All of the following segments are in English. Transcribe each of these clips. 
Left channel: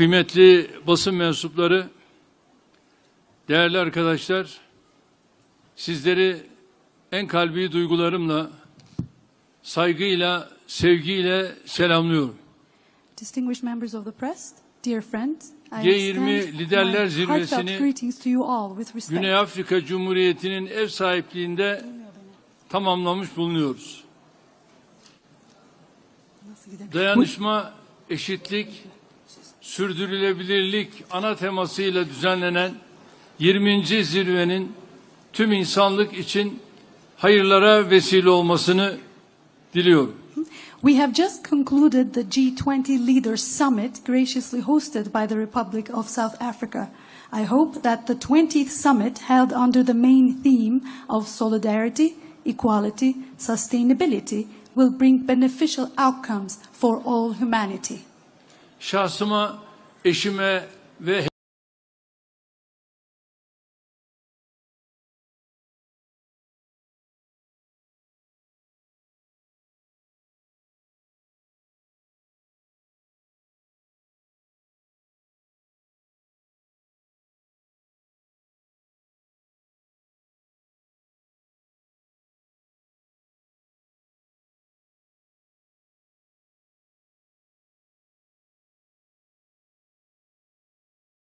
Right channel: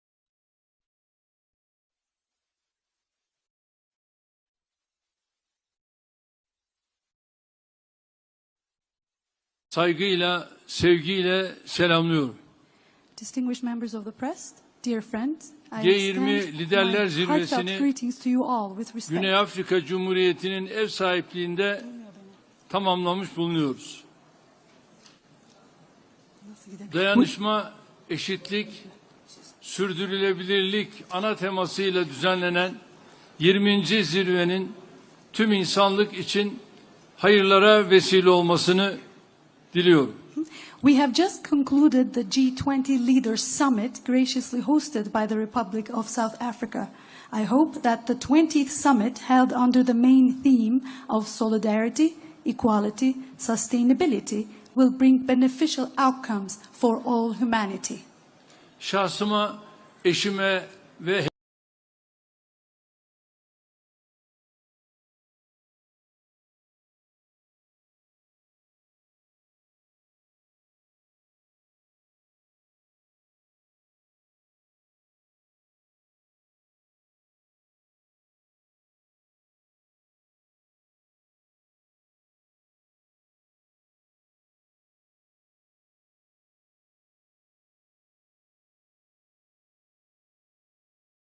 Kıymetli basın mensupları, değerli arkadaşlar, sizleri en kalbi duygularımla, saygıyla, sevgiyle selamlıyorum. Distinguished members of the press, dear friends, I G20 extend Liderler my heartfelt Zirvesi'ni greetings to you all with respect. Güney Afrika Cumhuriyeti'nin ev sahipliğinde tamamlamış bulunuyoruz. Dayanışma, eşitlik, sürdürülebilirlik ana temasıyla düzenlenen 20. zirvenin tüm insanlık için hayırlara vesile olmasını diliyorum. We have just concluded the G20 Leaders Summit graciously hosted by the Republic of South Africa. I hope that the 20th summit held under the main theme of solidarity, equality, sustainability will bring beneficial outcomes for all humanity. Şahsıma, eşime ve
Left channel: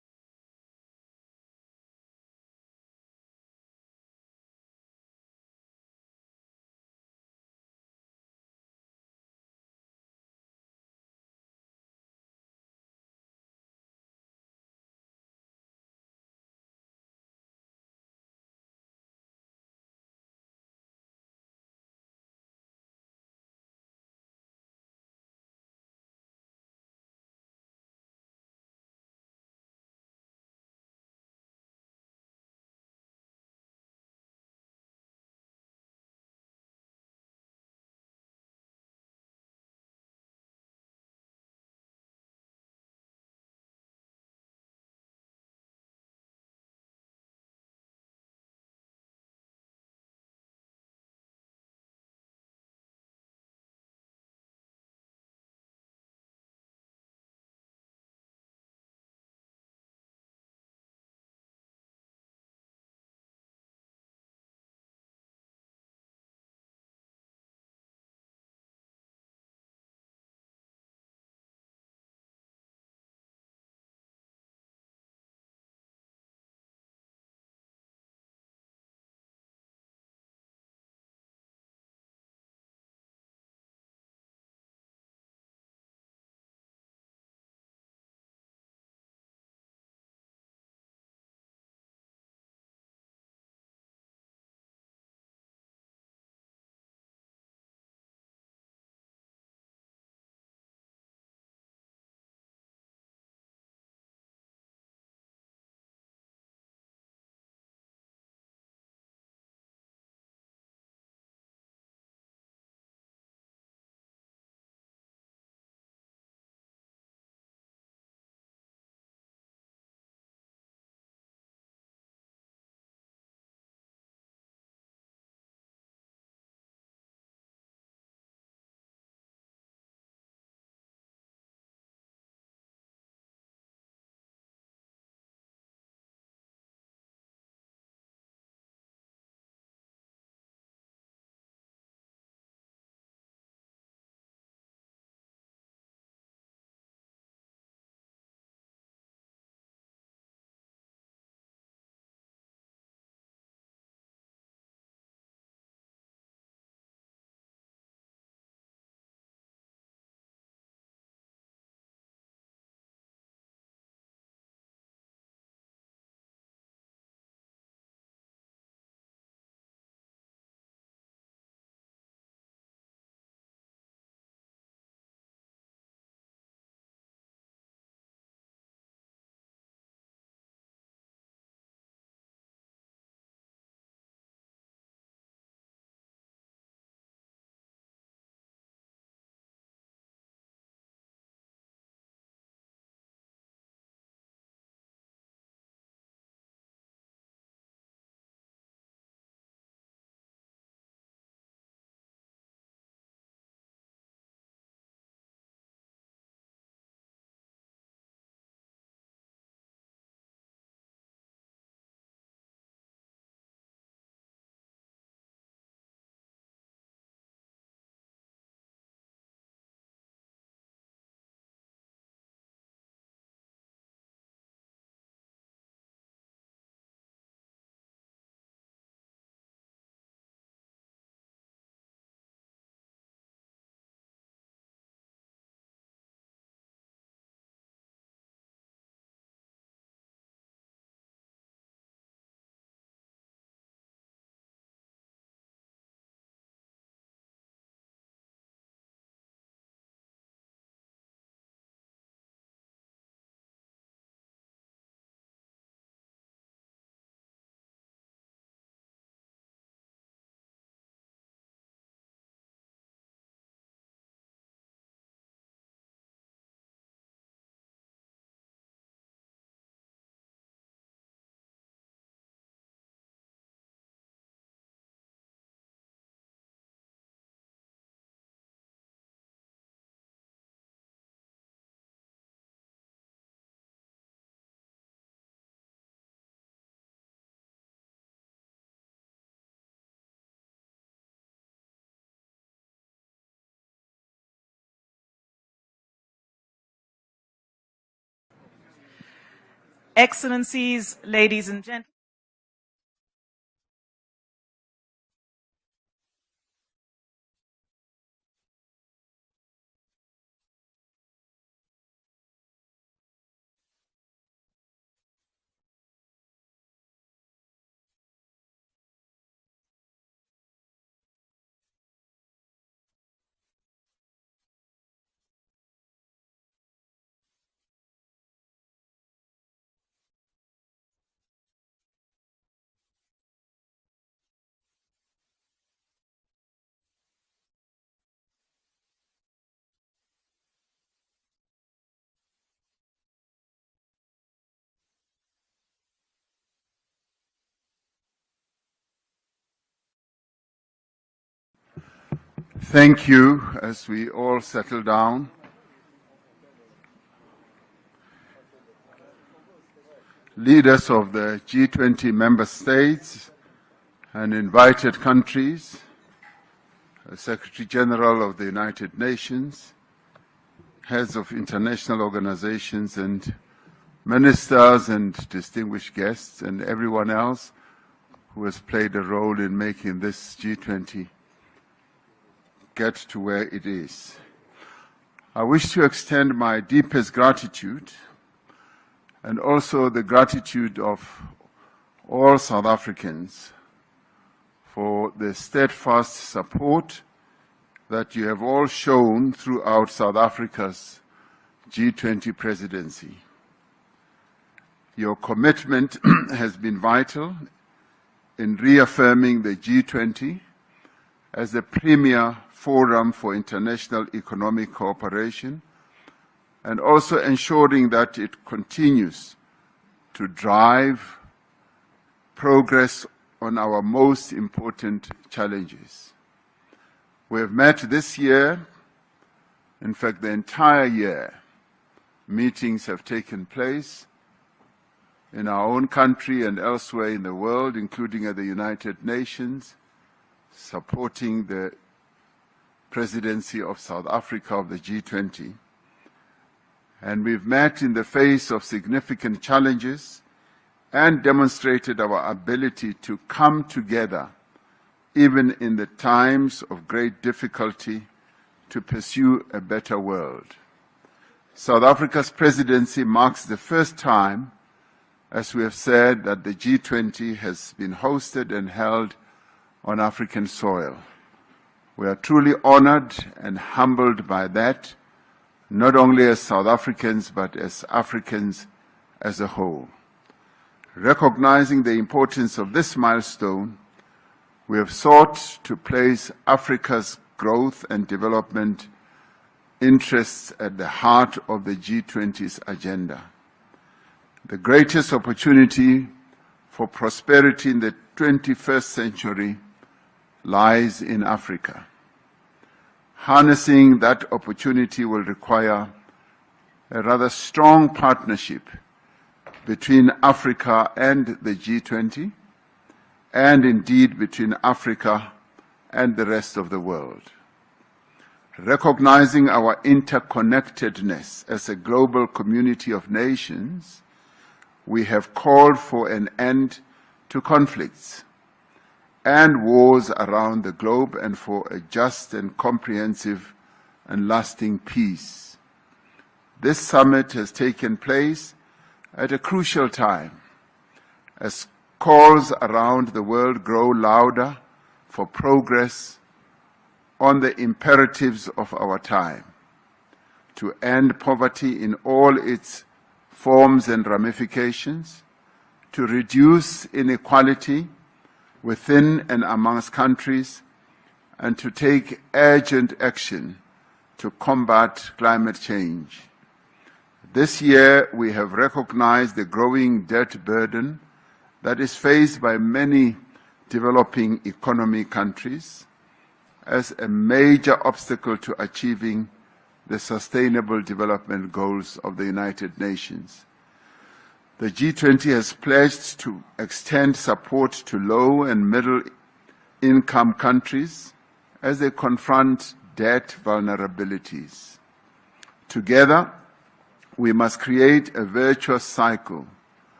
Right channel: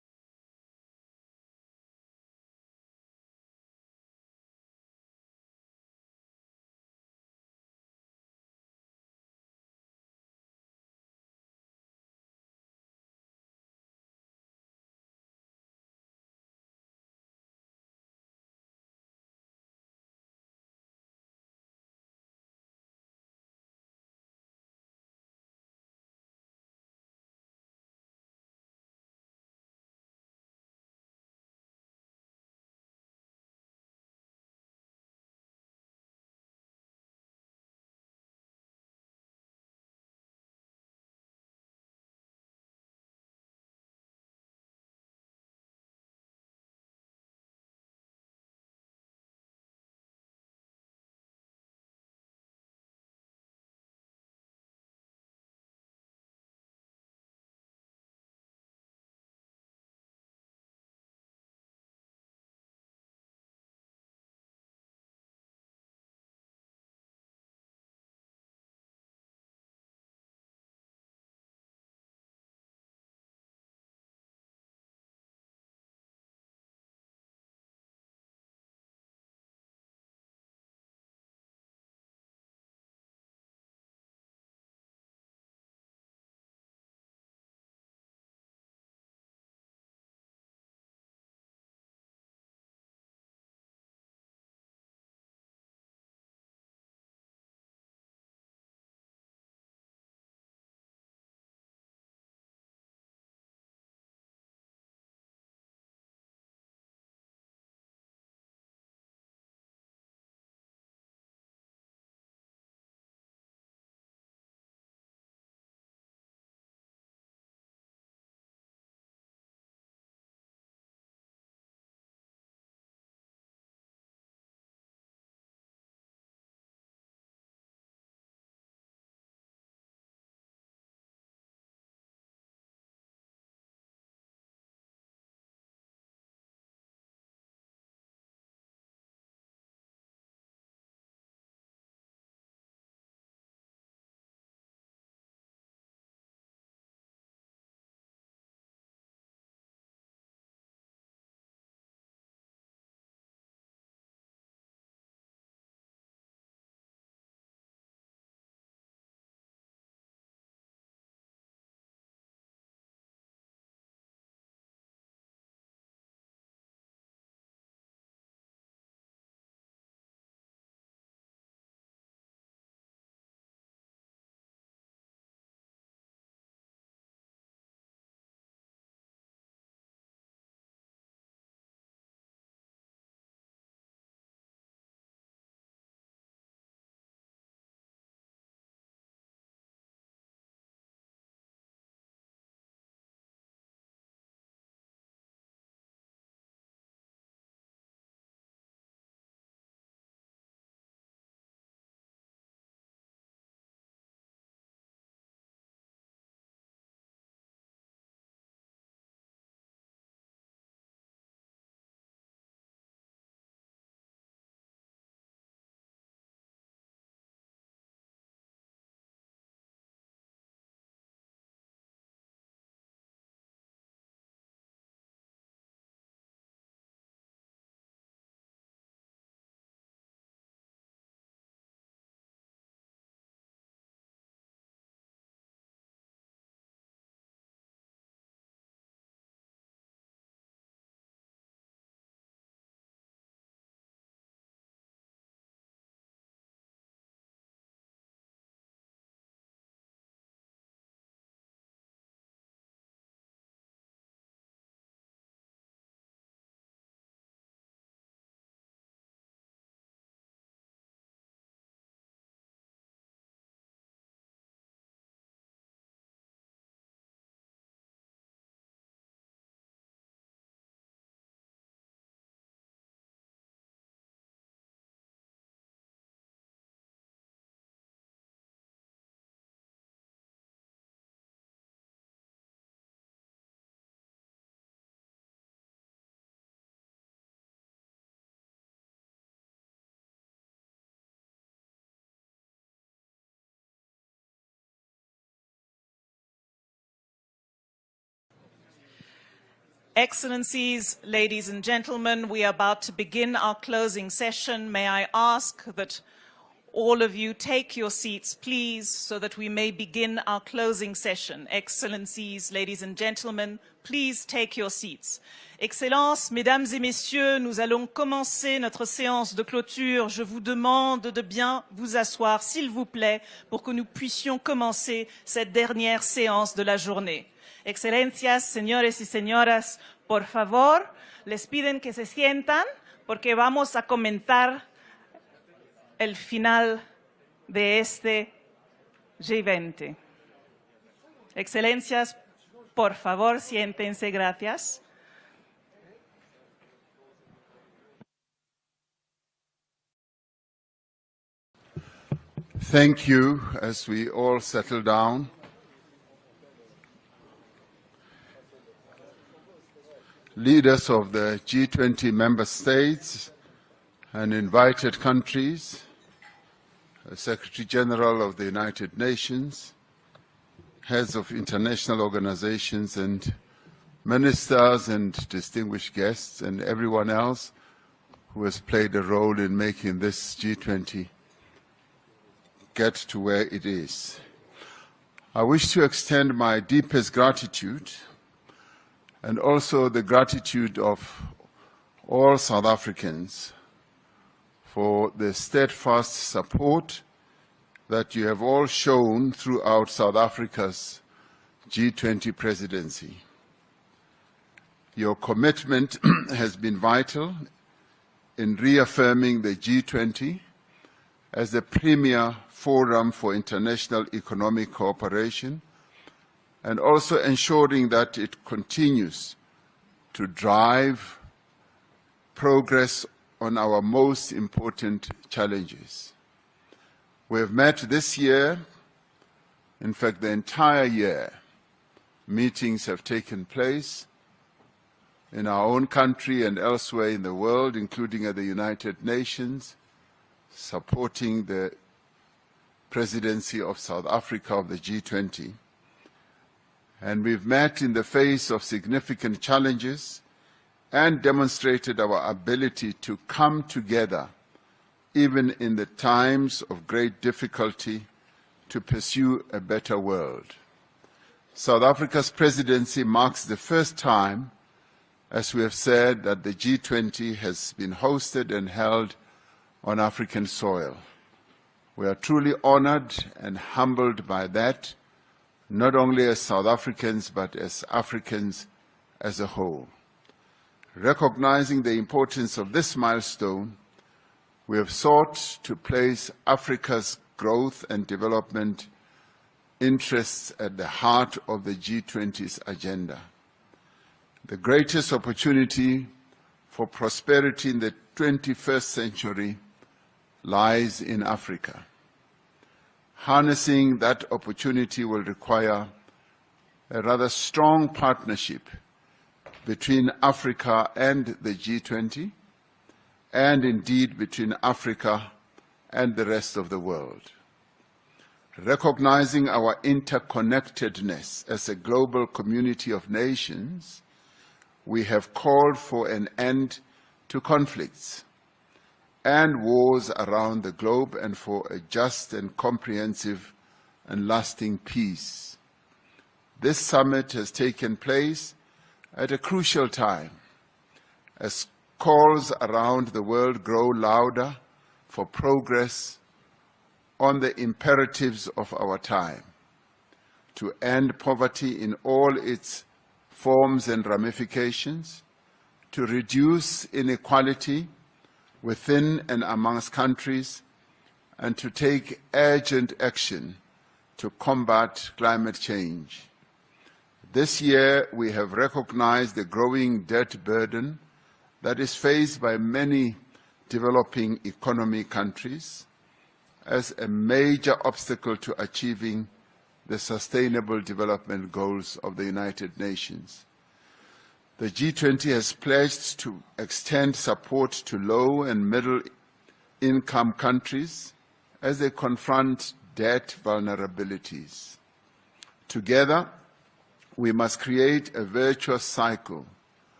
Excellencies, ladies and gentlemen, we are about to begin our closing session. May I ask that all of you take your seats, please, so that we may begin our closing session. Excellencies, ladies and gentlemen, please take your seats. Excellences, mesdames et messieurs, nous allons commencer notre séance de clôture. Je vous demande de bien vous asseoir, s'il vous plaît, pour que nous puissions commencer cette dernière séance de la journée. Excelencias, señores y señoras, por favor, les piden que se sientan porque vamos a comentar el final de este G20. Excelencias, por favor, siéntense, gracias. Thank you. As we all settle down, leaders of the G20 member states and invited countries, Secretary General of the United Nations, heads of international organizations and ministers and distinguished guests and everyone else who has played a role in making this G20 get to where it is. I wish to extend my deepest gratitude and also the gratitude of all South Africans for the steadfast support that you have all shown throughout South Africa's G20 presidency. Your commitment has been vital in reaffirming the G20 as the premier forum for international economic cooperation and also ensuring that it continues to drive progress on our most important challenges. We have met this year, in fact the entire year, meetings have taken place in our own country and elsewhere in the world, including at the United Nations, supporting the presidency of South Africa of the G20. And we've met in the face of significant challenges and demonstrated our ability to come together, even in the times of great difficulty, to pursue a better world. South Africa's presidency marks the first time, as we have said, that the G20 has been hosted and held on African soil. We are truly honored and humbled by that, not only as South Africans, but as Africans as a whole. Recognizing the importance of this milestone, we have sought to place Africa's growth and development interests at the heart of the G20's agenda. The greatest opportunity for prosperity in the 21st century lies in Africa. Harnessing that opportunity will require a rather strong partnership between Africa and the G20, and indeed between Africa and the rest of the world. Recognizing our interconnectedness as a global community of nations, we have called for an end to conflicts and wars around the globe and for a just and comprehensive and lasting peace. This summit has taken place at a crucial time as calls around the world grow louder for progress on the imperatives of our time, to end poverty in all its forms and ramifications, to reduce inequality within and amongst countries, and to take urgent action to combat climate change. This year, we have recognized the growing debt burden that is faced by many developing economy countries as a major obstacle to achieving the Sustainable Development Goals of the United Nations. The G20 has pledged to extend support to low and middle-income countries as they confront debt vulnerabilities. Together, we must create a virtuous cycle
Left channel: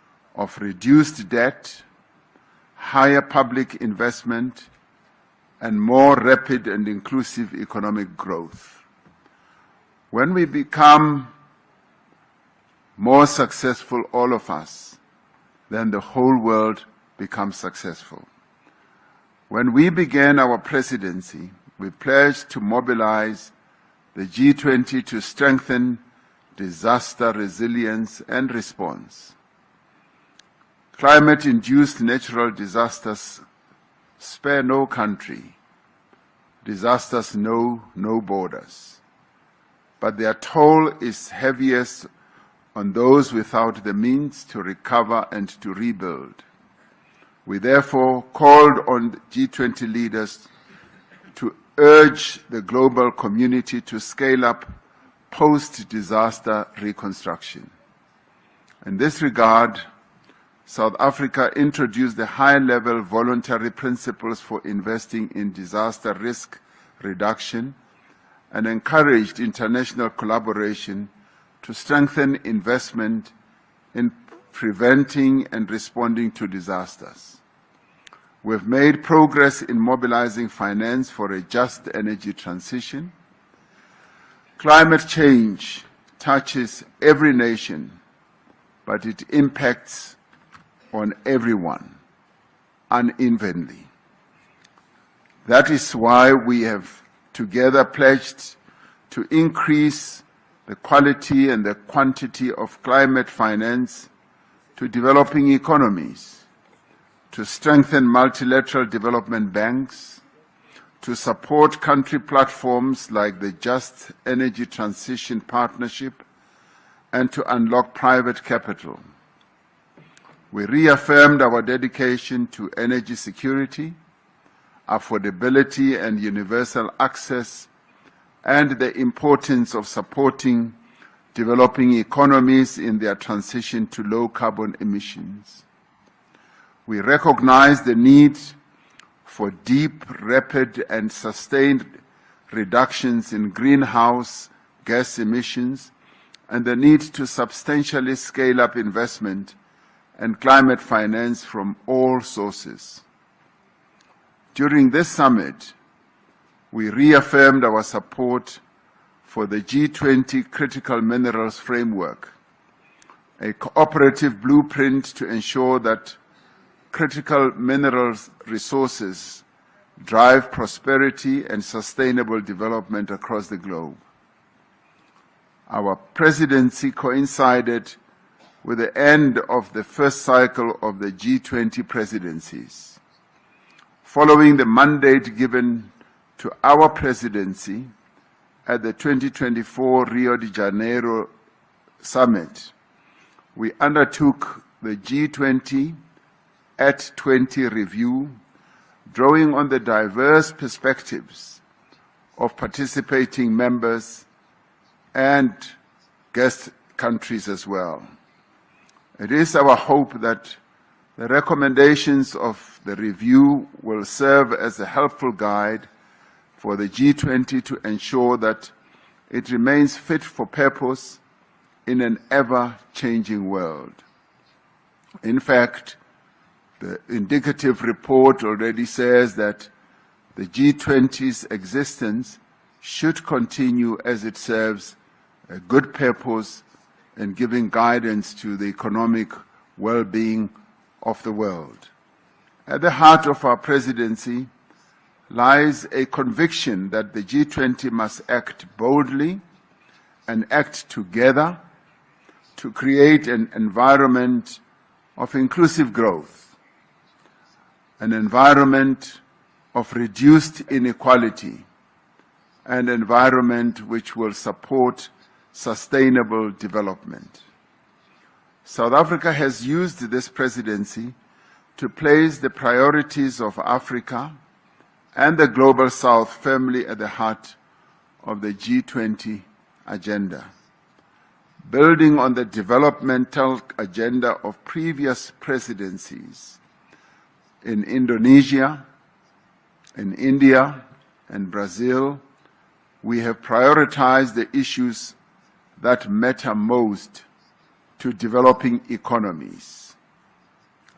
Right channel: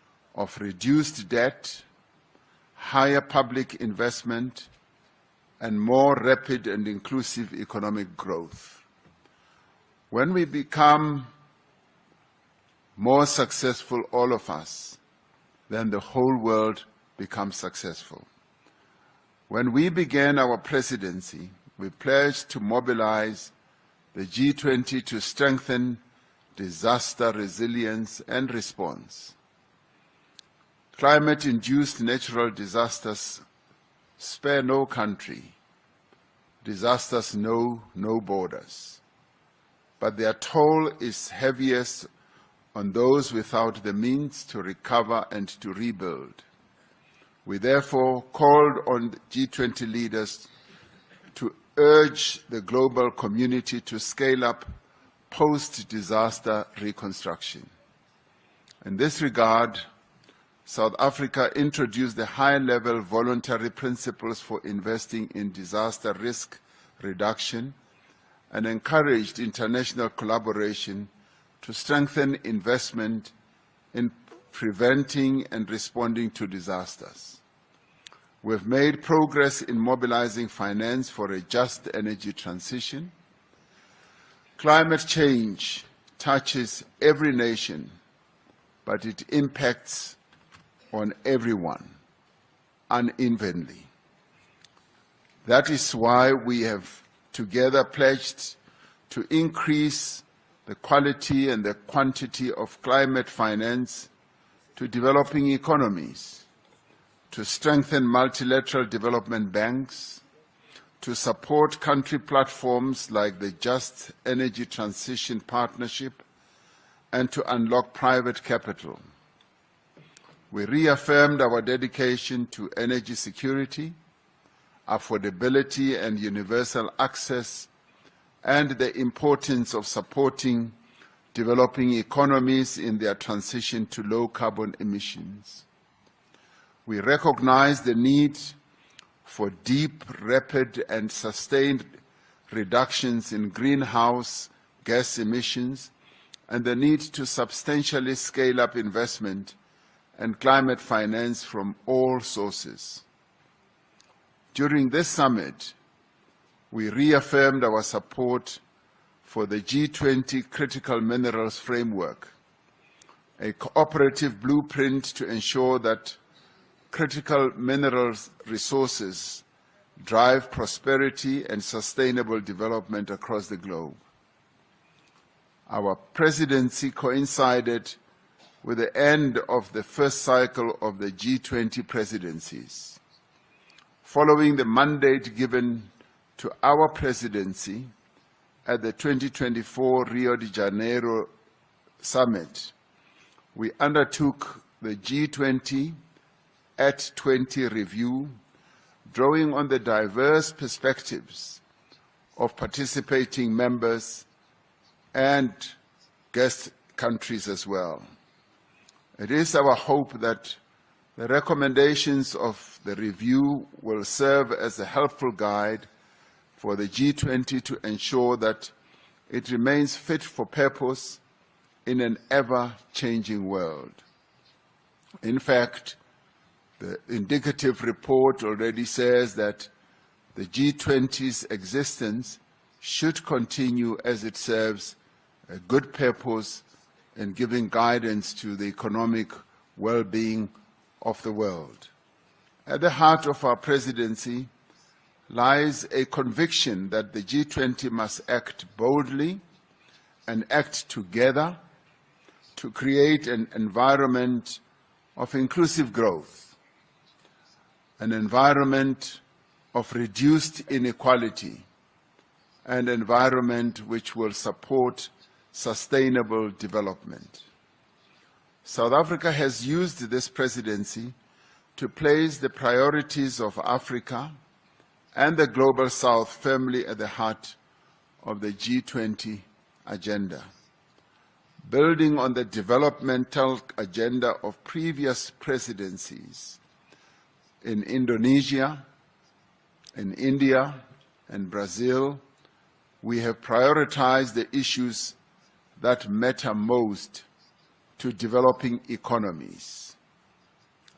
of reduced debt, higher public investment, and more rapid and inclusive economic growth. When we become more successful, all of us, then the whole world becomes successful. When we began our presidency, we pledged to mobilize the G20 to strengthen disaster resilience and response. Climate-induced natural disasters spare no country. Disasters know no borders. But their toll is heaviest on those without the means to recover and to rebuild. We therefore called on G20 leaders to urge the global community to scale up post-disaster reconstruction. In this regard, South Africa introduced the high-level voluntary principles for investing in disaster risk reduction and encouraged international collaboration to strengthen investment in preventing and responding to disasters. We've made progress in mobilizing finance for a just energy transition. Climate change touches every nation, but it impacts on everyone unevenly. That is why we have together pledged to increase the quality and the quantity of climate finance to developing economies, to strengthen multilateral development banks, to support country platforms like the Just Energy Transition Partnership, and to unlock private capital. We reaffirmed our dedication to energy security, affordability and universal access, and the importance of supporting developing economies in their transition to low carbon emissions. We recognize the need for deep, rapid, and sustained reductions in greenhouse gas emissions and the need to substantially scale up investment and climate finance from all sources. During this summit, we reaffirmed our support for the G20 Critical Minerals Framework, a cooperative blueprint to ensure that critical minerals resources drive prosperity and sustainable development across the globe. Our presidency coincided with the end of the first cycle of the G20 presidencies. Following the mandate given to our presidency at the 2024 Rio de Janeiro Summit, we undertook the G20 at 20 review, drawing on the diverse perspectives of participating members and guest countries as well. It is our hope that the recommendations of the review will serve as a helpful guide for the G20 to ensure that it remains fit for purpose in an ever-changing world. In fact, the indicative report already says that the G20's existence should continue as it serves a good purpose in giving guidance to the economic well-being of the world. At the heart of our presidency lies a conviction that the G20 must act boldly and act together to create an environment of inclusive growth, an environment of reduced inequality, an environment which will support sustainable development. South Africa has used this presidency to place the priorities of Africa and the Global South firmly at the heart of the G20 agenda. Building on the developmental agenda of previous presidencies in Indonesia, in India, and Brazil, we have prioritized the issues that matter most to developing economies:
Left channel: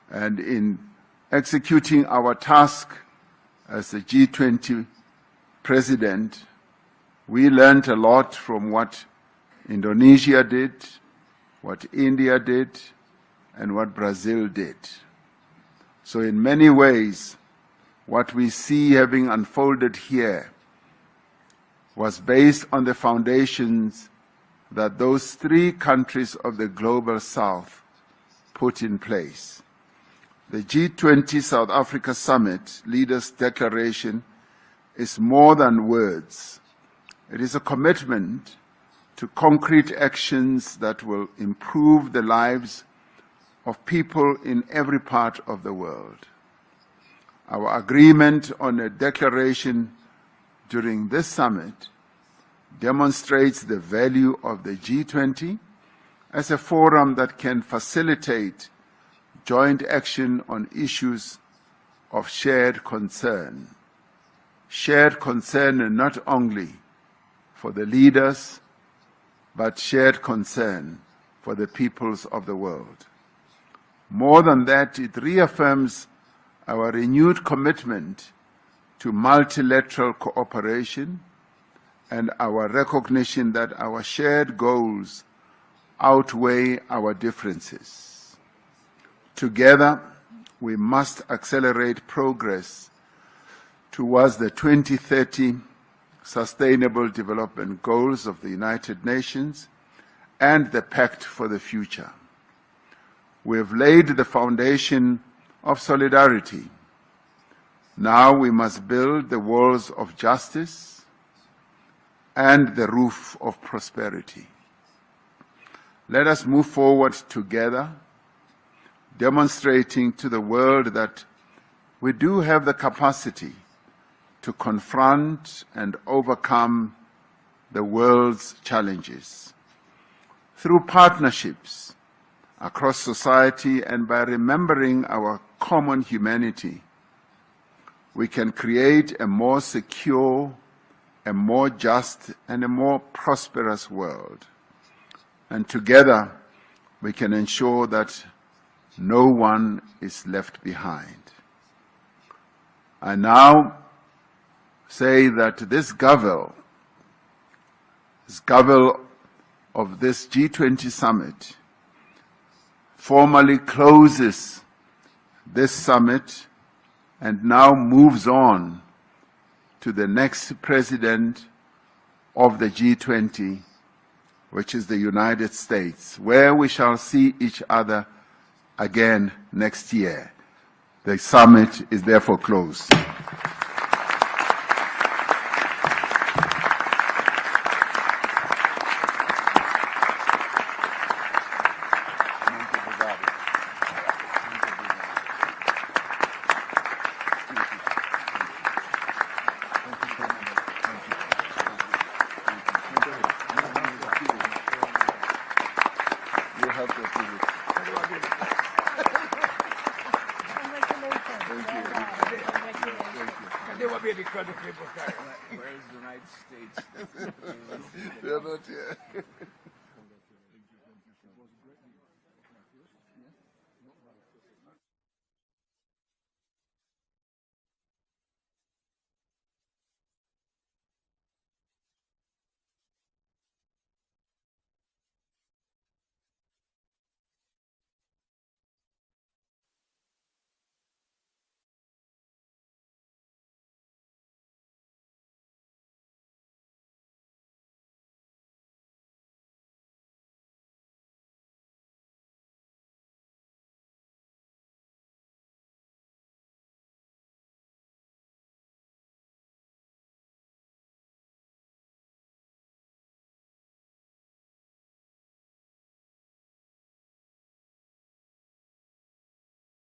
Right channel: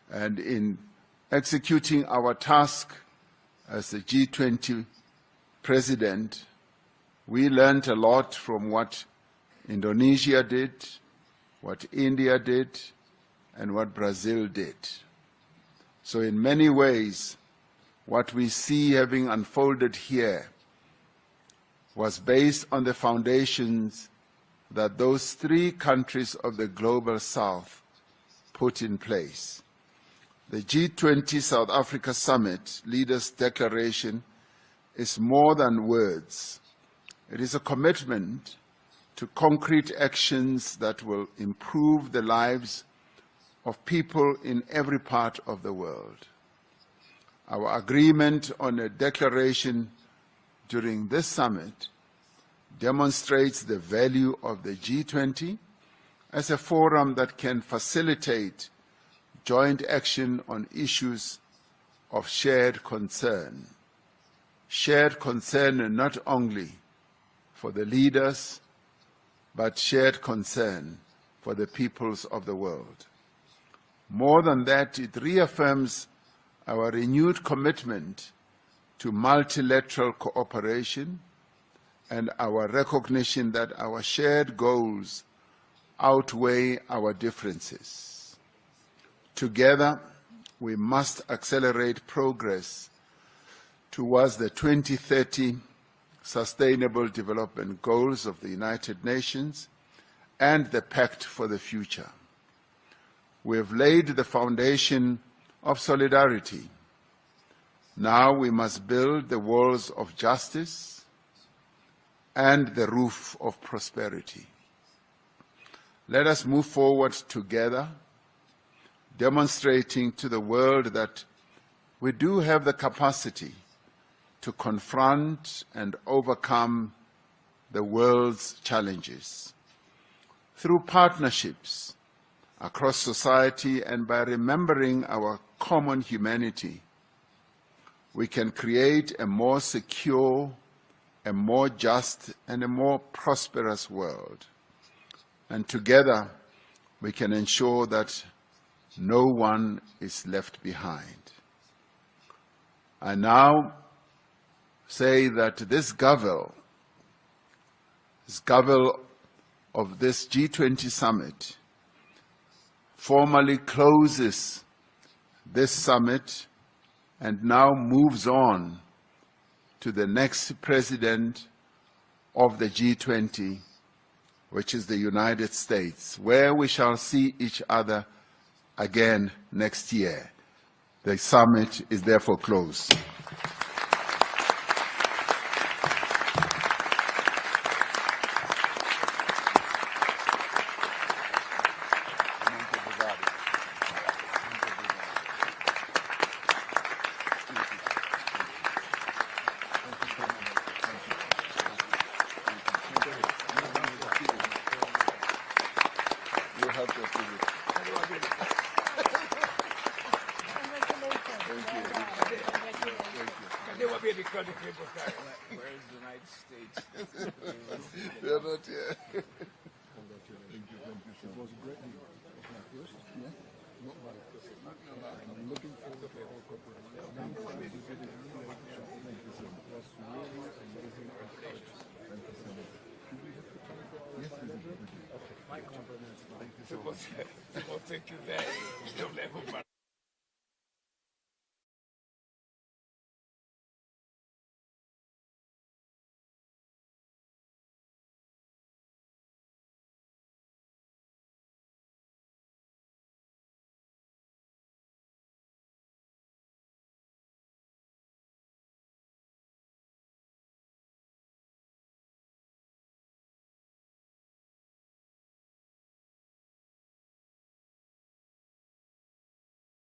And in executing our task as the G20 president, we learned a lot from what Indonesia did, what India did, and what Brazil did. So in many ways, what we see having unfolded here was based on the foundations that those three countries of the Global South put in place. The G20 South Africa Summit Leaders' Declaration is more than words. It is a commitment to concrete actions that will improve the lives of people in every part of the world. Our agreement on a declaration during this summit demonstrates the value of the G20 as a forum that can facilitate joint action on issues of shared concern. Shared concern not only for the leaders, but shared concern for the peoples of the world. More than that, it reaffirms our renewed commitment to multilateral cooperation and our recognition that our shared goals outweigh our differences. Together, we must accelerate progress towards the 2030 Sustainable Development Goals of the United Nations and the Pact for the Future. We have laid the foundation of solidarity. Now we must build the walls of justice and the roof of prosperity. Let us move forward together, demonstrating to the world that we do have the capacity to confront and overcome the world's challenges. Through partnerships across society and by remembering our common humanity, we can create a more secure, a more just, and a more prosperous world. And together, we can ensure that no one is left behind. I now say that this Gavel of this G20 summit formally closes this summit and now moves on to the next president of the G20, which is the United States, where we shall see each other again next year. The summit is therefore closed. Where is the United States? They're not here. Thank you very much.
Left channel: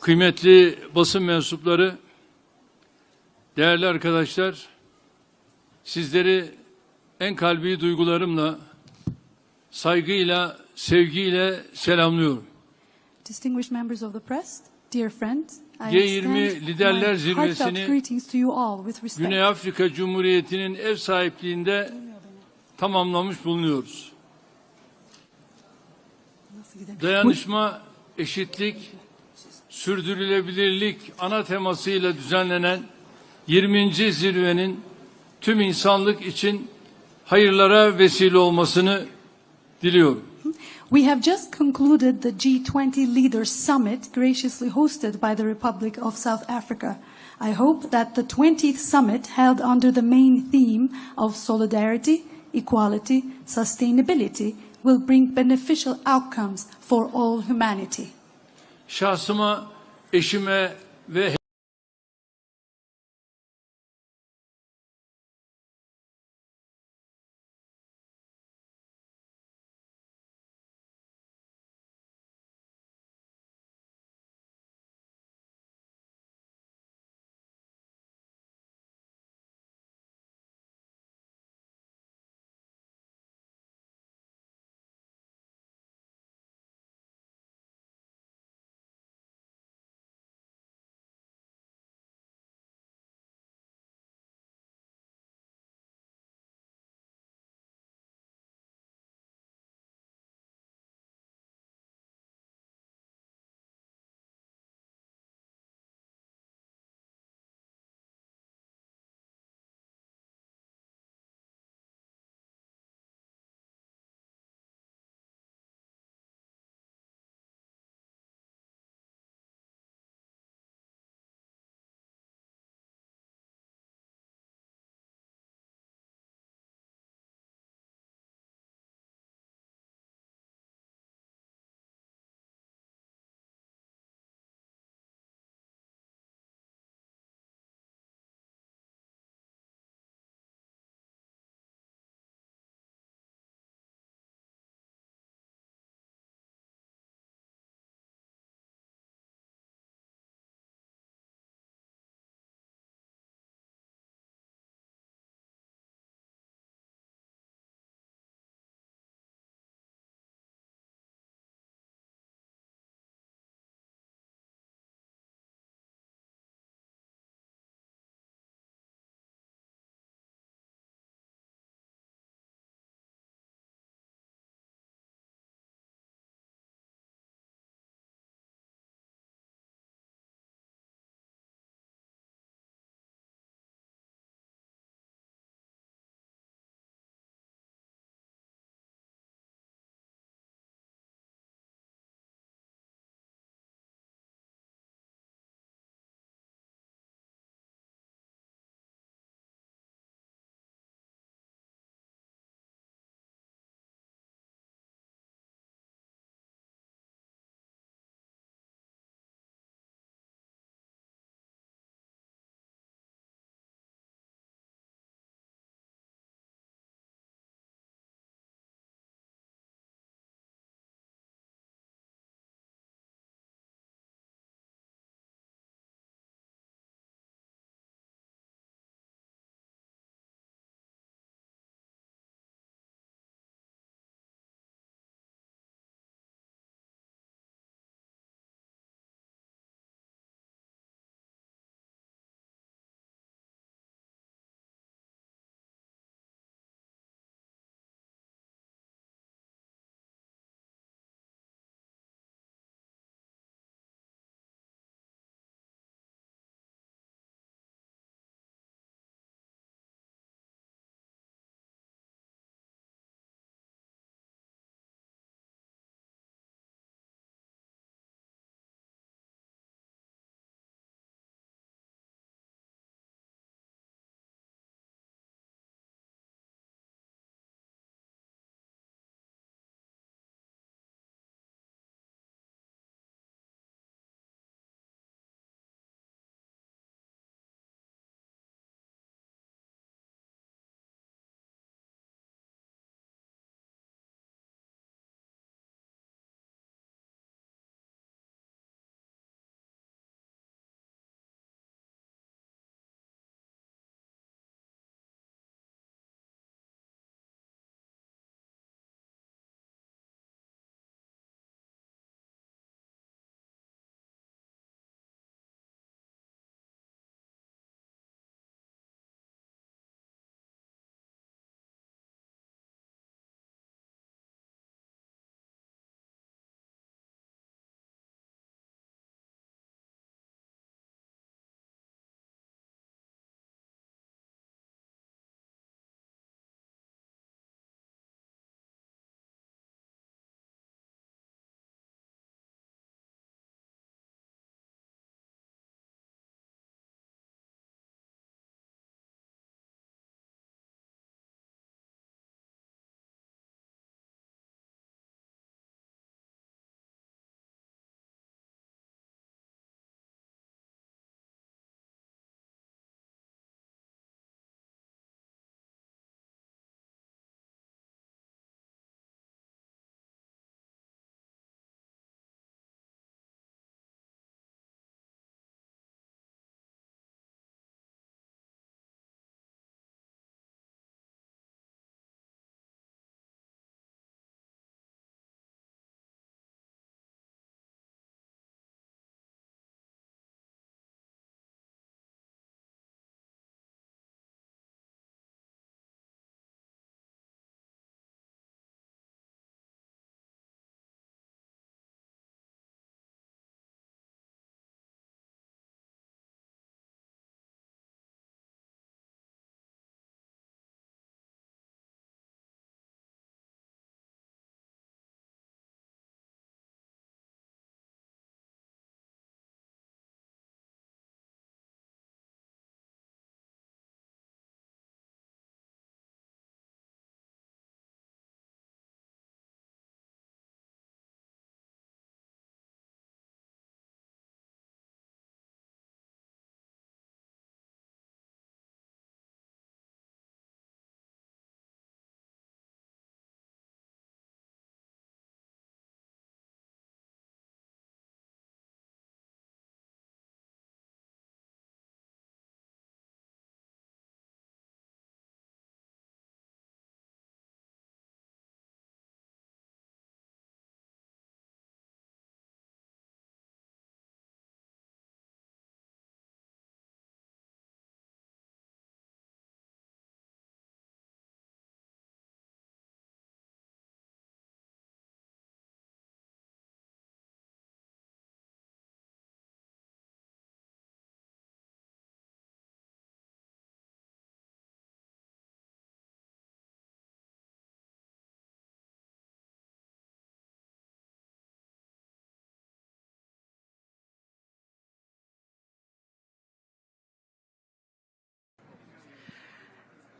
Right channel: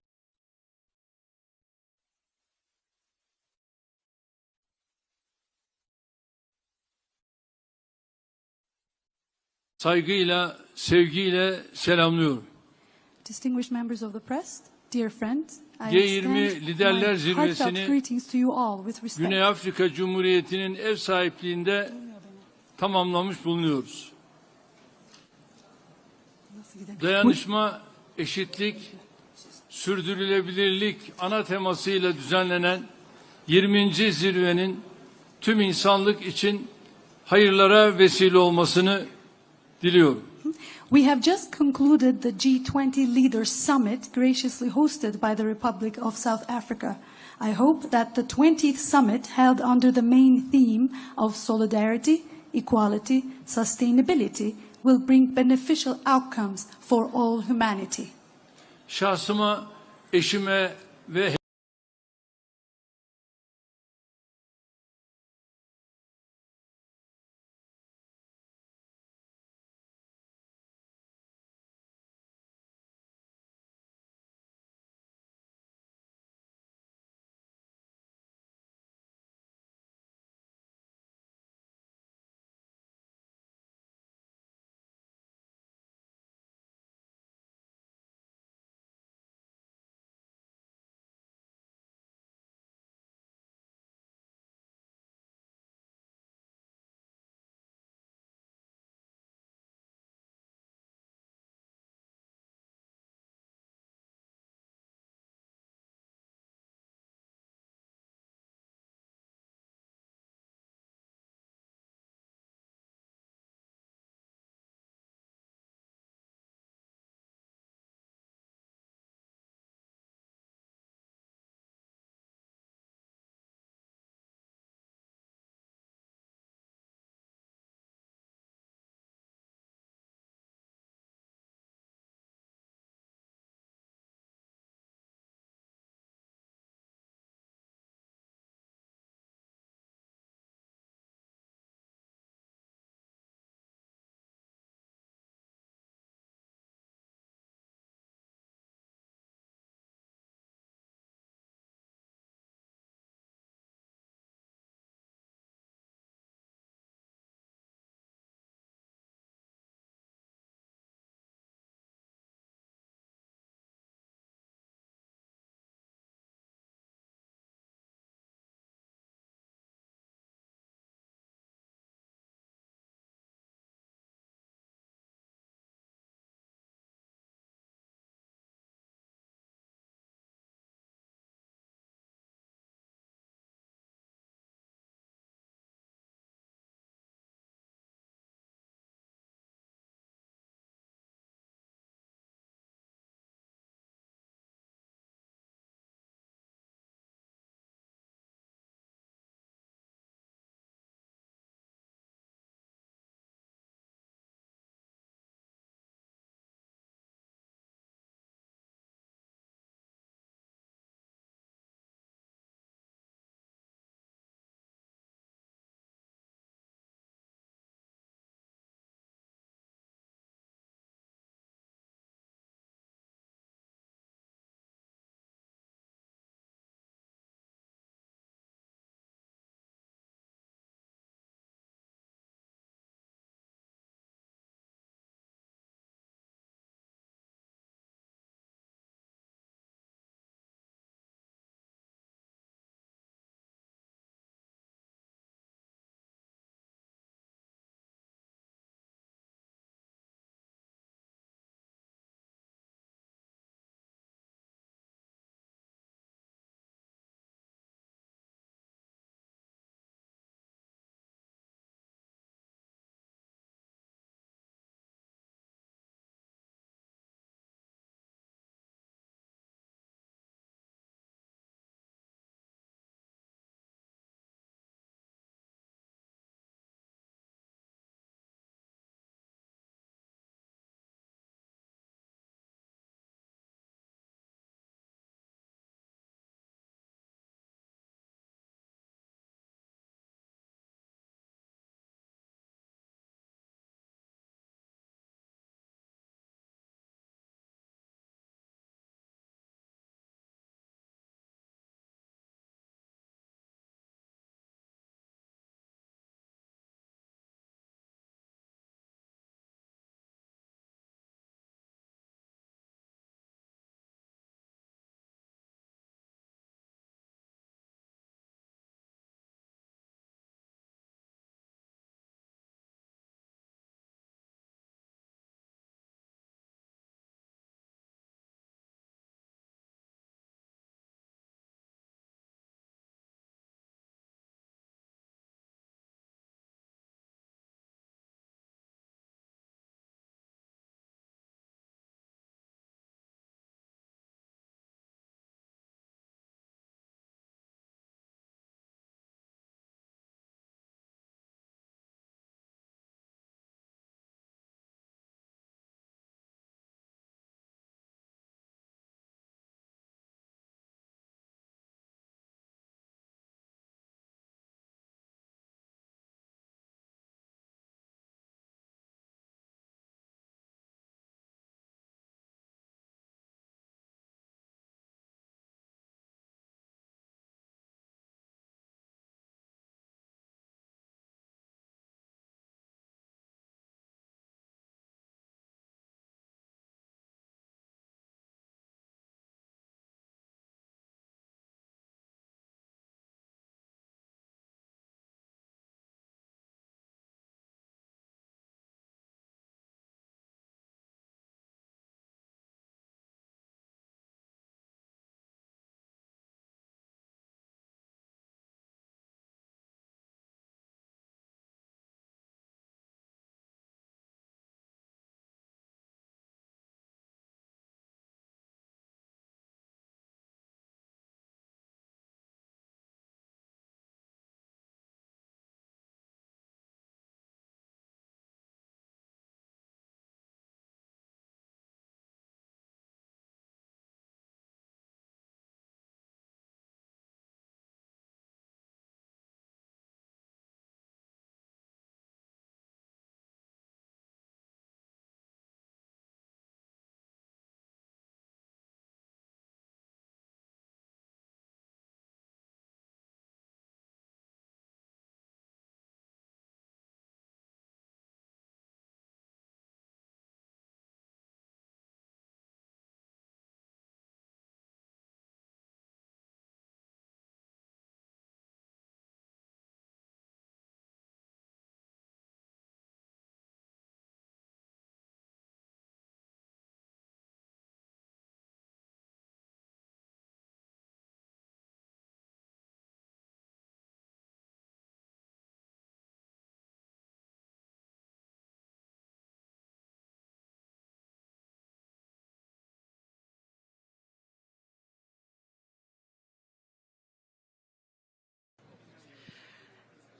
kıymetli basın mensupları, değerli arkadaşlar, sizleri en kalbi duygularımla, saygıyla, sevgiyle selamlıyorum. Distinguished members of the press, dear friends, I G20 extend Liderler my Zirvesi'ni heartfelt greetings to you all with respect. Güney Afrika Cumhuriyeti'nin ev sahipliğinde tamamlamış bulunuyoruz. Dayanışma, eşitlik, sürdürülebilirlik ana temasıyla düzenlenen 20. zirvenin tüm insanlık için hayırlara vesile olmasını diliyorum. We have just concluded the G20 Leaders Summit graciously hosted by the Republic of South Africa. I hope that the 20th summit held under the main theme of solidarity, equality, sustainability will bring beneficial outcomes for all humanity. Şahsıma, eşime ve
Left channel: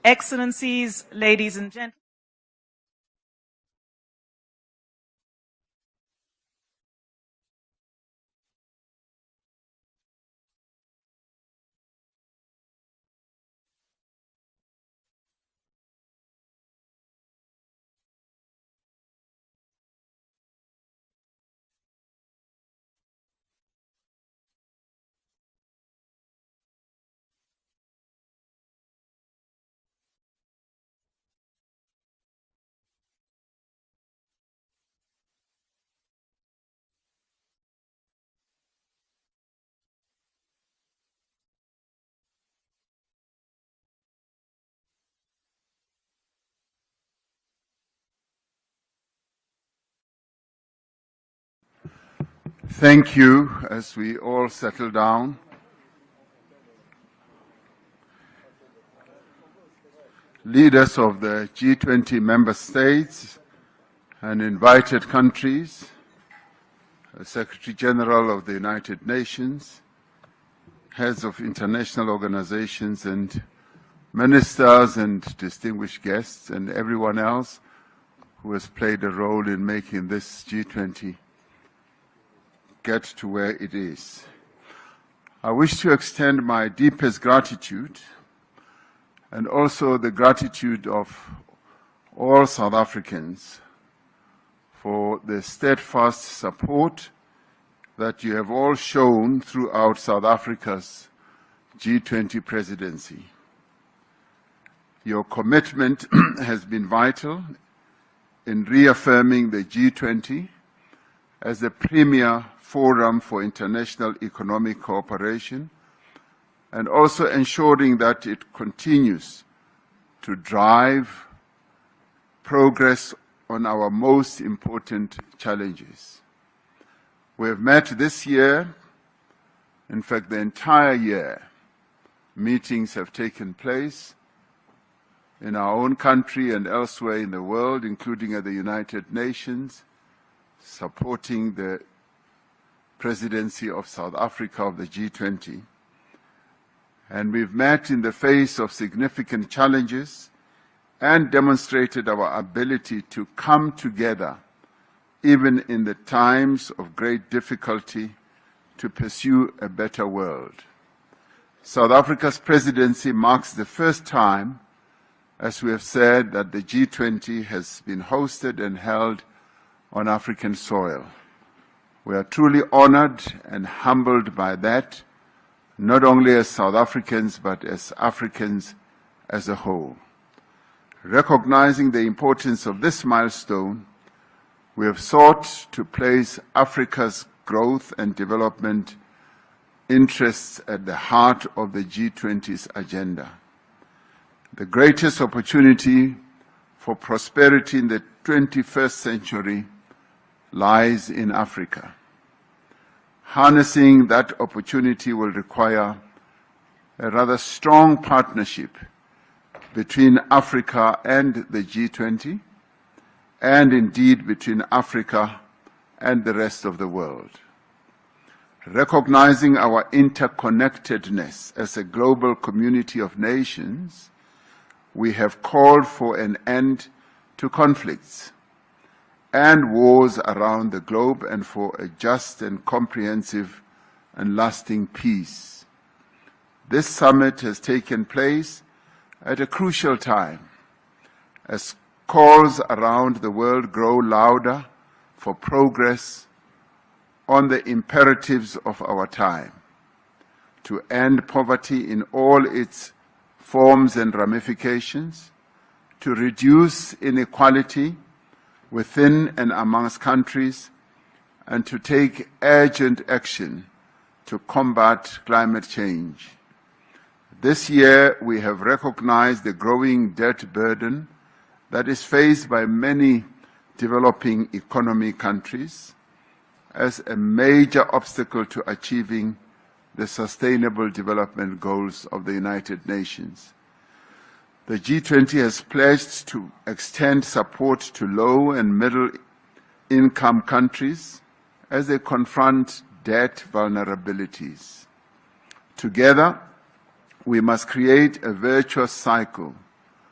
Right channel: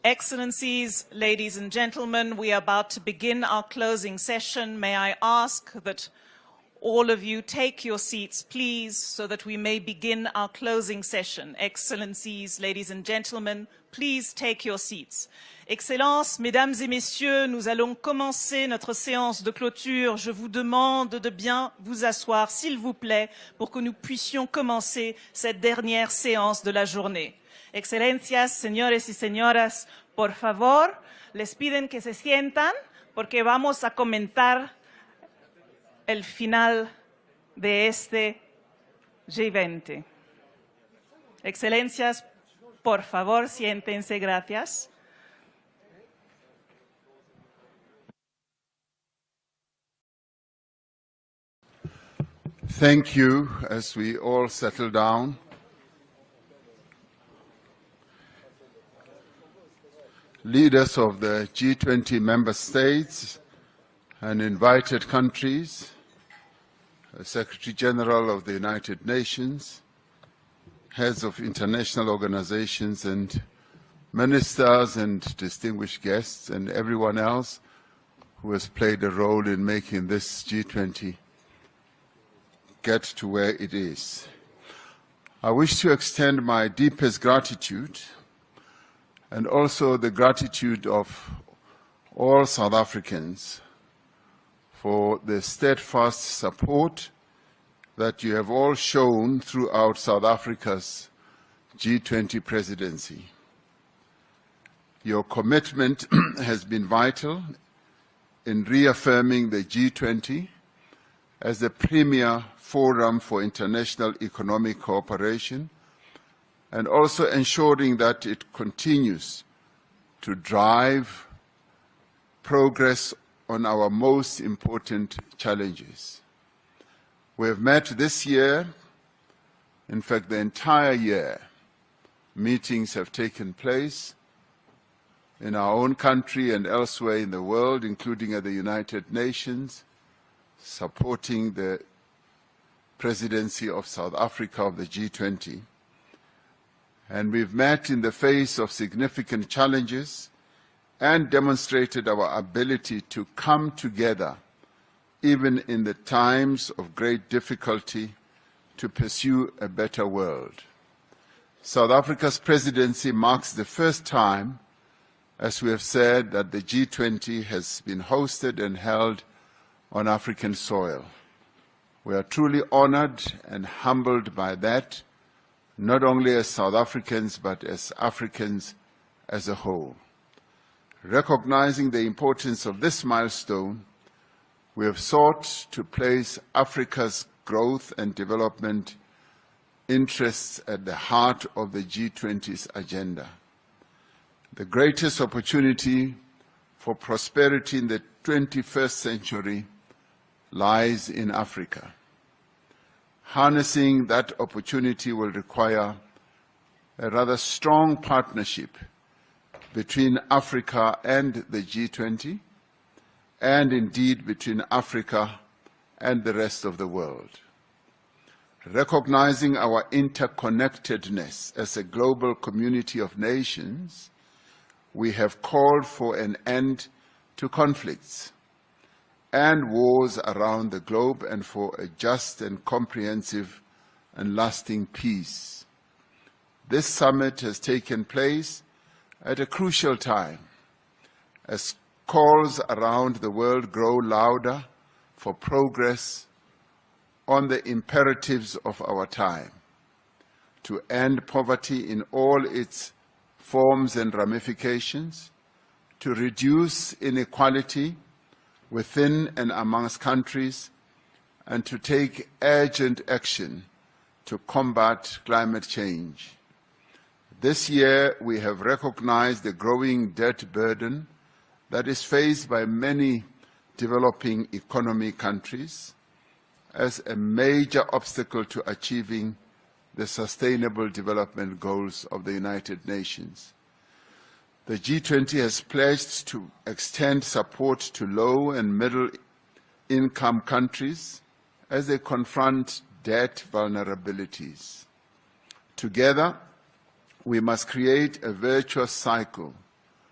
Excellencies, ladies and gentlemen, we are about to begin our closing session. May I ask that all of you take your seats, please, so that we may begin our closing session. Excellencies, ladies and gentlemen, please take your seats. Excellences, Mesdames et Messieurs, nous allons commencer notre séance de clôture. Je vous demande de bien vous asseoir, s'il vous plaît, pour que nous puissions commencer cette dernière séance de la journée. Excelencias, señores y señoras, por favor, les piden que se sientan porque vamos a comentar el final de este G20. Excelencias, por favor, siéntense, gracias. Thank you. As we all settle down, leaders of the G20 member states and invited countries, the Secretary General of the United Nations, heads of international organizations and ministers and distinguished guests, and everyone else who has played a role in making this G20 get to where it is. I wish to extend my deepest gratitude and also the gratitude of all South Africans for the steadfast support that you have all shown throughout South Africa's G20 presidency. Your commitment has been vital in reaffirming the G20 as the premier forum for international economic cooperation and also ensuring that it continues to drive progress on our most important challenges. We have met this year, in fact the entire year, meetings have taken place in our own country and elsewhere in the world, including at the United Nations, supporting the presidency of South Africa of the G20. And we've met in the face of significant challenges and demonstrated our ability to come together, even in the times of great difficulty, to pursue a better world. South Africa's presidency marks the first time, as we have said, that the G20 has been hosted and held on African soil. We are truly honored and humbled by that, not only as South Africans, but as Africans as a whole. Recognizing the importance of this milestone, we have sought to place Africa's growth and development interests at the heart of the G20's agenda. The greatest opportunity for prosperity in the 21st century lies in Africa. Harnessing that opportunity will require a rather strong partnership between Africa and the G20, and indeed between Africa and the rest of the world. Recognizing our interconnectedness as a global community of nations, we have called for an end to conflicts and wars around the globe and for a just and comprehensive and lasting peace. This summit has taken place at a crucial time as calls around the world grow louder for progress on the imperatives of our time, to end poverty in all its forms and ramifications, to reduce inequality within and amongst countries, and to take urgent action to combat climate change. This year, we have recognized the growing debt burden that is faced by many developing economy countries as a major obstacle to achieving the Sustainable Development Goals of the United Nations. The G20 has pledged to extend support to low and middle-income countries as they confront debt vulnerabilities. Together, we must create a virtuous cycle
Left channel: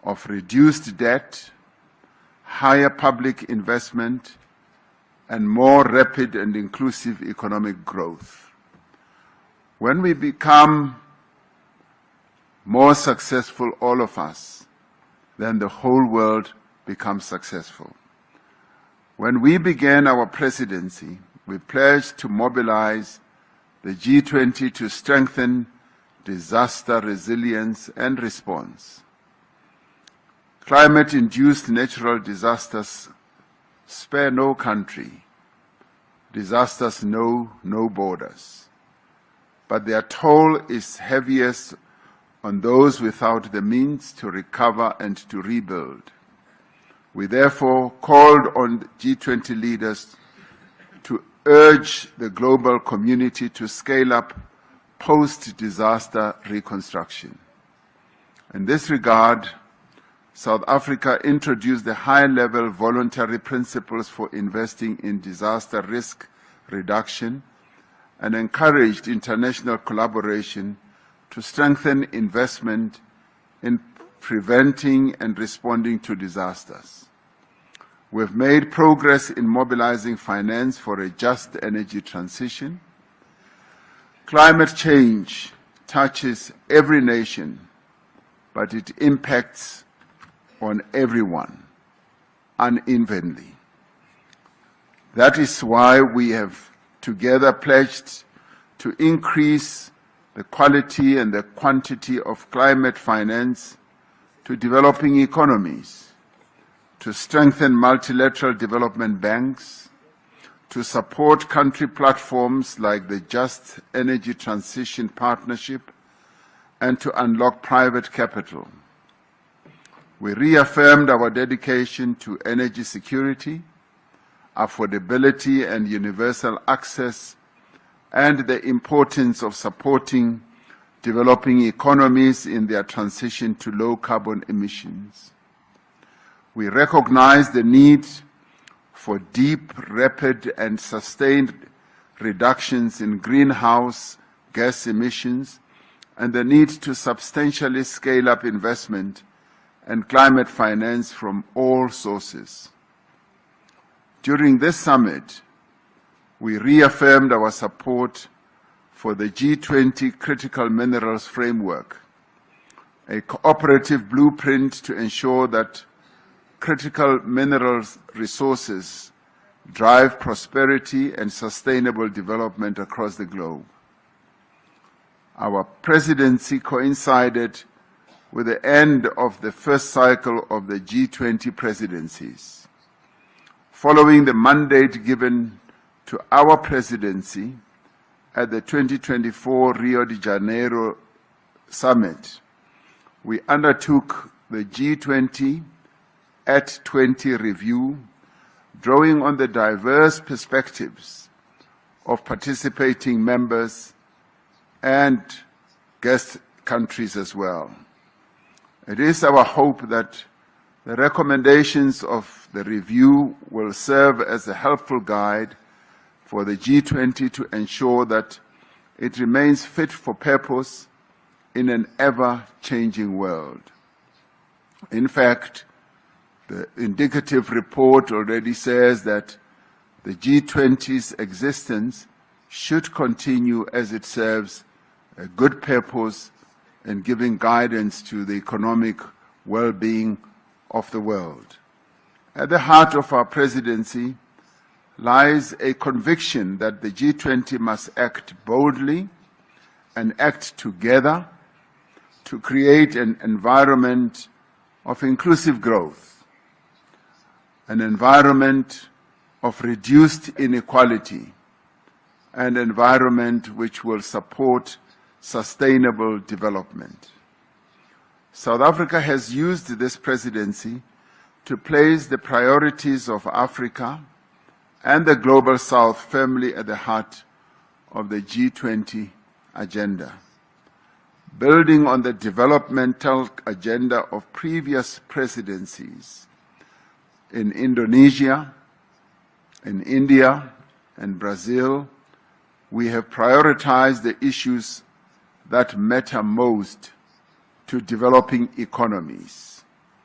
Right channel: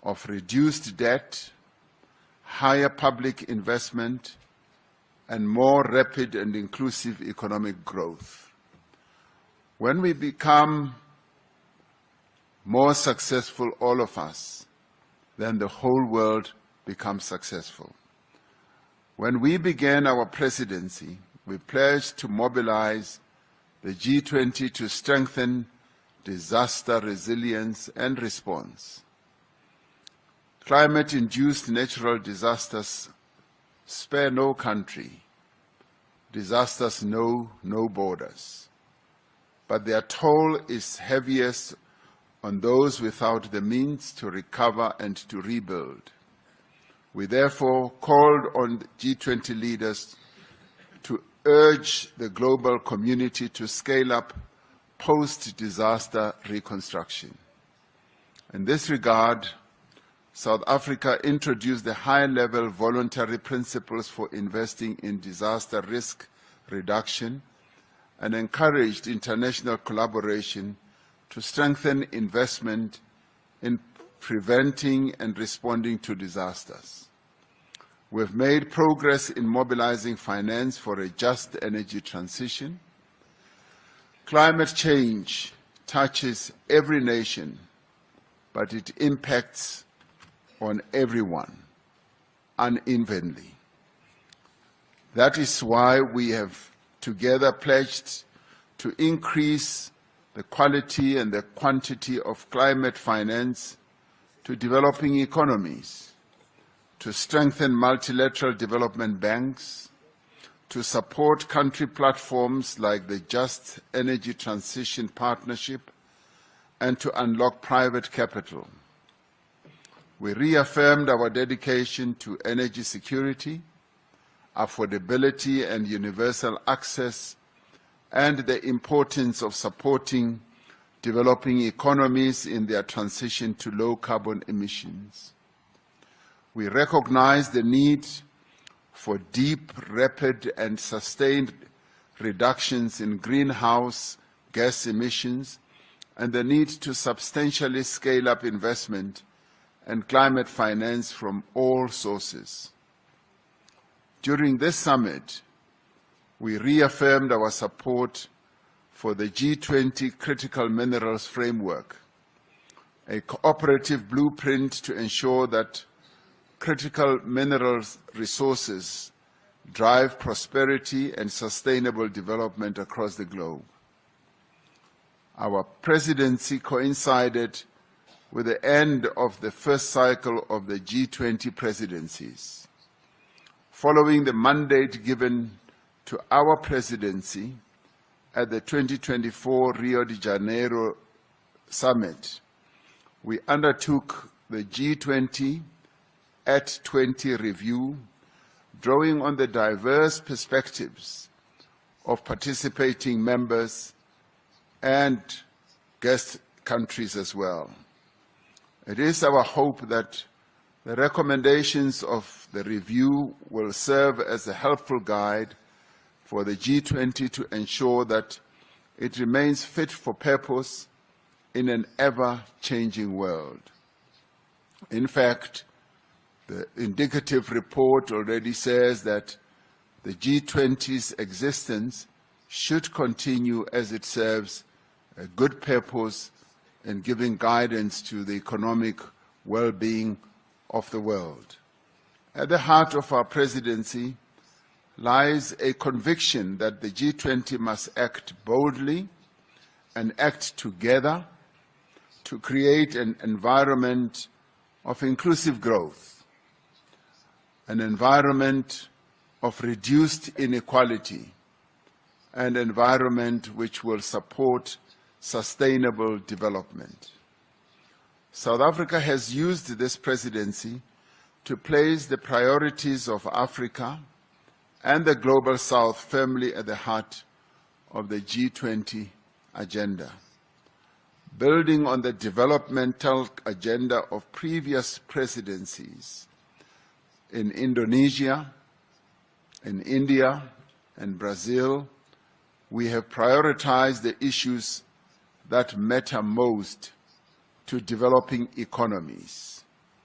of reduced debt, higher public investment, and more rapid and inclusive economic growth. When we become more successful, all of us, then the whole world becomes successful. When we began our presidency, we pledged to mobilize the G20 to strengthen disaster resilience and response. Climate-induced natural disasters spare no country. Disasters know no borders. But their toll is heaviest on those without the means to recover and to rebuild. We therefore called on G20 leaders to urge the global community to scale up post-disaster reconstruction. In this regard, South Africa introduced the high-level voluntary principles for investing in disaster risk reduction and encouraged international collaboration to strengthen investment in preventing and responding to disasters. We've made progress in mobilizing finance for a just energy transition. Climate change touches every nation, but it impacts on everyone unevenly. That is why we have together pledged to increase the quality and the quantity of climate finance to developing economies, to strengthen multilateral development banks, to support country platforms like the Just Energy Transition Partnership, and to unlock private capital. We reaffirmed our dedication to energy security, affordability and universal access, and the importance of supporting developing economies in their transition to low carbon emissions. We recognize the need for deep, rapid, and sustained reductions in greenhouse gas emissions and the need to substantially scale up investment and climate finance from all sources. During this summit, we reaffirmed our support for the G20 Critical Minerals Framework, a cooperative blueprint to ensure that critical minerals resources drive prosperity and sustainable development across the globe. Our presidency coincided with the end of the first cycle of the G20 presidencies. Following the mandate given to our presidency at the 2024 Rio de Janeiro Summit, we undertook the G20 at 20 review, drawing on the diverse perspectives of participating members and guest countries as well. It is our hope that the recommendations of the review will serve as a helpful guide for the G20 to ensure that it remains fit for purpose in an ever-changing world. In fact, the indicative report already says that the G20's existence should continue as it serves a good purpose in giving guidance to the economic well-being of the world. At the heart of our presidency lies a conviction that the G20 must act boldly and act together to create an environment of inclusive growth, an environment of reduced inequality, an environment which will support sustainable development. South Africa has used this presidency to place the priorities of Africa and the Global South firmly at the heart of the G20 agenda. Building on the developmental agenda of previous presidencies in Indonesia, in India, and Brazil, we have prioritized the issues that matter most to developing economies:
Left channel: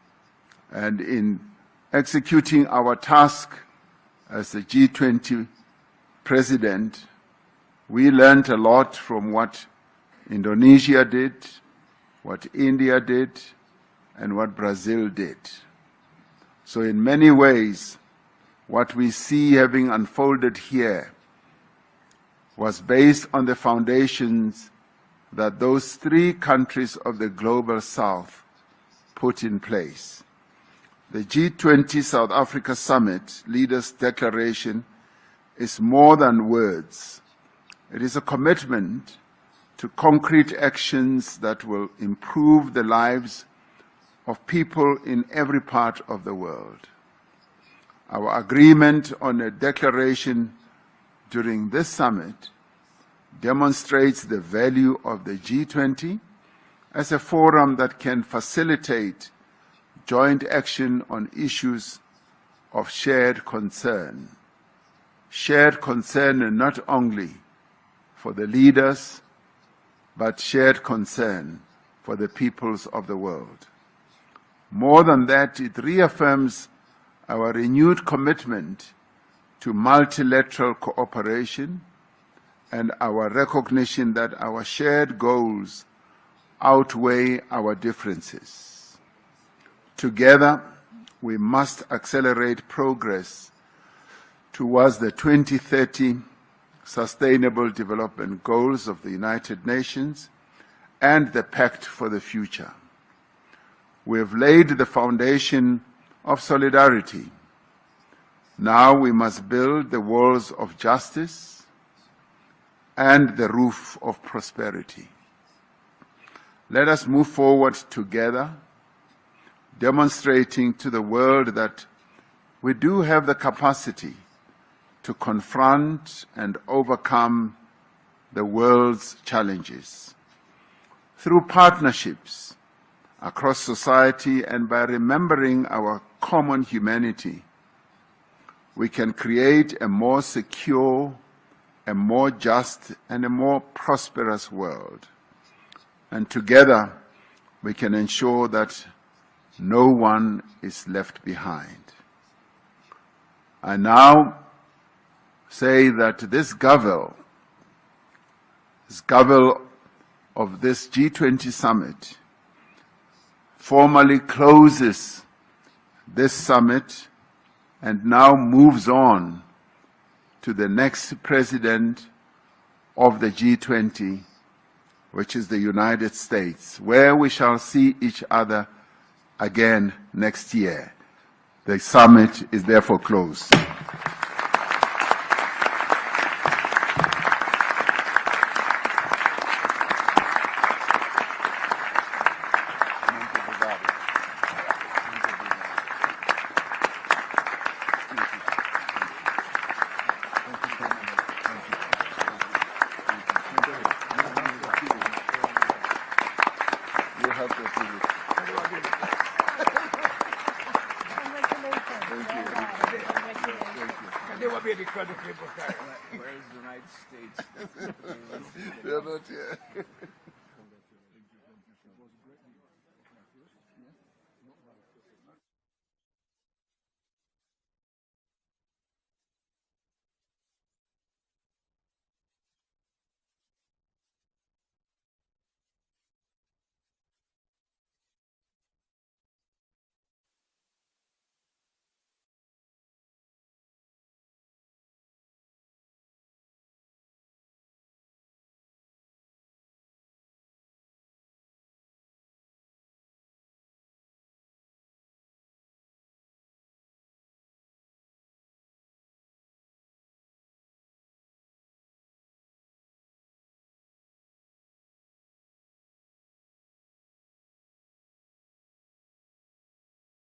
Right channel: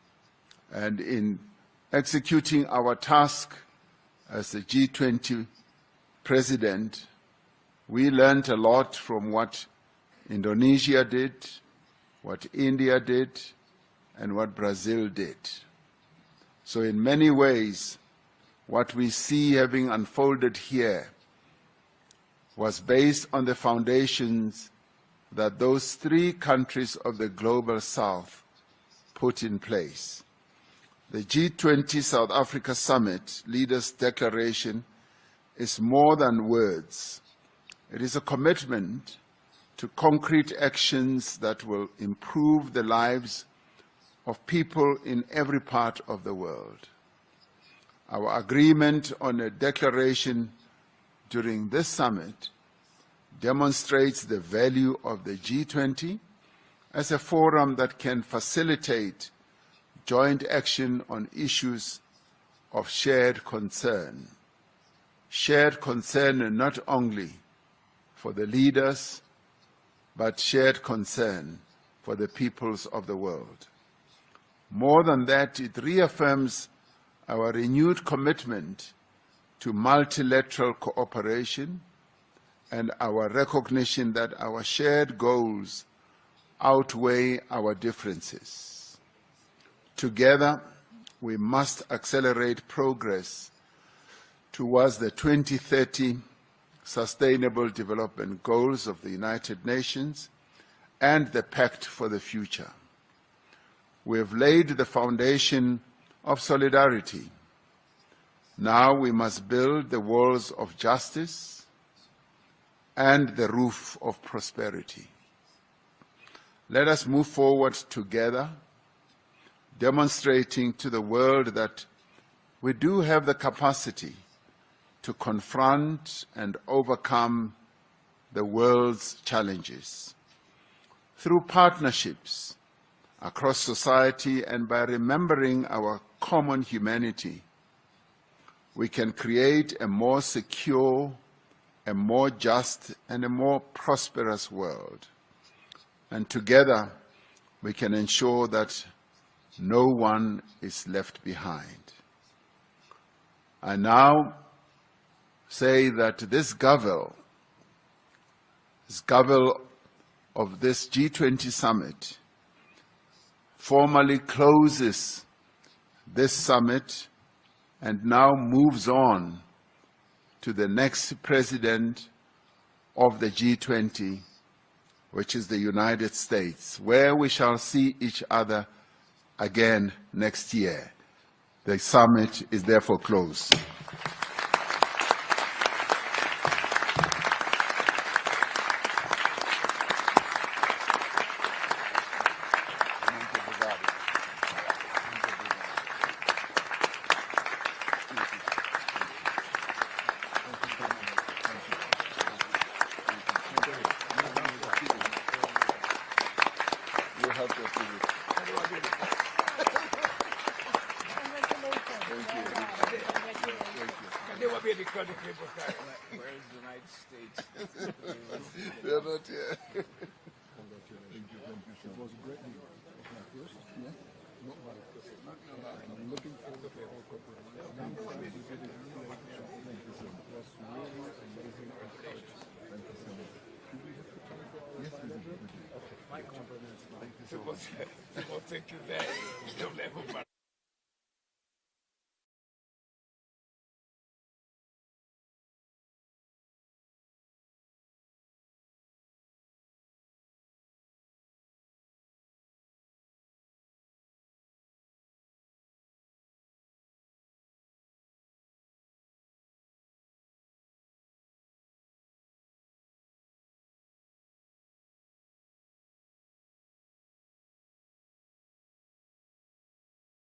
And in executing our task as the G20 president, we learned a lot from what Indonesia did, what India did, and what Brazil did. So in many ways, what we see having unfolded here was based on the foundations that those three countries of the Global South put in place. The G20 South Africa Summit Leaders' Declaration is more than words. It is a commitment to concrete actions that will improve the lives of people in every part of the world. Our agreement on a declaration during this summit demonstrates the value of the G20 as a forum that can facilitate joint action on issues of shared concern. Shared concern not only for the leaders, but shared concern for the peoples of the world. More than that, it reaffirms our renewed commitment to multilateral cooperation and our recognition that our shared goals outweigh our differences. Together, we must accelerate progress towards the 2030 Sustainable Development Goals of the United Nations and the Pact for the Future. We have laid the foundation of solidarity. Now we must build the walls of justice and the roof of prosperity. Let us move forward together, demonstrating to the world that we do have the capacity to confront and overcome the world's challenges. Through partnerships across society and by remembering our common humanity, we can create a more secure, a more just, and a more prosperous world. And together, we can ensure that no one is left behind. I now say that this Gavel of this G20 summit formally closes this summit and now moves on to the next president of the G20, which is the United States, where we shall see each other again next year. The summit is therefore closed. Never be the crowd of people. Where is the United States? They're not here. Thank you very much.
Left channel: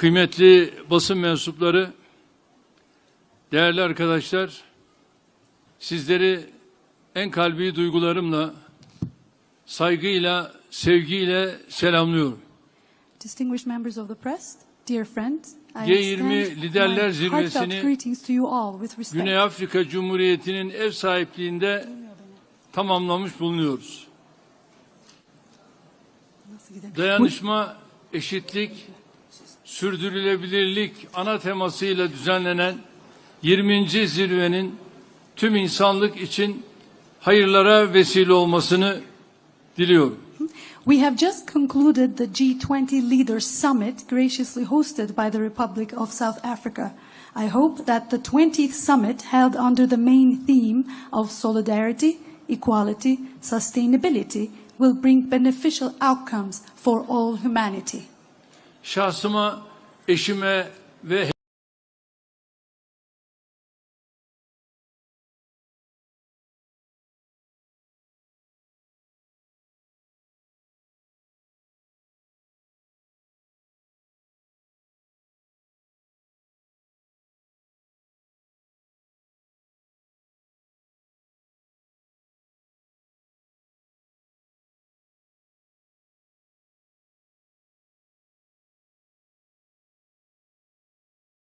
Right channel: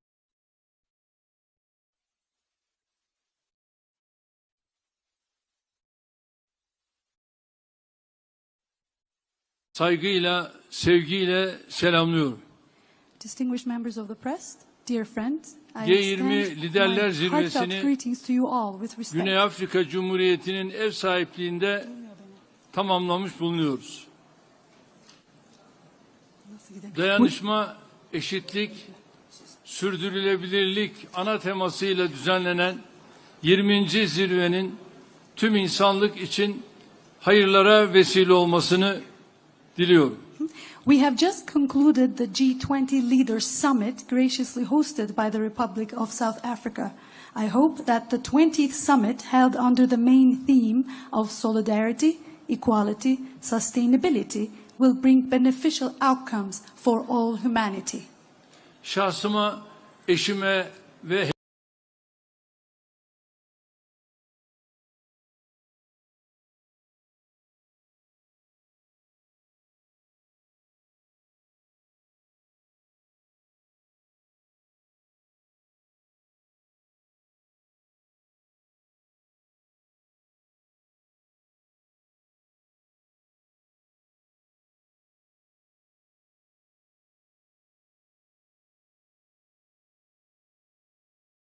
kıymetli basın mensupları, değerli arkadaşlar, sizleri en kalbi duygularımla, saygıyla, sevgiyle selamlıyorum. Distinguished members of the press, dear friends, I G20 extend Liderler my Zirvesi'ni heartfelt greetings to you all with respect. Güney Afrika Cumhuriyeti'nin ev sahipliğinde tamamlamış bulunuyoruz. Dayanışma, eşitlik, sürdürülebilirlik ana temasıyla düzenlenen 20. zirvenin tüm insanlık için hayırlara vesile olmasını diliyorum. We have just concluded the G20 Leaders Summit, graciously hosted by the Republic of South Africa. I hope that the 20th summit, held under the main theme of solidarity, equality, sustainability, will bring beneficial outcomes for all humanity. Şahsıma, eşime ve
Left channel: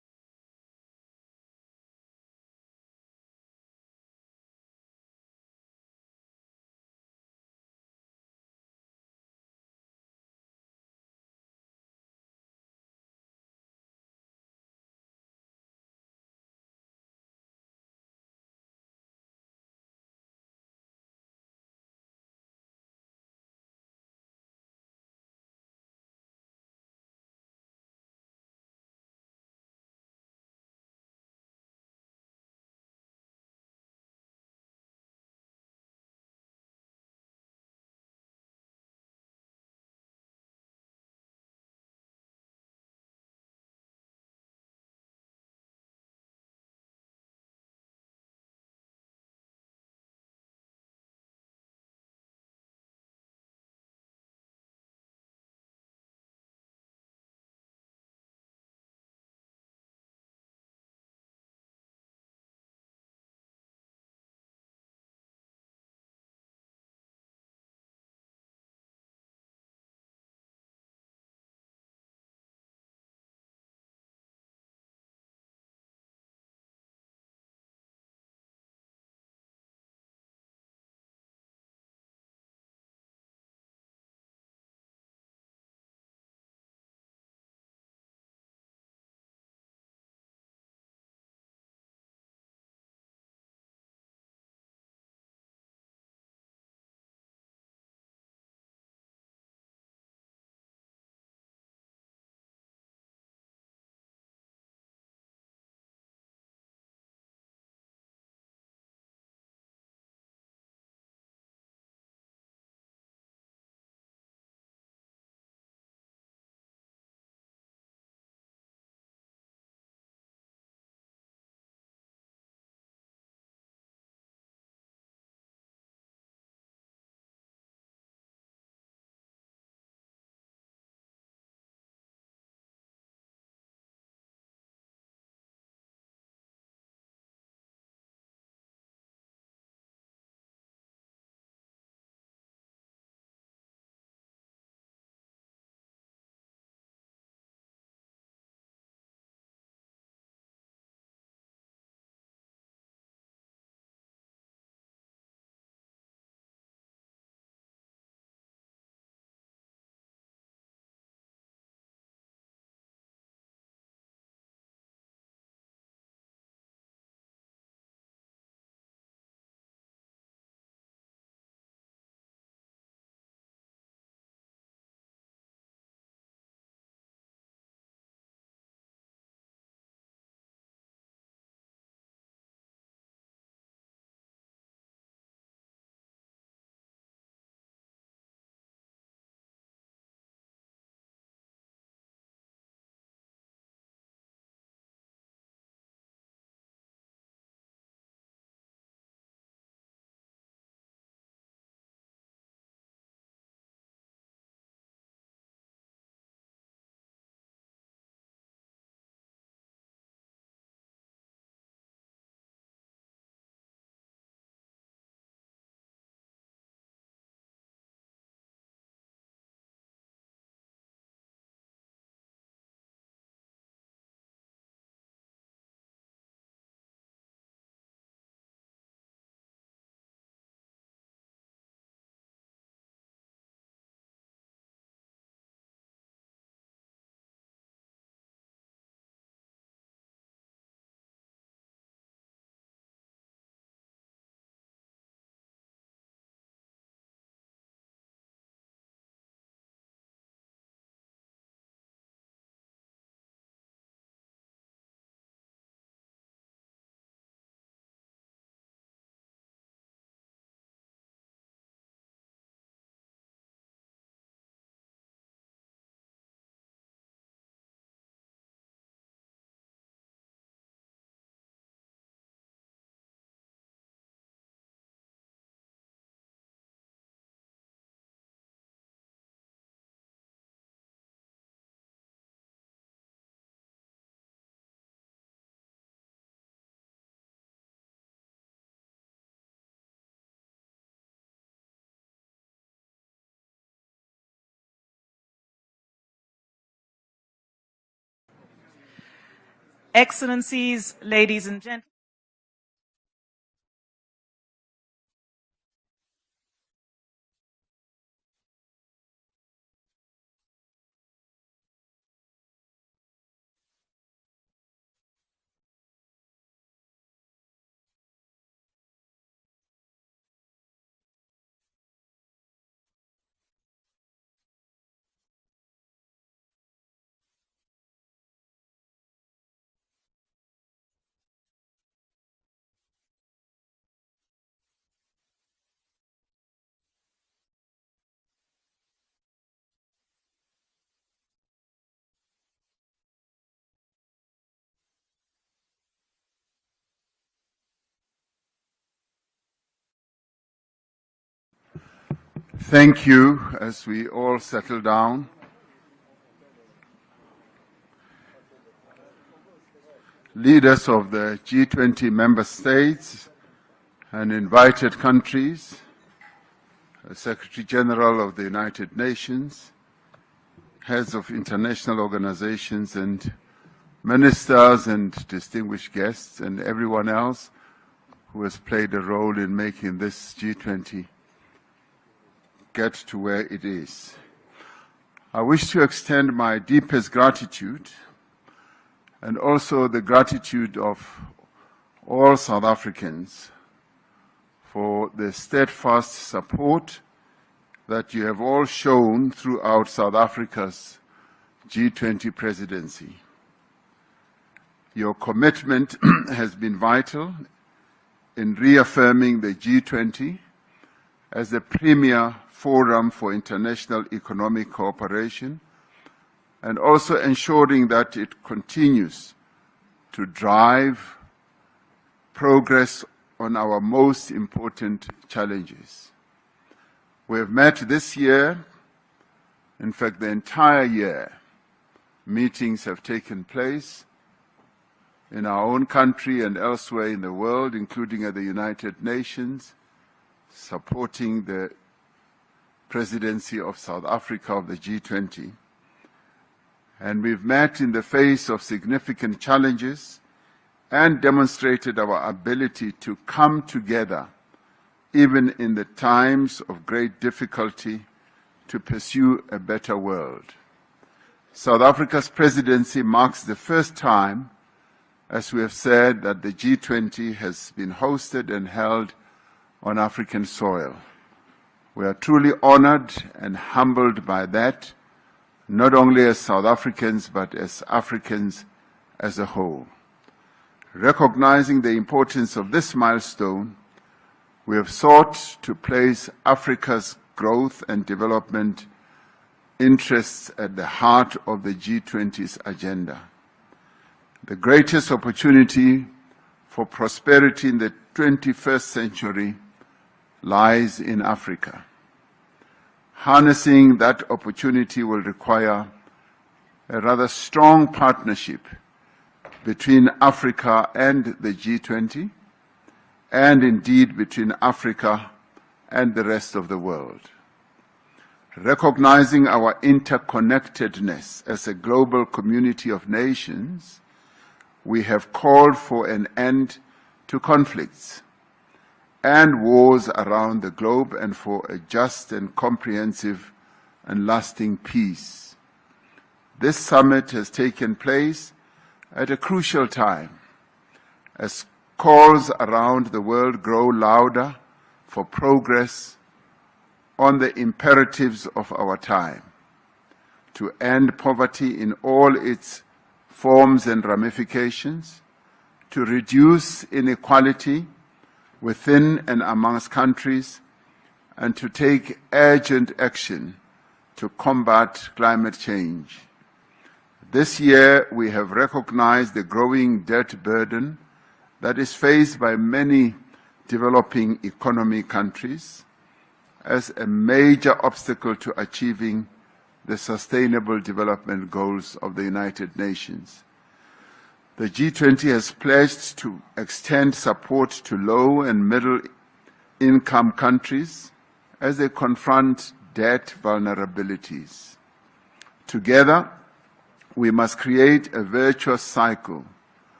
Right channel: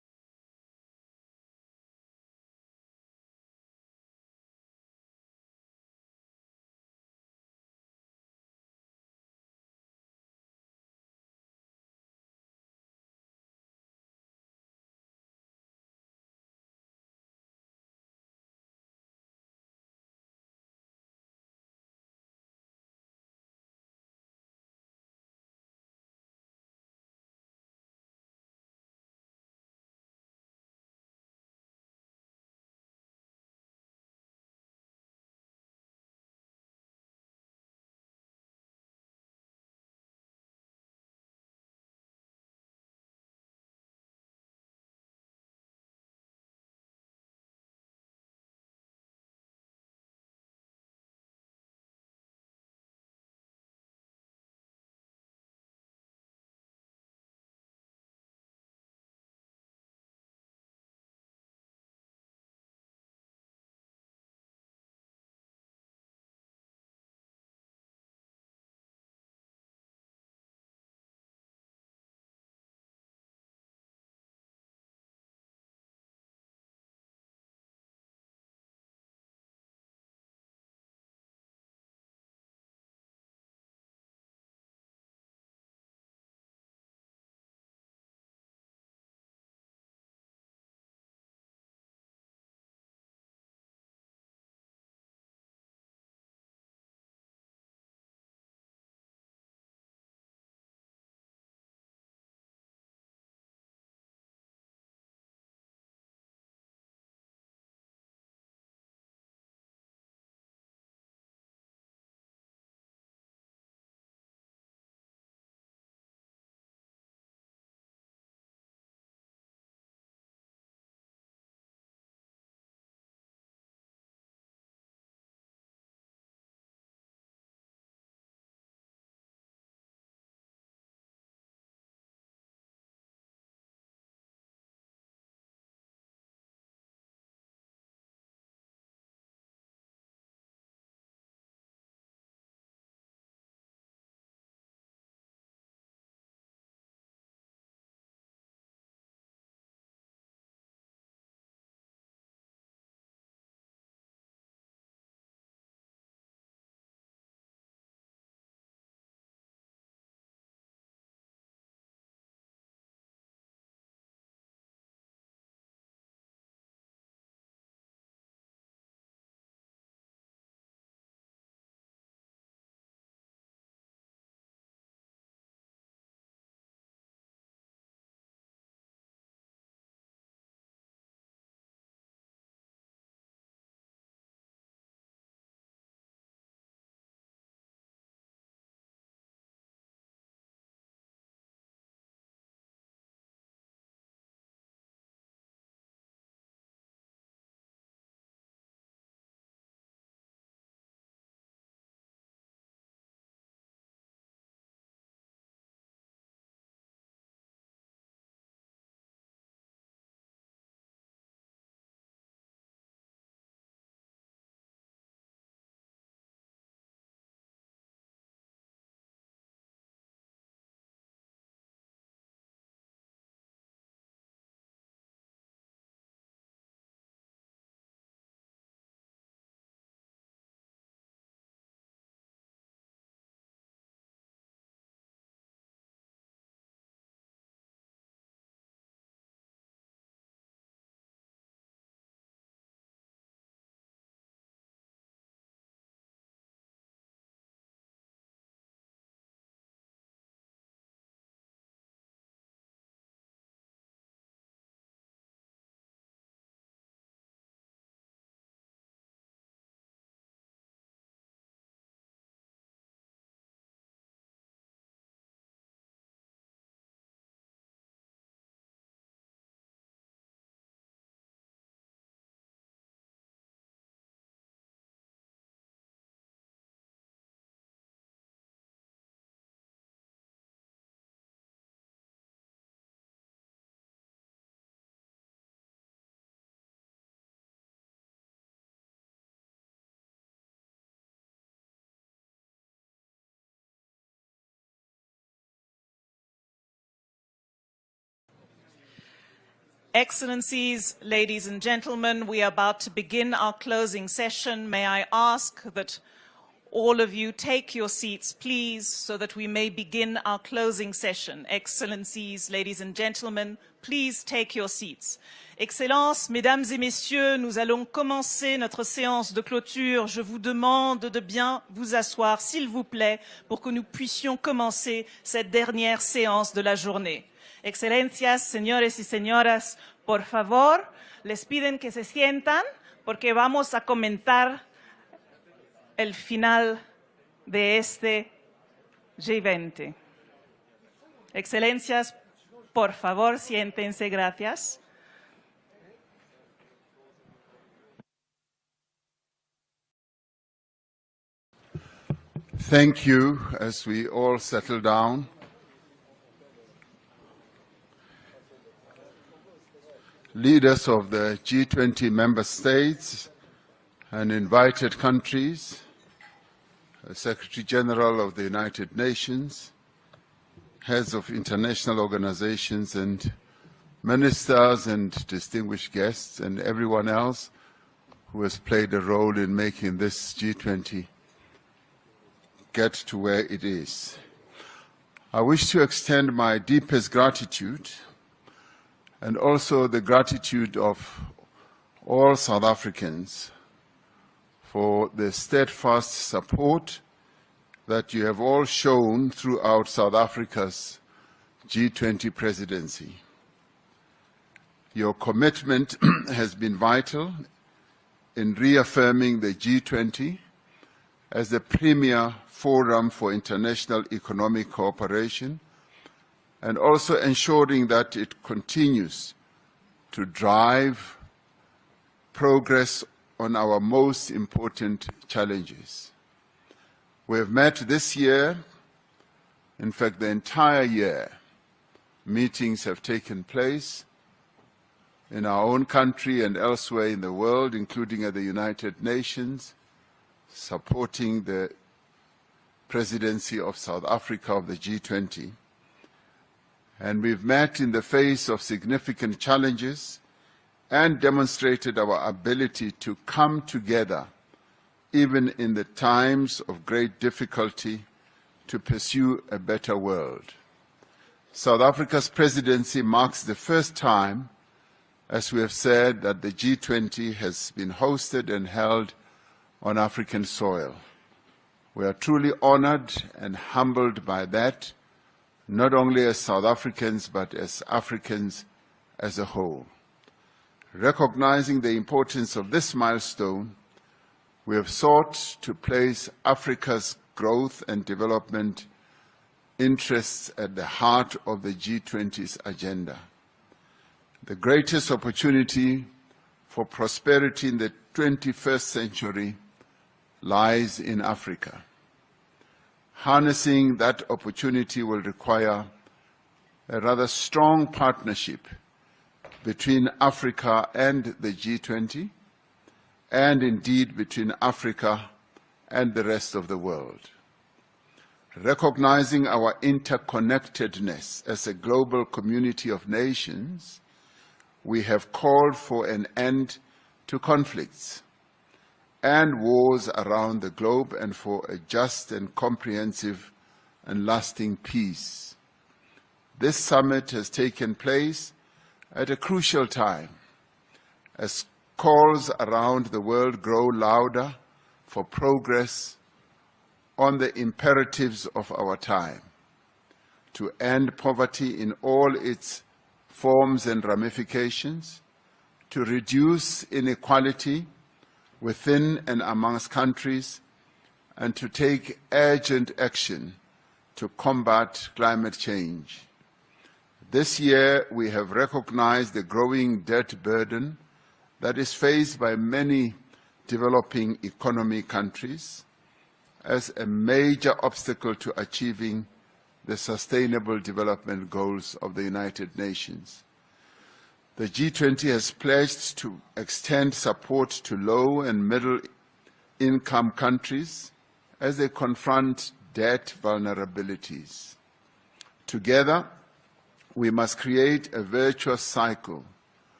Excellencies, ladies and gentlemen, we are about to begin our closing session. May I ask that all of you take your seats, please, so that we may begin our closing session. Excellencies, ladies and gentlemen, please take your seats. Excellences, Mesdames et Messieurs, nous allons commencer notre séance de clôture. Je vous demande de bien vous asseoir, s'il vous plaît, pour que nous puissions commencer cette dernière séance de la journée. Excelencias, señores y señoras, por favor, les piden que se sientan porque vamos a comentar el final de este G20. Excelencias, por favor, siéntense, gracias. Thank you. As we all settle down, leaders of the G20 member states and invited countries, the Secretary General of the United Nations, heads of international organizations and ministers and distinguished guests and everyone else who has played a role in making this G20 get to where it is. I wish to extend my deepest gratitude and also the gratitude of all South Africans for the steadfast support that you have all shown throughout South Africa's G20 presidency. Your commitment has been vital in reaffirming the G20 as the premier forum for international economic cooperation and also ensuring that it continues to drive progress on our most important challenges. We have met this year, in fact the entire year, meetings have taken place in our own country and elsewhere in the world, including at the United Nations, supporting the presidency of South Africa of the G20. And we've met in the face of significant challenges and demonstrated our ability to come together, even in the times of great difficulty, to pursue a better world. South Africa's presidency marks the first time, as we have said, that the G20 has been hosted and held on African soil. We are truly honored and humbled by that, not only as South Africans, but as Africans as a whole. Recognizing the importance of this milestone, we have sought to place Africa's growth and development interests at the heart of the G20's agenda. The greatest opportunity for prosperity in the 21st century lies in Africa. Harnessing that opportunity will require a rather strong partnership between Africa and the G20, and indeed between Africa and the rest of the world. Recognizing our interconnectedness as a global community of nations, we have called for an end to conflicts and wars around the globe and for a just and comprehensive and lasting peace. This summit has taken place at a crucial time as calls around the world grow louder for progress on the imperatives of our time, to end poverty in all its forms and ramifications, to reduce inequality within and amongst countries, and to take urgent action to combat climate change. This year, we have recognized the growing debt burden that is faced by many developing economy countries as a major obstacle to achieving the Sustainable Development Goals of the United Nations. The G20 has pledged to extend support to low and middle-income countries as they confront debt vulnerabilities. Together, we must create a virtuous cycle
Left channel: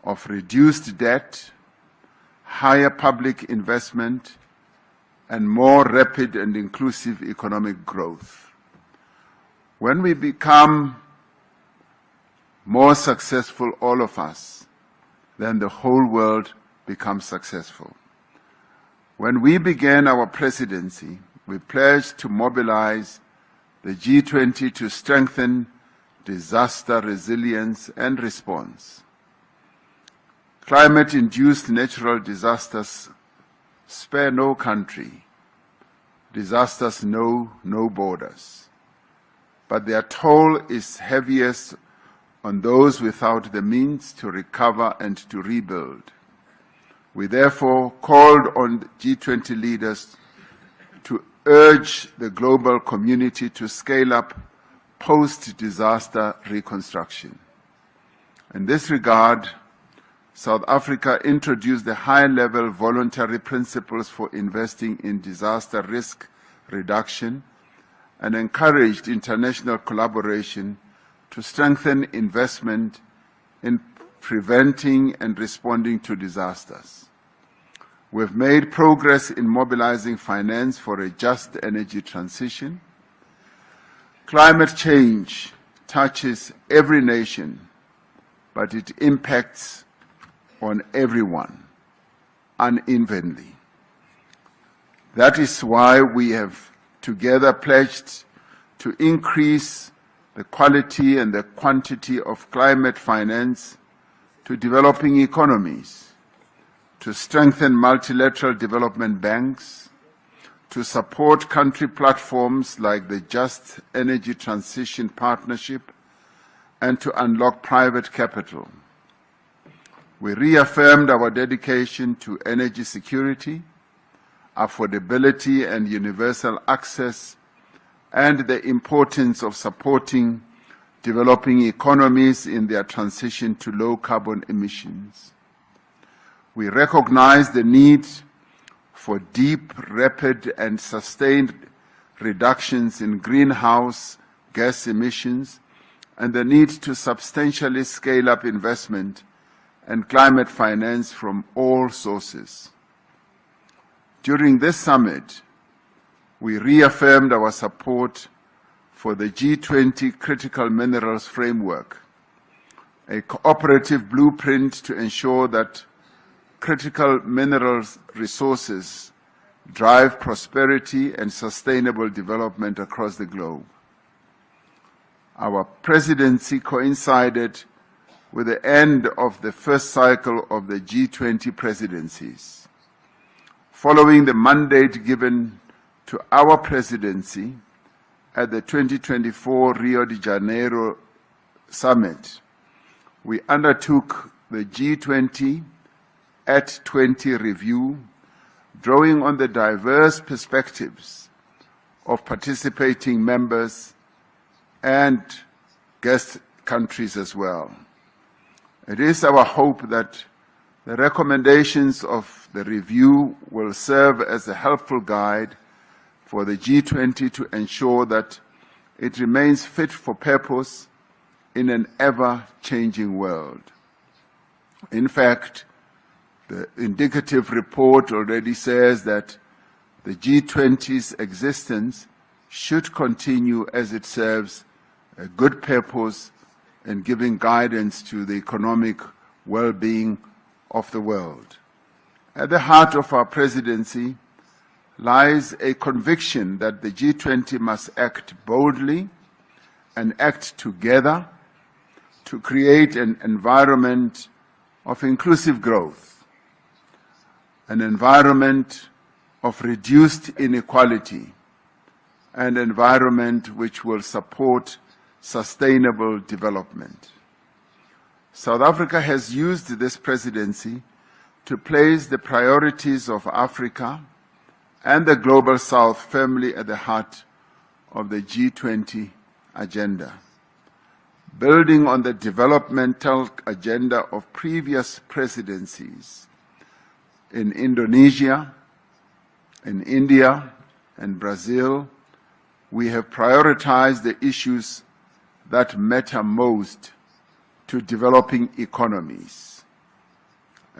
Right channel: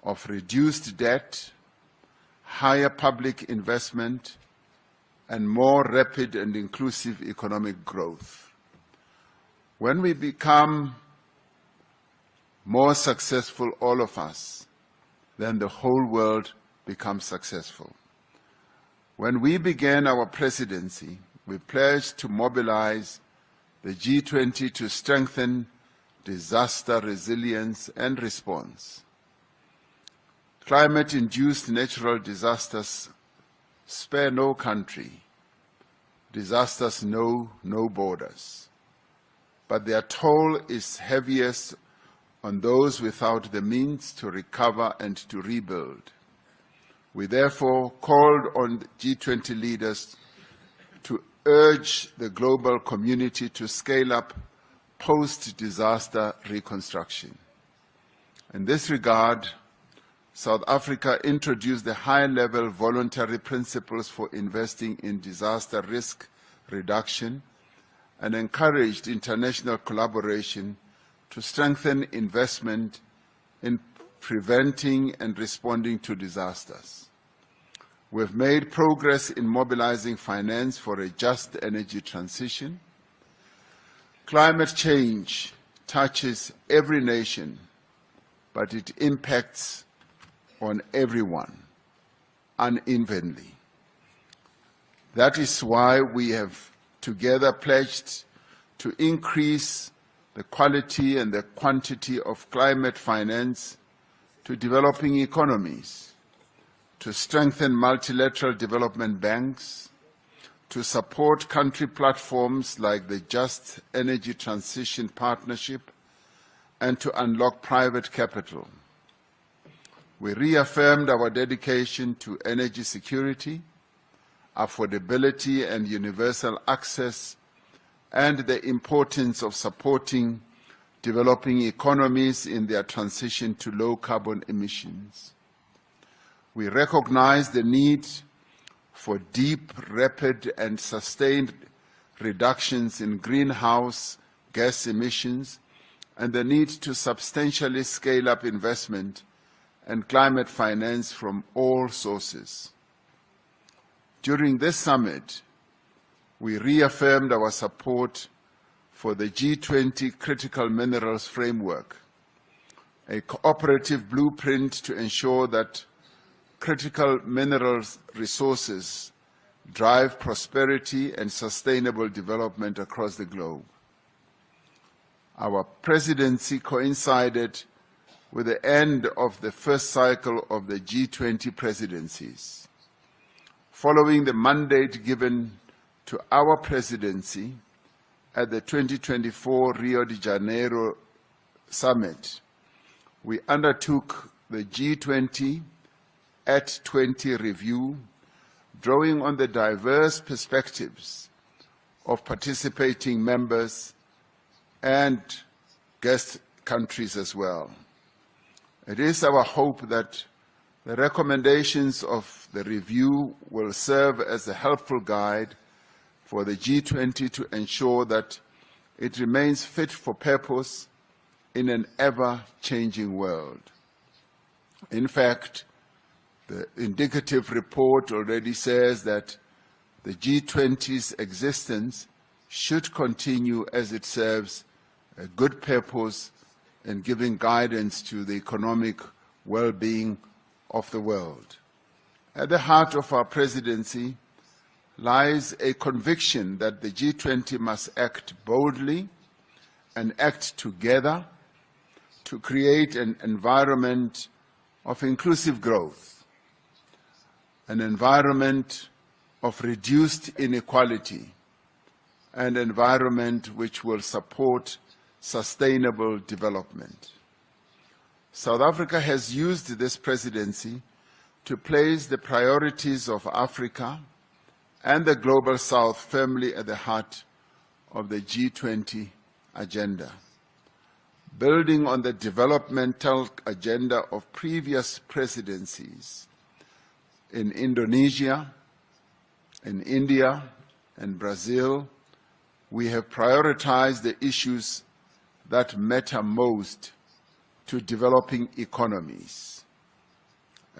of reduced debt, higher public investment, and more rapid and inclusive economic growth. When we become more successful, all of us, then the whole world becomes successful. When we began our presidency, we pledged to mobilize the G20 to strengthen disaster resilience and response. Climate-induced natural disasters spare no country. Disasters know no borders. But their toll is heaviest on those without the means to recover and to rebuild. We therefore called on G20 leaders to urge the global community to scale up post-disaster reconstruction. In this regard, South Africa introduced the high-level voluntary principles for investing in disaster risk reduction and encouraged international collaboration to strengthen investment in preventing and responding to disasters. We have made progress in mobilizing finance for a just energy transition. Climate change touches every nation, but it impacts on everyone unevenly. That is why we have together pledged to increase the quality and the quantity of climate finance to developing economies, to strengthen multilateral development banks, to support country platforms like the Just Energy Transition Partnership, and to unlock private capital. We reaffirmed our dedication to energy security, affordability and universal access, and the importance of supporting developing economies in their transition to low carbon emissions. We recognize the need for deep, rapid, and sustained reductions in greenhouse gas emissions and the need to substantially scale up investment and climate finance from all sources. During this summit, we reaffirmed our support for the G20 Critical Minerals Framework, a cooperative blueprint to ensure that critical minerals resources drive prosperity and sustainable development across the globe. Our presidency coincided with the end of the first cycle of the G20 presidencies. Following the mandate given to our presidency at the 2024 Rio de Janeiro Summit, we undertook the G20 at 20 review, drawing on the diverse perspectives of participating members and guest countries as well. It is our hope that the recommendations of the review will serve as a helpful guide for the G20 to ensure that it remains fit for purpose in an ever-changing world. In fact, the indicative report already says that the G20's existence should continue as it serves a good purpose in giving guidance to the economic well-being of the world. At the heart of our presidency lies a conviction that the G20 must act boldly and act together to create an environment of inclusive growth, an environment of reduced inequality, an environment which will support sustainable development. South Africa has used this presidency to place the priorities of Africa and the Global South firmly at the heart of the G20 agenda. Building on the developmental agenda of previous presidencies in Indonesia, in India, and Brazil, we have prioritized the issues that matter most to developing economies:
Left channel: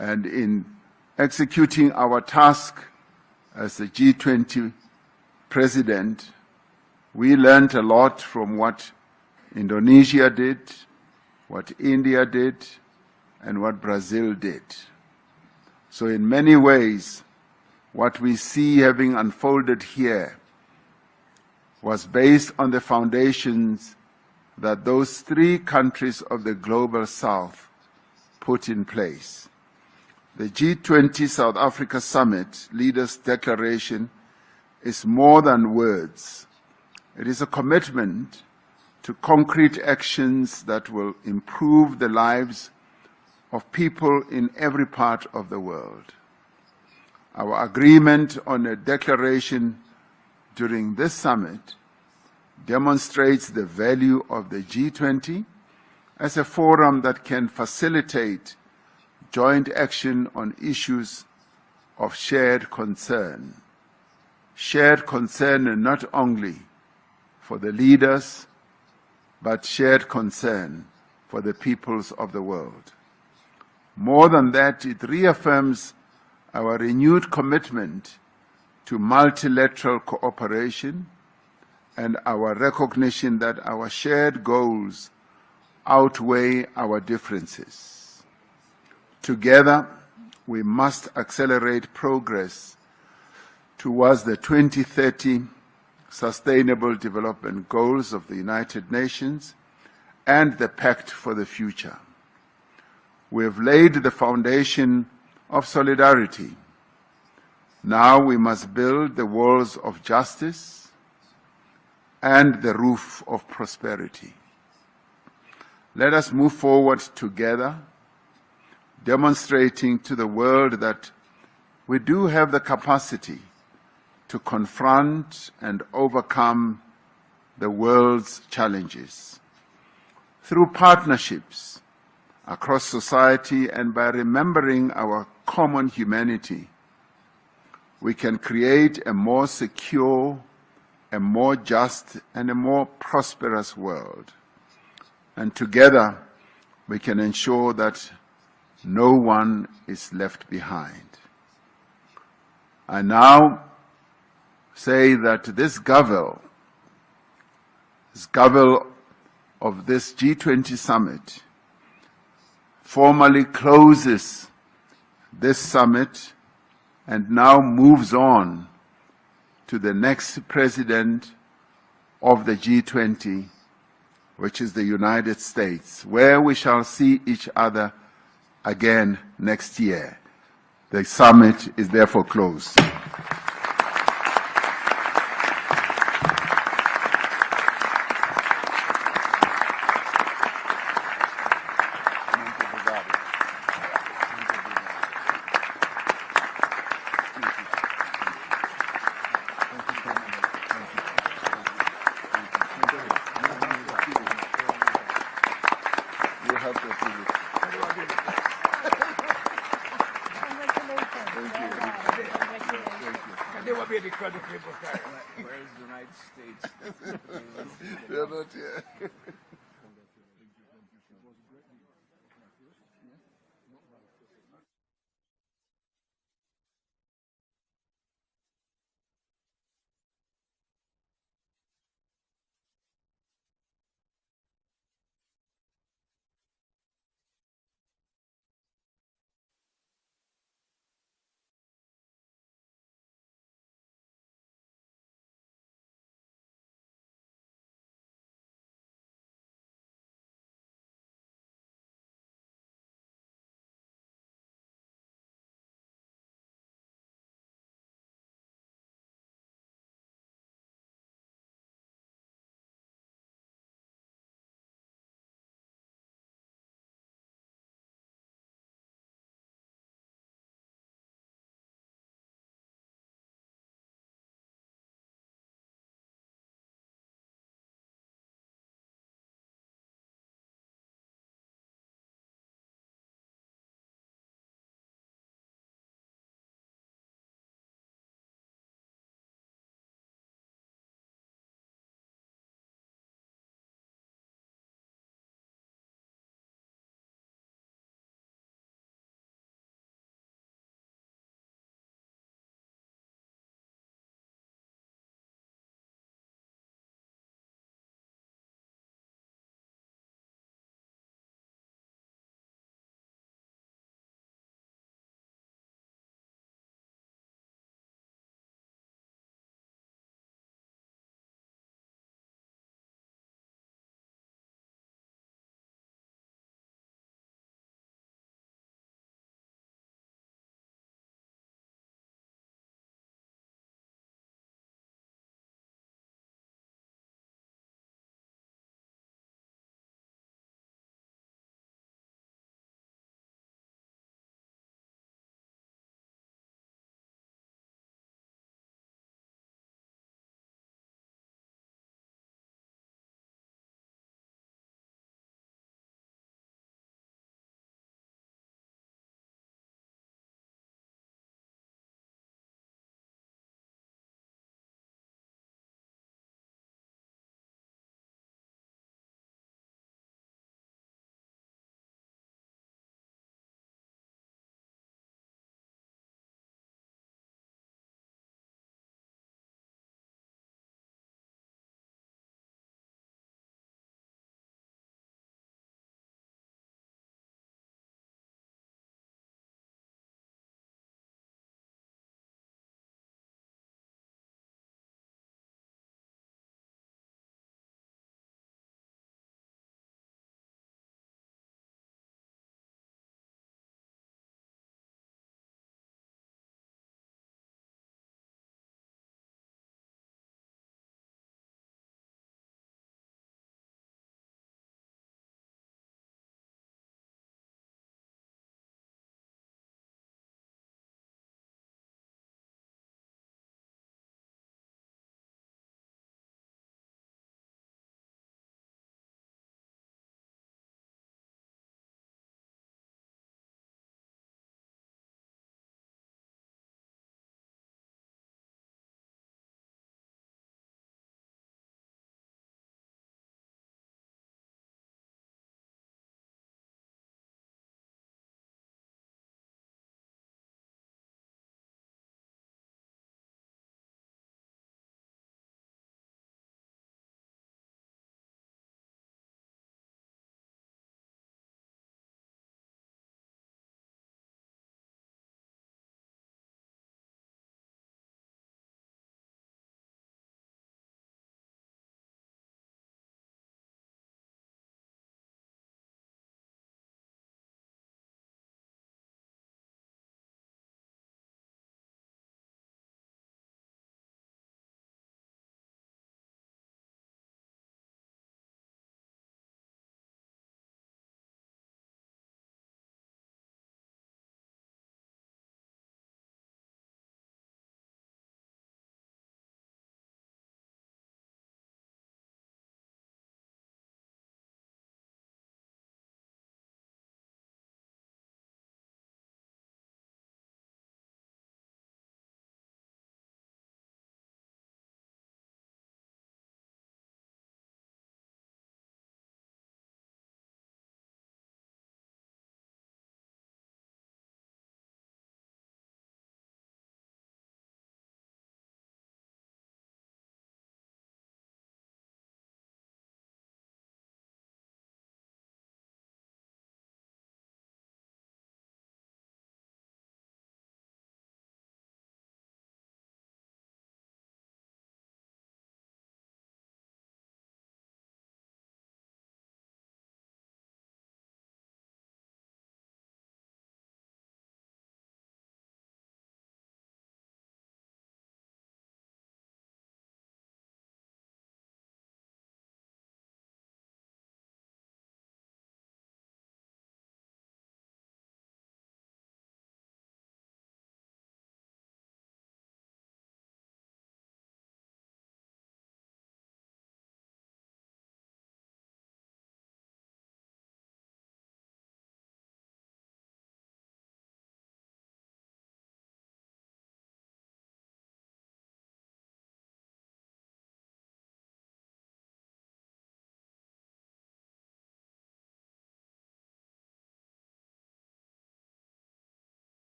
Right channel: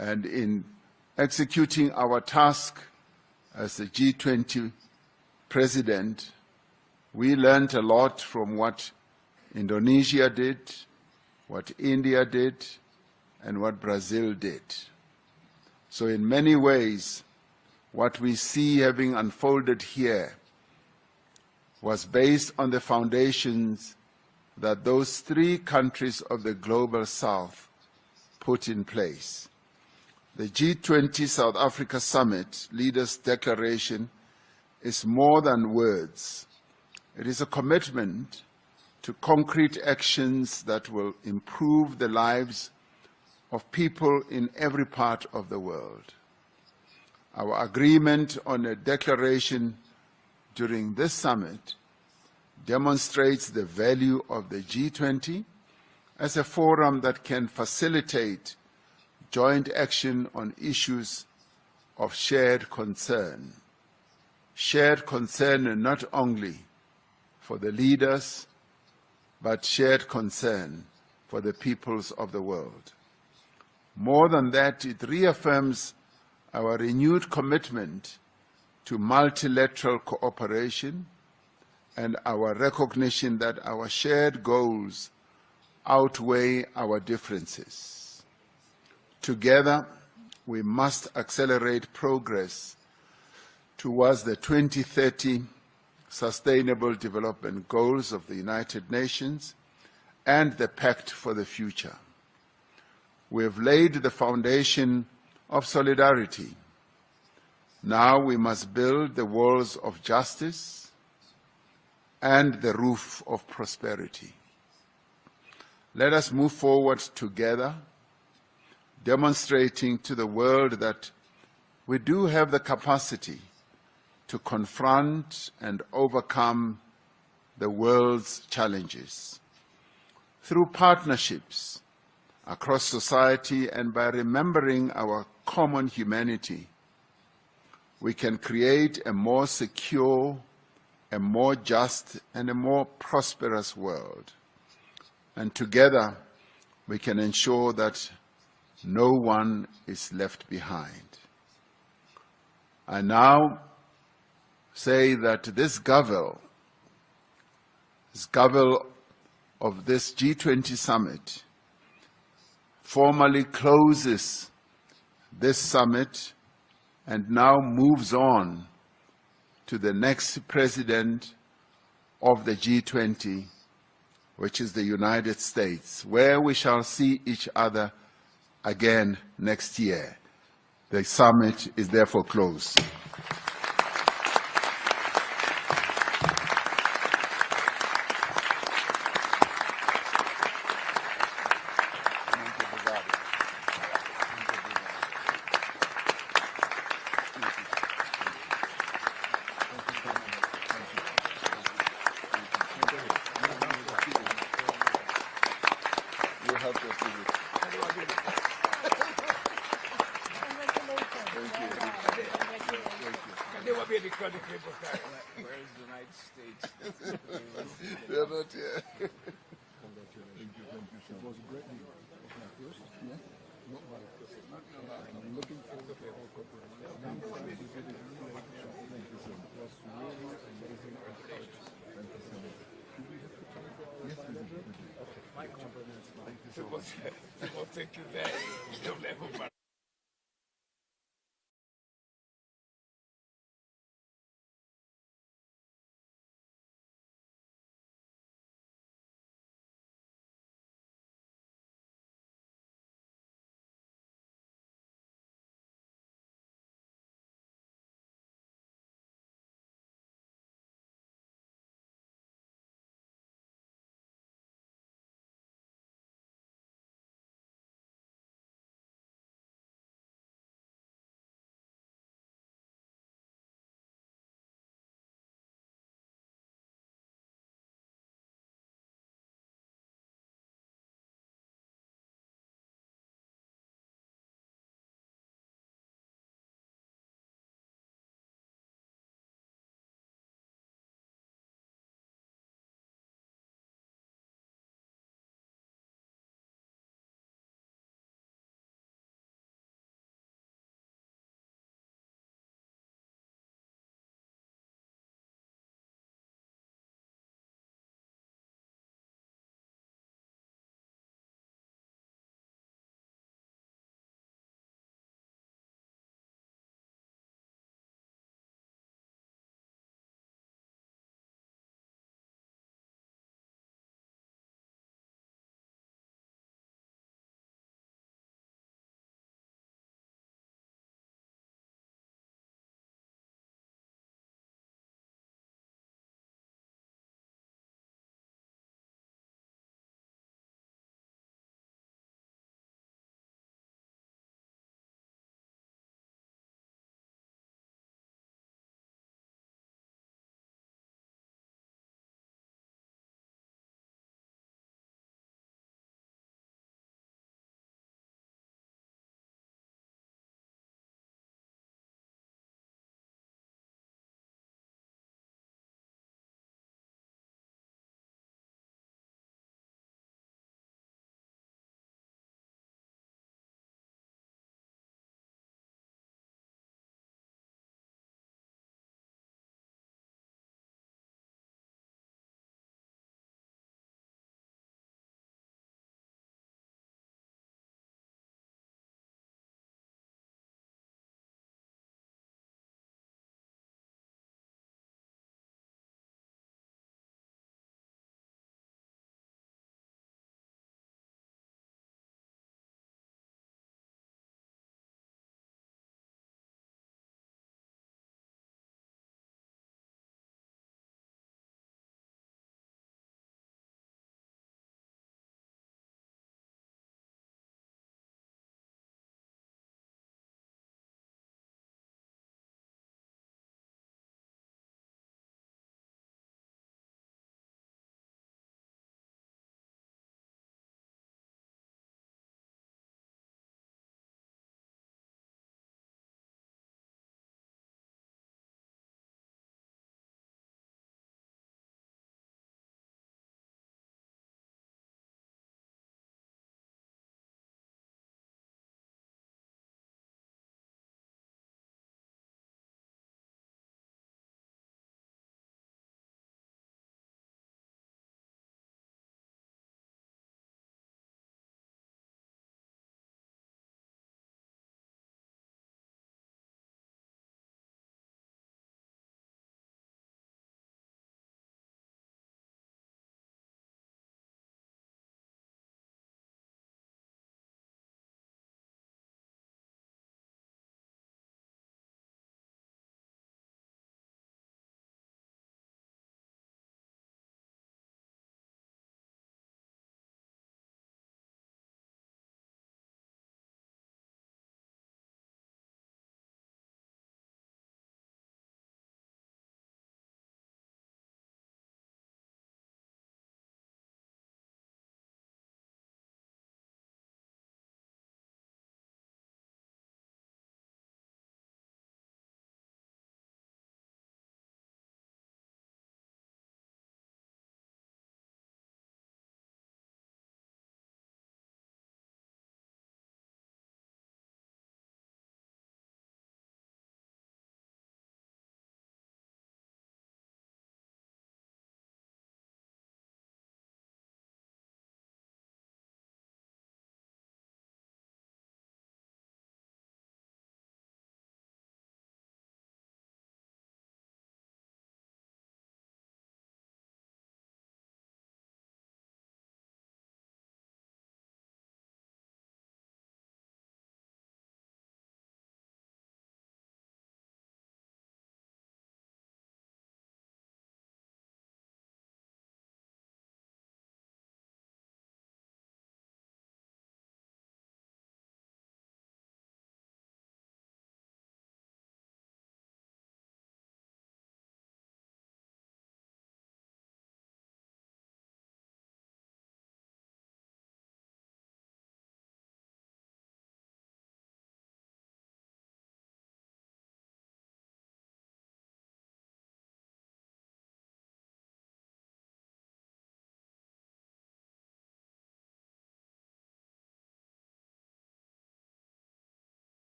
And in executing our task as the G20 president, we learned a lot from what Indonesia did, what India did, and what Brazil did. So in many ways, what we see having unfolded here was based on the foundations that those three countries of the Global South put in place. The G20 South Africa Summit Leaders' Declaration is more than words. It is a commitment to concrete actions that will improve the lives of people in every part of the world. Our agreement on a declaration during this summit demonstrates the value of the G20 as a forum that can facilitate joint action on issues of shared concern. Shared concern not only for the leaders, but shared concern for the peoples of the world. More than that, it reaffirms our renewed commitment to multilateral cooperation and our recognition that our shared goals outweigh our differences. Together, we must accelerate progress towards the 2030 Sustainable Development Goals of the United Nations and the Pact for the Future. We have laid the foundation of solidarity. Now we must build the walls of justice and the roof of prosperity. Let us move forward together, demonstrating to the world that we do have the capacity to confront and overcome the world's challenges. Through partnerships across society and by remembering our common humanity, we can create a more secure, a more just, and a more prosperous world. And together, we can ensure that no one is left behind. I now say that this Gavel of this G20 summit formally closes this summit and now moves on to the next president of the G20, which is the United States, where we shall see each other again next year. The summit is therefore closed. Can never be the crowd of people carry. Where is the United States? They're not here. People think you there. Don't let go.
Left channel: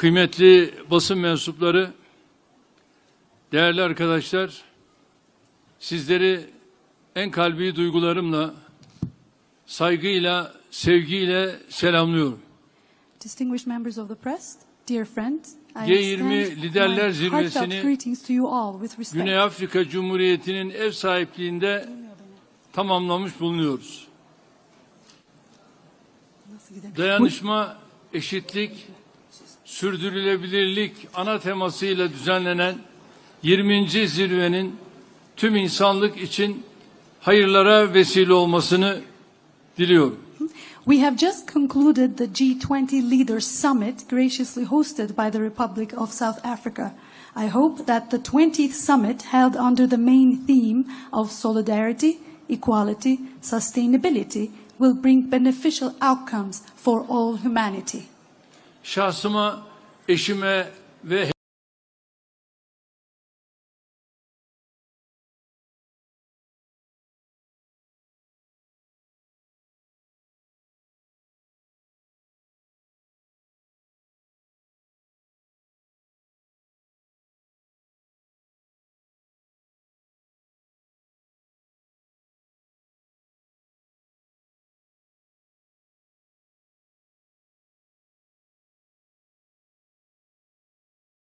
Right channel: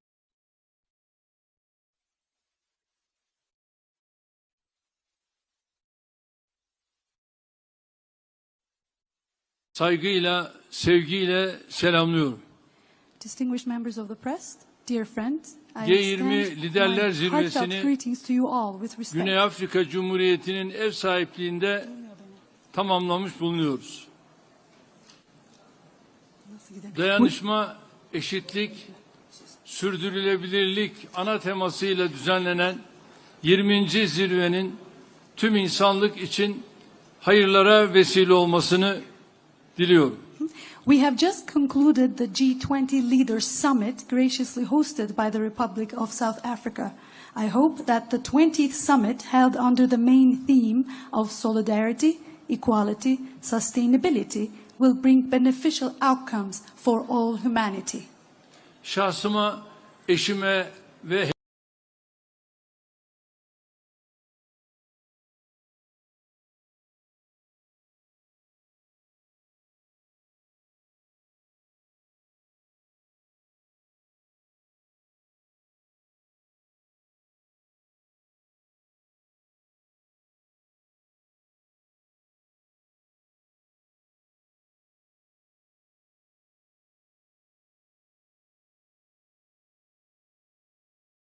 kıymetli basın mensupları, değerli arkadaşlar, sizleri en kalbi duygularımla, saygıyla, sevgiyle selamlıyorum. Distinguished members of the press, dear friends, I G20 extend Liderler my heartfelt Zirvesi'ni greetings to you all with respect. Güney Afrika Cumhuriyeti'nin ev sahipliğinde tamamlamış bulunuyoruz. Dayanışma, eşitlik, sürdürülebilirlik ana temasıyla düzenlenen 20. zirvenin tüm insanlık için hayırlara vesile olmasını diliyorum. We have just concluded the G20 Leaders Summit graciously hosted by the Republic of South Africa. I hope that the 20th summit held under the main theme of solidarity, equality, sustainability will bring beneficial outcomes for all humanity. Şahsıma, eşime ve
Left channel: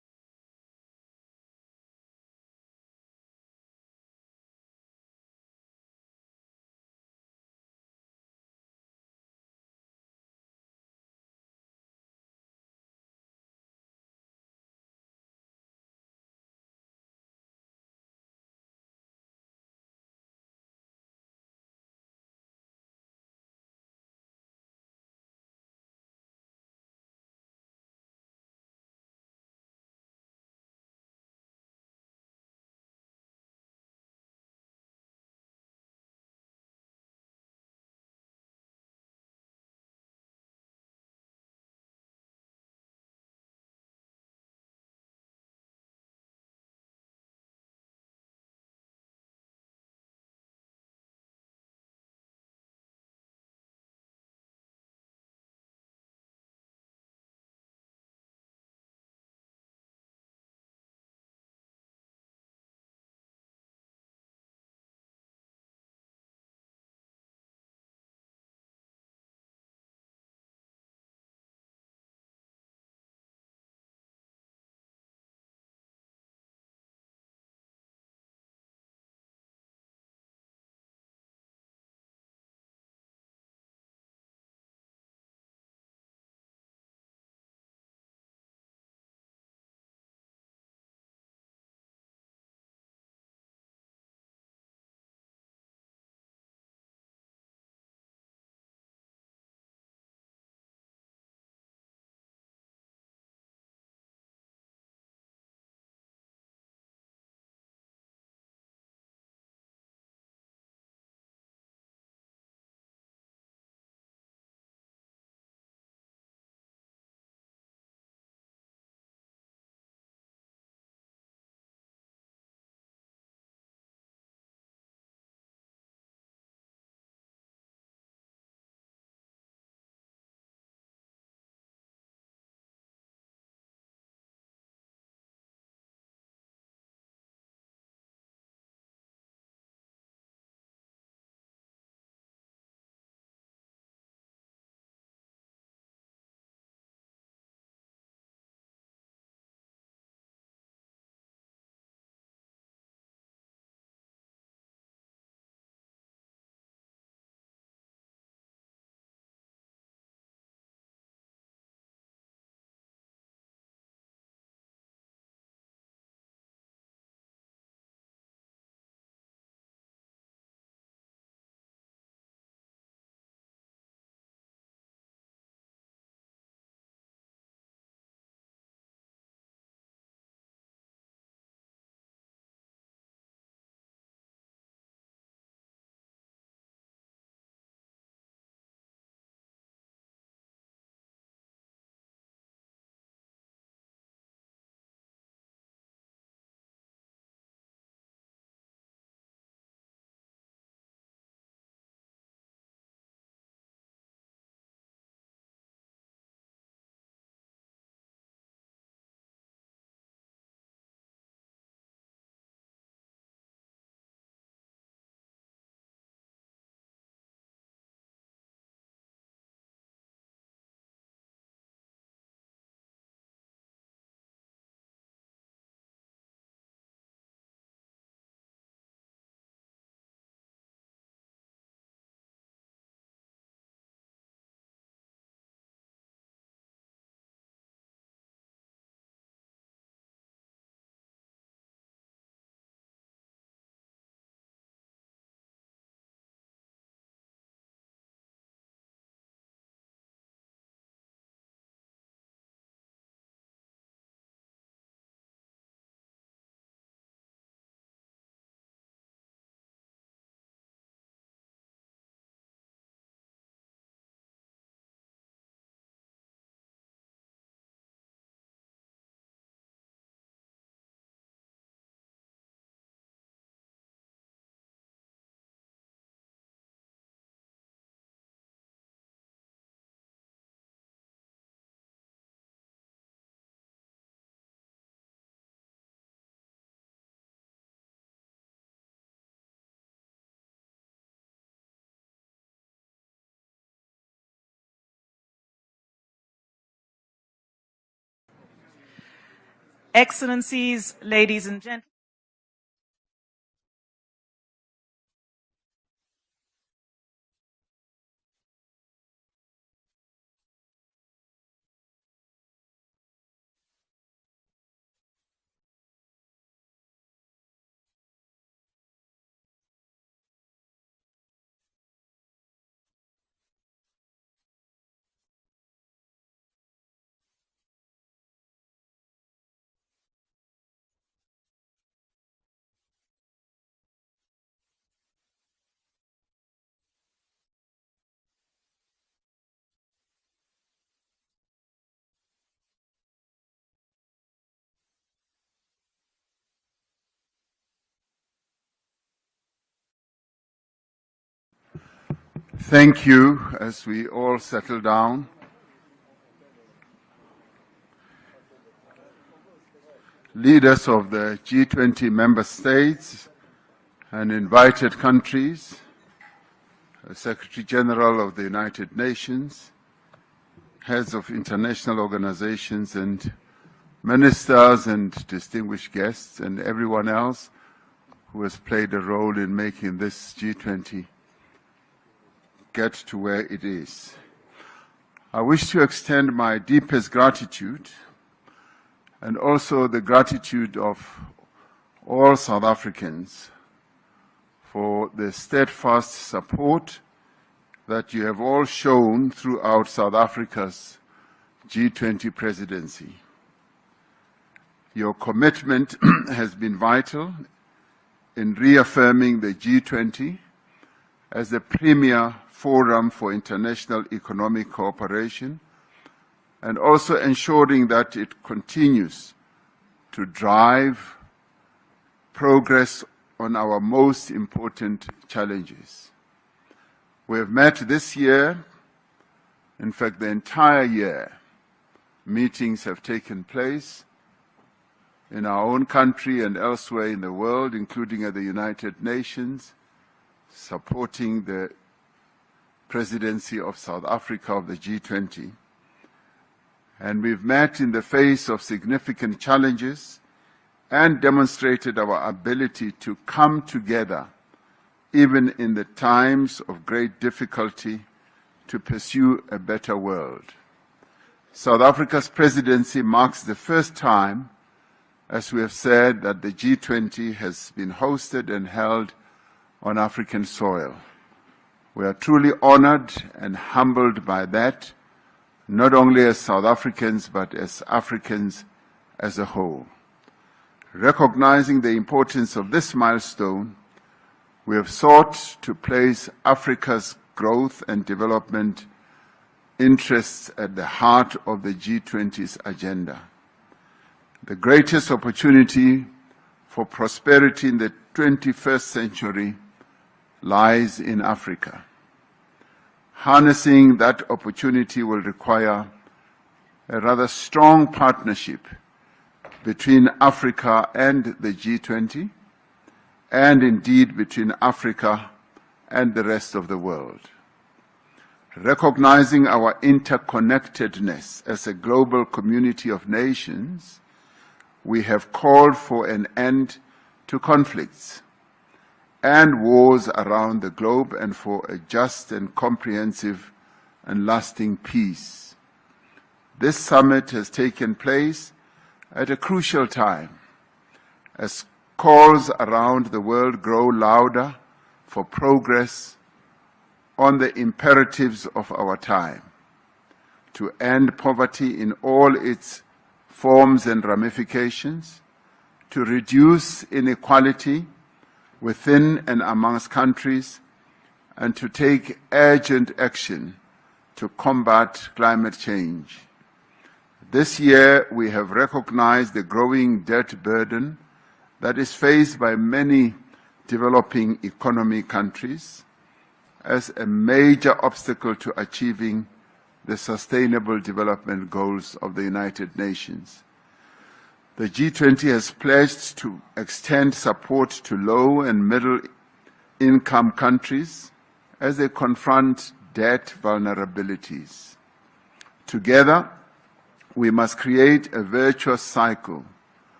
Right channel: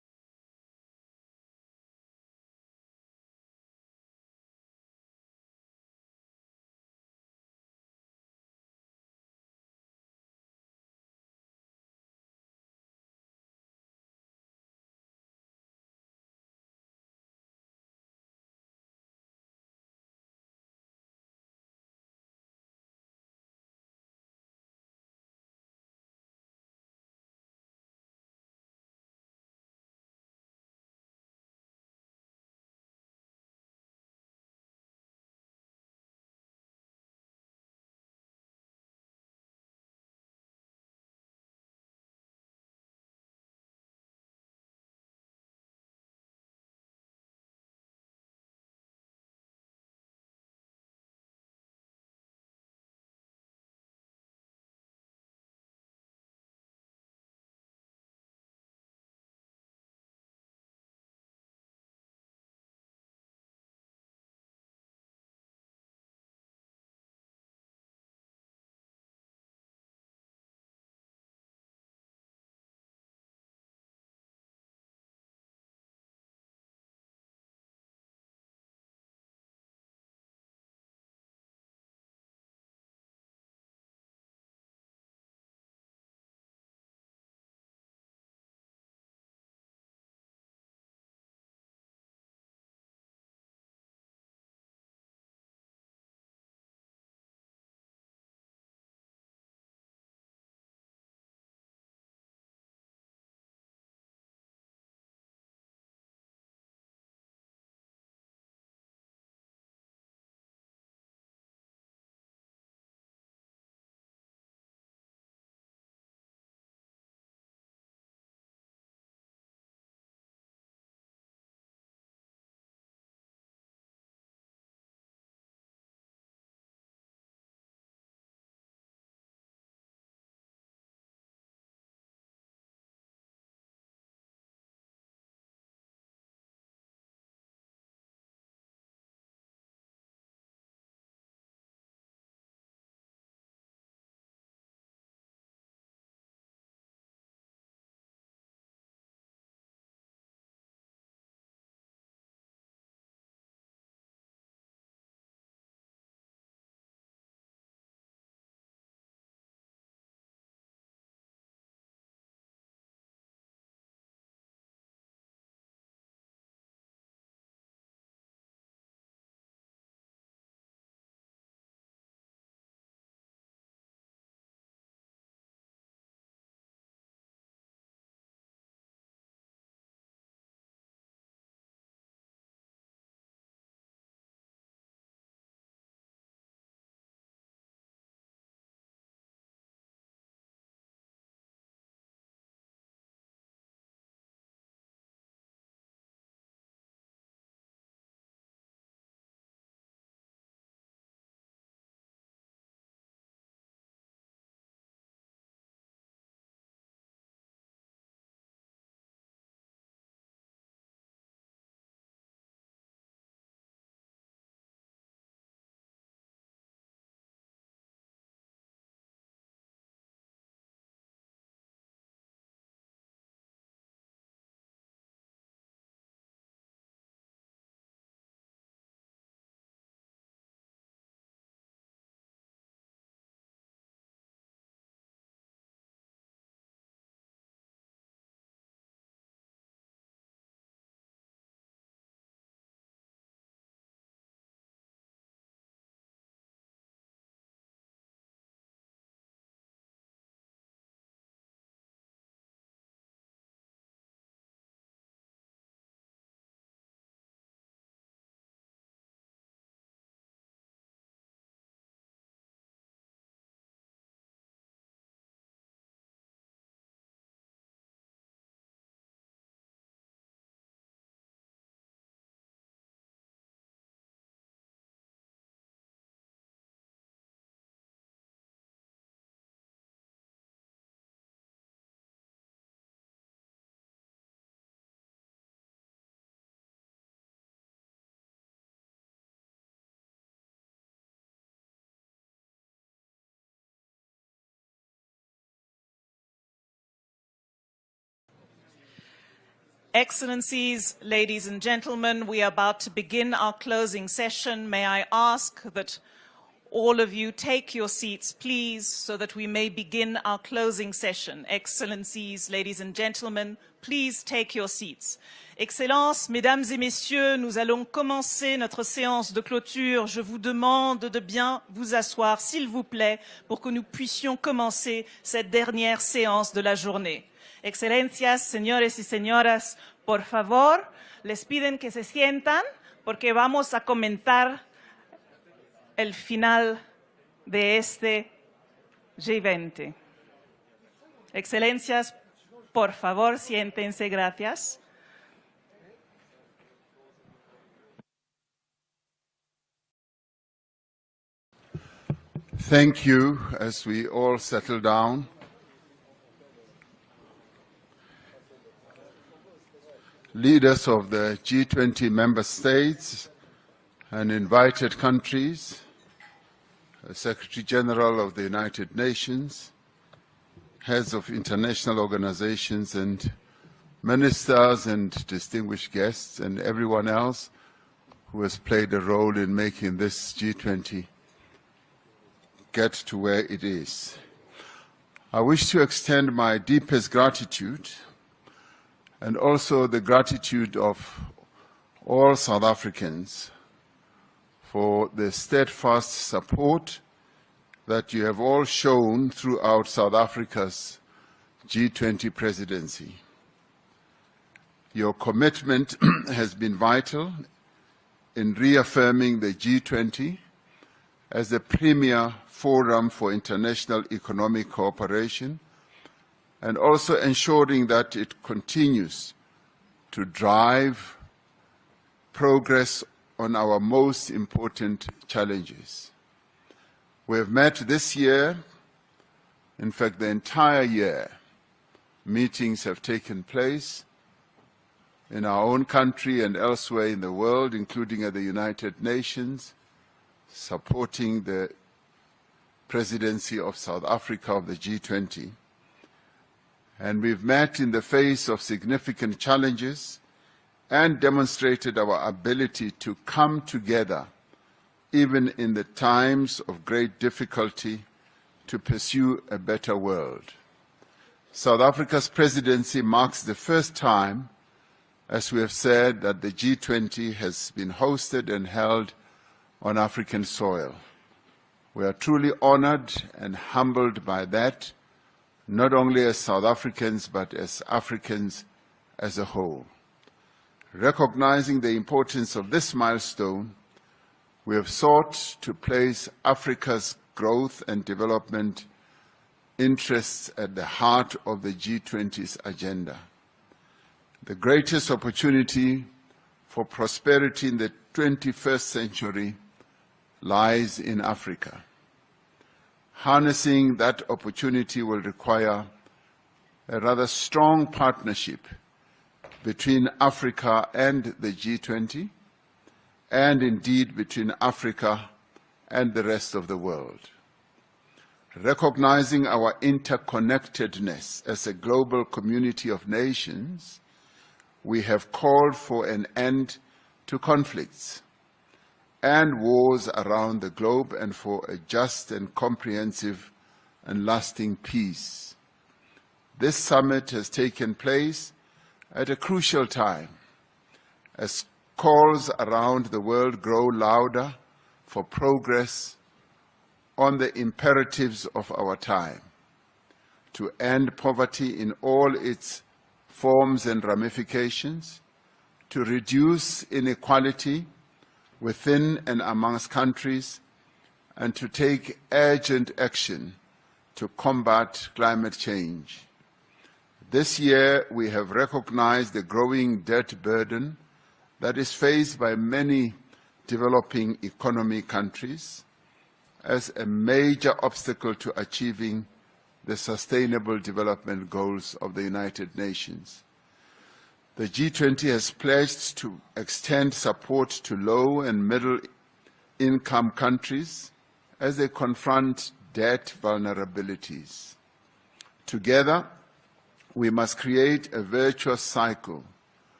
Excellencies, ladies and gentlemen, we are about to begin our closing session. May I ask that all of you take your seats, please, so that we may begin our closing session. Excellencies, ladies and gentlemen, please take your seats. Excellences, mesdames et messieurs, nous allons commencer notre séance de clôture. Je vous demande de bien vous asseoir, s'il vous plaît, pour que nous puissions commencer cette dernière séance de la journée. Excelencias, señores y señoras, por favor, les piden que se sientan porque vamos a comentar el final de este G20. Excelencias, por favor, siéntense, gracias. Thank you. As we all settle down, leaders of the G20 member states and invited countries, Secretary General of the United Nations, heads of international organizations and ministers and distinguished guests and everyone else who has played a role in making this G20 get to where it is. I wish to extend my deepest gratitude and also the gratitude of all South Africans for the steadfast support that you have all shown throughout South Africa's G20 presidency. Your commitment has been vital in reaffirming the G20 as the premier forum for international economic cooperation and also ensuring that it continues to drive progress on our most important challenges. We have met this year, in fact the entire year. Meetings have taken place in our own country and elsewhere in the world, including at the United Nations, supporting the presidency of South Africa of the G20. And we've met in the face of significant challenges and demonstrated our ability to come together, even in the times of great difficulty, to pursue a better world. South Africa's presidency marks the first time, as we have said, that the G20 has been hosted and held on African soil. We are truly honored and humbled by that, not only as South Africans, but as Africans as a whole. Recognizing the importance of this milestone, we have sought to place Africa's growth and development interests at the heart of the G20's agenda. The greatest opportunity for prosperity in the 21st century lies in Africa. Harnessing that opportunity will require a rather strong partnership between Africa and the G20, and indeed between Africa and the rest of the world. Recognizing our interconnectedness as a global community of nations, we have called for an end to conflicts and wars around the globe and for a just and comprehensive and lasting peace. This summit has taken place at a crucial time as calls around the world grow louder for progress on the imperatives of our time, to end poverty in all its forms and ramifications, to reduce inequality within and amongst countries, and to take urgent action to combat climate change. This year, we have recognized the growing debt burden that is faced by many developing economy countries as a major obstacle to achieving the Sustainable Development Goals of the United Nations. The G20 has pledged to extend support to low and middle-income countries as they confront debt vulnerabilities. Together, we must create a virtuous cycle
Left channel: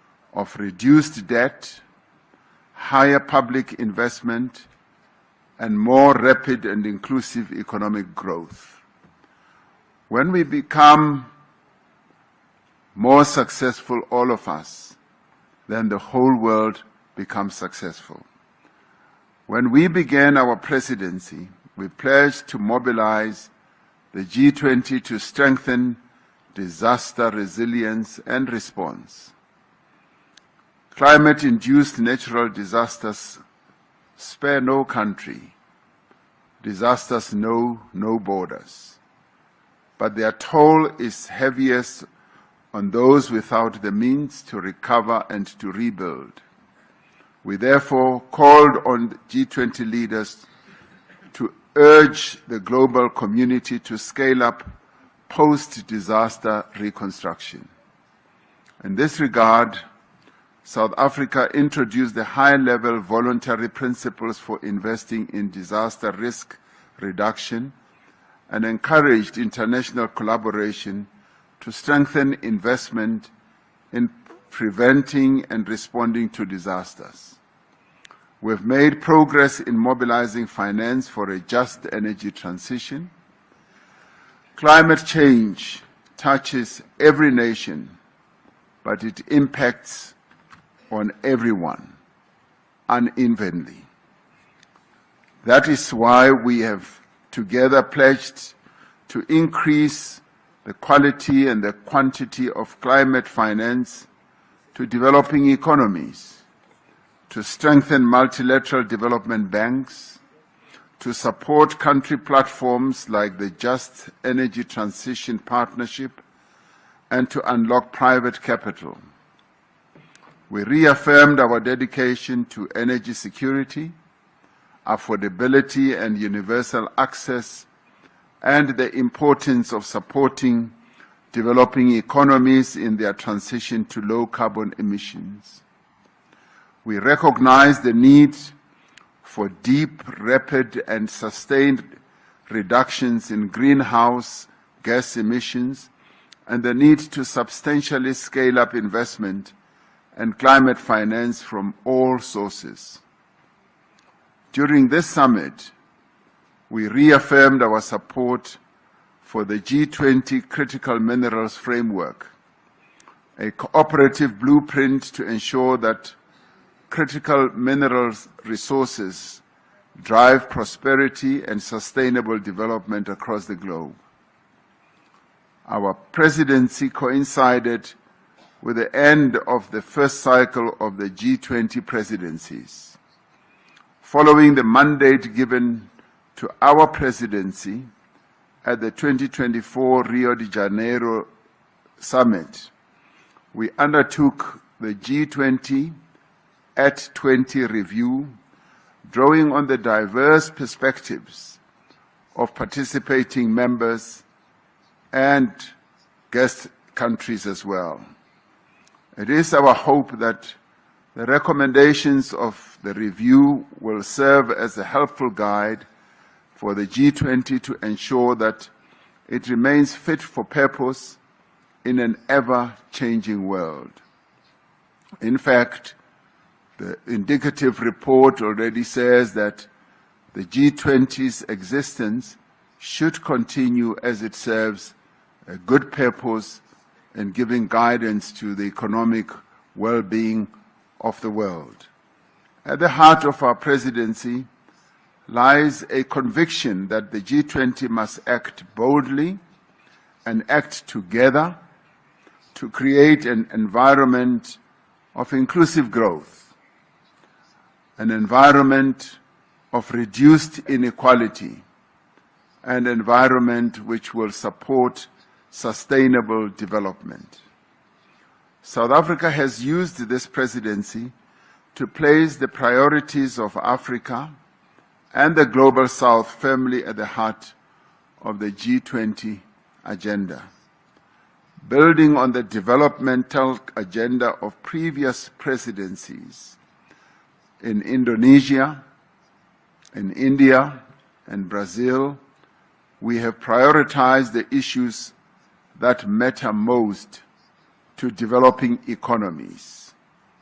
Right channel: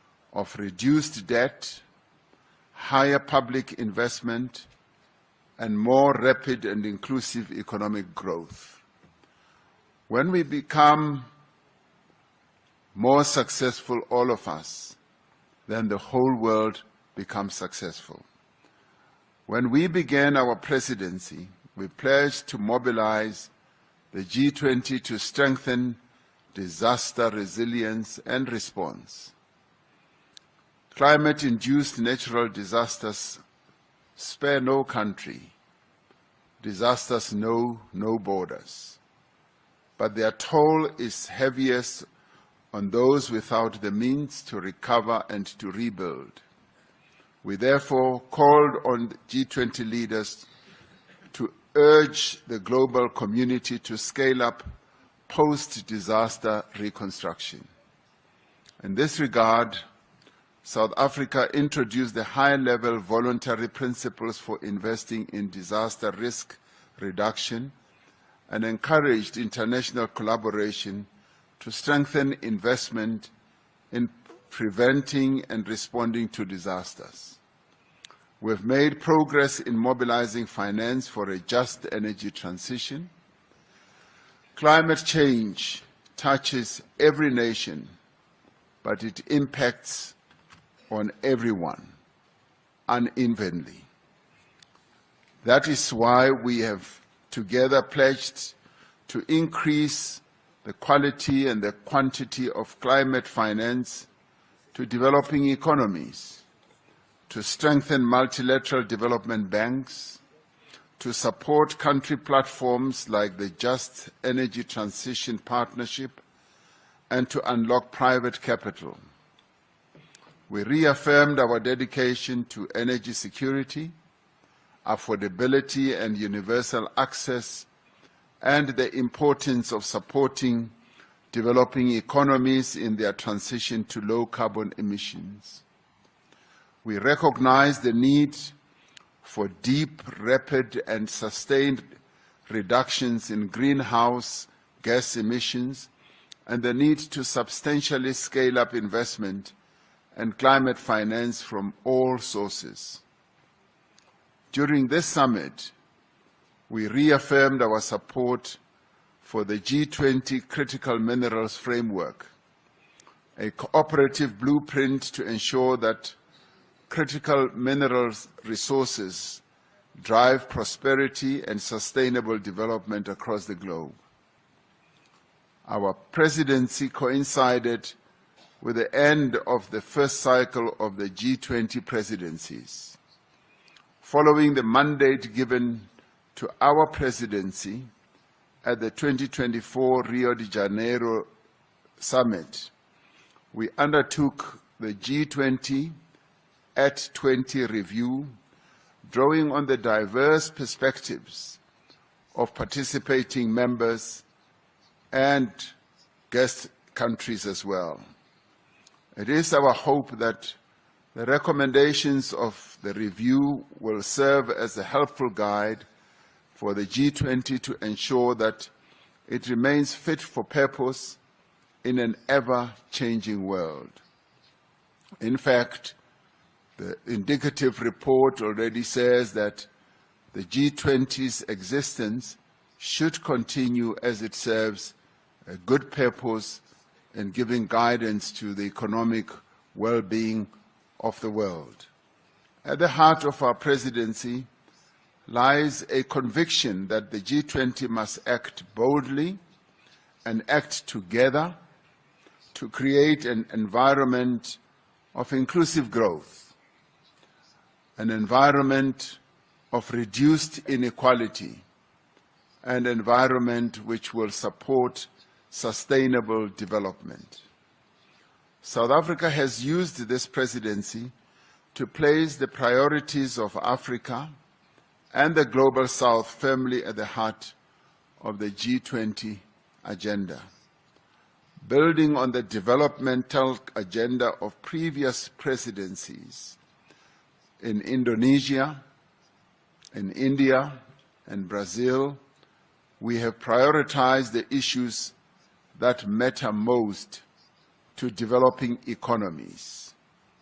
of reduced debt, higher public investment, and more rapid and inclusive economic growth. When we become more successful, all of us, then the whole world becomes successful. When we began our presidency, we pledged to mobilize the G20 to strengthen disaster resilience and response. Climate-induced natural disasters spare no country. Disasters know no borders. But their toll is heaviest on those without the means to recover and to rebuild. We therefore called on G20 leaders to urge the global community to scale up post-disaster reconstruction. In this regard, South Africa introduced the high-level voluntary principles for investing in disaster risk reduction and encouraged international collaboration to strengthen investment in preventing and responding to disasters. We've made progress in mobilizing finance for a just energy transition. Climate change touches every nation, but it impacts on everyone unevenly. That is why we have together pledged to increase the quality and the quantity of climate finance to developing economies, to strengthen multilateral development banks, to support country platforms like the Just Energy Transition Partnership, and to unlock private capital. We reaffirmed our dedication to energy security, affordability and universal access, and the importance of supporting developing economies in their transition to low carbon emissions. We recognize the need for deep, rapid, and sustained reductions in greenhouse gas emissions and the need to substantially scale up investment and climate finance from all sources. During this summit, we reaffirmed our support for the G20 Critical Minerals Framework, a cooperative blueprint to ensure that critical minerals resources drive prosperity and sustainable development across the globe. Our presidency coincided with the end of the first cycle of the G20 presidencies. Following the mandate given to our presidency at the 2024 Rio de Janeiro Summit, we undertook the G20 at 20 review, drawing on the diverse perspectives of participating members and guest countries as well. It is our hope that the recommendations of the review will serve as a helpful guide for the G20 to ensure that it remains fit for purpose in an ever-changing world. In fact, the indicative report already says that the G20's existence should continue as it serves a good purpose in giving guidance to the economic well-being of the world. At the heart of our presidency lies a conviction that the G20 must act boldly and act together to create an environment of inclusive growth, an environment of reduced inequality, an environment which will support sustainable development. South Africa has used this presidency to place the priorities of Africa and the Global South firmly at the heart of the G20 agenda. Building on the developmental agenda of previous presidencies in Indonesia, in India, and Brazil, we have prioritized the issues that matter most to developing economies:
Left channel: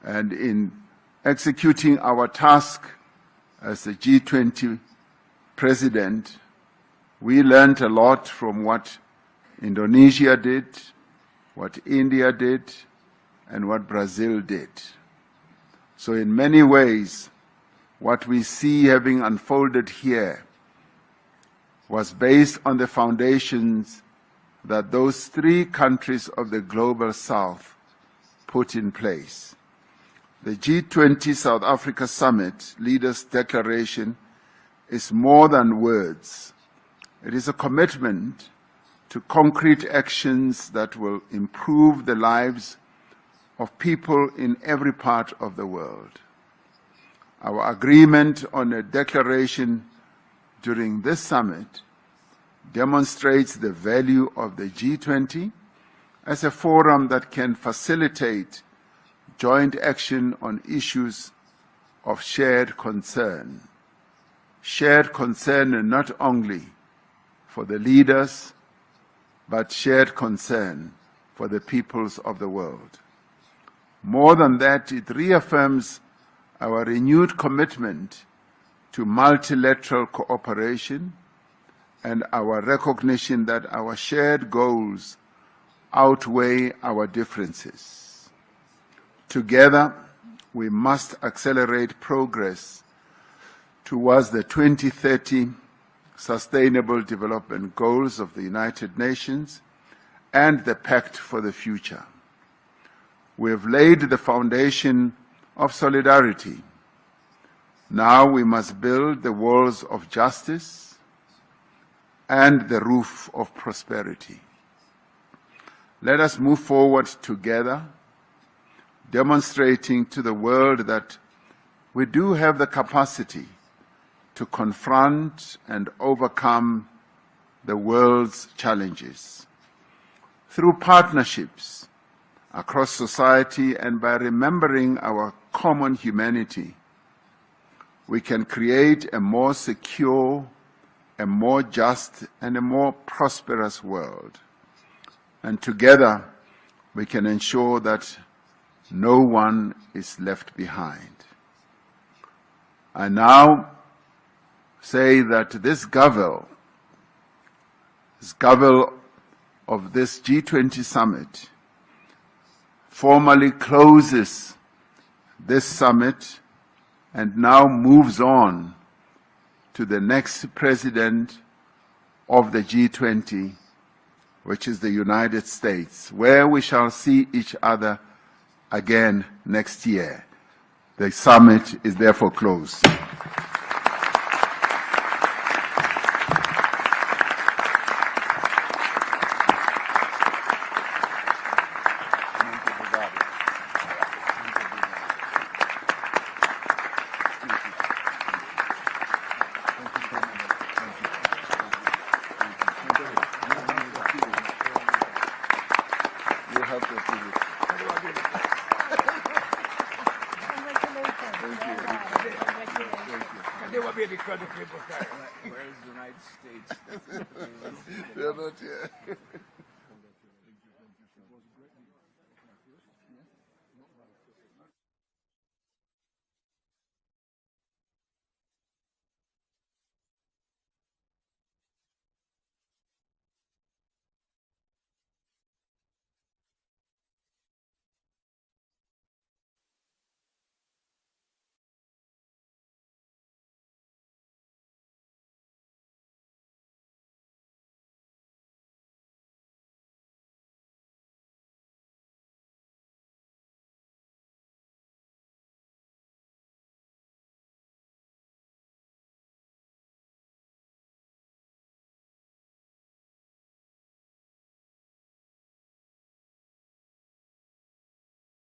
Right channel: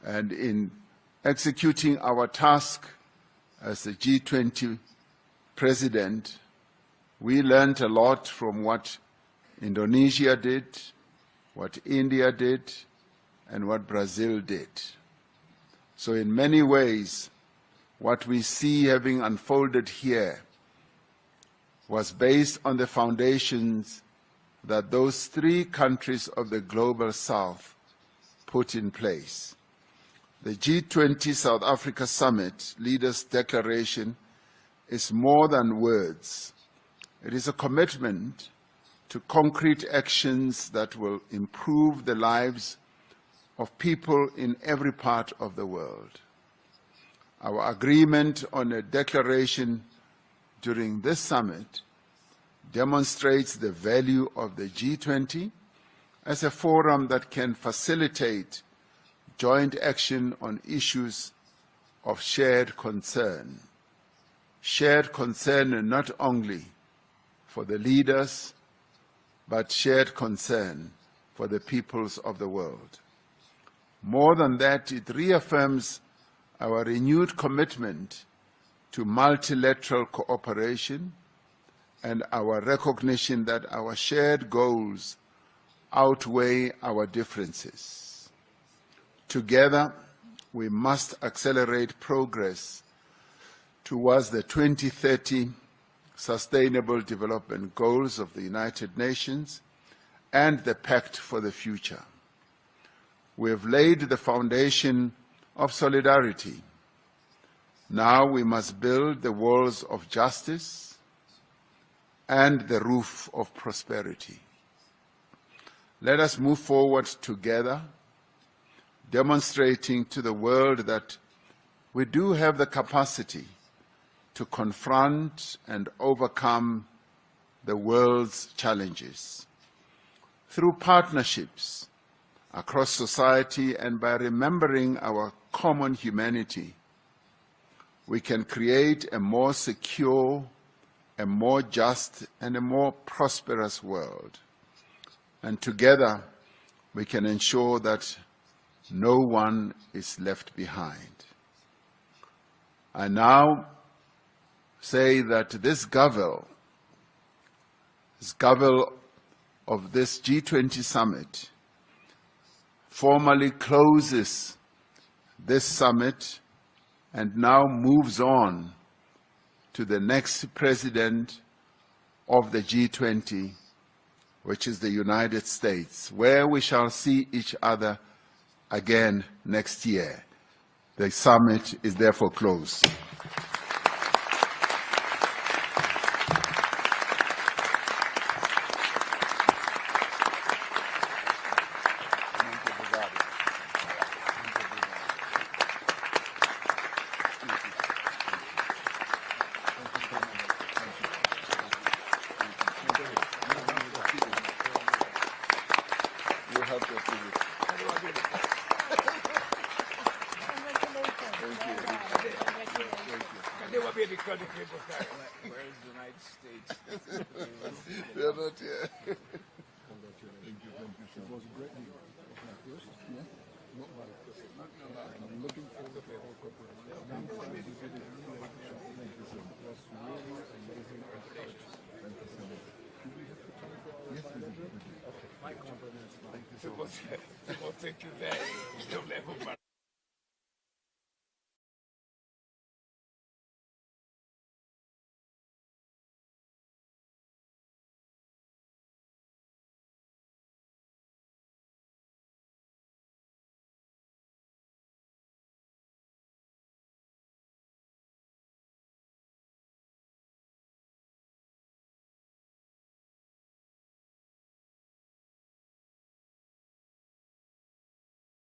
And in executing our task as the G20 president, we learned a lot from what Indonesia did, what India did, and what Brazil did. So in many ways, what we see having unfolded here was based on the foundations that those three countries of the Global South put in place. The G20 South Africa Summit Leaders' Declaration is more than words. It is a commitment to concrete actions that will improve the lives of people in every part of the world. Our agreement on a declaration during this summit demonstrates the value of the G20 as a forum that can facilitate joint action on issues of shared concern. Shared concern not only for the leaders, but shared concern for the peoples of the world. More than that, it reaffirms our renewed commitment to multilateral cooperation and our recognition that our shared goals outweigh our differences. Together, we must accelerate progress towards the 2030 Sustainable Development Goals of the United Nations and the Pact for the Future. We have laid the foundation of solidarity. Now we must build the walls of justice and the roof of prosperity. Let us move forward together, demonstrating to the world that we do have the capacity to confront and overcome the world's challenges. Through partnerships across society and by remembering our common humanity, we can create a more secure, a more just, and a more prosperous world. And together, we can ensure that no one is left behind. I now say that this Gavel of this G20 summit formally closes this summit and now moves on to the next president of the G20, which is the United States, where we shall see each other again next year. The summit is therefore closed. They were being because of people where is the United States? They're not here. Thank you very much.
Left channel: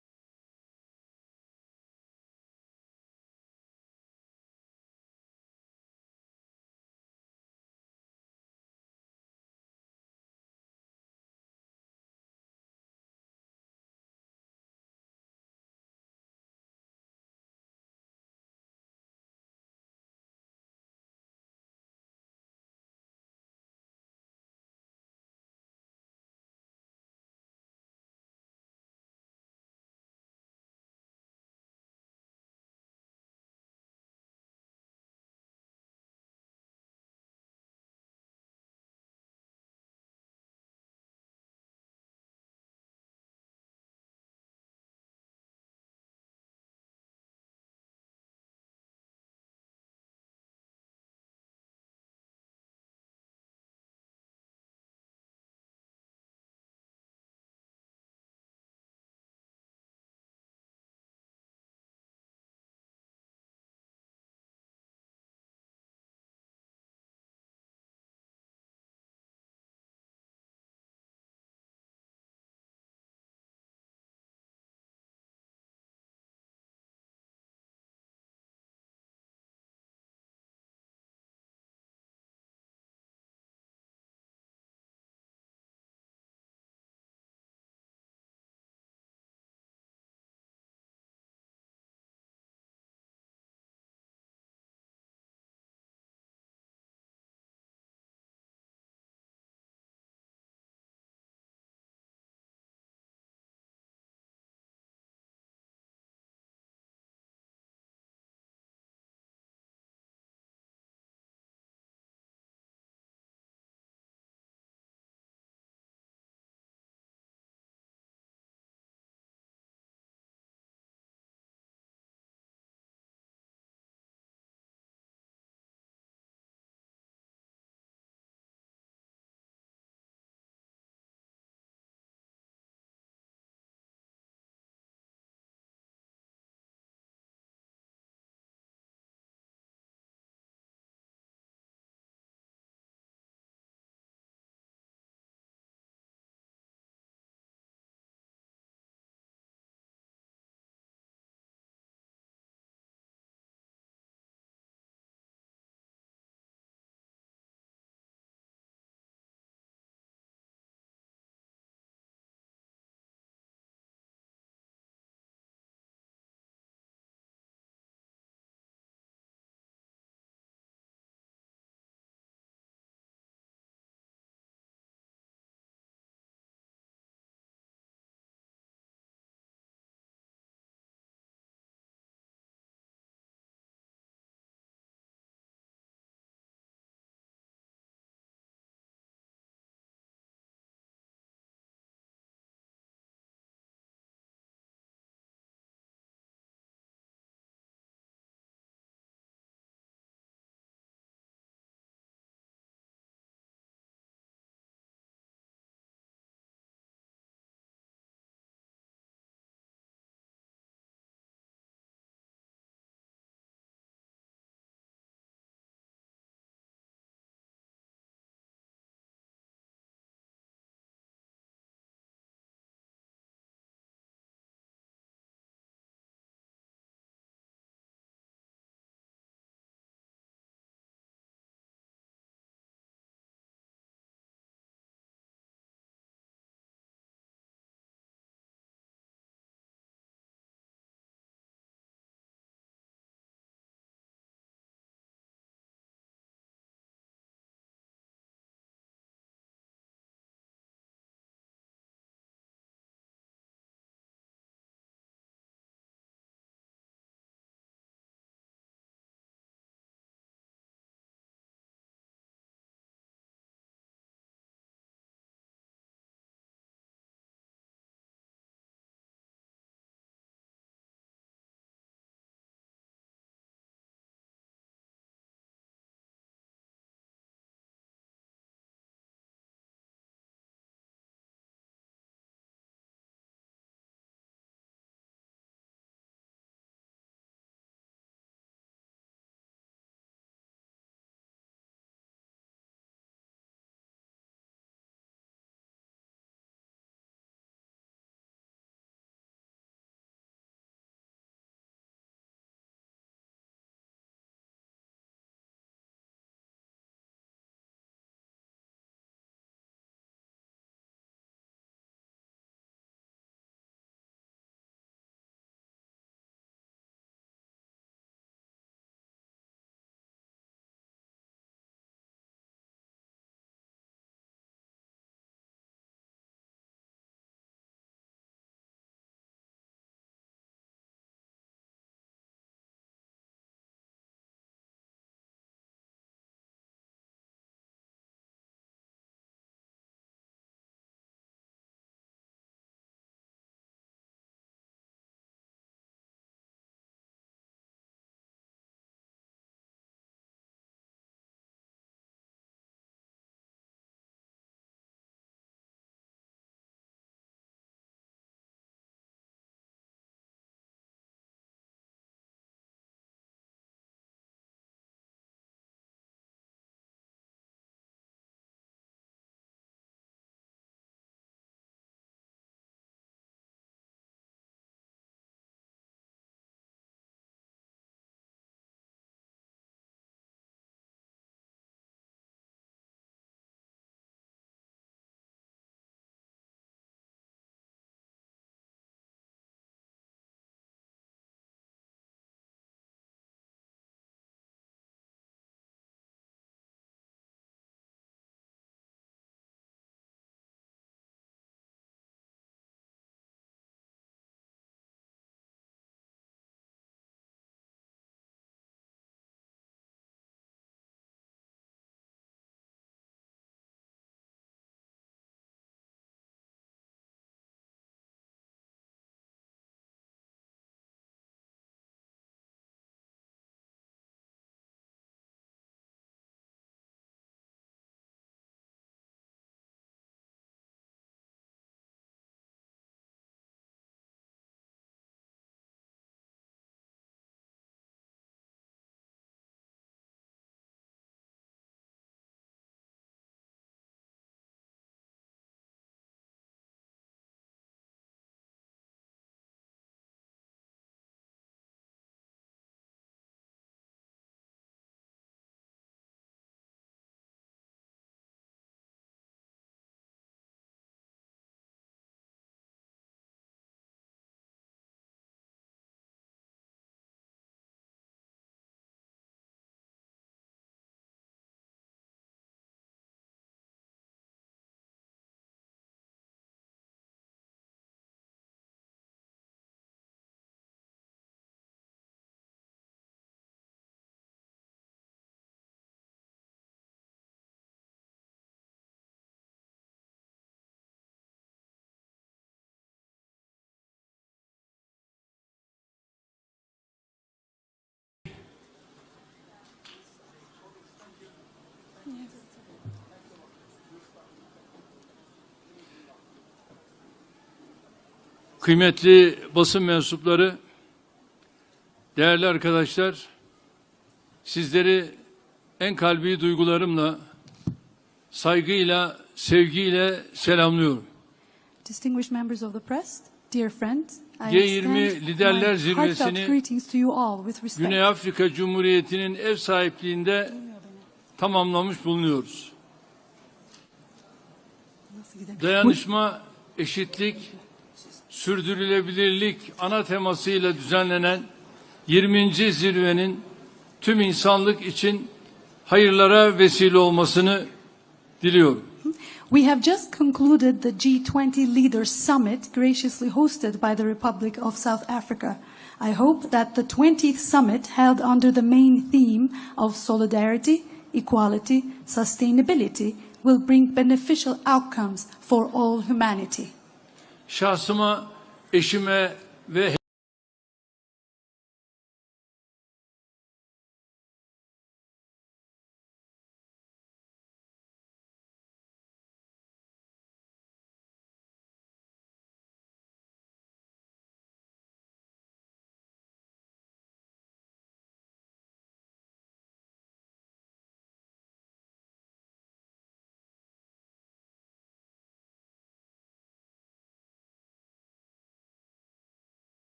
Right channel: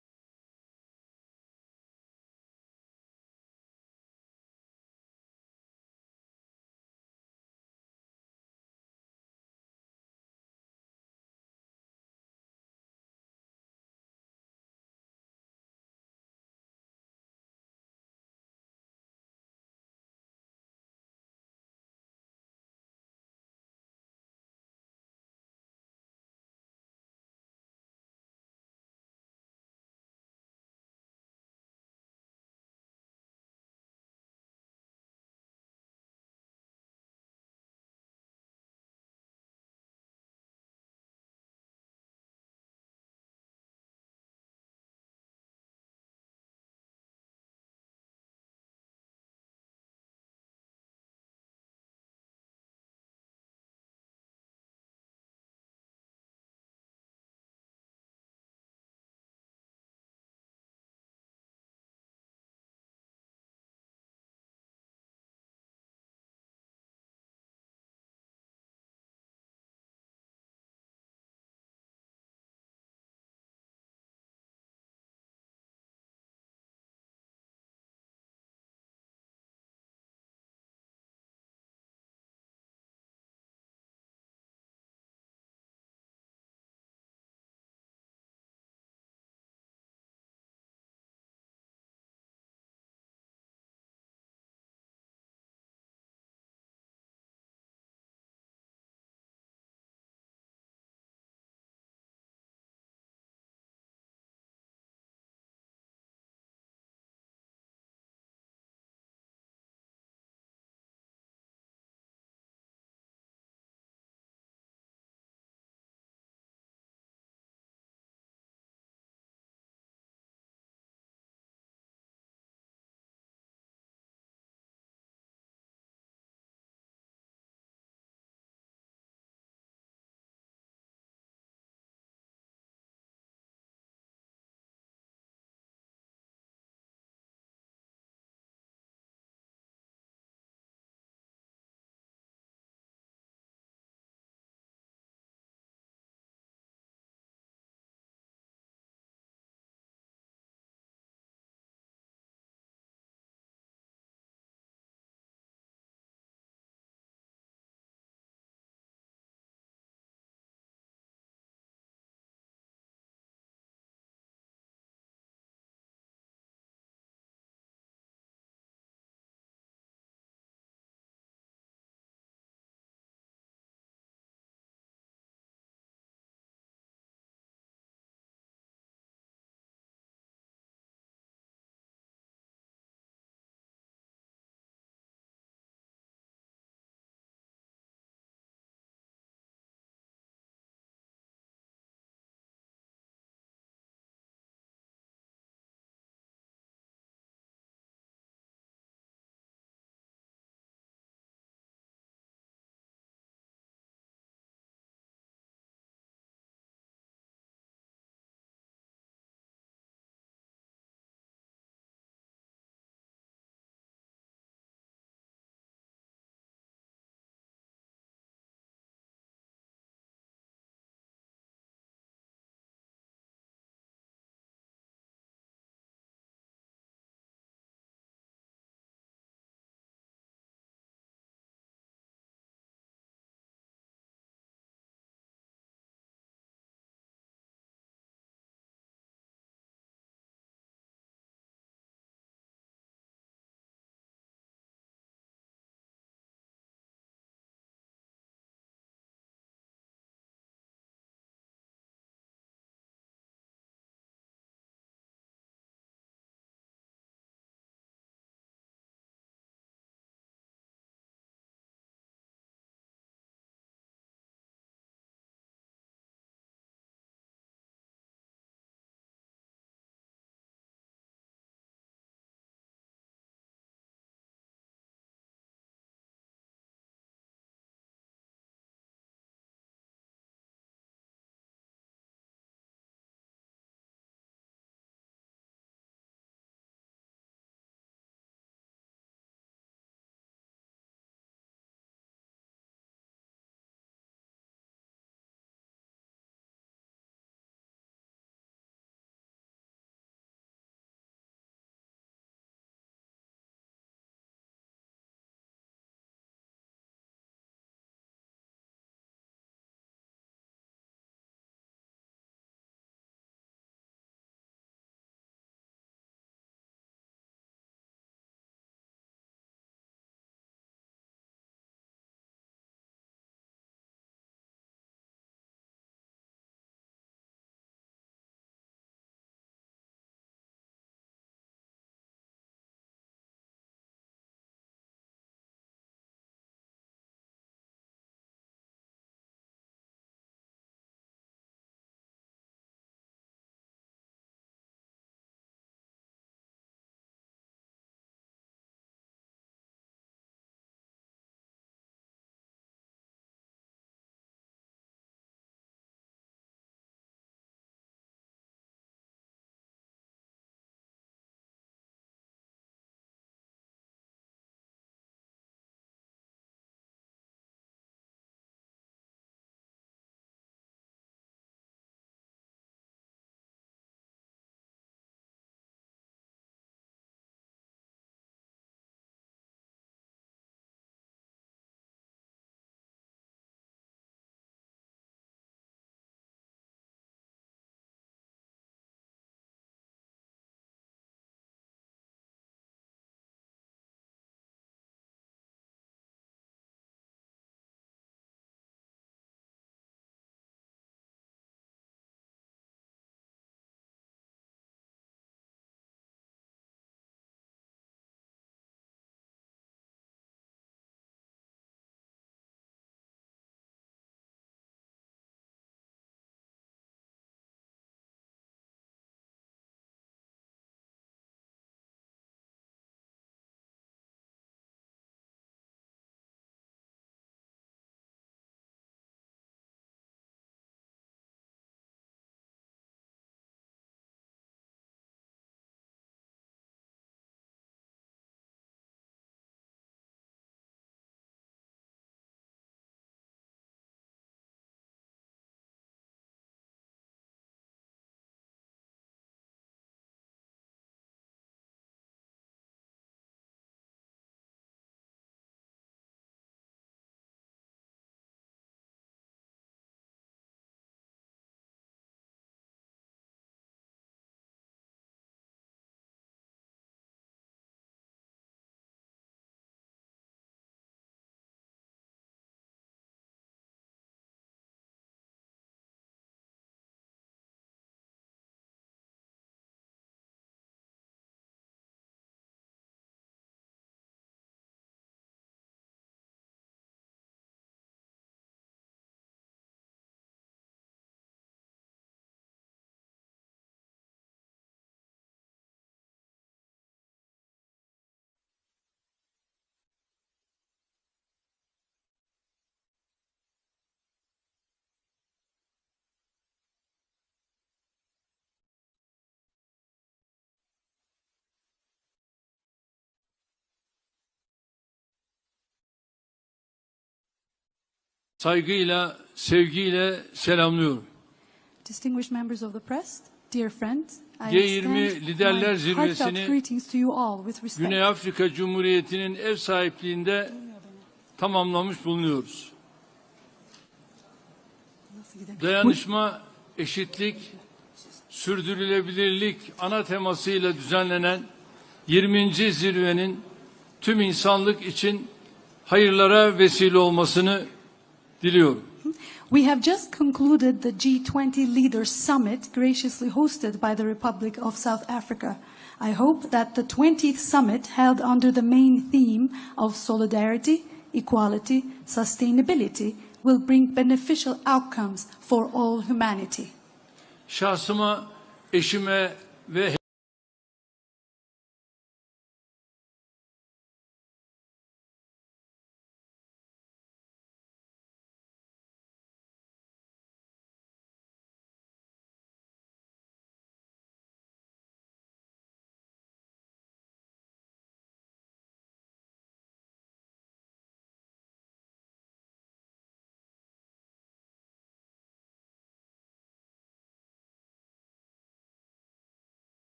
kıymetli basın mensupları, değerli arkadaşlar, sizleri en kalbi duygularımla, saygıyla, sevgiyle selamlıyorum. Distinguished members of the press, dear friends, I G20 extend Liderler my heartfelt Zirvesi'ni greetings to you all with respect. Güney Afrika Cumhuriyeti'nin ev sahipliğinde tamamlamış bulunuyoruz. Dayanışma, eşitlik, sürdürülebilirlik ana temasıyla düzenlenen 20. zirvenin tüm insanlık için hayırlara vesile olmasını diliyorum. We have just concluded the G20 Leaders Summit graciously hosted by the Republic of South Africa. I hope that the 20th summit held under the main theme of solidarity, equality, sustainability will bring beneficial outcomes for all humanity. Şahsıma, eşime ve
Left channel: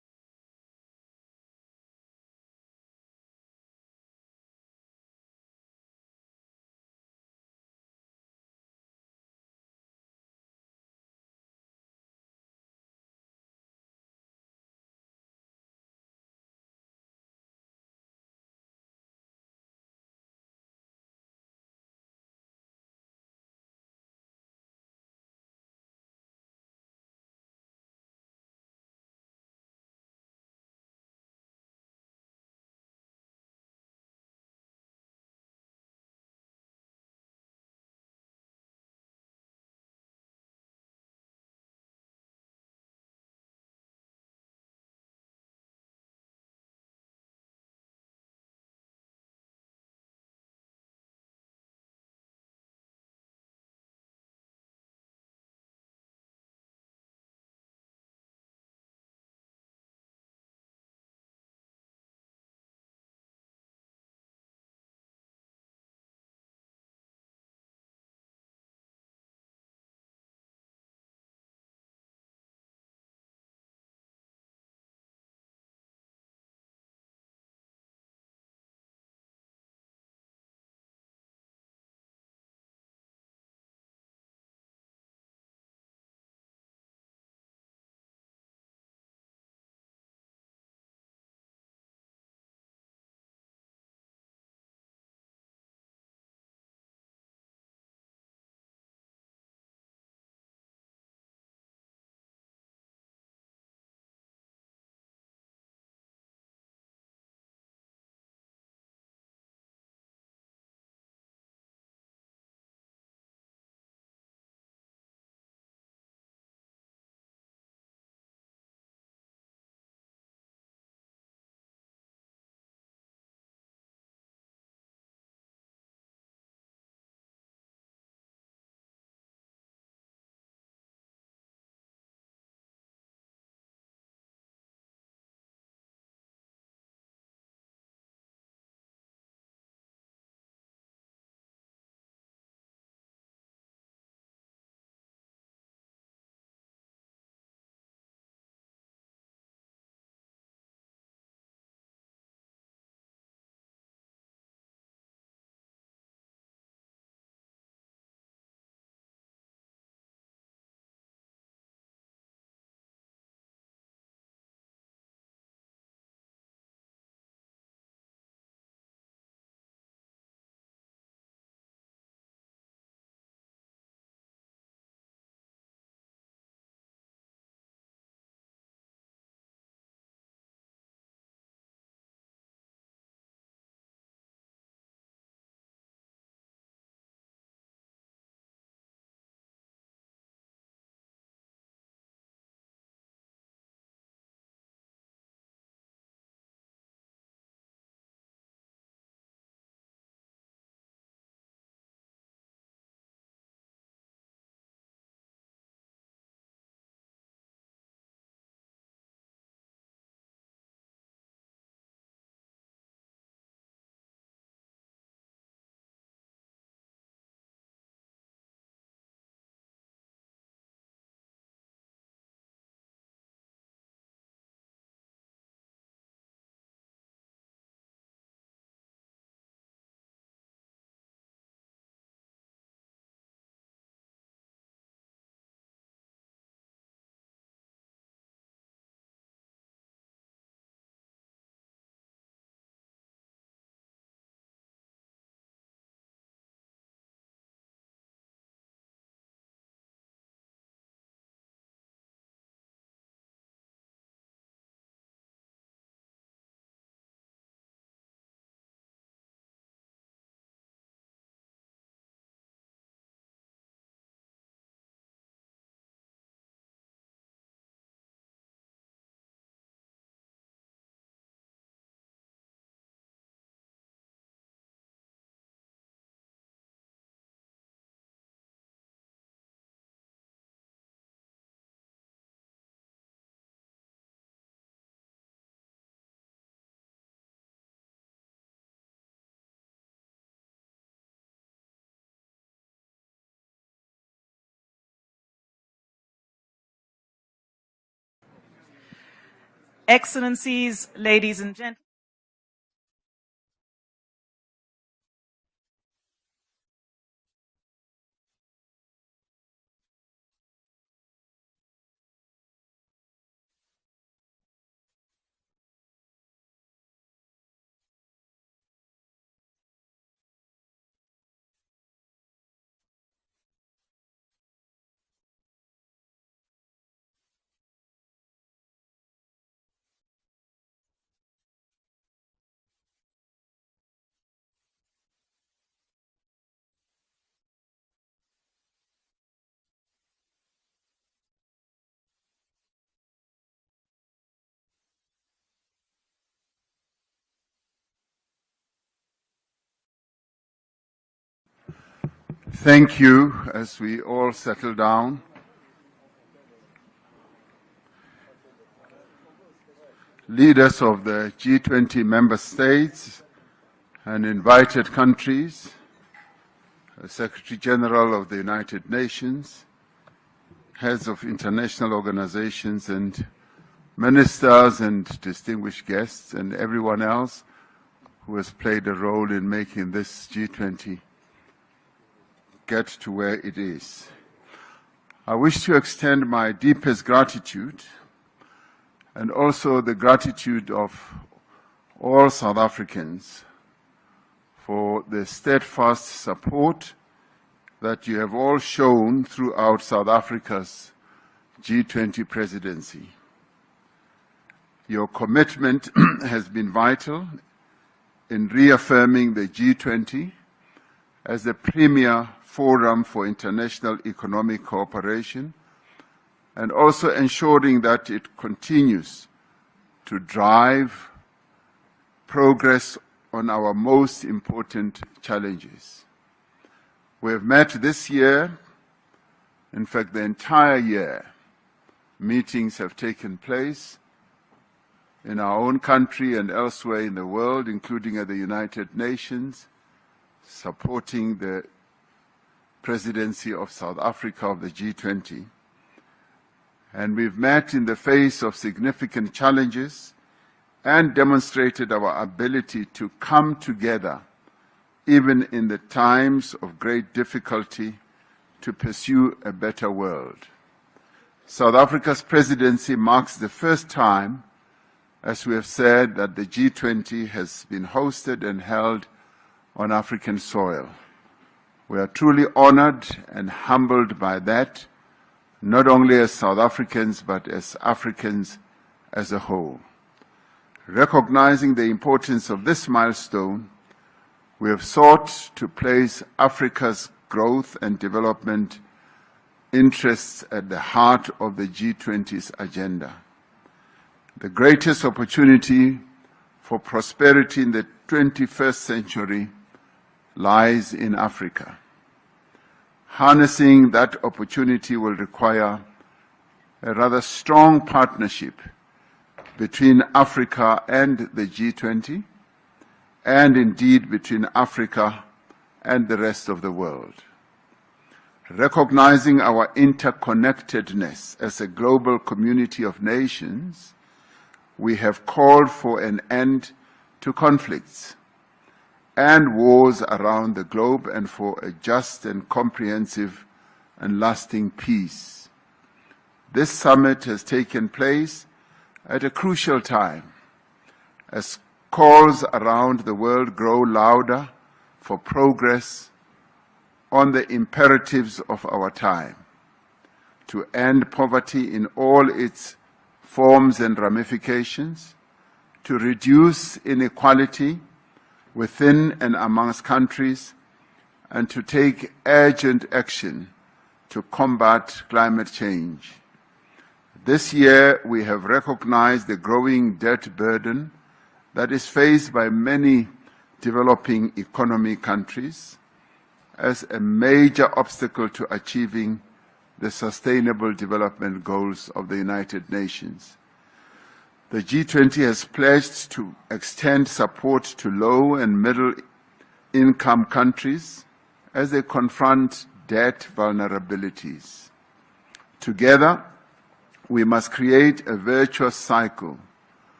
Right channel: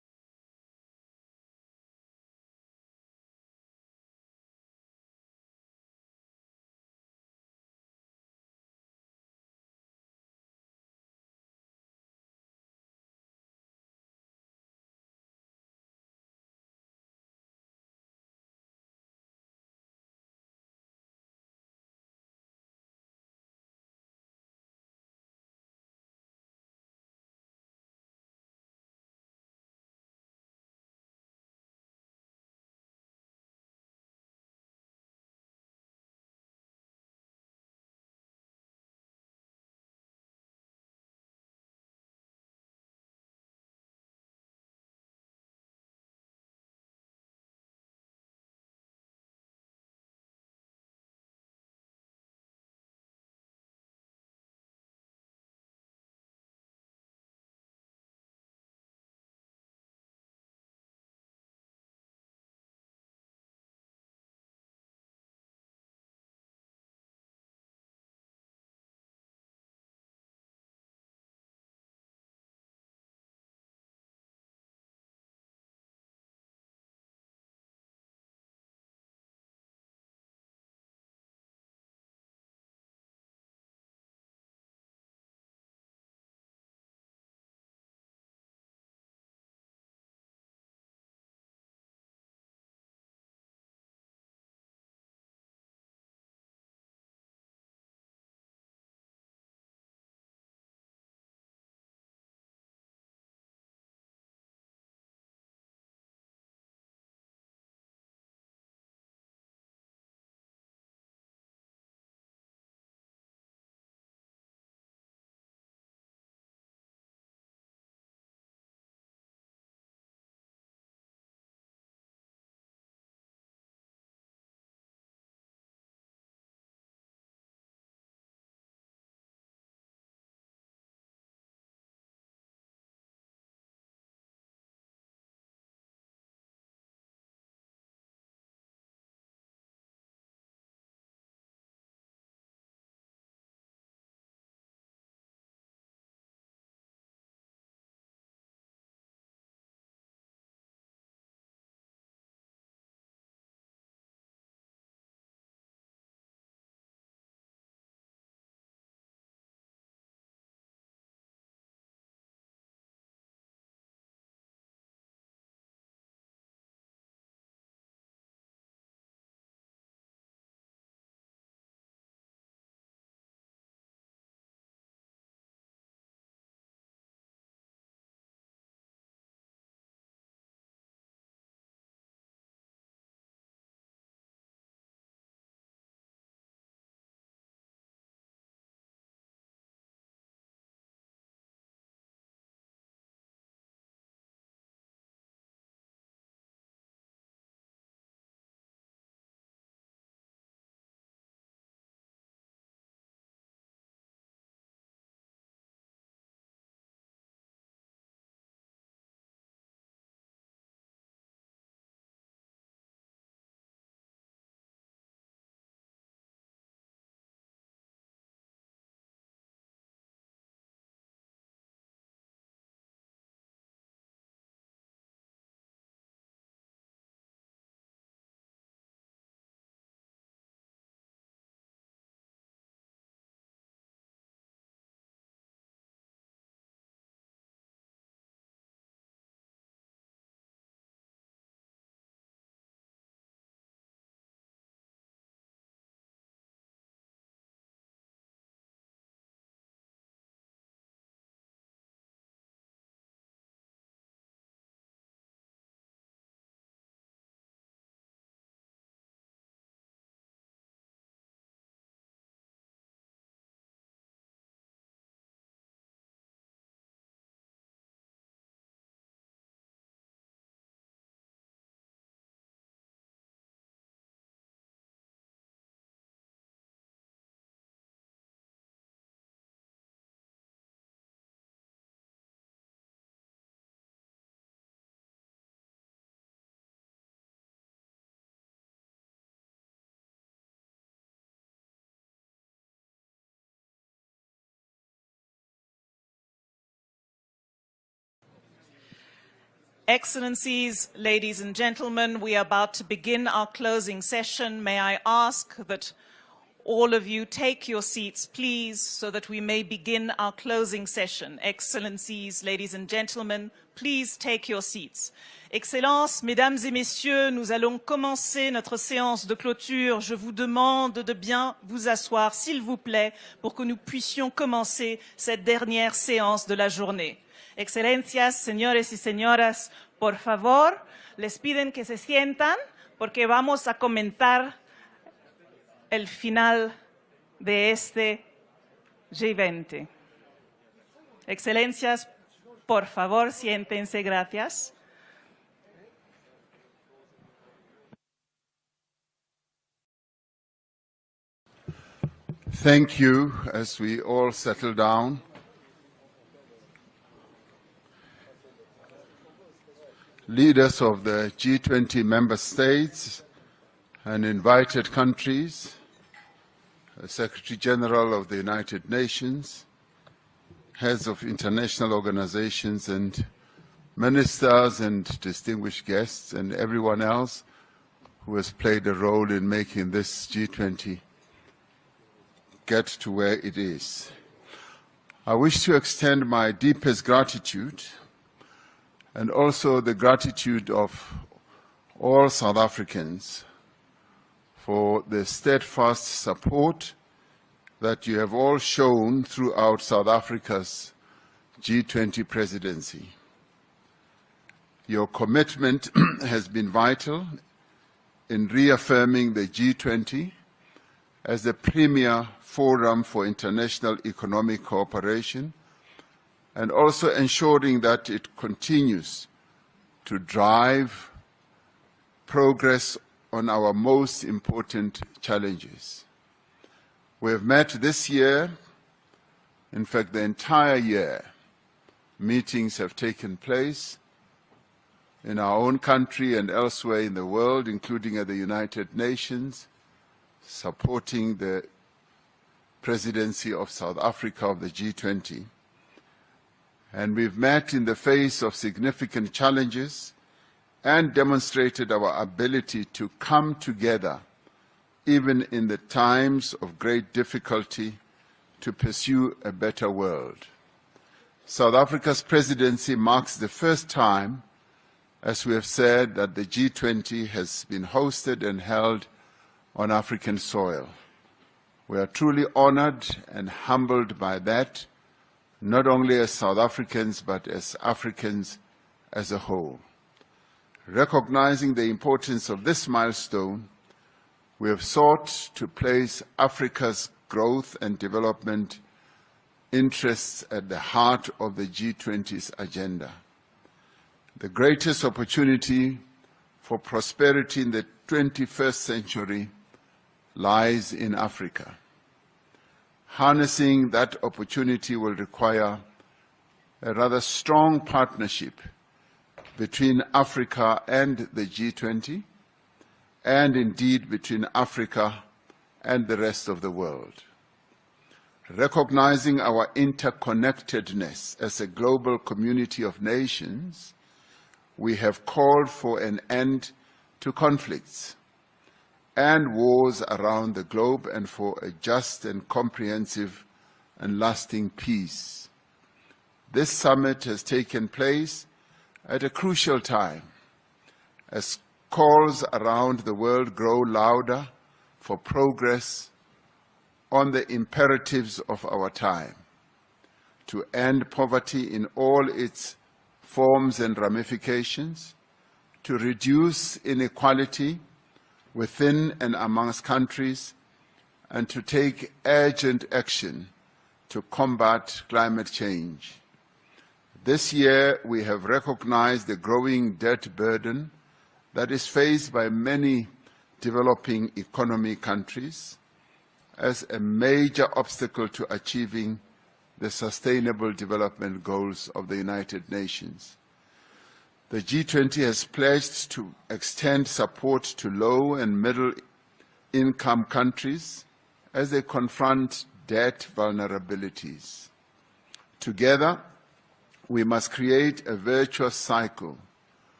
Excellencies, ladies and gentlemen, we are about to begin our closing session. May I ask that all of you take your seats, please, so that we may begin our closing session. Excellencies, ladies and gentlemen, please take your seats. Excellences, mesdames et messieurs, nous allons commencer notre séance de clôture. Je vous demande de bien vous asseoir, s'il vous plaît, pour que nous puissions commencer cette dernière séance de la journée. Excelencias, señores y señoras, por favor, les piden que se sientan porque vamos a comentar el final de este G20. Excelencias, por favor, siéntense, gracias. Thank you. As we all settle down, leaders of the G20 member states and invited countries, Secretary General of the United Nations, heads of international organizations and ministers and distinguished guests and everyone else who has played a role in making this G20 get to where it is. I wish to extend my deepest gratitude and also the gratitude of all South Africans for the steadfast support that you have all shown throughout South Africa's G20 presidency. Your commitment has been vital in reaffirming the G20 as the premier forum for international economic cooperation and also ensuring that it continues to drive progress on our most important challenges. We have met this year, in fact the entire year, meetings have taken place in our own country and elsewhere in the world, including at the United Nations, supporting the presidency of South Africa of the G20. And we've met in the face of significant challenges and demonstrated our ability to come together, even in the times of great difficulty, to pursue a better world. South Africa's presidency marks the first time, as we have said, that the G20 has been hosted and held on African soil. We are truly honored and humbled by that, not only as South Africans, but as Africans as a whole. Recognizing the importance of this milestone, we have sought to place Africa's growth and development interests at the heart of the G20's agenda. The greatest opportunity for prosperity in the 21st century lies in Africa. Harnessing that opportunity will require a rather strong partnership between Africa and the G20, and indeed between Africa and the rest of the world. Recognizing our interconnectedness as a global community of nations, we have called for an end to conflicts and wars around the globe and for a just and comprehensive and lasting peace. This summit has taken place at a crucial time as calls around the world grow louder for progress on the imperatives of our time, to end poverty in all its forms and ramifications, to reduce inequality within and amongst countries, and to take urgent action to combat climate change. This year, we have recognized the growing debt burden that is faced by many developing economy countries as a major obstacle to achieving the Sustainable Development Goals of the United Nations. The G20 has pledged to extend support to low and middle-income countries as they confront debt vulnerabilities. Together, we must create a virtuous cycle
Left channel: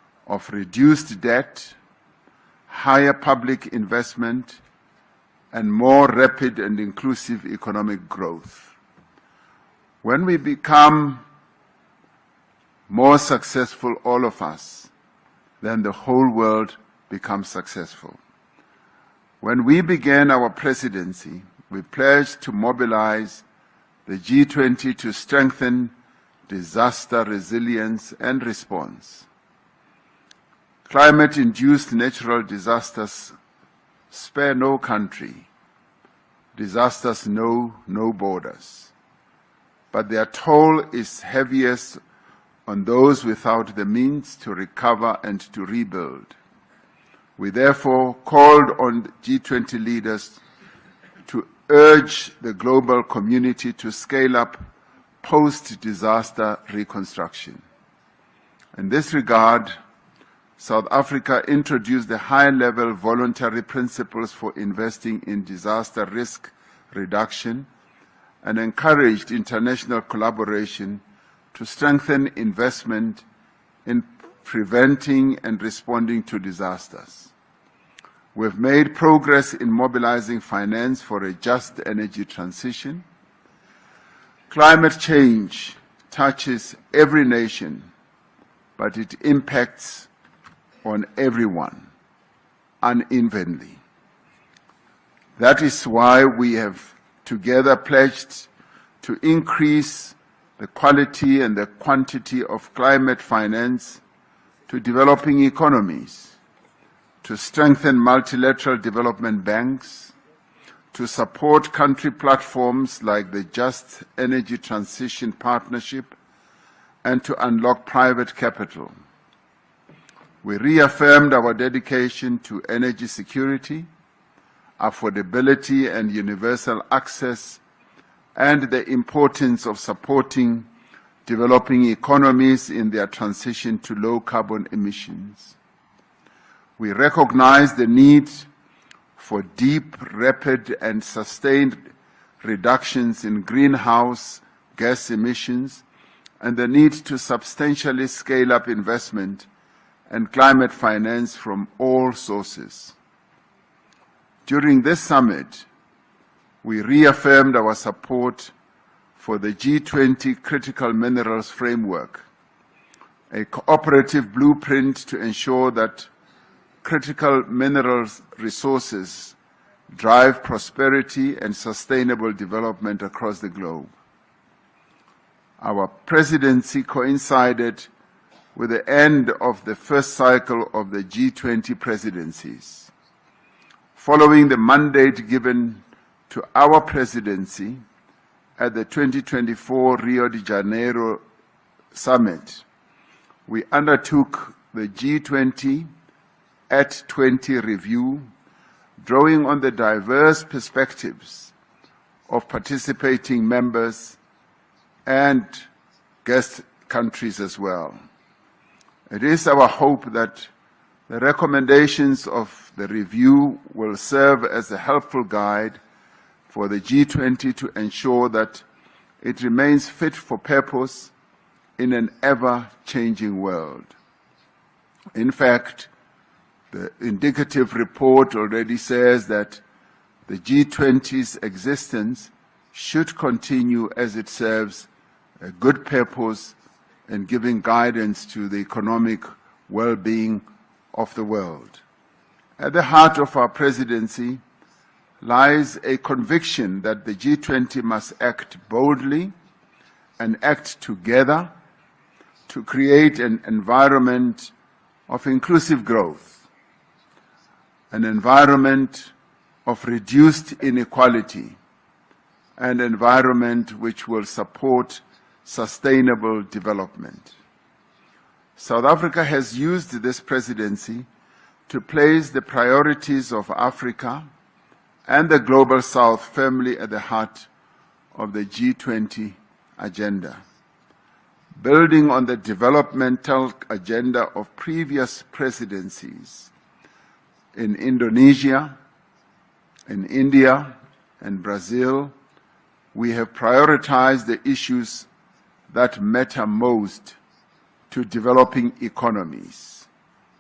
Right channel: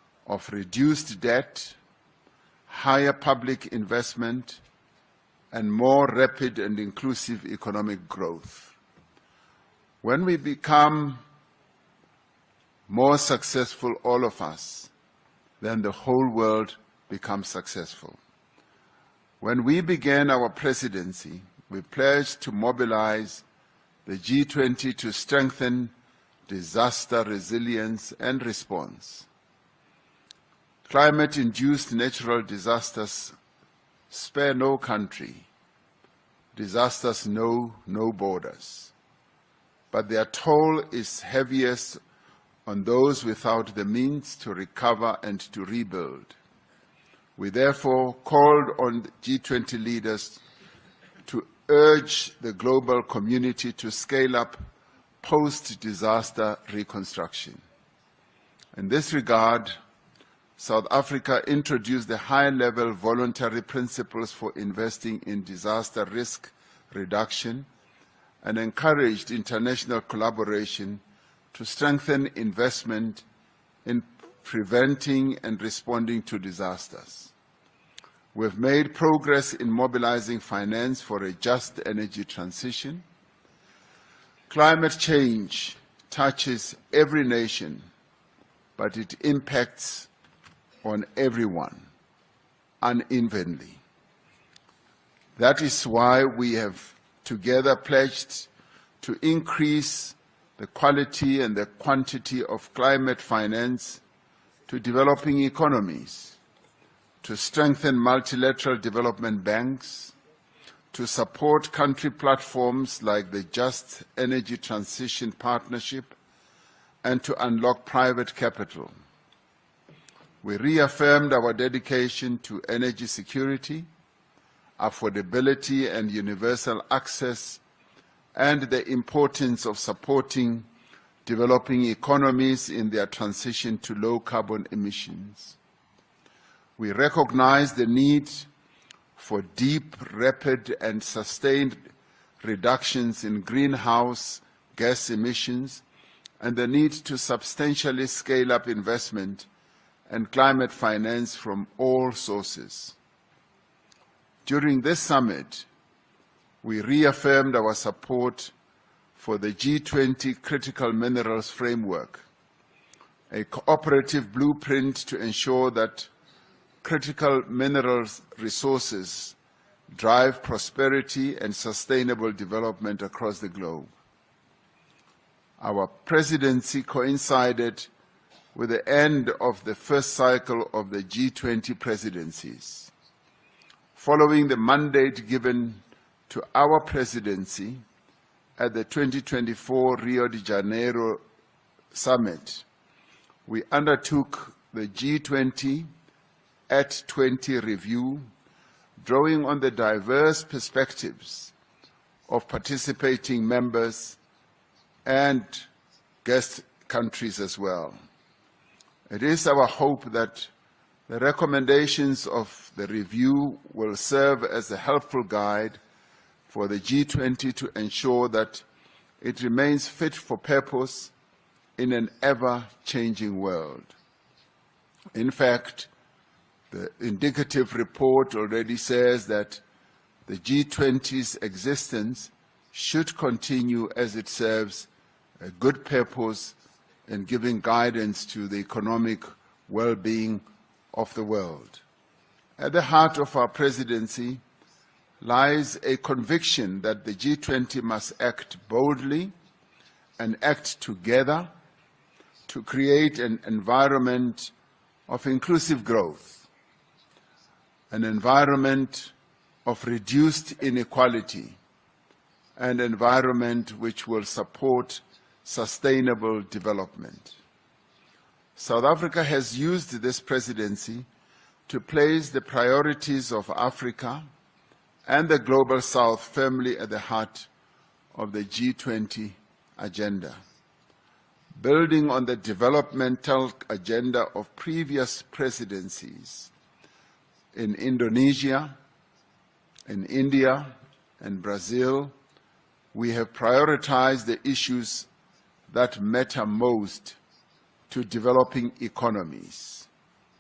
of reduced debt, higher public investment, and more rapid and inclusive economic growth. When we become more successful, all of us, then the whole world becomes successful. When we began our presidency, we pledged to mobilize the G20 to strengthen disaster resilience and response. Climate-induced natural disasters spare no country. Disasters know no borders. But their toll is heaviest on those without the means to recover and to rebuild. We therefore called on G20 leaders to urge the global community to scale up post-disaster reconstruction. In this regard, South Africa introduced the high-level voluntary principles for investing in disaster risk reduction and encouraged international collaboration to strengthen investment in preventing and responding to disasters. We've made progress in mobilizing finance for a just energy transition. Climate change touches every nation, but it impacts on everyone unevenly. That is why we have together pledged to increase the quality and the quantity of climate finance to developing economies, to strengthen multilateral development banks, to support country platforms like the Just Energy Transition Partnership, and to unlock private capital. We reaffirmed our dedication to energy security, affordability and universal access, and the importance of supporting developing economies in their transition to low carbon emissions. We recognize the need for deep, rapid, and sustained reductions in greenhouse gas emissions and the need to substantially scale up investment and climate finance from all sources. During this summit, we reaffirmed our support for the G20 Critical Minerals Framework, a cooperative blueprint to ensure that critical minerals resources drive prosperity and sustainable development across the globe. Our presidency coincided with the end of the first cycle of the G20 presidencies. Following the mandate given to our presidency at the 2024 Rio de Janeiro Summit, we undertook the G20 at 20 review, drawing on the diverse perspectives of participating members and guest countries as well. It is our hope that the recommendations of the review will serve as a helpful guide for the G20 to ensure that it remains fit for purpose in an ever-changing world. In fact, the indicative report already says that the G20's existence should continue as it serves a good purpose in giving guidance to the economic well-being of the world. At the heart of our presidency lies a conviction that the G20 must act boldly and act together to create an environment of inclusive growth, an environment of reduced inequality, an environment which will support sustainable development. South Africa has used this presidency to place the priorities of Africa and the Global South firmly at the heart of the G20 agenda. Building on the developmental agenda of previous presidencies in Indonesia, in India, and Brazil, we have prioritized the issues that matter most to developing economies:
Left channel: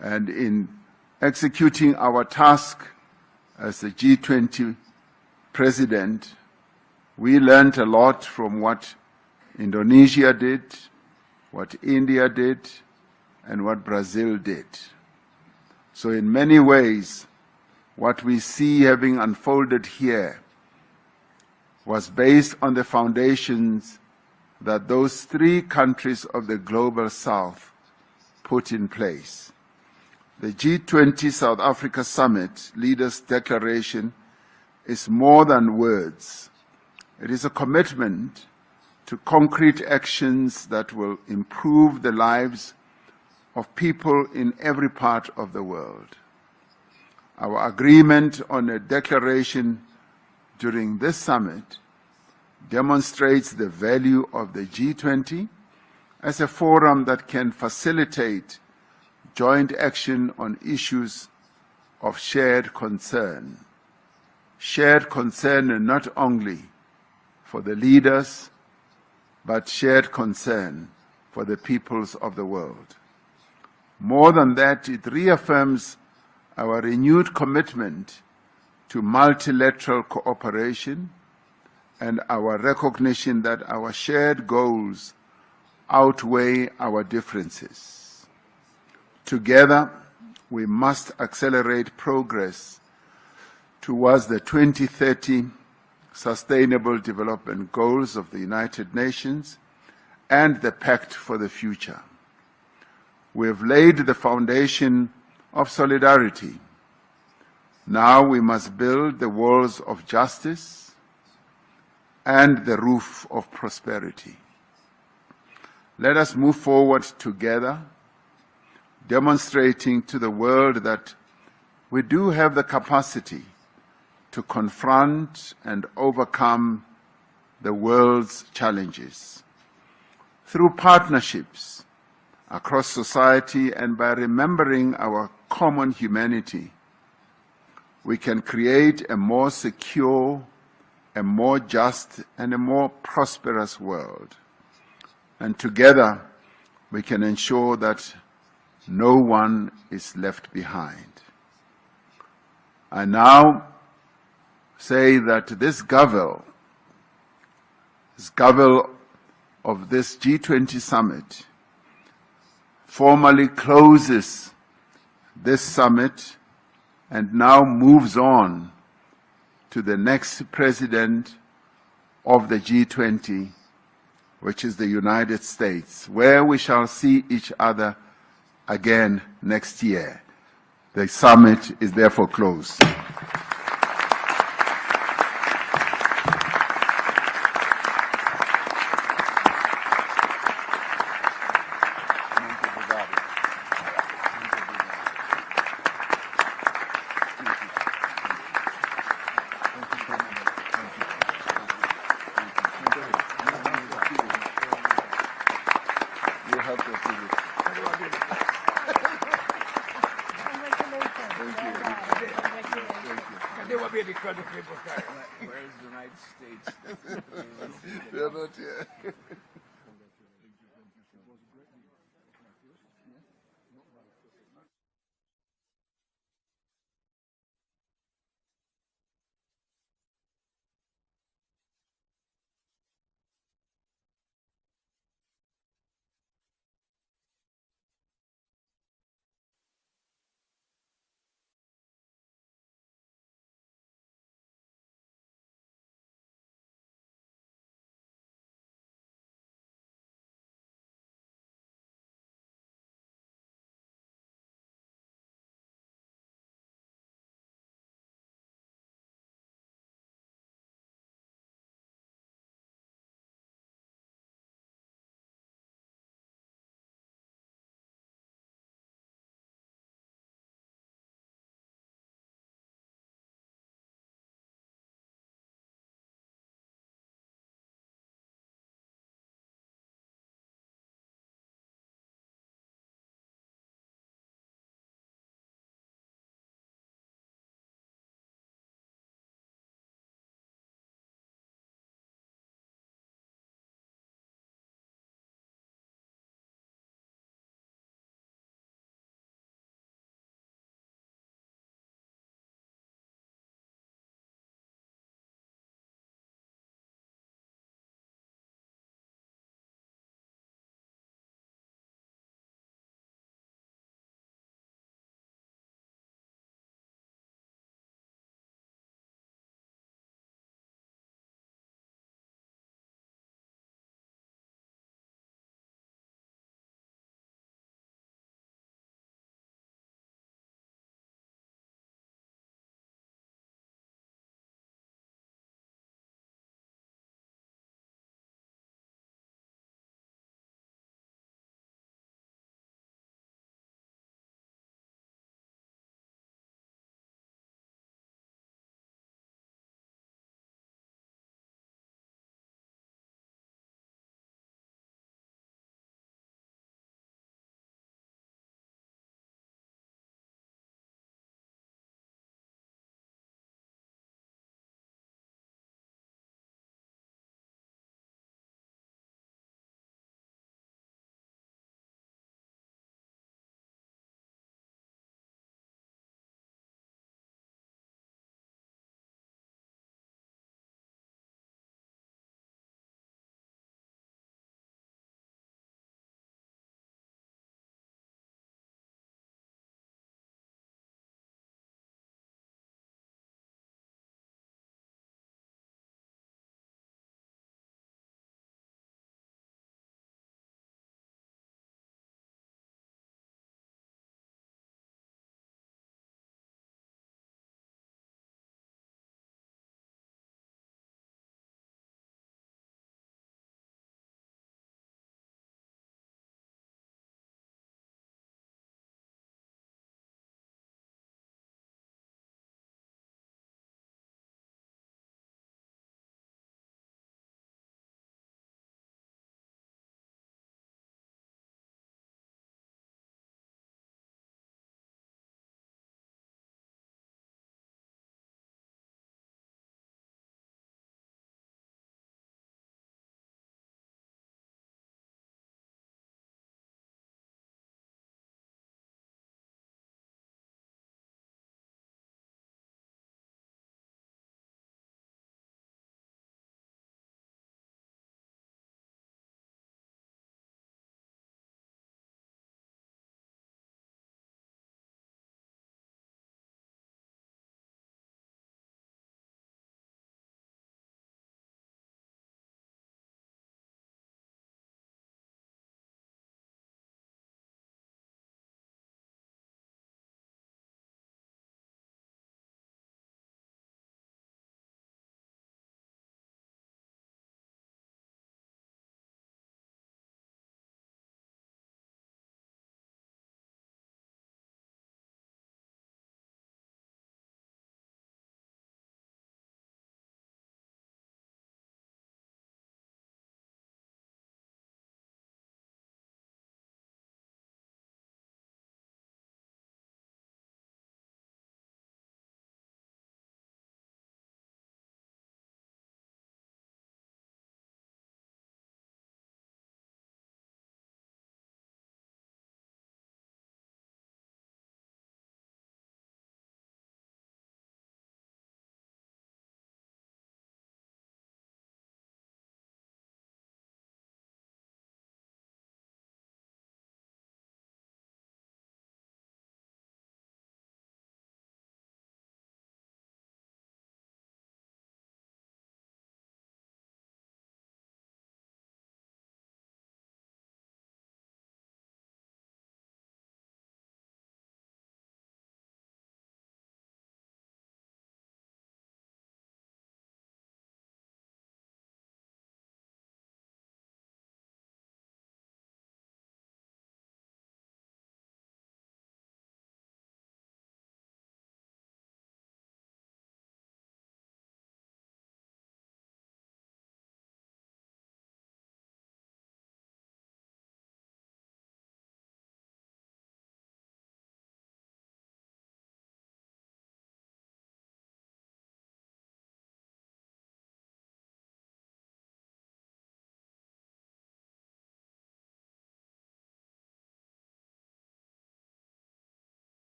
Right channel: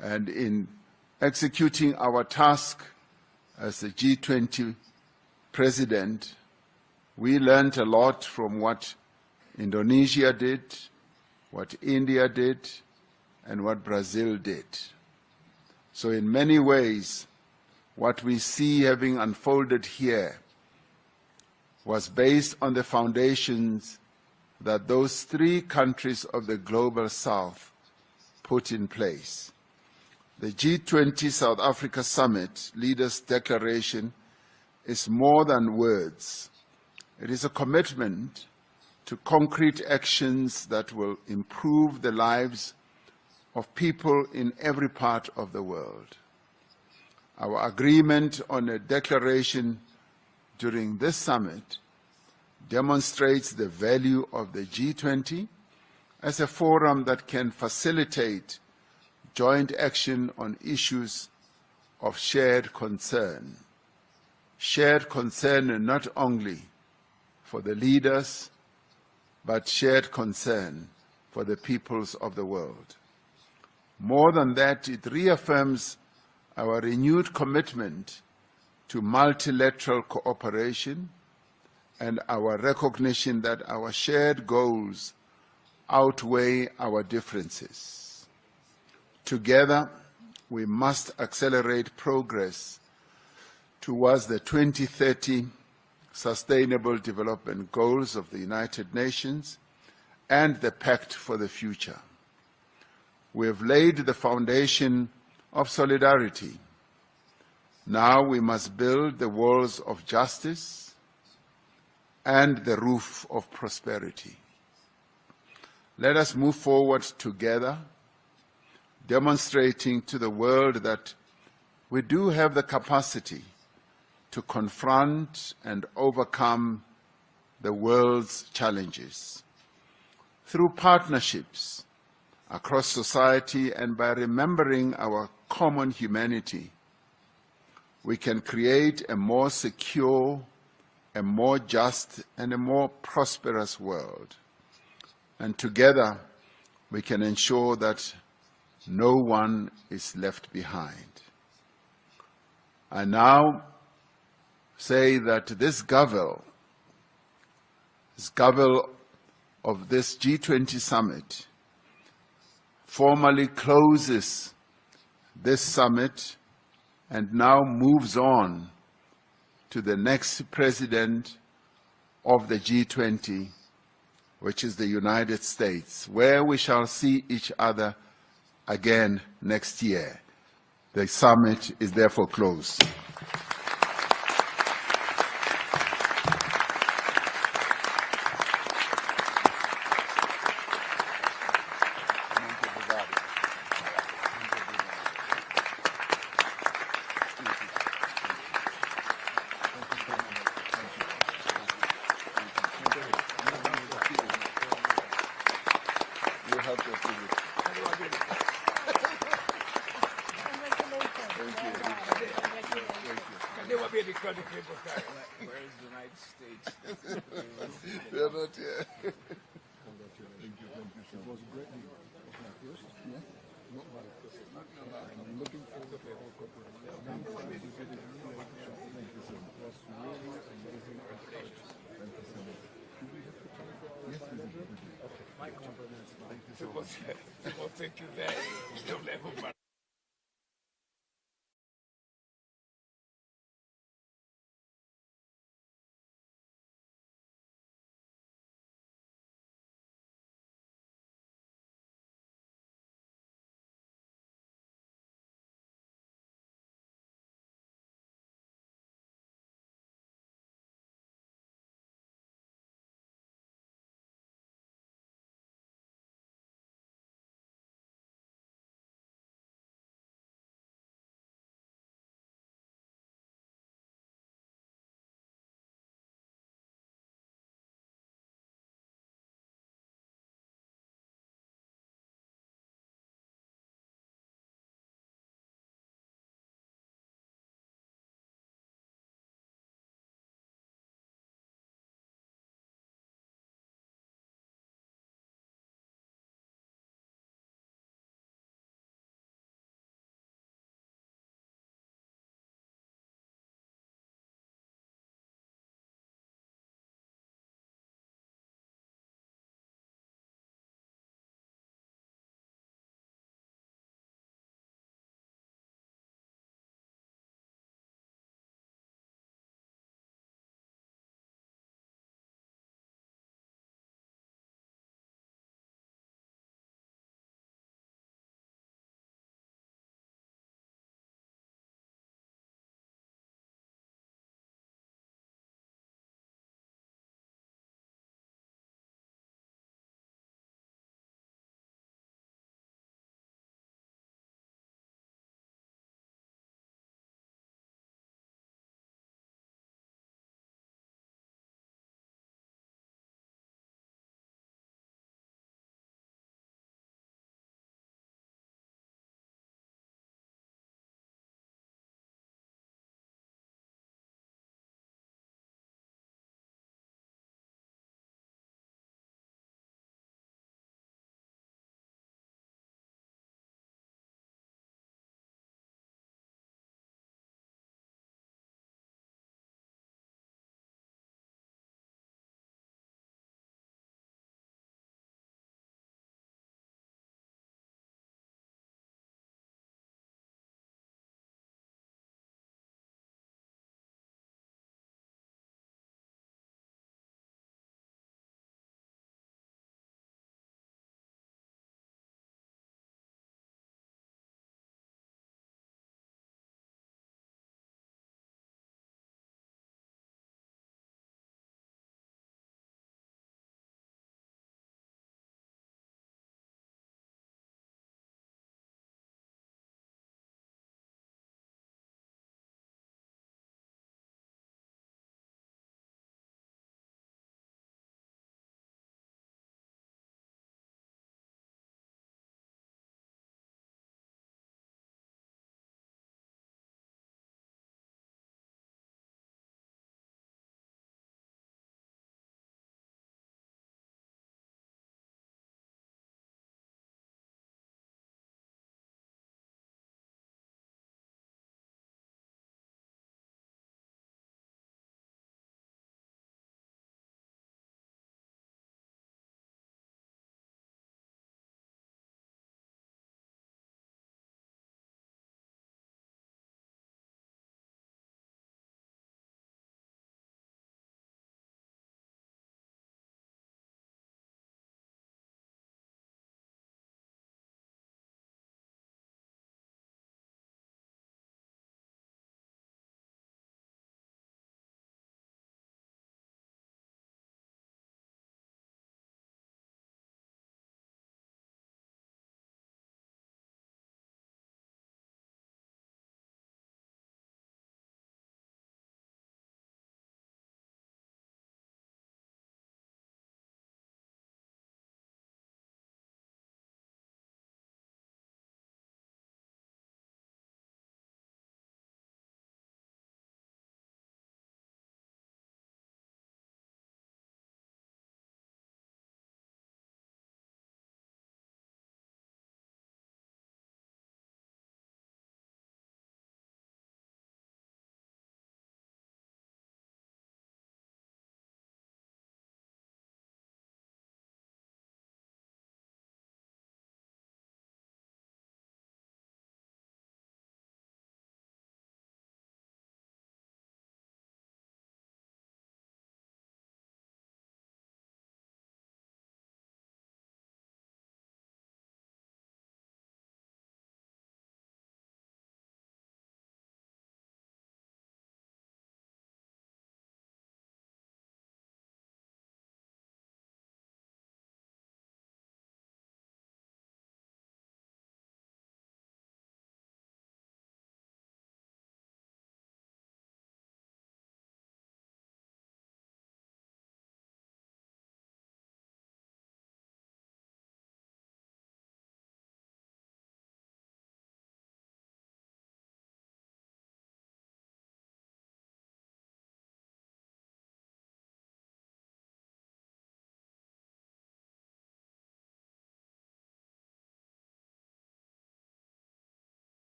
And in executing our task as the G20 president, we learned a lot from what Indonesia did, what India did, and what Brazil did. So in many ways, what we see having unfolded here was based on the foundations that those three countries of the Global South put in place. The G20 South Africa Summit Leaders' Declaration is more than words. It is a commitment to concrete actions that will improve the lives of people in every part of the world. Our agreement on a declaration during this summit demonstrates the value of the G20 as a forum that can facilitate joint action on issues of shared concern. Shared concern not only for the leaders, but shared concern for the peoples of the world. More than that, it reaffirms our renewed commitment to multilateral cooperation and our recognition that our shared goals outweigh our differences. Together, we must accelerate progress towards the 2030 Sustainable Development Goals of the United Nations and the Pact for the Future. We have laid the foundation of solidarity. Now we must build the walls of justice and the roof of prosperity. Let us move forward together, demonstrating to the world that we do have the capacity to confront and overcome the world's challenges. Through partnerships across society and by remembering our common humanity, we can create a more secure, a more just, and a more prosperous world. And together, we can ensure that no one is left behind. I now say that this Gavel of this G20 summit formally closes this summit and now moves on to the next president of the G20, which is the United States, where we shall see each other again next year. The summit is therefore closed. They will be because of people carry. Where is the United States? They're not here. People think you there. Don't ever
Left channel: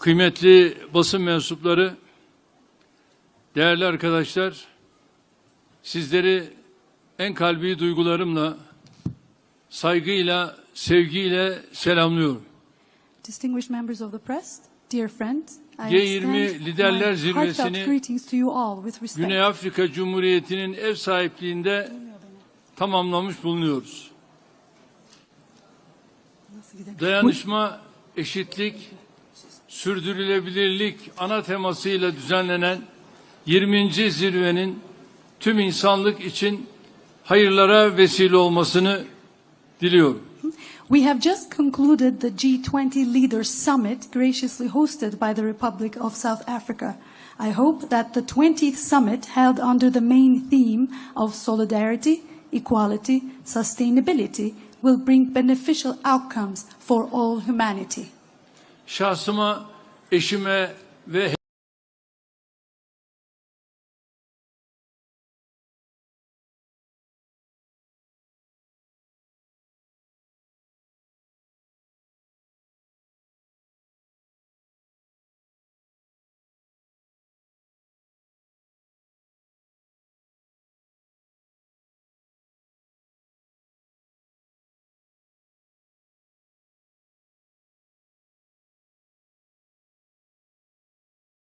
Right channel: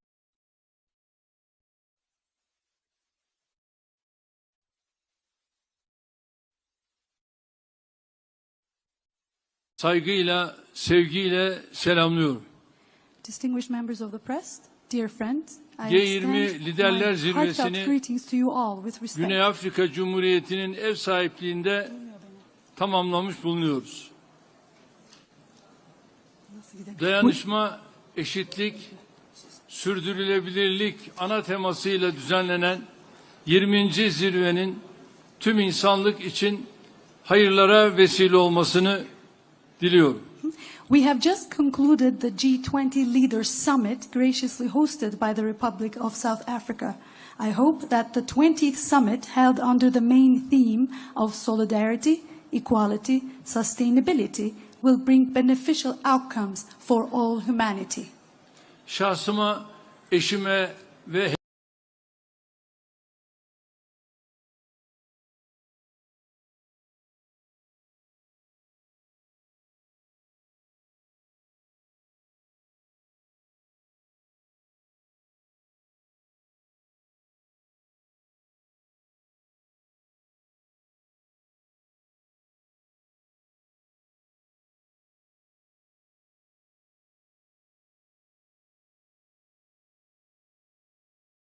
kıymetli basın mensupları, değerli arkadaşlar, sizleri en kalbi duygularımla, saygıyla, sevgiyle selamlıyorum. Distinguished members of the press, dear friends, I G20 extend Liderler my Zirvesi'ni heartfelt greetings to you all with respect. Güney Afrika Cumhuriyeti'nin ev sahipliğinde tamamlamış bulunuyoruz. Dayanışma, eşitlik, sürdürülebilirlik ana temasıyla düzenlenen 20. zirvenin tüm insanlık için hayırlara vesile olmasını diliyorum. We have just concluded the G20 Leaders Summit graciously hosted by the Republic of South Africa. I hope that the 20th summit held under the main theme of solidarity, equality, sustainability will bring beneficial outcomes for all humanity. Şahsıma, eşime ve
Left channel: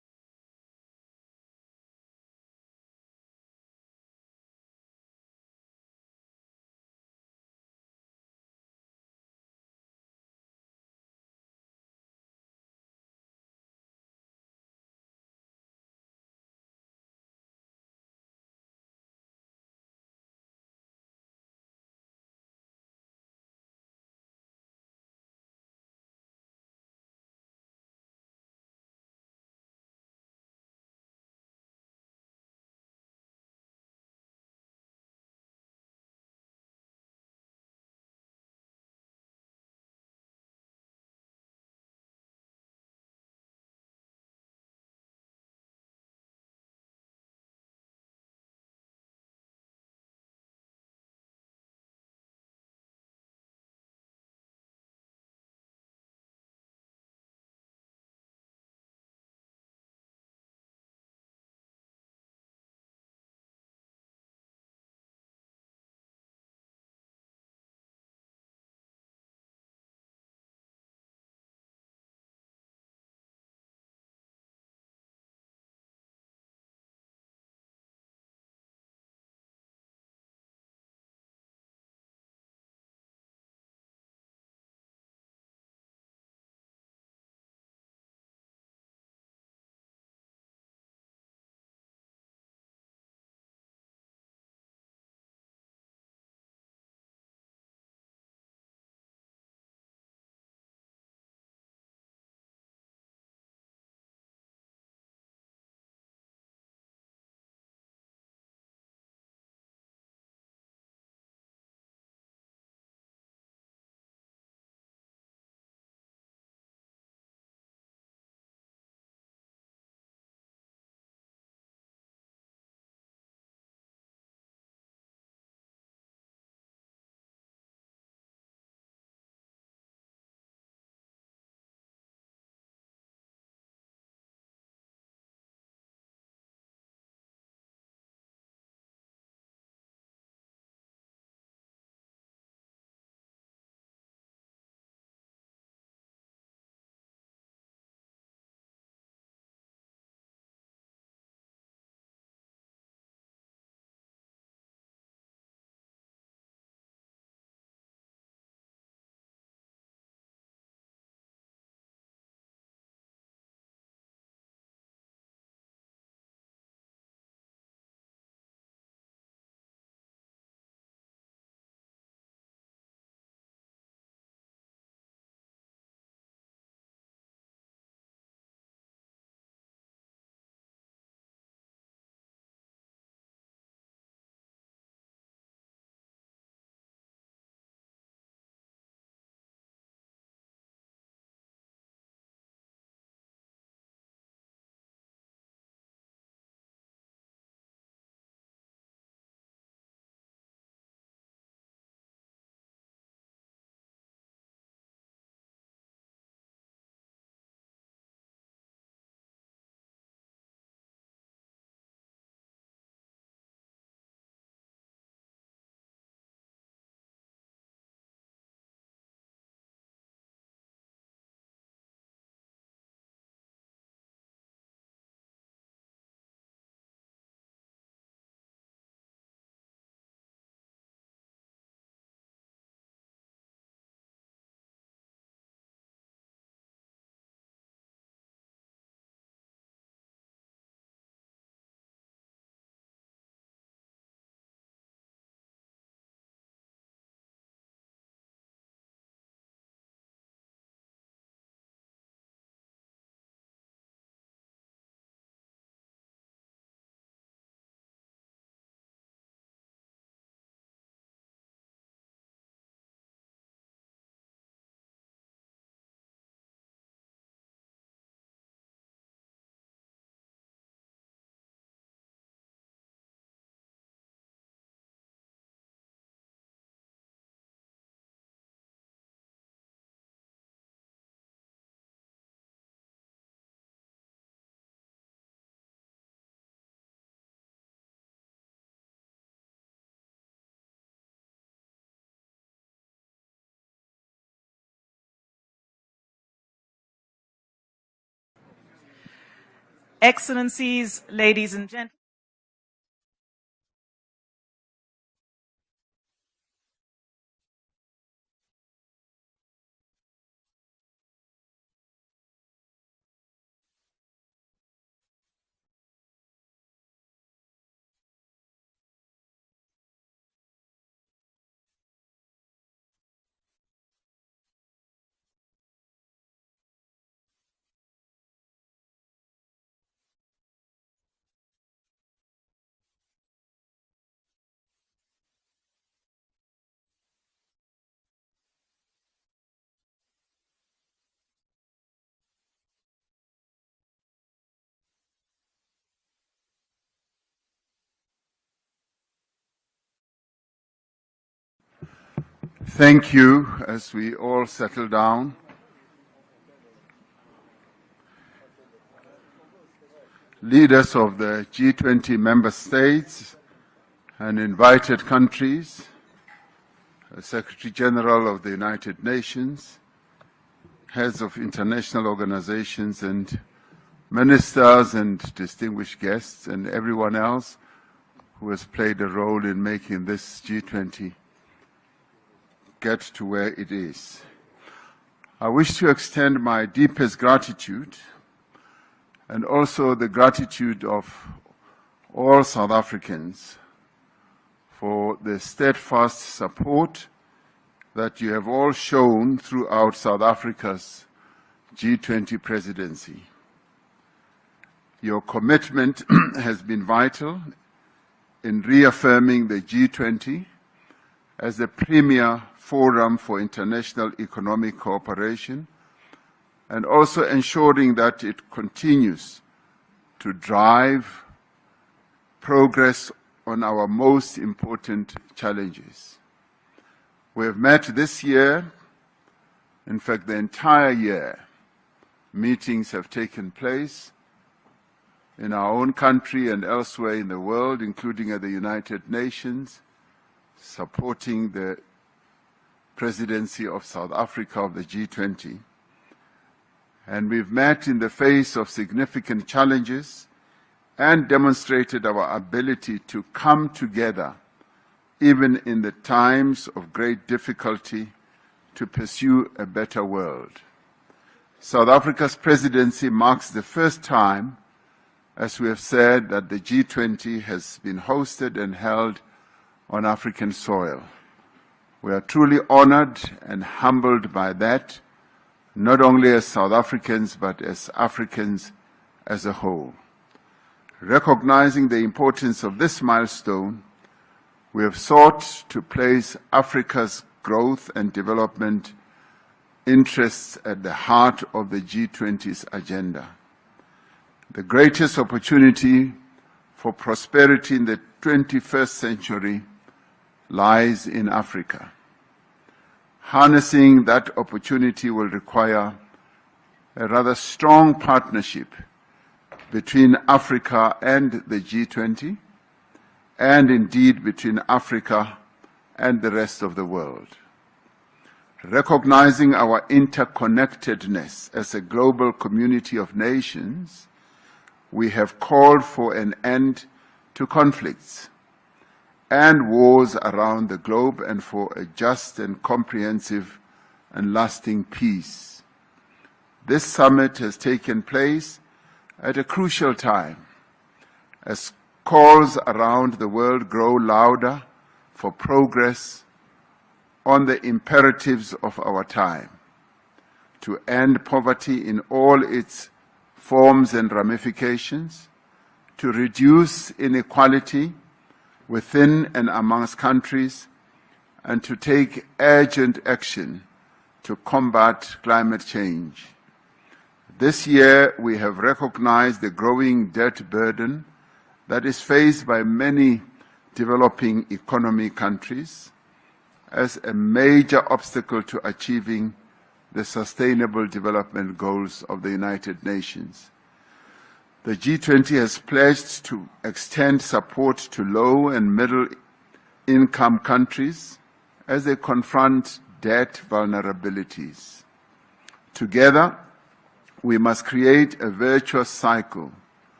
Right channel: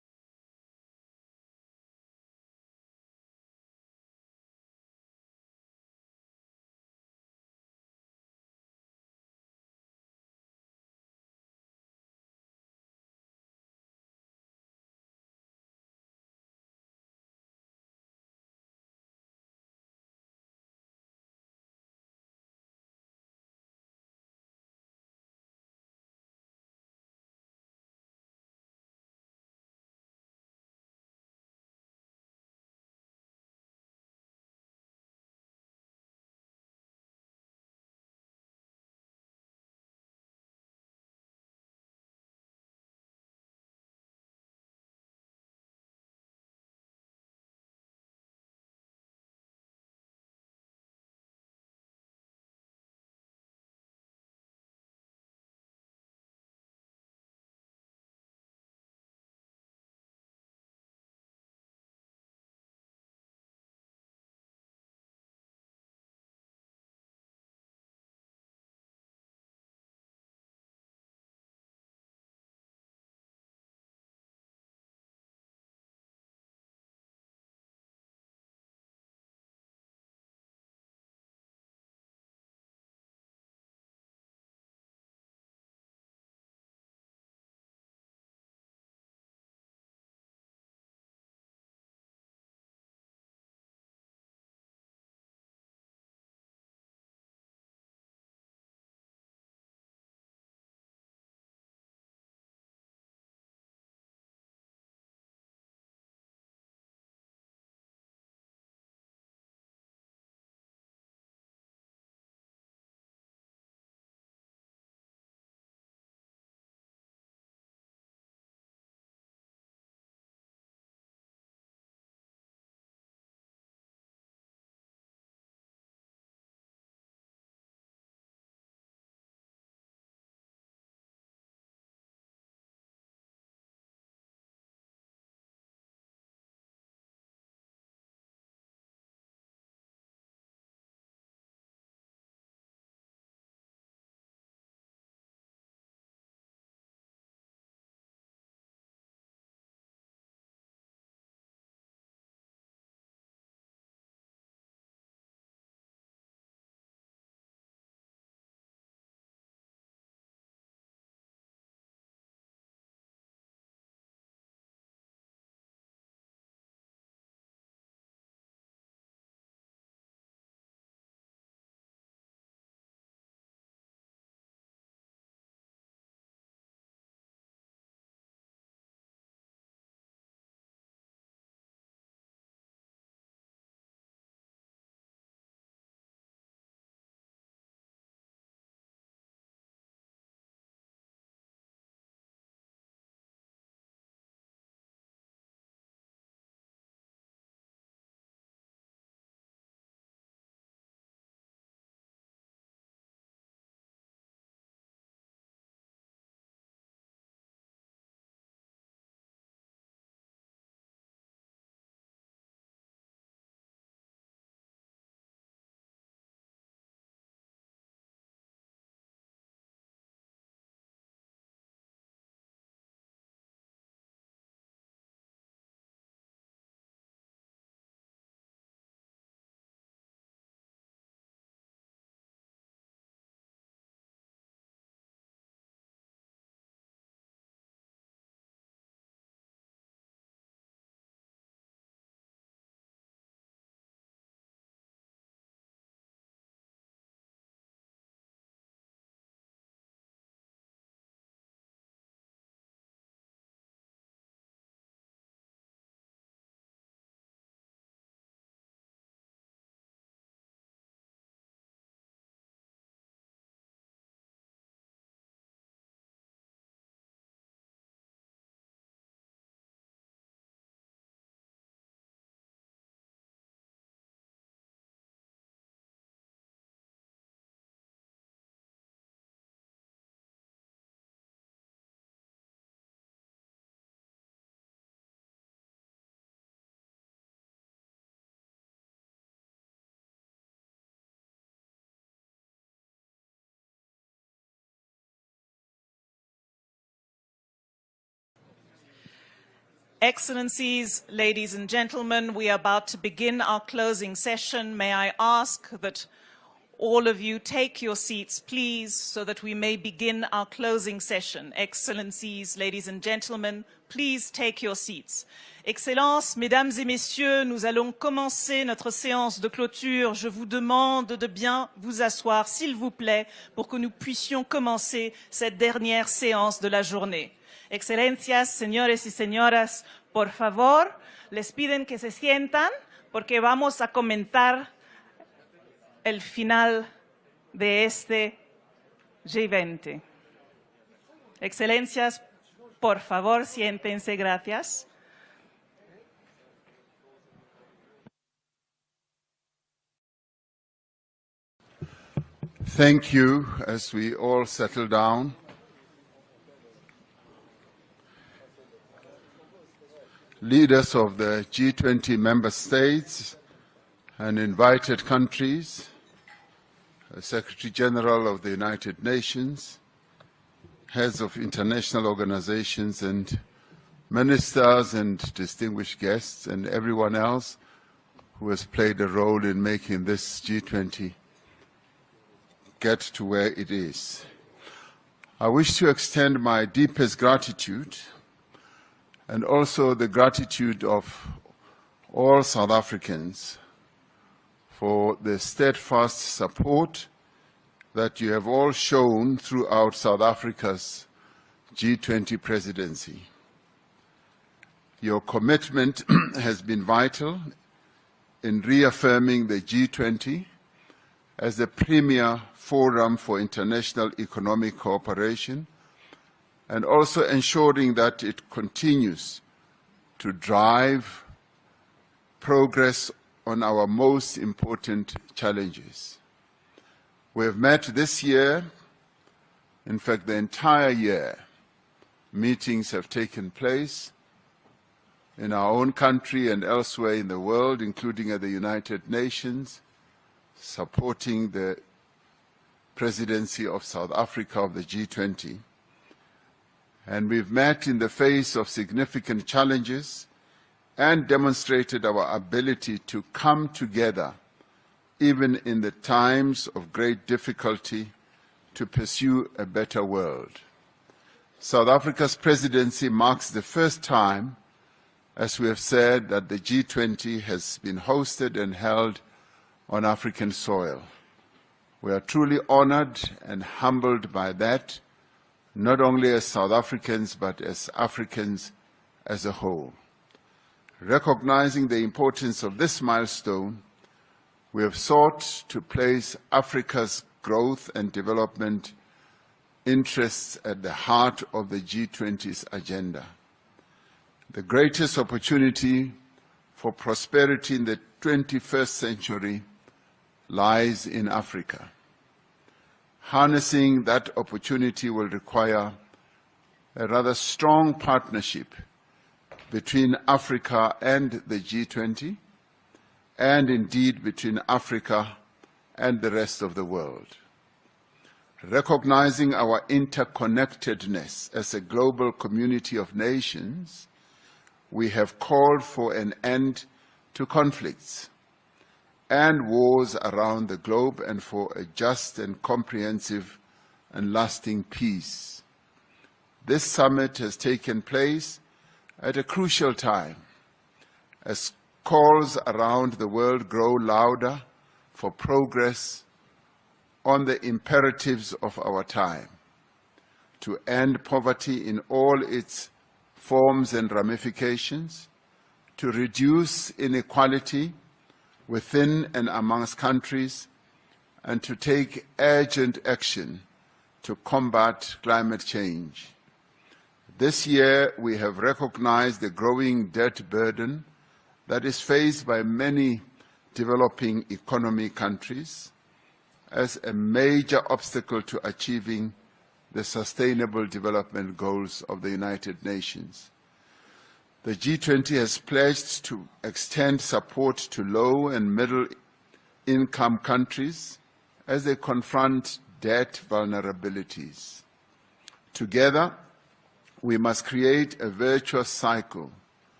Excellencies, ladies and gentlemen, we are about to begin our closing session. May I ask that all of you take your seats, please, so that we may begin our closing session. Excellencies, ladies and gentlemen, please take your seats. Excellences, Mesdames et Messieurs, nous allons commencer notre séance de clôture. Je vous demande de bien vous asseoir, s'il vous plaît, pour que nous puissions commencer cette dernière séance de la journée. Excelencias, señores y señoras, por favor, les piden que se sientan porque vamos a comentar el final de este G20. Excelencias, por favor, siéntense, gracias. Thank you. As we all settle down, leaders of the G20 member states and invited countries, the Secretary General of the United Nations, heads of international organizations and ministers and distinguished guests and everyone else who has played a role in making this G20 get to where it is. I wish to extend my deepest gratitude and also the gratitude of all South Africans for the steadfast support that you have all shown throughout South Africa's G20 presidency. Your commitment has been vital in reaffirming the G20 as the premier forum for international economic cooperation and also ensuring that it continues to drive progress on our most important challenges. We have met this year, in fact the entire year, meetings have taken place in our own country and elsewhere in the world, including at the United Nations, supporting the presidency of South Africa of the G20. And we've met in the face of significant challenges and demonstrated our ability to come together, even in the times of great difficulty, to pursue a better world. South Africa's presidency marks the first time, as we have said, that the G20 has been hosted and held on African soil. We are truly honored and humbled by that, not only as South Africans, but as Africans as a whole. Recognizing the importance of this milestone, we have sought to place Africa's growth and development interests at the heart of the G20's agenda. The greatest opportunity for prosperity in the 21st century lies in Africa. Harnessing that opportunity will require a rather strong partnership between Africa and the G20, and indeed between Africa and the rest of the world. Recognizing our interconnectedness as a global community of nations, we have called for an end to conflicts and wars around the globe and for a just and comprehensive and lasting peace. This summit has taken place at a crucial time as calls around the world grow louder for progress on the imperatives of our time, to end poverty in all its forms and ramifications, to reduce inequality within and amongst countries, and to take urgent action to combat climate change. This year, we have recognized the growing debt burden that is faced by many developing economy countries as a major obstacle to achieving the Sustainable Development Goals of the United Nations. The G20 has pledged to extend support to low and middle-income countries as they confront debt vulnerabilities. Together, we must create a virtuous cycle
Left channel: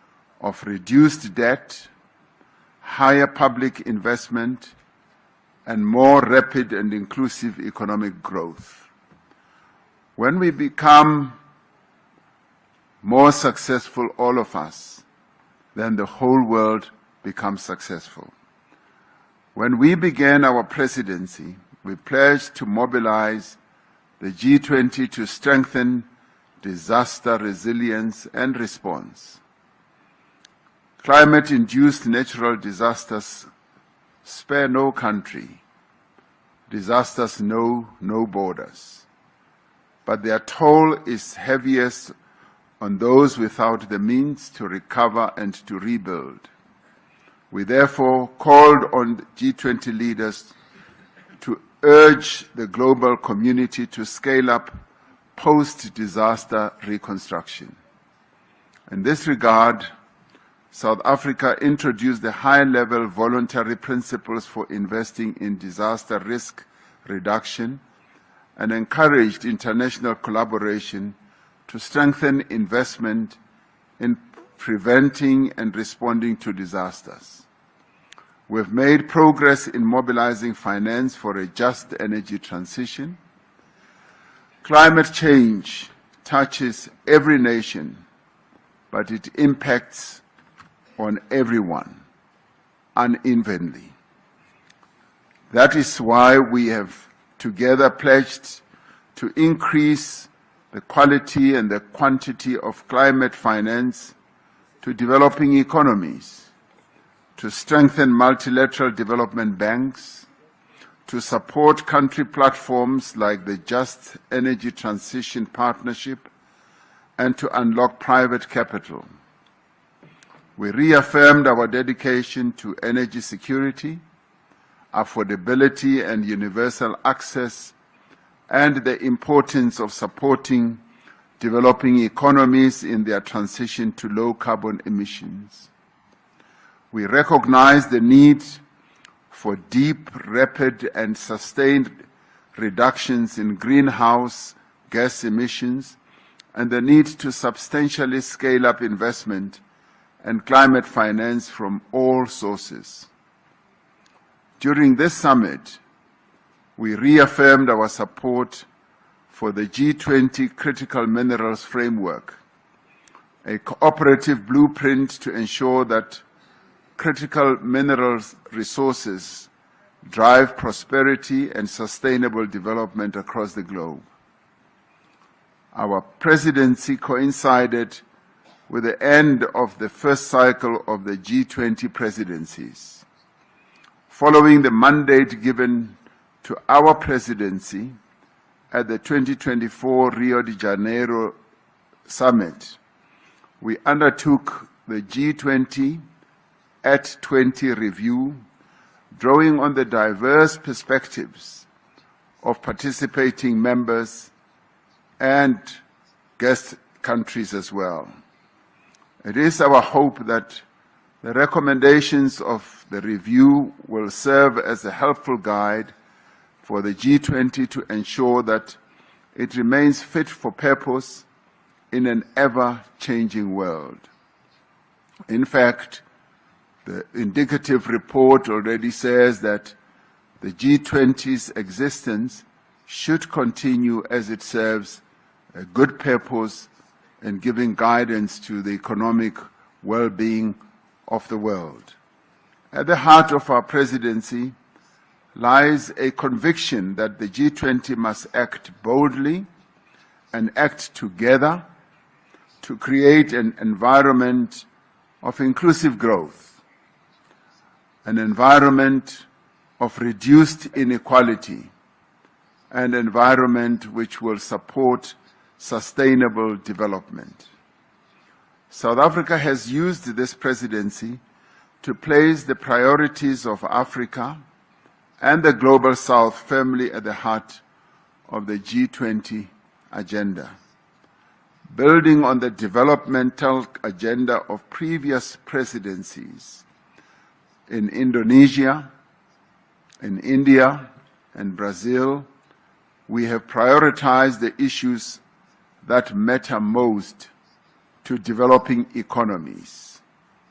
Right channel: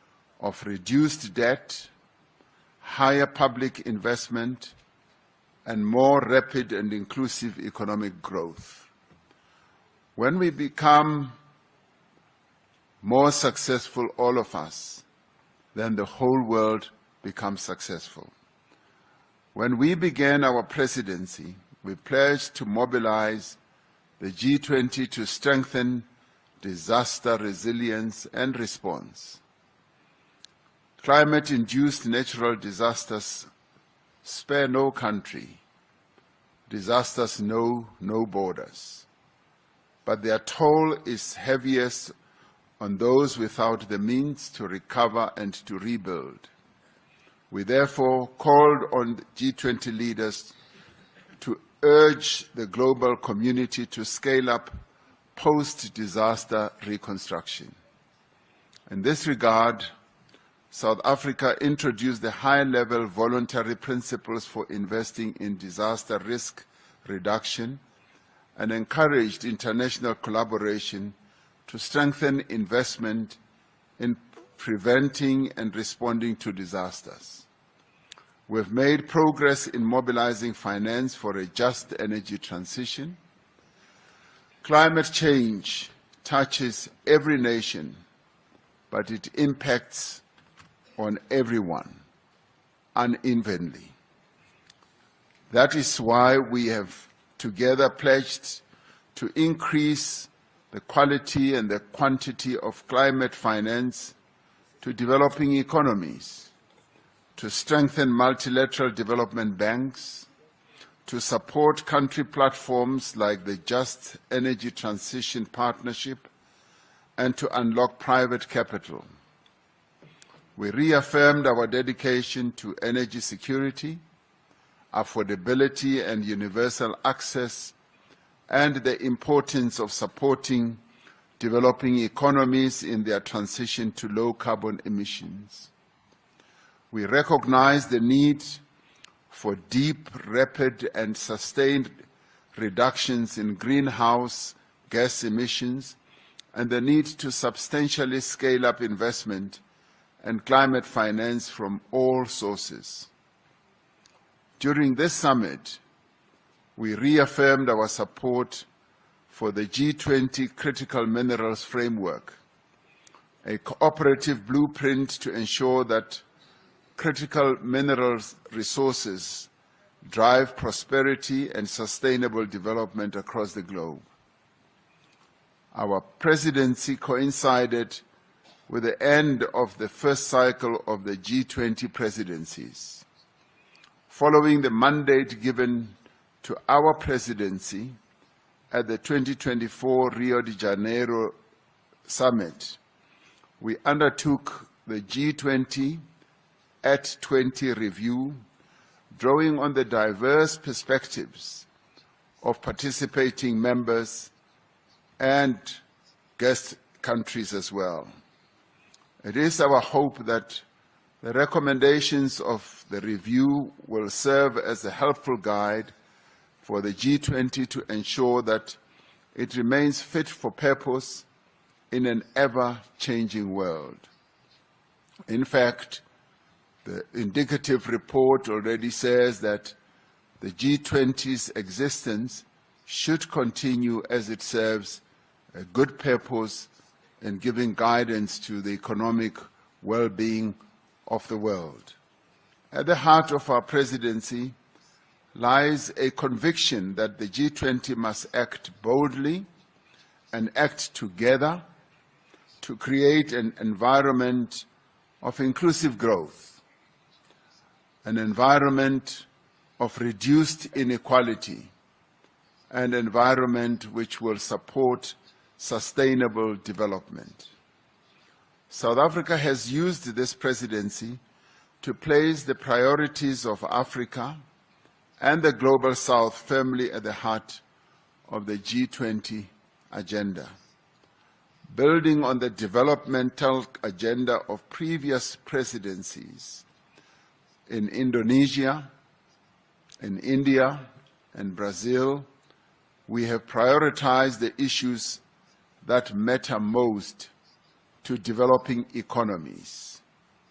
of reduced debt, higher public investment, and more rapid and inclusive economic growth. When we become more successful, all of us, then the whole world becomes successful. When we began our presidency, we pledged to mobilize the G20 to strengthen disaster resilience and response. Climate-induced natural disasters spare no country. Disasters know no borders. But their toll is heaviest on those without the means to recover and to rebuild. We therefore called on G20 leaders to urge the global community to scale up post-disaster reconstruction. In this regard, South Africa introduced the high-level voluntary principles for investing in disaster risk reduction and encouraged international collaboration to strengthen investment in preventing and responding to disasters. We have made progress in mobilizing finance for a just energy transition. Climate change touches every nation, but it impacts on everyone unevenly. That is why we have together pledged to increase the quality and the quantity of climate finance to developing economies, to strengthen multilateral development banks, to support country platforms like the Just Energy Transition Partnership, and to unlock private capital. We reaffirmed our dedication to energy security, affordability and universal access, and the importance of supporting developing economies in their transition to low carbon emissions. We recognize the need for deep, rapid, and sustained reductions in greenhouse gas emissions and the need to substantially scale up investment and climate finance from all sources. During this summit, we reaffirmed our support for the G20 Critical Minerals Framework, a cooperative blueprint to ensure that critical minerals resources drive prosperity and sustainable development across the globe. Our presidency coincided with the end of the first cycle of the G20 presidencies. Following the mandate given to our presidency at the 2024 Rio de Janeiro Summit, we undertook the G20 at 20 review, drawing on the diverse perspectives of participating members and guest countries as well. It is our hope that the recommendations of the review will serve as a helpful guide for the G20 to ensure that it remains fit for purpose in an ever-changing world. In fact, the indicative report already says that the G20's existence should continue as it serves a good purpose in giving guidance to the economic well-being of the world. At the heart of our presidency lies a conviction that the G20 must act boldly and act together to create an environment of inclusive growth, an environment of reduced inequality, an environment which will support sustainable development. South Africa has used this presidency to place the priorities of Africa and the Global South firmly at the heart of the G20 agenda. Building on the developmental agenda of previous presidencies in Indonesia, in India, and Brazil, we have prioritized the issues that matter most to developing economies:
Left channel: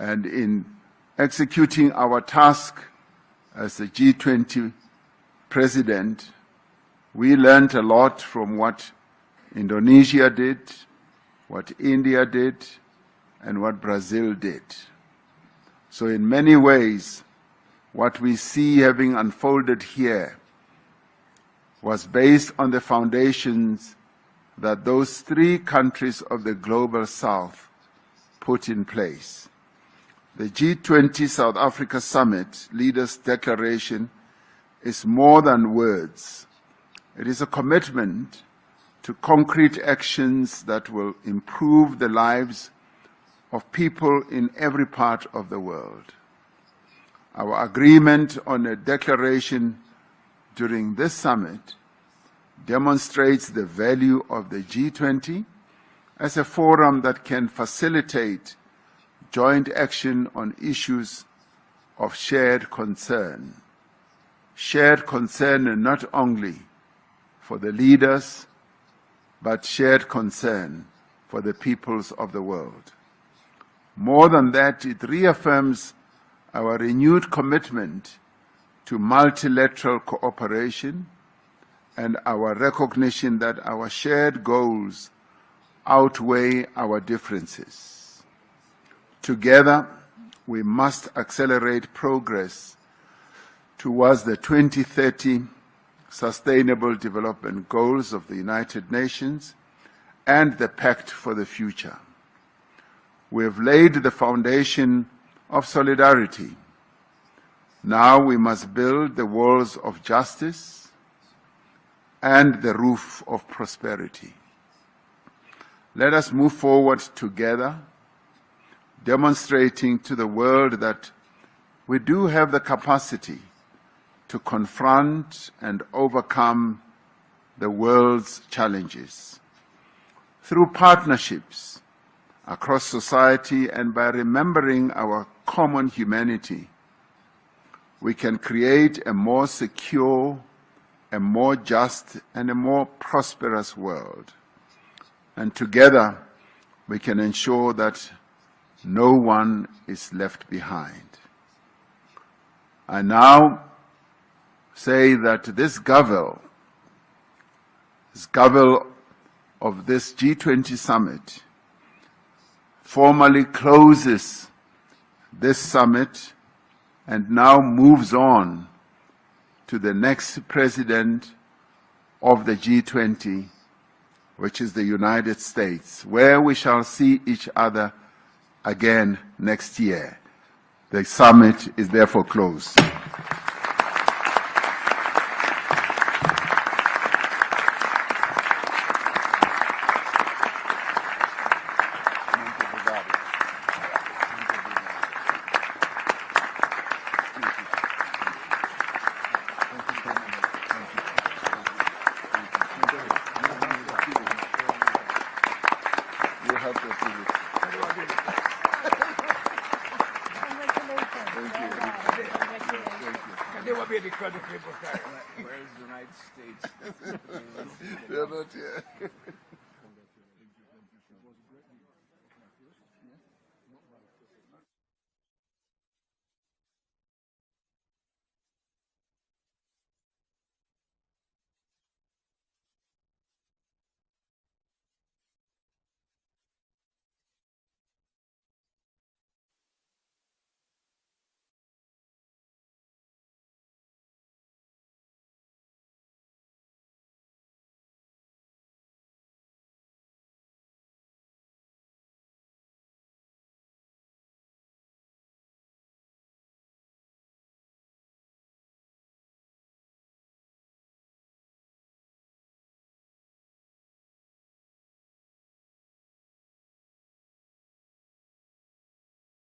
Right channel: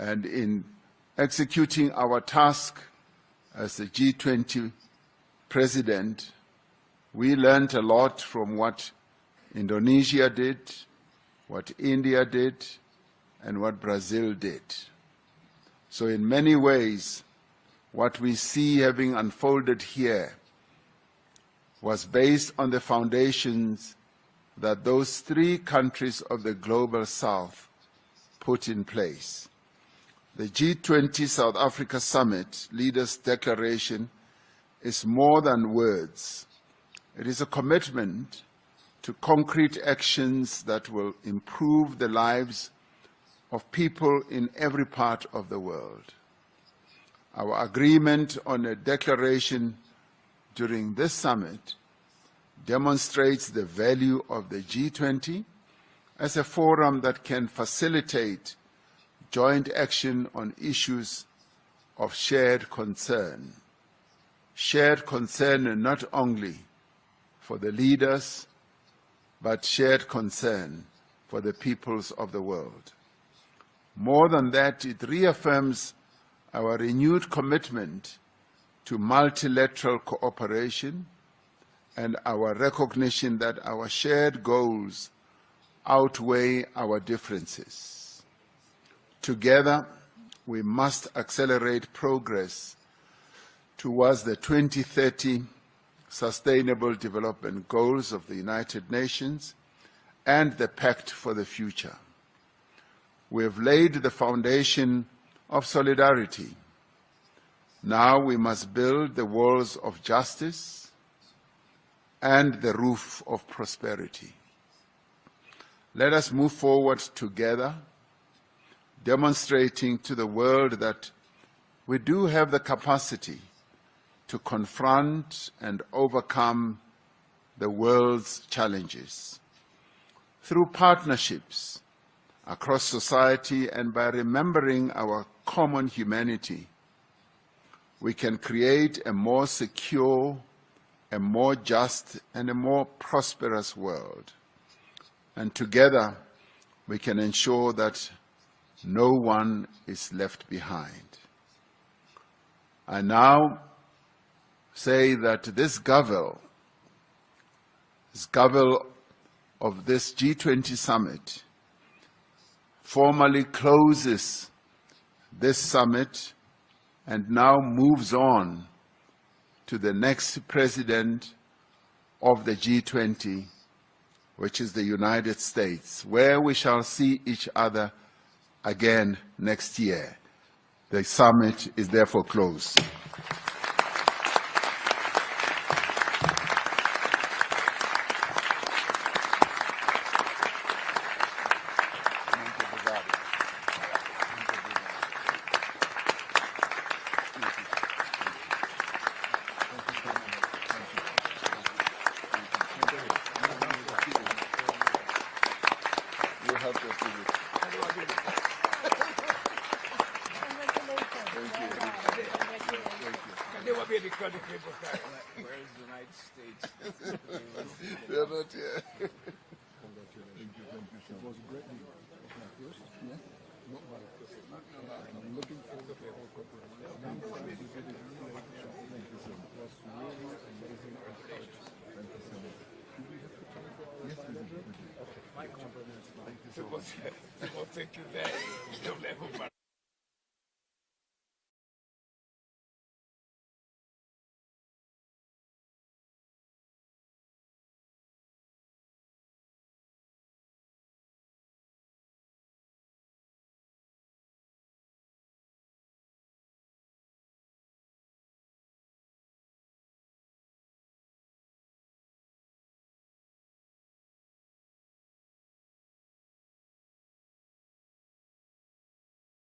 And in executing our task as the G20 president, we learned a lot from what Indonesia did, what India did, and what Brazil did. So in many ways, what we see having unfolded here was based on the foundations that those three countries of the Global South put in place. The G20 South Africa Summit Leaders' Declaration is more than words. It is a commitment to concrete actions that will improve the lives of people in every part of the world. Our agreement on a declaration during this summit demonstrates the value of the G20 as a forum that can facilitate joint action on issues of shared concern. Shared concern not only for the leaders, but shared concern for the peoples of the world. More than that, it reaffirms our renewed commitment to multilateral cooperation and our recognition that our shared goals outweigh our differences. Together, we must accelerate progress towards the 2030 Sustainable Development Goals of the United Nations and the Pact for the Future. We have laid the foundation of solidarity. Now we must build the walls of justice and the roof of prosperity. Let us move forward together, demonstrating to the world that we do have the capacity to confront and overcome the world's challenges. Through partnerships across society and by remembering our common humanity, we can create a more secure, a more just, and a more prosperous world. And together, we can ensure that no one is left behind. I now say that this Gavel of this G20 summit formally closes this summit and now moves on to the next president of the G20, which is the United States, where we shall see each other again next year. The summit is therefore closed. Can never be because the people carry. Where is the United States? They're not here. People think you there. Don't let go.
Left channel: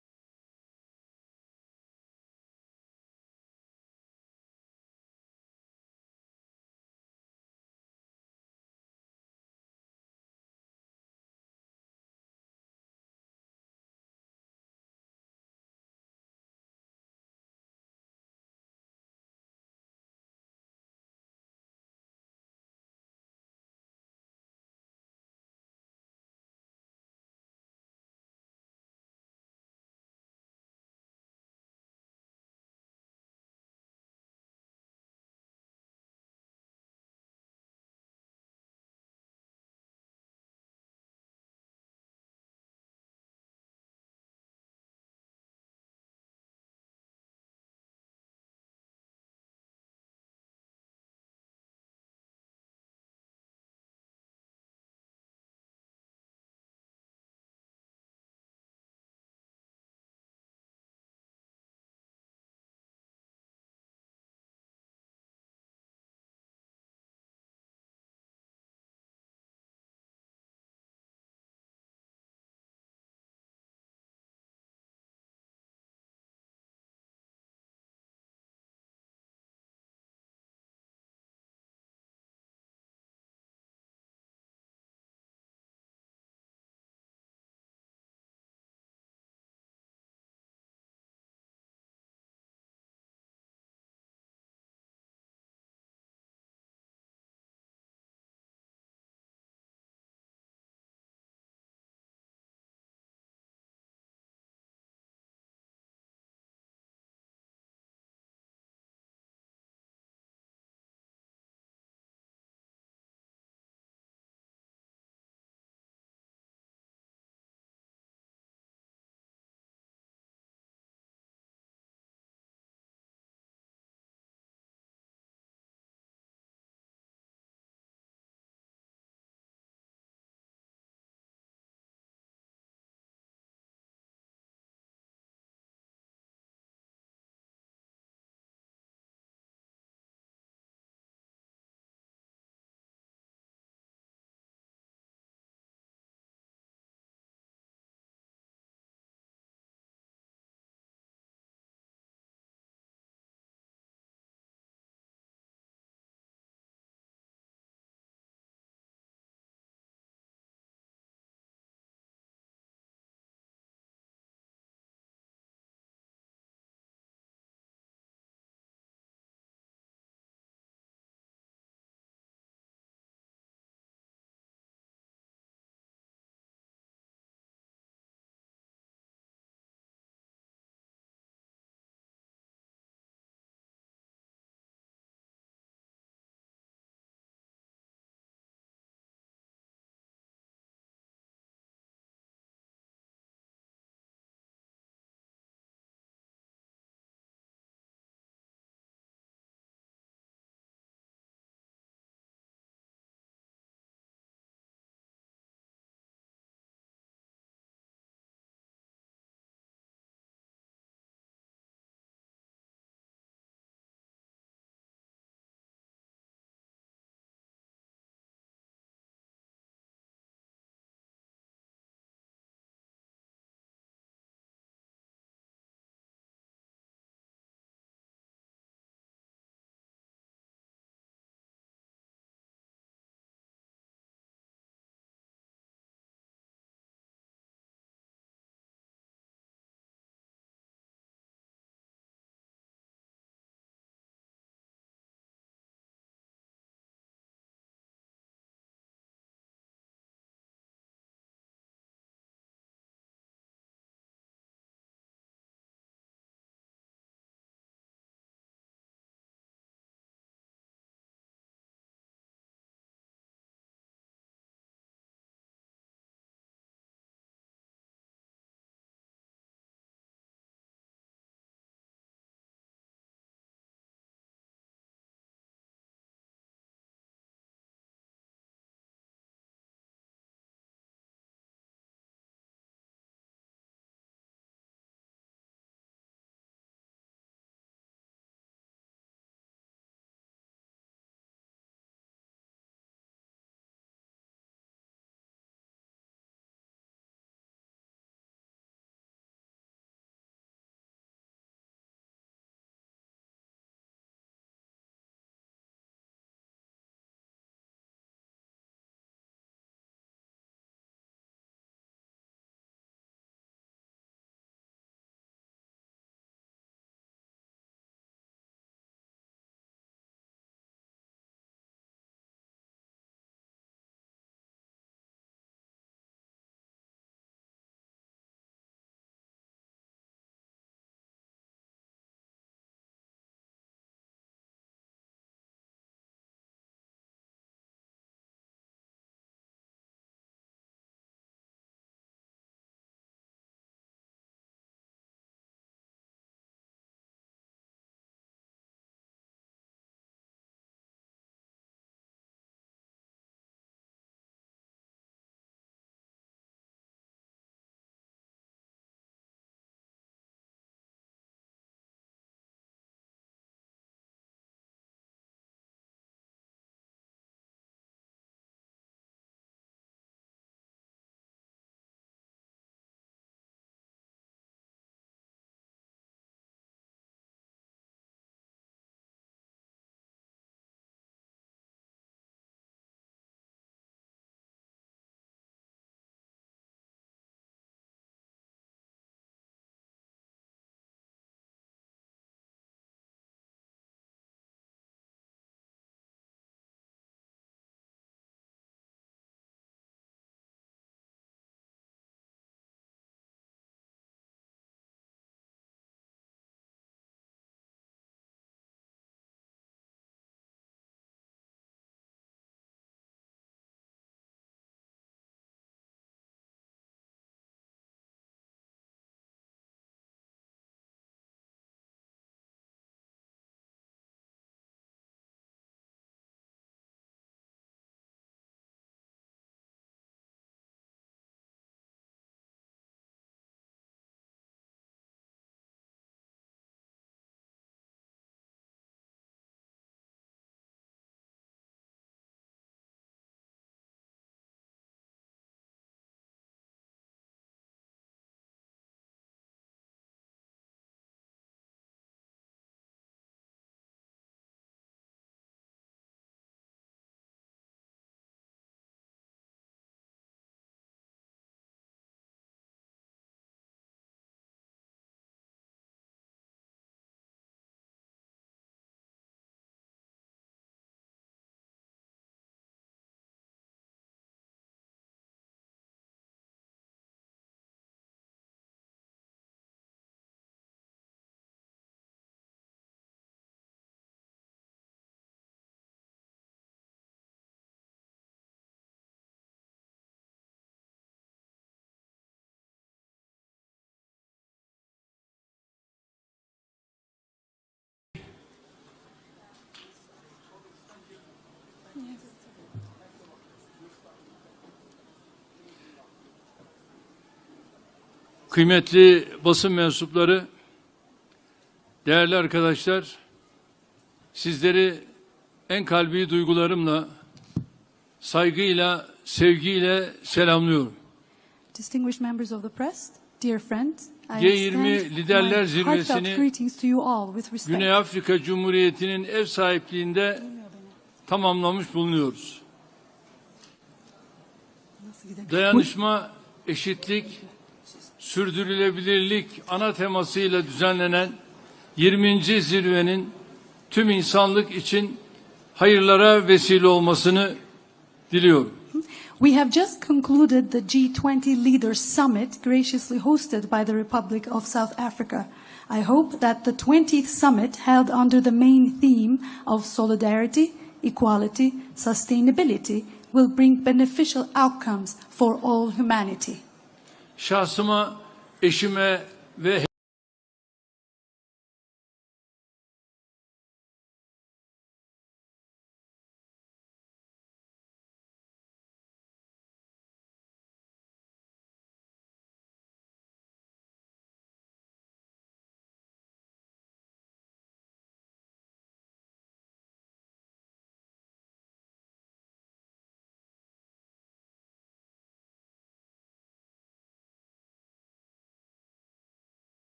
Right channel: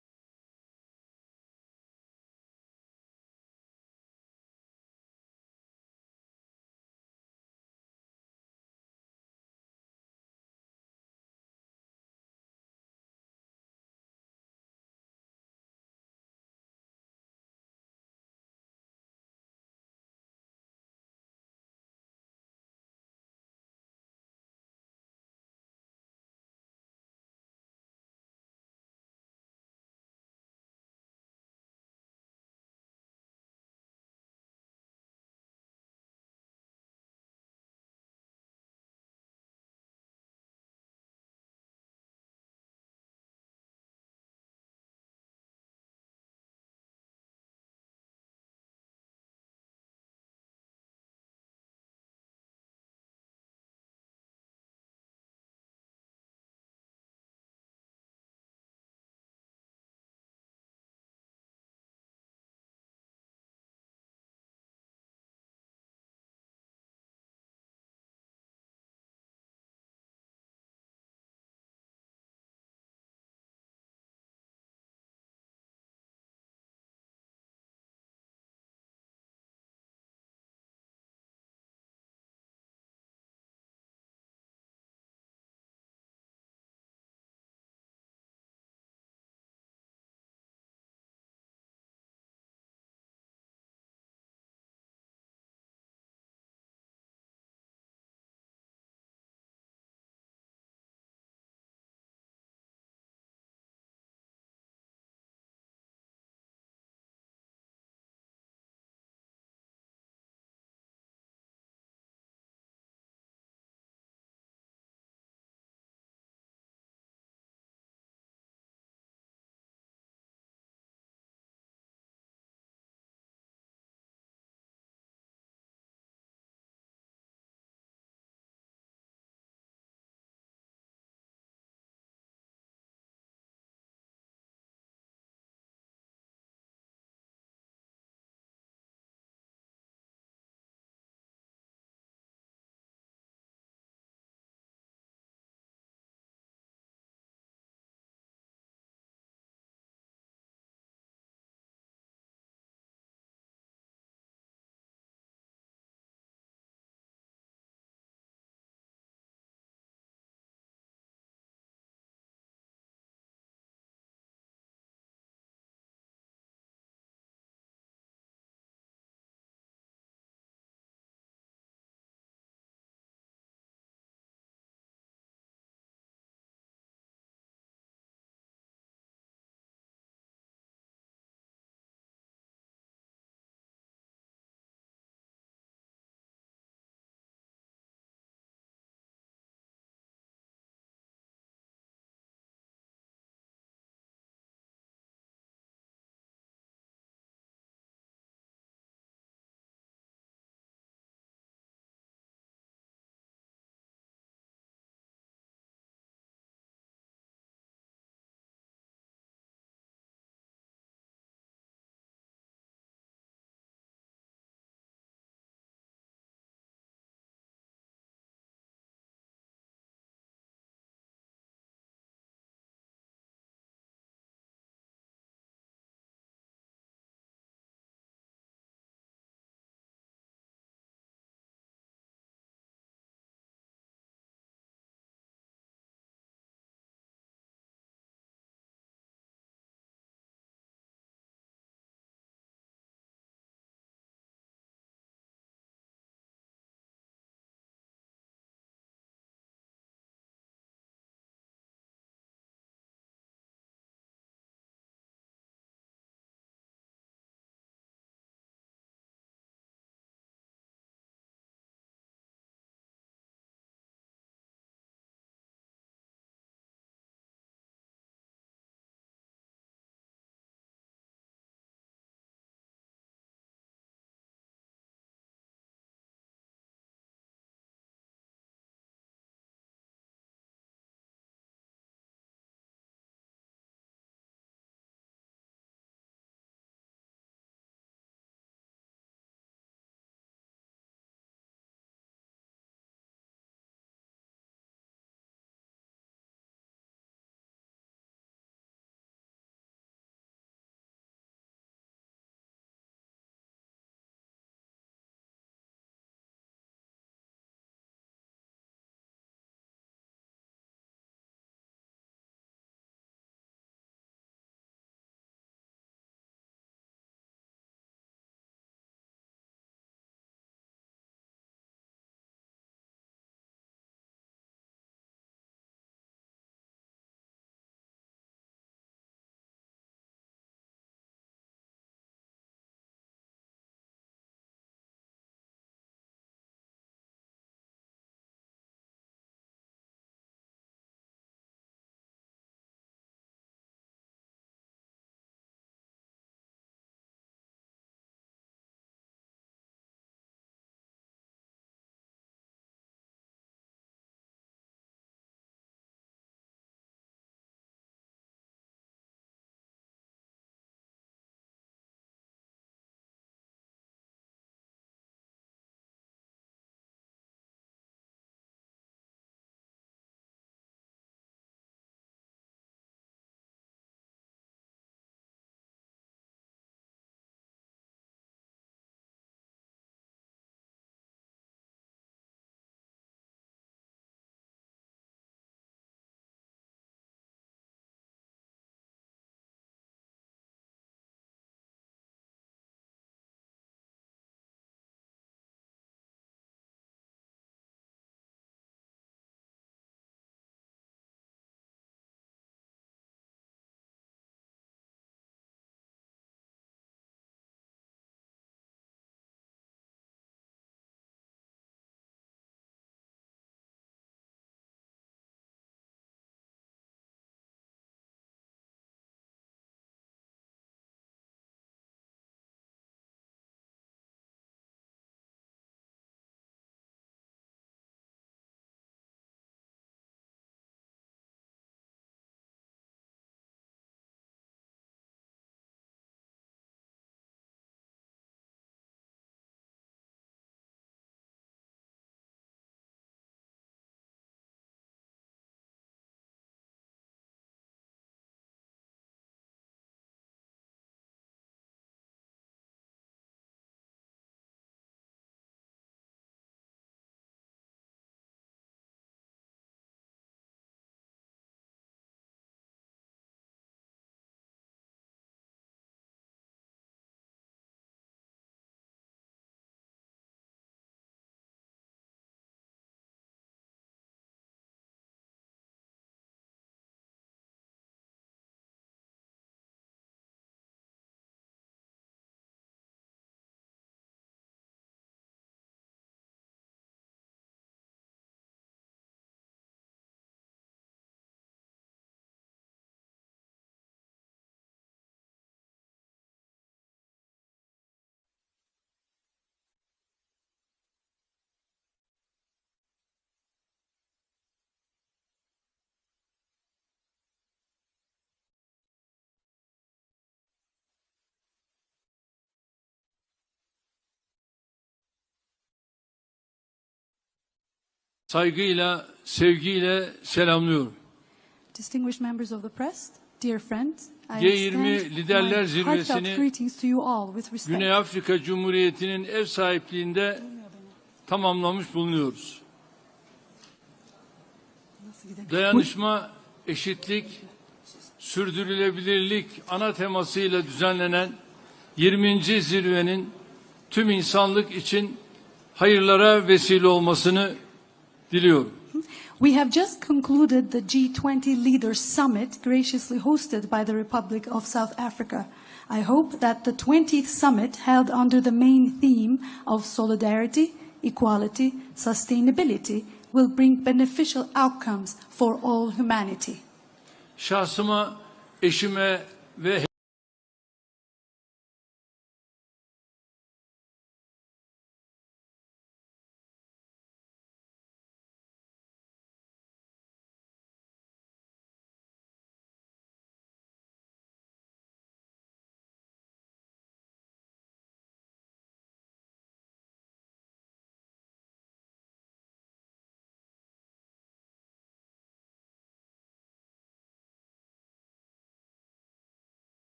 kıymetli basın mensupları, değerli arkadaşlar, sizleri en kalbi duygularımla, saygıyla, sevgiyle selamlıyorum. Distinguished members of the press, dear friends, I G20 extend Liderler my heartfelt Zirvesi'ni greetings to you all with respect. Güney Afrika Cumhuriyeti'nin ev sahipliğinde tamamlamış bulunuyoruz. Dayanışma, eşitlik, sürdürülebilirlik ana temasıyla düzenlenen 20. zirvenin tüm insanlık için hayırlara vesile olmasını diliyorum. We have just concluded the G20 Leaders Summit graciously hosted by the Republic of South Africa. I hope that the 20th summit held under the main theme of solidarity, equality, sustainability will bring beneficial outcomes for all humanity. Şahsıma, eşime ve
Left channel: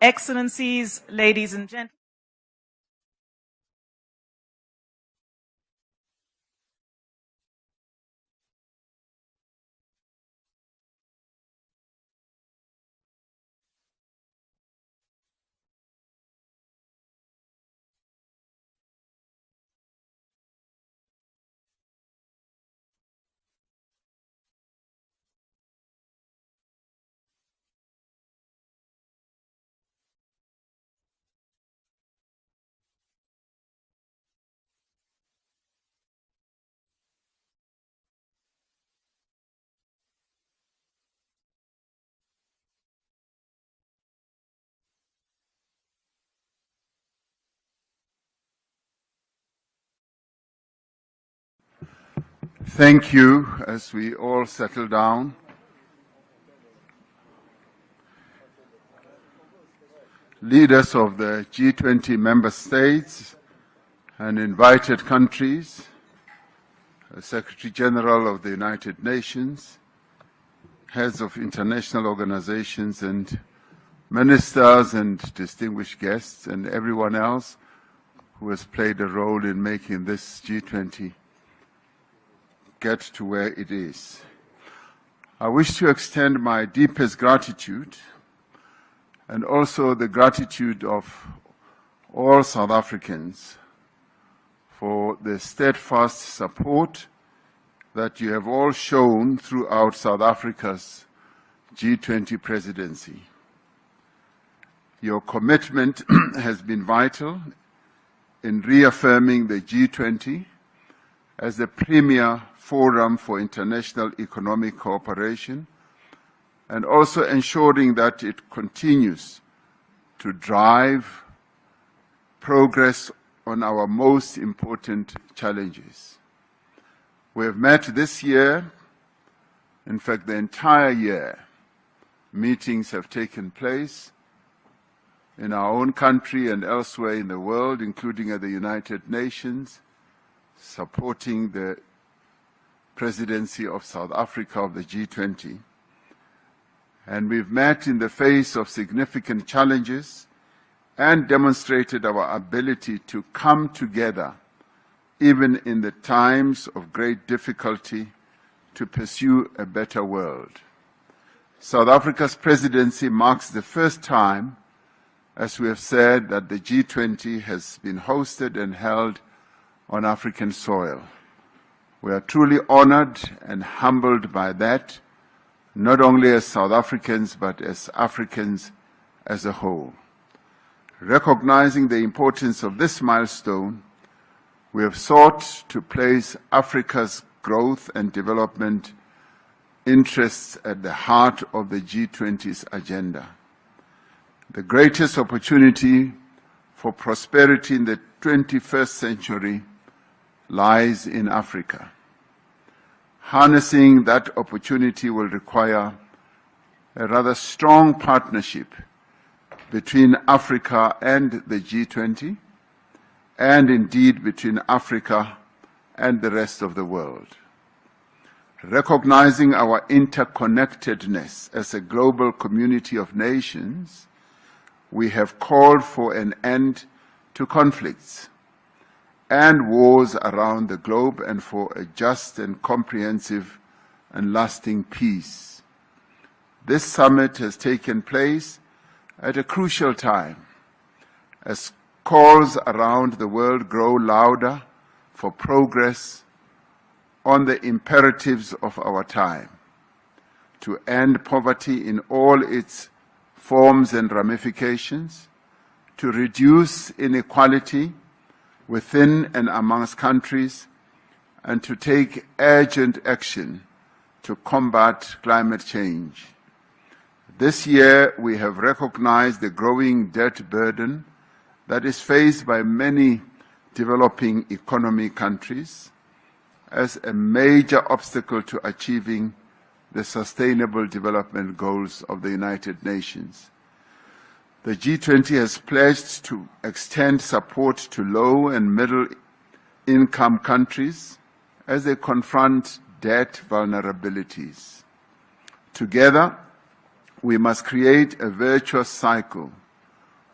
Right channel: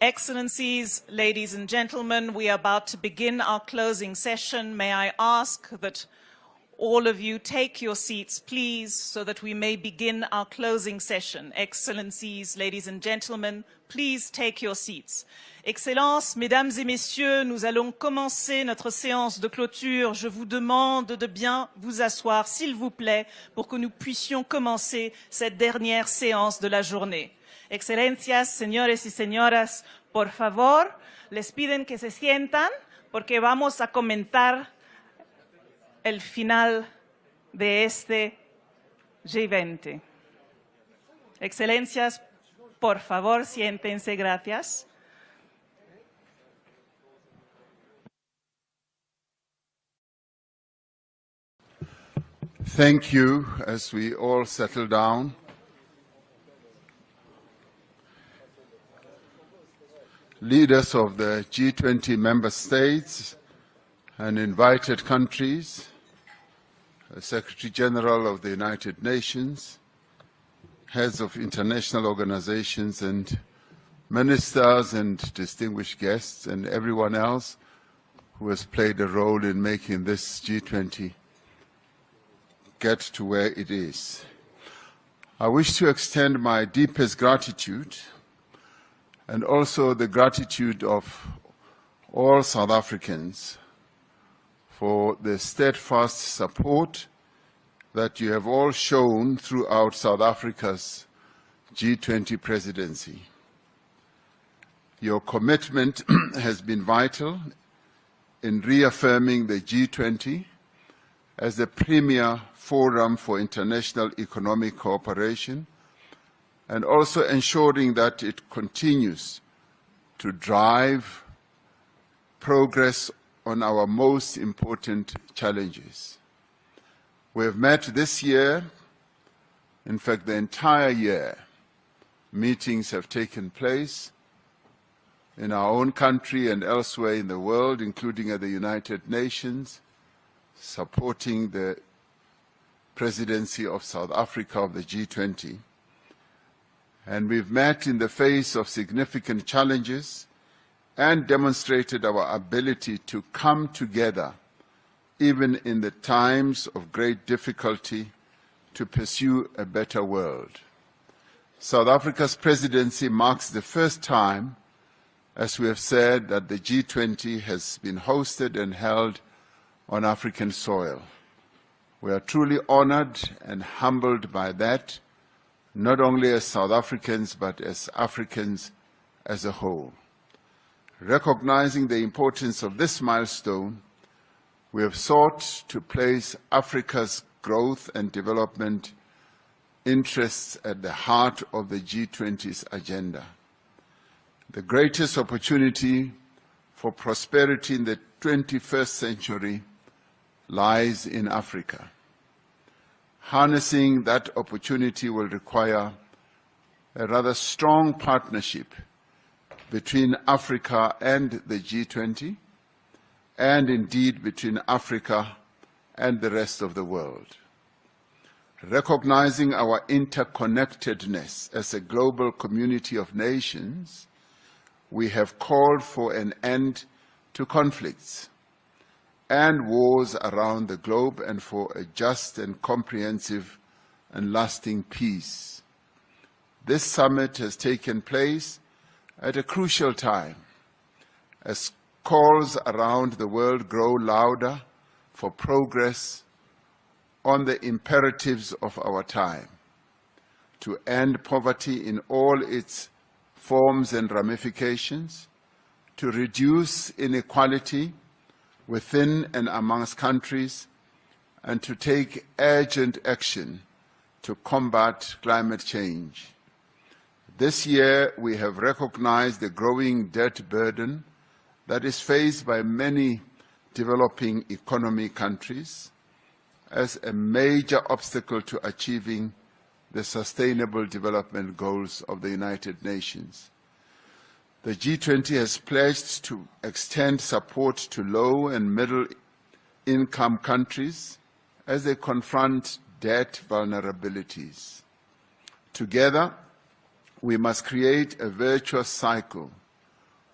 Excellencies, ladies and gentlemen, we are about to begin our closing session. May I ask that all of you take your seats, please, so that we may begin our closing session. Excellencies, ladies and gentlemen, please take your seats. Excellences, mesdames et messieurs, nous allons commencer notre séance de clôture. Je vous demande de bien vous asseoir, s'il vous plaît, pour que nous puissions commencer cette dernière séance de la journée. Excelencias, señores y señoras, por favor, les piden que se sientan porque vamos a comentar el final de este G20. Excelencias, por favor, siéntense, gracias. Thank you. As we all settle down, leaders of the G20 member states and invited countries, Secretary General of the United Nations, heads of international organizations and ministers and distinguished guests and everyone else who has played a role in making this G20 get to where it is. I wish to extend my deepest gratitude and also the gratitude of all South Africans for the steadfast support that you have all shown throughout South Africa's G20 presidency. Your commitment has been vital in reaffirming the G20 as the premier forum for international economic cooperation and also ensuring that it continues to drive progress on our most important challenges. We have met this year, in fact the entire year. Meetings have taken place in our own country and elsewhere in the world, including at the United Nations, supporting the presidency of South Africa of the G20. And we've met in the face of significant challenges and demonstrated our ability to come together, even in the times of great difficulty, to pursue a better world. South Africa's presidency marks the first time, as we have said, that the G20 has been hosted and held on African soil. We are truly honored and humbled by that, not only as South Africans, but as Africans as a whole. Recognizing the importance of this milestone, we have sought to place Africa's growth and development interests at the heart of the G20's agenda. The greatest opportunity for prosperity in the 21st century lies in Africa. Harnessing that opportunity will require a rather strong partnership between Africa and the G20, and indeed between Africa and the rest of the world. Recognizing our interconnectedness as a global community of nations, we have called for an end to conflicts and wars around the globe and for a just and comprehensive and lasting peace. This summit has taken place at a crucial time as calls around the world grow louder for progress on the imperatives of our time, to end poverty in all its forms and ramifications, to reduce inequality within and amongst countries, and to take urgent action to combat climate change. This year, we have recognized the growing debt burden that is faced by many developing economy countries as a major obstacle to achieving the Sustainable Development Goals of the United Nations. The G20 has pledged to extend support to low and middle income countries as they confront debt vulnerabilities. Together, we must create a virtuous cycle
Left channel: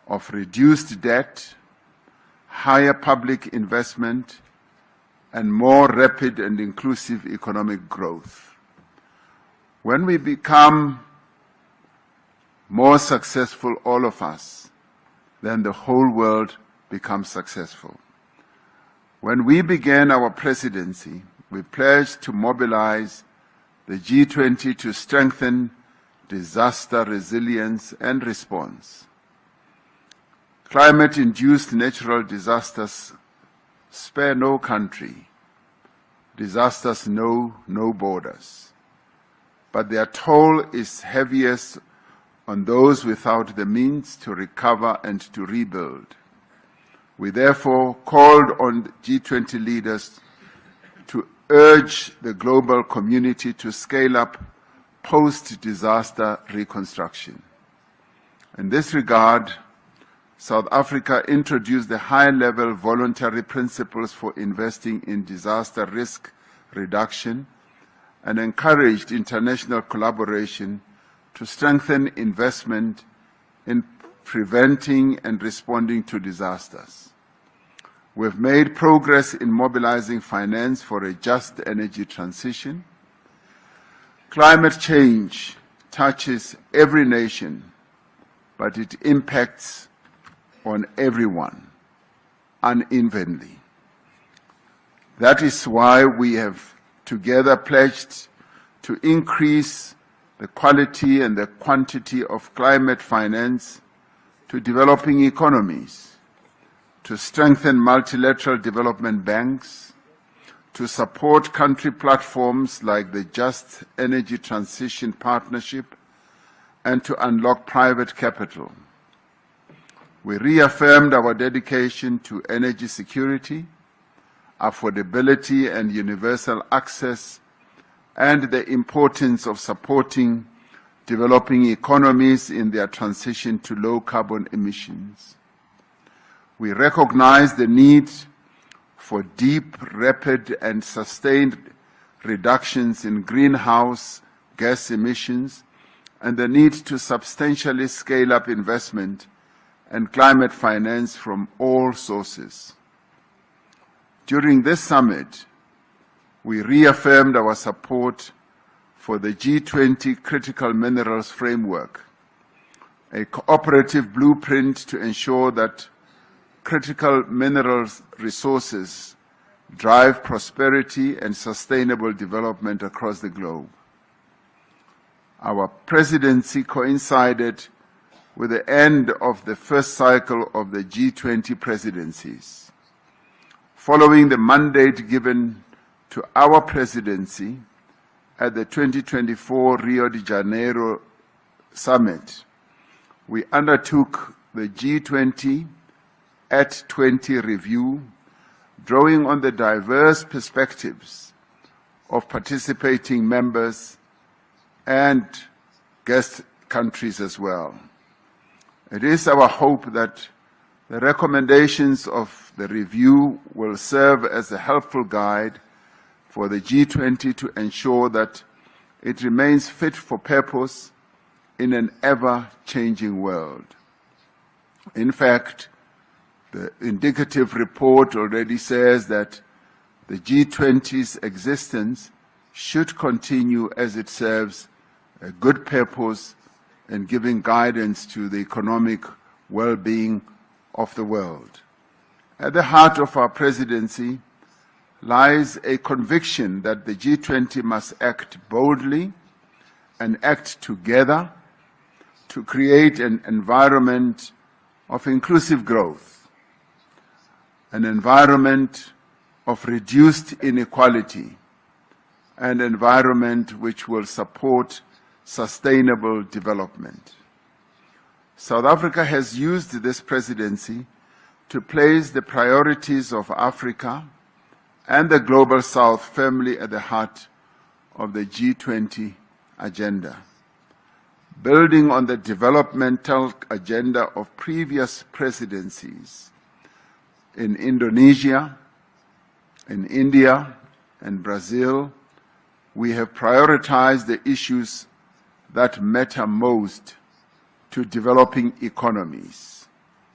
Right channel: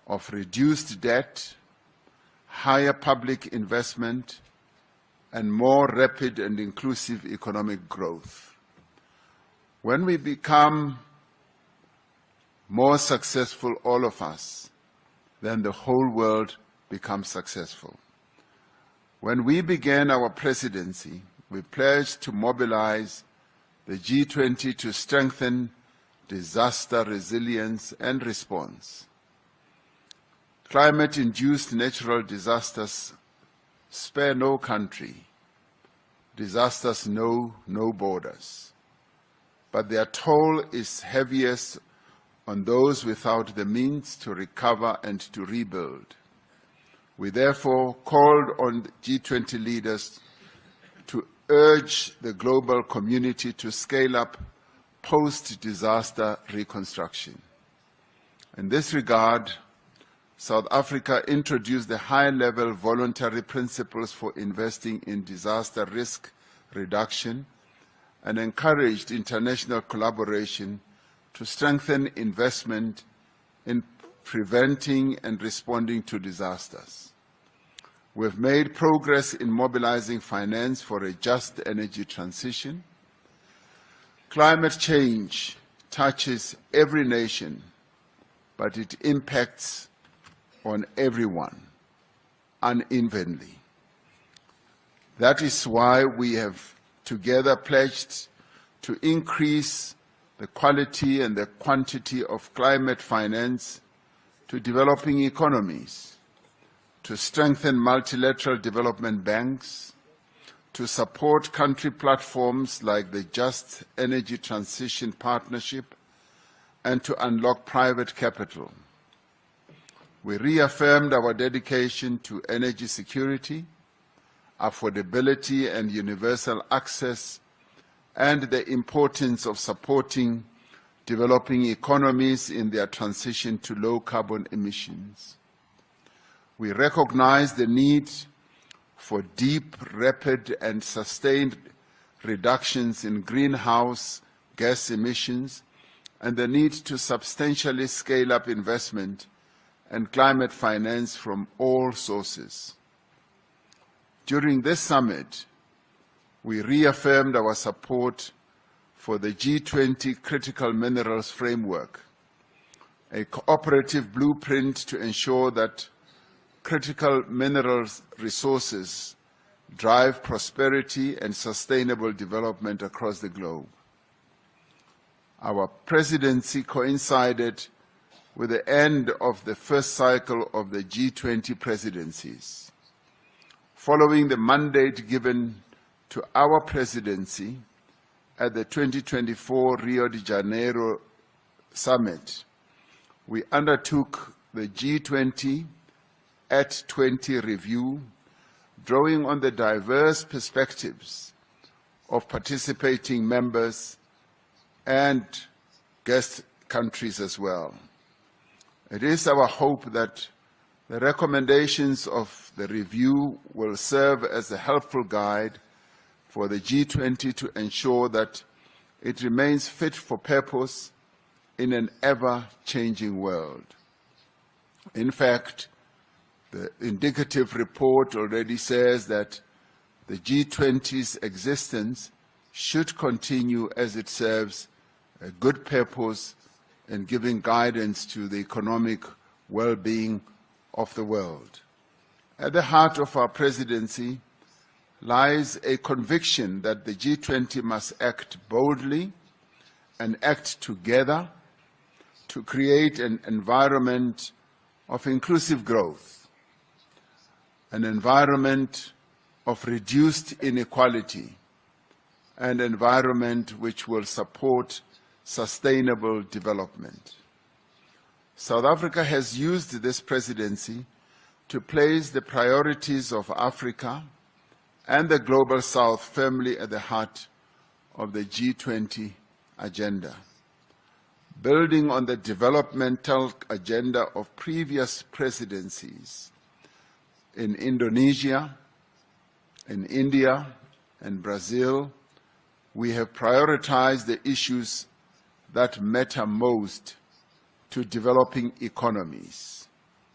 of reduced debt, higher public investment, and more rapid and inclusive economic growth. When we become more successful, all of us, then the whole world becomes successful. When we began our presidency, we pledged to mobilize the G20 to strengthen disaster resilience and response. Climate-induced natural disasters spare no country. Disasters know no borders. But their toll is heaviest on those without the means to recover and to rebuild. We therefore called on G20 leaders to urge the global community to scale up post-disaster reconstruction. In this regard, South Africa introduced the high-level voluntary principles for investing in disaster risk reduction and encouraged international collaboration to strengthen investment in preventing and responding to disasters. We've made progress in mobilizing finance for a just energy transition. Climate change touches every nation, but it impacts on everyone unevenly. That is why we have together pledged to increase the quality and the quantity of climate finance to developing economies, to strengthen multilateral development banks, to support country platforms like the Just Energy Transition Partnership, and to unlock private capital. We reaffirmed our dedication to energy security, affordability and universal access, and the importance of supporting developing economies in their transition to low carbon emissions. We recognize the need for deep, rapid, and sustained reductions in greenhouse gas emissions and the need to substantially scale up investment and climate finance from all sources. During this summit, we reaffirmed our support for the G20 Critical Minerals Framework, a cooperative blueprint to ensure that critical minerals resources drive prosperity and sustainable development across the globe. Our presidency coincided with the end of the first cycle of the G20 presidencies. Following the mandate given to our presidency at the 2024 Rio de Janeiro Summit, we undertook the G20 at 20 review, drawing on the diverse perspectives of participating members and guest countries as well. It is our hope that the recommendations of the review will serve as a helpful guide for the G20 to ensure that it remains fit for purpose in an ever-changing world. In fact, the indicative report already says that the G20's existence should continue as it serves a good purpose in giving guidance to the economic well-being of the world. At the heart of our presidency lies a conviction that the G20 must act boldly and act together to create an environment of inclusive growth, an environment of reduced inequality, an environment which will support sustainable development. South Africa has used this presidency to place the priorities of Africa and the Global South firmly at the heart of the G20 agenda. Building on the developmental agenda of previous presidencies in Indonesia, in India, and Brazil, we have prioritized the issues that matter most to developing economies:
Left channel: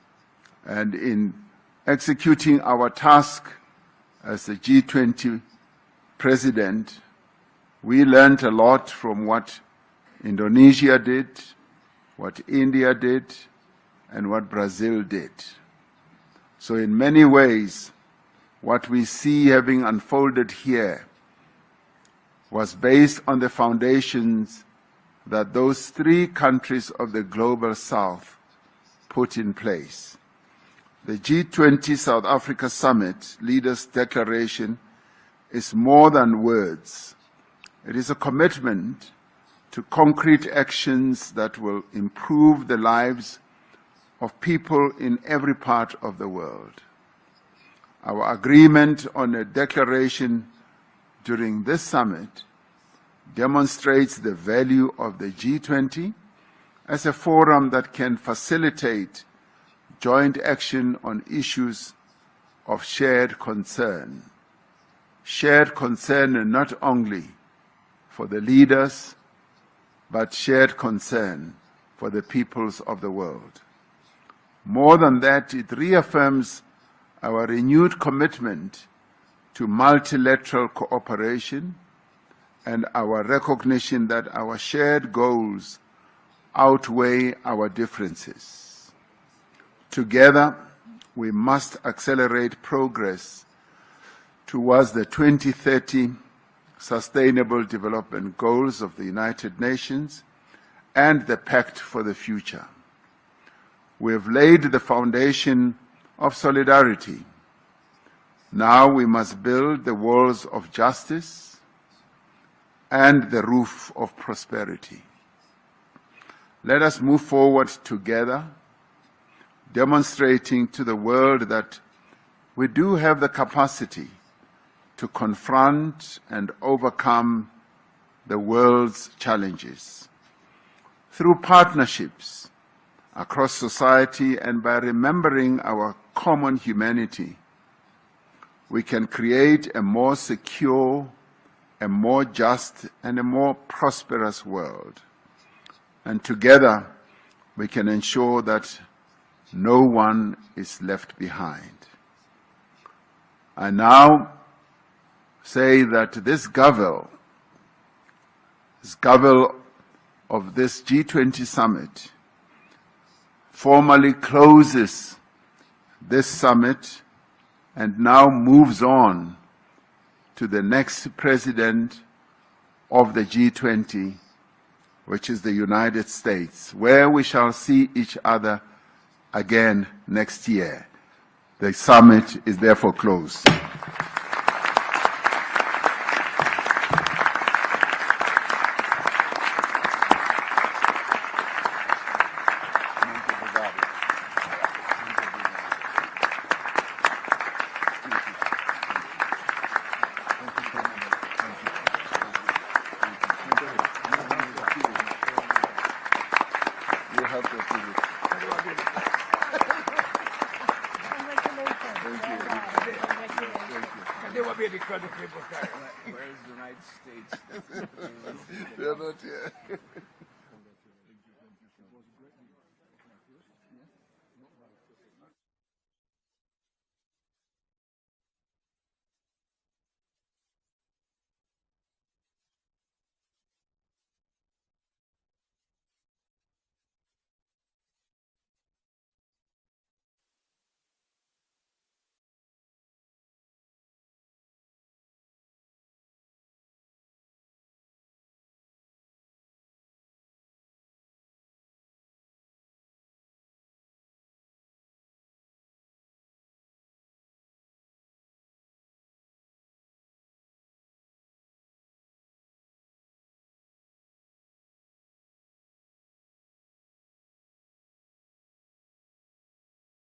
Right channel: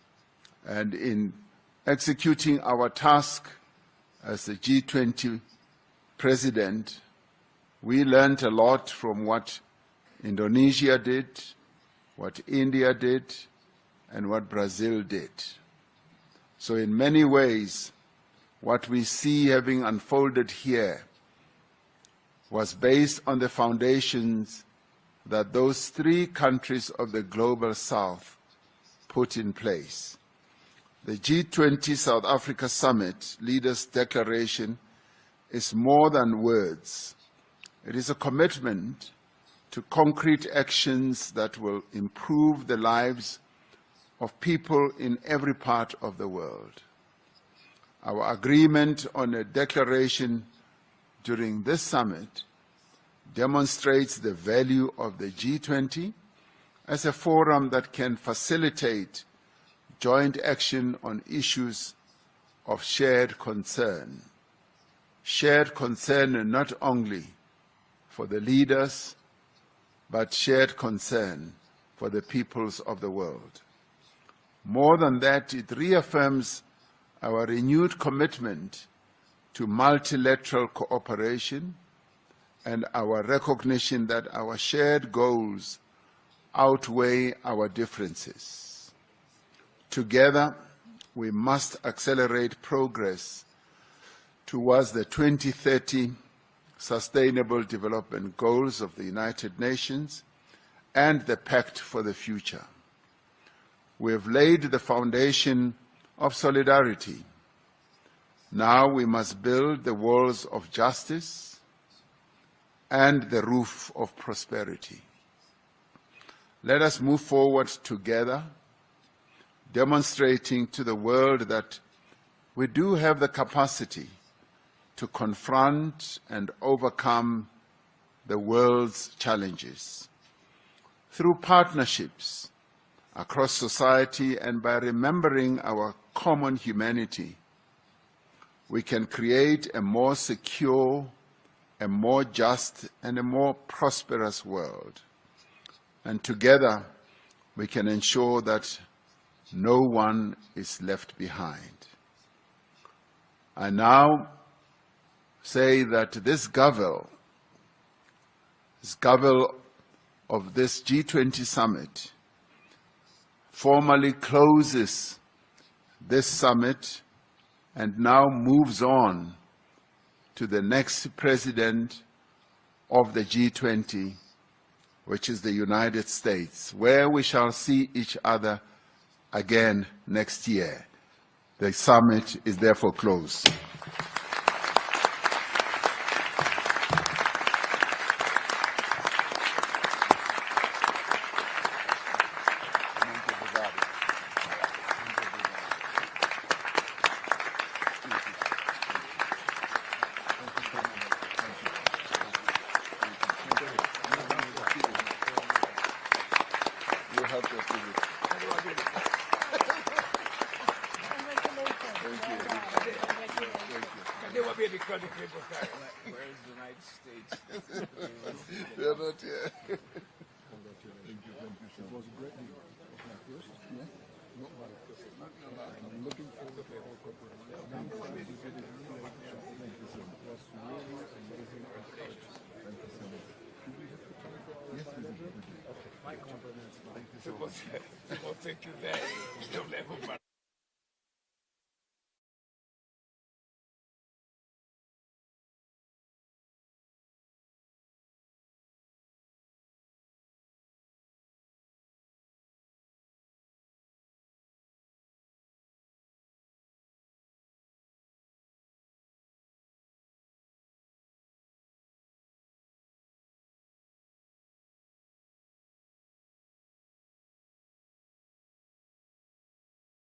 And in executing our task as the G20 president, we learned a lot from what Indonesia did, what India did, and what Brazil did. So in many ways, what we see having unfolded here was based on the foundations that those three countries of the Global South put in place. The G20 South Africa Summit Leaders' Declaration is more than words. It is a commitment to concrete actions that will improve the lives of people in every part of the world. Our agreement on a declaration during this summit demonstrates the value of the G20 as a forum that can facilitate joint action on issues of shared concern. Shared concern not only for the leaders, but shared concern for the peoples of the world. More than that, it reaffirms our renewed commitment to multilateral cooperation and our recognition that our shared goals outweigh our differences. Together, we must accelerate progress towards the 2030 Sustainable Development Goals of the United Nations and the Pact for the Future. We have laid the foundation of solidarity. Now we must build the walls of justice and the roof of prosperity. Let us move forward together, demonstrating to the world that we do have the capacity to confront and overcome the world's challenges. Through partnerships across society and by remembering our common humanity, we can create a more secure, a more just, and a more prosperous world. And together, we can ensure that no one is left behind. I now say that this Gavel of this G20 summit formally closes this summit and now moves on to the next president of the G20, which is the United States, where we shall see each other again next year. The summit is therefore closed. They will be because of people carry. Where is the United States? They're not here. Thank you very much.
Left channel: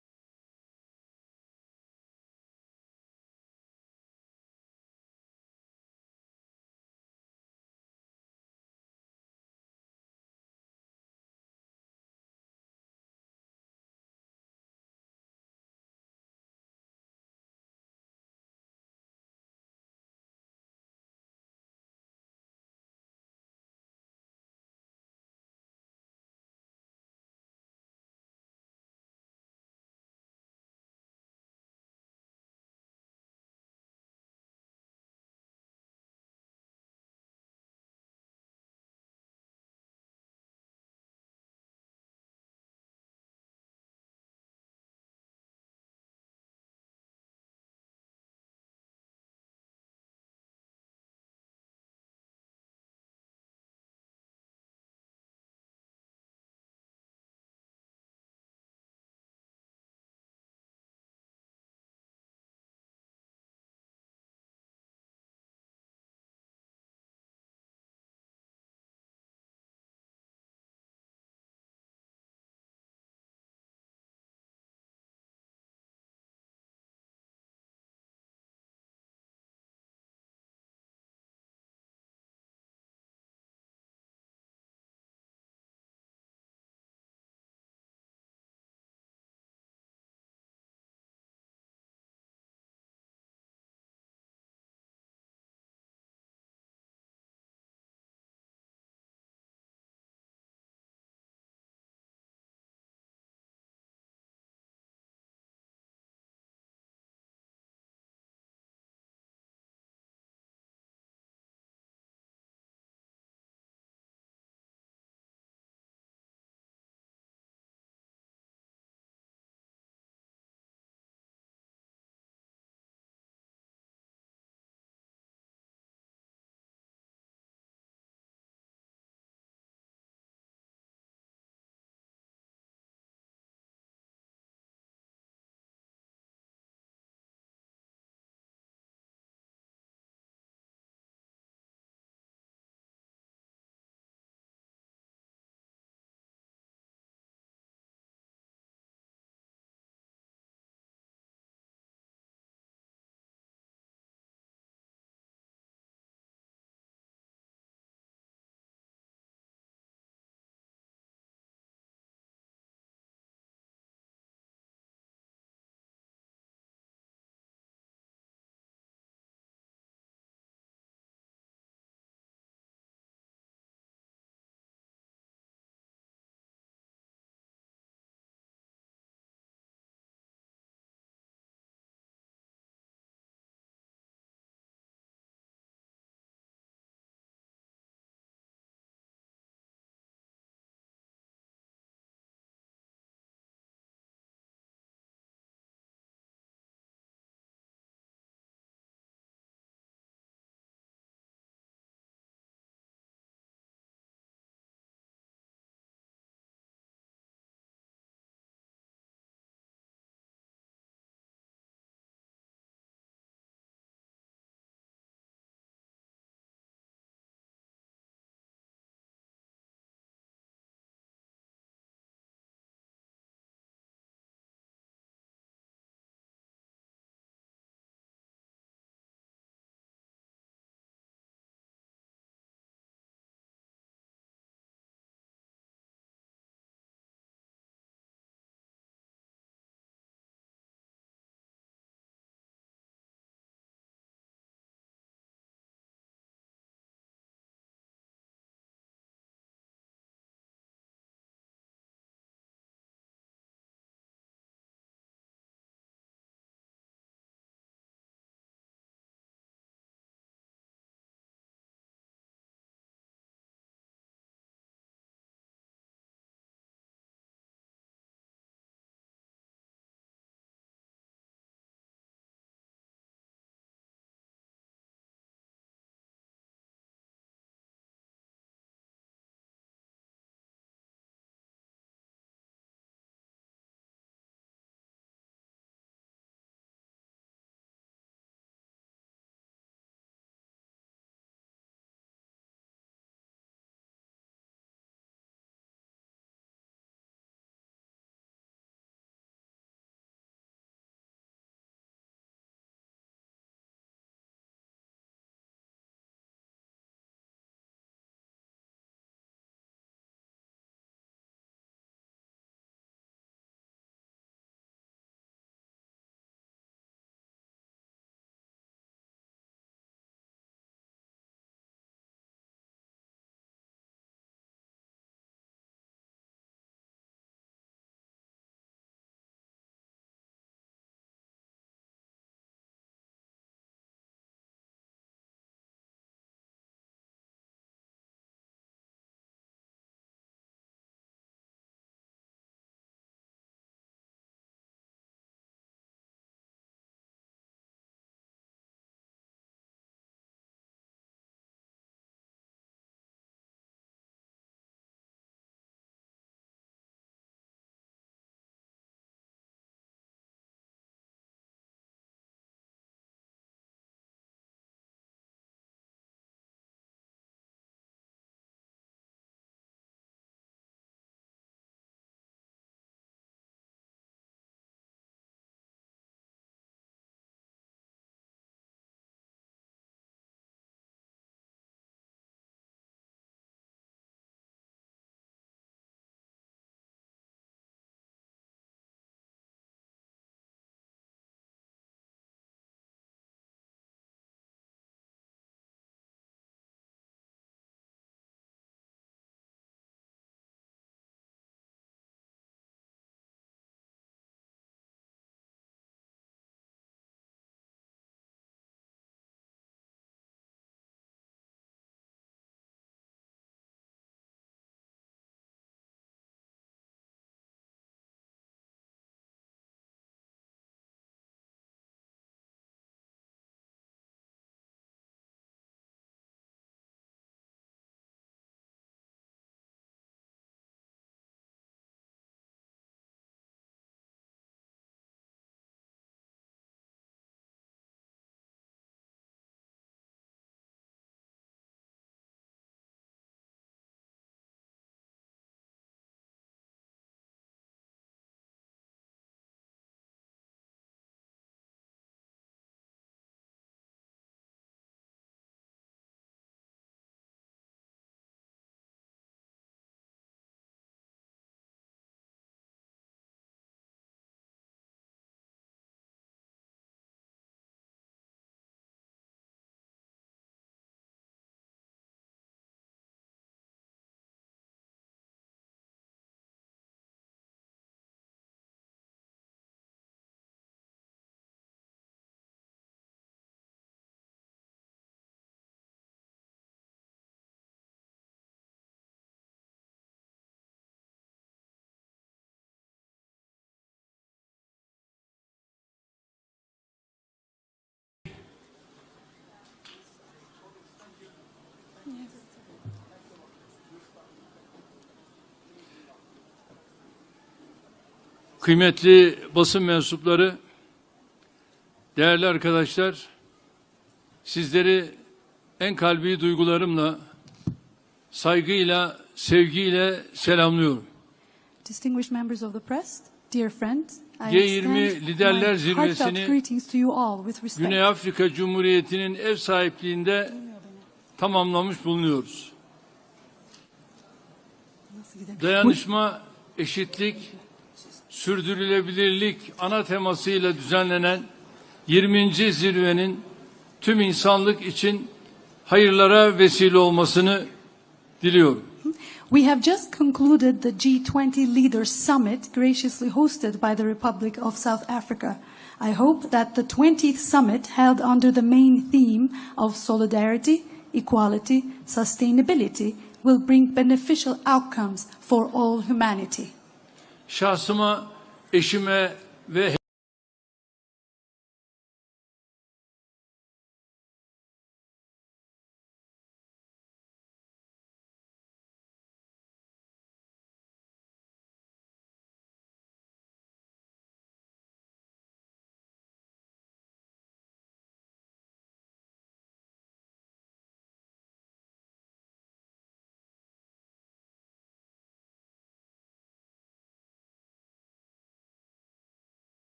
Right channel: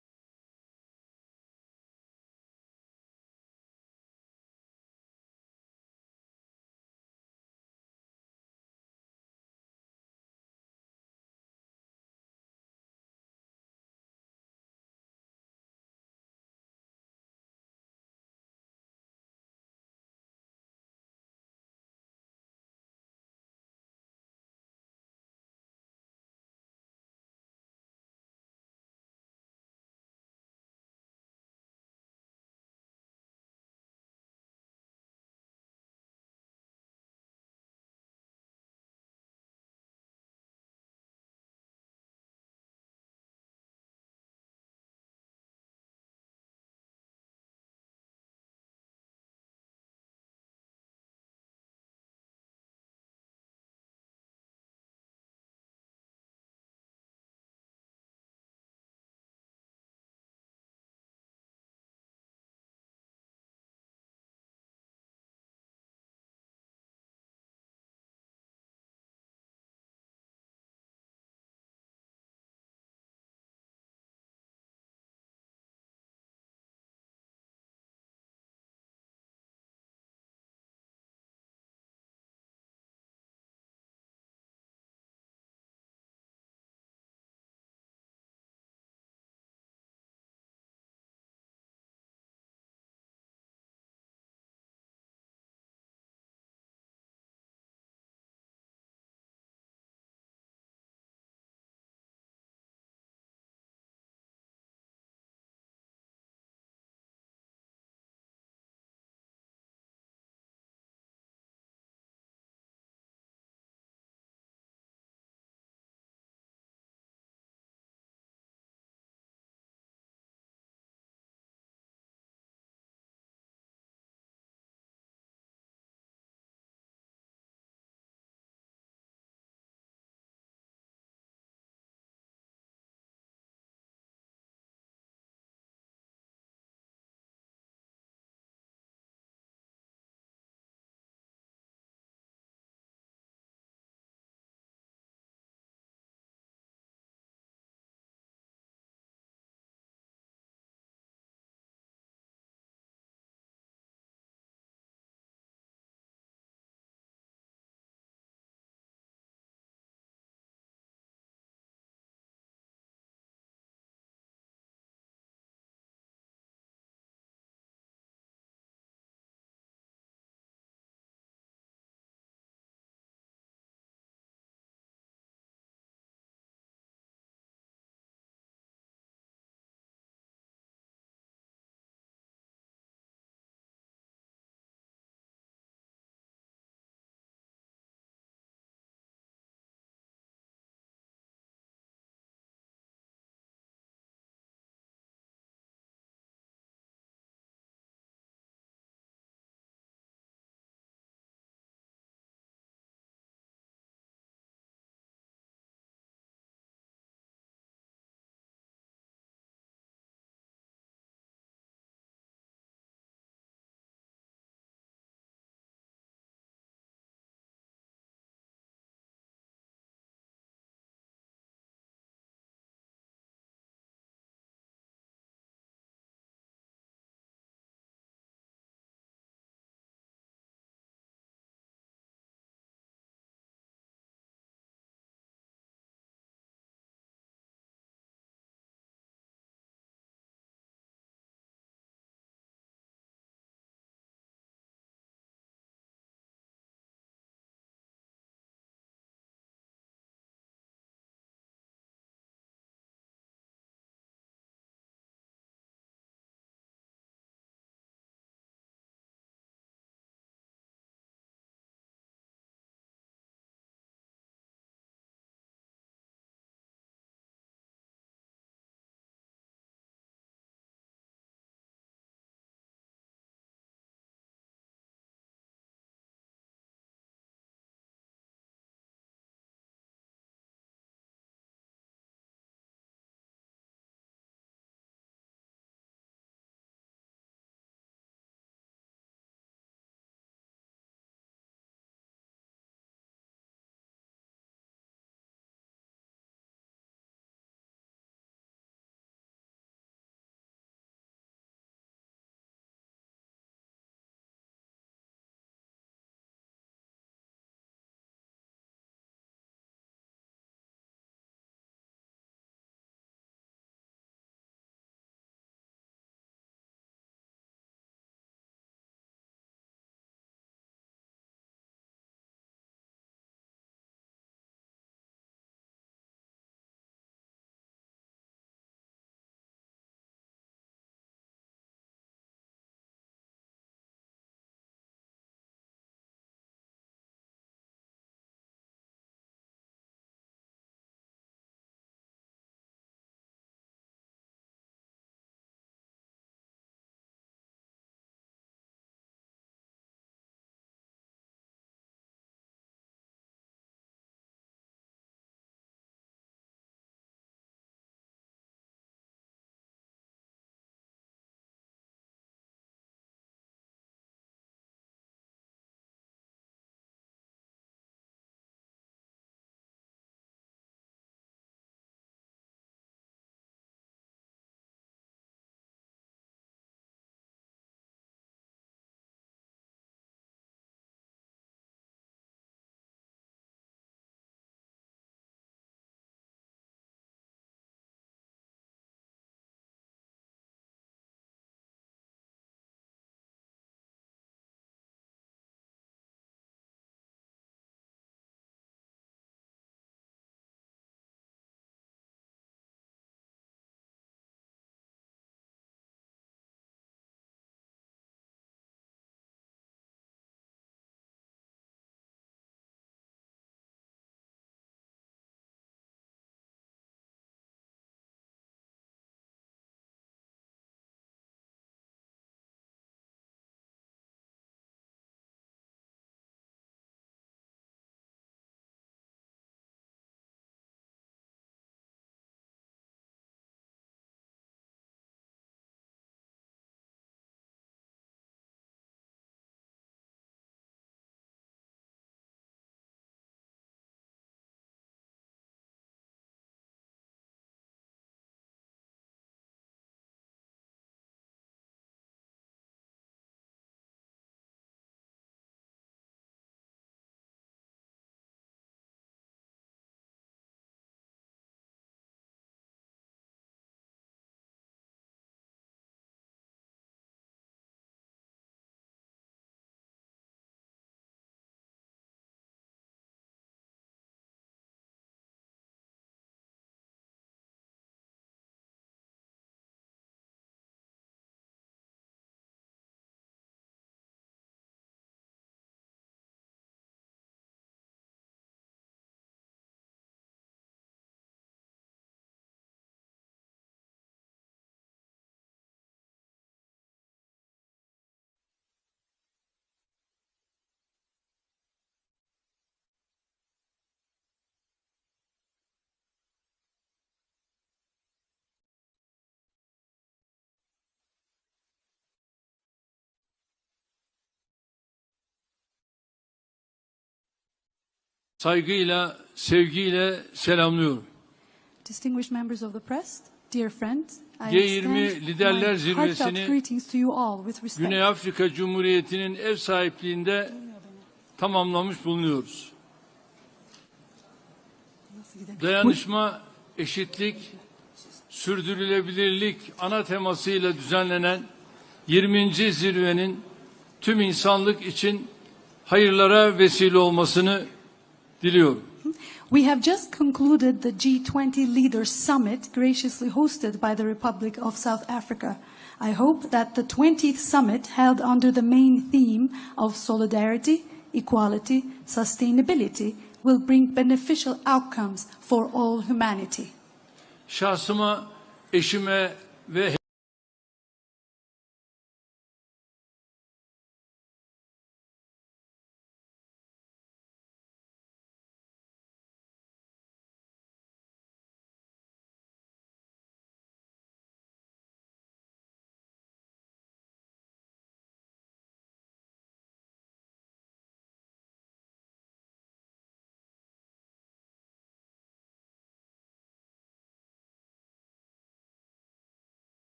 kıymetli basın mensupları, değerli arkadaşlar, sizleri en kalbi duygularımla, saygıyla, sevgiyle selamlıyorum. Distinguished members of the press, dear friends, I G20 extend Liderler my heartfelt Zirvesi'ni greetings to you all with respect. Güney Afrika Cumhuriyeti'nin ev sahipliğinde tamamlamış bulunuyoruz. Dayanışma, eşitlik, sürdürülebilirlik ana temasıyla düzenlenen 20. zirvenin tüm insanlık için hayırlara vesile olmasını diliyorum. We have just concluded the G20 Leaders Summit graciously hosted by the Republic of South Africa. I hope that the 20th summit held under the main theme of solidarity, equality, sustainability will bring beneficial outcomes for all humanity. Şahsıma, eşime ve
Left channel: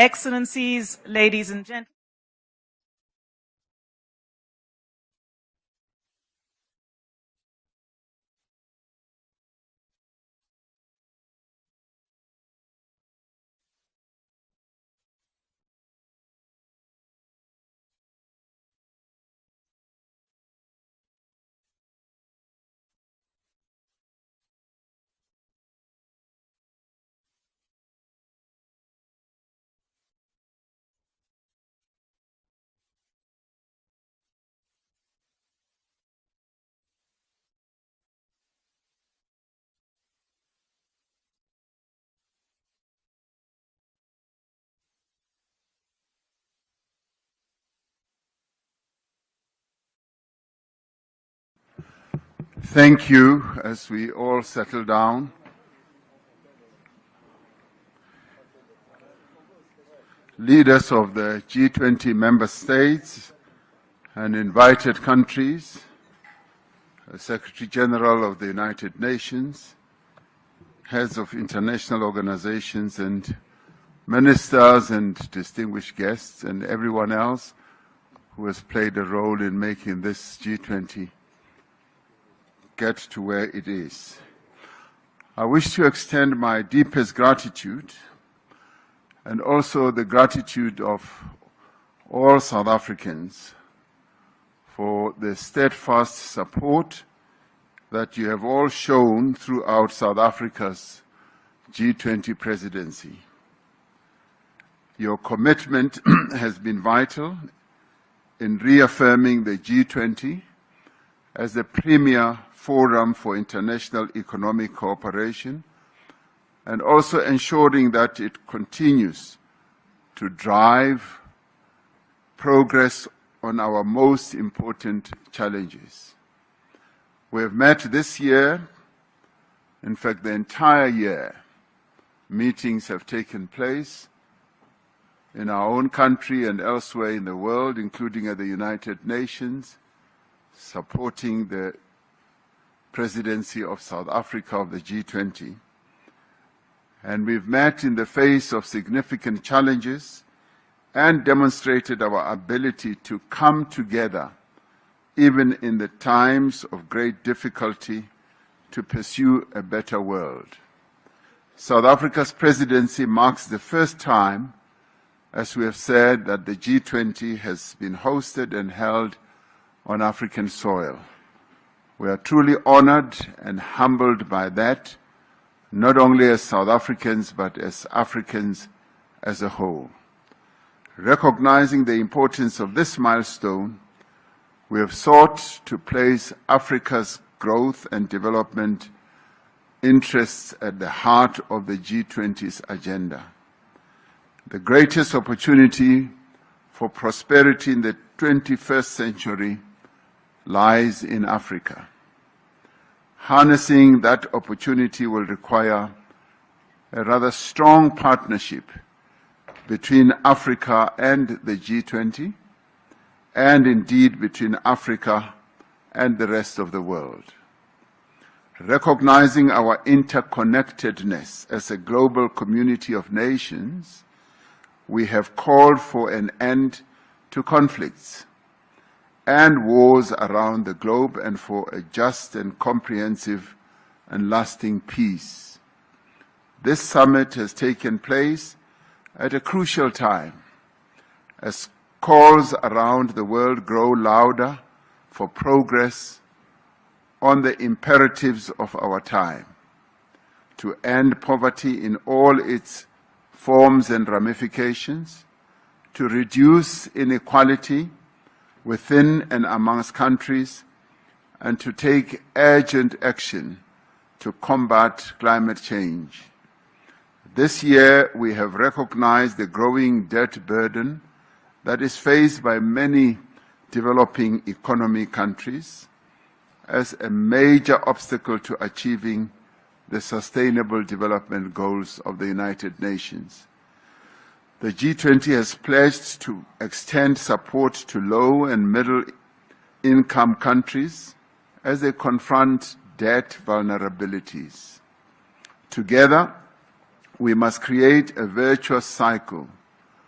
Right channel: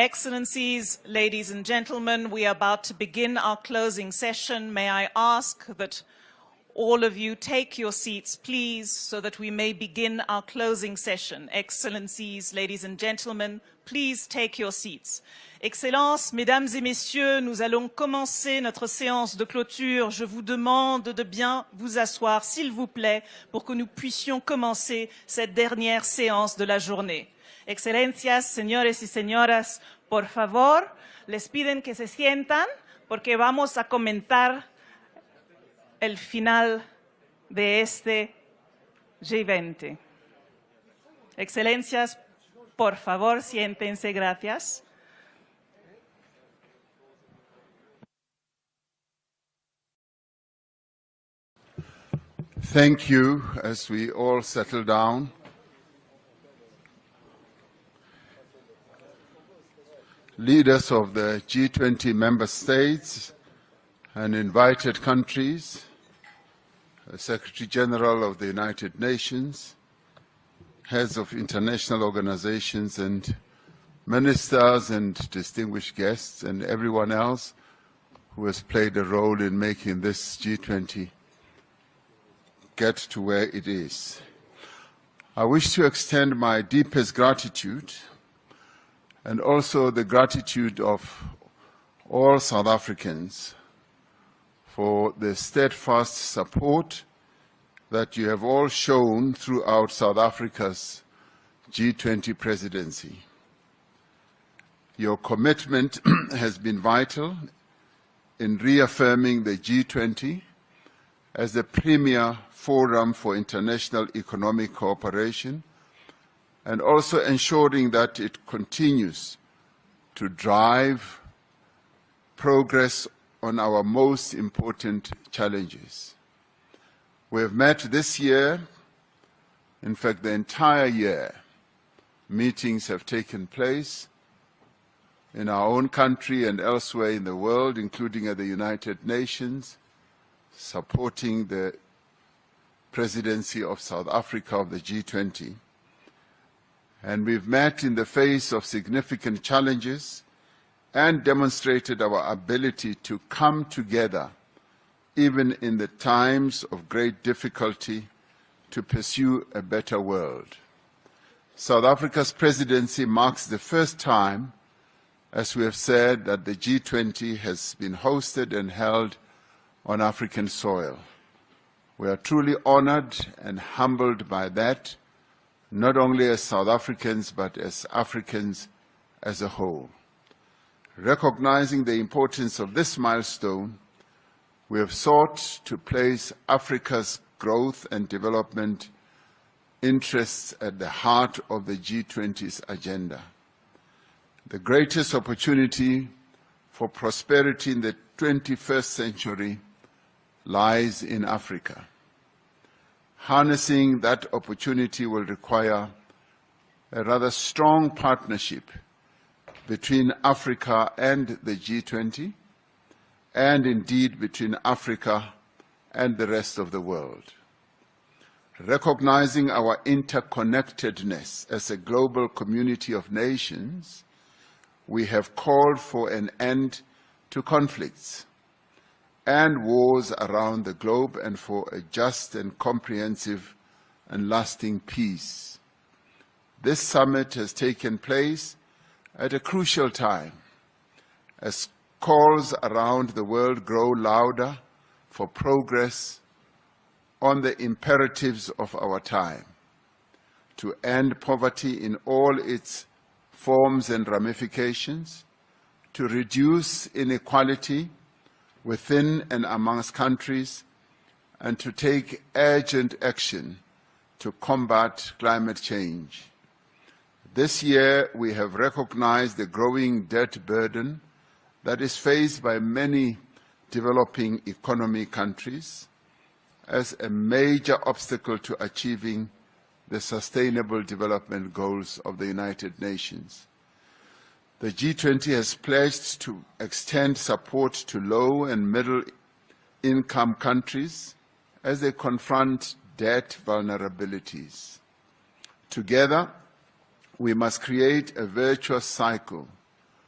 Excellencies, ladies and gentlemen, we are about to begin our closing session. May I ask that all of you take your seats, please, so that we may begin our closing session. Excellencies, ladies and gentlemen, please take your seats. Excellences, mesdames et messieurs, nous allons commencer notre séance de clôture. Je vous demande de bien vous asseoir, s'il vous plaît, pour que nous puissions commencer cette dernière séance de la journée. Excelencias, señores y señoras, por favor, les piden que se sientan porque vamos a comentar el final de este G20. Excelencias, por favor, siéntense, gracias. Thank you. As we all settle down, leaders of the G20 member states and invited countries, Secretary General of the United Nations, heads of international organizations and ministers and distinguished guests and everyone else who has played a role in making this G20 get to where it is. I wish to extend my deepest gratitude and also the gratitude of all South Africans for the steadfast support that you have all shown throughout South Africa's G20 presidency. Your commitment has been vital in reaffirming the G20 as the premier forum for international economic cooperation and also ensuring that it continues to drive progress on our most important challenges. We have met this year, in fact the entire year, meetings have taken place in our own country and elsewhere in the world, including at the United Nations, supporting the presidency of South Africa of the G20. And we've met in the face of significant challenges and demonstrated our ability to come together, even in the times of great difficulty, to pursue a better world. South Africa's presidency marks the first time, as we have said, that the G20 has been hosted and held on African soil. We are truly honored and humbled by that, not only as South Africans, but as Africans as a whole. Recognizing the importance of this milestone, we have sought to place Africa's growth and development interests at the heart of the G20's agenda. The greatest opportunity for prosperity in the 21st century lies in Africa. Harnessing that opportunity will require a rather strong partnership between Africa and the G20, and indeed between Africa and the rest of the world. Recognizing our interconnectedness as a global community of nations, we have called for an end to conflicts and wars around the globe and for a just and comprehensive and lasting peace. This summit has taken place at a crucial time as calls around the world grow louder for progress on the imperatives of our time, to end poverty in all its forms and ramifications, to reduce inequality within and amongst countries, and to take urgent action to combat climate change. This year, we have recognized the growing debt burden that is faced by many developing economy countries as a major obstacle to achieving the Sustainable Development Goals of the United Nations. The G20 has pledged to extend support to low and middle-income countries as they confront debt vulnerabilities. Together, we must create a virtuous cycle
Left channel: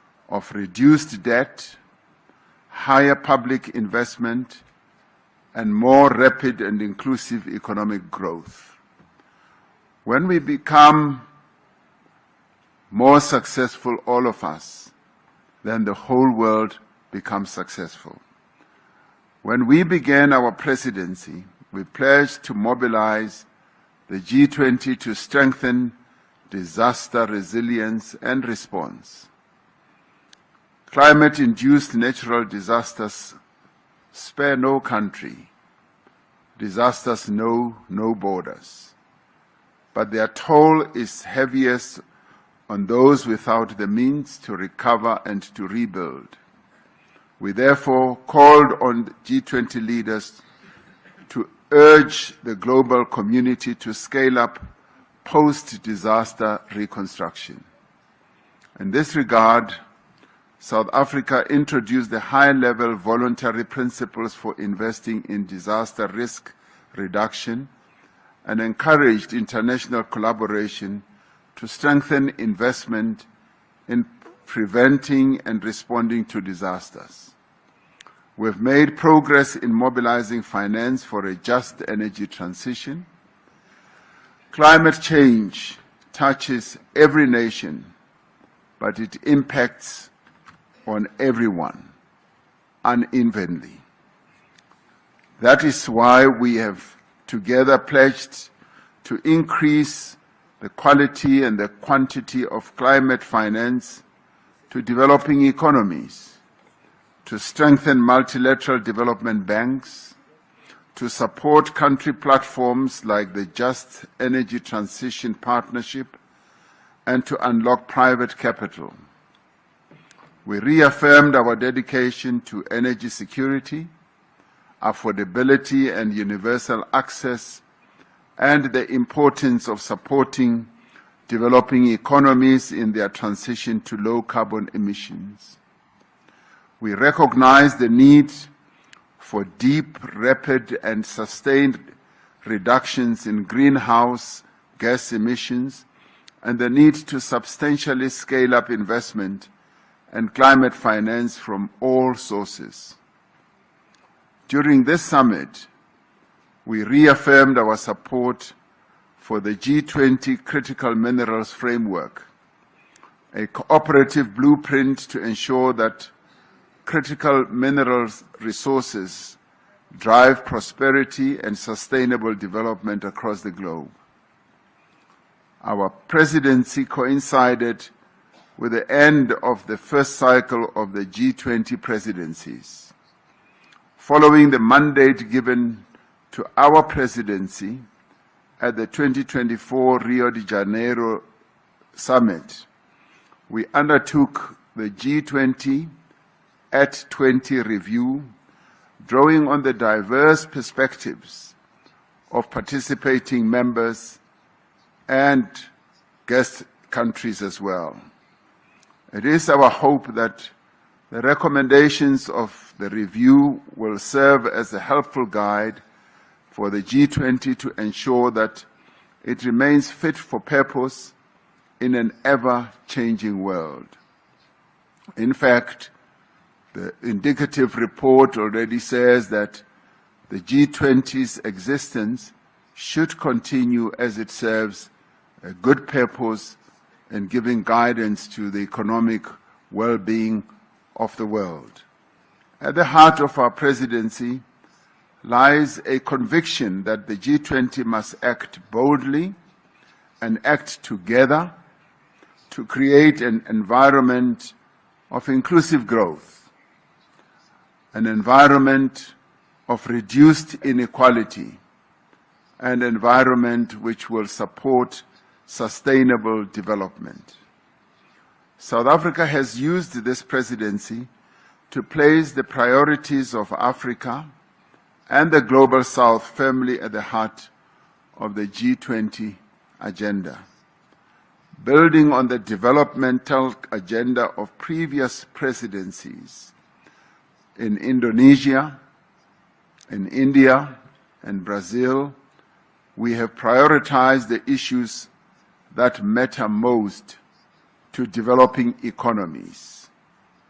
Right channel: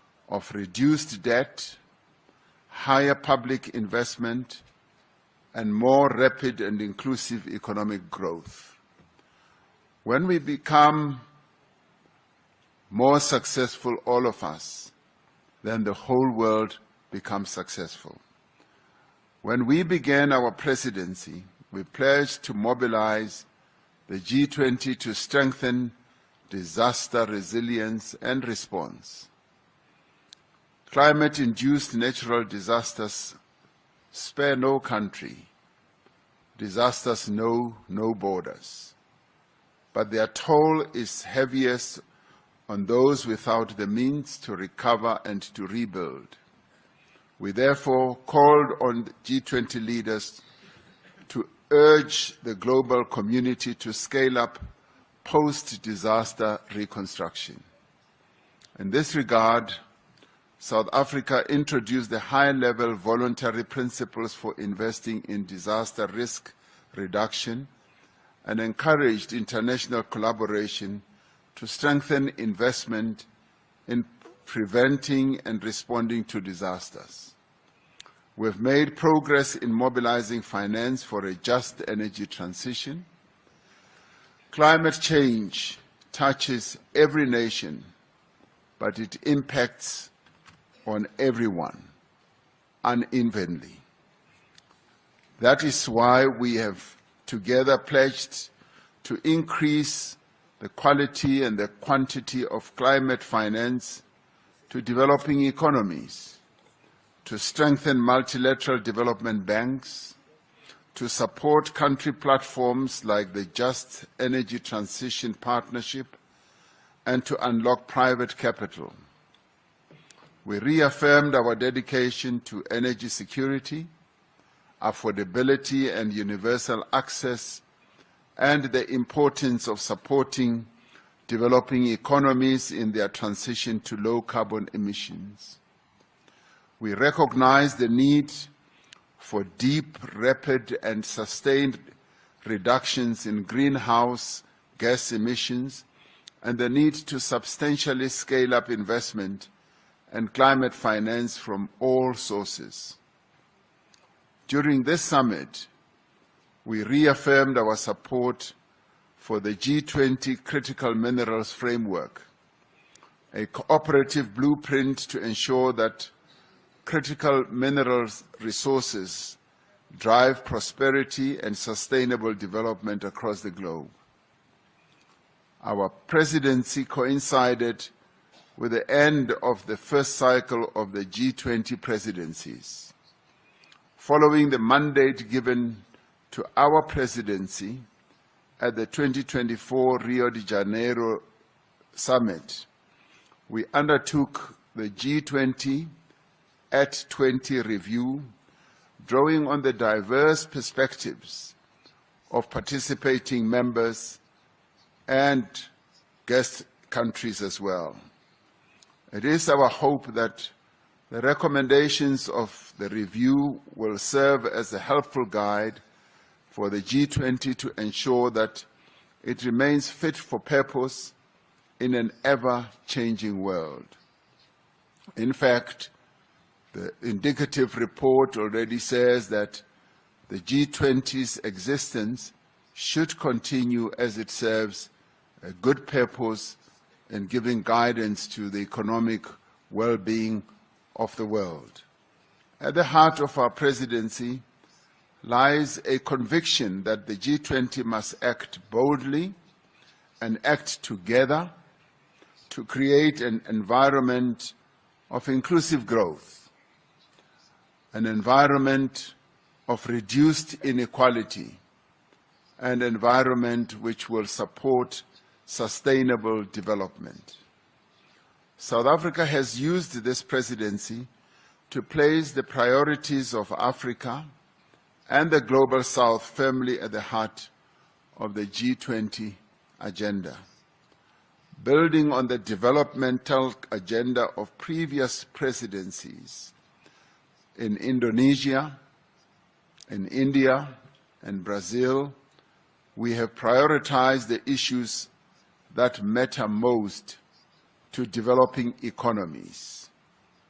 of reduced debt, higher public investment, and more rapid and inclusive economic growth. When we become more successful, all of us, then the whole world becomes successful. When we began our presidency, we pledged to mobilize the G20 to strengthen disaster resilience and response. Climate-induced natural disasters spare no country. Disasters know no borders. But their toll is heaviest on those without the means to recover and to rebuild. We therefore called on G20 leaders to urge the global community to scale up post-disaster reconstruction. In this regard, South Africa introduced the high-level voluntary principles for investing in disaster risk reduction and encouraged international collaboration to strengthen investment in preventing and responding to disasters. We've made progress in mobilizing finance for a just energy transition. Climate change touches every nation, but it impacts on everyone unevenly. That is why we have together pledged to increase the quality and the quantity of climate finance to developing economies, to strengthen multilateral development banks, to support country platforms like the Just Energy Transition Partnership, and to unlock private capital. We reaffirmed our dedication to energy security, affordability and universal access, and the importance of supporting developing economies in their transition to low carbon emissions. We recognize the need for deep, rapid, and sustained reductions in greenhouse gas emissions and the need to substantially scale up investment and climate finance from all sources. During this summit, we reaffirmed our support for the G20 Critical Minerals Framework, a cooperative blueprint to ensure that critical minerals resources drive prosperity and sustainable development across the globe. Our presidency coincided with the end of the first cycle of the G20 presidencies. Following the mandate given to our presidency at the 2024 Rio de Janeiro Summit, we undertook the G20 at 20 review, drawing on the diverse perspectives of participating members and guest countries as well. It is our hope that the recommendations of the review will serve as a helpful guide for the G20 to ensure that it remains fit for purpose in an ever-changing world. In fact, the indicative report already says that the G20's existence should continue as it serves a good purpose in giving guidance to the economic well-being of the world. At the heart of our presidency lies a conviction that the G20 must act boldly and act together to create an environment of inclusive growth, an environment of reduced inequality, an environment which will support sustainable development. South Africa has used this presidency to place the priorities of Africa and the Global South firmly at the heart of the G20 agenda. Building on the developmental agenda of previous presidencies in Indonesia, in India, and Brazil, we have prioritized the issues that matter most to developing economies:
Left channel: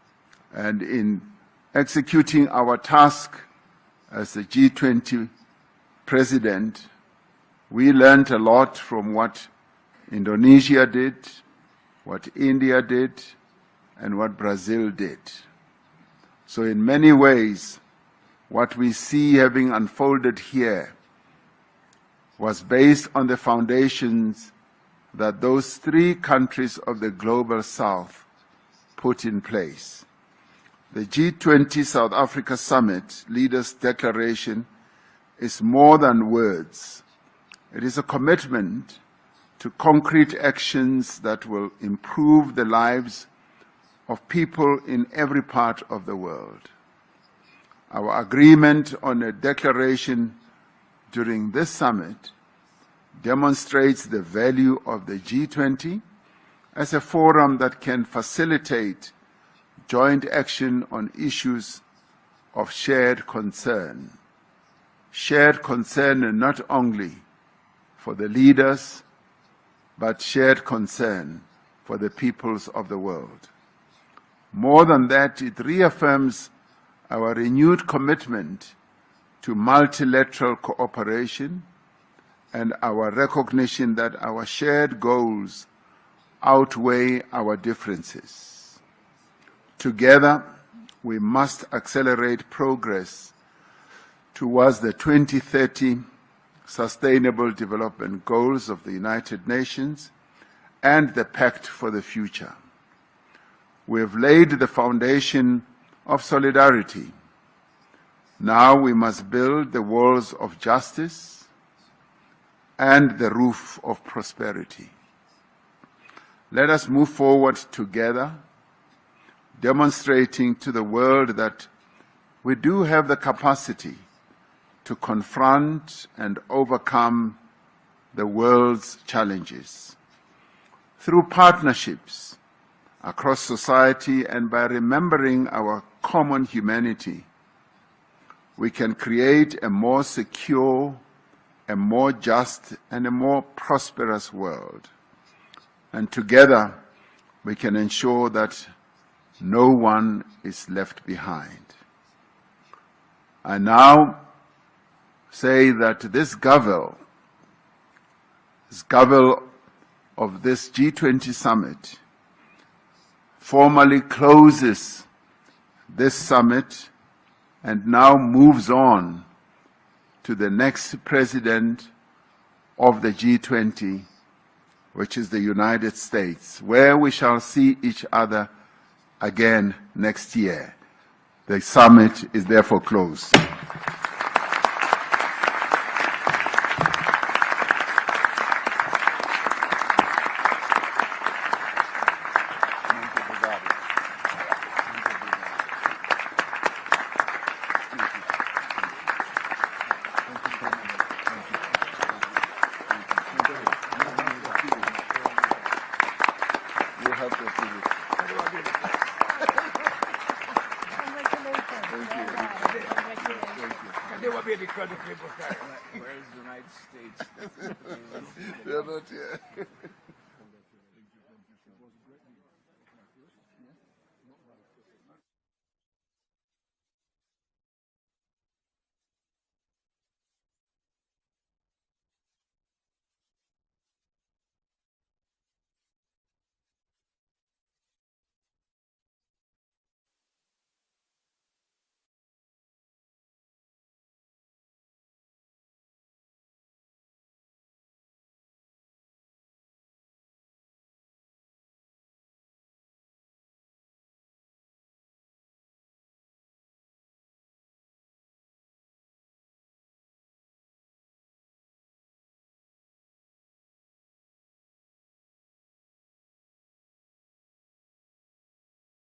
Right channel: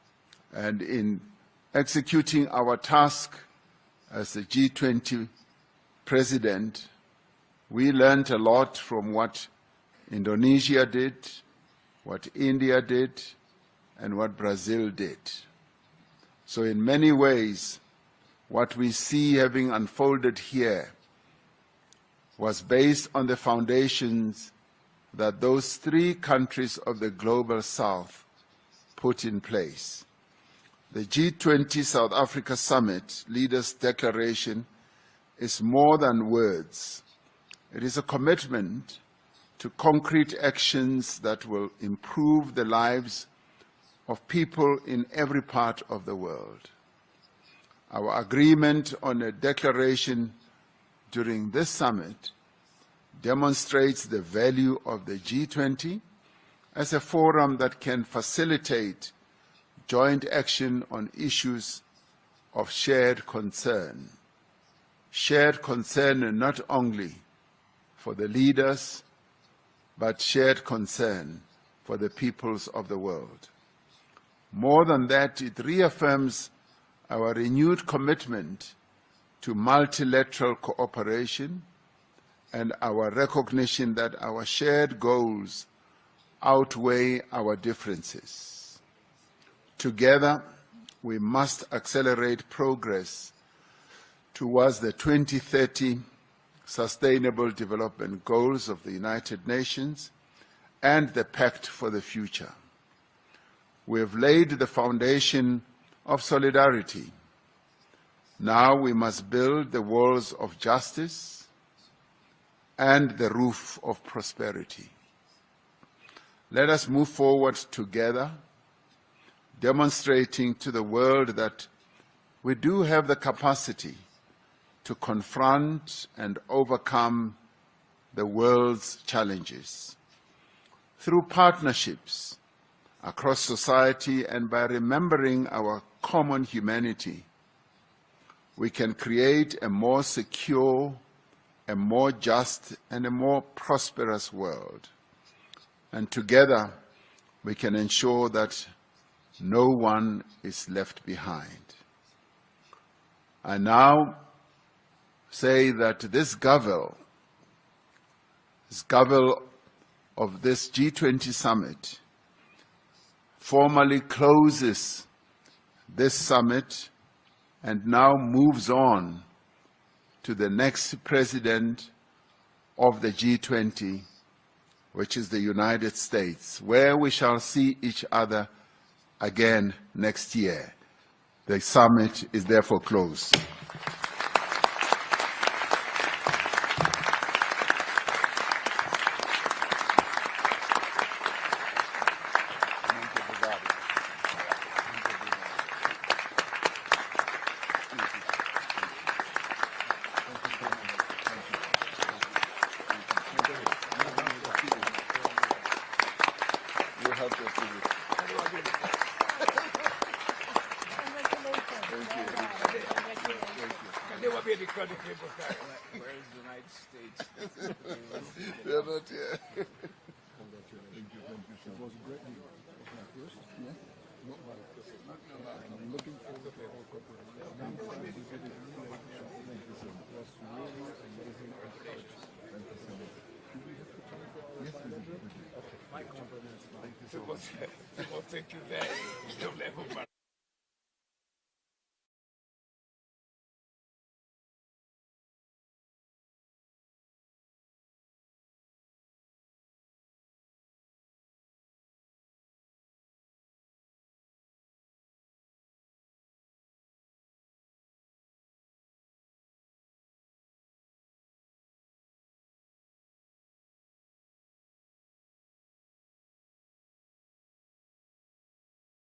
And in executing our task as the G20 president, we learned a lot from what Indonesia did, what India did, and what Brazil did. So in many ways, what we see having unfolded here was based on the foundations that those three countries of the Global South put in place. The G20 South Africa Summit Leaders' Declaration is more than words. It is a commitment to concrete actions that will improve the lives of people in every part of the world. Our agreement on a declaration during this summit demonstrates the value of the G20 as a forum that can facilitate joint action on issues of shared concern. Shared concern not only for the leaders, but shared concern for the peoples of the world. More than that, it reaffirms our renewed commitment to multilateral cooperation and our recognition that our shared goals outweigh our differences. Together, we must accelerate progress towards the 2030 Sustainable Development Goals of the United Nations and the Pact for the Future. We have laid the foundation of solidarity. Now we must build the walls of justice and the roof of prosperity. Let us move forward together, demonstrating to the world that we do have the capacity to confront and overcome the world's challenges. Through partnerships across society and by remembering our common humanity, we can create a more secure, a more just, and a more prosperous world. And together, we can ensure that no one is left behind. I now say that this Gavel of this G20 summit formally closes this summit and now moves on to the next president of the G20, which is the United States, where we shall see each other again next year. The summit is therefore closed. They will be because the people carry. Where is the United States? They're not here. People think you there. You'll never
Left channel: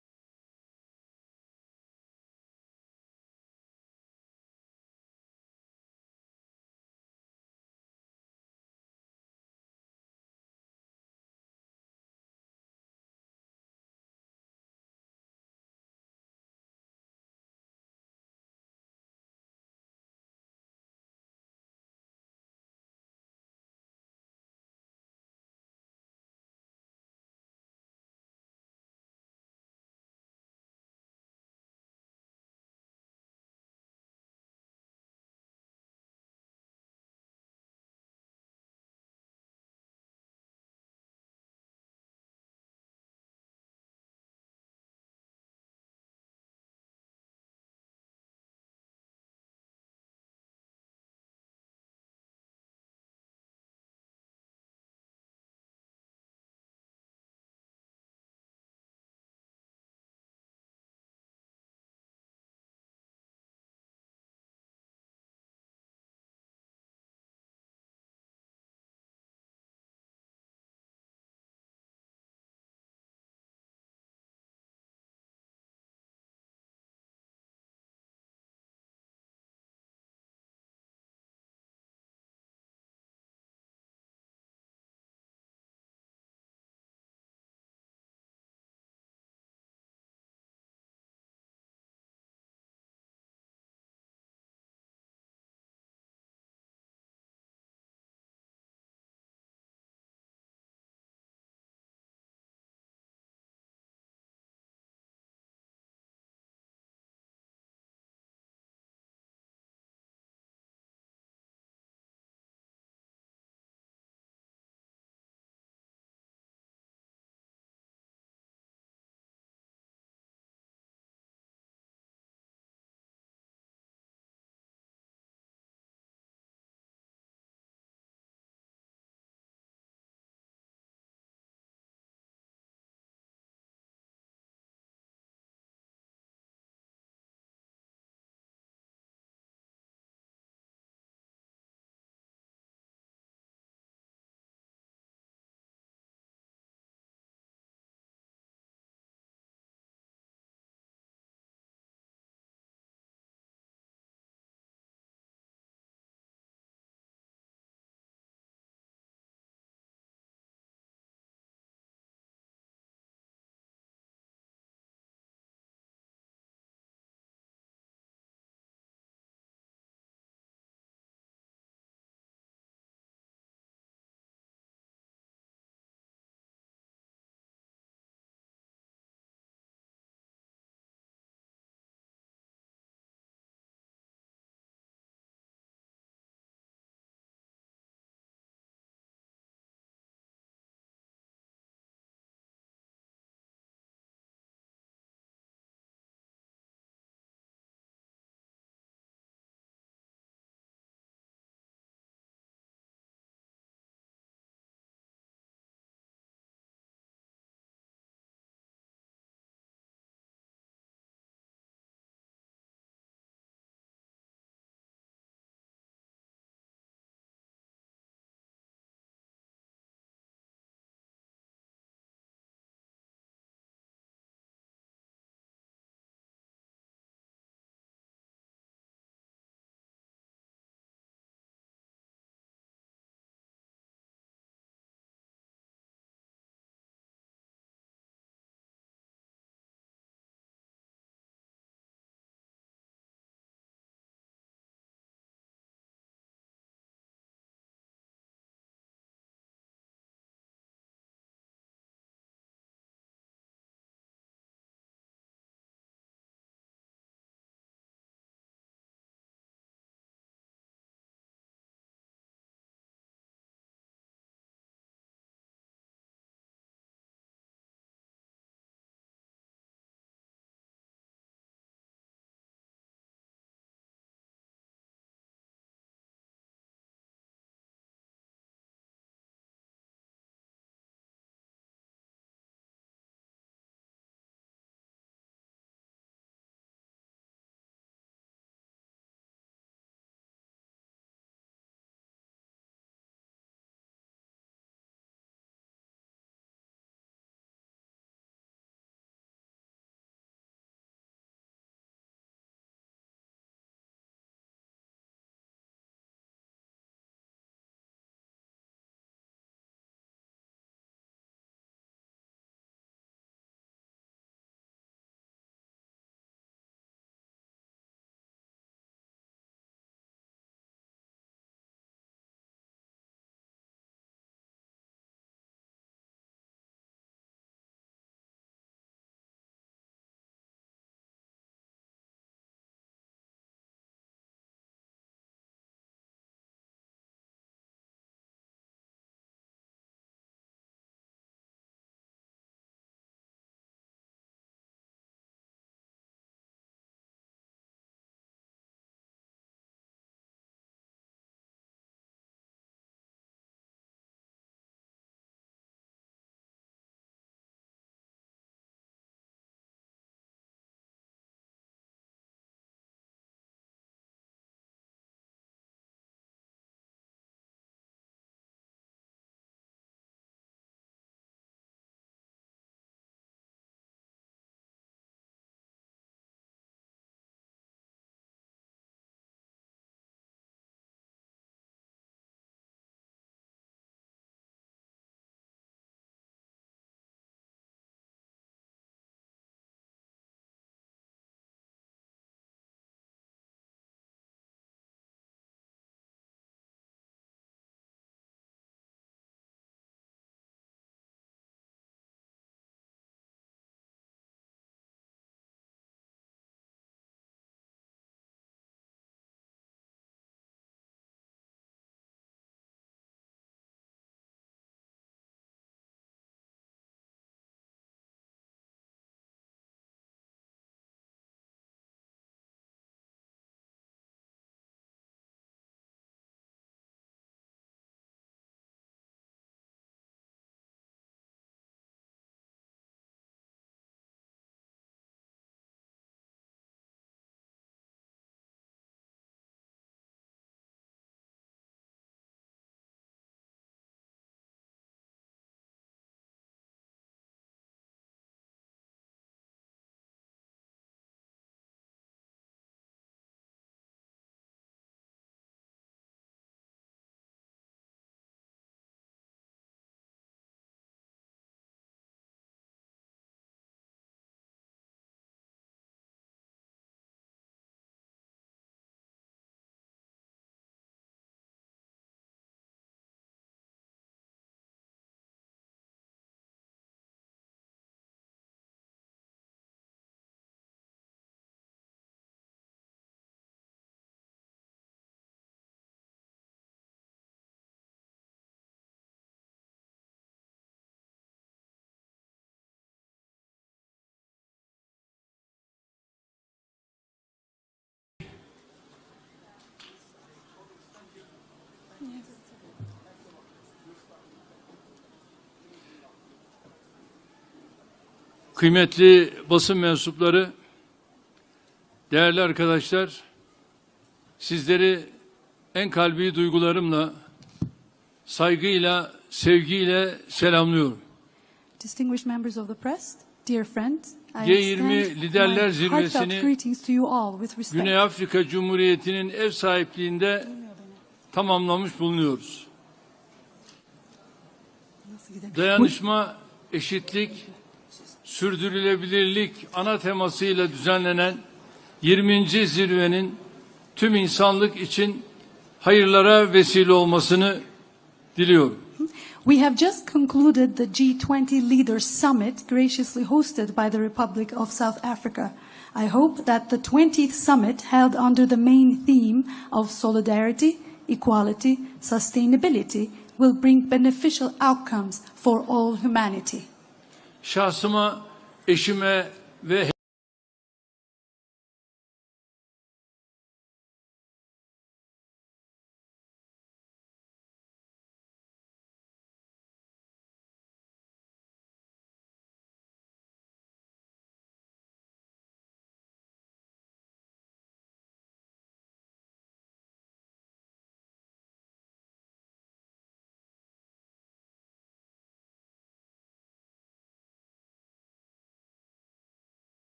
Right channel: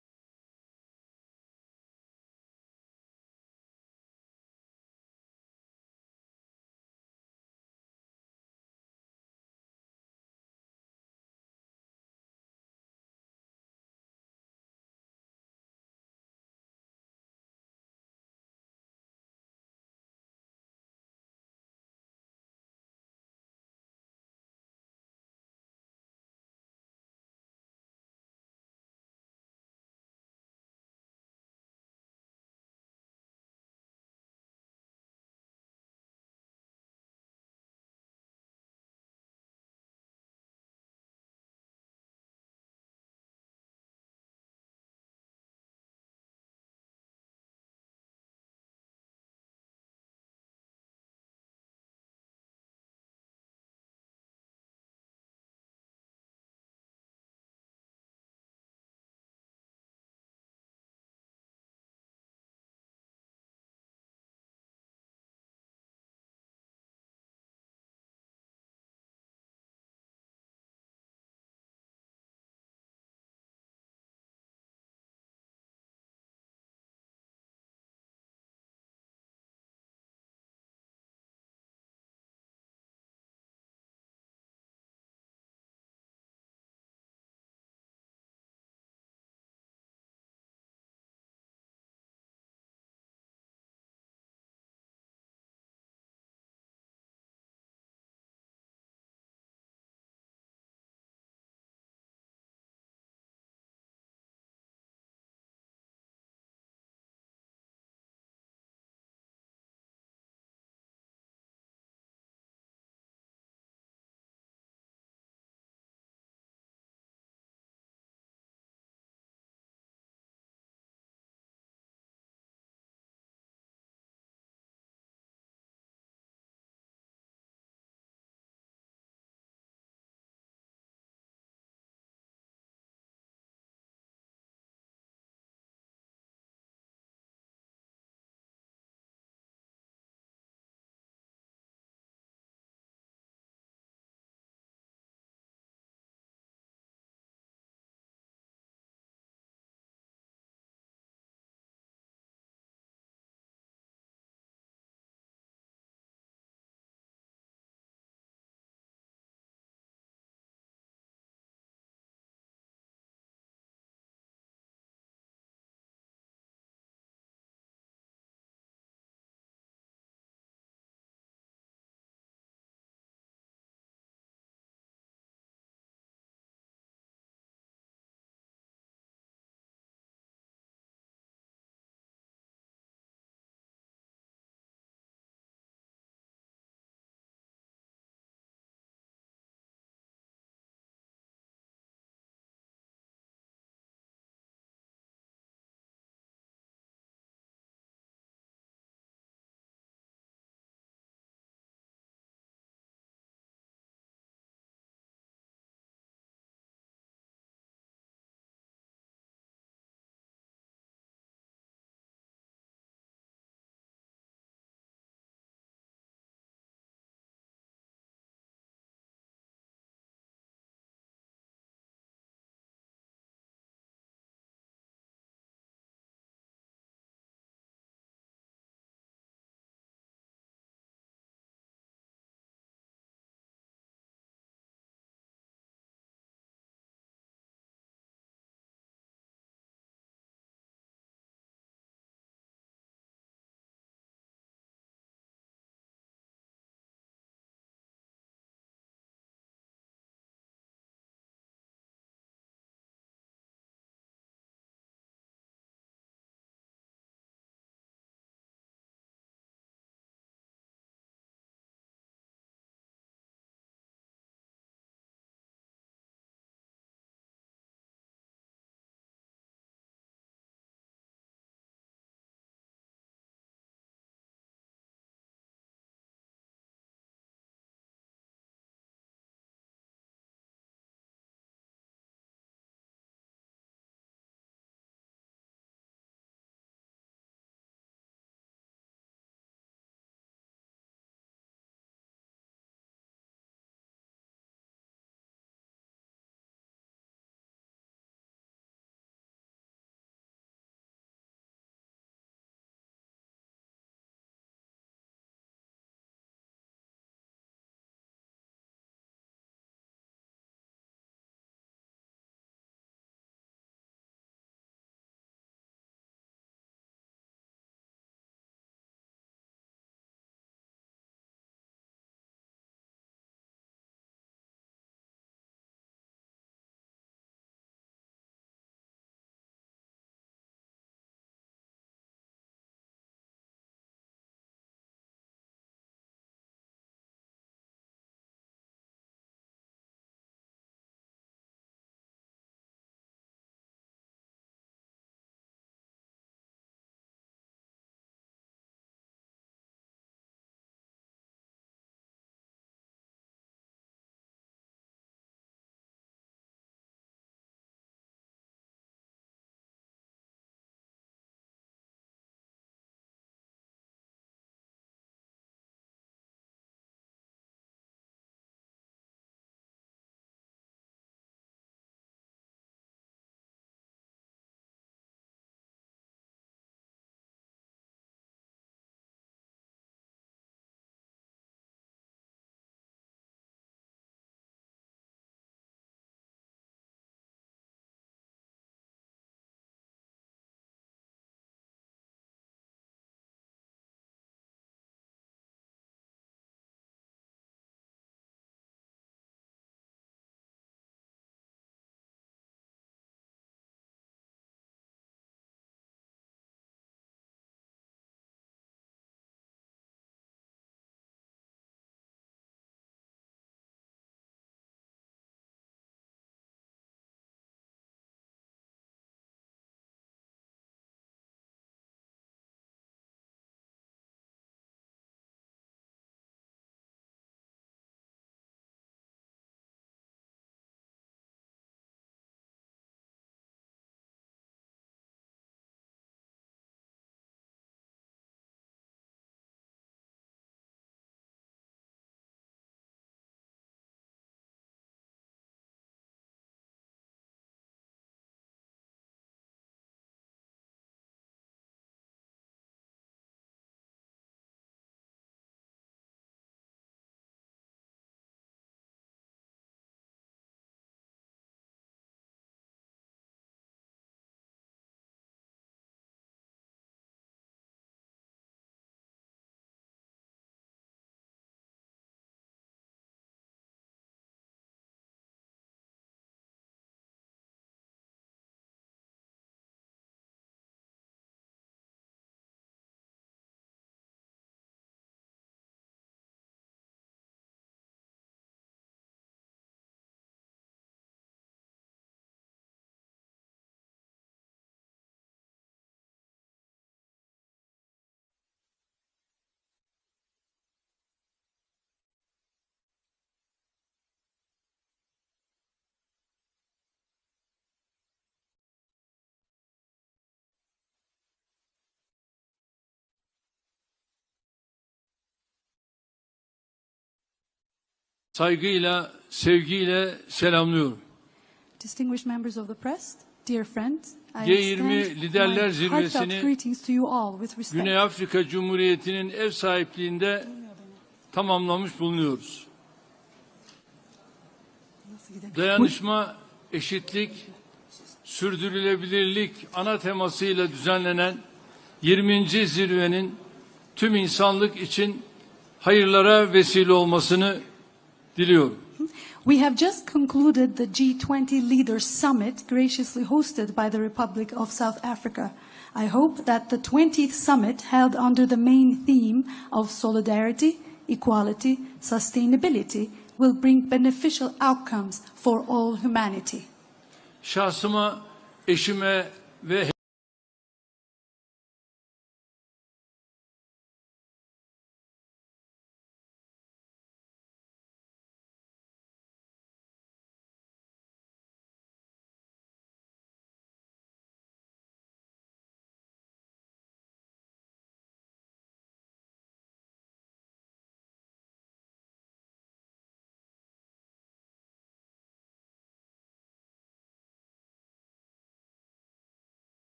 kıymetli basın mensupları, değerli arkadaşlar, sizleri en kalbi duygularımla, saygıyla, sevgiyle selamlıyorum. Distinguished members of the press, dear friends, I G20 extend Liderler my heartfelt Zirvesi'ni greetings to you all with respect. Güney Afrika Cumhuriyeti'nin ev sahipliğinde tamamlamış bulunuyoruz. Dayanışma, eşitlik, sürdürülebilirlik ana temasıyla düzenlenen 20. zirvenin tüm insanlık için hayırlara vesile olmasını diliyorum. We have just concluded the G20 Leaders Summit graciously hosted by the Republic of South Africa. I hope that the 20th summit held under the main theme of solidarity, equality, sustainability will bring beneficial outcomes for all humanity. Şahsıma, eşime ve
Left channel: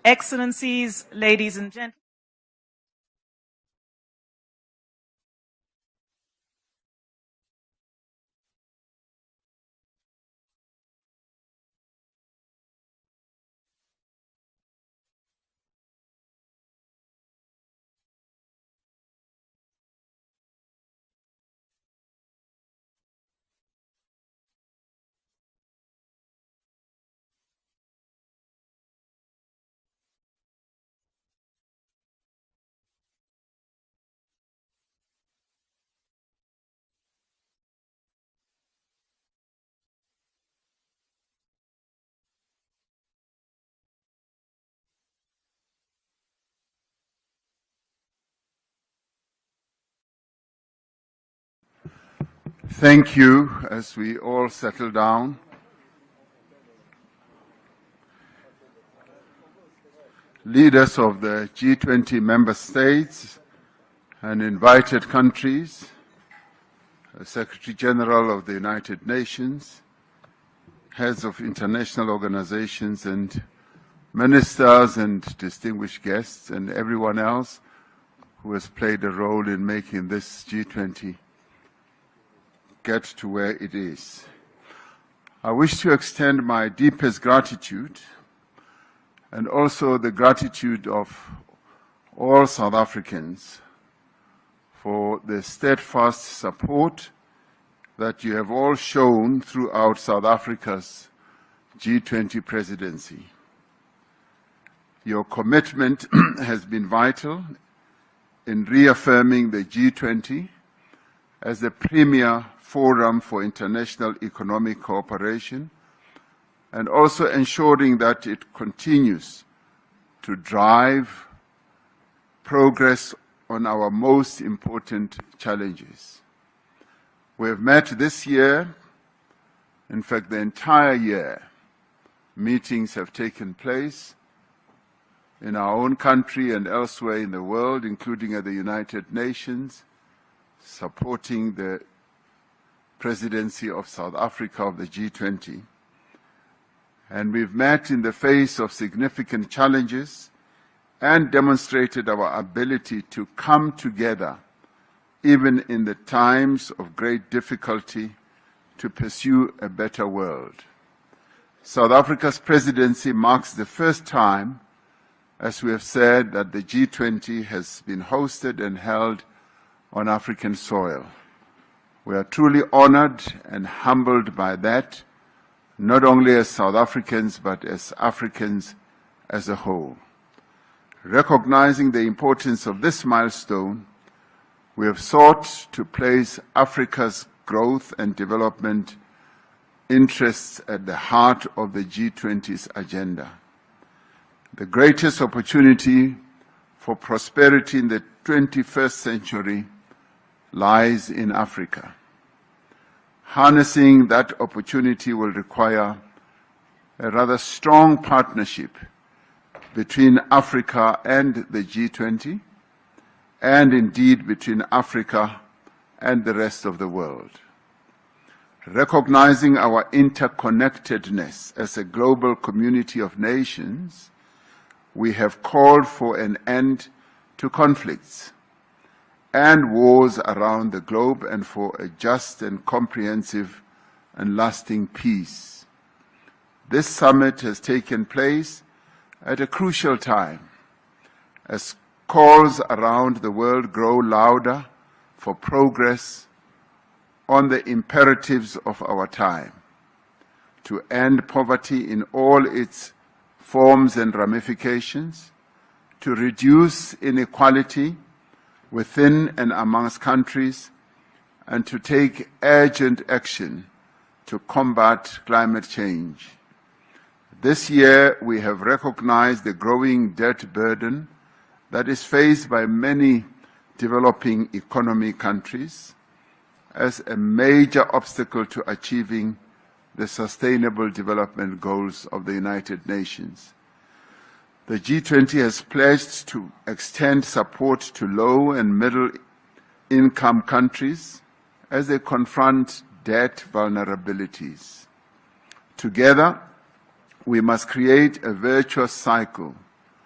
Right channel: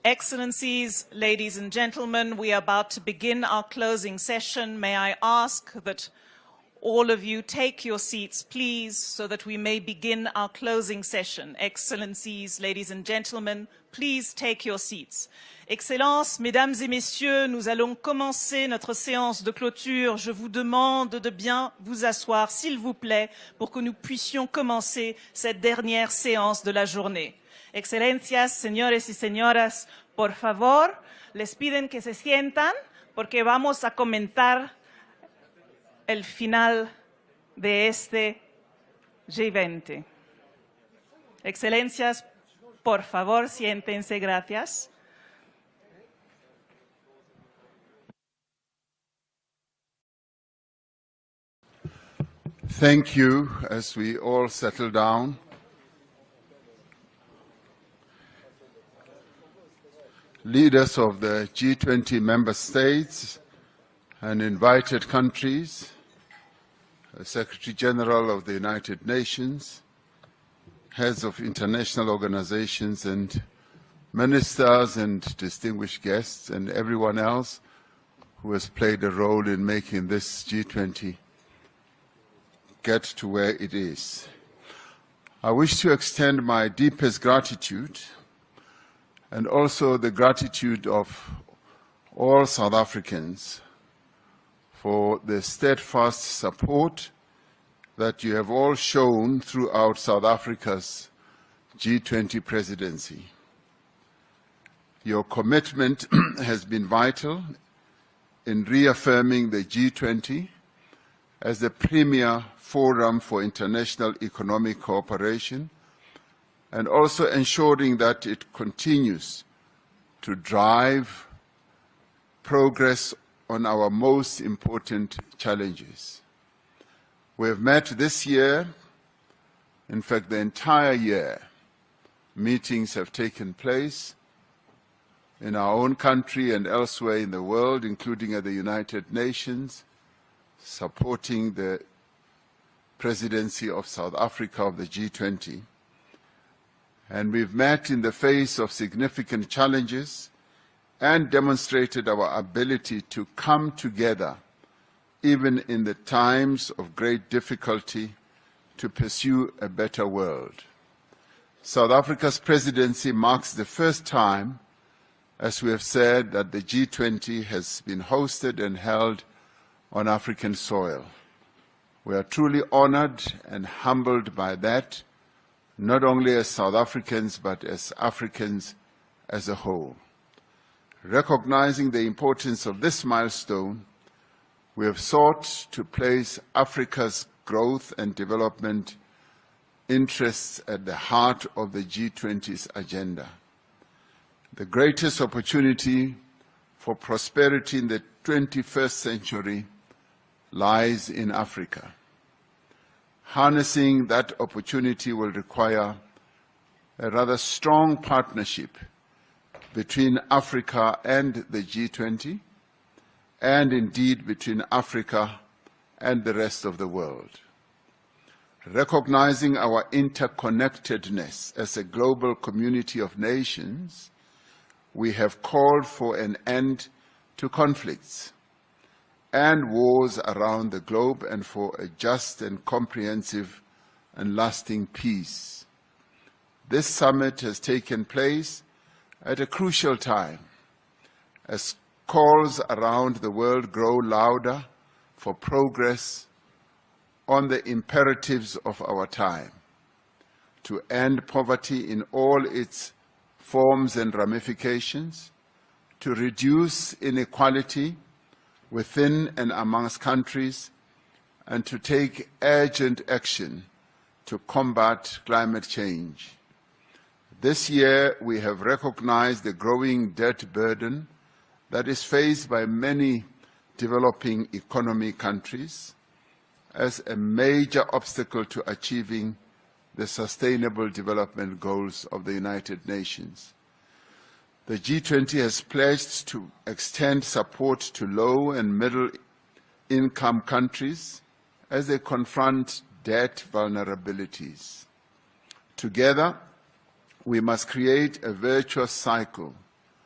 Excellencies, ladies and gentlemen, we are about to begin our closing session. May I ask that all of you take your seats, please, so that we may begin our closing session. Excellencies, ladies and gentlemen, please take your seats. Excellences, Mesdames et Messieurs, nous allons commencer notre séance de clôture. Je vous demande de bien vous asseoir, s'il vous plaît, pour que nous puissions commencer cette dernière séance de la journée. Excelencias, señores y señoras, por favor, les piden que se sientan porque vamos a comentar el final de este G20. Excelencias, por favor, siéntense, gracias. Thank you. As we all settle down, leaders of the G20 member states and invited countries, the Secretary General of the United Nations, heads of international organizations and ministers and distinguished guests, and everyone else who has played a role in making this G20 get to where it is. I wish to extend my deepest gratitude and also the gratitude of all South Africans for the steadfast support that you have all shown throughout South Africa's G20 presidency. Your commitment has been vital in reaffirming the G20 as the premier forum for international economic cooperation, and also ensuring that it continues to drive progress on our most important challenges. We have met this year, in fact the entire year, meetings have taken place in our own country and elsewhere in the world, including at the United Nations, supporting the presidency of South Africa of the G20. And we've met in the face of significant challenges and demonstrated our ability to come together, even in the times of great difficulty, to pursue a better world. South Africa's presidency marks the first time, as we have said, that the G20 has been hosted and held on African soil. We are truly honored and humbled by that, not only as South Africans, but as Africans as a whole. Recognizing the importance of this milestone, we have sought to place Africa's growth and development interests at the heart of the G20's agenda. The greatest opportunity for prosperity in the 21st century lies in Africa. Harnessing that opportunity will require a rather strong partnership between Africa and the G20, and indeed between Africa and the rest of the world. Recognizing our interconnectedness as a global community of nations, we have called for an end to conflicts and wars around the globe, and for a just and comprehensive and lasting peace. This summit has taken place at a crucial time, as calls around the world grow louder for progress on the imperatives of our time, to end poverty in all its forms and ramifications, to reduce inequality within and amongst countries, and to take urgent action to combat climate change. This year, we have recognized the growing debt burden that is faced by many developing economy countries as a major obstacle to achieving the Sustainable Development Goals of the United Nations. The G20 has pledged to extend support to low and middle-income countries as they confront debt vulnerabilities. Together, we must create a virtuous cycle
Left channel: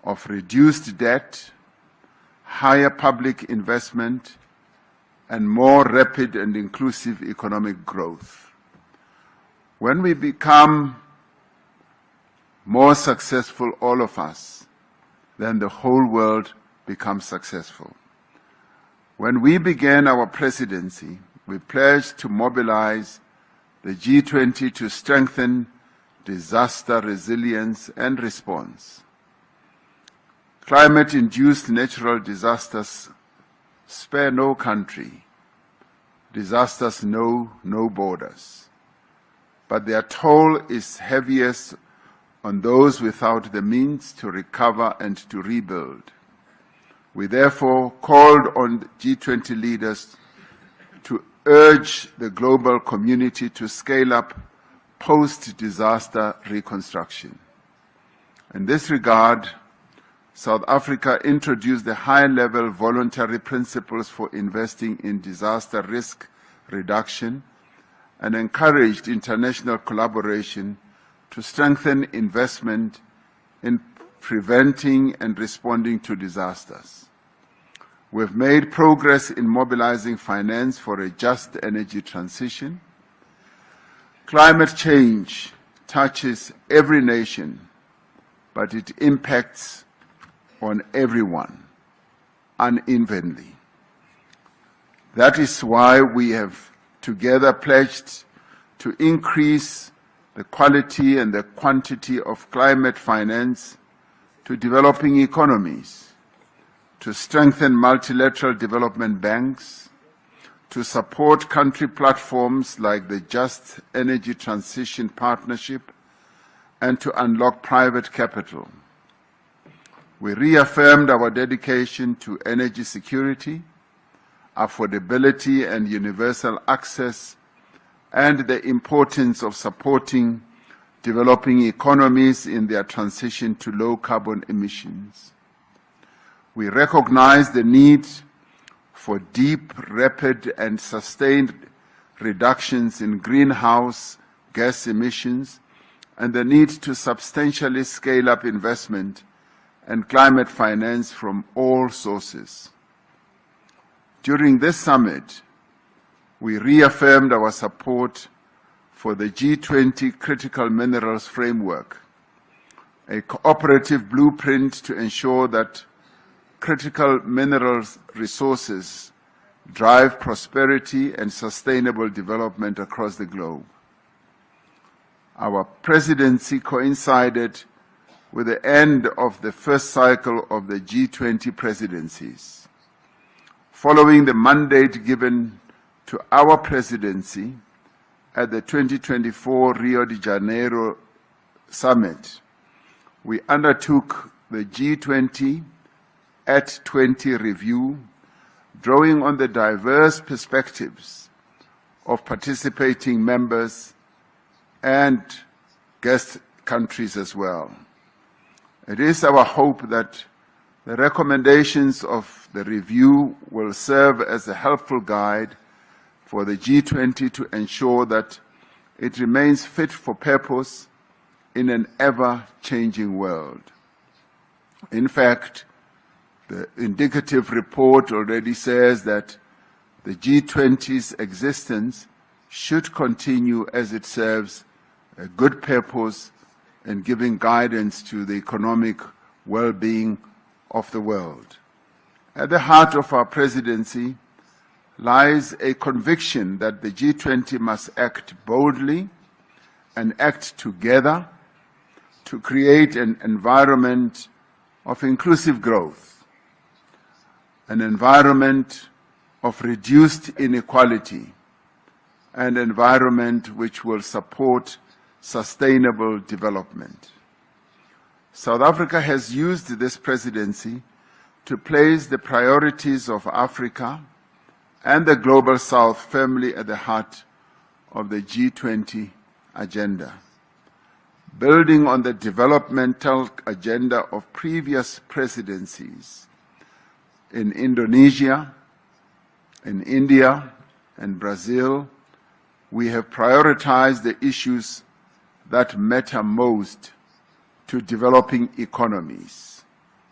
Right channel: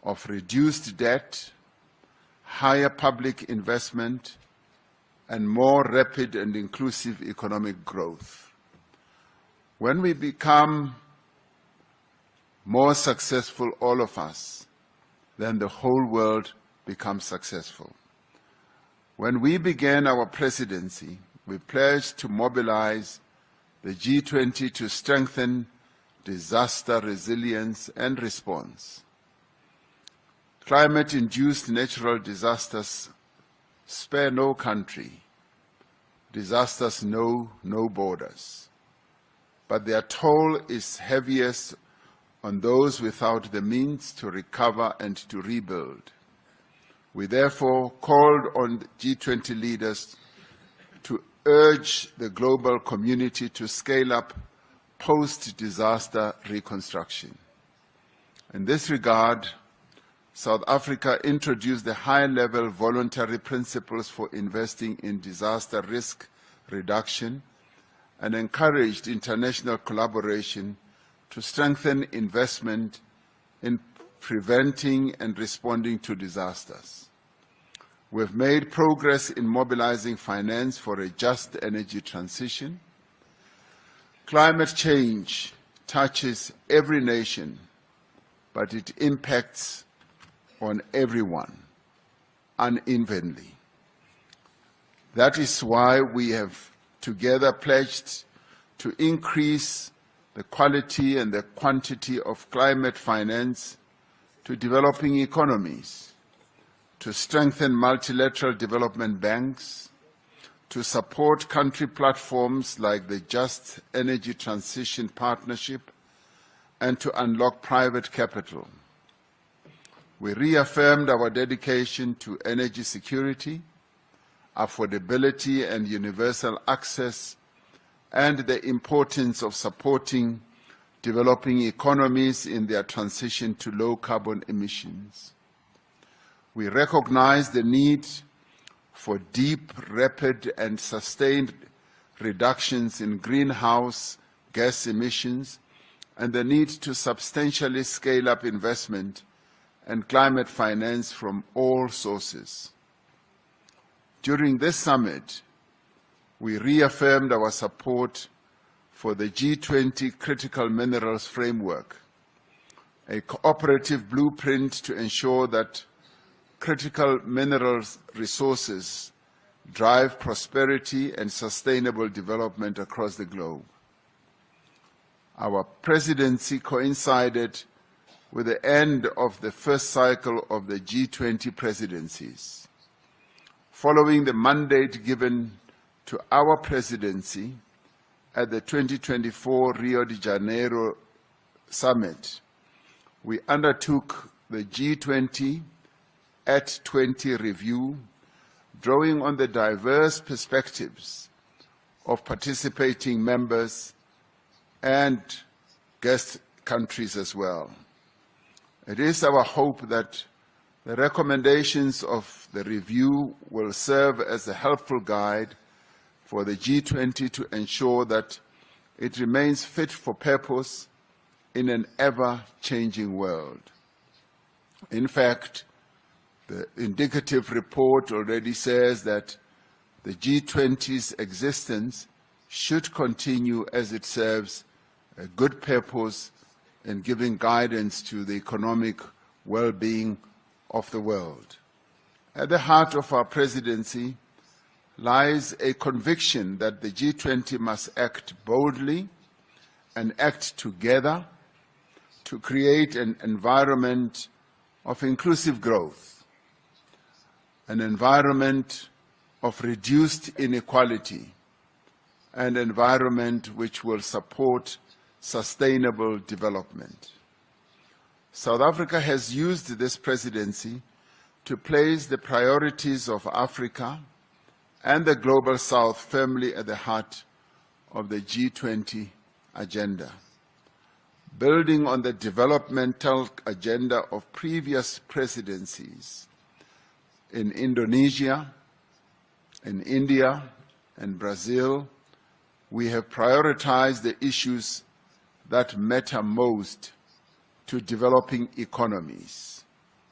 of reduced debt, higher public investment, and more rapid and inclusive economic growth. When we become more successful, all of us, then the whole world becomes successful. When we began our presidency, we pledged to mobilize the G20 to strengthen disaster resilience and response. Climate-induced natural disasters spare no country. Disasters know no borders. But their toll is heaviest on those without the means to recover and to rebuild. We therefore called on G20 leaders to urge the global community to scale up post-disaster reconstruction. In this regard, South Africa introduced the high-level voluntary principles for investing in disaster risk reduction and encouraged international collaboration to strengthen investment in preventing and responding to disasters. We've made progress in mobilizing finance for a just energy transition. Climate change touches every nation, but it impacts on everyone unevenly. That is why we have together pledged to increase the quality and the quantity of climate finance to developing economies, to strengthen multilateral development banks, to support country platforms like the Just Energy Transition Partnership, and to unlock private capital. We reaffirmed our dedication to energy security, affordability and universal access, and the importance of supporting developing economies in their transition to low carbon emissions. We recognize the need for deep, rapid, and sustained reductions in greenhouse gas emissions and the need to substantially scale up investment and climate finance from all sources. During this summit, we reaffirmed our support for the G20 Critical Minerals Framework, a cooperative blueprint to ensure that critical minerals resources drive prosperity and sustainable development across the globe. Our presidency coincided with the end of the first cycle of the G20 presidencies. Following the mandate given to our presidency at the 2024 Rio de Janeiro Summit, we undertook the G20 at 20 review, drawing on the diverse perspectives of participating members and guest countries as well. It is our hope that the recommendations of the review will serve as a helpful guide for the G20 to ensure that it remains fit for purpose in an ever-changing world. In fact, the indicative report already says that the G20's existence should continue as it serves a good purpose in giving guidance to the economic well-being of the world. At the heart of our presidency lies a conviction that the G20 must act boldly and act together to create an environment of inclusive growth, an environment of reduced inequality, an environment which will support sustainable development. South Africa has used this presidency to place the priorities of Africa and the Global South firmly at the heart of the G20 agenda. Building on the developmental agenda of previous presidencies in Indonesia, in India, and Brazil, we have prioritized the issues that matter most to developing economies:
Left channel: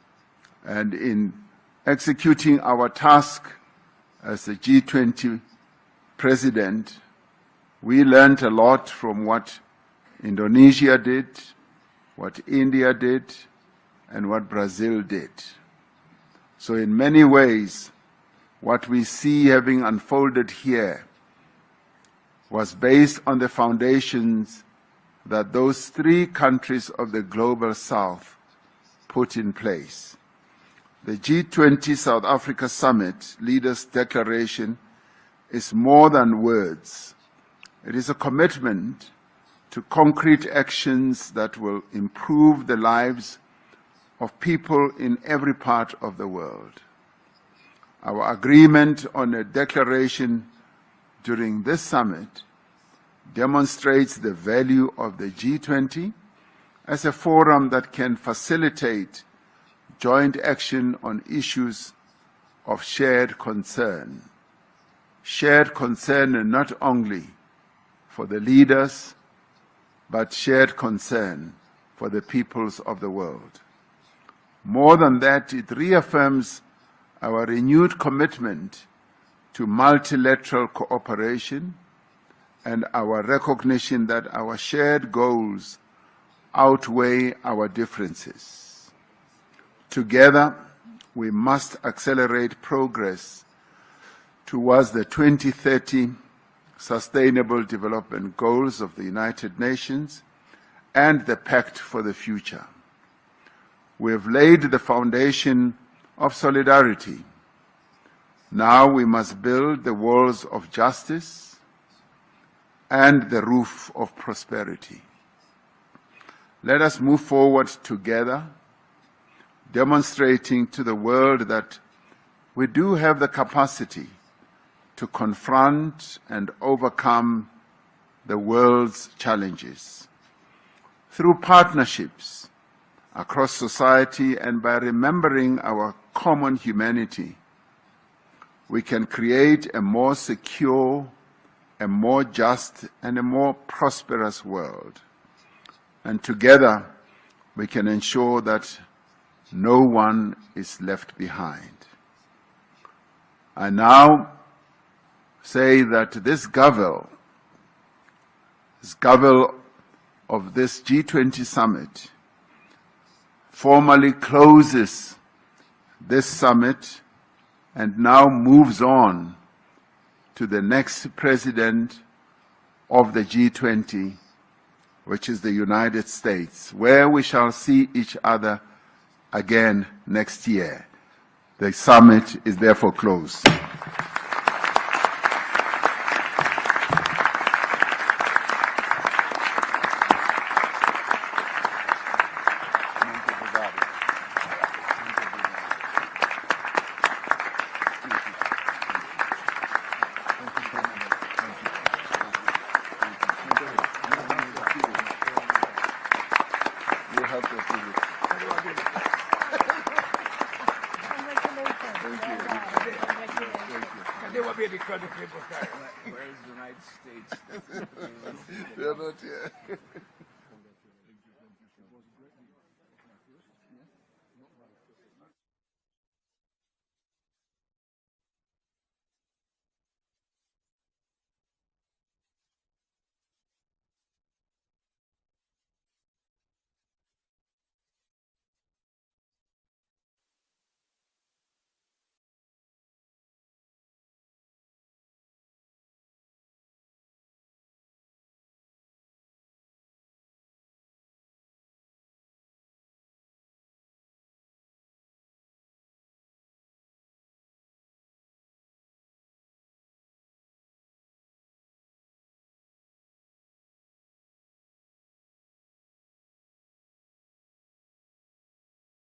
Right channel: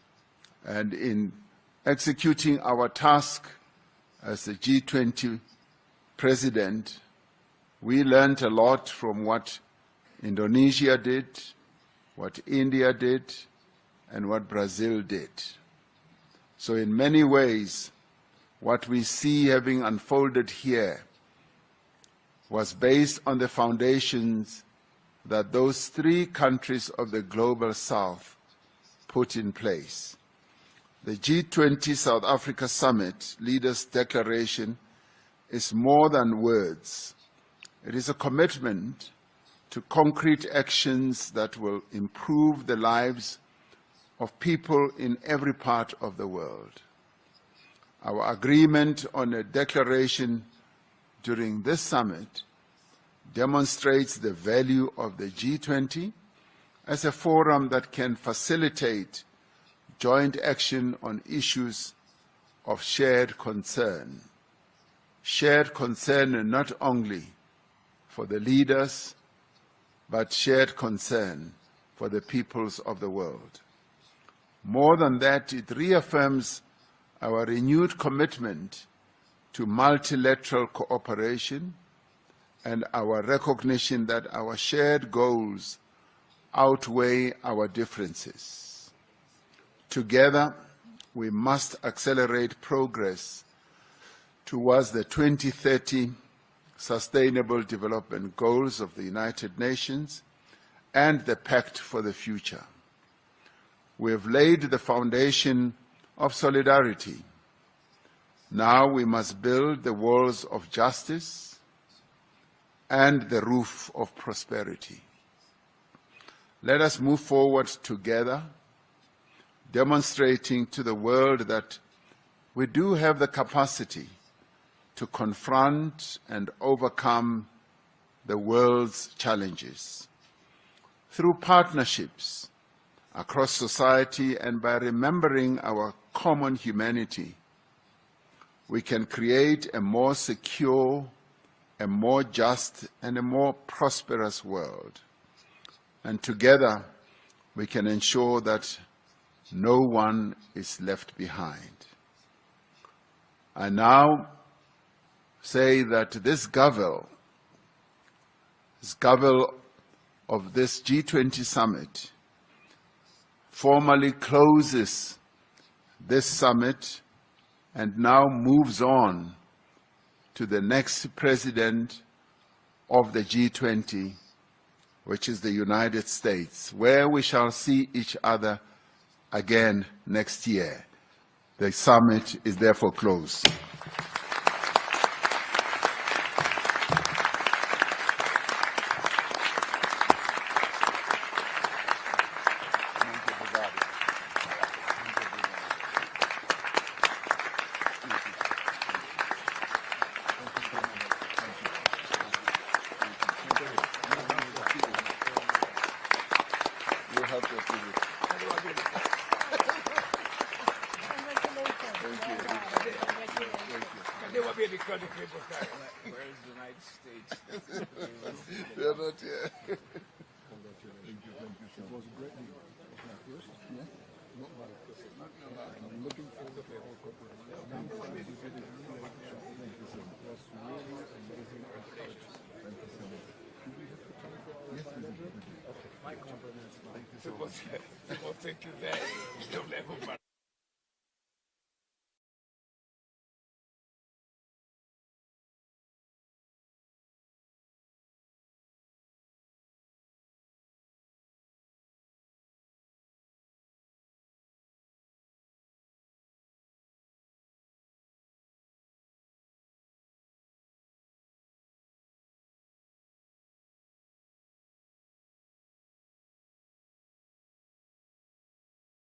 And in executing our task as the G20 president, we learned a lot from what Indonesia did, what India did, and what Brazil did. So in many ways, what we see having unfolded here was based on the foundations that those three countries of the Global South put in place. The G20 South Africa Summit Leaders' Declaration is more than words. It is a commitment to concrete actions that will improve the lives of people in every part of the world. Our agreement on a declaration during this summit demonstrates the value of the G20 as a forum that can facilitate joint action on issues of shared concern. Shared concern not only for the leaders, but shared concern for the peoples of the world. More than that, it reaffirms our renewed commitment to multilateral cooperation and our recognition that our shared goals outweigh our differences. Together, we must accelerate progress towards the 2030 Sustainable Development Goals of the United Nations and the Pact for the Future. We have laid the foundation of solidarity. Now we must build the walls of justice and the roof of prosperity. Let us move forward together, demonstrating to the world that we do have the capacity to confront and overcome the world's challenges. Through partnerships across society and by remembering our common humanity, we can create a more secure, a more just, and a more prosperous world. And together, we can ensure that no one is left behind. I now say that this Gavel of this G20 summit formally closes this summit and now moves on to the next president of the G20, which is the United States, where we shall see each other again next year. The summit is therefore closed. They will be because of people carrying it. Where is the United States? They're not here. People think that don't let go.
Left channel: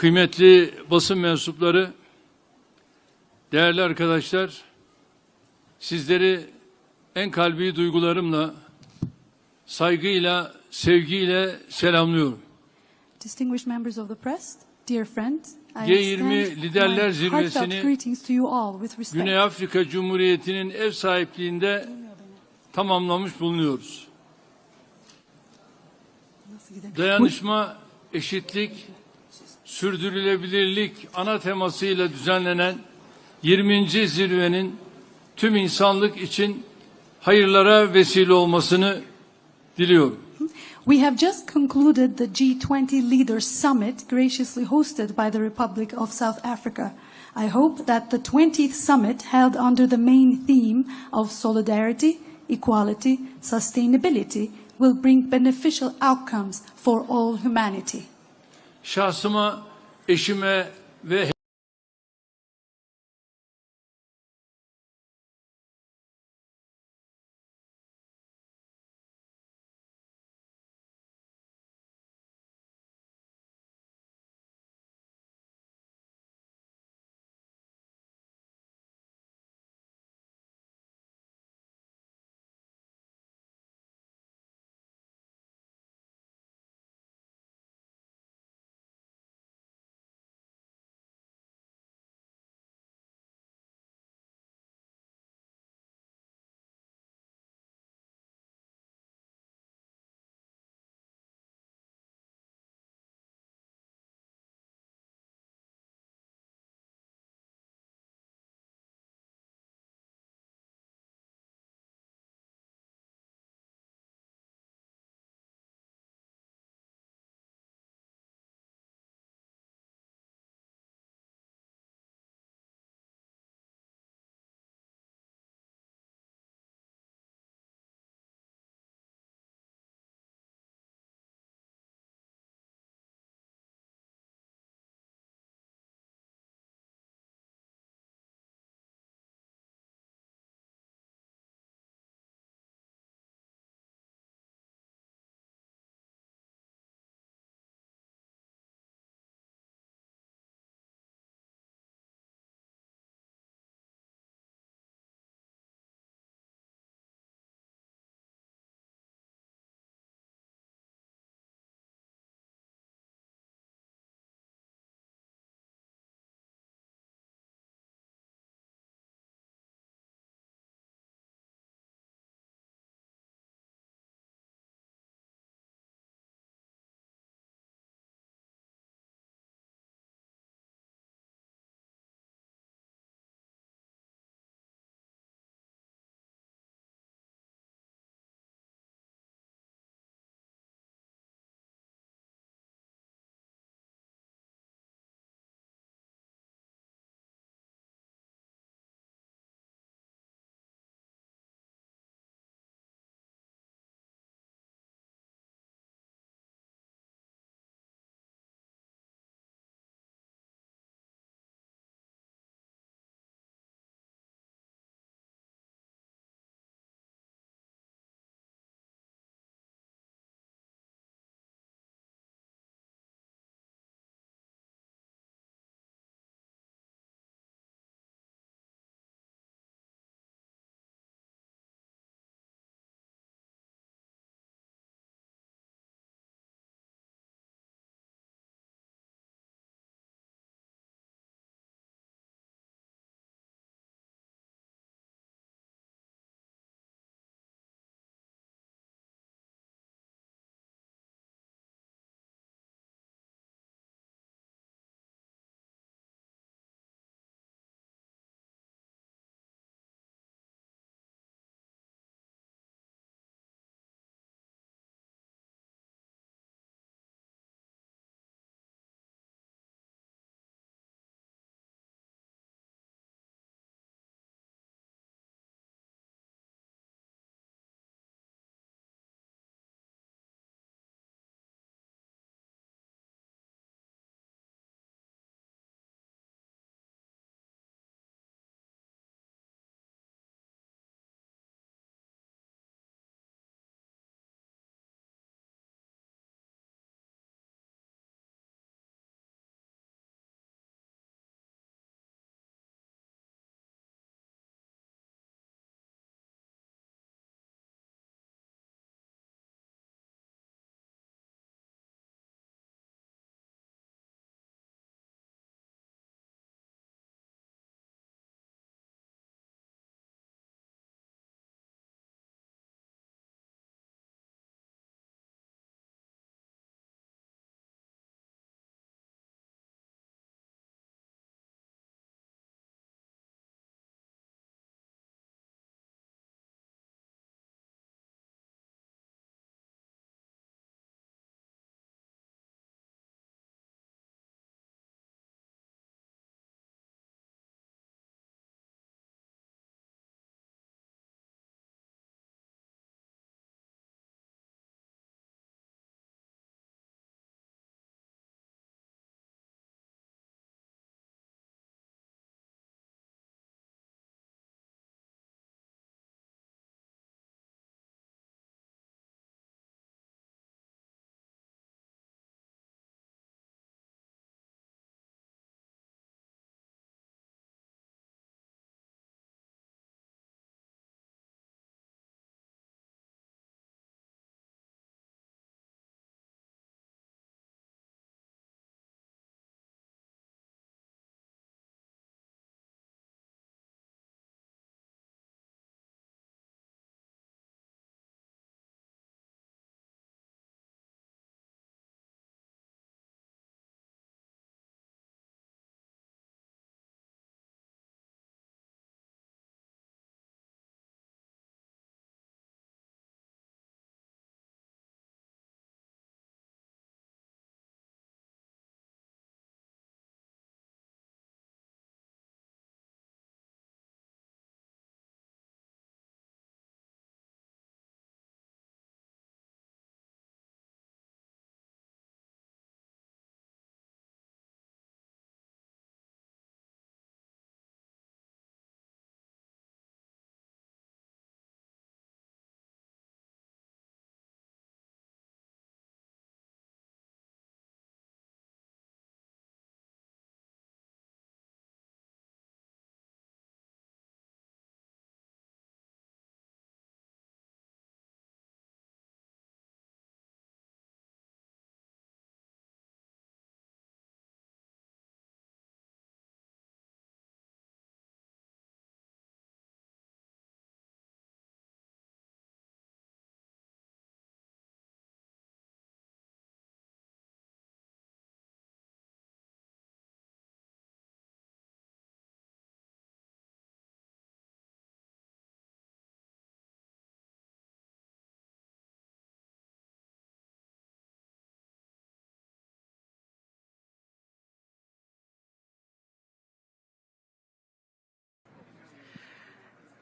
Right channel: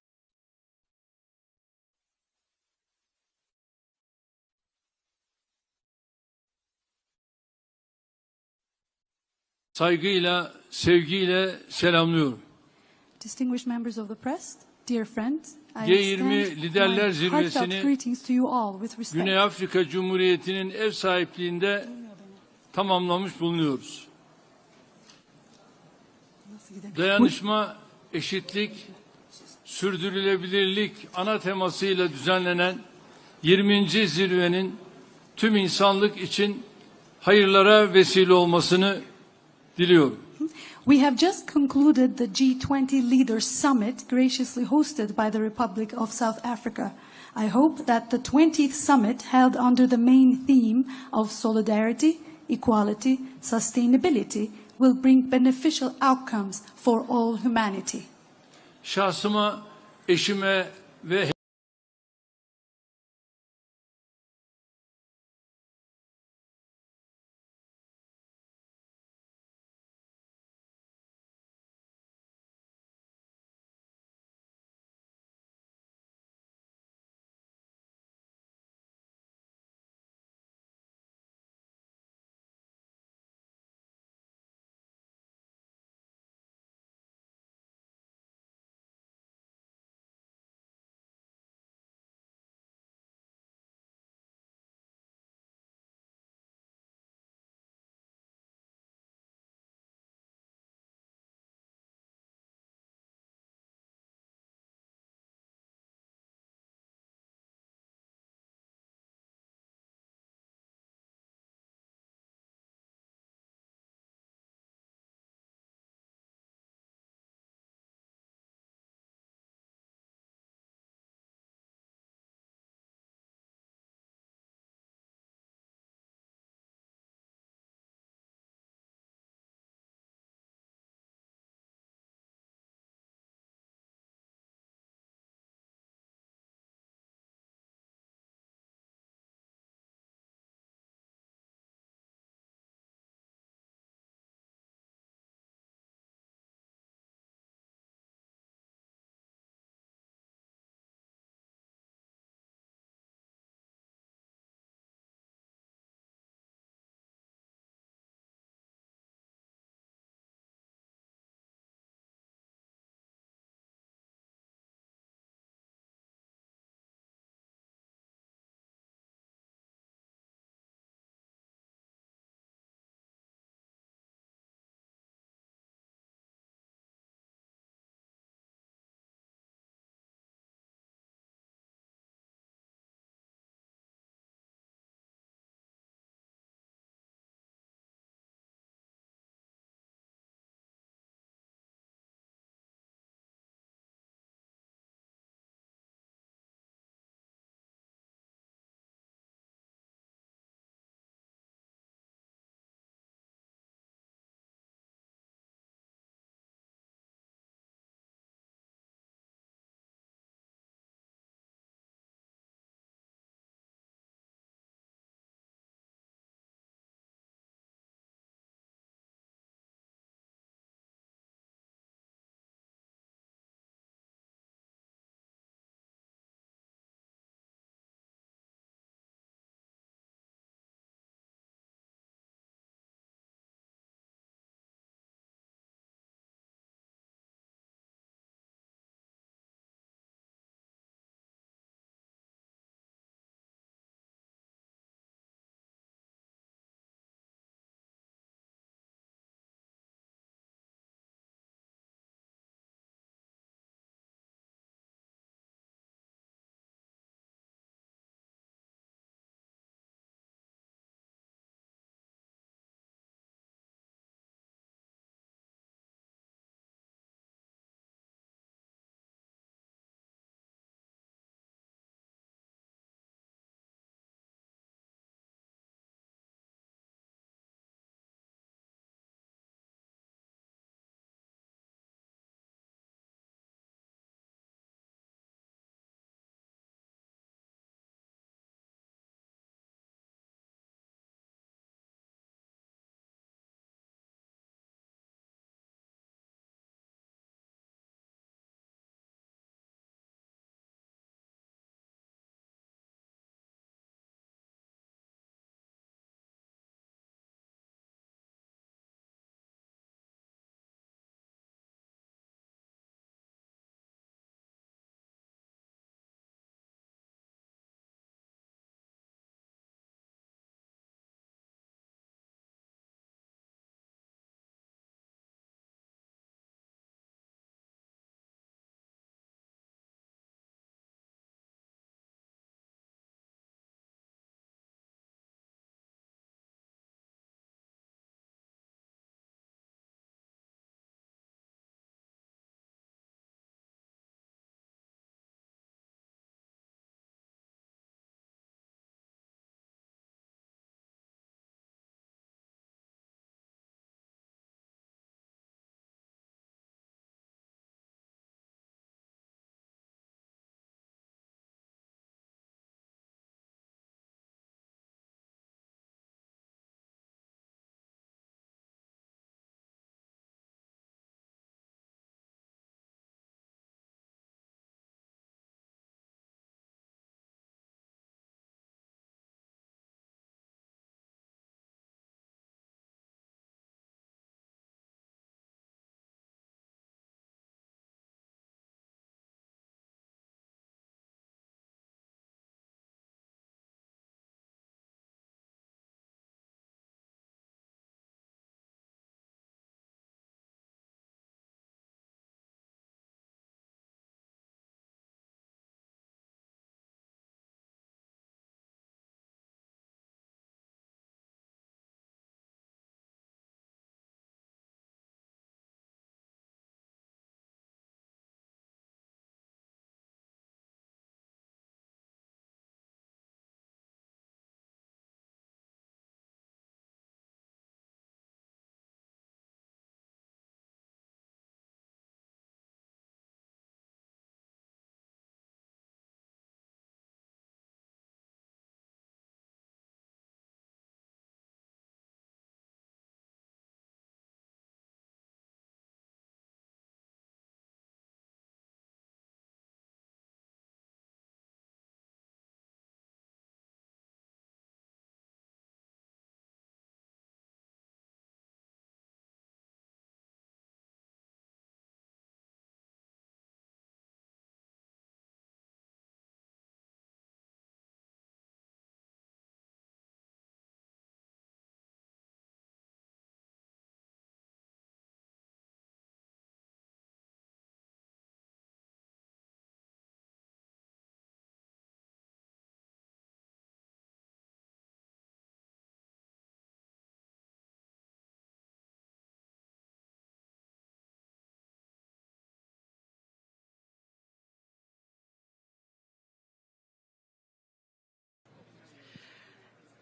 kıymetli basın mensupları, değerli arkadaşlar, sizleri en kalbi duygularımla, saygıyla, sevgiyle selamlıyorum. Distinguished members of the press, dear friends, I G20 extend Liderler my heartfelt Zirvesi'ni greetings to you all with respect. Güney Afrika Cumhuriyeti'nin ev sahipliğinde tamamlamış bulunuyoruz. Dayanışma, eşitlik, sürdürülebilirlik ana temasıyla düzenlenen 20. zirvenin tüm insanlık için hayırlara vesile olmasını diliyorum. We have just concluded the G20 Leaders Summit graciously hosted by the Republic of South Africa. I hope that the 20th summit held under the main theme of solidarity, equality, sustainability will bring beneficial outcomes for all humanity. Şahsıma, eşime ve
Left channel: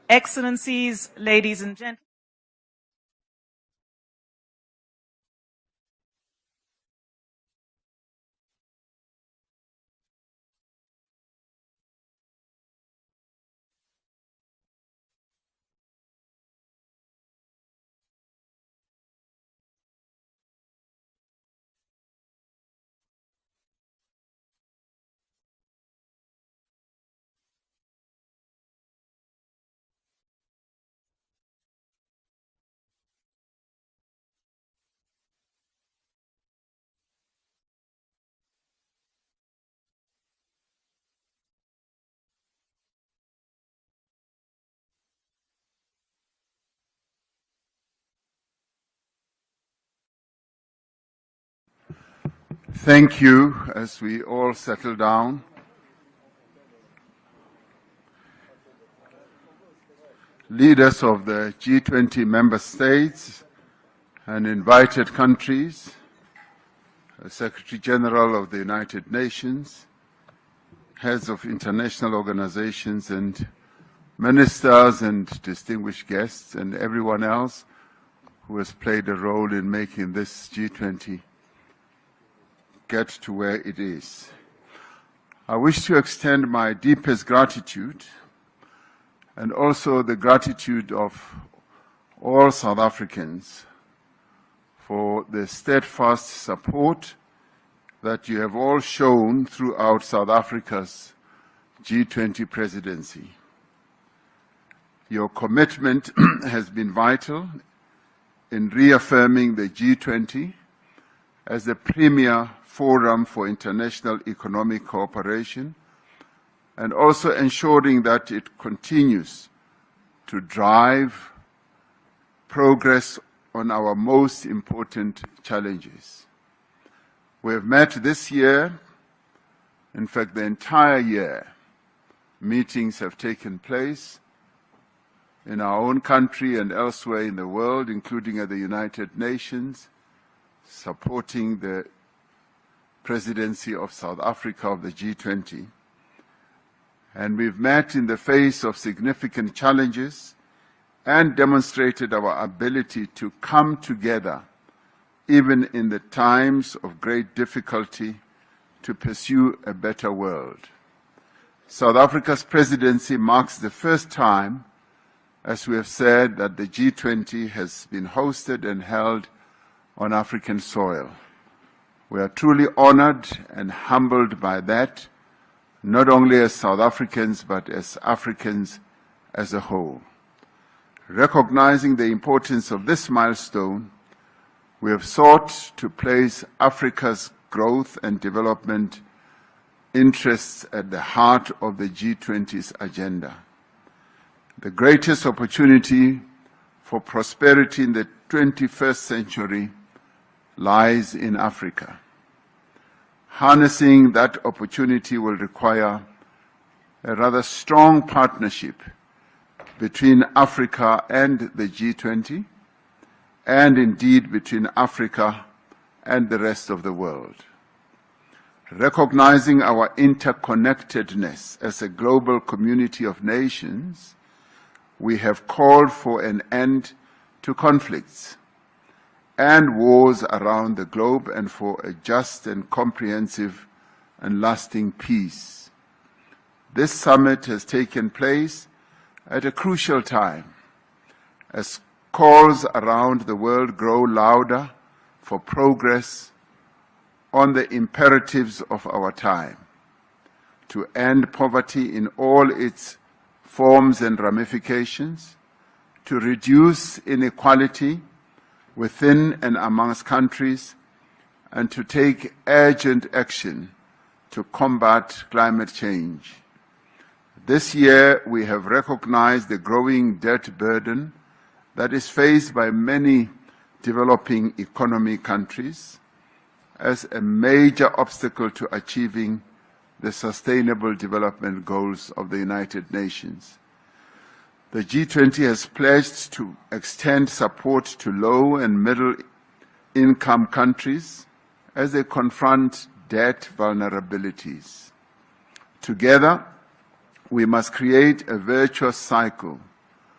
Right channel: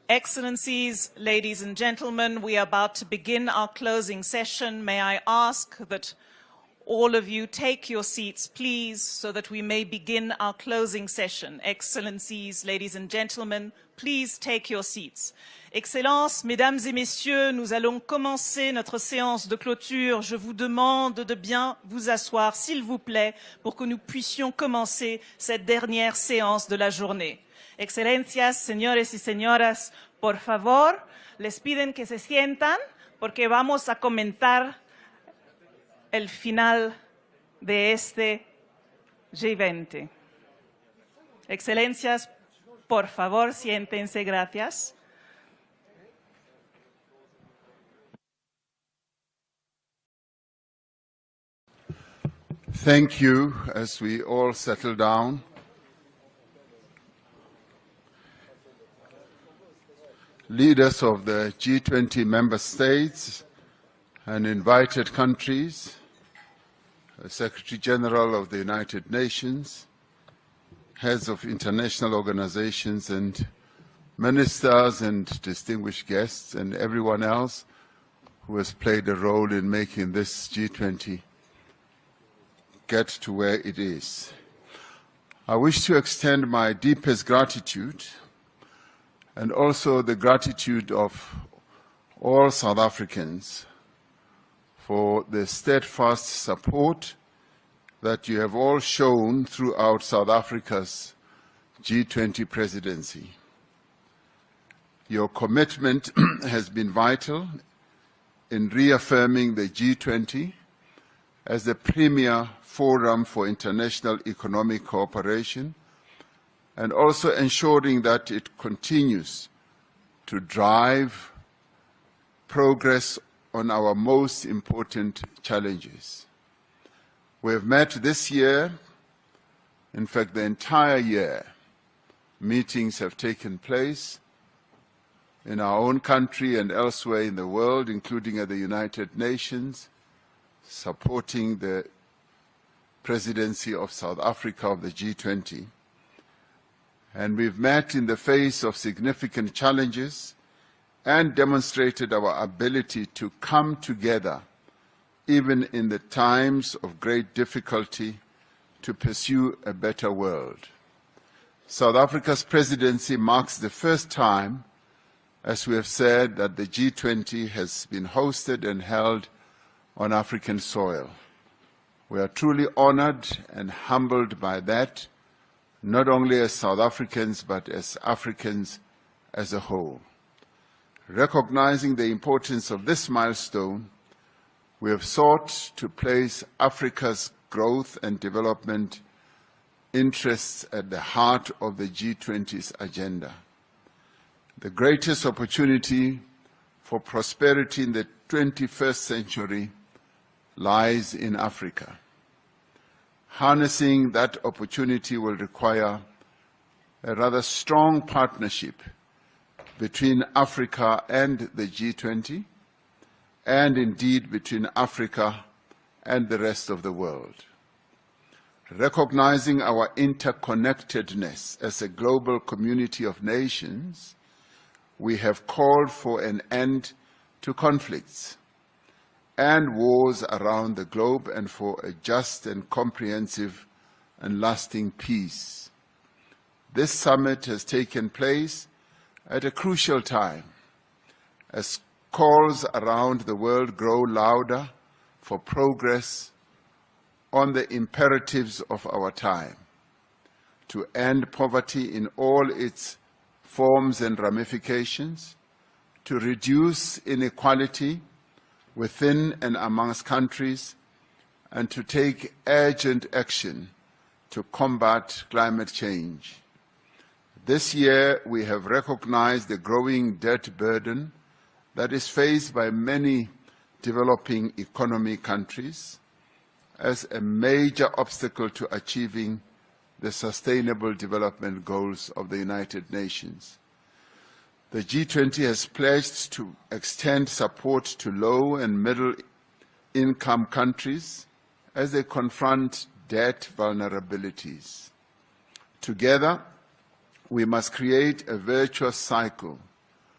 Excellencies, ladies and gentlemen, we are about to begin our closing session. May I ask that all of you take your seats, please, so that we may begin our closing session. Excellencies, ladies and gentlemen, please take your seats. Excellences, mesdames et messieurs, nous allons commencer notre séance de clôture. Je vous demande de bien vous asseoir, s'il vous plaît, pour que nous puissions commencer cette dernière séance de la journée. Excelencias, señores y señoras, por favor, les piden que se sientan porque vamos a comentar el final de este G20. Excelencias, por favor, siéntense, gracias. Thank you as we all settle down. Leaders of the G20 member states and invited countries, Secretary General of the United Nations, heads of international organizations and ministers and distinguished guests and everyone else who has played a role in making this G20 get to where it is. I wish to extend my deepest gratitude and also the gratitude of all South Africans for the steadfast support that you have all shown throughout South Africa's G20 presidency. Your commitment has been vital in reaffirming the G20 as the premier forum for international economic cooperation and also ensuring that it continues to drive progress on our most important challenges. We have met this year, in fact the entire year, meetings have taken place in our own country and elsewhere in the world, including at the United Nations, supporting the presidency of South Africa of the G20. And we've met in the face of significant challenges and demonstrated our ability to come together, even in the times of great difficulty, to pursue a better world. South Africa's presidency marks the first time, as we have said, that the G20 has been hosted and held on African soil. We are truly honored and humbled by that, not only as South Africans, but as Africans as a whole. Recognizing the importance of this milestone, we have sought to place Africa's growth and development interests at the heart of the G20's agenda. The greatest opportunity for prosperity in the 21st century lies in Africa. Harnessing that opportunity will require a rather strong partnership between Africa and the G20, and indeed between Africa and the rest of the world. Recognizing our interconnectedness as a global community of nations, we have called for an end to conflicts and wars around the globe and for a just and comprehensive and lasting peace. This summit has taken place at a crucial time as calls around the world grow louder for progress on the imperatives of our time, to end poverty in all its forms and ramifications, to reduce inequality within and amongst countries, and to take urgent action to combat climate change. This year, we have recognized the growing debt burden that is faced by many developing economy countries as a major obstacle to achieving the Sustainable Development Goals of the United Nations. The G20 has pledged to extend support to low and middle income countries as they confront debt vulnerabilities. Together, we must create a virtuous cycle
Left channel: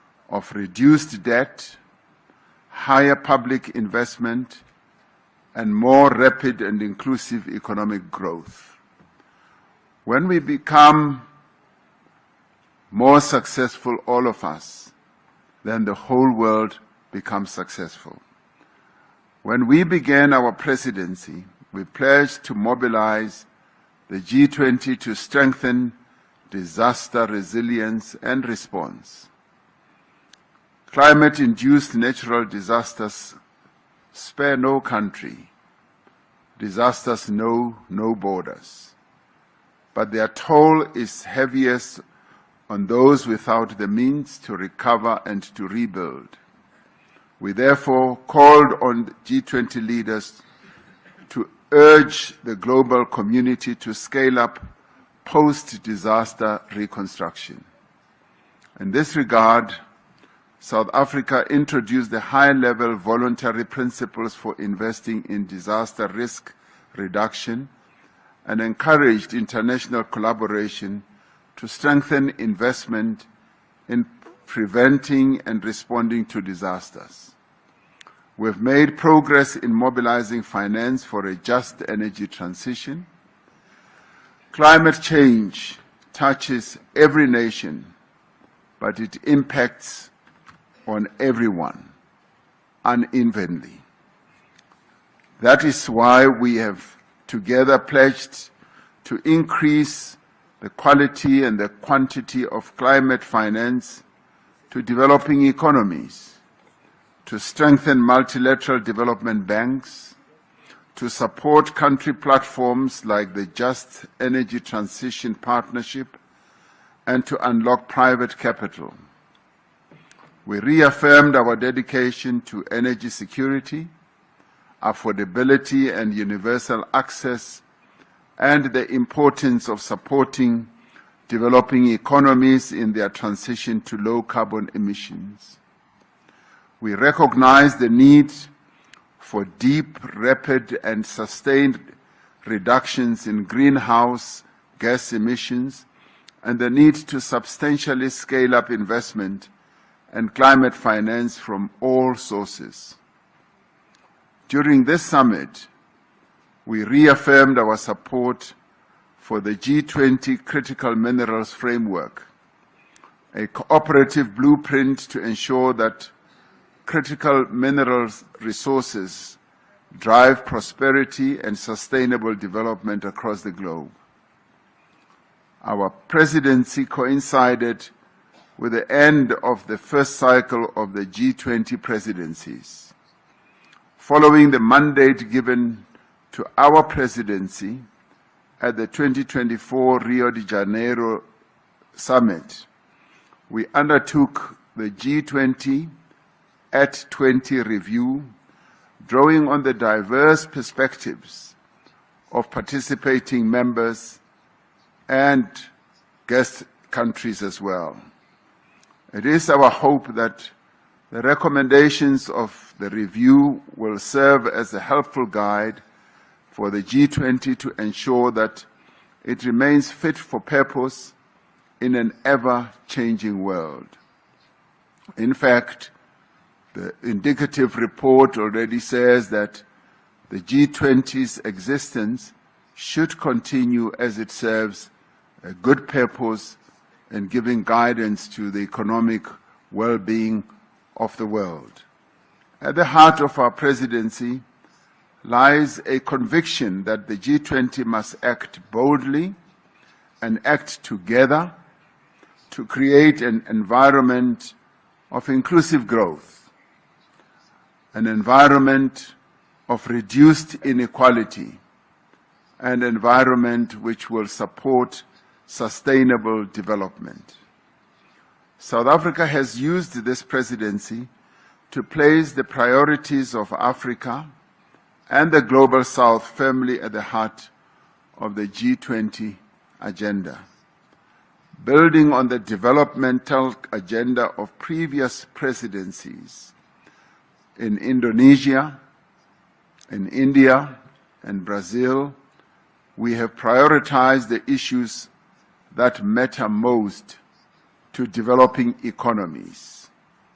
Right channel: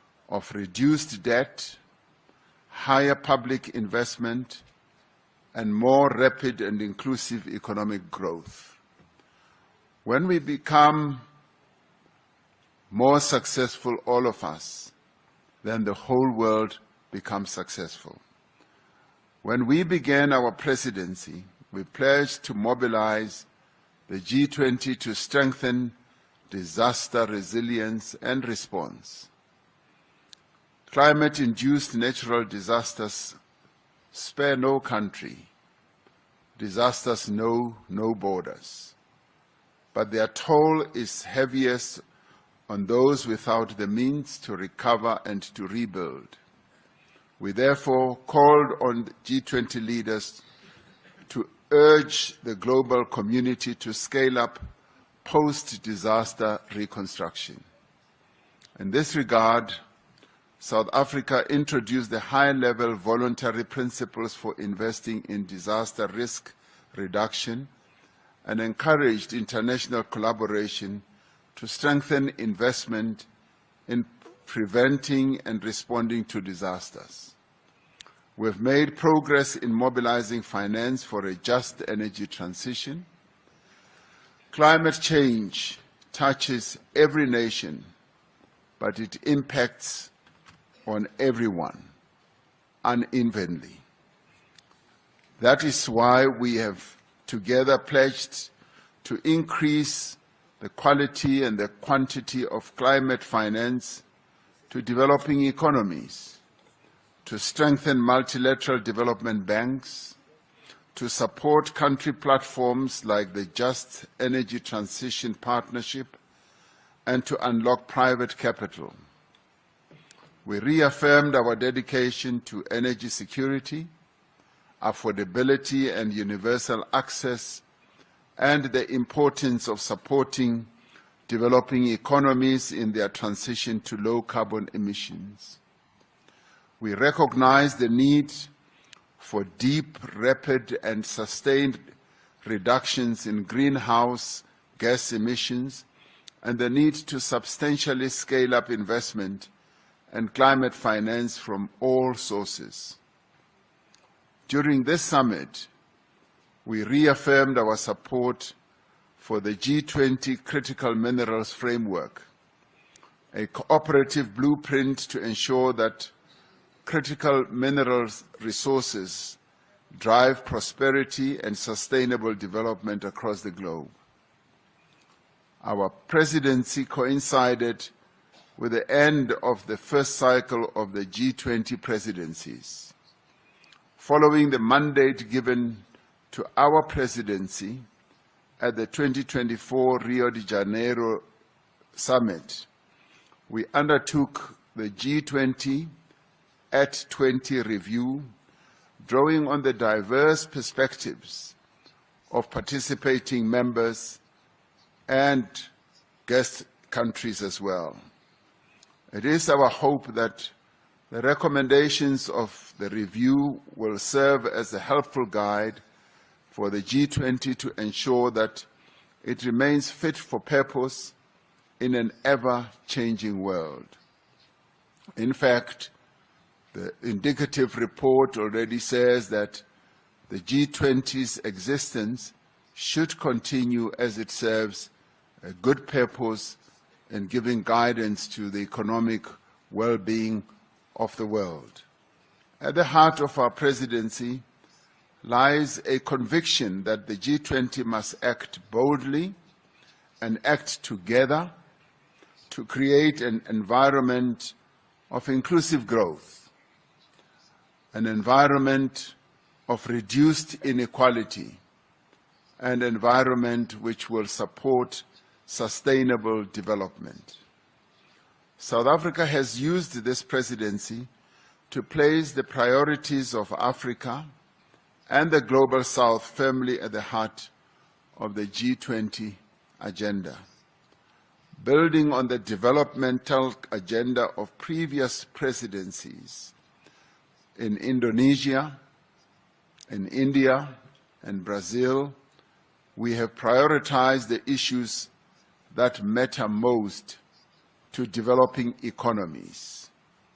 of reduced debt, higher public investment, and more rapid and inclusive economic growth. When we become more successful, all of us, then the whole world becomes successful. When we began our presidency, we pledged to mobilize the G20 to strengthen disaster resilience and response. Climate-induced natural disasters spare no country. Disasters know no borders. But their toll is heaviest on those without the means to recover and to rebuild. We therefore called on G20 leaders to urge the global community to scale up post-disaster reconstruction. In this regard, South Africa introduced the high-level voluntary principles for investing in disaster risk reduction and encouraged international collaboration to strengthen investment in preventing and responding to disasters. We've made progress in mobilizing finance for a just energy transition. Climate change touches every nation, but it impacts on everyone unevenly. That is why we have together pledged to increase the quality and the quantity of climate finance to developing economies, to strengthen multilateral development banks, to support country platforms like the Just Energy Transition Partnership, and to unlock private capital. We reaffirmed our dedication to energy security, affordability and universal access, and the importance of supporting developing economies in their transition to low carbon emissions. We recognize the need for deep, rapid, and sustained reductions in greenhouse gas emissions and the need to substantially scale up investment and climate finance from all sources. During this summit, we reaffirmed our support for the G20 Critical Minerals Framework, a cooperative blueprint to ensure that critical minerals resources drive prosperity and sustainable development across the globe. Our presidency coincided with the end of the first cycle of the G20 presidencies. Following the mandate given to our presidency at the 2024 Rio de Janeiro Summit, we undertook the G20 at 20 review, drawing on the diverse perspectives of participating members and guest countries as well. It is our hope that the recommendations of the review will serve as a helpful guide for the G20 to ensure that it remains fit for purpose in an ever-changing world. In fact, the indicative report already says that the G20's existence should continue as it serves a good purpose in giving guidance to the economic well-being of the world. At the heart of our presidency lies a conviction that the G20 must act boldly and act together to create an environment of inclusive growth, an environment of reduced inequality, an environment which will support sustainable development. South Africa has used this presidency to place the priorities of Africa and the Global South firmly at the heart of the G20 agenda. Building on the developmental agenda of previous presidencies in Indonesia, in India, and Brazil, we have prioritized the issues that matter most to developing economies:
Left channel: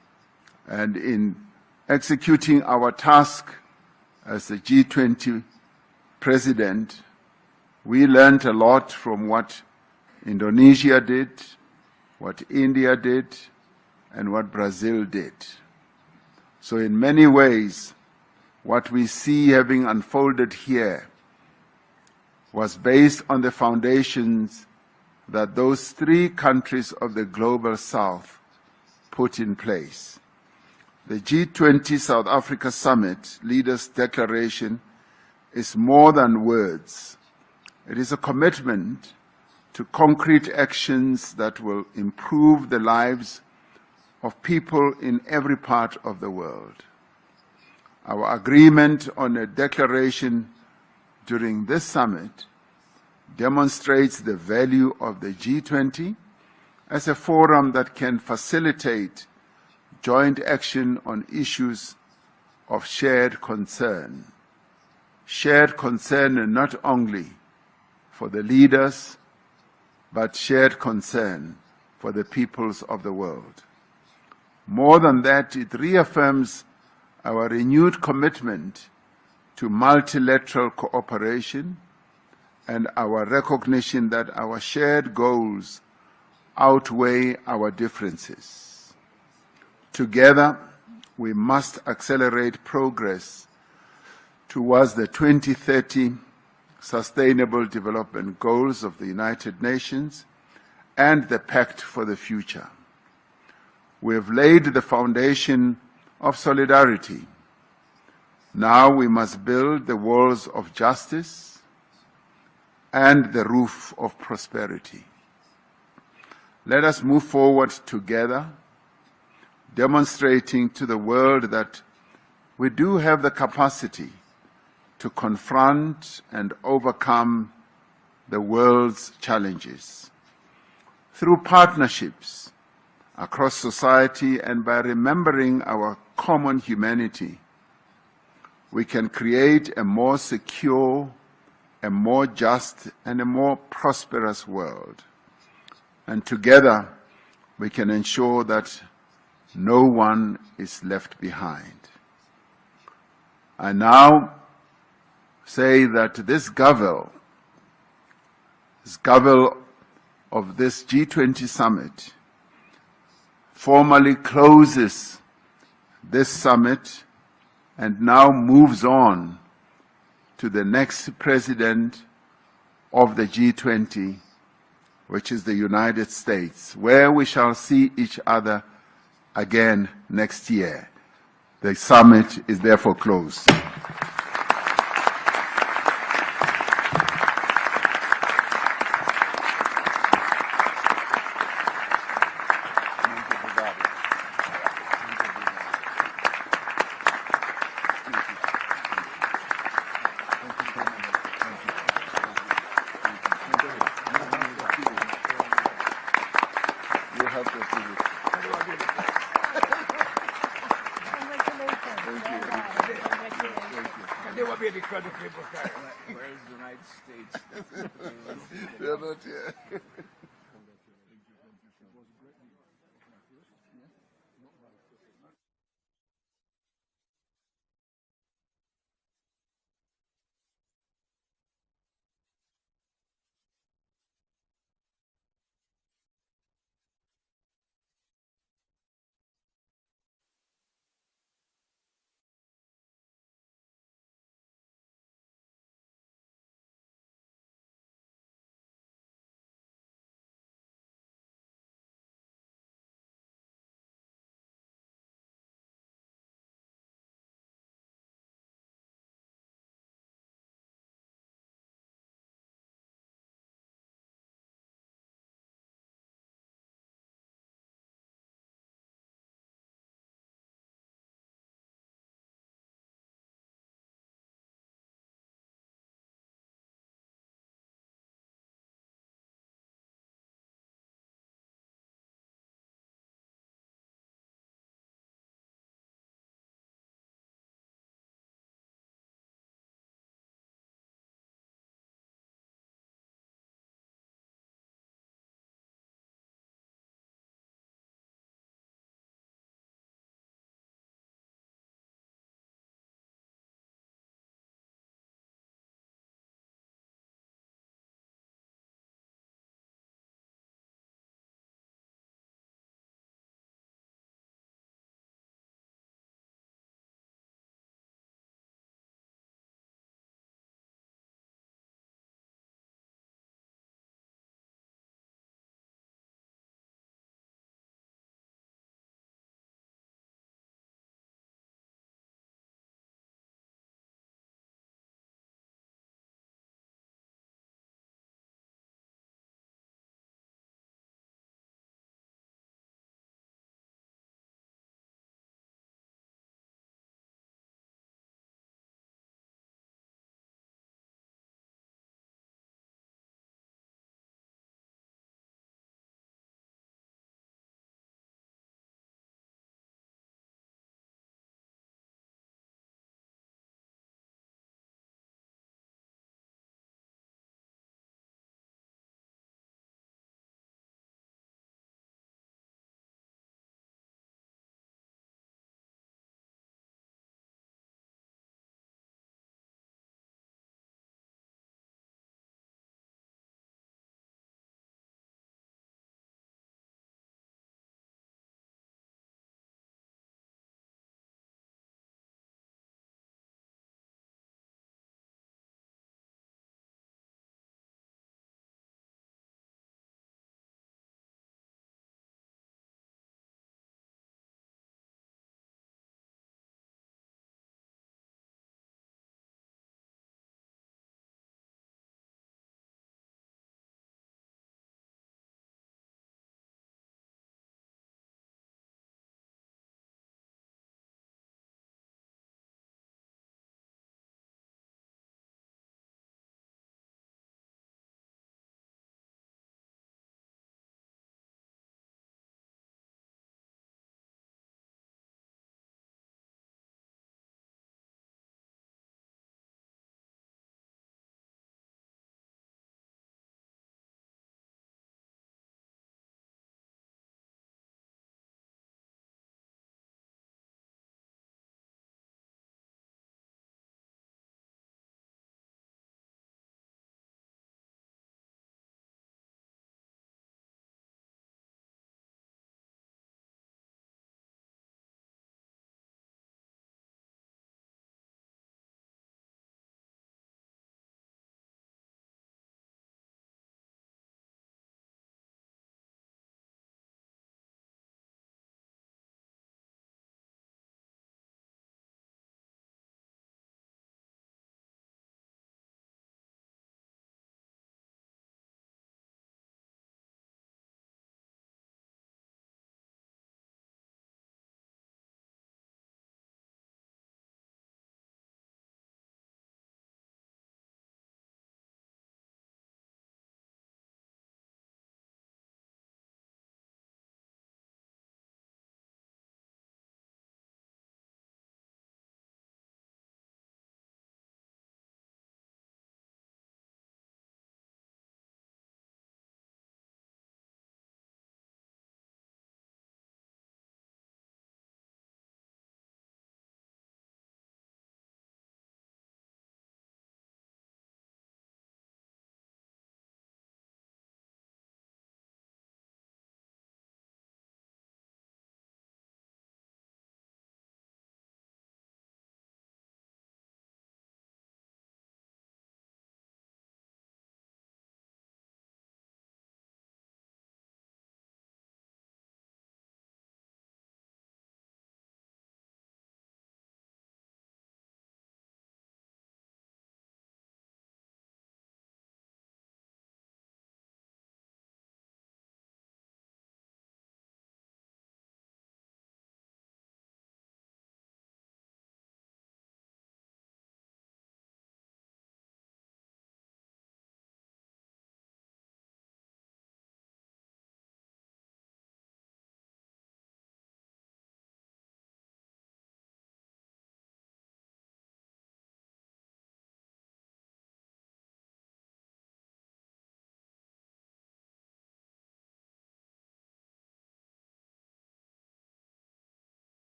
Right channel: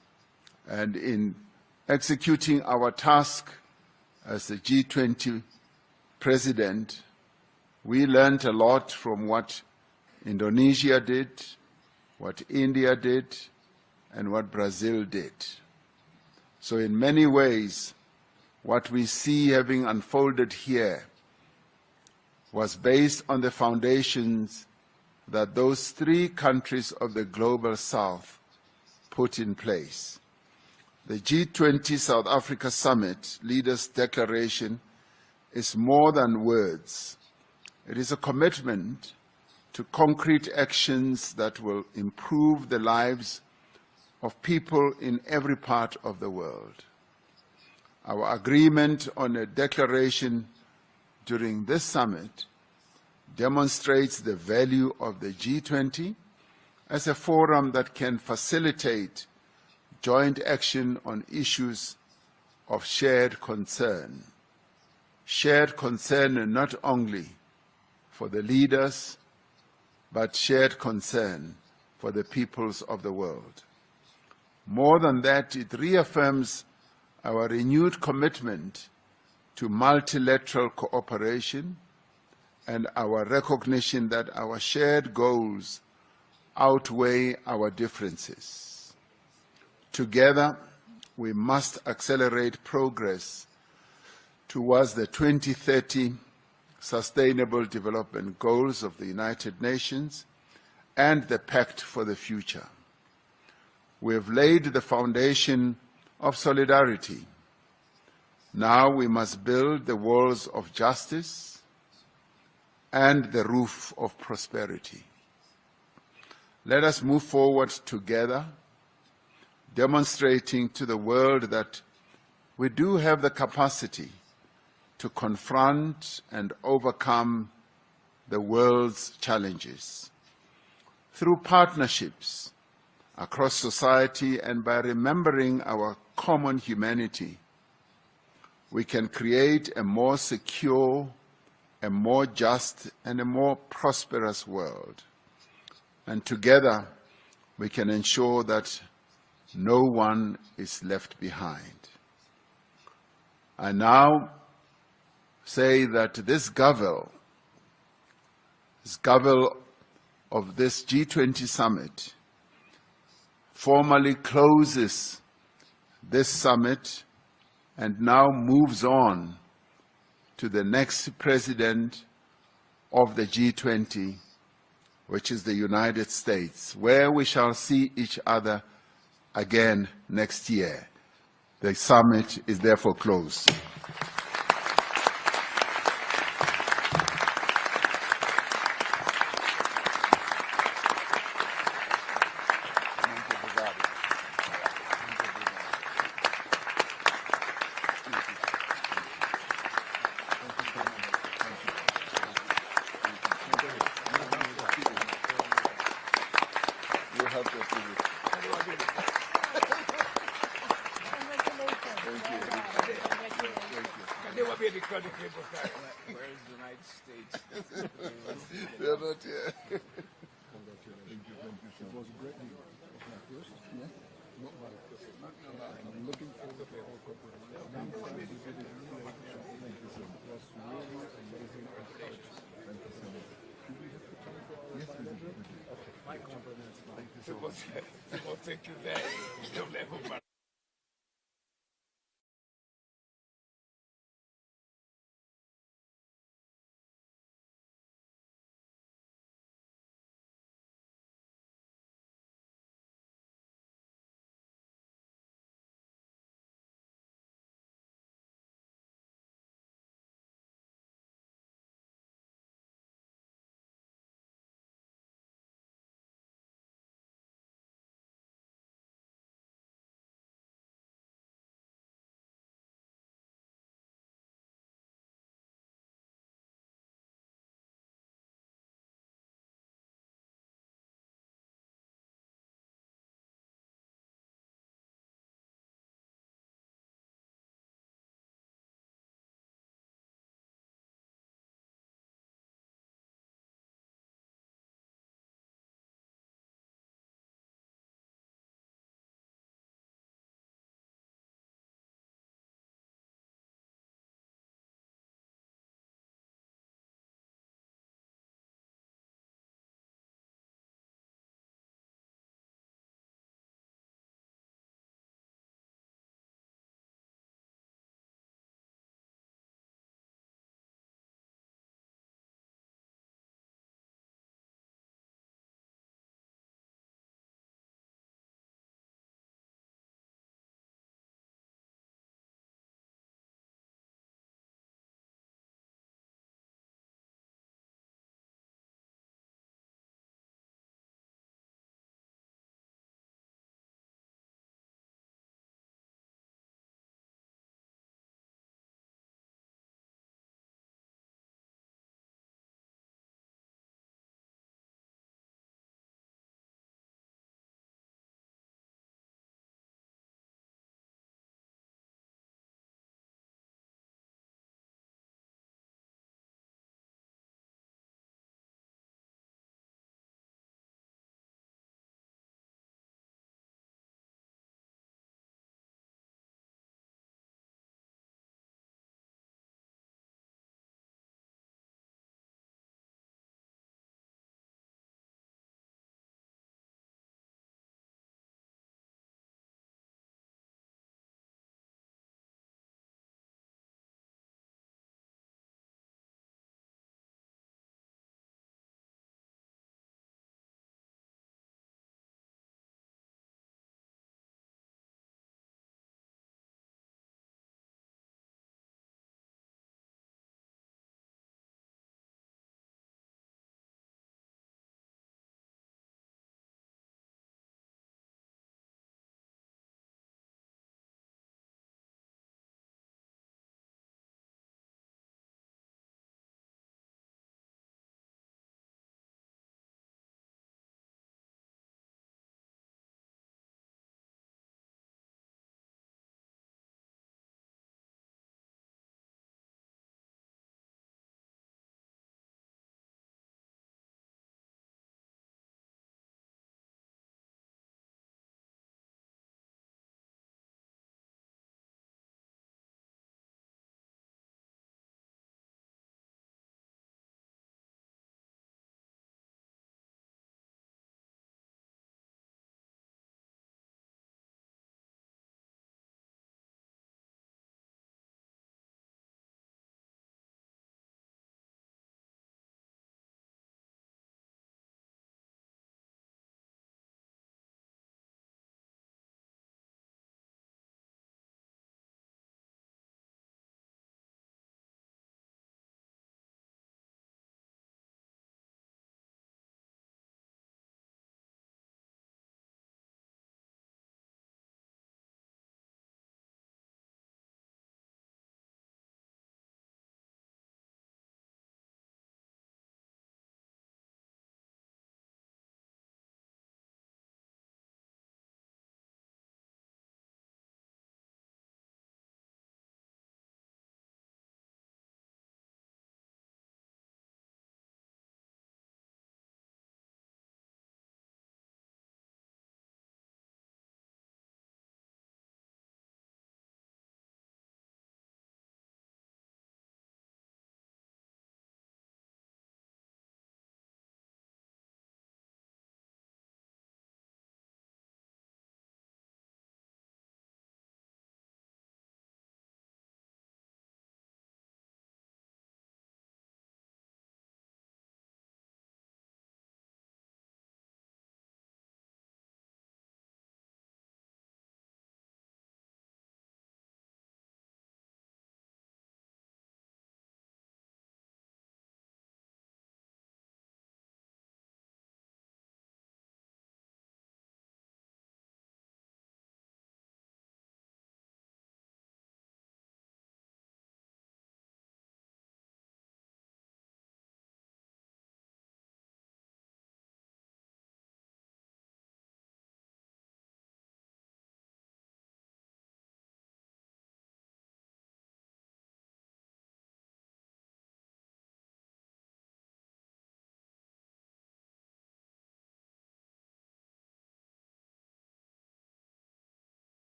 And in executing our task as the G20 president, we learned a lot from what Indonesia did, what India did, and what Brazil did. So in many ways, what we see having unfolded here was based on the foundations that those three countries of the Global South put in place. The G20 South Africa Summit Leaders' Declaration is more than words. It is a commitment to concrete actions that will improve the lives of people in every part of the world. Our agreement on a declaration during this summit demonstrates the value of the G20 as a forum that can facilitate joint action on issues of shared concern. Shared concern not only for the leaders, but shared concern for the peoples of the world. More than that, it reaffirms our renewed commitment to multilateral cooperation and our recognition that our shared goals outweigh our differences. Together, we must accelerate progress towards the 2030 Sustainable Development Goals of the United Nations and the Pact for the Future. We have laid the foundation of solidarity. Now we must build the walls of justice and the roof of prosperity. Let us move forward together, demonstrating to the world that we do have the capacity to confront and overcome the world's challenges. Through partnerships across society and by remembering our common humanity, we can create a more secure, a more just, and a more prosperous world. And together, we can ensure that no one is left behind. I now say that this Gavel of this G20 summit formally closes this summit and now moves on to the next president of the G20, which is the United States, where we shall see each other again next year. The summit is therefore closed. They will be because of people carry. Where is the United States? They're not here. Thank you very much.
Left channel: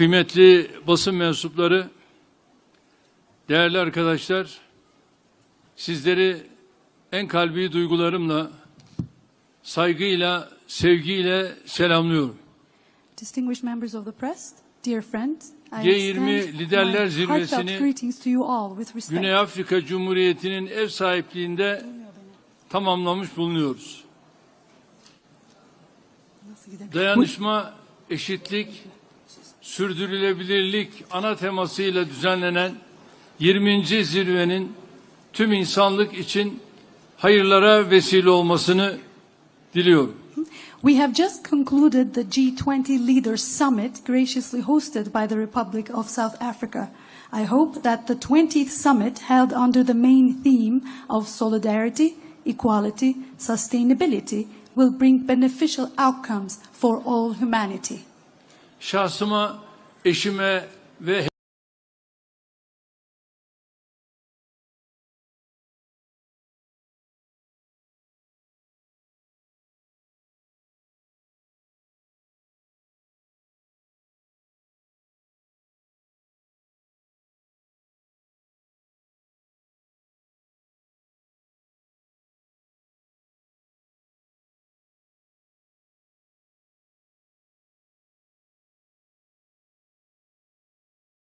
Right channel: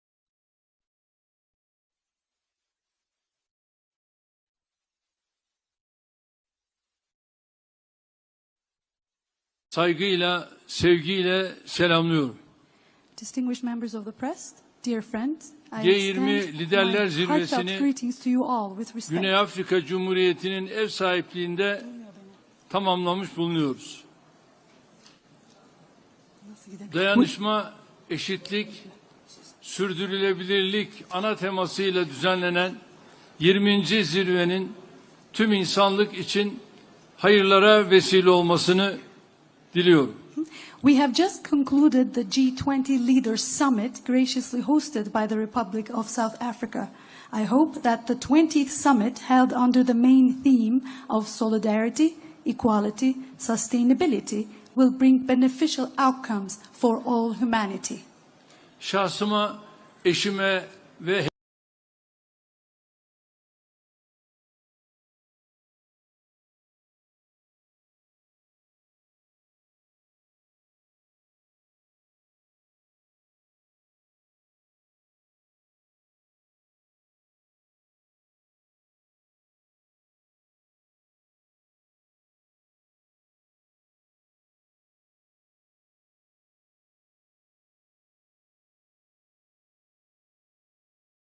kıymetli basın mensupları, değerli arkadaşlar, sizleri en kalbi duygularımla, saygıyla, sevgiyle selamlıyorum. Distinguished members of the press, dear friends, I G20 extend Liderler my heartfelt Zirvesi'ni greetings to you all with respect. Güney Afrika Cumhuriyeti'nin ev sahipliğinde tamamlamış bulunuyoruz. Dayanışma, eşitlik, sürdürülebilirlik ana temasıyla düzenlenen 20. zirvenin tüm insanlık için hayırlara vesile olmasını diliyorum. We have just concluded the G20 Leaders Summit graciously hosted by the Republic of South Africa. I hope that the 20th summit held under the main theme of solidarity, equality, sustainability will bring beneficial outcomes for all humanity. Şahsıma, eşime ve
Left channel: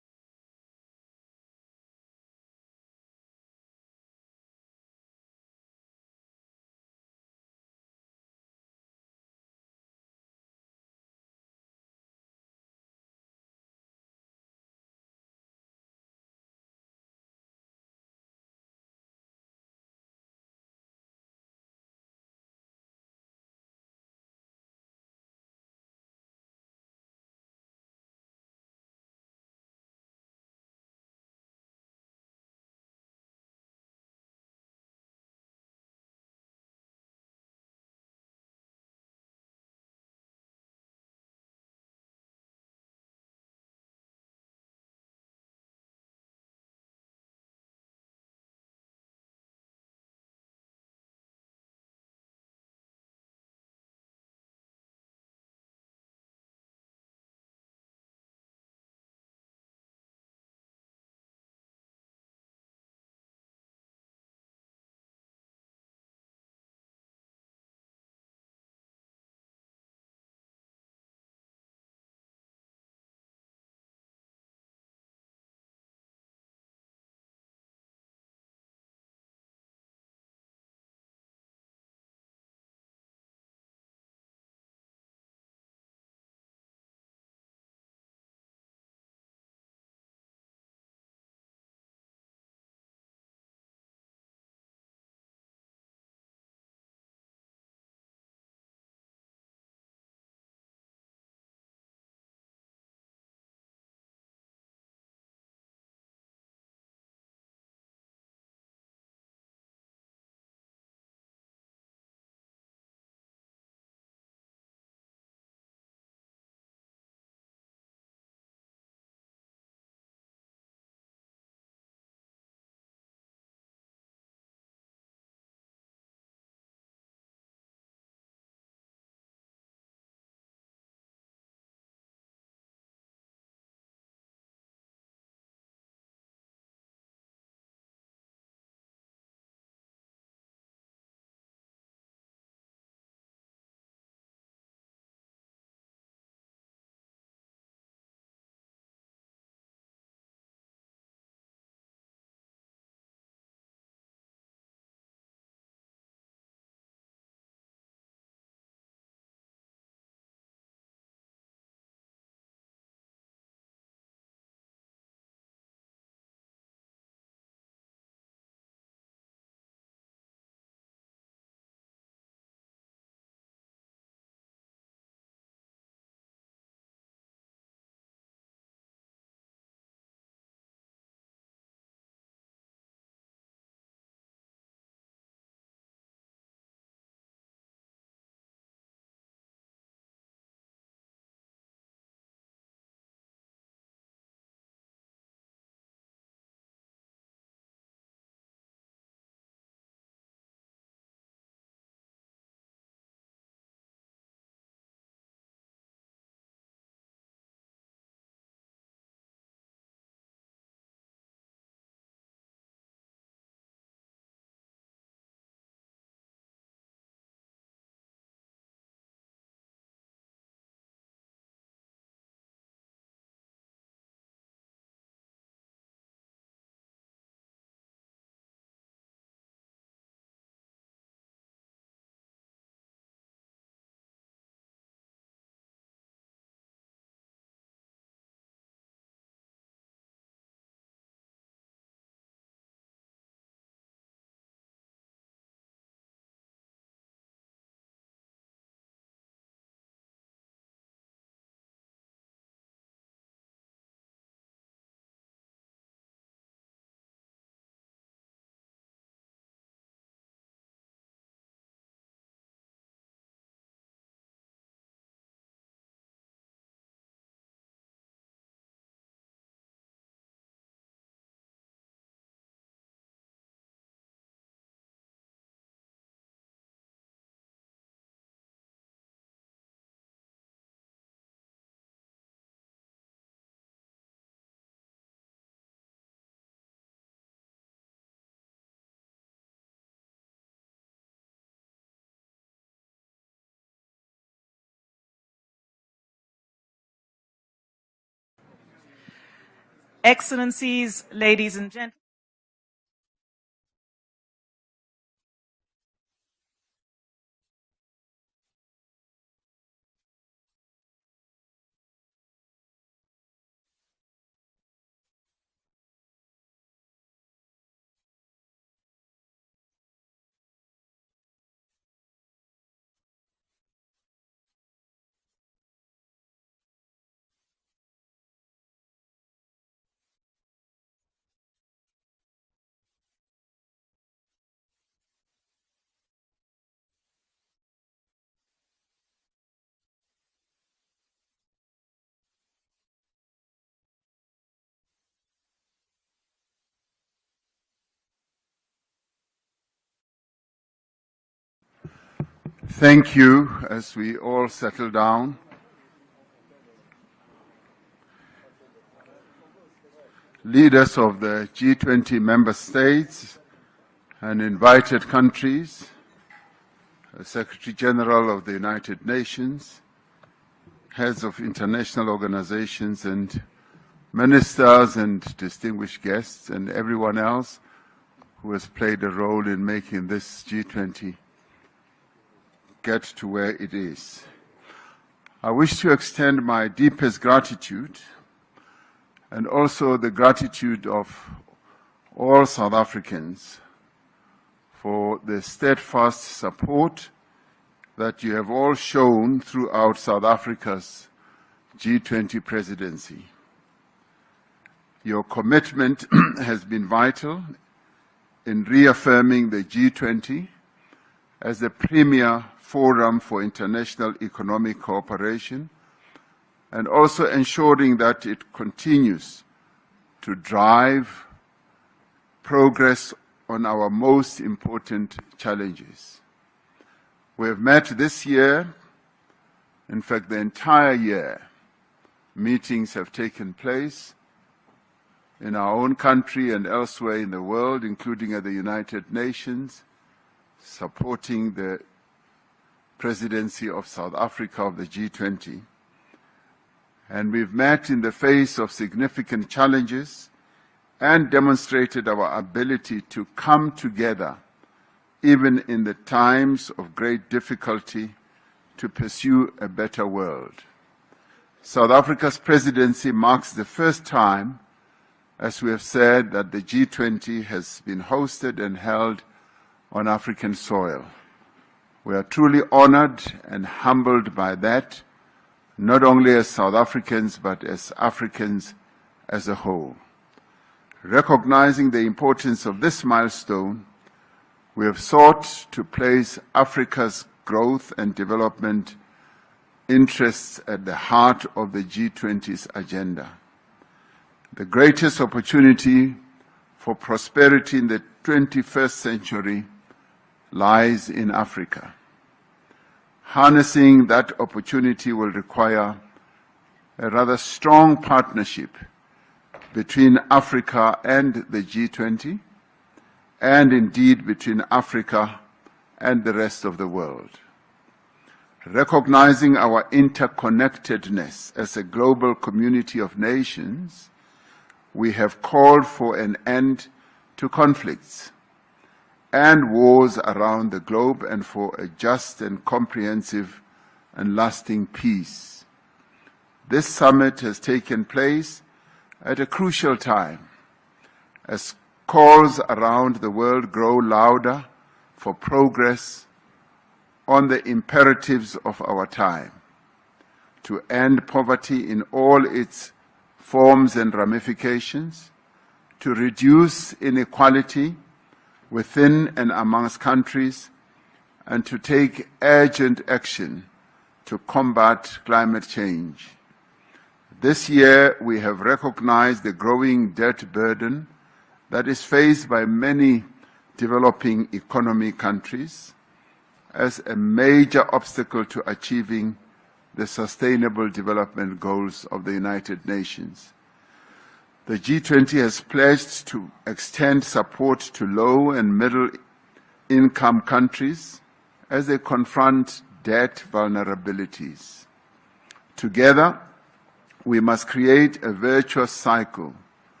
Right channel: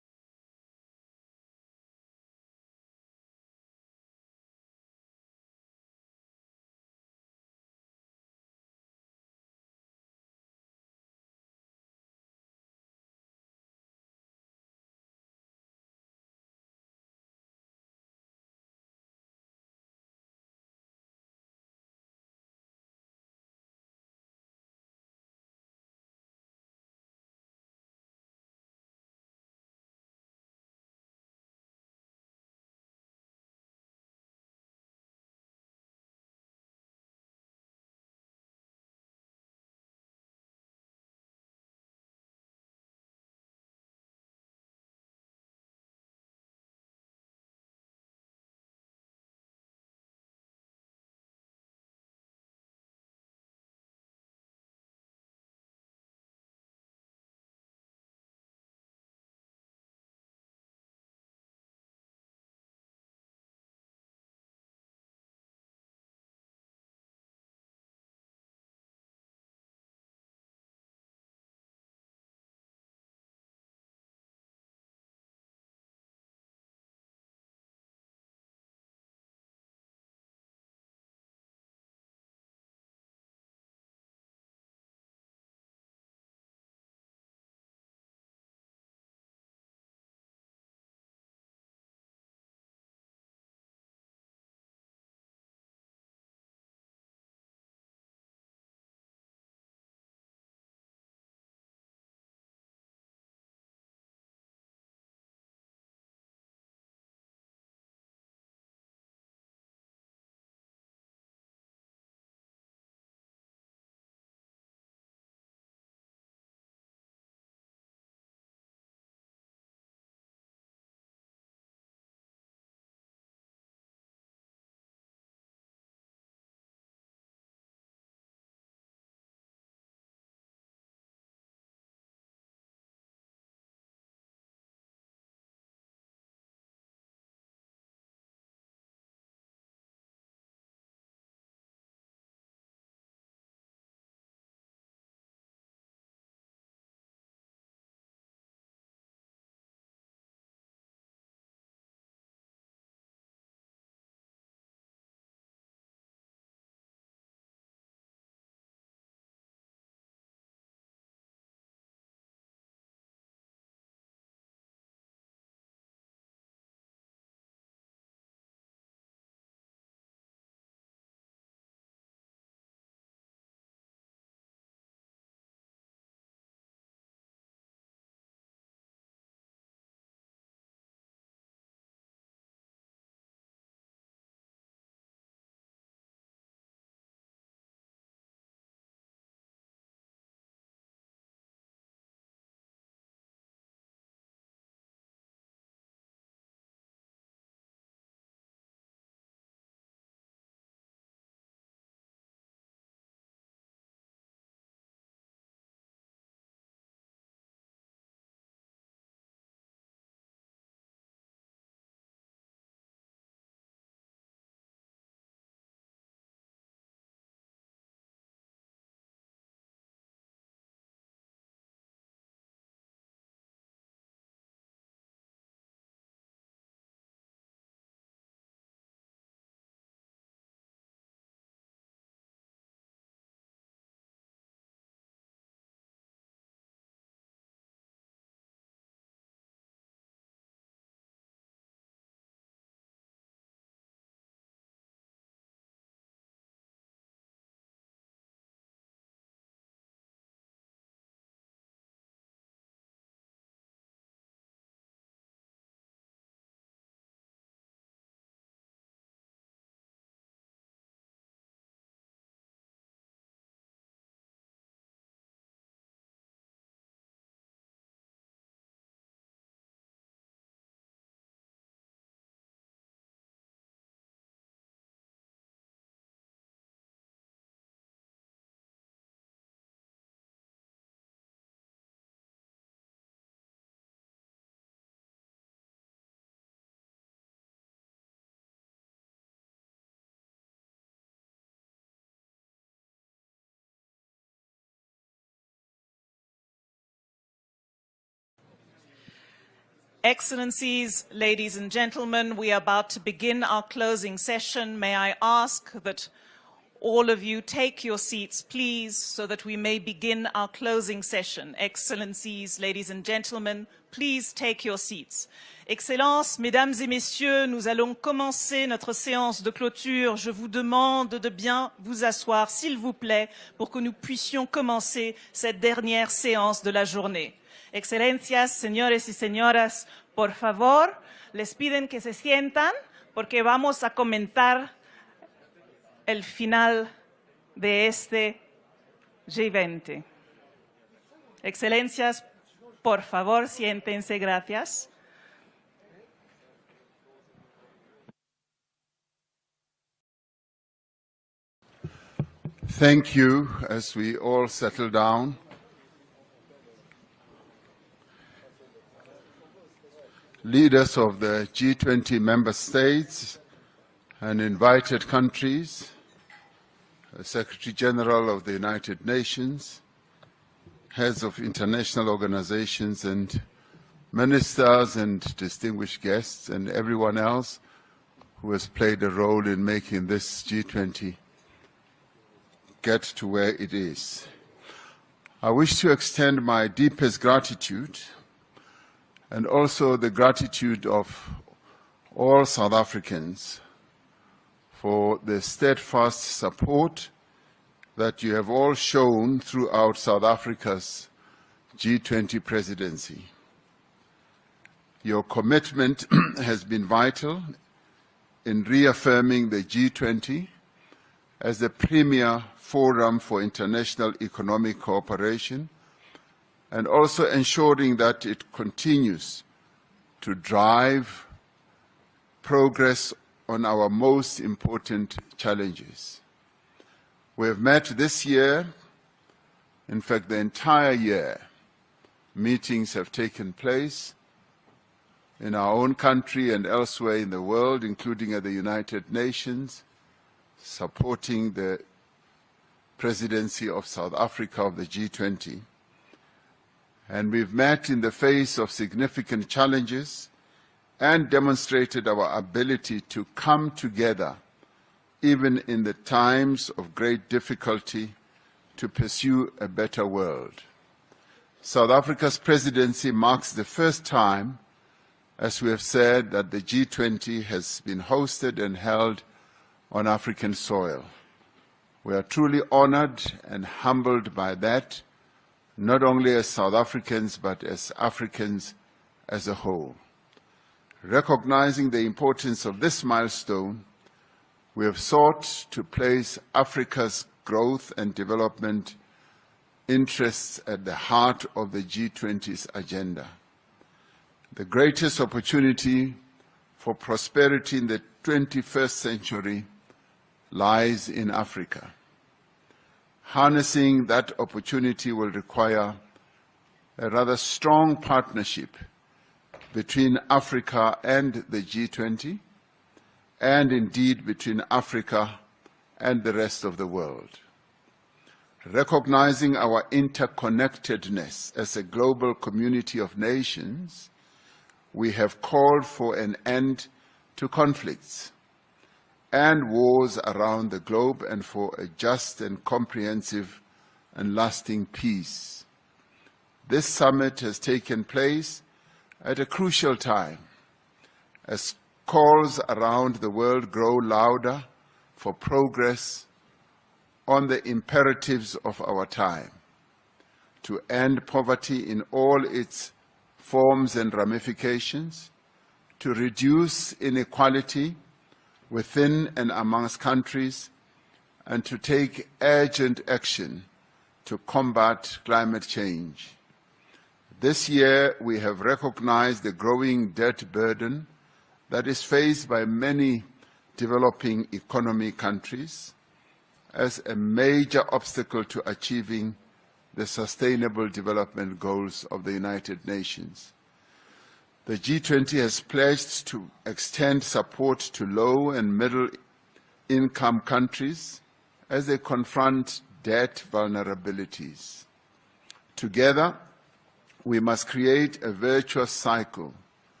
Excellencies, ladies and gentlemen, we are about to begin our closing session. May I ask that all of you take your seats, please, so that we may begin our closing session. Excellencies, ladies and gentlemen, please take your seats. Excellences, mesdames et messieurs, nous allons commencer notre séance de clôture. Je vous demande de bien vous asseoir, s'il vous plaît, pour que nous puissions commencer cette dernière séance de la journée. Excelencias, señores y señoras, por favor, les piden que se sientan porque vamos a comentar el final de este G20. Excelencias, por favor, siéntense, gracias. Thank you. As we all settle down, leaders of the G20 member states and invited countries, Secretary General of the United Nations, heads of international organizations and ministers and distinguished guests and everyone else who has played a role in making this G20 get to where it is. I wish to extend my deepest gratitude and also the gratitude of all South Africans for the steadfast support that you have all shown throughout South Africa's G20 presidency. Your commitment has been vital in reaffirming the G20 as the premier forum for international economic cooperation and also ensuring that it continues to drive progress on our most important challenges. We have met this year, in fact the entire year, meetings have taken place in our own country and elsewhere in the world, including at the United Nations, supporting the presidency of South Africa of the G20. And we've met in the face of significant challenges and demonstrated our ability to come together, even in the times of great difficulty, to pursue a better world. South Africa's presidency marks the first time, as we have said, that the G20 has been hosted and held on African soil. We are truly honored and humbled by that, not only as South Africans, but as Africans as a whole. Recognizing the importance of this milestone, we have sought to place Africa's growth and development interests at the heart of the G20's agenda. The greatest opportunity for prosperity in the 21st century lies in Africa. Harnessing that opportunity will require a rather strong partnership between Africa and the G20, and indeed between Africa and the rest of the world. Recognizing our interconnectedness as a global community of nations, we have called for an end to conflicts and wars around the globe and for a just and comprehensive and lasting peace. This summit has taken place at a crucial time as calls around the world grow louder for progress on the imperatives of our time, to end poverty in all its forms and ramifications, to reduce inequality within and amongst countries, and to take urgent action to combat climate change. This year, we have recognized the growing debt burden that is faced by many developing economy countries as a major obstacle to achieving the Sustainable Development Goals of the United Nations. The G20 has pledged to extend support to low and middle-income countries as they confront debt vulnerabilities. Together, we must create a virtuous cycle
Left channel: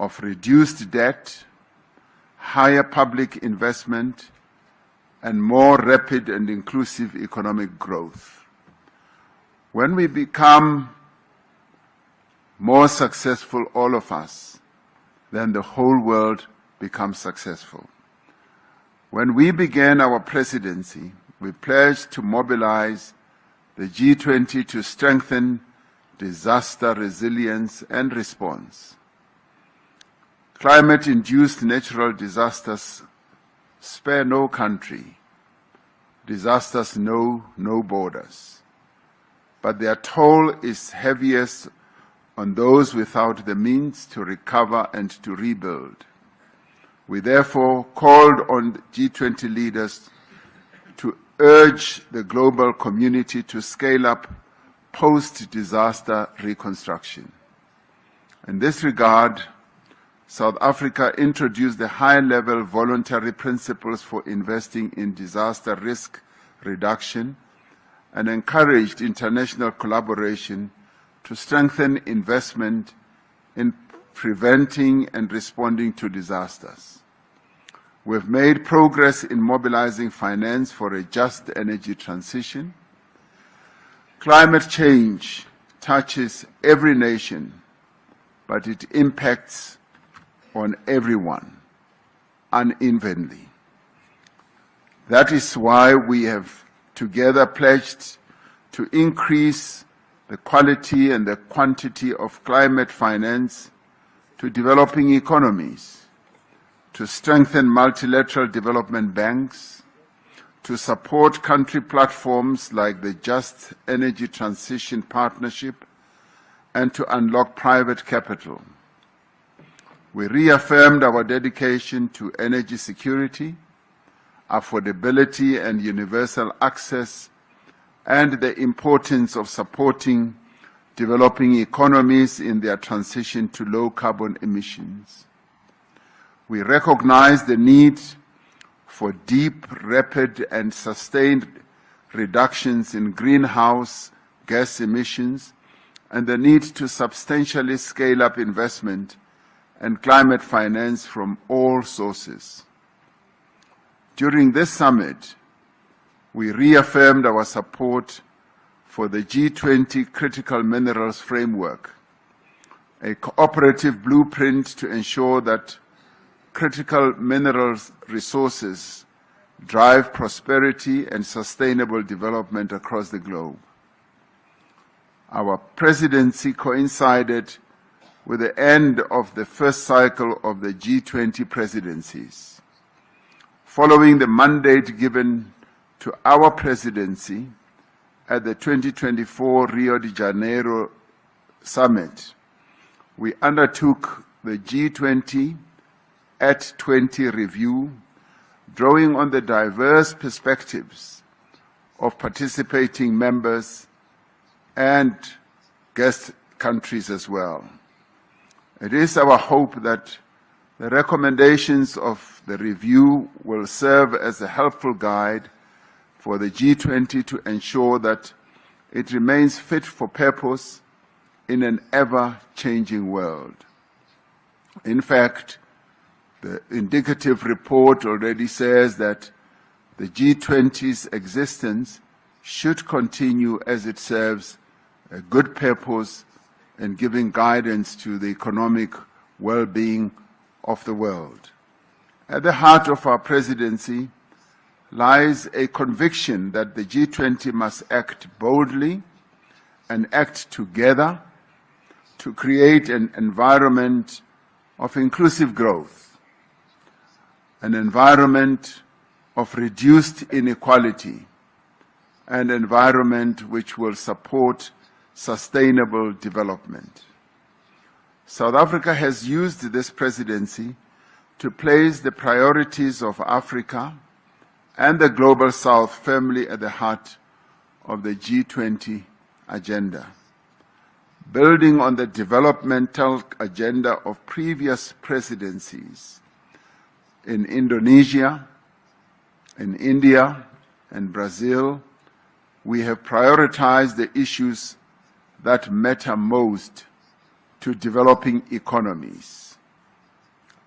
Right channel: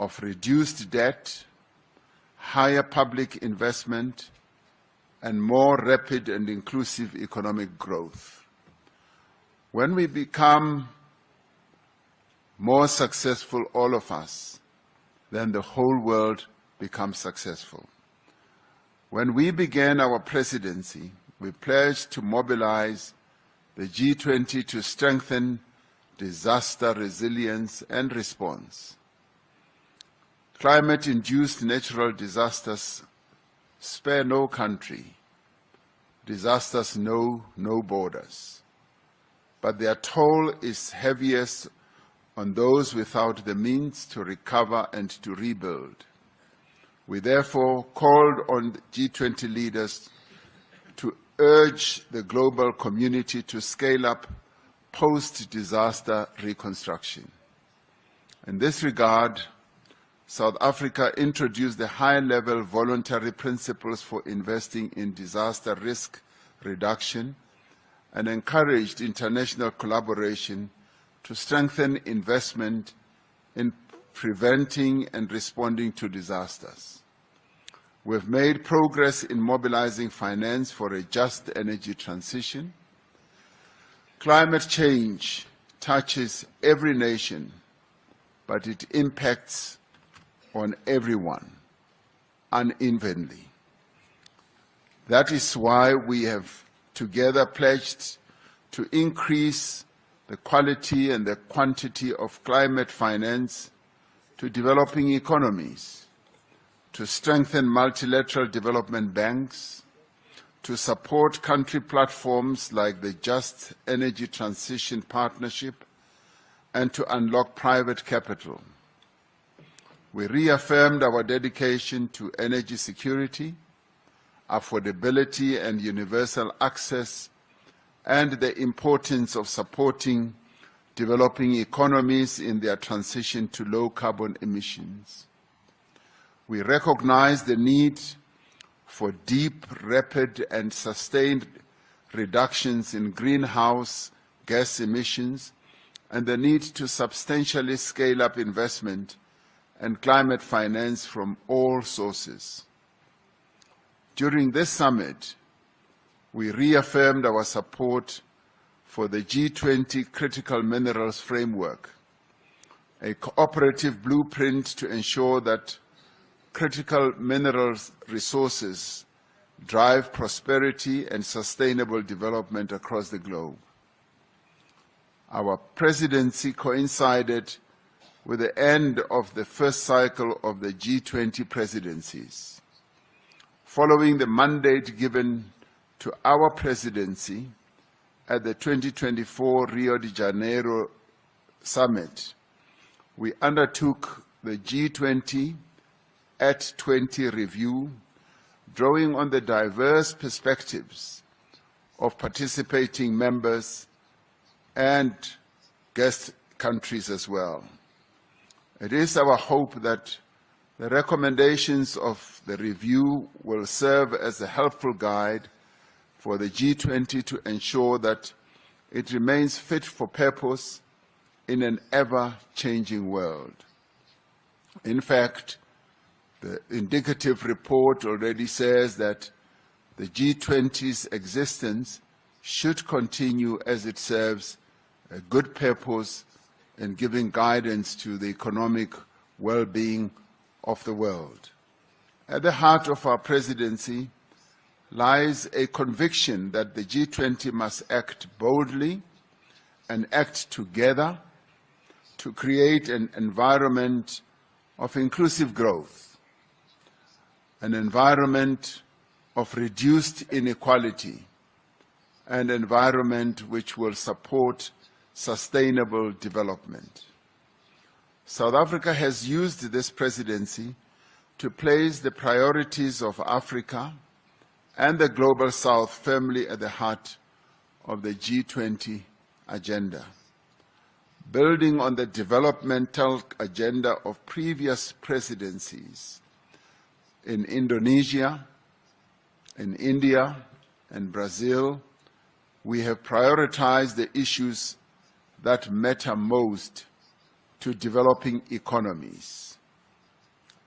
of reduced debt, higher public investment, and more rapid and inclusive economic growth. When we become more successful, all of us, then the whole world becomes successful. When we began our presidency, we pledged to mobilize the G20 to strengthen disaster resilience and response. Climate-induced natural disasters spare no country. Disasters know no borders. But their toll is heaviest on those without the means to recover and to rebuild. We therefore called on G20 leaders to urge the global community to scale up post-disaster reconstruction. In this regard, South Africa introduced the high-level voluntary principles for investing in disaster risk reduction and encouraged international collaboration to strengthen investment in preventing and responding to disasters. We've made progress in mobilizing finance for a just energy transition. Climate change touches every nation, but it impacts on everyone unevenly. That is why we have together pledged to increase the quality and the quantity of climate finance to developing economies, to strengthen multilateral development banks, to support country platforms like the Just Energy Transition Partnership, and to unlock private capital. We reaffirmed our dedication to energy security, affordability and universal access, and the importance of supporting developing economies in their transition to low carbon emissions. We recognize the need for deep, rapid, and sustained reductions in greenhouse gas emissions and the need to substantially scale up investment and climate finance from all sources. During this summit, we reaffirmed our support for the G20 Critical Minerals Framework, a cooperative blueprint to ensure that critical minerals resources drive prosperity and sustainable development across the globe. Our presidency coincided with the end of the first cycle of the G20 presidencies. Following the mandate given to our presidency at the 2024 Rio de Janeiro Summit, we undertook the G20 at 20 review, drawing on the diverse perspectives of participating members and guest countries as well. It is our hope that the recommendations of the review will serve as a helpful guide for the G20 to ensure that it remains fit for purpose in an ever-changing world. In fact, the indicative report already says that the G20's existence should continue as it serves a good purpose in giving guidance to the economic well-being of the world. At the heart of our presidency lies a conviction that the G20 must act boldly and act together to create an environment of inclusive growth, an environment of reduced inequality, an environment which will support sustainable development. South Africa has used this presidency to place the priorities of Africa and the Global South firmly at the heart of the G20 agenda. Building on the developmental agenda of previous presidencies in Indonesia, in India, and Brazil, we have prioritized the issues that matter most to developing economies:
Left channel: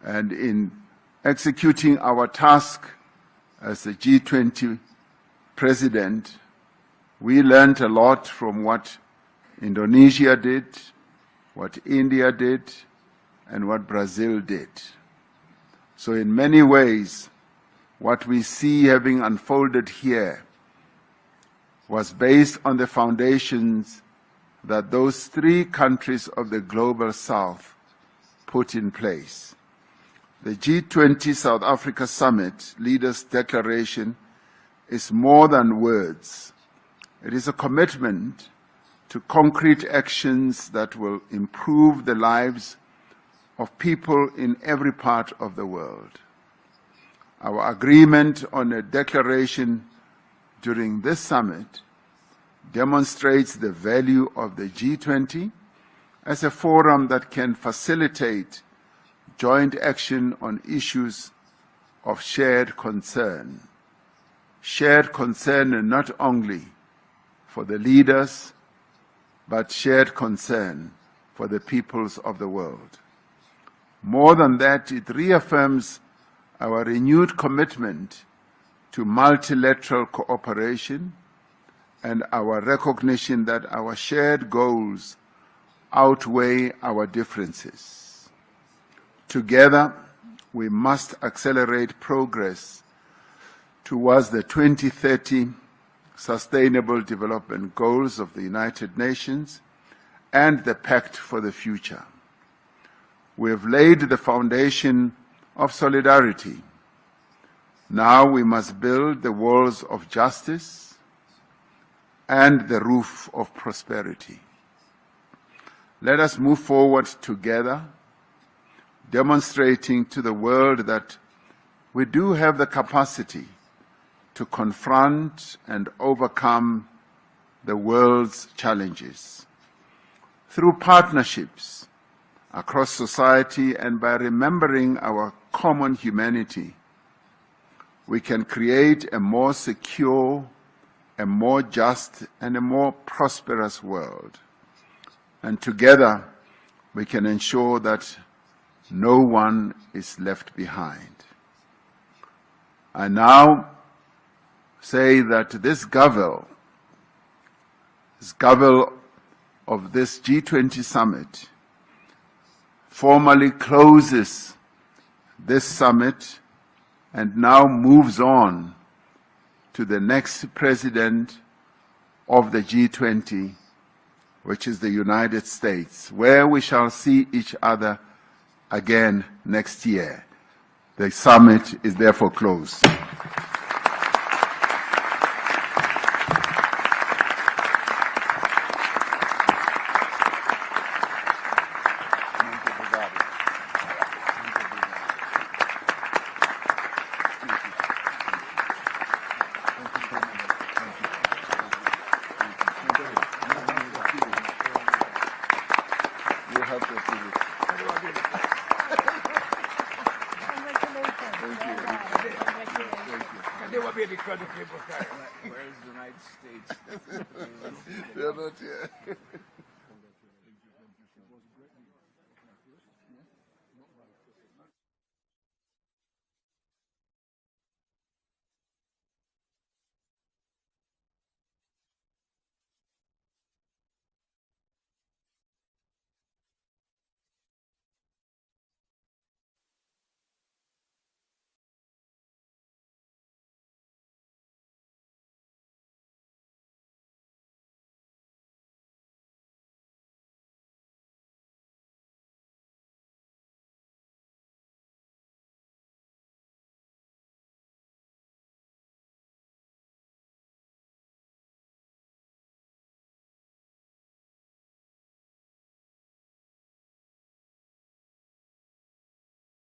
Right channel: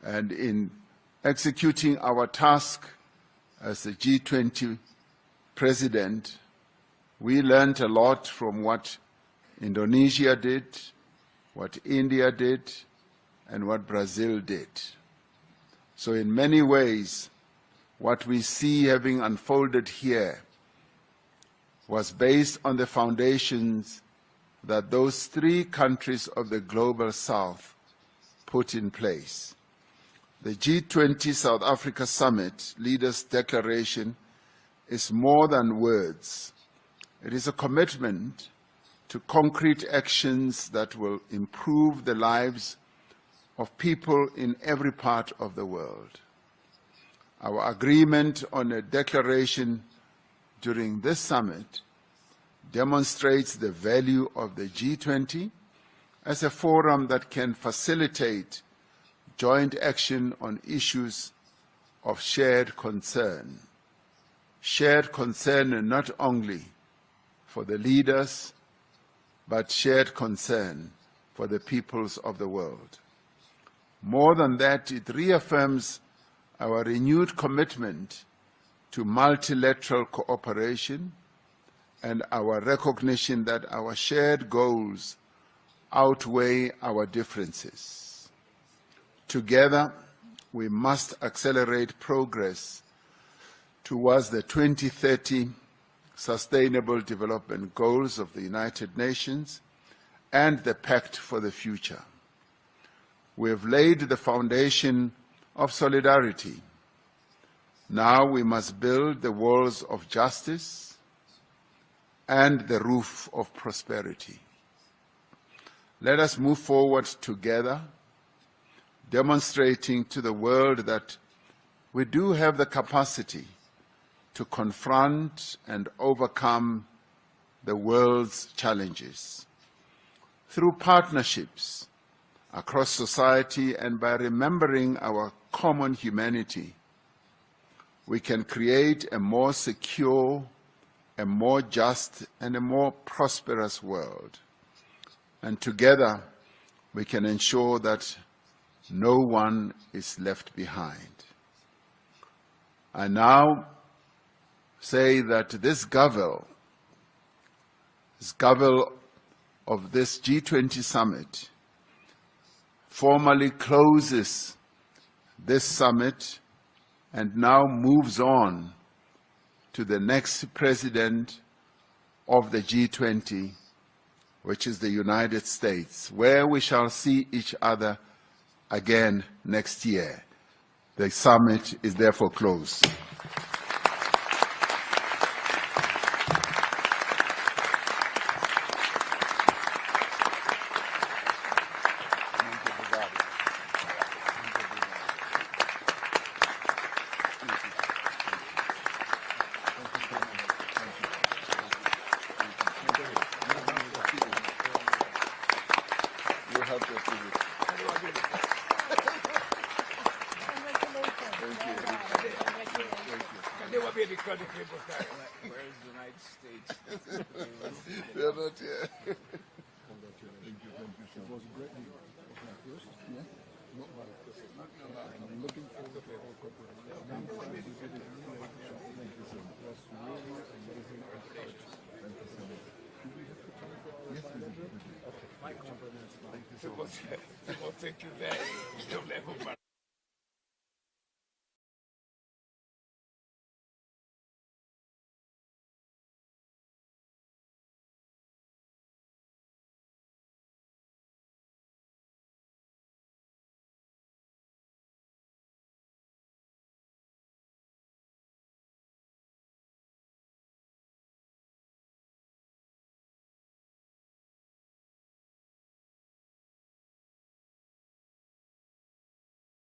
And in executing our task as the G20 president, we learned a lot from what Indonesia did, what India did, and what Brazil did. So in many ways, what we see having unfolded here was based on the foundations that those three countries of the Global South put in place. The G20 South Africa Summit Leaders' Declaration is more than words. It is a commitment to concrete actions that will improve the lives of people in every part of the world. Our agreement on a declaration during this summit demonstrates the value of the G20 as a forum that can facilitate joint action on issues of shared concern. Shared concern not only for the leaders, but shared concern for the peoples of the world. More than that, it reaffirms our renewed commitment to multilateral cooperation and our recognition that our shared goals outweigh our differences. Together, we must accelerate progress towards the 2030 Sustainable Development Goals of the United Nations and the Pact for the Future. We have laid the foundation of solidarity. Now we must build the walls of justice and the roof of prosperity. Let us move forward together, demonstrating to the world that we do have the capacity to confront and overcome the world's challenges. Through partnerships across society and by remembering our common humanity, we can create a more secure, a more just, and a more prosperous world. And together, we can ensure that no one is left behind. I now say that this Gavel of this G20 summit formally closes this summit and now moves on to the next president of the G20, which is the United States, where we shall see each other again next year. The summit is therefore closed. They will be because of people carry. Where is the United States? They're not here. People think you there. You'll never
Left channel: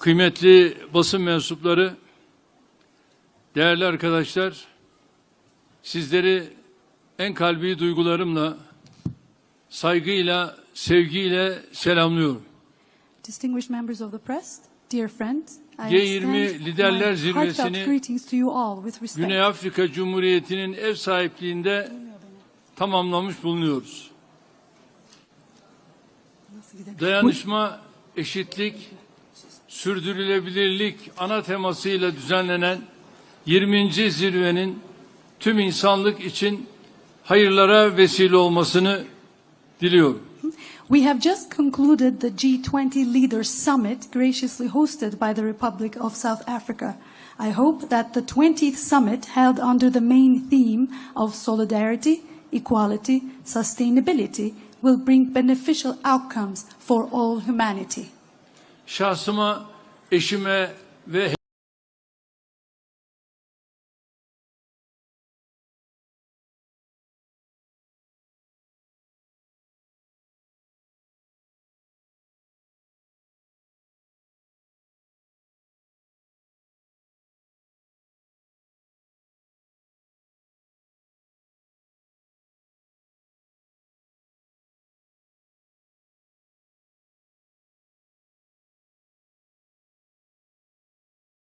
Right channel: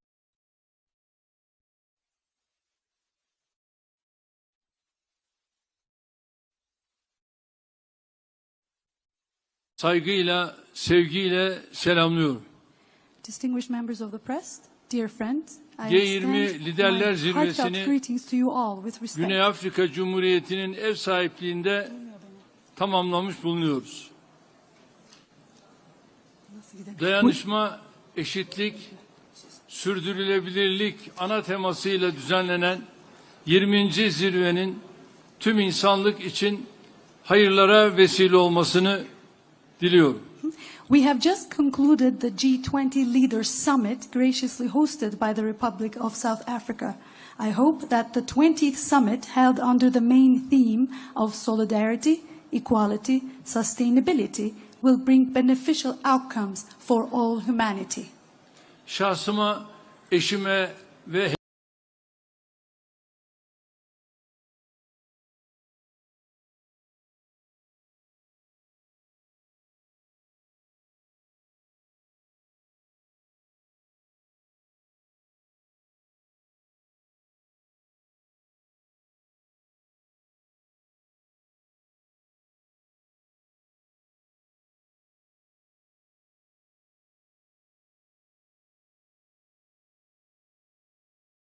kıymetli basın mensupları, değerli arkadaşlar, sizleri en kalbi duygularımla, saygıyla, sevgiyle selamlıyorum. Distinguished members of the press, dear friends, I G20 extend Liderler my Zirvesi'ni heartfelt greetings to you all with respect. Güney Afrika Cumhuriyeti'nin ev sahipliğinde tamamlamış bulunuyoruz. Dayanışma, eşitlik, sürdürülebilirlik ana temasıyla düzenlenen 20. zirvenin tüm insanlık için hayırlara vesile olmasını diliyorum. We have just concluded the G20 Leaders Summit graciously hosted by the Republic of South Africa. I hope that the 20th summit held under the main theme of solidarity, equality, sustainability will bring beneficial outcomes for all humanity. Şahsıma, eşime ve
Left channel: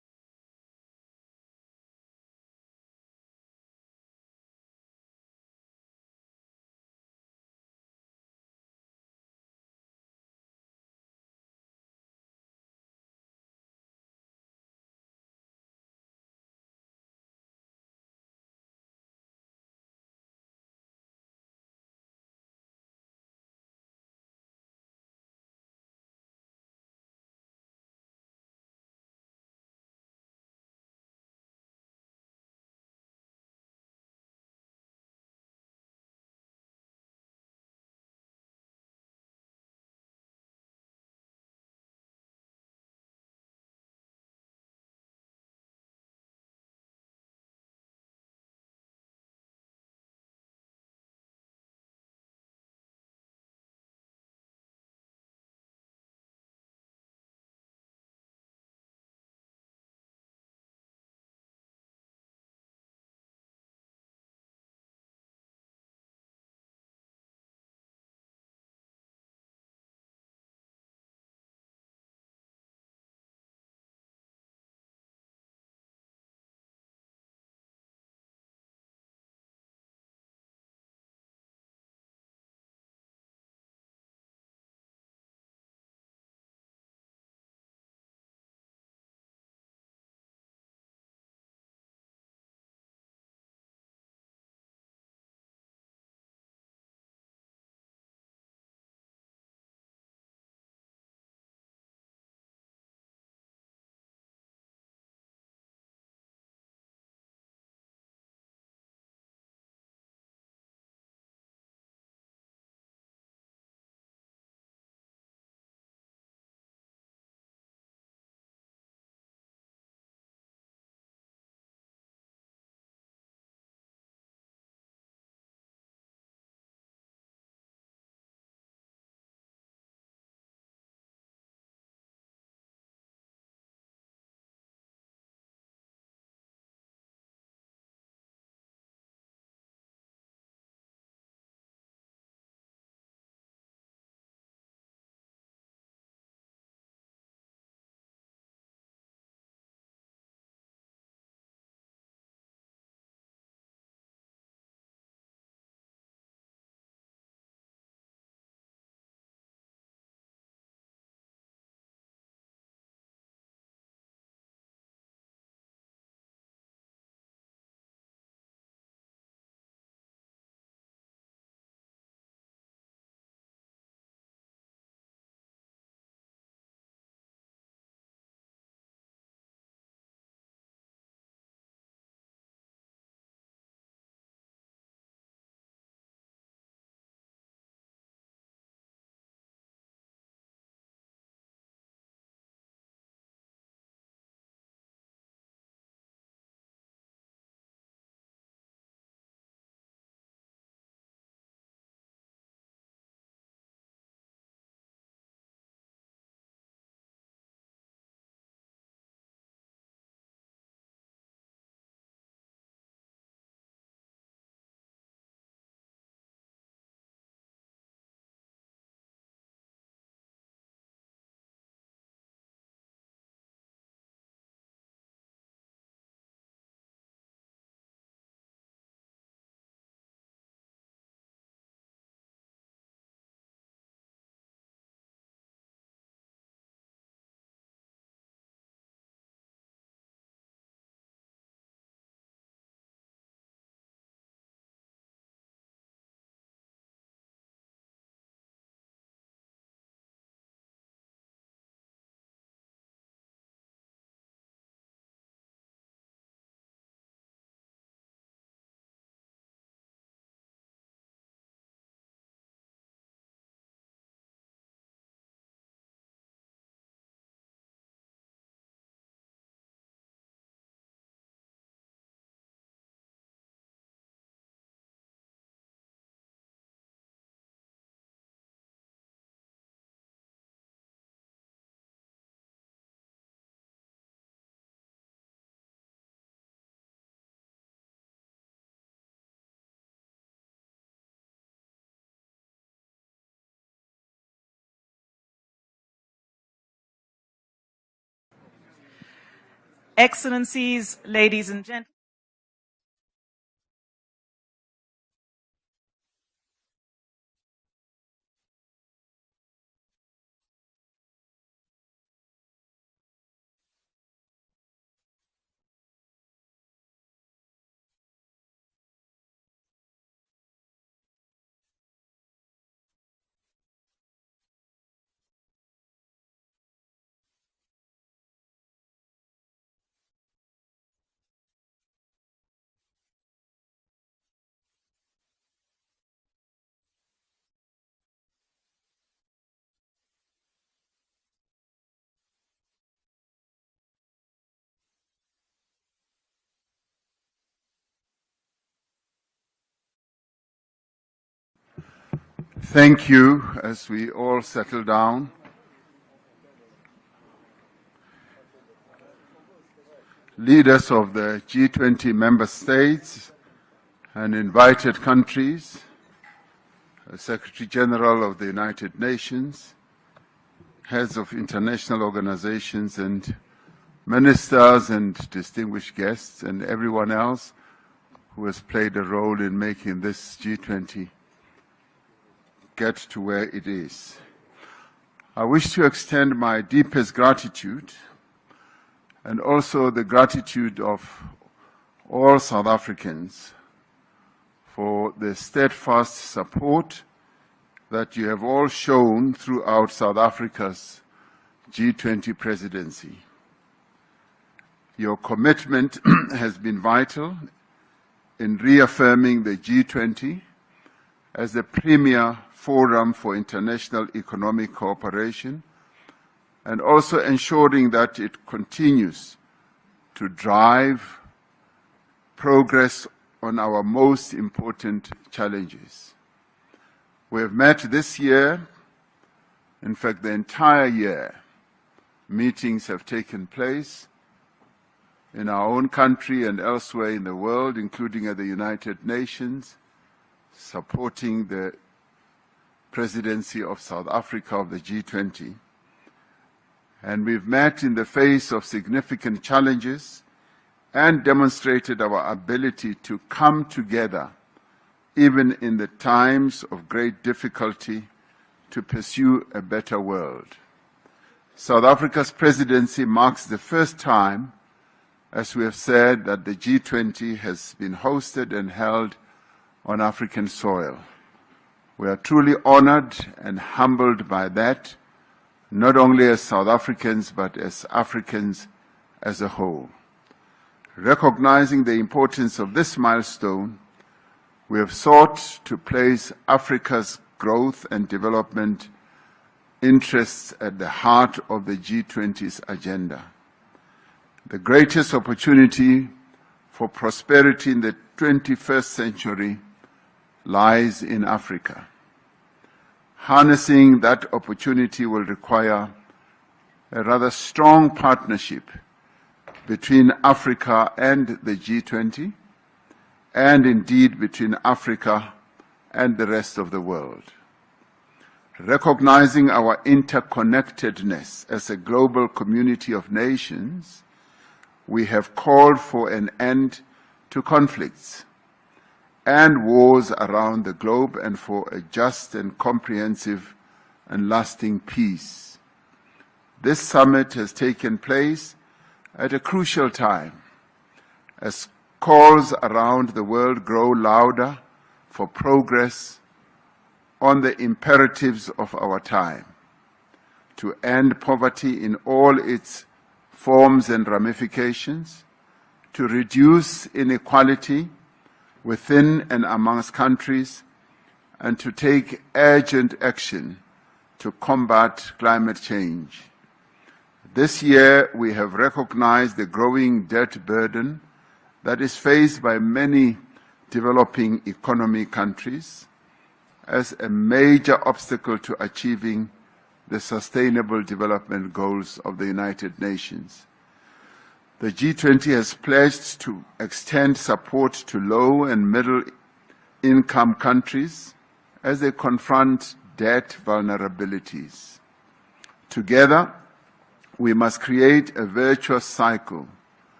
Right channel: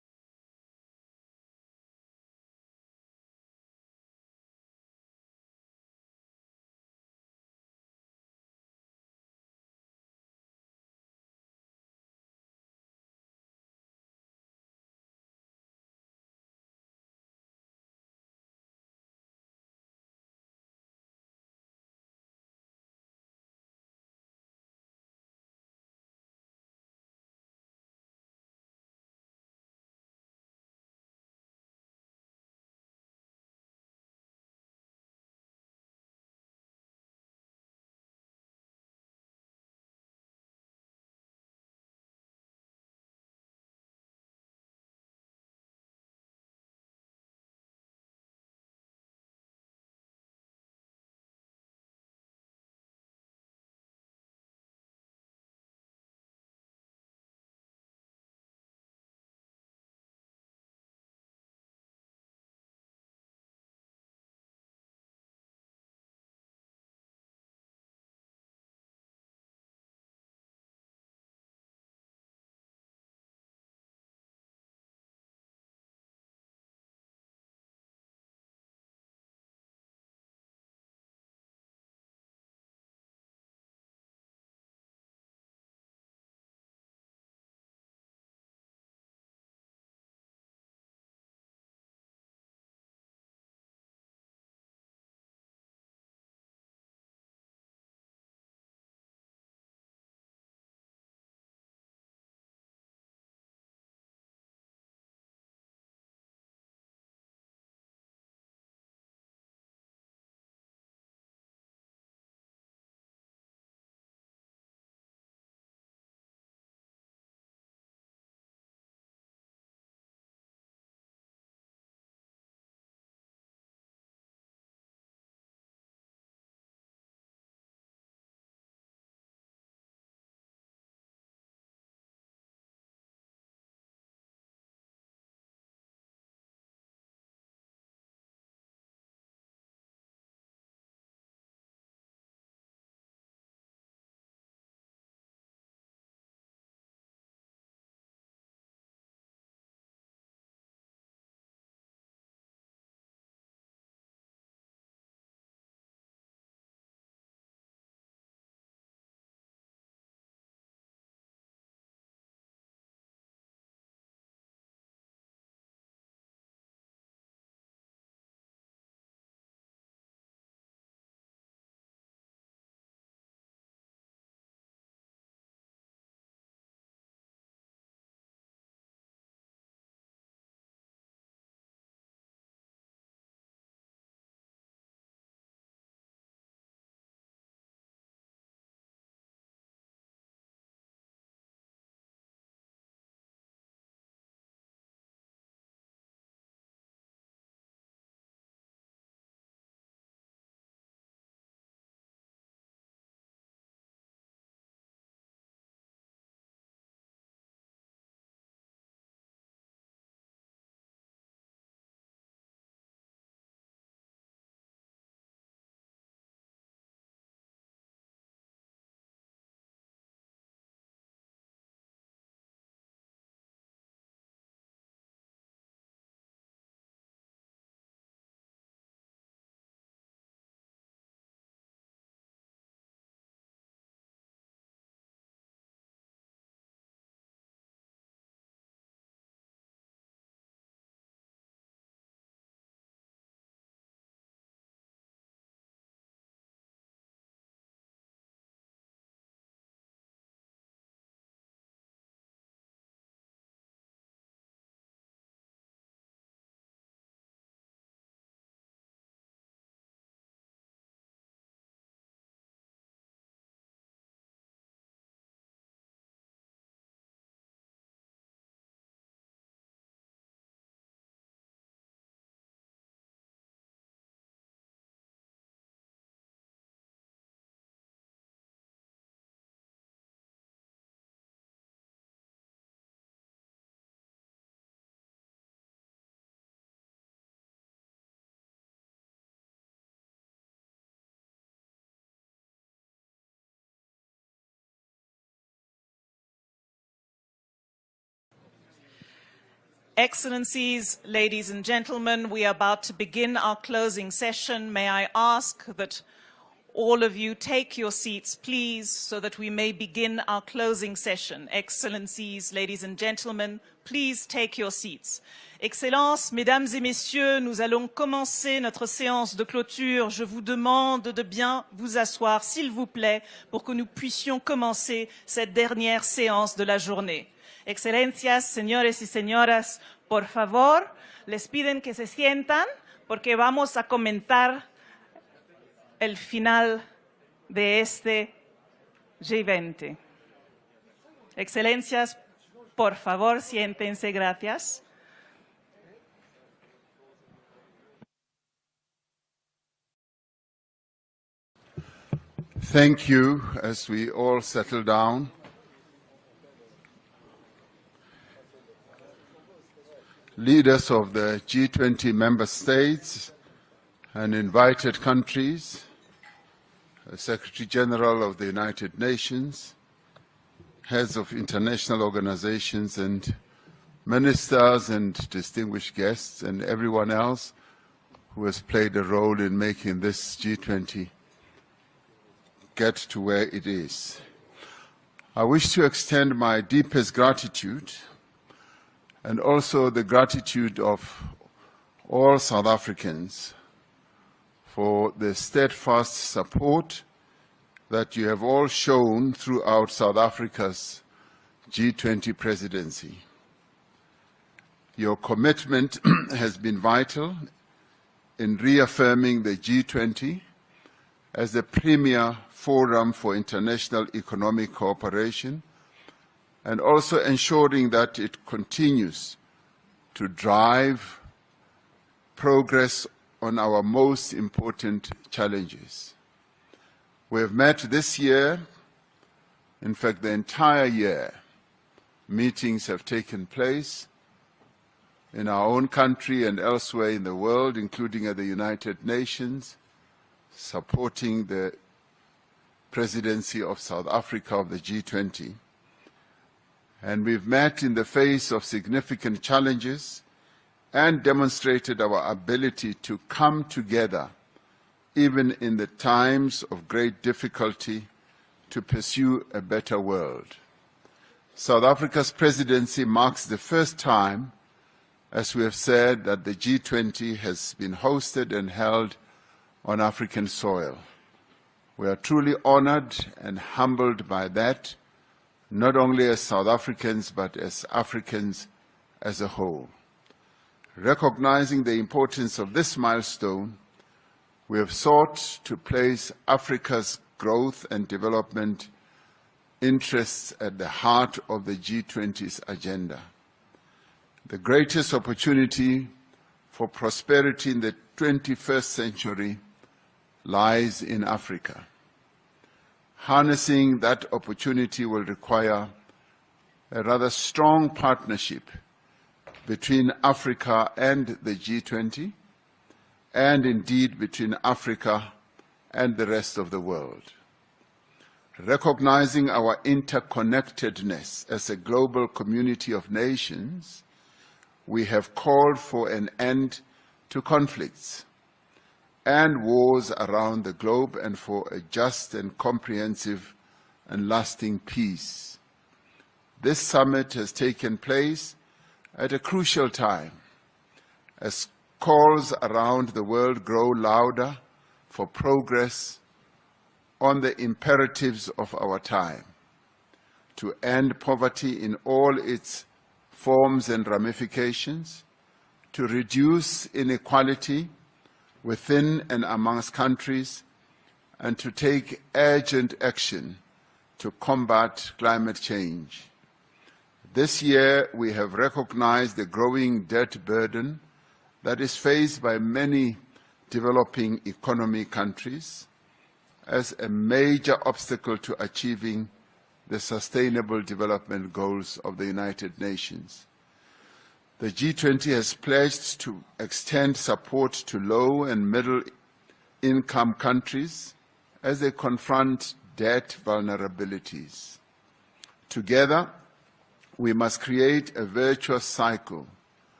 Excellencies, ladies and gentlemen, we are about to begin our closing session. May I ask that all of you take your seats, please, so that we may begin our closing session. Excellencies, ladies and gentlemen, please take your seats. Excellences, mesdames et messieurs, nous allons commencer notre séance de clôture. Je vous demande de bien vous asseoir, s'il vous plaît, pour que nous puissions commencer cette dernière séance de la journée. Excelencias, señores y señoras, por favor, les piden que se sientan porque vamos a comentar el final de este G20. Excelencias, por favor, siéntense, gracias. Thank you. As we all settle down, leaders of the G20 member states and invited countries, Secretary General of the United Nations, heads of international organizations and ministers and distinguished guests and everyone else who has played a role in making this G20 get to where it is. I wish to extend my deepest gratitude and also the gratitude of all South Africans for the steadfast support that you have all shown throughout South Africa's G20 presidency. Your commitment has been vital in reaffirming the G20 as the premier forum for international economic cooperation and also ensuring that it continues to drive progress on our most important challenges. We have met this year, in fact the entire year. Meetings have taken place in our own country and elsewhere in the world, including at the United Nations, supporting the presidency of South Africa of the G20. And we've met in the face of significant challenges and demonstrated our ability to come together, even in the times of great difficulty, to pursue a better world. South Africa's presidency marks the first time, as we have said, that the G20 has been hosted and held on African soil. We are truly honored and humbled by that, not only as South Africans, but as Africans as a whole. Recognizing the importance of this milestone, we have sought to place Africa's growth and development interests at the heart of the G20's agenda. The greatest opportunity for prosperity in the 21st century lies in Africa. Harnessing that opportunity will require a rather strong partnership between Africa and the G20, and indeed between Africa and the rest of the world. Recognizing our interconnectedness as a global community of nations, we have called for an end to conflicts and wars around the globe and for a just and comprehensive and lasting peace. This summit has taken place at a crucial time as calls around the world grow louder for progress on the imperatives of our time, to end poverty in all its forms and ramifications, to reduce inequality within and amongst countries, and to take urgent action to combat climate change. This year, we have recognized the growing debt burden that is faced by many developing economy countries as a major obstacle to achieving the Sustainable Development Goals of the United Nations. The G20 has pledged to extend support to low and middle-income countries as they confront debt vulnerabilities. Together, we must create a virtuous cycle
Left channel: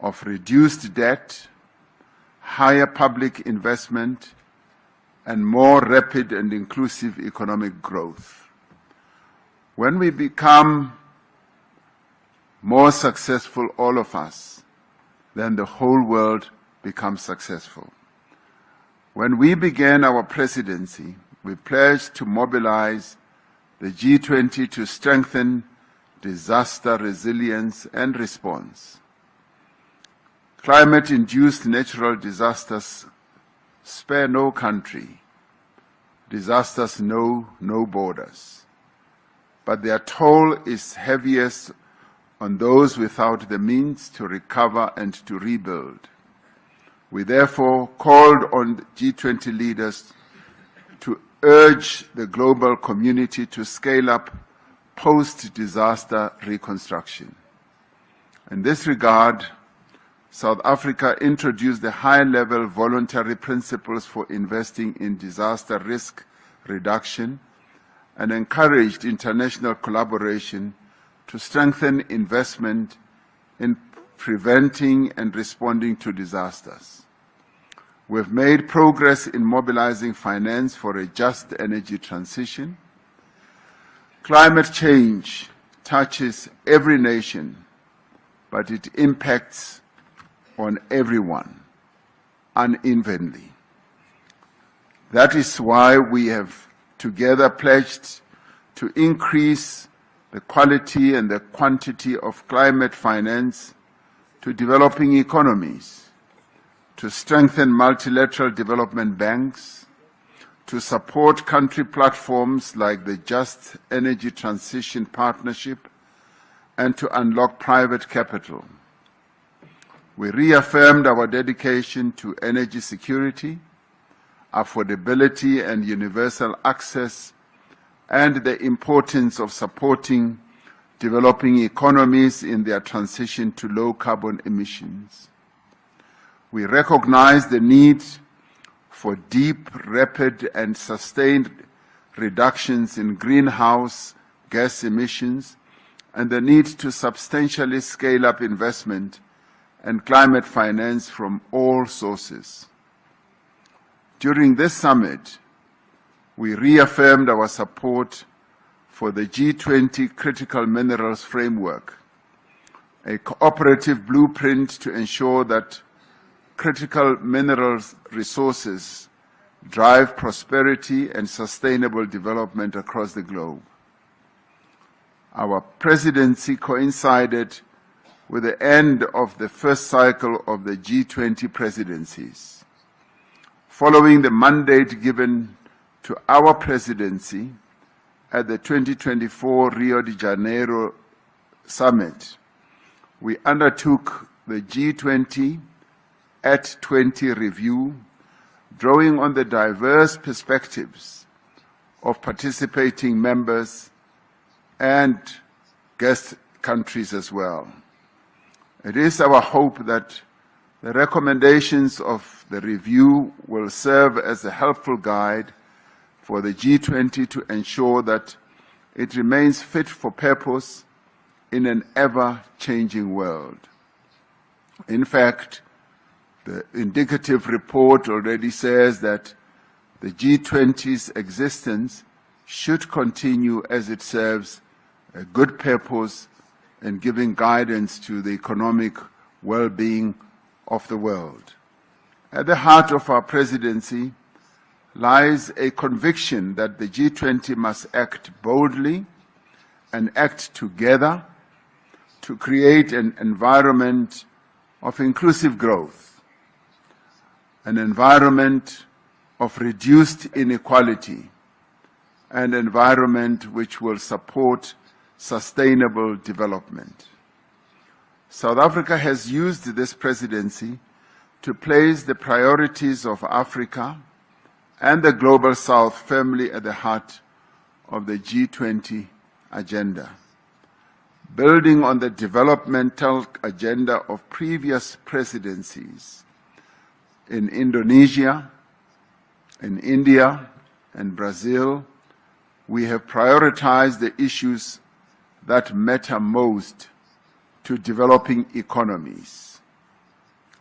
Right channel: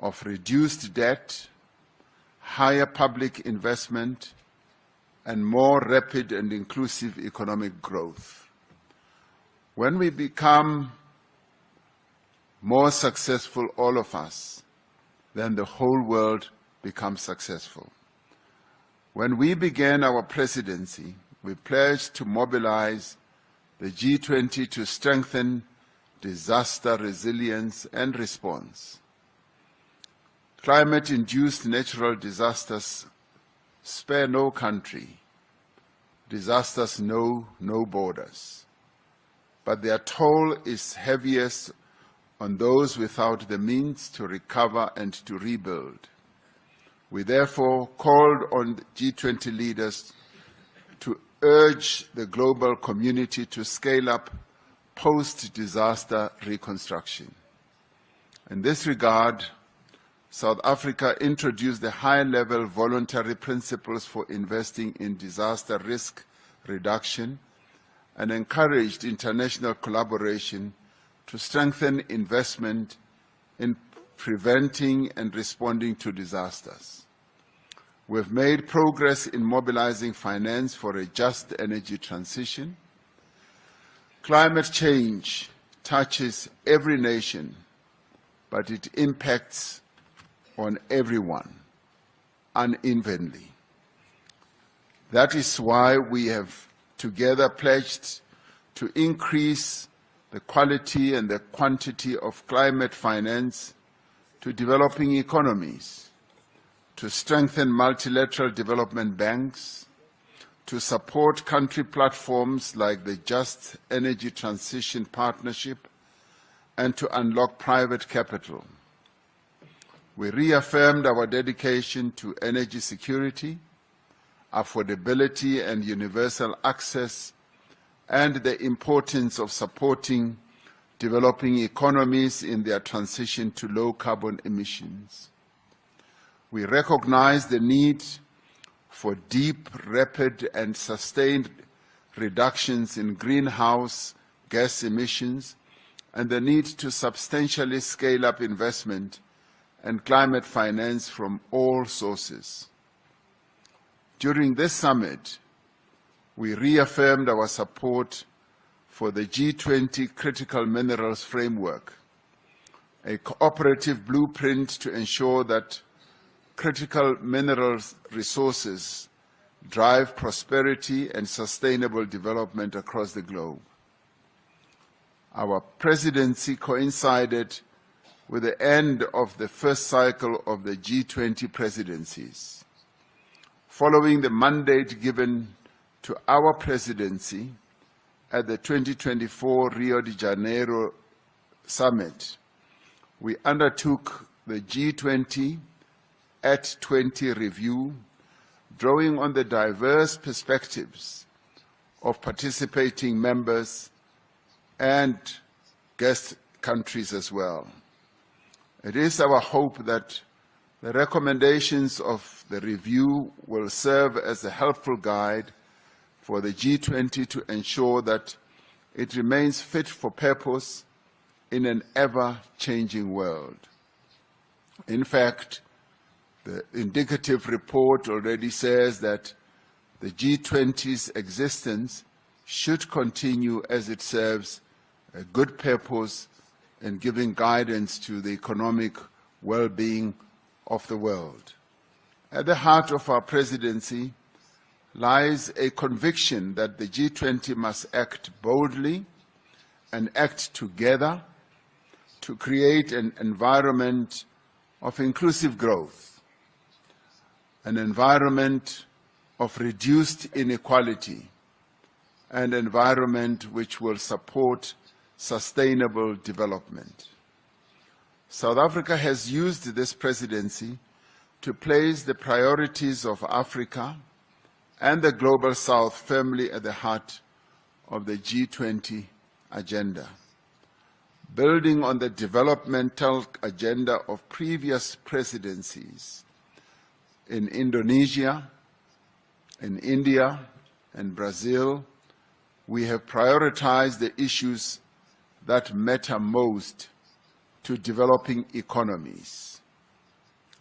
of reduced debt, higher public investment, and more rapid and inclusive economic growth. When we become more successful, all of us, then the whole world becomes successful. When we began our presidency, we pledged to mobilize the G20 to strengthen disaster resilience and response. Climate-induced natural disasters spare no country. Disasters know no borders. But their toll is heaviest on those without the means to recover and to rebuild. We therefore called on G20 leaders to urge the global community to scale up post-disaster reconstruction. In this regard, South Africa introduced the high-level voluntary principles for investing in disaster risk reduction and encouraged international collaboration to strengthen investment in preventing and responding to disasters. We've made progress in mobilizing finance for a just energy transition. Climate change touches every nation, but it impacts on everyone unevenly. That is why we have together pledged to increase the quality and the quantity of climate finance to developing economies, to strengthen multilateral development banks, to support country platforms like the Just Energy Transition Partnership, and to unlock private capital. We reaffirmed our dedication to energy security, affordability and universal access, and the importance of supporting developing economies in their transition to low carbon emissions. We recognize the need for deep, rapid, and sustained reductions in greenhouse gas emissions and the need to substantially scale up investment and climate finance from all sources. During this summit, we reaffirmed our support for the G20 Critical Minerals Framework, a cooperative blueprint to ensure that critical minerals resources drive prosperity and sustainable development across the globe. Our presidency coincided with the end of the first cycle of the G20 presidencies. Following the mandate given to our presidency at the 2024 Rio de Janeiro Summit, we undertook the G20 at 20 review, drawing on the diverse perspectives of participating members and guest countries as well. It is our hope that the recommendations of the review will serve as a helpful guide for the G20 to ensure that it remains fit for purpose in an ever-changing world. In fact, the indicative report already says that the G20's existence should continue as it serves a good purpose in giving guidance to the economic well-being of the world. At the heart of our presidency lies a conviction that the G20 must act boldly and act together to create an environment of inclusive growth, an environment of reduced inequality, an environment which will support sustainable development. South Africa has used this presidency to place the priorities of Africa and the Global South firmly at the heart of the G20 agenda. Building on the developmental agenda of previous presidencies in Indonesia, in India, and Brazil, we have prioritized the issues that matter most to developing economies:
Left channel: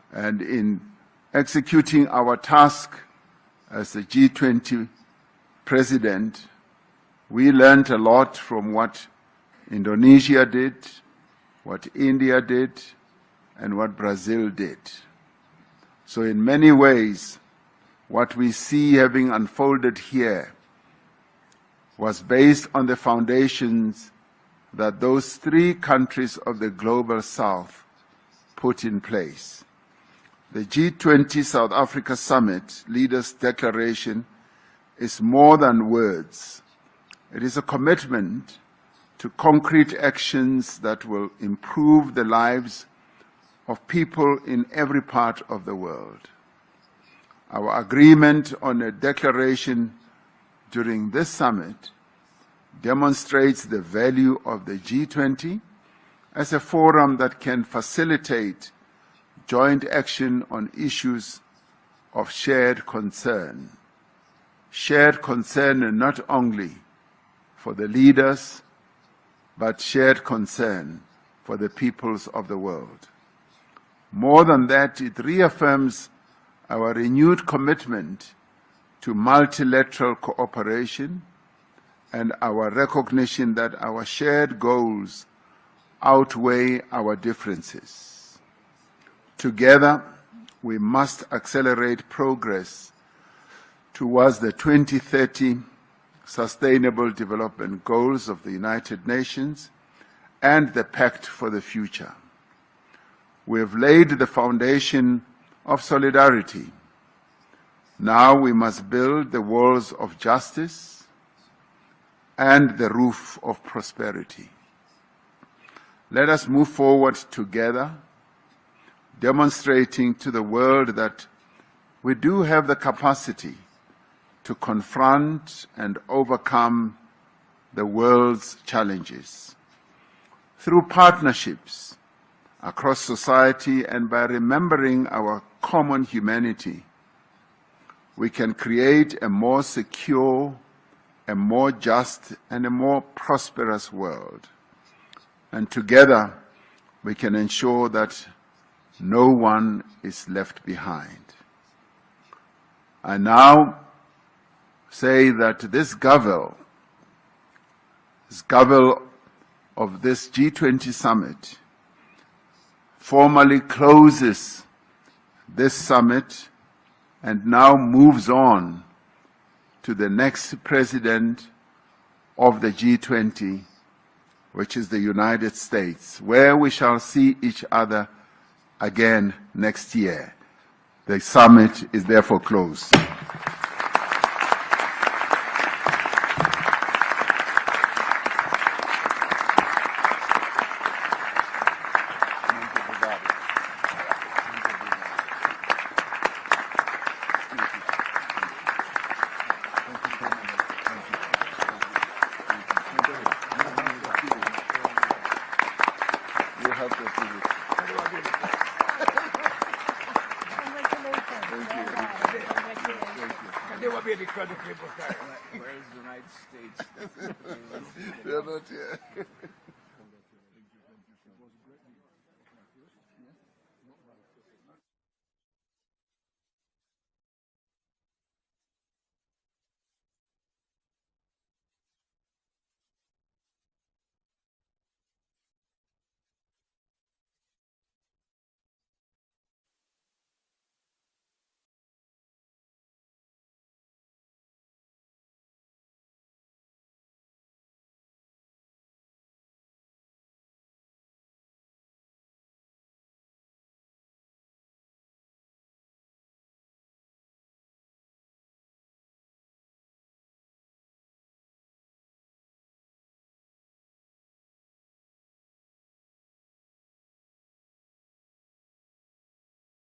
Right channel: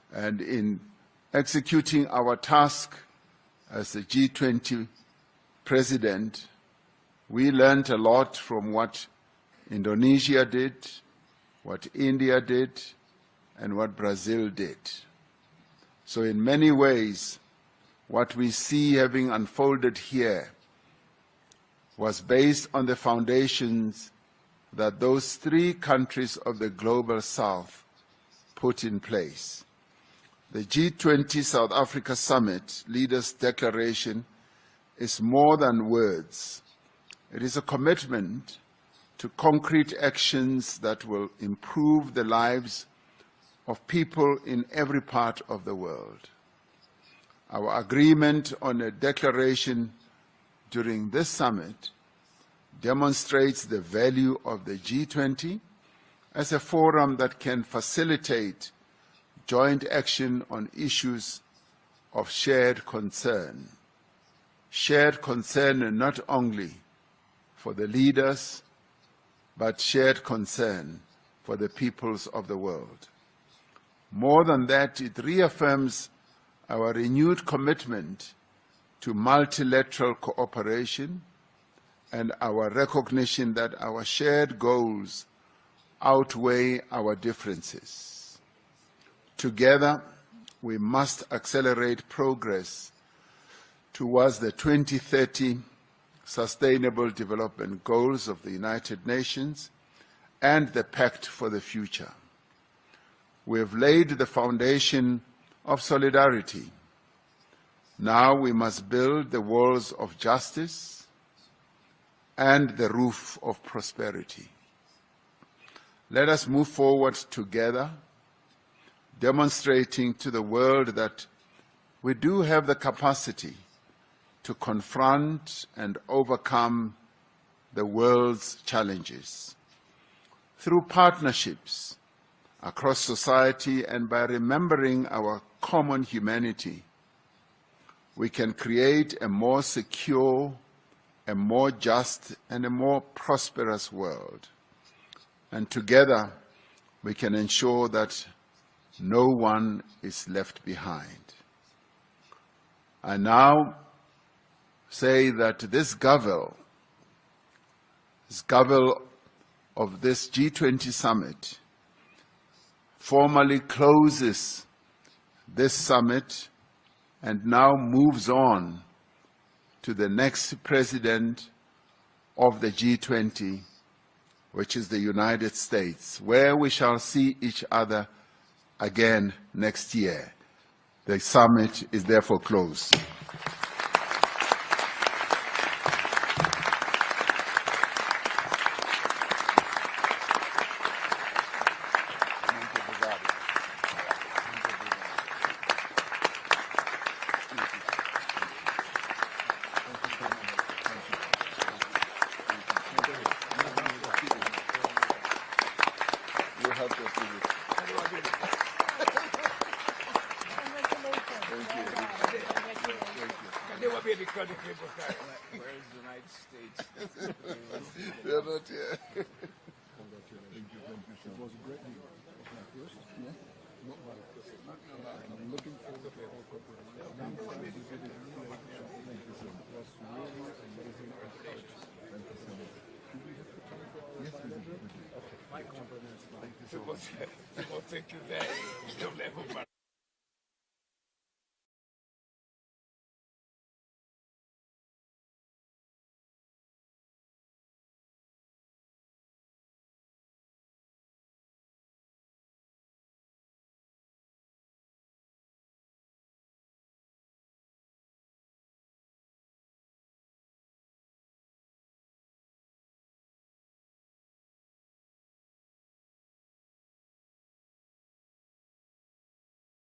And in executing our task as the G20 president, we learned a lot from what Indonesia did, what India did, and what Brazil did. So in many ways, what we see having unfolded here was based on the foundations that those three countries of the Global South put in place. The G20 South Africa Summit Leaders' Declaration is more than words. It is a commitment to concrete actions that will improve the lives of people in every part of the world. Our agreement on a declaration during this summit demonstrates the value of the G20 as a forum that can facilitate joint action on issues of shared concern. Shared concern not only for the leaders, but shared concern for the peoples of the world. More than that, it reaffirms our renewed commitment to multilateral cooperation and our recognition that our shared goals outweigh our differences. Together, we must accelerate progress towards the 2030 Sustainable Development Goals of the United Nations and the Pact for the Future. We have laid the foundation of solidarity. Now we must build the walls of justice and the roof of prosperity. Let us move forward together, demonstrating to the world that we do have the capacity to confront and overcome the world's challenges. Through partnerships across society and by remembering our common humanity, we can create a more secure, a more just, and a more prosperous world. And together, we can ensure that no one is left behind. I now say that this Gavel of this G20 summit formally closes this summit and now moves on to the next president of the G20, which is the United States, where we shall see each other again next year. The summit is therefore closed. They will be because of people carrying it. Where is the United States? They're not here. Thank you very much.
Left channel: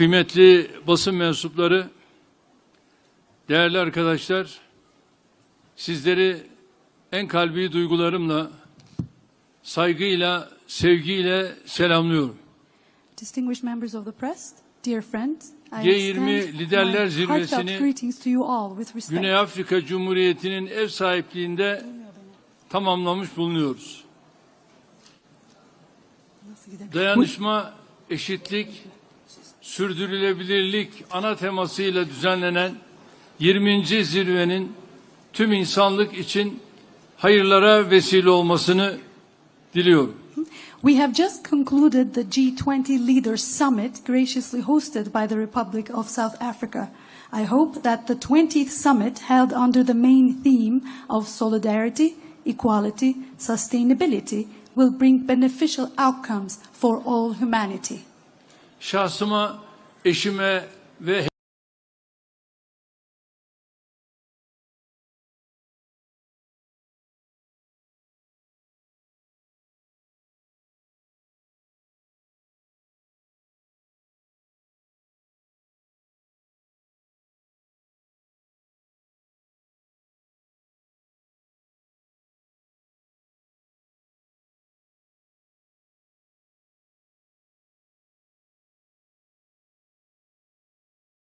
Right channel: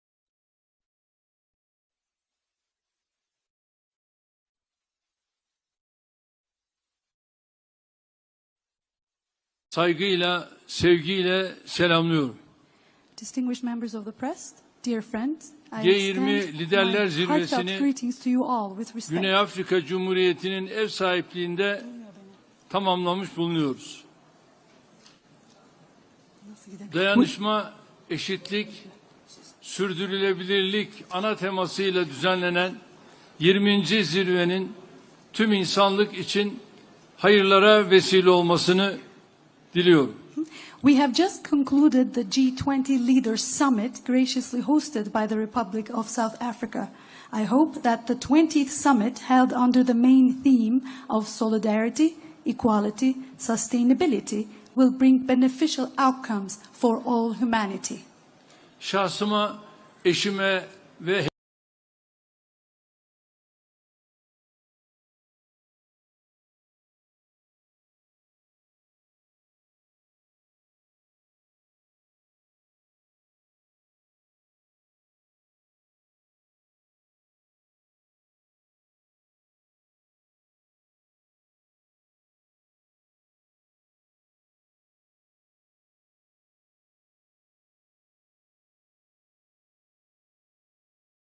kıymetli basın mensupları, değerli arkadaşlar, sizleri en kalbi duygularımla, saygıyla, sevgiyle selamlıyorum. Distinguished members of the press, dear friends, I G20 extend Liderler my heartfelt Zirvesi'ni greetings to you all with respect. Güney Afrika Cumhuriyeti'nin ev sahipliğinde tamamlamış bulunuyoruz. Dayanışma, eşitlik, sürdürülebilirlik ana temasıyla düzenlenen 20. zirvenin tüm insanlık için hayırlara vesile olmasını diliyorum. We have just concluded the G20 Leaders Summit graciously hosted by the Republic of South Africa. I hope that the 20th summit held under the main theme of solidarity, equality, sustainability will bring beneficial outcomes for all humanity. Şahsıma, eşime ve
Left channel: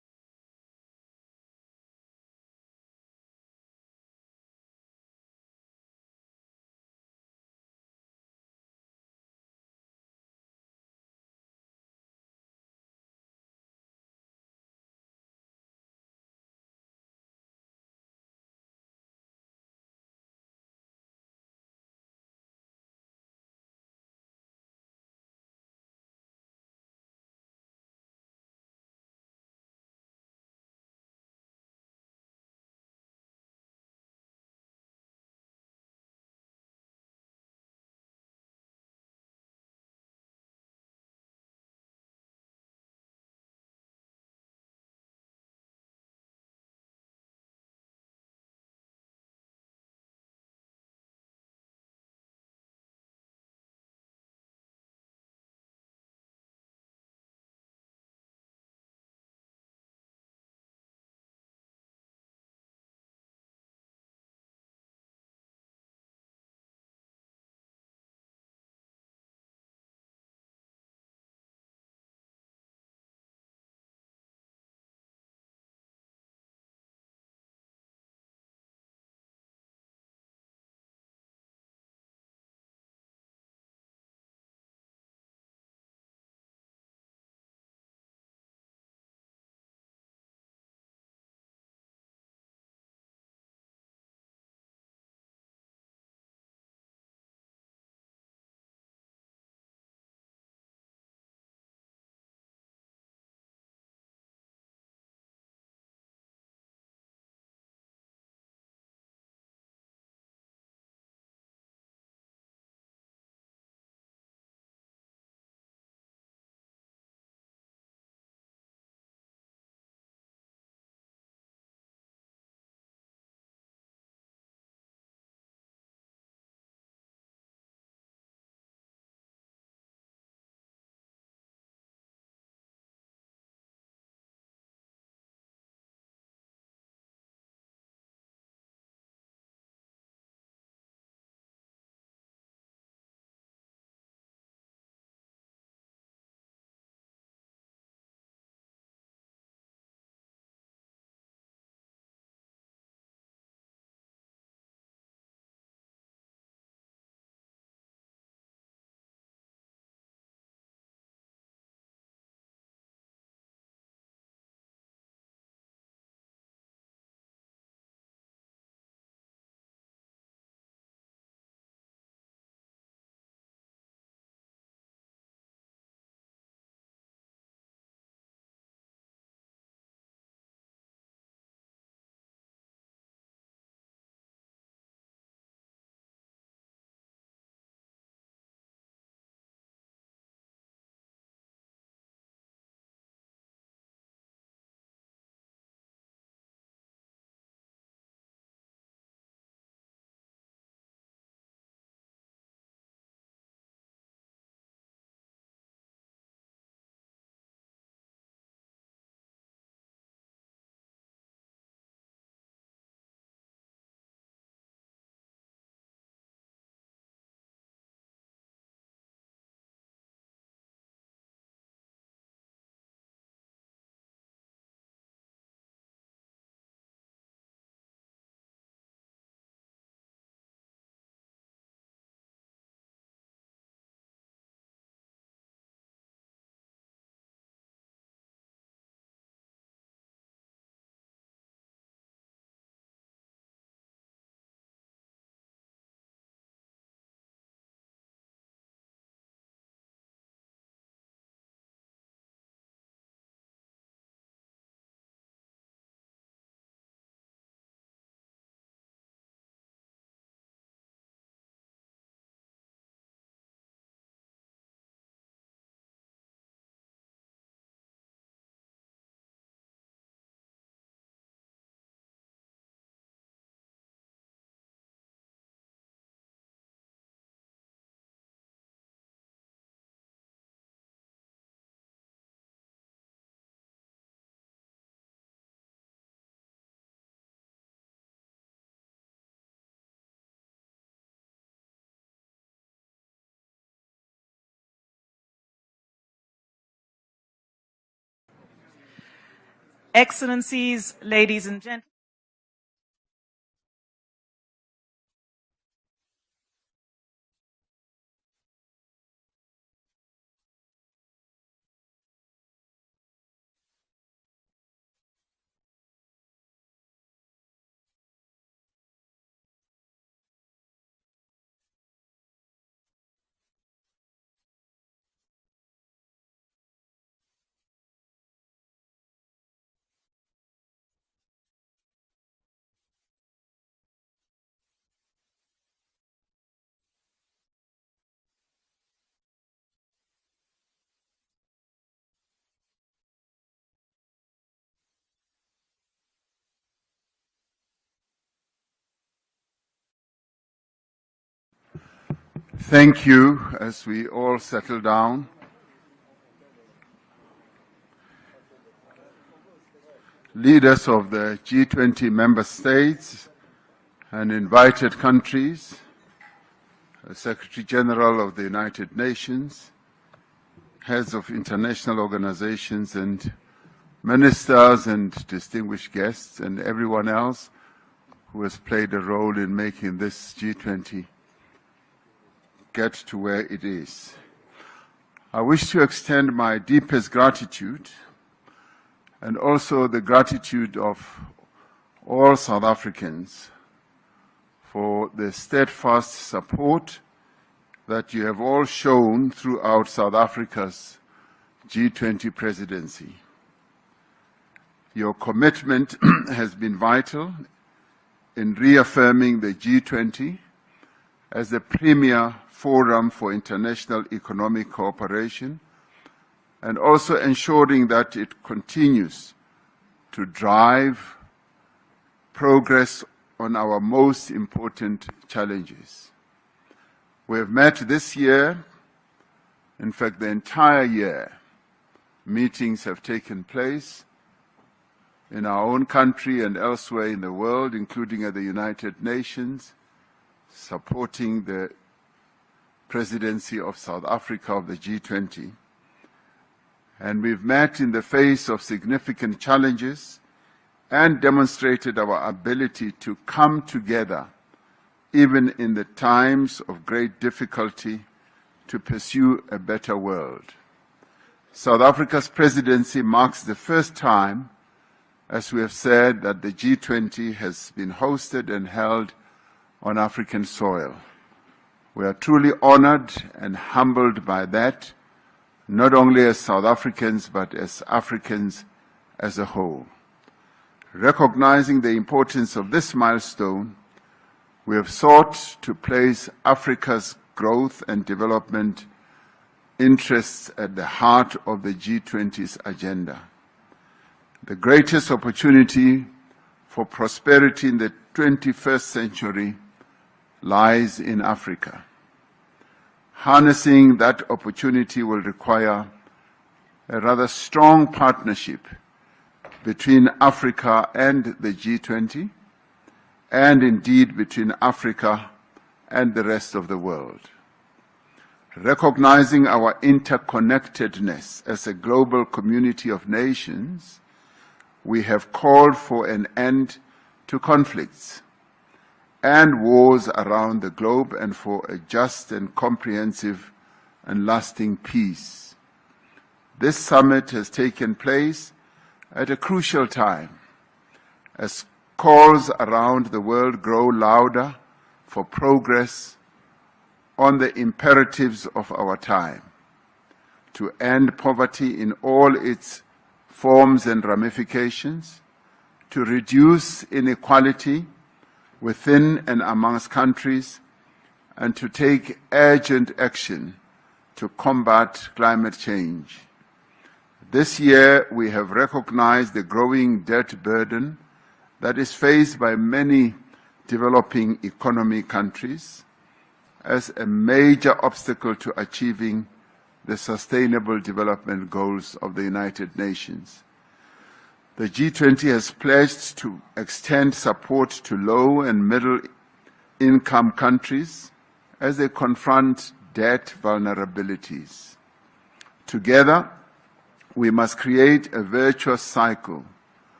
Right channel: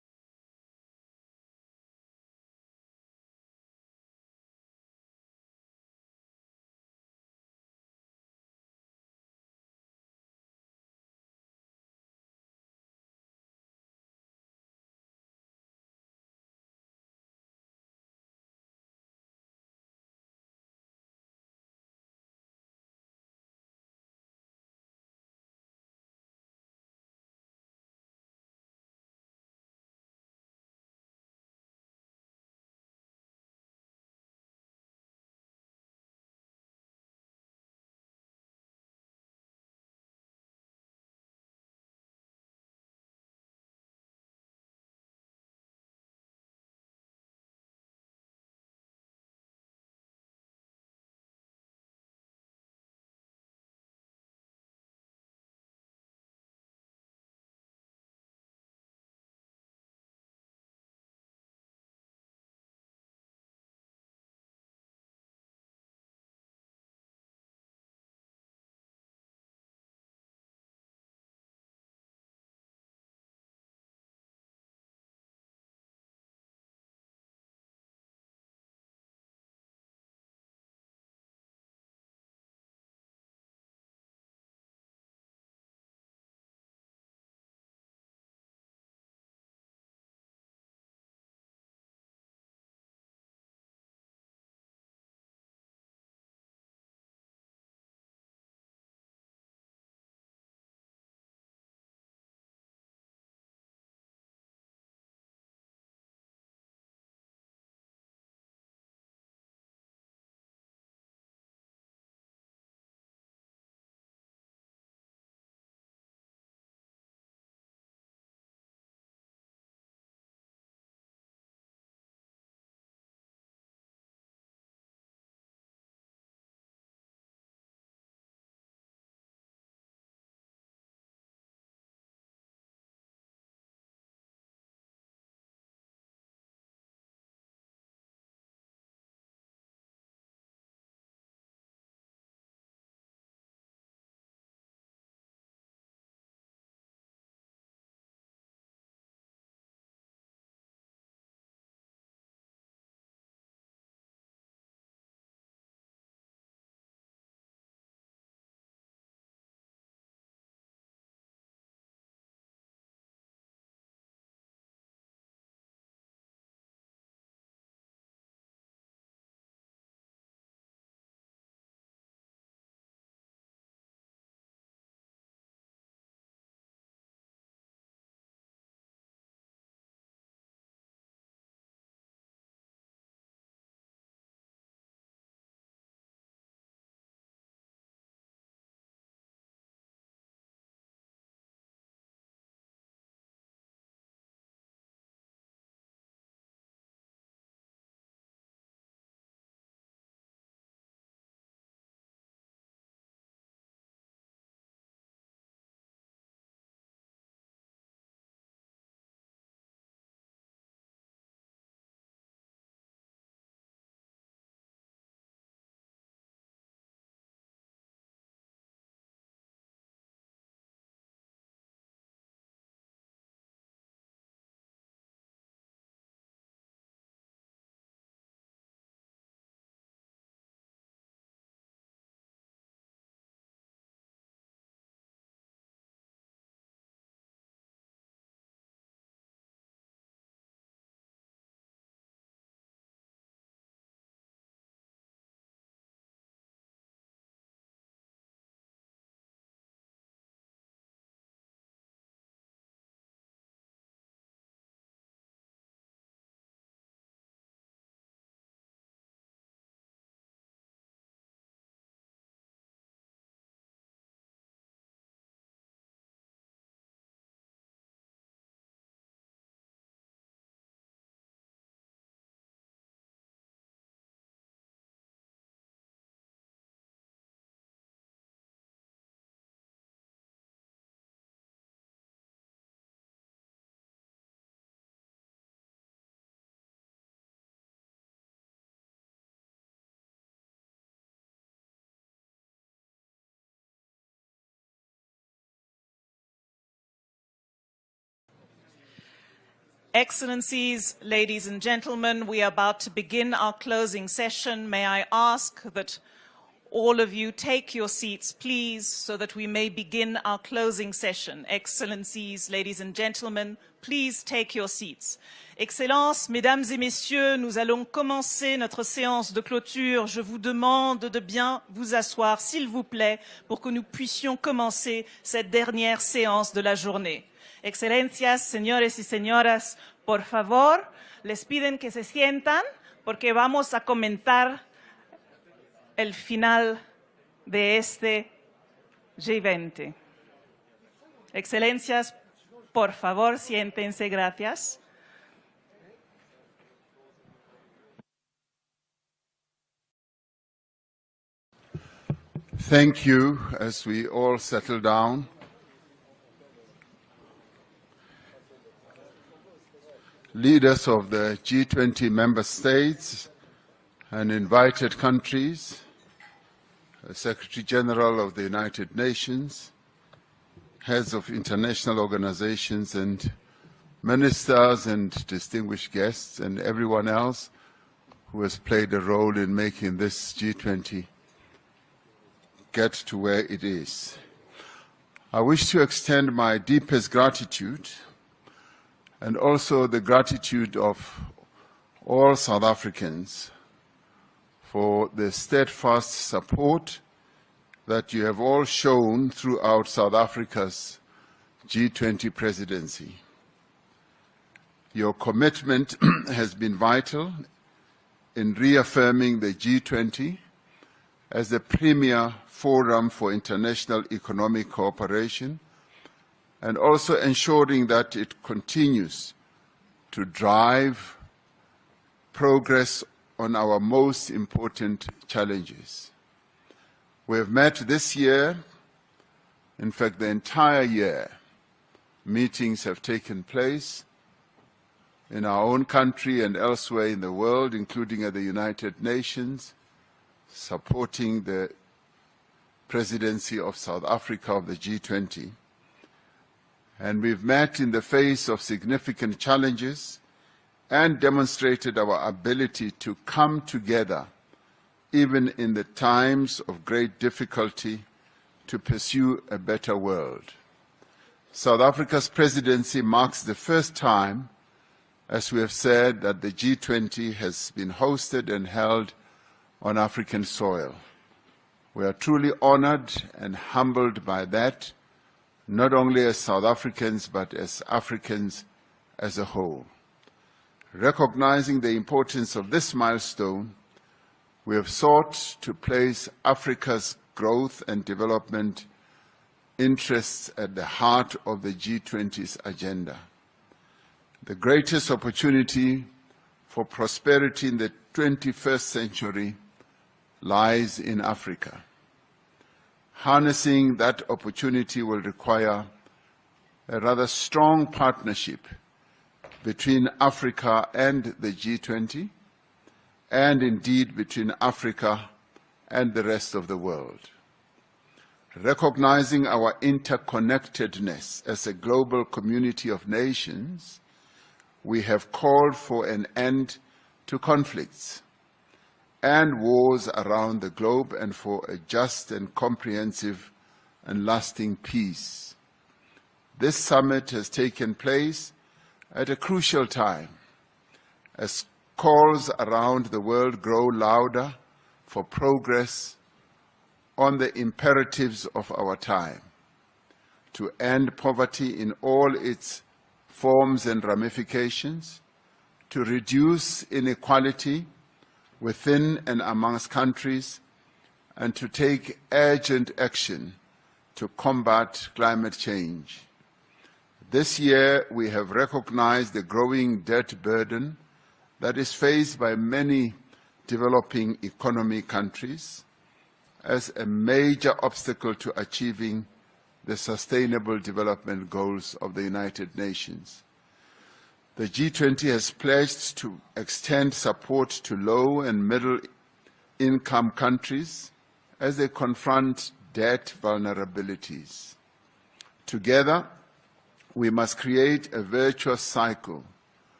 Excellencies, ladies and gentlemen, we are about to begin our closing session. May I ask that all of you take your seats, please, so that we may begin our closing session. Excellencies, ladies and gentlemen, please take your seats. Excellences, mesdames et messieurs, nous allons commencer notre séance de clôture. Je vous demande de bien vous asseoir, s'il vous plaît, pour que nous puissions commencer cette dernière séance de la journée. Excelencias, señores y señoras, por favor, les piden que se sientan porque vamos a comentar el final de este G20. Excelencias, por favor, siéntense, gracias. Thank you. As we all settle down, leaders of the G20 member states and invited countries, Secretary General of the United Nations, heads of international organizations and ministers and distinguished guests and everyone else who has played a role in making this G20 get to where it is. I wish to extend my deepest gratitude and also the gratitude of all South Africans for the steadfast support that you have all shown throughout South Africa's G20 presidency. Your commitment has been vital in reaffirming the G20 as the premier forum for international economic cooperation and also ensuring that it continues to drive progress on our most important challenges. We have met this year, in fact the entire year. Meetings have taken place in our own country and elsewhere in the world, including at the United Nations, supporting the presidency of South Africa of the G20. And we've met in the face of significant challenges and demonstrated our ability to come together, even in the times of great difficulty, to pursue a better world. South Africa's presidency marks the first time, as we have said, that the G20 has been hosted and held on African soil. We are truly honored and humbled by that, not only as South Africans, but as Africans as a whole. Recognizing the importance of this milestone, we have sought to place Africa's growth and development interests at the heart of the G20's agenda. The greatest opportunity for prosperity in the 21st century lies in Africa. Harnessing that opportunity will require a rather strong partnership between Africa and the G20, and indeed between Africa and the rest of the world. Recognizing our interconnectedness as a global community of nations, we have called for an end to conflicts and wars around the globe and for a just and comprehensive and lasting peace. This summit has taken place at a crucial time as calls around the world grow louder for progress on the imperatives of our time, to end poverty in all its forms and ramifications, to reduce inequality within and amongst countries, and to take urgent action to combat climate change. This year, we have recognized the growing debt burden that is faced by many developing economy countries as a major obstacle to achieving the Sustainable Development Goals of the United Nations. The G20 has pledged to extend support to low and middle income countries as they confront debt vulnerabilities. Together, we must create a virtuous cycle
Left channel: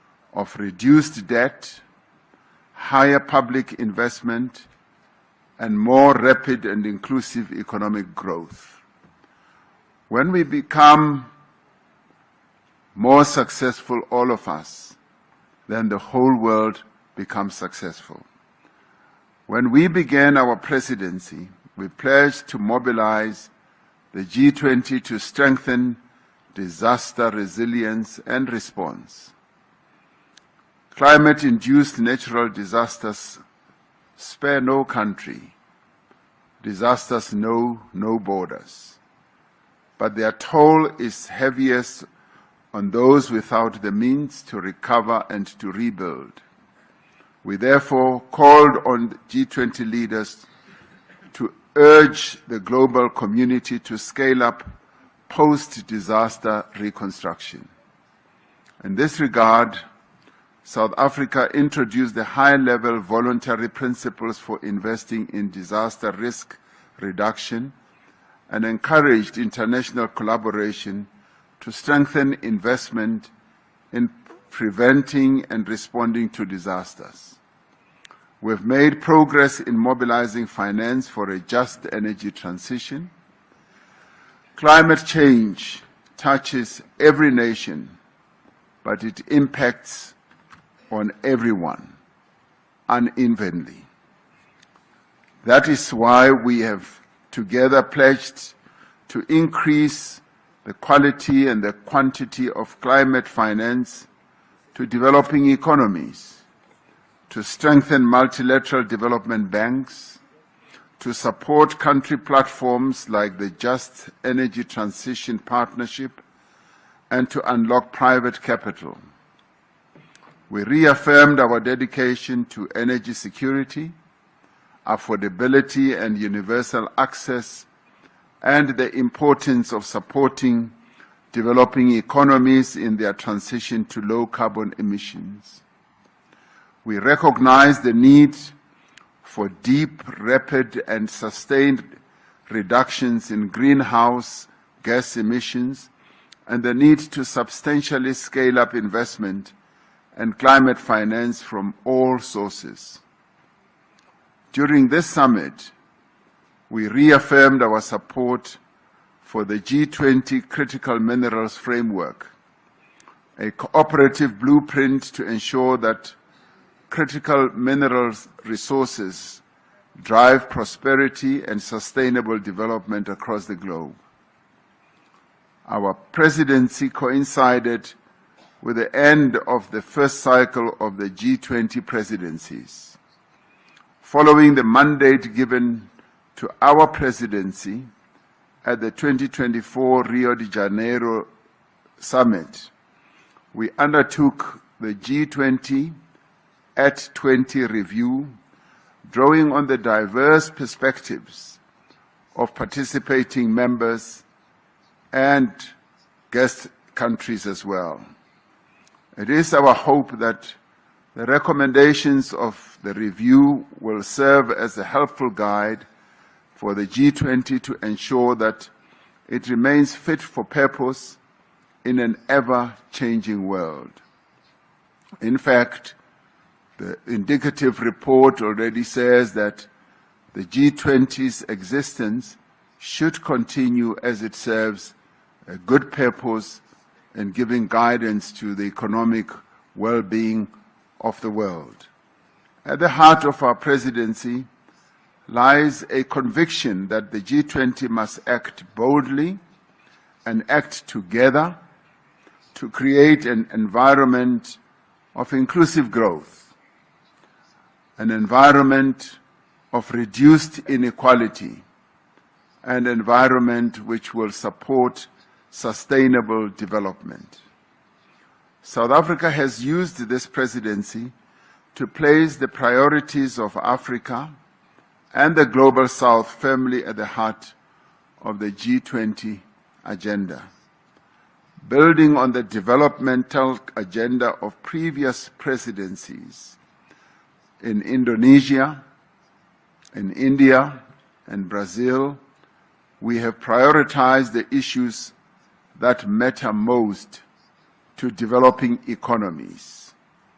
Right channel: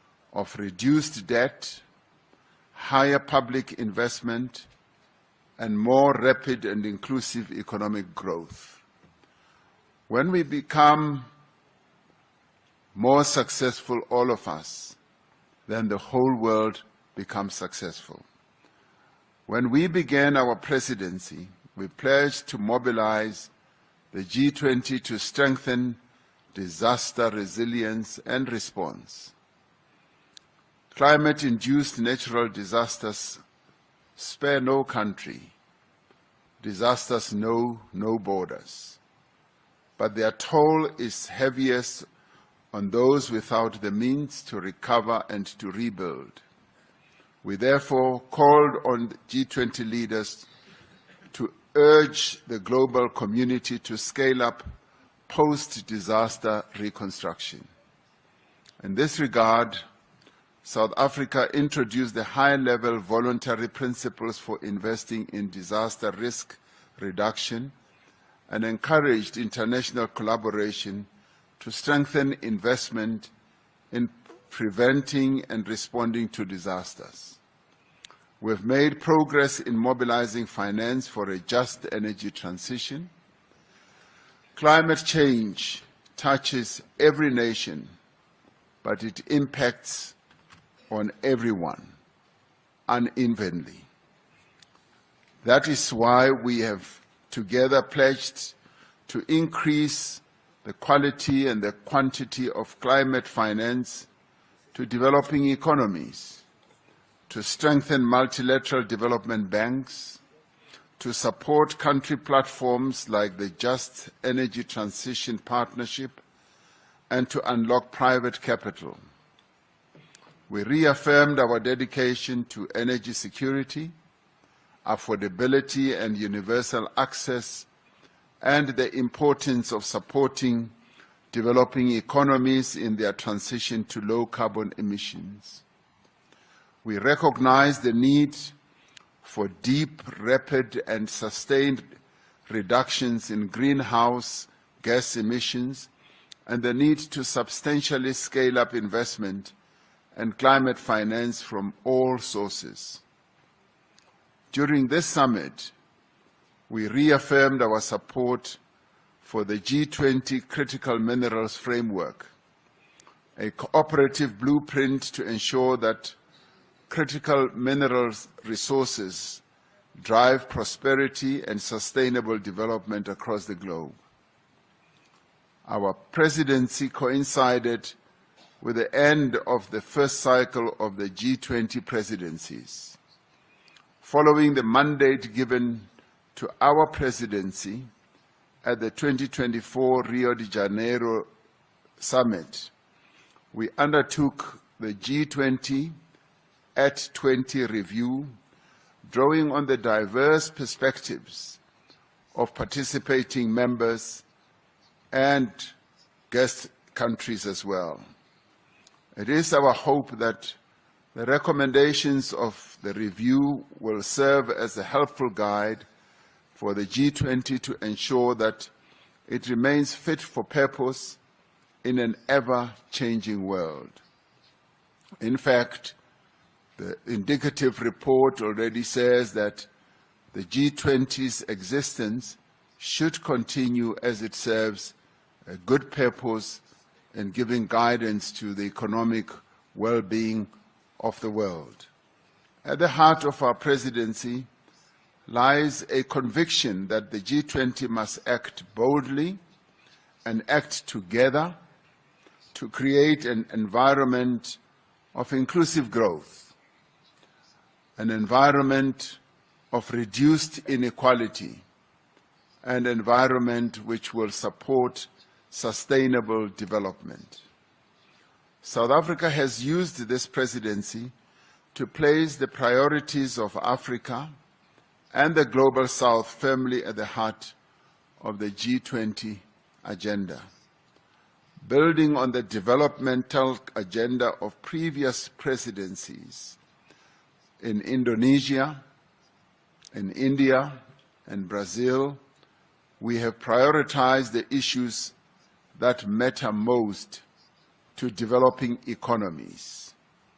of reduced debt, higher public investment, and more rapid and inclusive economic growth. When we become more successful, all of us, then the whole world becomes successful. When we began our presidency, we pledged to mobilize the G20 to strengthen disaster resilience and response. Climate-induced natural disasters spare no country. Disasters know no borders. But their toll is heaviest on those without the means to recover and to rebuild. We therefore called on G20 leaders to urge the global community to scale up post-disaster reconstruction. In this regard, South Africa introduced the high-level voluntary principles for investing in disaster risk reduction and encouraged international collaboration to strengthen investment in preventing and responding to disasters. We've made progress in mobilizing finance for a just energy transition. Climate change touches every nation, but it impacts on everyone unevenly. That is why we have together pledged to increase the quality and the quantity of climate finance to developing economies, to strengthen multilateral development banks, to support country platforms like the Just Energy Transition Partnership, and to unlock private capital. We reaffirmed our dedication to energy security, affordability and universal access, and the importance of supporting developing economies in their transition to low carbon emissions. We recognize the need for deep, rapid, and sustained reductions in greenhouse gas emissions and the need to substantially scale up investment and climate finance from all sources. During this summit, we reaffirmed our support for the G20 Critical Minerals Framework, a cooperative blueprint to ensure that critical minerals resources drive prosperity and sustainable development across the globe. Our presidency coincided with the end of the first cycle of the G20 presidencies. Following the mandate given to our presidency at the 2024 Rio de Janeiro Summit, we undertook the G20 at 20 review, drawing on the diverse perspectives of participating members and guest countries as well. It is our hope that the recommendations of the review will serve as a helpful guide for the G20 to ensure that it remains fit for purpose in an ever-changing world. In fact, the indicative report already says that the G20's existence should continue as it serves a good purpose in giving guidance to the economic well-being of the world. At the heart of our presidency lies a conviction that the G20 must act boldly and act together to create an environment of inclusive growth, an environment of reduced inequality, an environment which will support sustainable development. South Africa has used this presidency to place the priorities of Africa and the Global South firmly at the heart of the G20 agenda. Building on the developmental agenda of previous presidencies in Indonesia, in India, and Brazil, we have prioritized the issues that matter most to developing economies:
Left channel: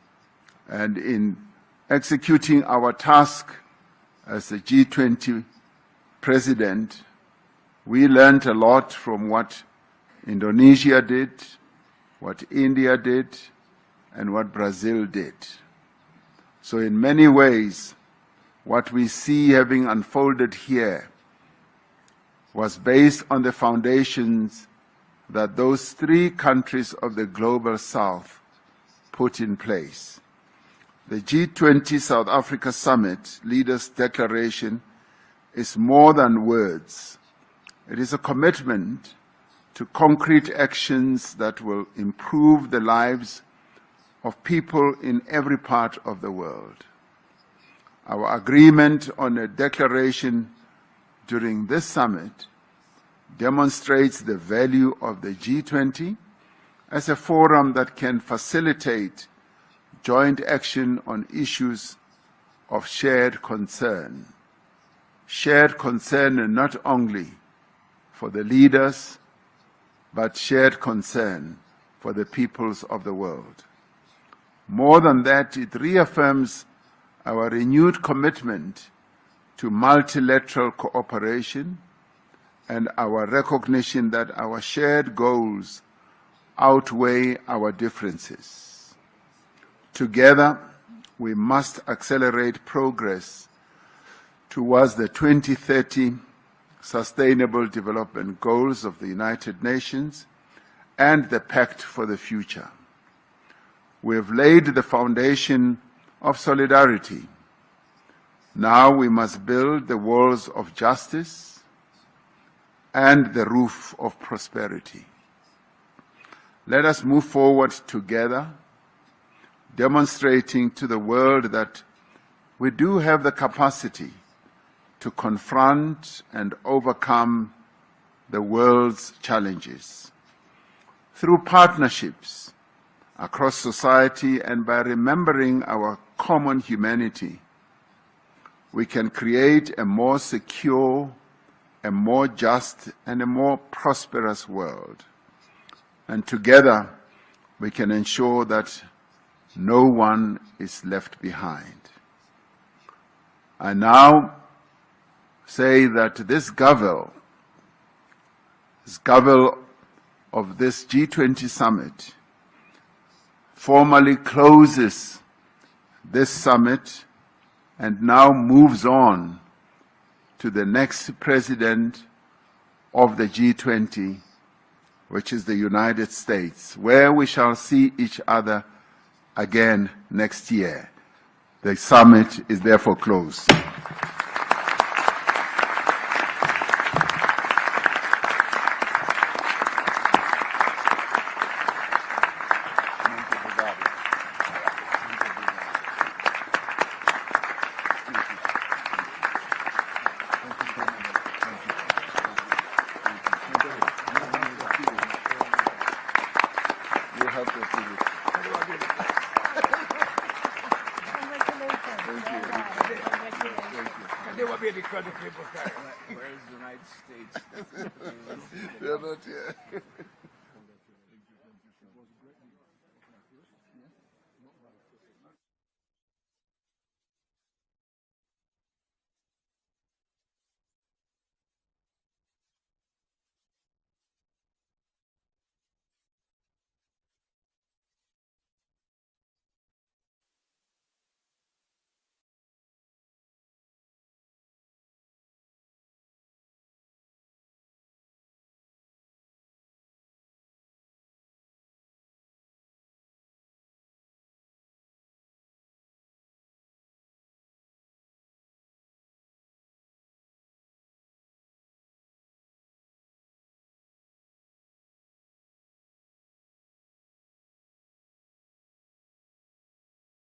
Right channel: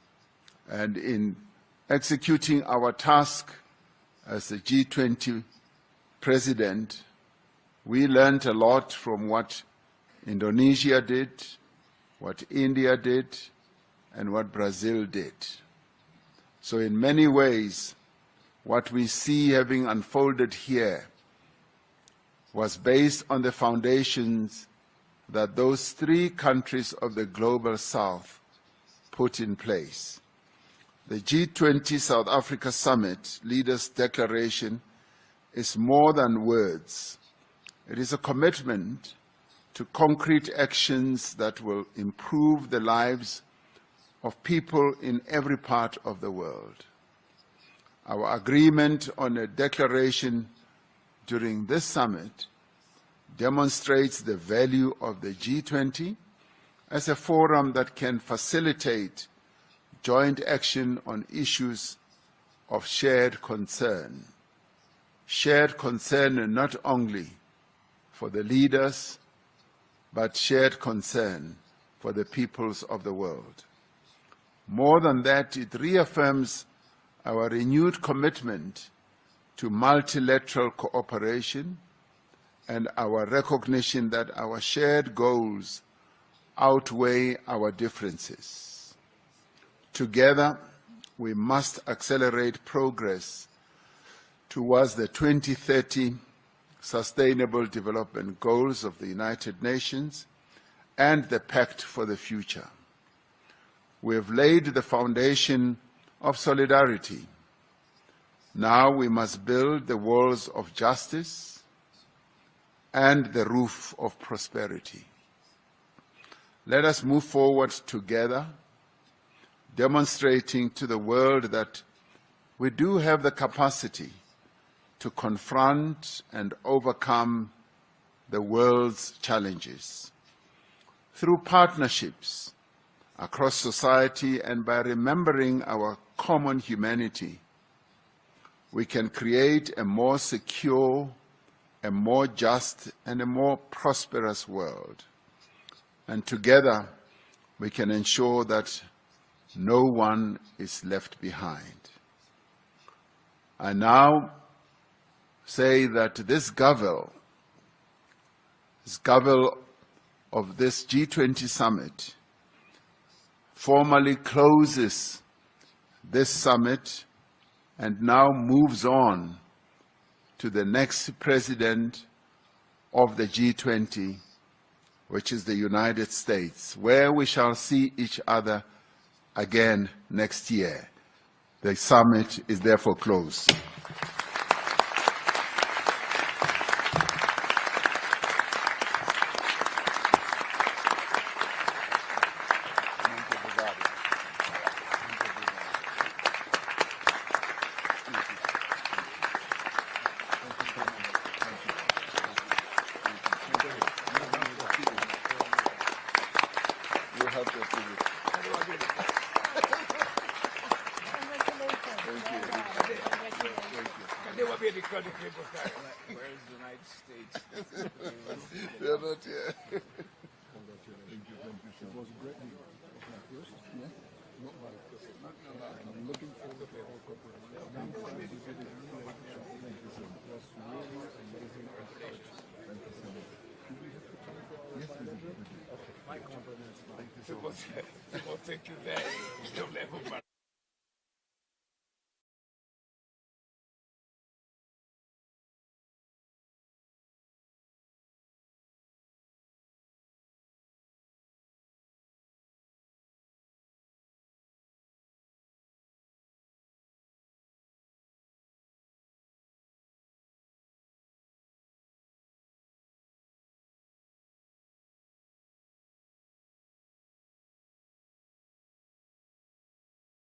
And in executing our task as the G20 president, we learned a lot from what Indonesia did, what India did, and what Brazil did. So in many ways, what we see having unfolded here was based on the foundations that those three countries of the Global South put in place. The G20 South Africa Summit Leaders' Declaration is more than words. It is a commitment to concrete actions that will improve the lives of people in every part of the world. Our agreement on a declaration during this summit demonstrates the value of the G20 as a forum that can facilitate joint action on issues of shared concern. Shared concern not only for the leaders, but shared concern for the peoples of the world. More than that, it reaffirms our renewed commitment to multilateral cooperation and our recognition that our shared goals outweigh our differences. Together, we must accelerate progress towards the 2030 Sustainable Development Goals of the United Nations and the Pact for the Future. We have laid the foundation of solidarity. Now we must build the walls of justice and the roof of prosperity. Let us move forward together, demonstrating to the world that we do have the capacity to confront and overcome the world's challenges. Through partnerships across society and by remembering our common humanity, we can create a more secure, a more just, and a more prosperous world. And together, we can ensure that no one is left behind. I now say that this Gavel of this G20 summit formally closes this summit and now moves on to the next president of the G20, which is the United States, where we shall see each other again next year. The summit is therefore closed. They will be because of people carry. Where is the United States? They're not here. People think you there. Don't level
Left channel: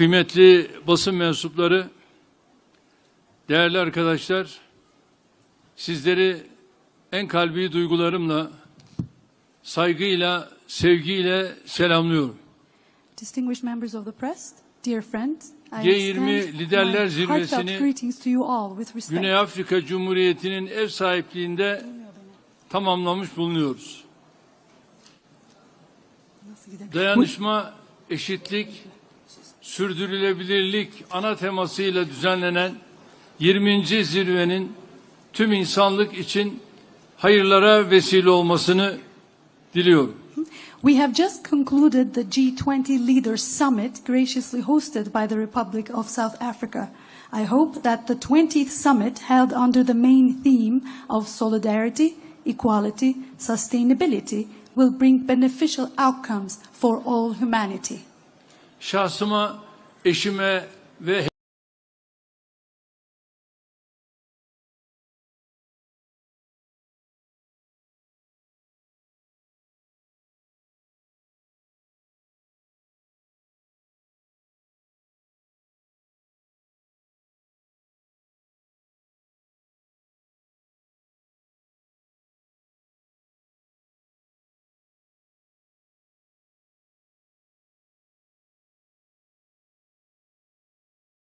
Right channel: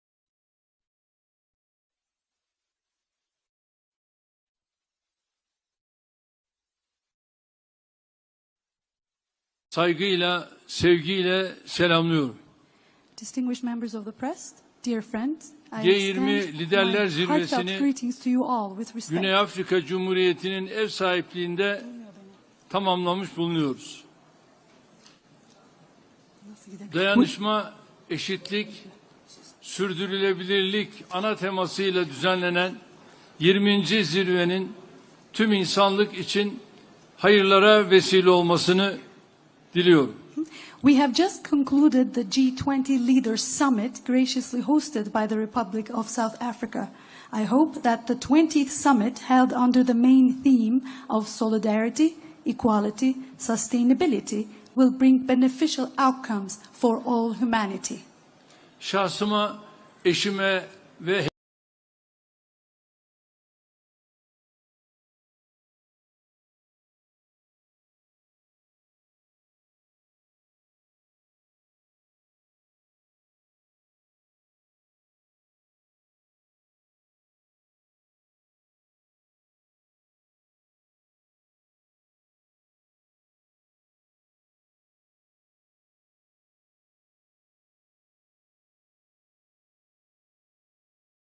kıymetli basın mensupları, değerli arkadaşlar, sizleri en kalbi duygularımla, saygıyla, sevgiyle selamlıyorum. Distinguished members of the press, dear friends, I G20 extend Liderler my heartfelt Zirvesi'ni greetings to you all with respect. Güney Afrika Cumhuriyeti'nin ev sahipliğinde tamamlamış bulunuyoruz. Dayanışma, eşitlik, sürdürülebilirlik ana temasıyla düzenlenen 20. zirvenin tüm insanlık için hayırlara vesile olmasını diliyorum. We have just concluded the G20 Leaders Summit graciously hosted by the Republic of South Africa. I hope that the 20th summit held under the main theme of solidarity, equality, sustainability will bring beneficial outcomes for all humanity. Şahsıma, eşime ve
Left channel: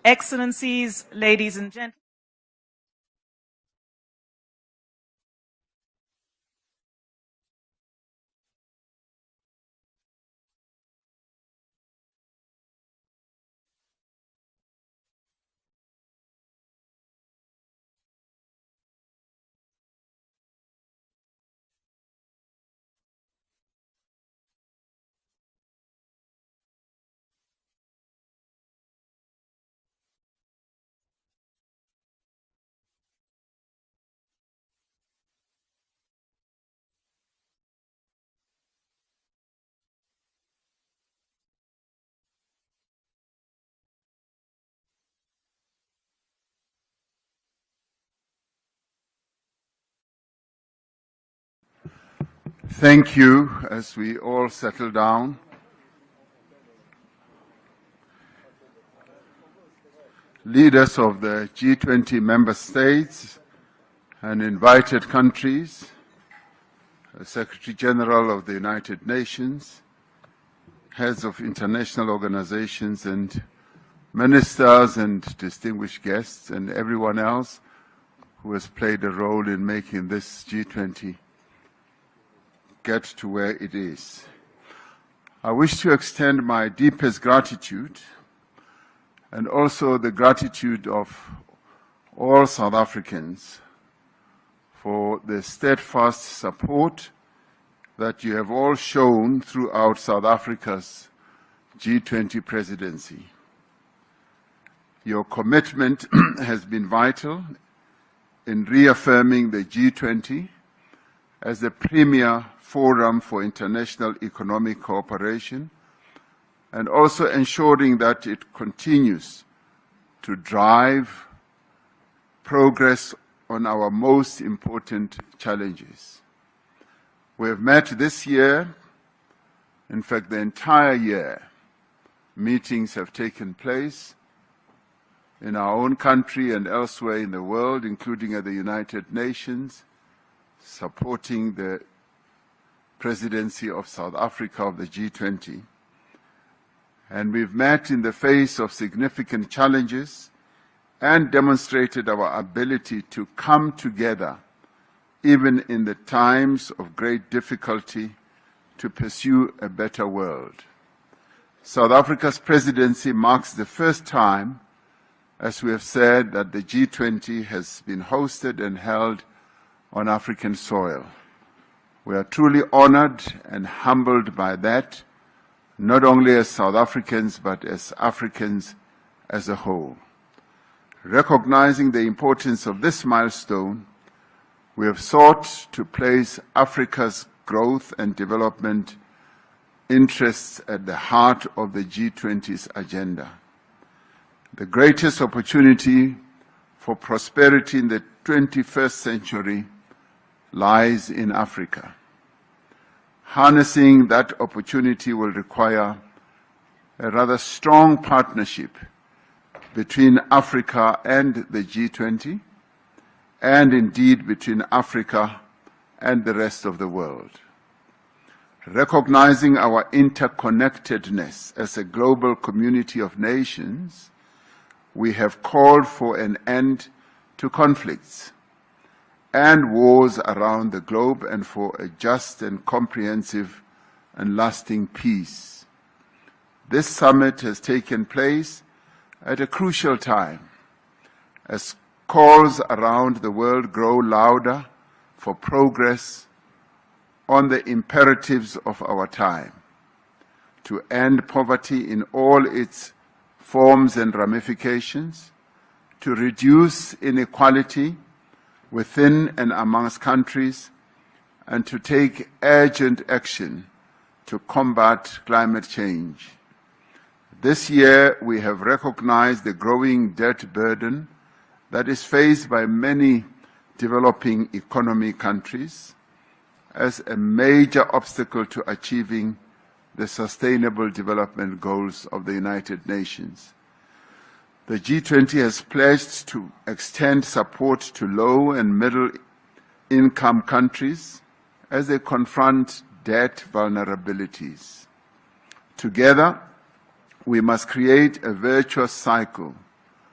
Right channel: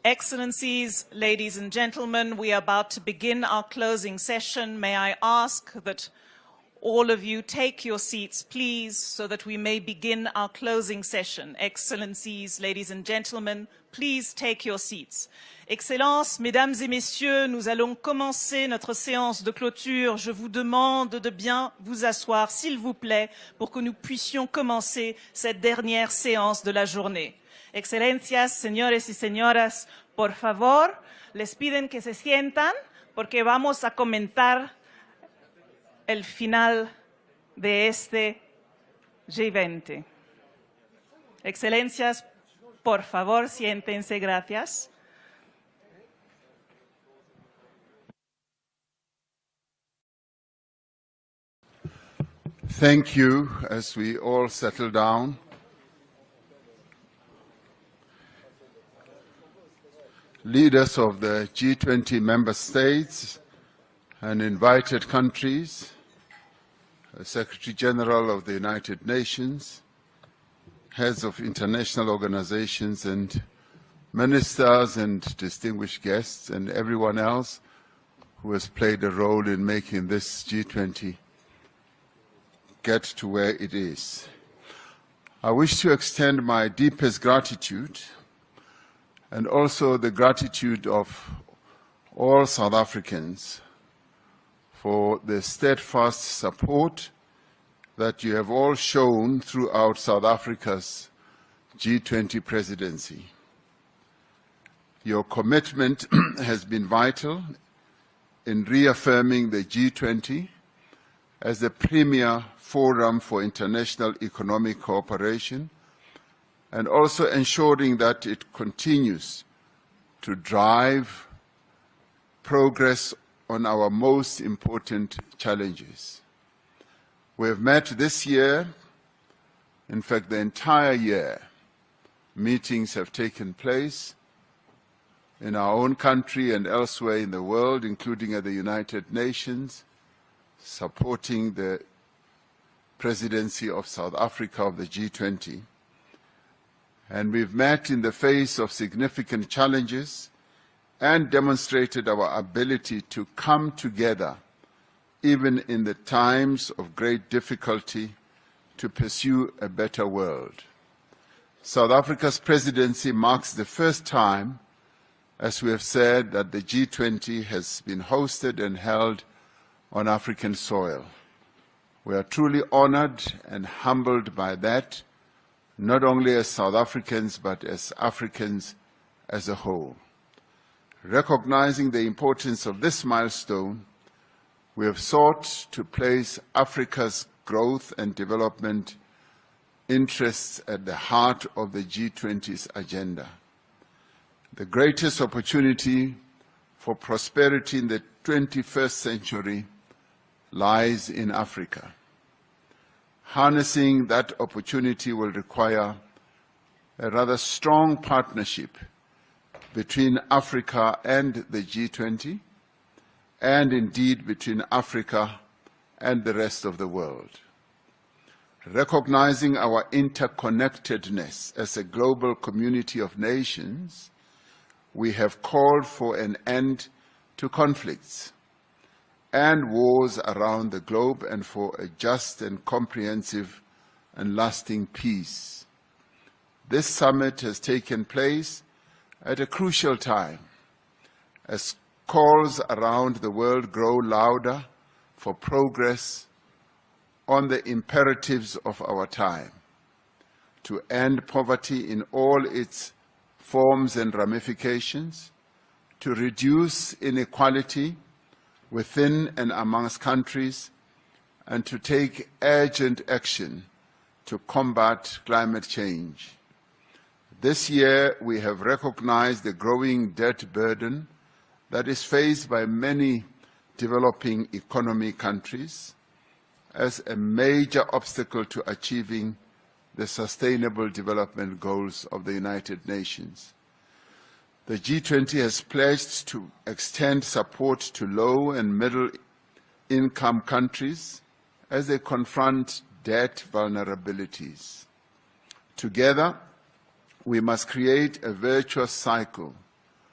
Excellencies, ladies and gentlemen, we are about to begin our closing session. May I ask that all of you take your seats, please, so that we may begin our closing session. Excellencies, ladies and gentlemen, please take your seats. Excellences, Mesdames et Messieurs, nous allons commencer notre séance de clôture. Je vous demande de bien vous asseoir, s'il vous plaît, pour que nous puissions commencer cette dernière séance de la journée. Excelencias, señores y señoras, por favor, les piden que se sientan porque vamos a comentar el final de este G20. Excelencias, por favor, siéntense, gracias. Thank you as we all settle down. Leaders of the G20 member states and invited countries, the Secretary General of the United Nations, heads of international organizations and ministers and distinguished guests and everyone else who has played a role in making this G20 get to where it is. I wish to extend my deepest gratitude and also the gratitude of all South Africans for the steadfast support that you have all shown throughout South Africa's G20 presidency. Your commitment has been vital in reaffirming the G20 as the premier forum for international economic cooperation and also ensuring that it continues to drive progress on our most important challenges. We have met this year, in fact the entire year, meetings have taken place in our own country and elsewhere in the world, including at the United Nations, supporting the presidency of South Africa of the G20. And we've met in the face of significant challenges and demonstrated our ability to come together, even in the times of great difficulty, to pursue a better world. South Africa's presidency marks the first time, as we have said, that the G20 has been hosted and held on African soil. We are truly honored and humbled by that, not only as South Africans, but as Africans as a whole. Recognizing the importance of this milestone, we have sought to place Africa's growth and development interests at the heart of the G20's agenda. The greatest opportunity for prosperity in the 21st century lies in Africa. Harnessing that opportunity will require a rather strong partnership between Africa and the G20, and indeed between Africa and the rest of the world. Recognizing our interconnectedness as a global community of nations, we have called for an end to conflicts and wars around the globe and for a just and comprehensive and lasting peace. This summit has taken place at a crucial time as calls around the world grow louder for progress on the imperatives of our time, to end poverty in all its forms and ramifications, to reduce inequality within and amongst countries, and to take urgent action to combat climate change. This year, we have recognized the growing debt burden that is faced by many developing economy countries as a major obstacle to achieving the Sustainable Development Goals of the United Nations. The G20 has pledged to extend support to low and middle-income countries as they confront debt vulnerabilities. Together, we must create a virtuous cycle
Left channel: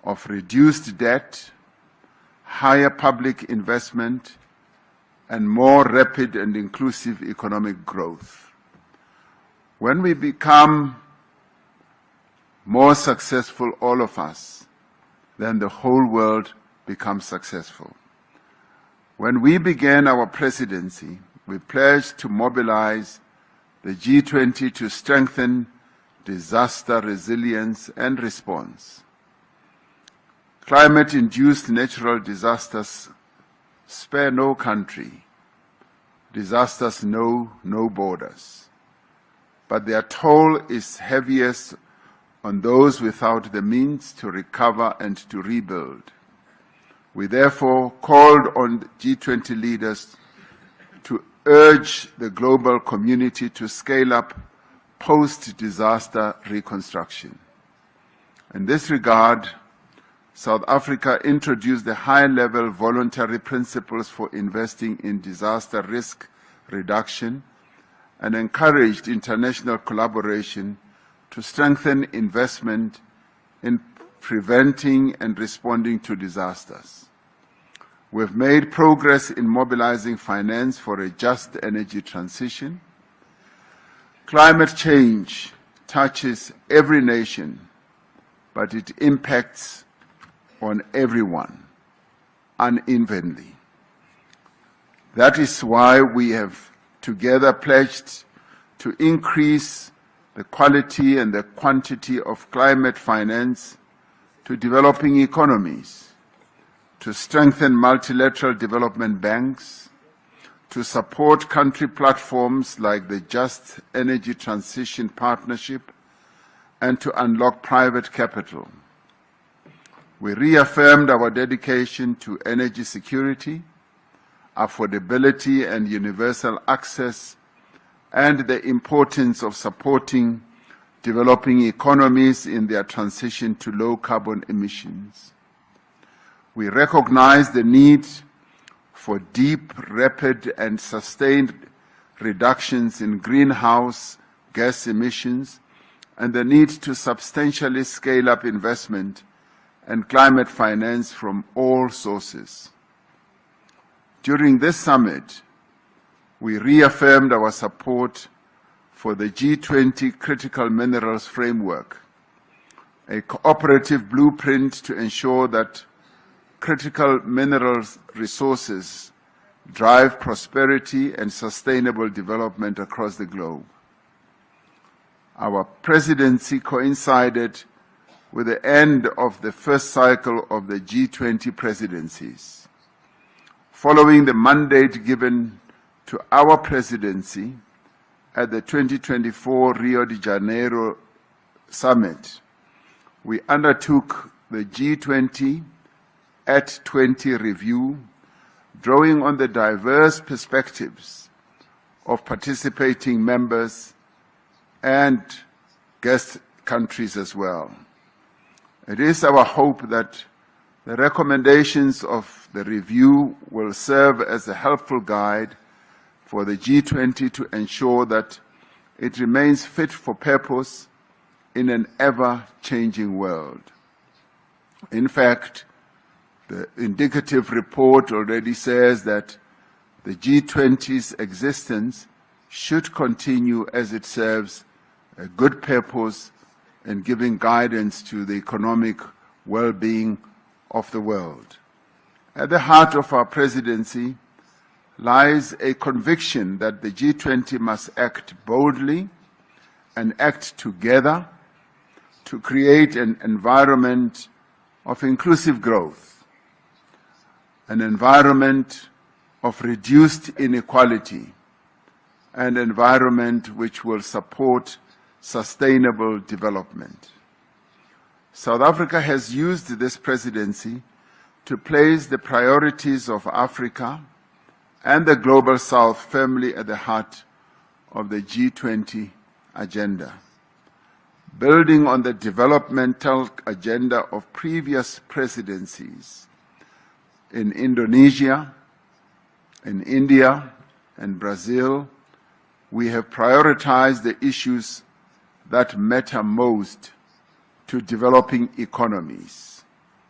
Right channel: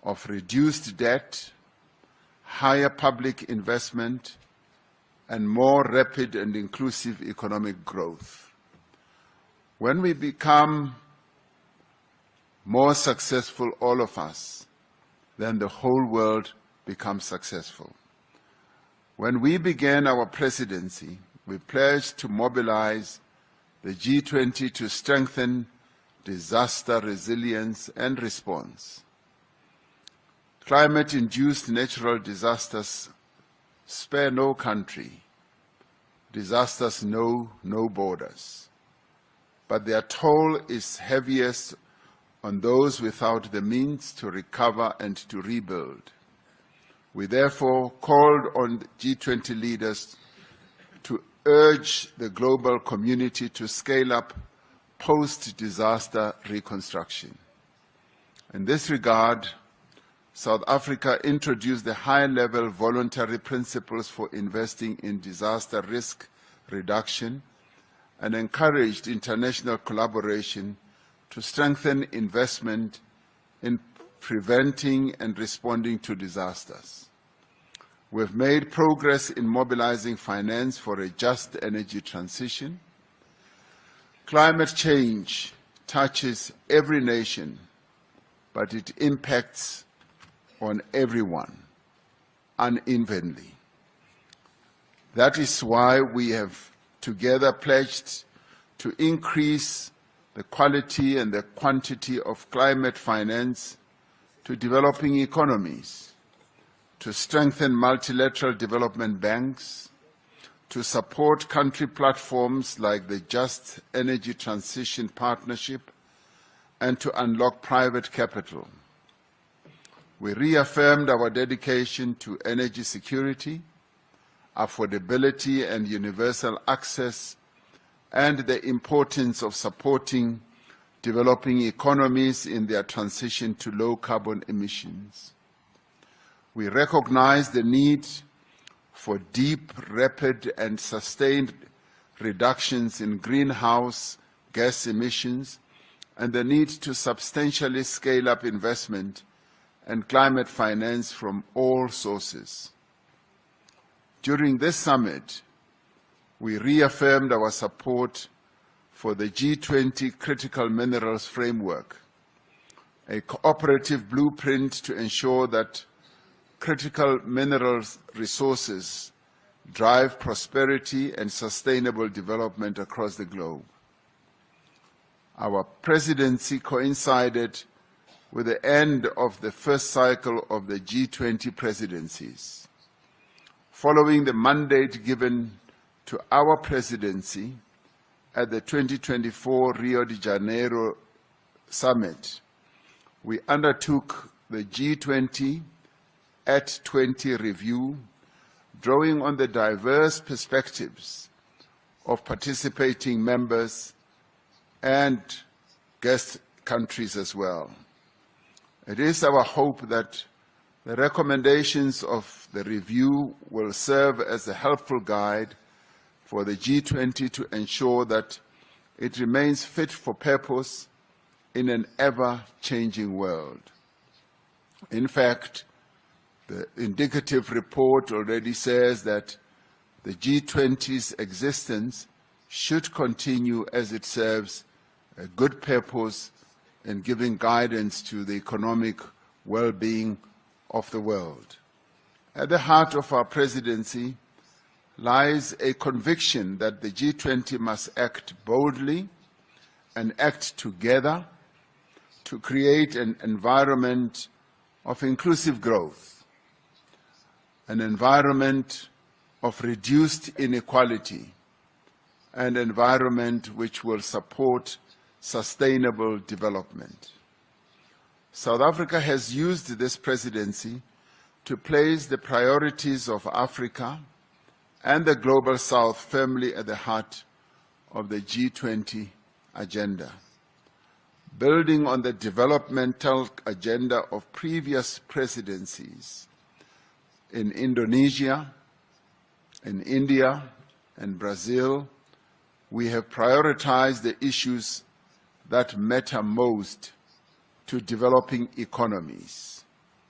of reduced debt, higher public investment, and more rapid and inclusive economic growth. When we become more successful, all of us, then the whole world becomes successful. When we began our presidency, we pledged to mobilize the G20 to strengthen disaster resilience and response. Climate-induced natural disasters spare no country. Disasters know no borders. But their toll is heaviest on those without the means to recover and to rebuild. We therefore called on G20 leaders to urge the global community to scale up post-disaster reconstruction. In this regard, South Africa introduced the high-level voluntary principles for investing in disaster risk reduction and encouraged international collaboration to strengthen investment in preventing and responding to disasters. We have made progress in mobilizing finance for a just energy transition. Climate change touches every nation, but it impacts on everyone unevenly. That is why we have together pledged to increase the quality and the quantity of climate finance to developing economies, to strengthen multilateral development banks, to support country platforms like the Just Energy Transition Partnership, and to unlock private capital. We reaffirmed our dedication to energy security, affordability and universal access, and the importance of supporting developing economies in their transition to low carbon emissions. We recognize the need for deep, rapid, and sustained reductions in greenhouse gas emissions and the need to substantially scale up investment and climate finance from all sources. During this summit, we reaffirmed our support for the G20 Critical Minerals Framework, a cooperative blueprint to ensure that critical minerals resources drive prosperity and sustainable development across the globe. Our presidency coincided with the end of the first cycle of the G20 presidencies. Following the mandate given to our presidency at the 2024 Rio de Janeiro Summit, we undertook the G20 at 20 review, drawing on the diverse perspectives of participating members and guest countries as well. It is our hope that the recommendations of the review will serve as a helpful guide for the G20 to ensure that it remains fit for purpose in an ever-changing world. In fact, the indicative report already says that the G20's existence should continue as it serves a good purpose in giving guidance to the economic well-being of the world. At the heart of our presidency lies a conviction that the G20 must act boldly and act together to create an environment of inclusive growth, an environment of reduced inequality, an environment which will support sustainable development. South Africa has used this presidency to place the priorities of Africa and the Global South firmly at the heart of the G20 agenda. Building on the developmental agenda of previous presidencies in Indonesia, in India, and Brazil, we have prioritized the issues that matter most to developing economies:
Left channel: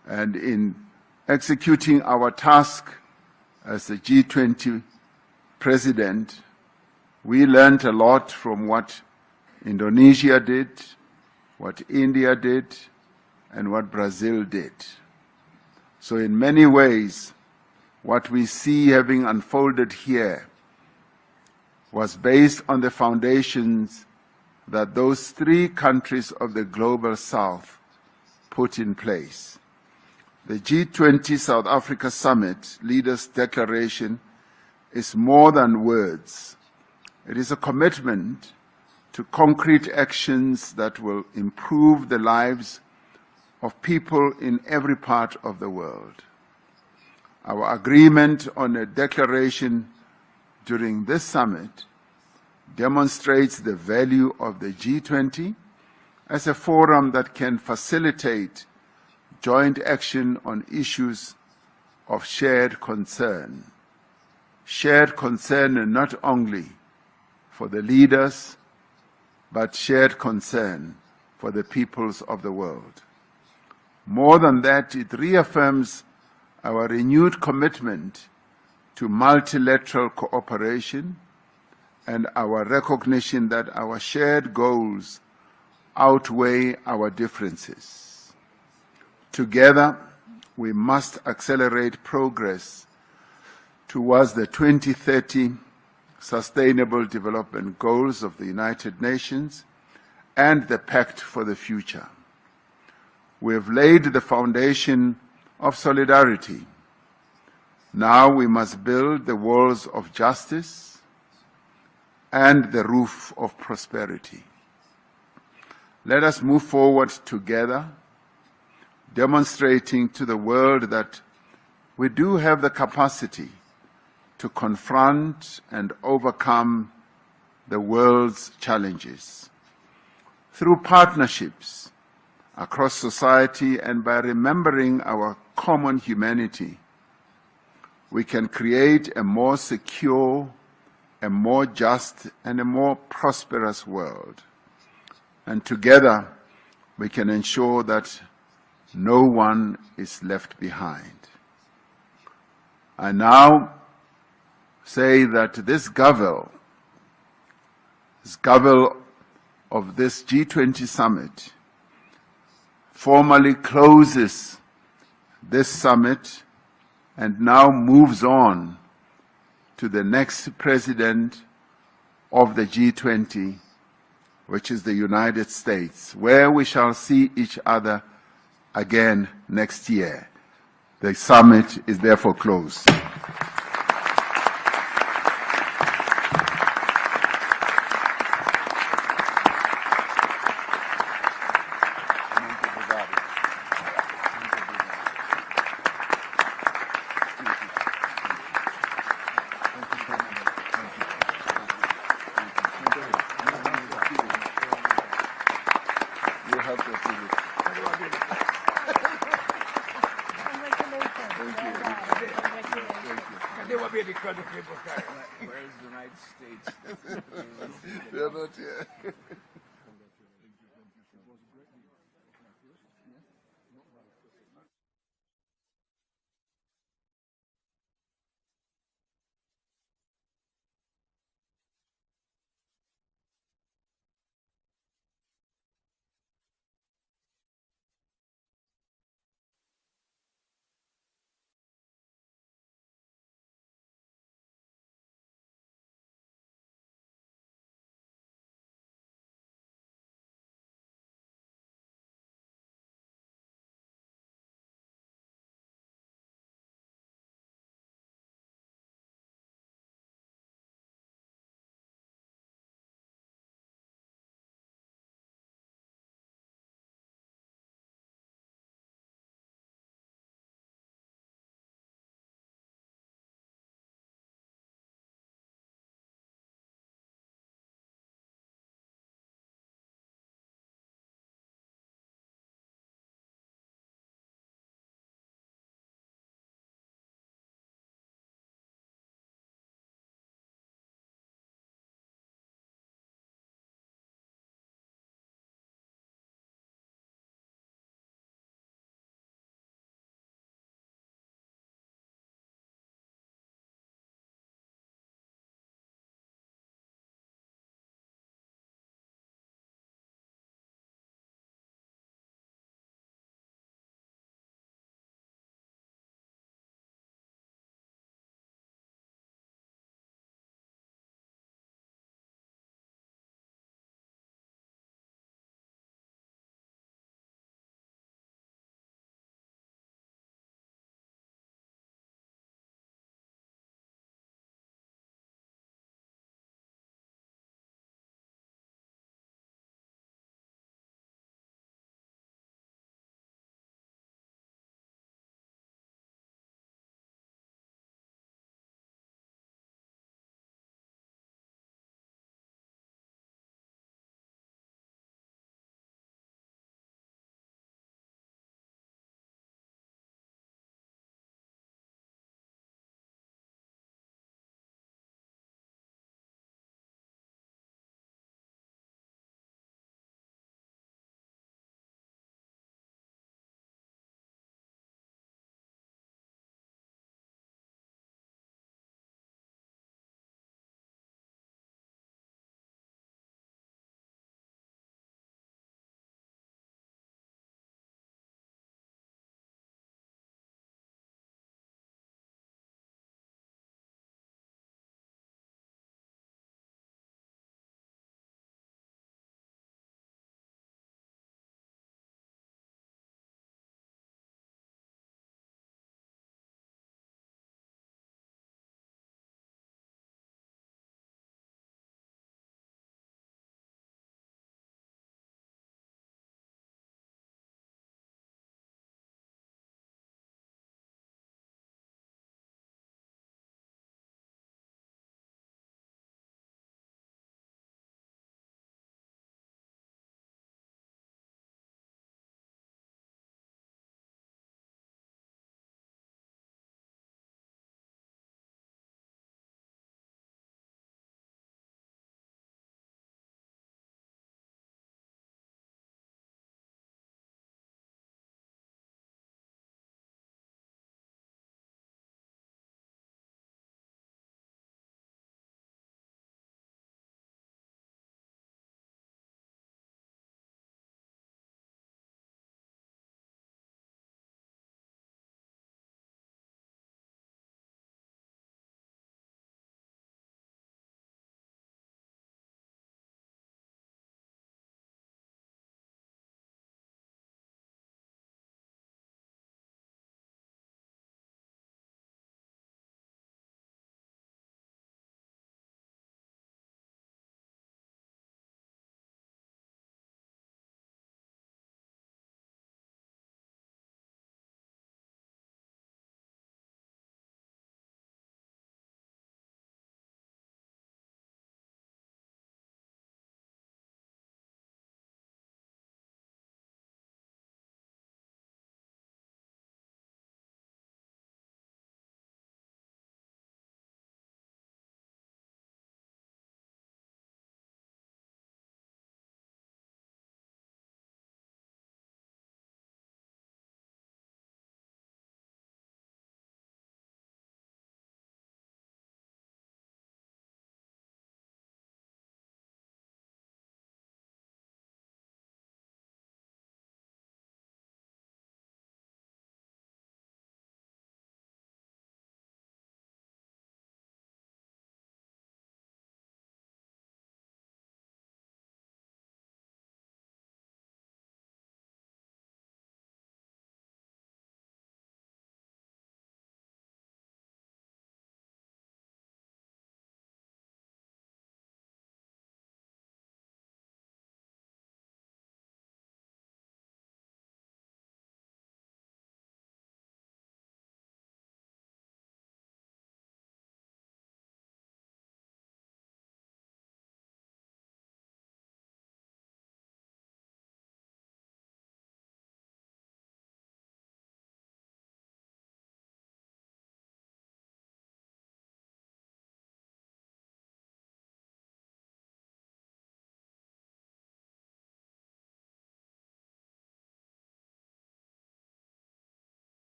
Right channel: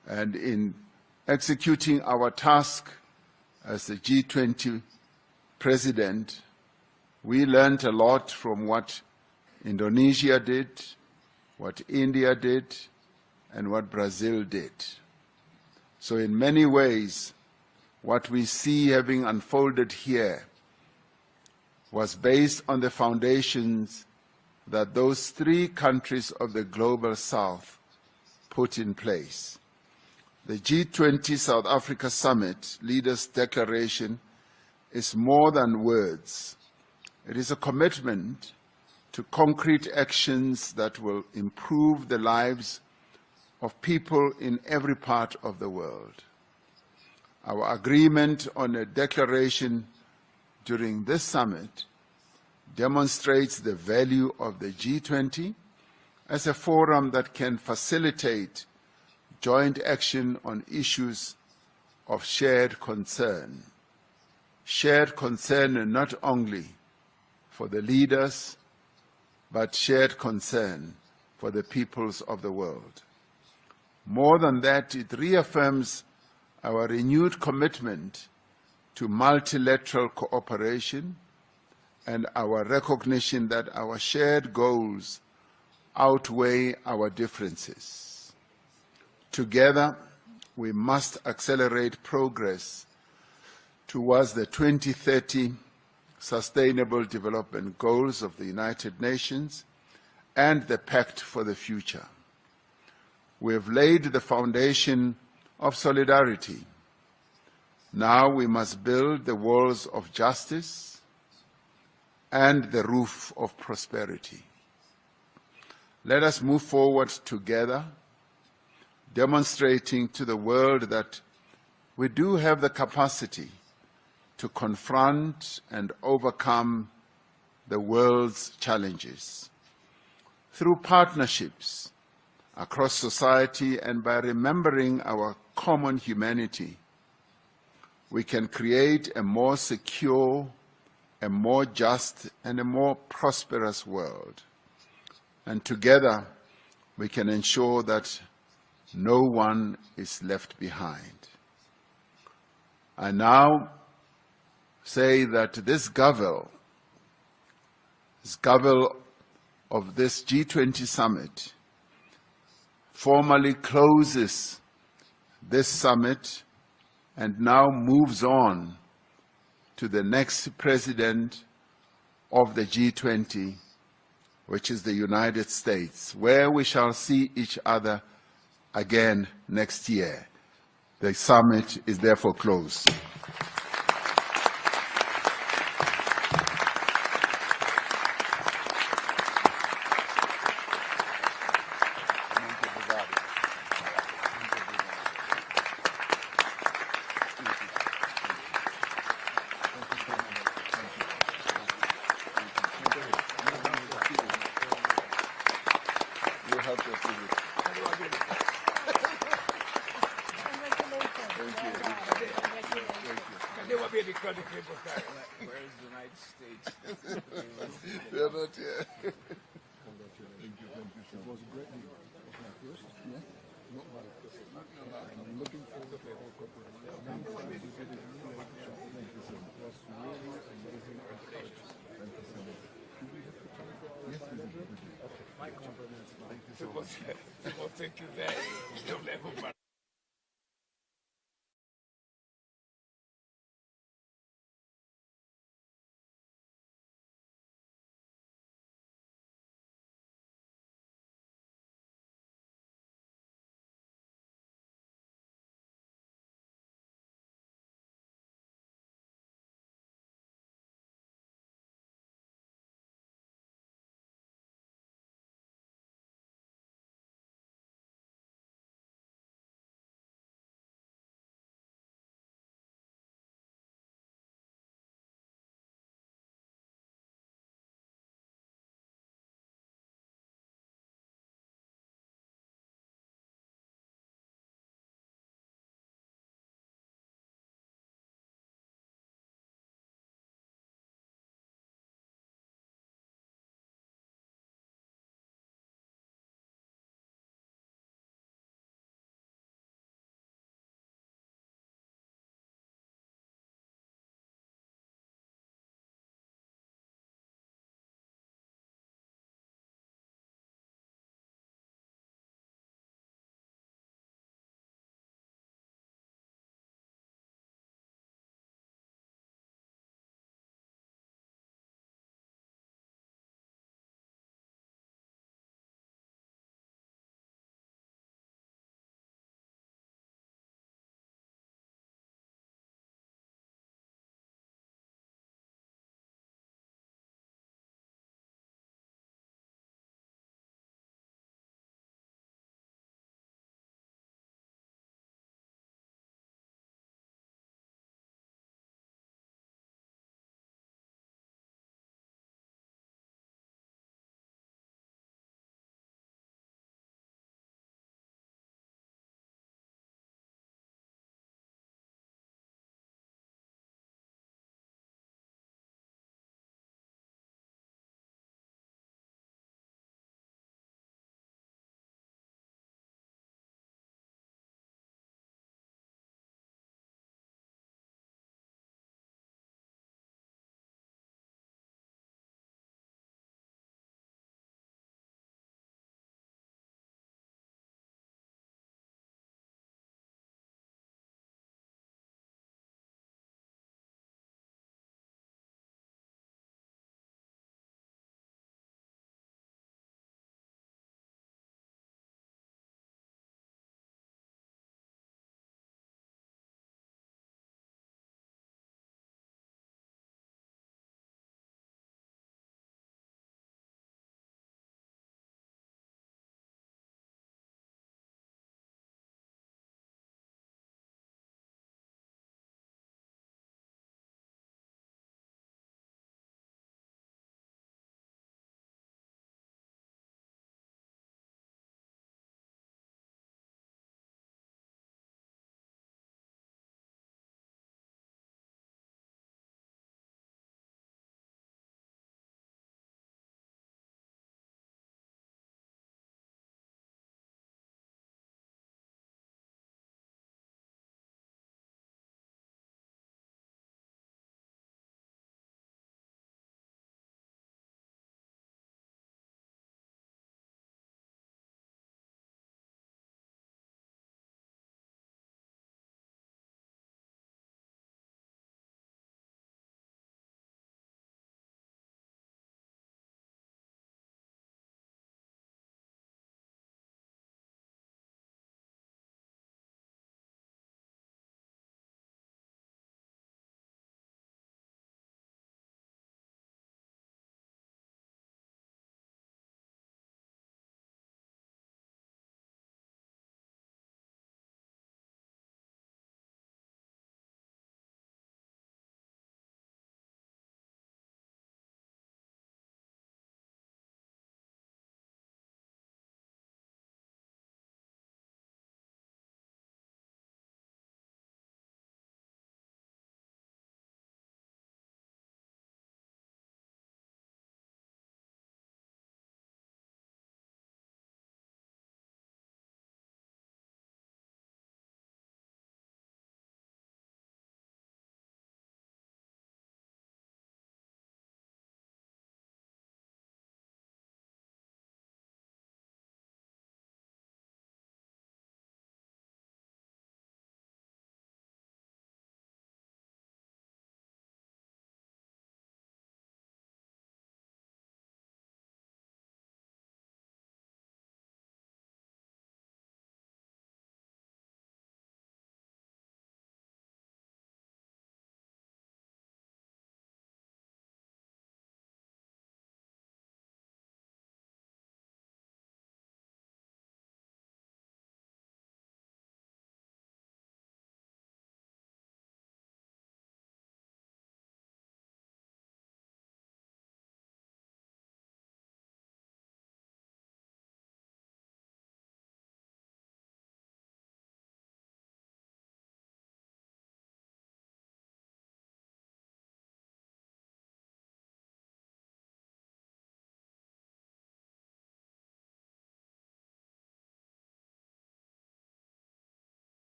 And in executing our task as the G20 president, we learned a lot from what Indonesia did, what India did, and what Brazil did. So in many ways, what we see having unfolded here was based on the foundations that those three countries of the Global South put in place. The G20 South Africa Summit Leaders' Declaration is more than words. It is a commitment to concrete actions that will improve the lives of people in every part of the world. Our agreement on a declaration during this summit demonstrates the value of the G20 as a forum that can facilitate joint action on issues of shared concern. Shared concern not only for the leaders, but shared concern for the peoples of the world. More than that, it reaffirms our renewed commitment to multilateral cooperation and our recognition that our shared goals outweigh our differences. Together, we must accelerate progress towards the 2030 Sustainable Development Goals of the United Nations and the Pact for the Future. We have laid the foundation of solidarity. Now we must build the walls of justice and the roof of prosperity. Let us move forward together, demonstrating to the world that we do have the capacity to confront and overcome the world's challenges. Through partnerships across society and by remembering our common humanity, we can create a more secure, a more just, and a more prosperous world. And together, we can ensure that no one is left behind. I now say that this Gavel of this G20 summit formally closes this summit and now moves on to the next president of the G20, which is the United States, where we shall see each other again next year. The summit is therefore closed. They will be because of people carry. Where is the United States? We are not here. People think you there. Don't ever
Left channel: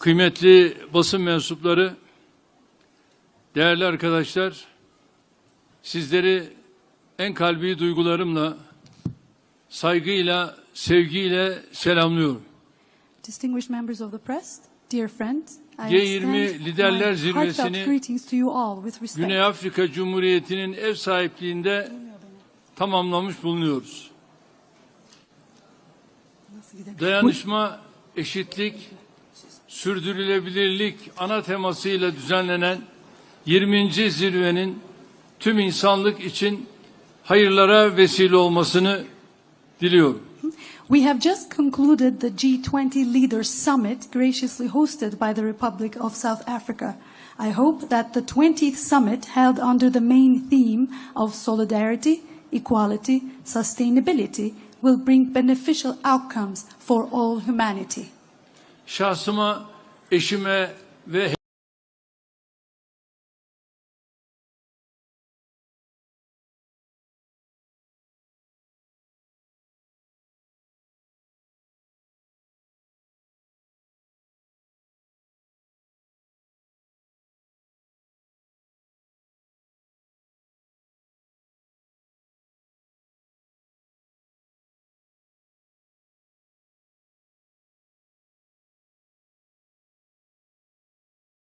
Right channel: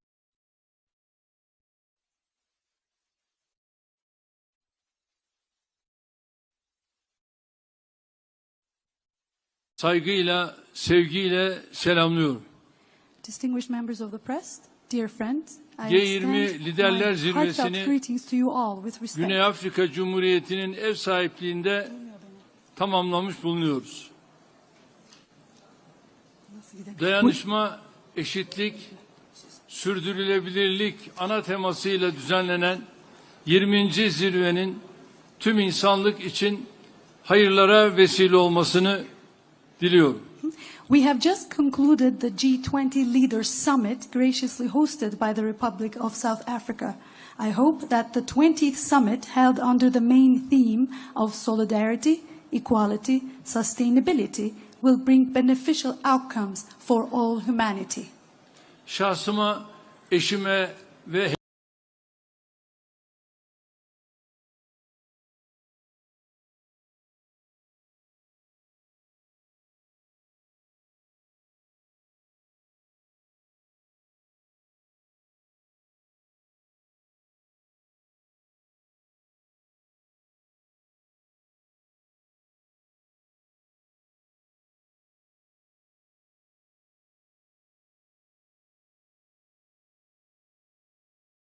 kıymetli basın mensupları, değerli arkadaşlar, sizleri en kalbi duygularımla, saygıyla, sevgiyle selamlıyorum. Distinguished members of the press, dear friends, I G20 extend Liderler my heartfelt Zirvesi'ni greetings to you all with respect. Güney Afrika Cumhuriyeti'nin ev sahipliğinde tamamlamış bulunuyoruz. Dayanışma, eşitlik, sürdürülebilirlik ana temasıyla düzenlenen 20. zirvenin tüm insanlık için hayırlara vesile olmasını diliyorum. We have just concluded the G20 Leaders Summit graciously hosted by the Republic of South Africa. I hope that the 20th summit held under the main theme of solidarity, equality, sustainability will bring beneficial outcomes for all humanity. Şahsıma, eşime ve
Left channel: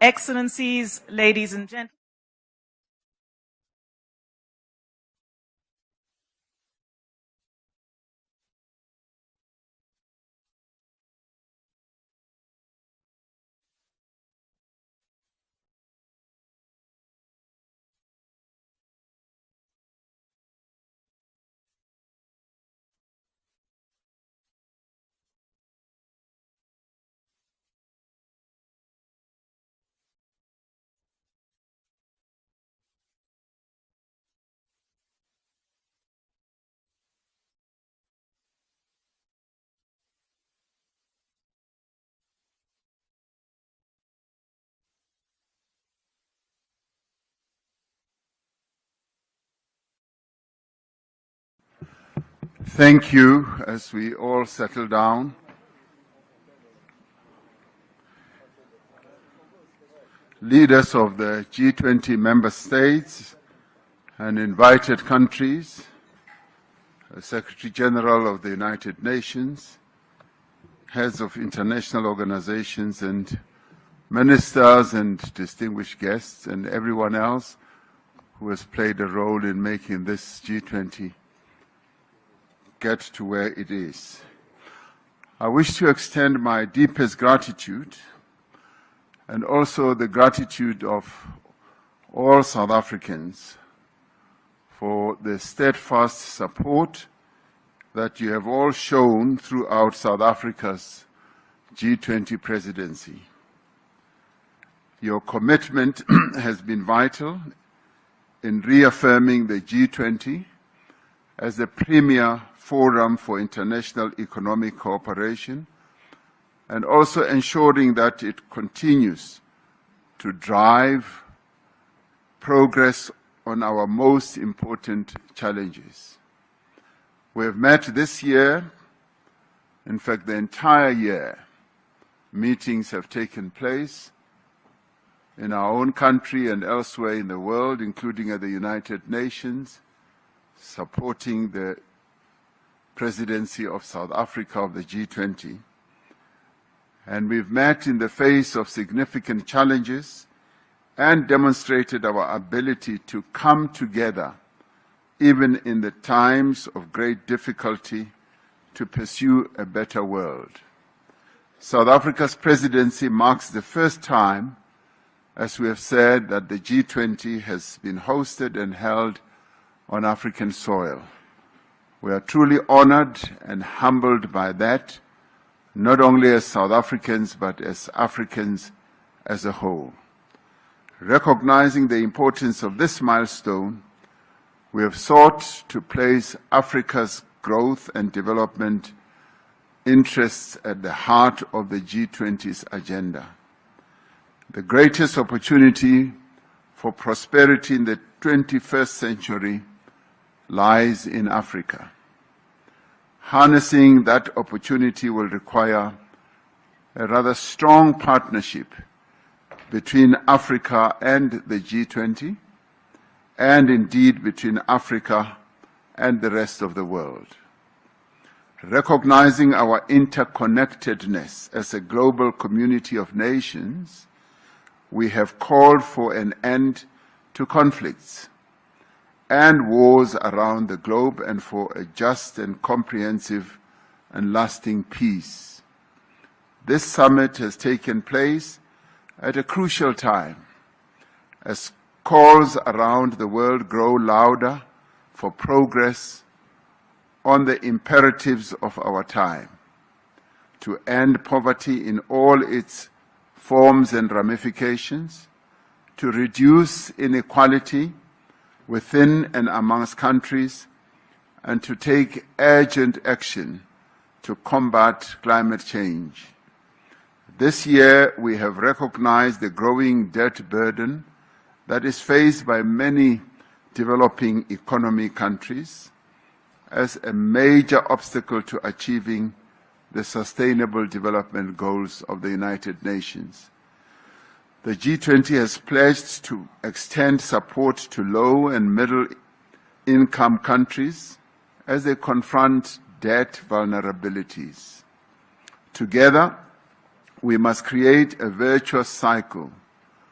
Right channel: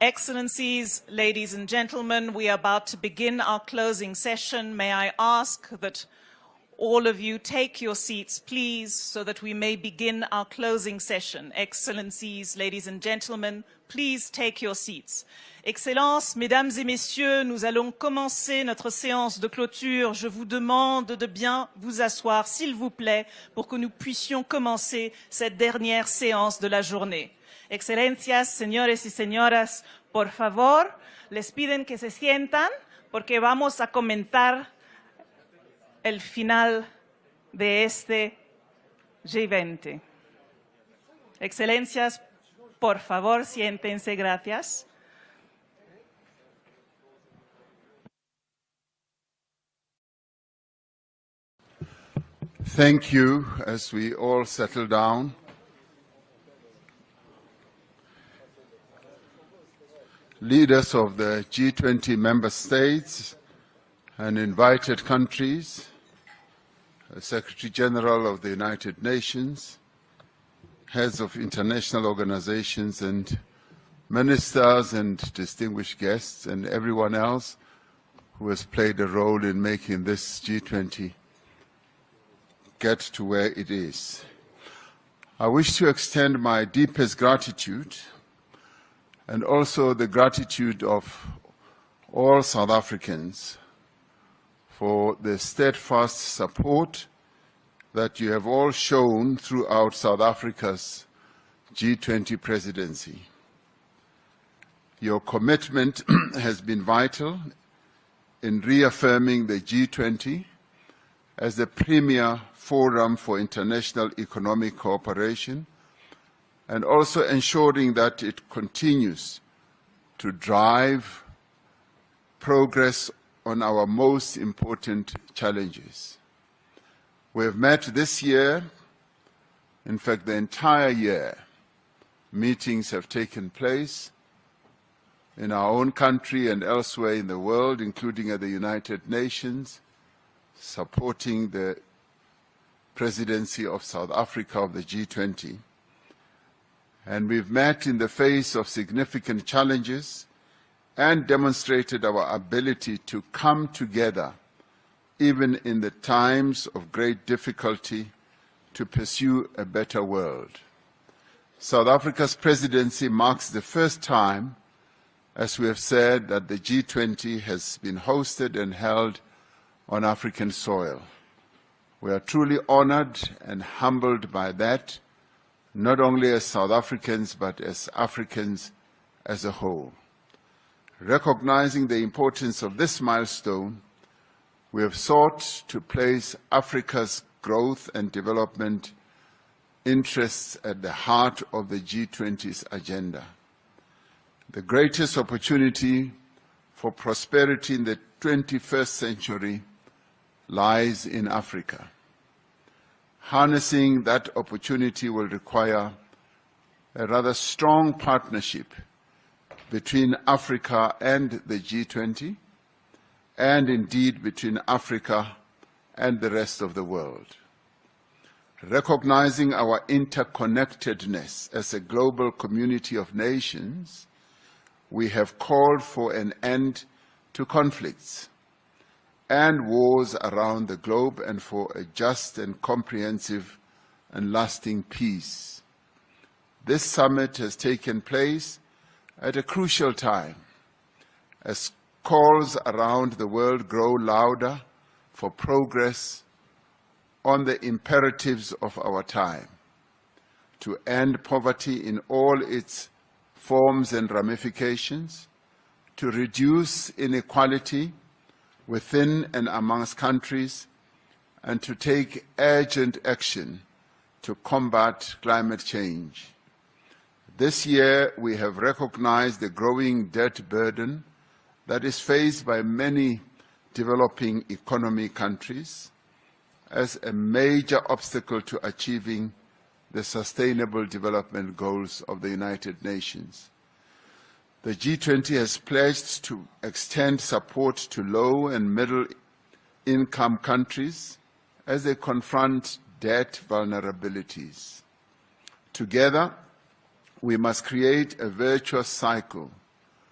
Excellencies, ladies and gentlemen, we are about to begin our closing session. May I ask that all of you take your seats, please, so that we may begin our closing session. Excellencies, ladies and gentlemen, please take your seats. Excellences, mesdames et messieurs, nous allons commencer notre séance de clôture. Je vous demande de bien vous asseoir, s'il vous plaît, pour que nous puissions commencer cette dernière séance de la journée. Excelencias, señores y señoras, por favor, les piden que se sientan porque vamos a comentar el final de este G20. Excelencias, por favor, siéntense, gracias. Thank you. As we all settle down, leaders of the G20 member states and invited countries, Secretary General of the United Nations, heads of international organizations and ministers and distinguished guests and everyone else who has played a role in making this G20 get to where it is. I wish to extend my deepest gratitude and also the gratitude of all South Africans for the steadfast support that you have all shown throughout South Africa's G20 presidency. Your commitment has been vital in reaffirming the G20 as the premier forum for international economic cooperation and also ensuring that it continues to drive progress on our most important challenges. We have met this year, in fact the entire year, meetings have taken place in our own country and elsewhere in the world, including at the United Nations, supporting the presidency of South Africa of the G20. And we've met in the face of significant challenges and demonstrated our ability to come together, even in the times of great difficulty, to pursue a better world. South Africa's presidency marks the first time, as we have said, that the G20 has been hosted and held on African soil. We are truly honored and humbled by that, not only as South Africans, but as Africans as a whole. Recognizing the importance of this milestone, we have sought to place Africa's growth and development interests at the heart of the G20's agenda. The greatest opportunity for prosperity in the 21st century lies in Africa. Harnessing that opportunity will require a rather strong partnership between Africa and the G20, and indeed between Africa and the rest of the world. Recognizing our interconnectedness as a global community of nations, we have called for an end to conflicts and wars around the globe and for a just and comprehensive and lasting peace. This summit has taken place at a crucial time as calls around the world grow louder for progress on the imperatives of our time, to end poverty in all its forms and ramifications, to reduce inequality within and amongst countries, and to take urgent action to combat climate change. This year, we have recognized the growing debt burden that is faced by many developing economy countries as a major obstacle to achieving the Sustainable Development Goals of the United Nations. The G20 has pledged to extend support to low and middle income countries as they confront debt vulnerabilities. Together, we must create a virtuous cycle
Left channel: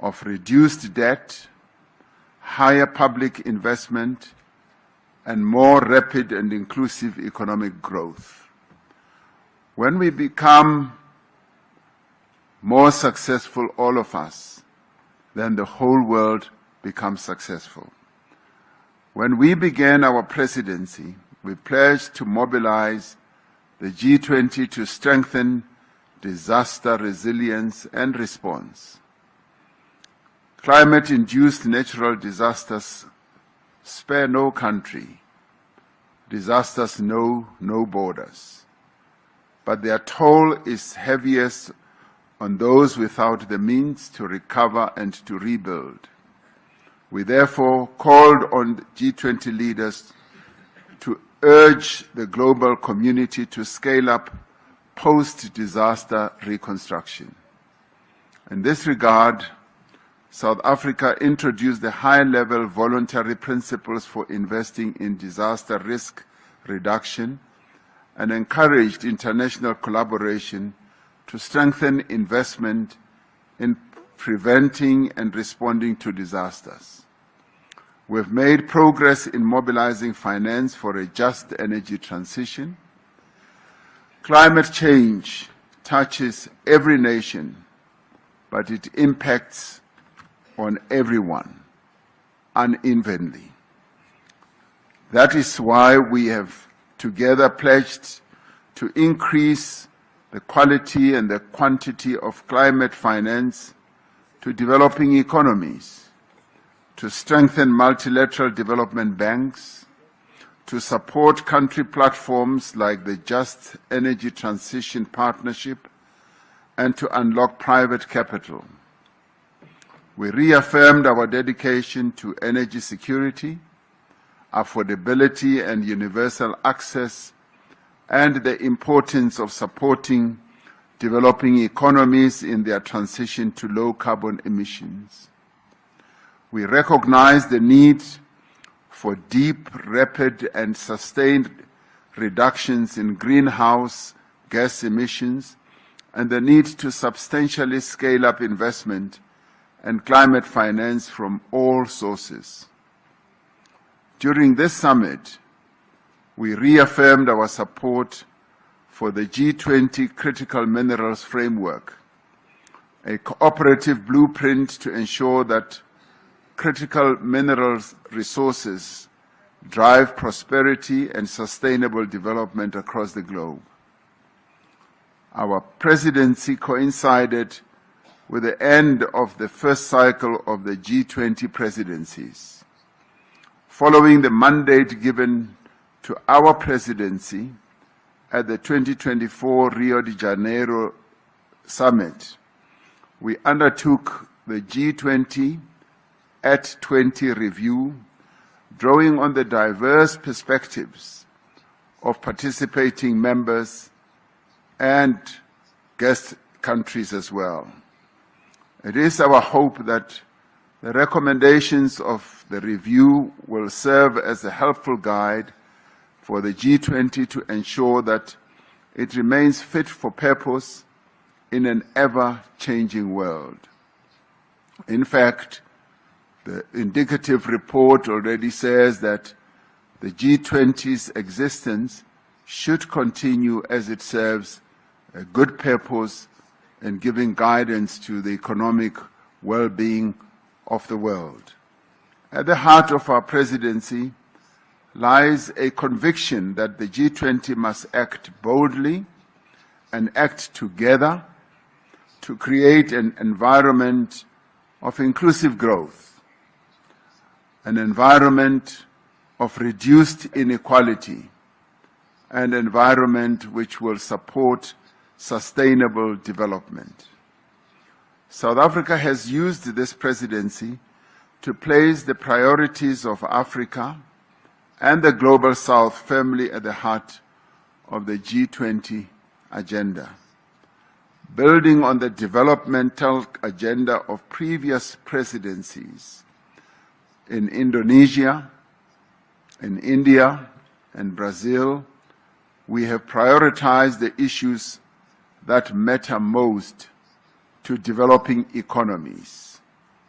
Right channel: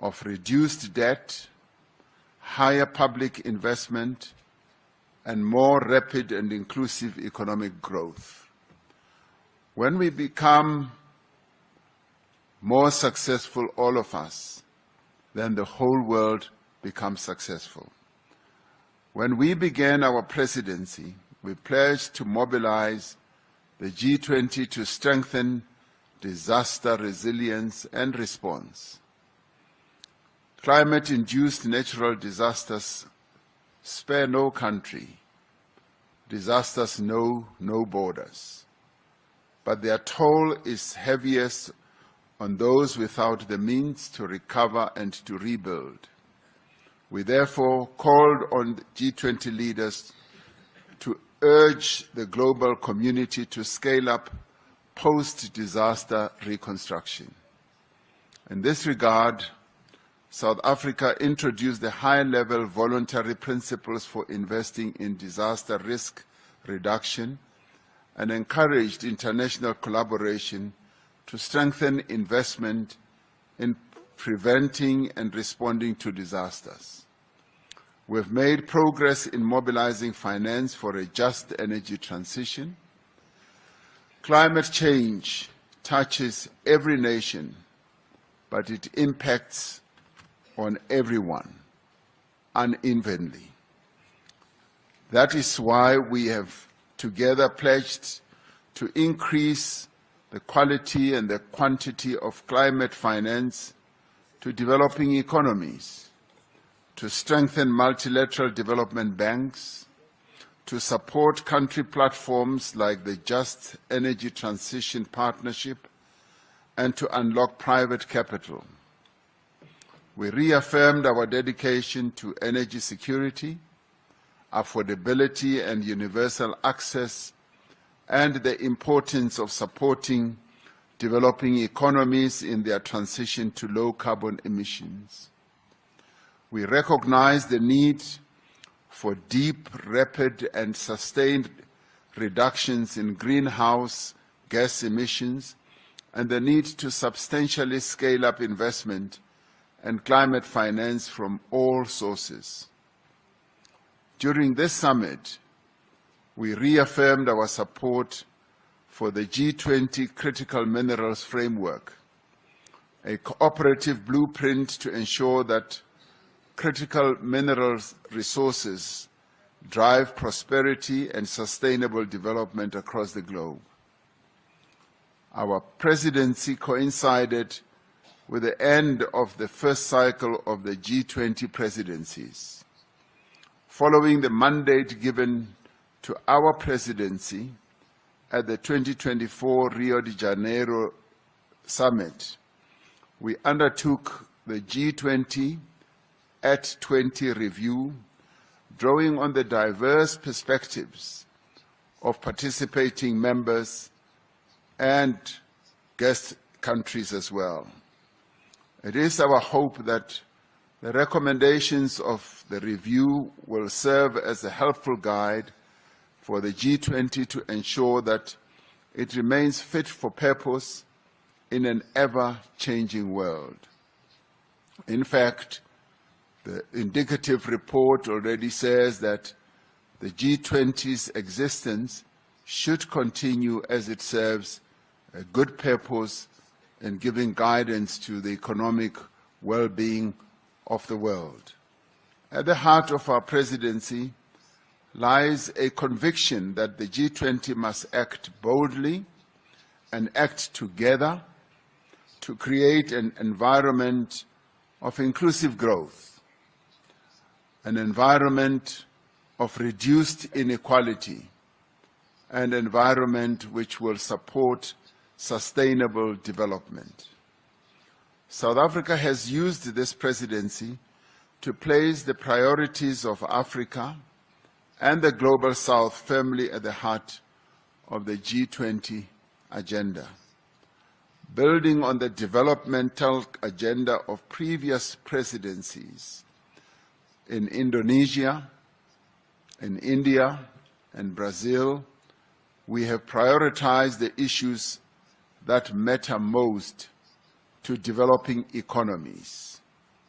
of reduced debt, higher public investment, and more rapid and inclusive economic growth. When we become more successful, all of us, then the whole world becomes successful. When we began our presidency, we pledged to mobilize the G20 to strengthen disaster resilience and response. Climate-induced natural disasters spare no country. Disasters know no borders. But their toll is heaviest on those without the means to recover and to rebuild. We therefore called on G20 leaders to urge the global community to scale up post-disaster reconstruction. In this regard, South Africa introduced the high-level voluntary principles for investing in disaster risk reduction and encouraged international collaboration to strengthen investment in preventing and responding to disasters. We've made progress in mobilizing finance for a just energy transition. Climate change touches every nation, but it impacts on everyone unevenly. That is why we have together pledged to increase the quality and the quantity of climate finance to developing economies, to strengthen multilateral development banks, to support country platforms like the Just Energy Transition Partnership, and to unlock private capital. We reaffirmed our dedication to energy security, affordability and universal access, and the importance of supporting developing economies in their transition to low carbon emissions. We recognize the need for deep, rapid, and sustained reductions in greenhouse gas emissions and the need to substantially scale up investment and climate finance from all sources. During this summit, we reaffirmed our support for the G20 Critical Minerals Framework, a cooperative blueprint to ensure that critical minerals resources drive prosperity and sustainable development across the globe. Our presidency coincided with the end of the first cycle of the G20 presidencies. Following the mandate given to our presidency at the 2024 Rio de Janeiro Summit, we undertook the G20 at 20 review, drawing on the diverse perspectives of participating members and guest countries as well. It is our hope that the recommendations of the review will serve as a helpful guide for the G20 to ensure that it remains fit for purpose in an ever-changing world. In fact, the indicative report already says that the G20's existence should continue as it serves a good purpose in giving guidance to the economic well-being of the world. At the heart of our presidency lies a conviction that the G20 must act boldly and act together to create an environment of inclusive growth, an environment of reduced inequality, an environment which will support sustainable development. South Africa has used this presidency to place the priorities of Africa and the Global South firmly at the heart of the G20 agenda. Building on the developmental agenda of previous presidencies in Indonesia, in India, and Brazil, we have prioritized the issues that matter most to developing economies:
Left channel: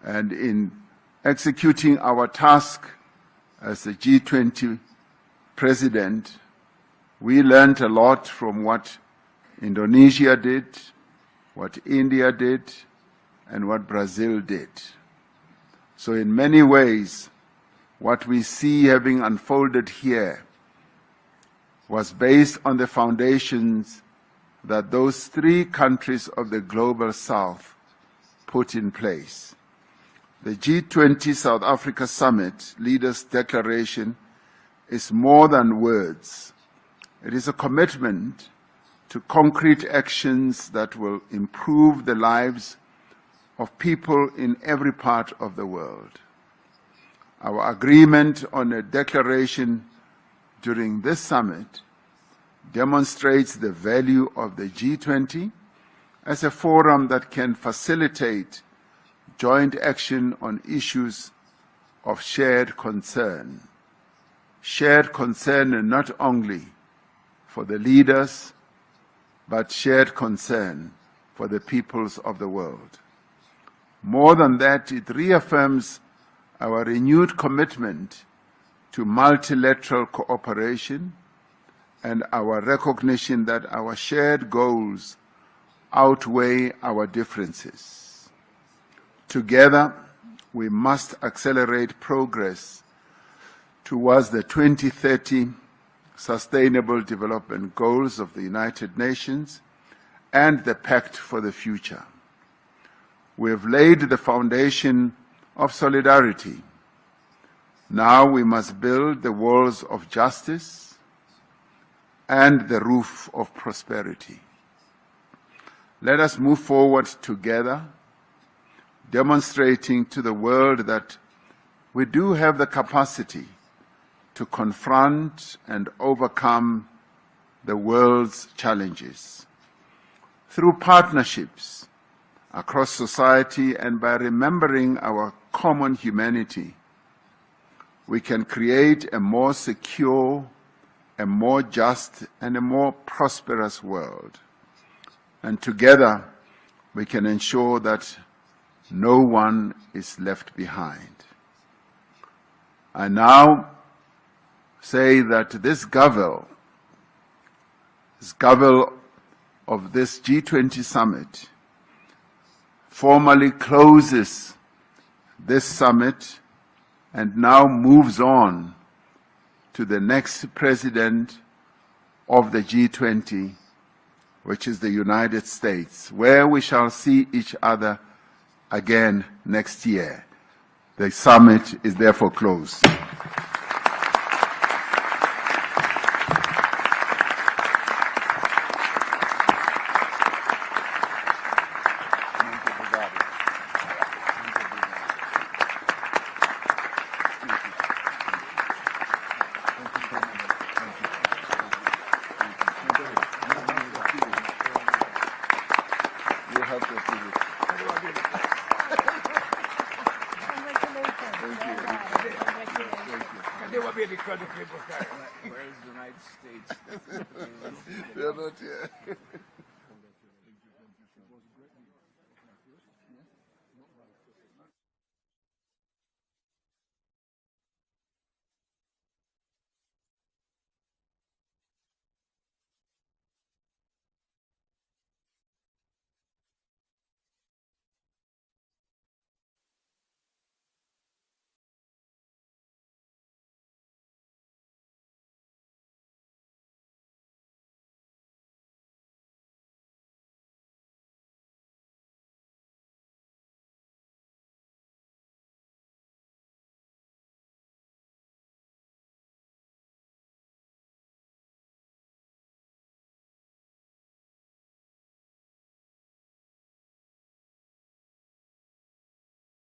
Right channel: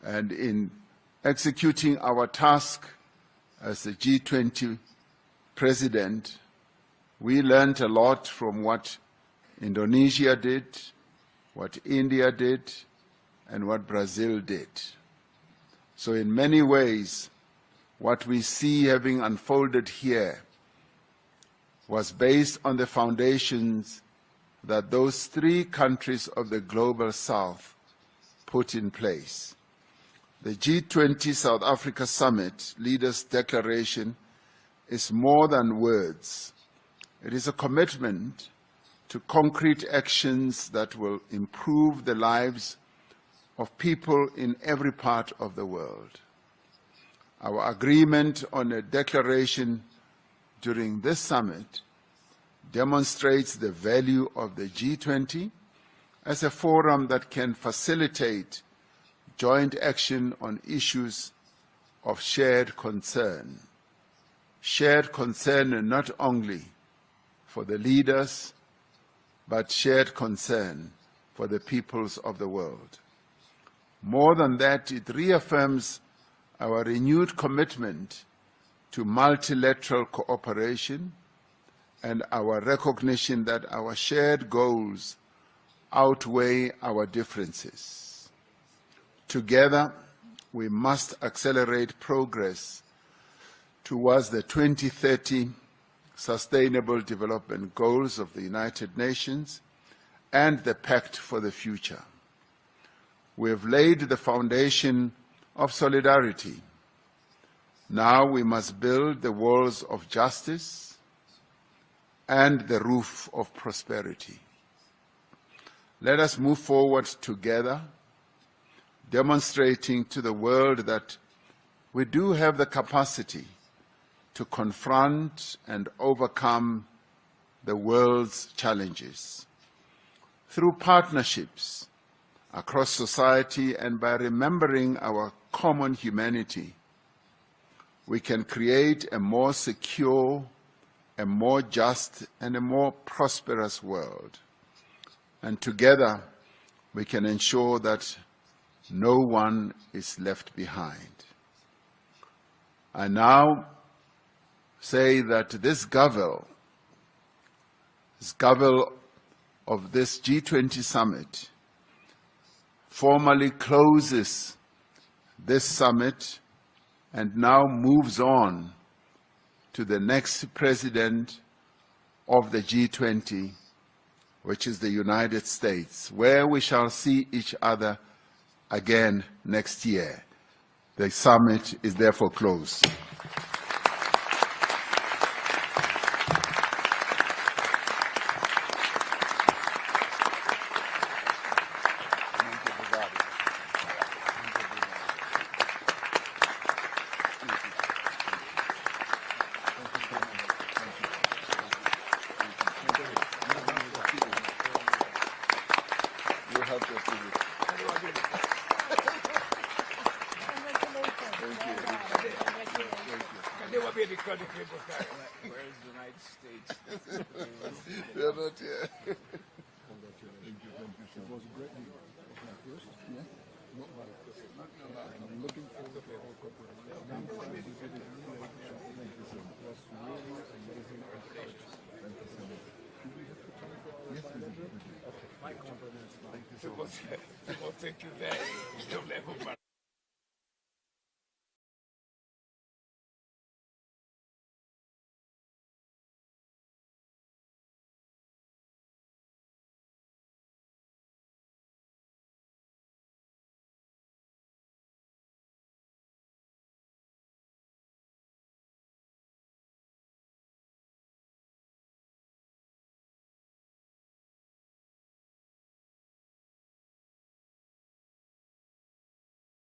And in executing our task as the G20 president, we learned a lot from what Indonesia did, what India did, and what Brazil did. So in many ways, what we see having unfolded here was based on the foundations that those three countries of the Global South put in place. The G20 South Africa Summit Leaders' Declaration is more than words. It is a commitment to concrete actions that will improve the lives of people in every part of the world. Our agreement on a declaration during this summit demonstrates the value of the G20 as a forum that can facilitate joint action on issues of shared concern. Shared concern not only for the leaders, but shared concern for the peoples of the world. More than that, it reaffirms our renewed commitment to multilateral cooperation and our recognition that our shared goals outweigh our differences. Together, we must accelerate progress towards the 2030 Sustainable Development Goals of the United Nations and the Pact for the Future. We have laid the foundation of solidarity. Now we must build the walls of justice and the roof of prosperity. Let us move forward together, demonstrating to the world that we do have the capacity to confront and overcome the world's challenges. Through partnerships across society and by remembering our common humanity, we can create a more secure, a more just, and a more prosperous world. And together, we can ensure that no one is left behind. I now say that this Gavel of this G20 summit formally closes this summit and now moves on to the next president of the G20, which is the United States, where we shall see each other again next year. The summit is therefore closed. They will be because of people carry. Where is the United States? They're not here. Thank you very much.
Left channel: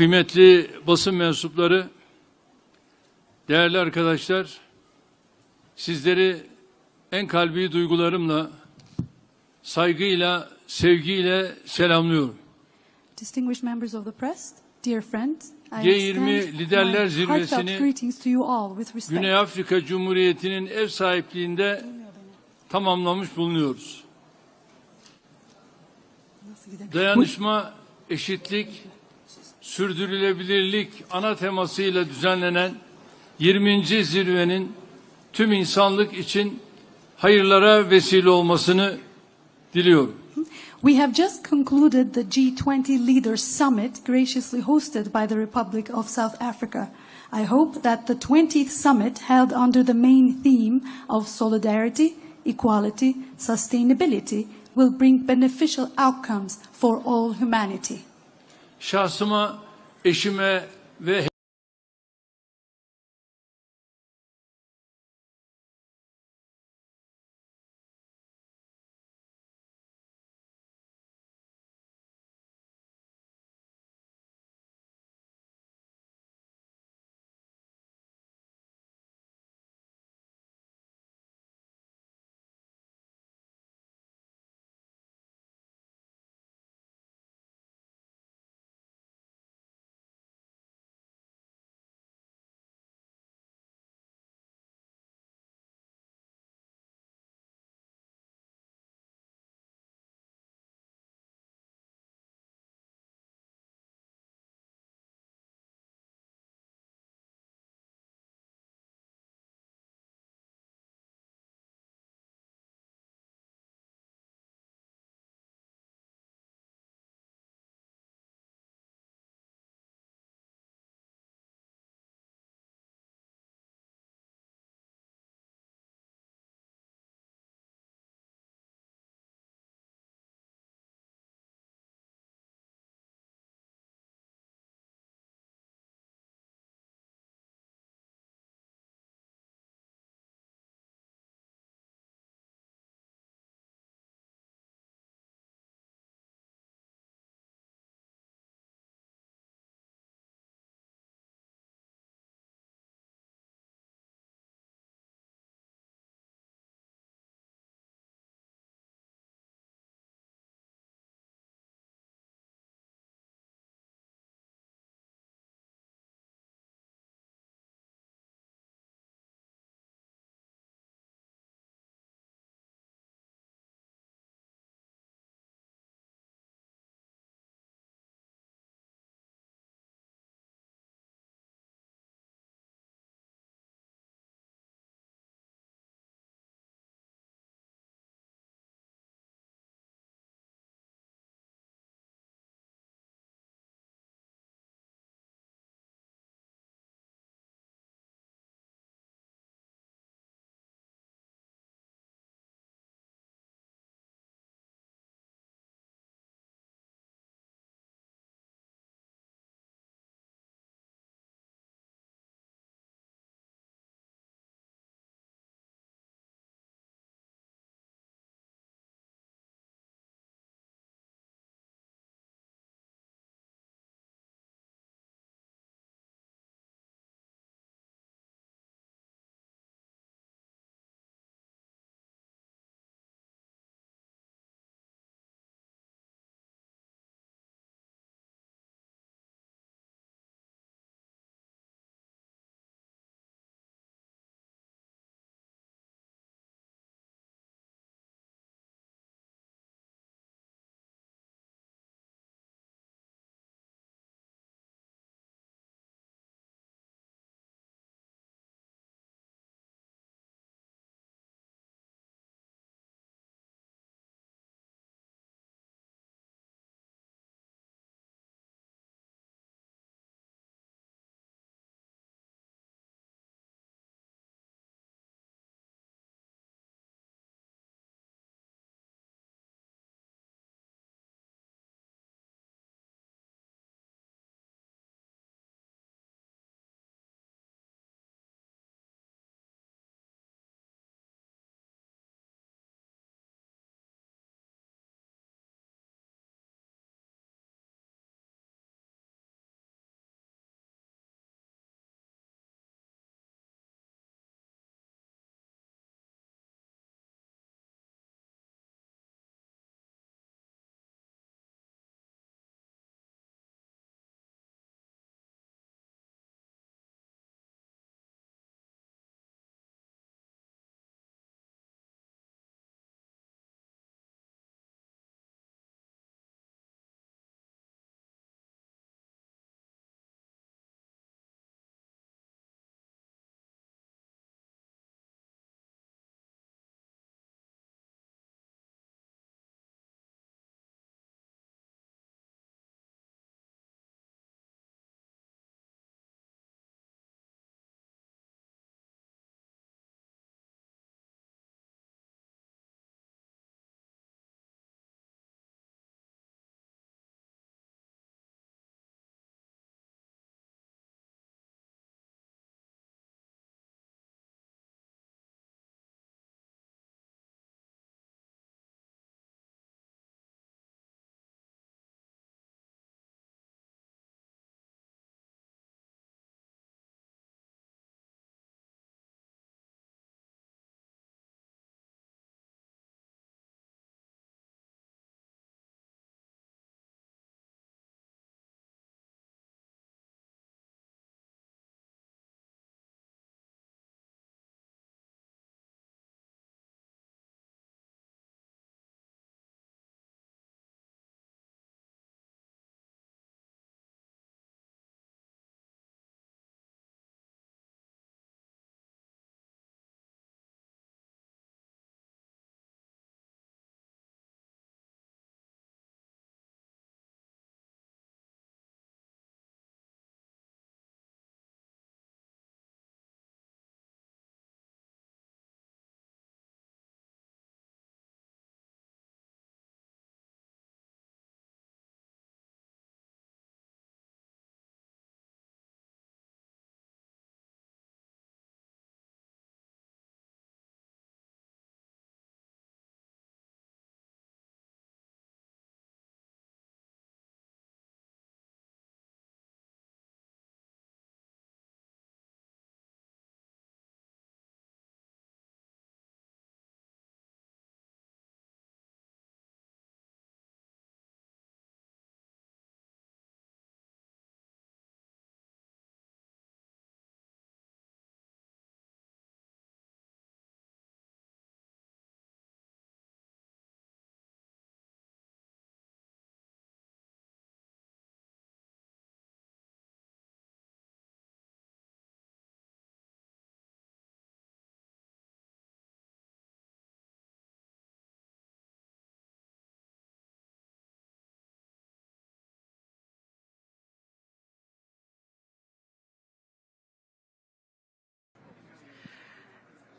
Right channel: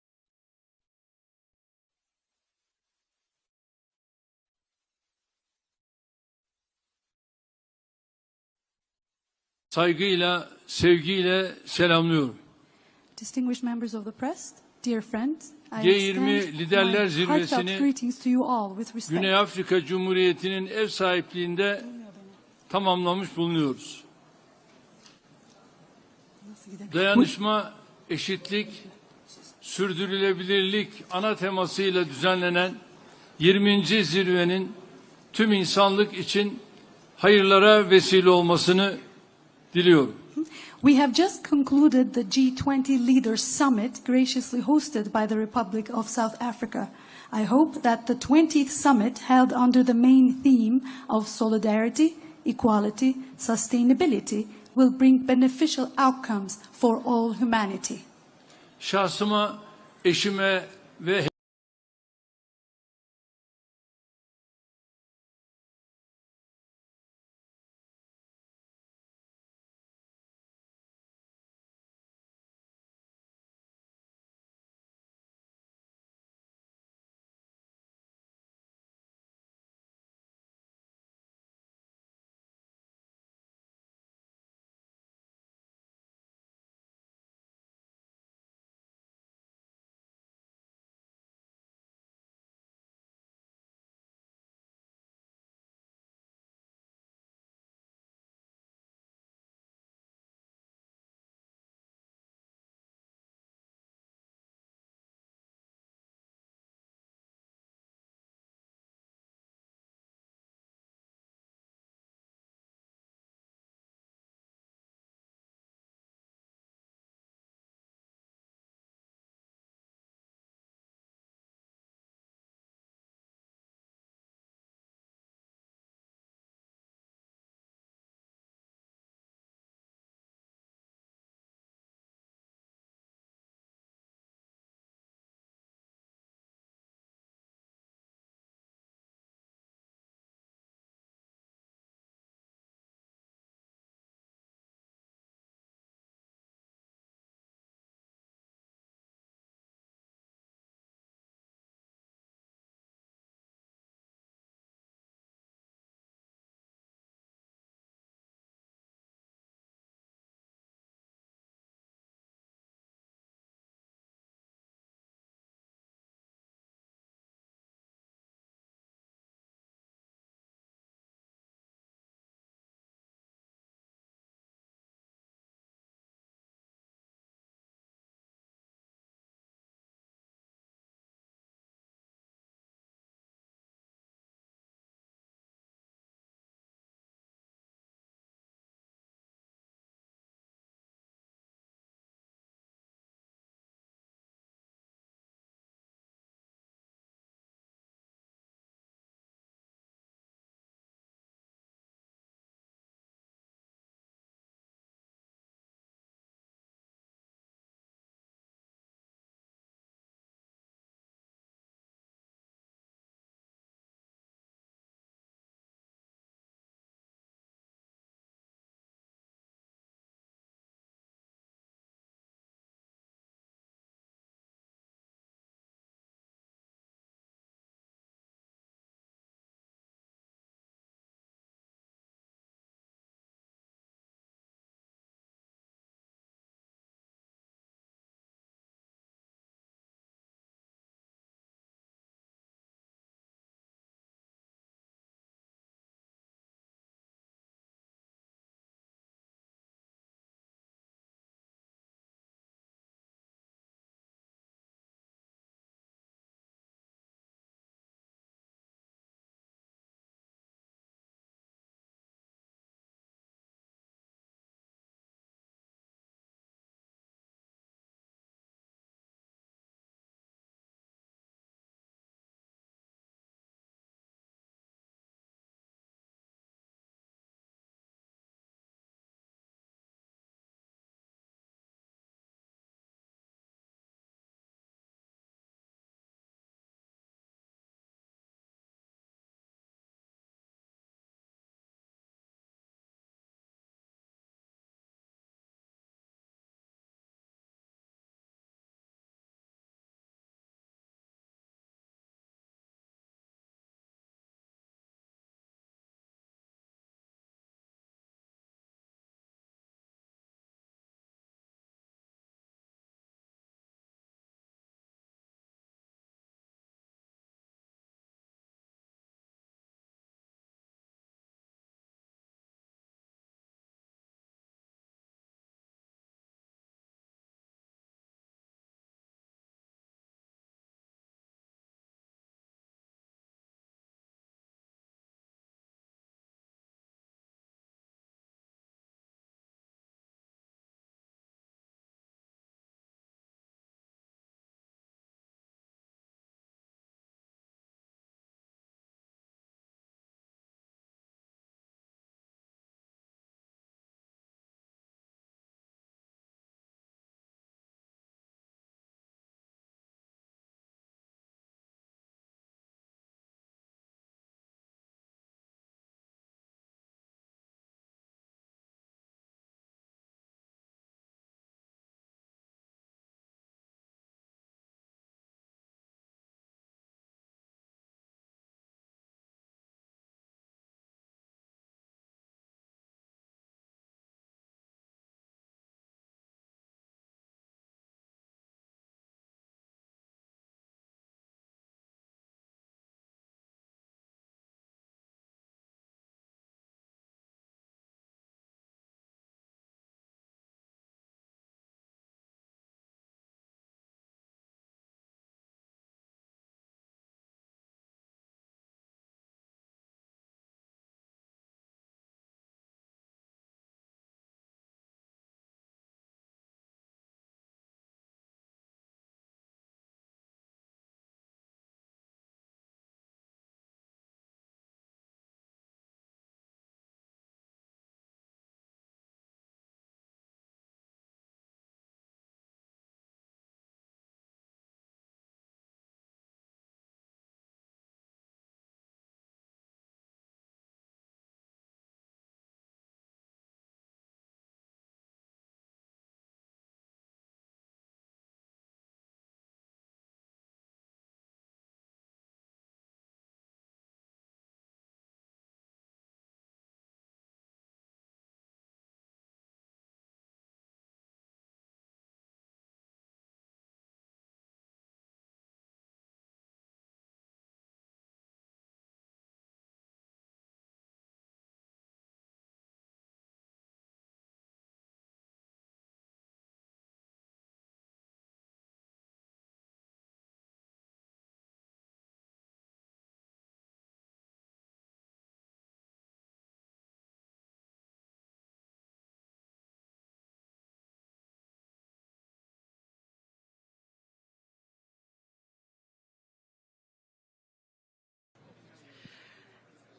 kıymetli basın mensupları, değerli arkadaşlar, sizleri en kalbi duygularımla, saygıyla, sevgiyle selamlıyorum. Distinguished members of the press, dear friends, I G20 extend Liderler my heartfelt Zirvesi'ni greetings to you all with respect. Güney Afrika Cumhuriyeti'nin ev sahipliğinde tamamlamış bulunuyoruz. Dayanışma, eşitlik, sürdürülebilirlik ana temasıyla düzenlenen 20. zirvenin tüm insanlık için hayırlara vesile olmasını diliyorum. We have just concluded the G20 Leaders Summit graciously hosted by the Republic of South Africa. I hope that the 20th summit held under the main theme of solidarity, equality, sustainability will bring beneficial outcomes for all humanity. Şahsıma, eşime ve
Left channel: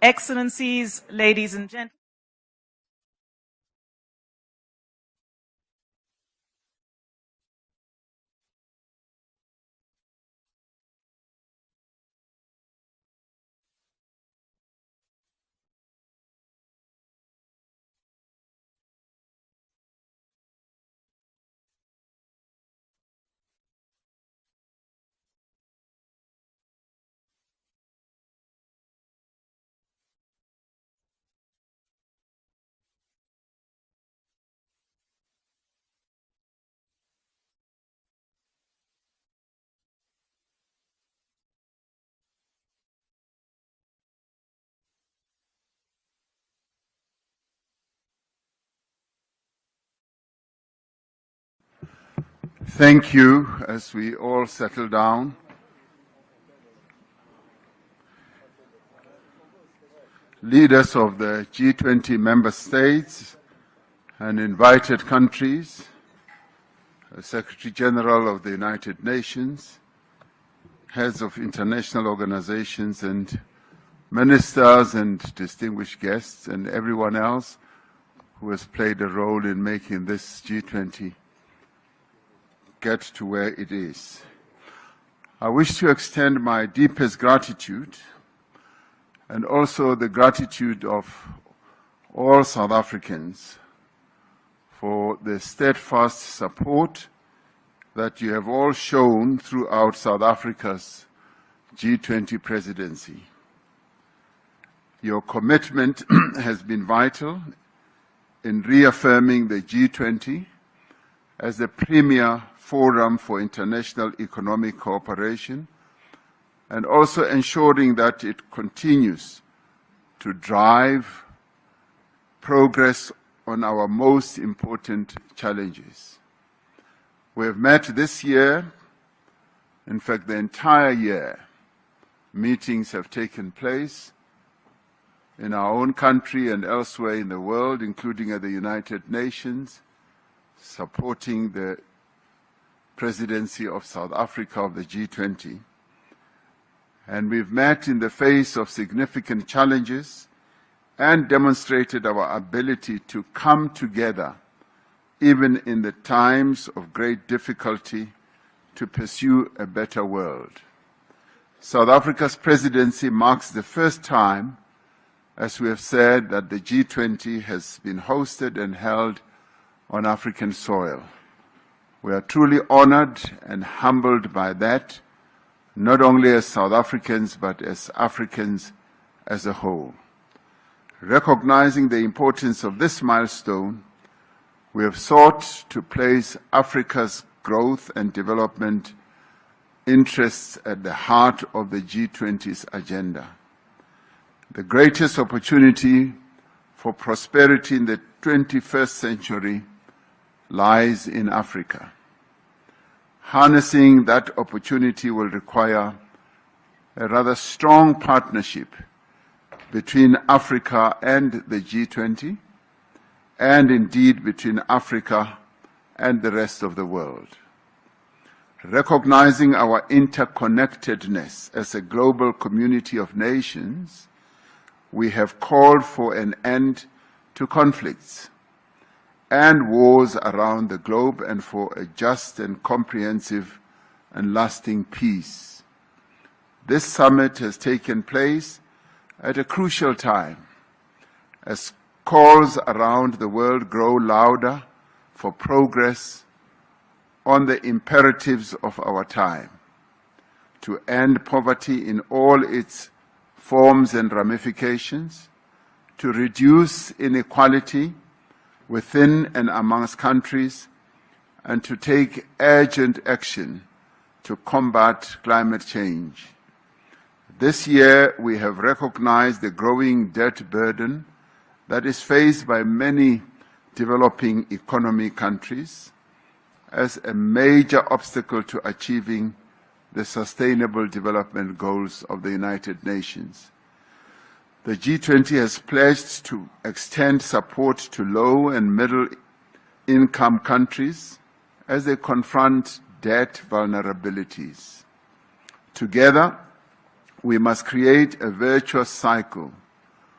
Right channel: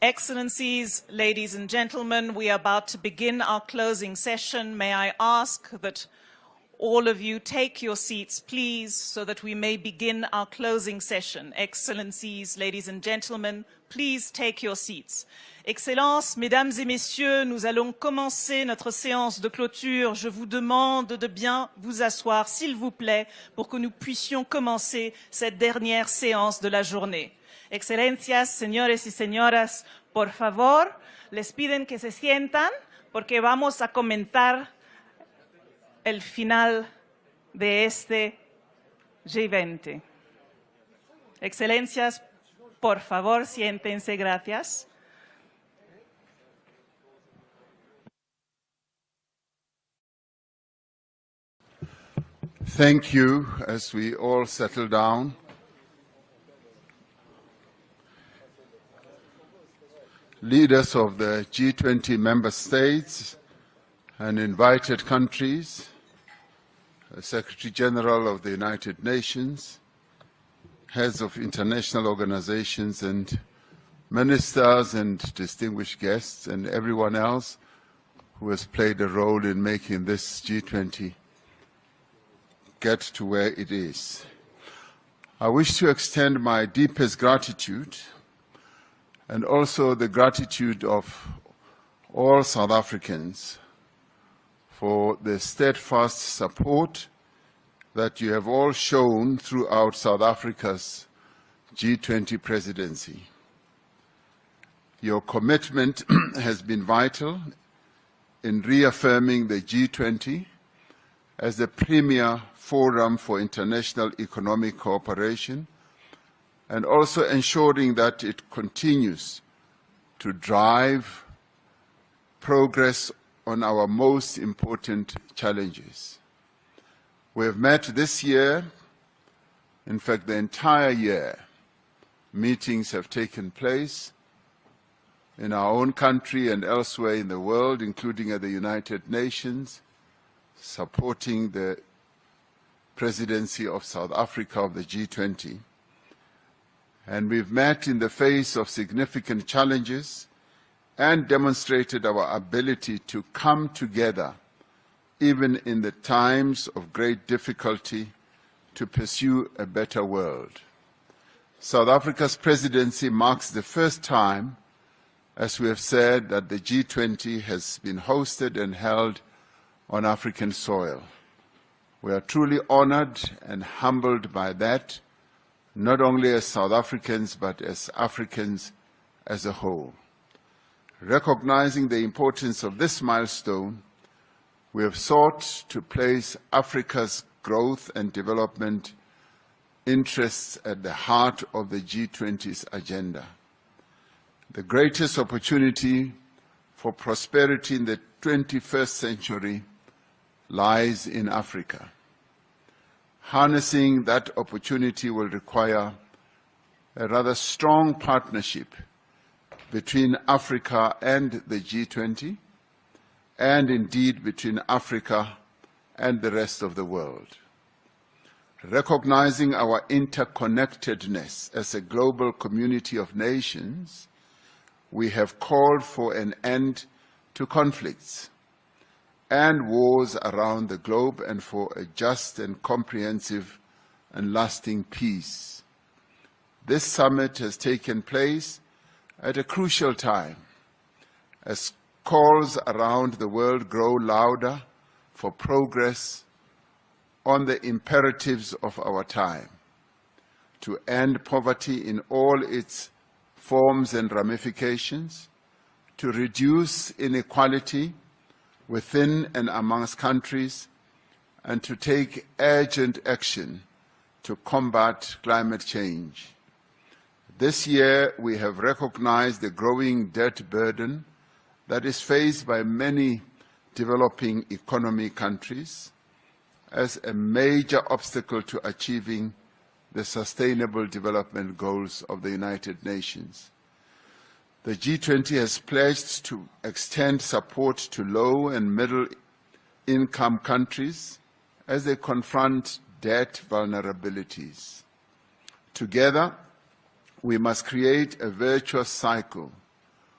Excellencies, ladies and gentlemen, we are about to begin our closing session. May I ask that all of you take your seats, please, so that we may begin our closing session. Excellencies, ladies and gentlemen, please take your seats. Excellences, mesdames et messieurs, nous allons commencer notre séance de clôture. Je vous demande de bien vous asseoir, s'il vous plaît, pour que nous puissions commencer cette dernière séance de la journée. Excelencias, señores y señoras, por favor, les piden que se sientan porque vamos a comentar el final de este G20. Excelencias, por favor, siéntense, gracias. Thank you. As we all settle down, leaders of the G20 member states and invited countries, Secretary General of the United Nations, heads of international organizations and ministers and distinguished guests and everyone else who has played a role in making this G20 get to where it is. I wish to extend my deepest gratitude and also the gratitude of all South Africans for the steadfast support that you have all shown throughout South Africa's G20 presidency. Your commitment has been vital in reaffirming the G20 as the premier forum for international economic cooperation and also ensuring that it continues to drive progress on our most important challenges. We have met this year, in fact the entire year, meetings have taken place in our own country and elsewhere in the world, including at the United Nations, supporting the presidency of South Africa of the G20. And we've met in the face of significant challenges and demonstrated our ability to come together, even in the times of great difficulty, to pursue a better world. South Africa's presidency marks the first time, as we have said, that the G20 has been hosted and held on African soil. We are truly honored and humbled by that, not only as South Africans, but as Africans as a whole. Recognizing the importance of this milestone, we have sought to place Africa's growth and development interests at the heart of the G20's agenda. The greatest opportunity for prosperity in the 21st century lies in Africa. Harnessing that opportunity will require a rather strong partnership between Africa and the G20, and indeed between Africa and the rest of the world. Recognizing our interconnectedness as a global community of nations, we have called for an end to conflicts and wars around the globe and for a just and comprehensive and lasting peace. This summit has taken place at a crucial time as calls around the world grow louder for progress on the imperatives of our time, to end poverty in all its forms and ramifications, to reduce inequality within and amongst countries, and to take urgent action to combat climate change. This year, we have recognized the growing debt burden that is faced by many developing economy countries as a major obstacle to achieving the Sustainable Development Goals of the United Nations. The G20 has pledged to extend support to low and middle income countries as they confront debt vulnerabilities. Together, we must create a virtuous cycle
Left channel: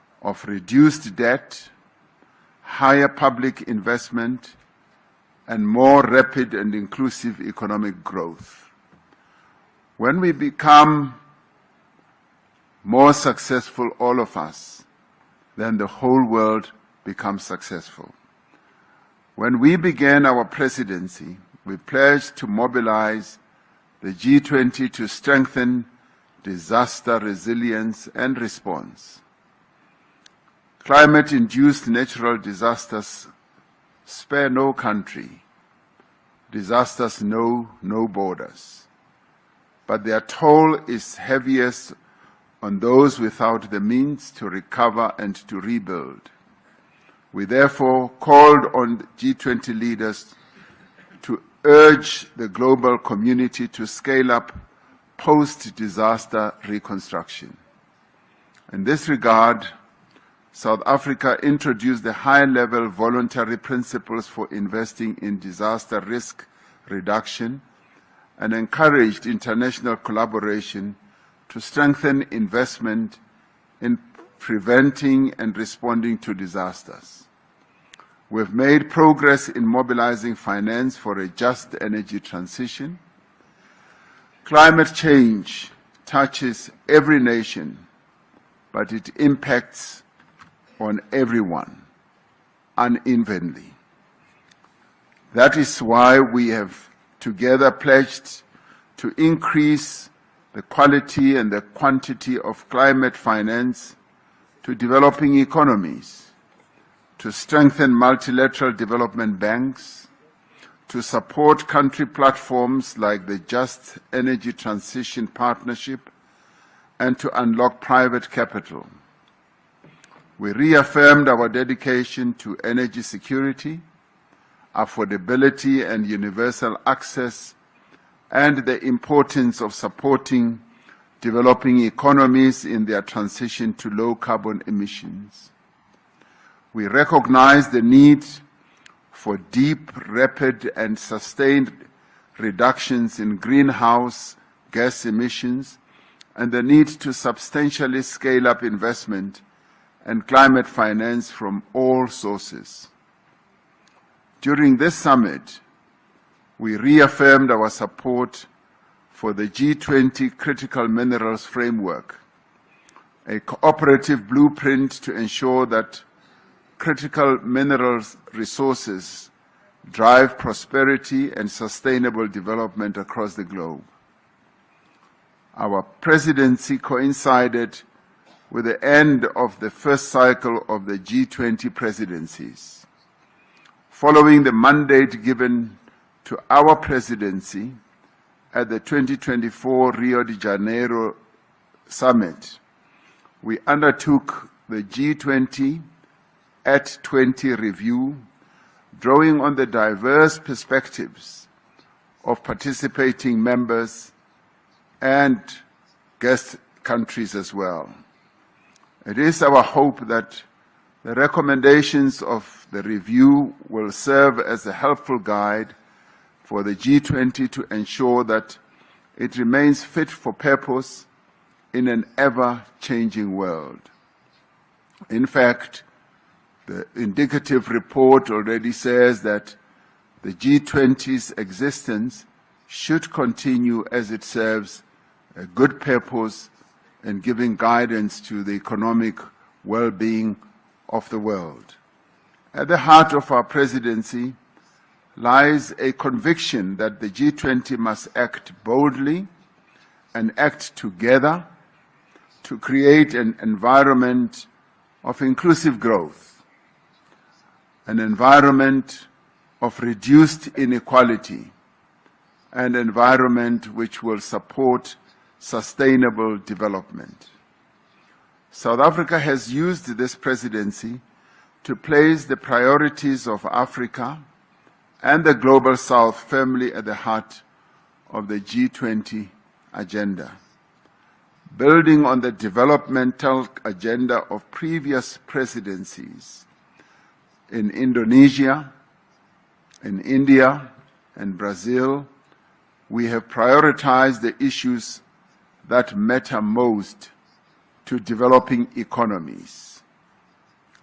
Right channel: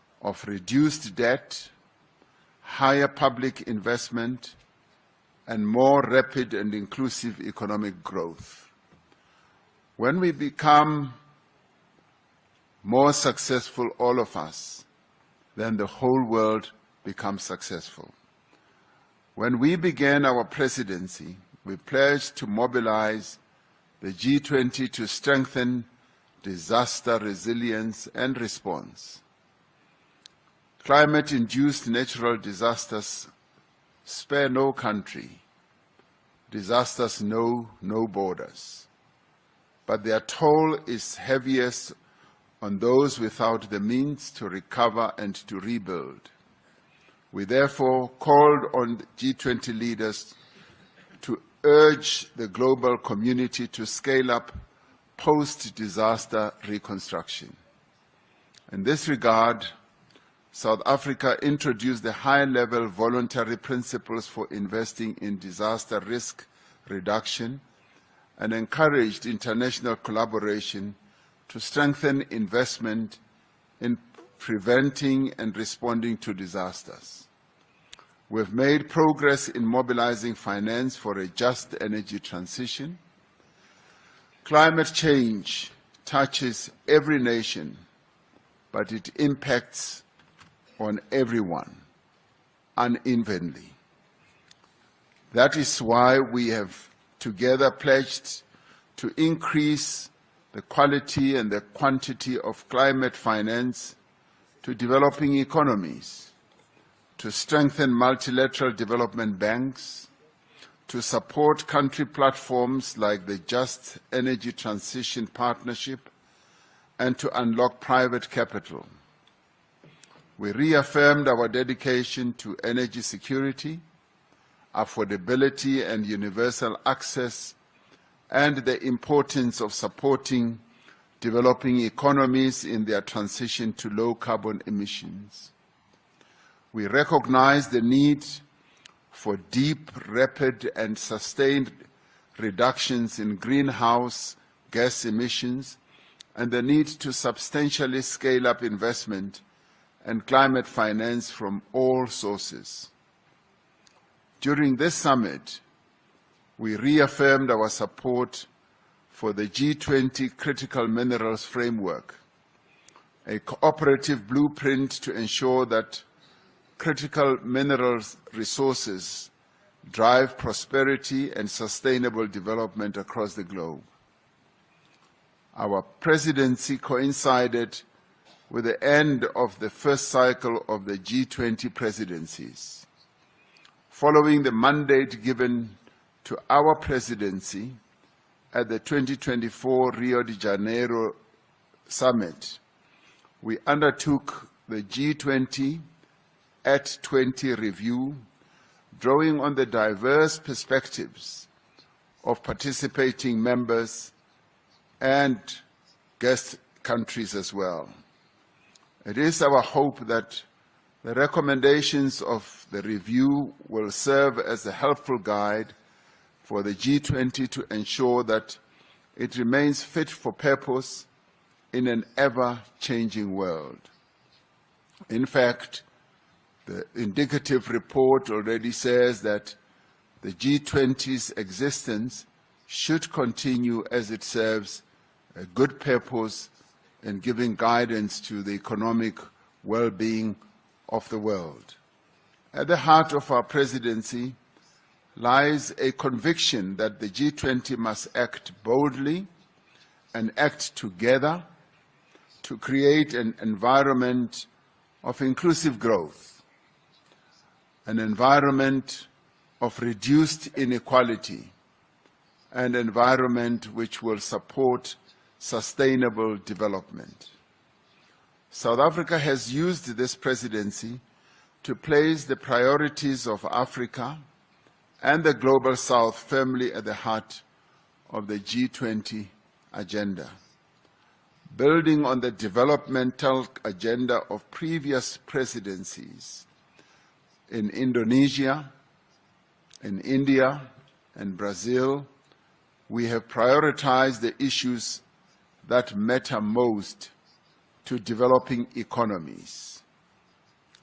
of reduced debt, higher public investment, and more rapid and inclusive economic growth. When we become more successful, all of us, then the whole world becomes successful. When we began our presidency, we pledged to mobilize the G20 to strengthen disaster resilience and response. Climate-induced natural disasters spare no country. Disasters know no borders. But their toll is heaviest on those without the means to recover and to rebuild. We therefore called on G20 leaders to urge the global community to scale up post-disaster reconstruction. In this regard, South Africa introduced the high-level voluntary principles for investing in disaster risk reduction and encouraged international collaboration to strengthen investment in preventing and responding to disasters. We've made progress in mobilizing finance for a just energy transition. Climate change touches every nation, but it impacts on everyone unevenly. That is why we have together pledged to increase the quality and the quantity of climate finance to developing economies, to strengthen multilateral development banks, to support country platforms like the Just Energy Transition Partnership, and to unlock private capital. We reaffirmed our dedication to energy security, affordability and universal access, and the importance of supporting developing economies in their transition to low carbon emissions. We recognize the need for deep, rapid, and sustained reductions in greenhouse gas emissions and the need to substantially scale up investment and climate finance from all sources. During this summit, we reaffirmed our support for the G20 Critical Minerals Framework, a cooperative blueprint to ensure that critical minerals resources drive prosperity and sustainable development across the globe. Our presidency coincided with the end of the first cycle of the G20 presidencies. Following the mandate given to our presidency at the 2024 Rio de Janeiro Summit, we undertook the G20 at 20 review, drawing on the diverse perspectives of participating members and guest countries as well. It is our hope that the recommendations of the review will serve as a helpful guide for the G20 to ensure that it remains fit for purpose in an ever-changing world. In fact, the indicative report already says that the G20's existence should continue as it serves a good purpose in giving guidance to the economic well-being of the world. At the heart of our presidency lies a conviction that the G20 must act boldly and act together to create an environment of inclusive growth, an environment of reduced inequality, an environment which will support sustainable development. South Africa has used this presidency to place the priorities of Africa and the Global South firmly at the heart of the G20 agenda. Building on the developmental agenda of previous presidencies in Indonesia, in India, and Brazil, we have prioritized the issues that matter most to developing economies:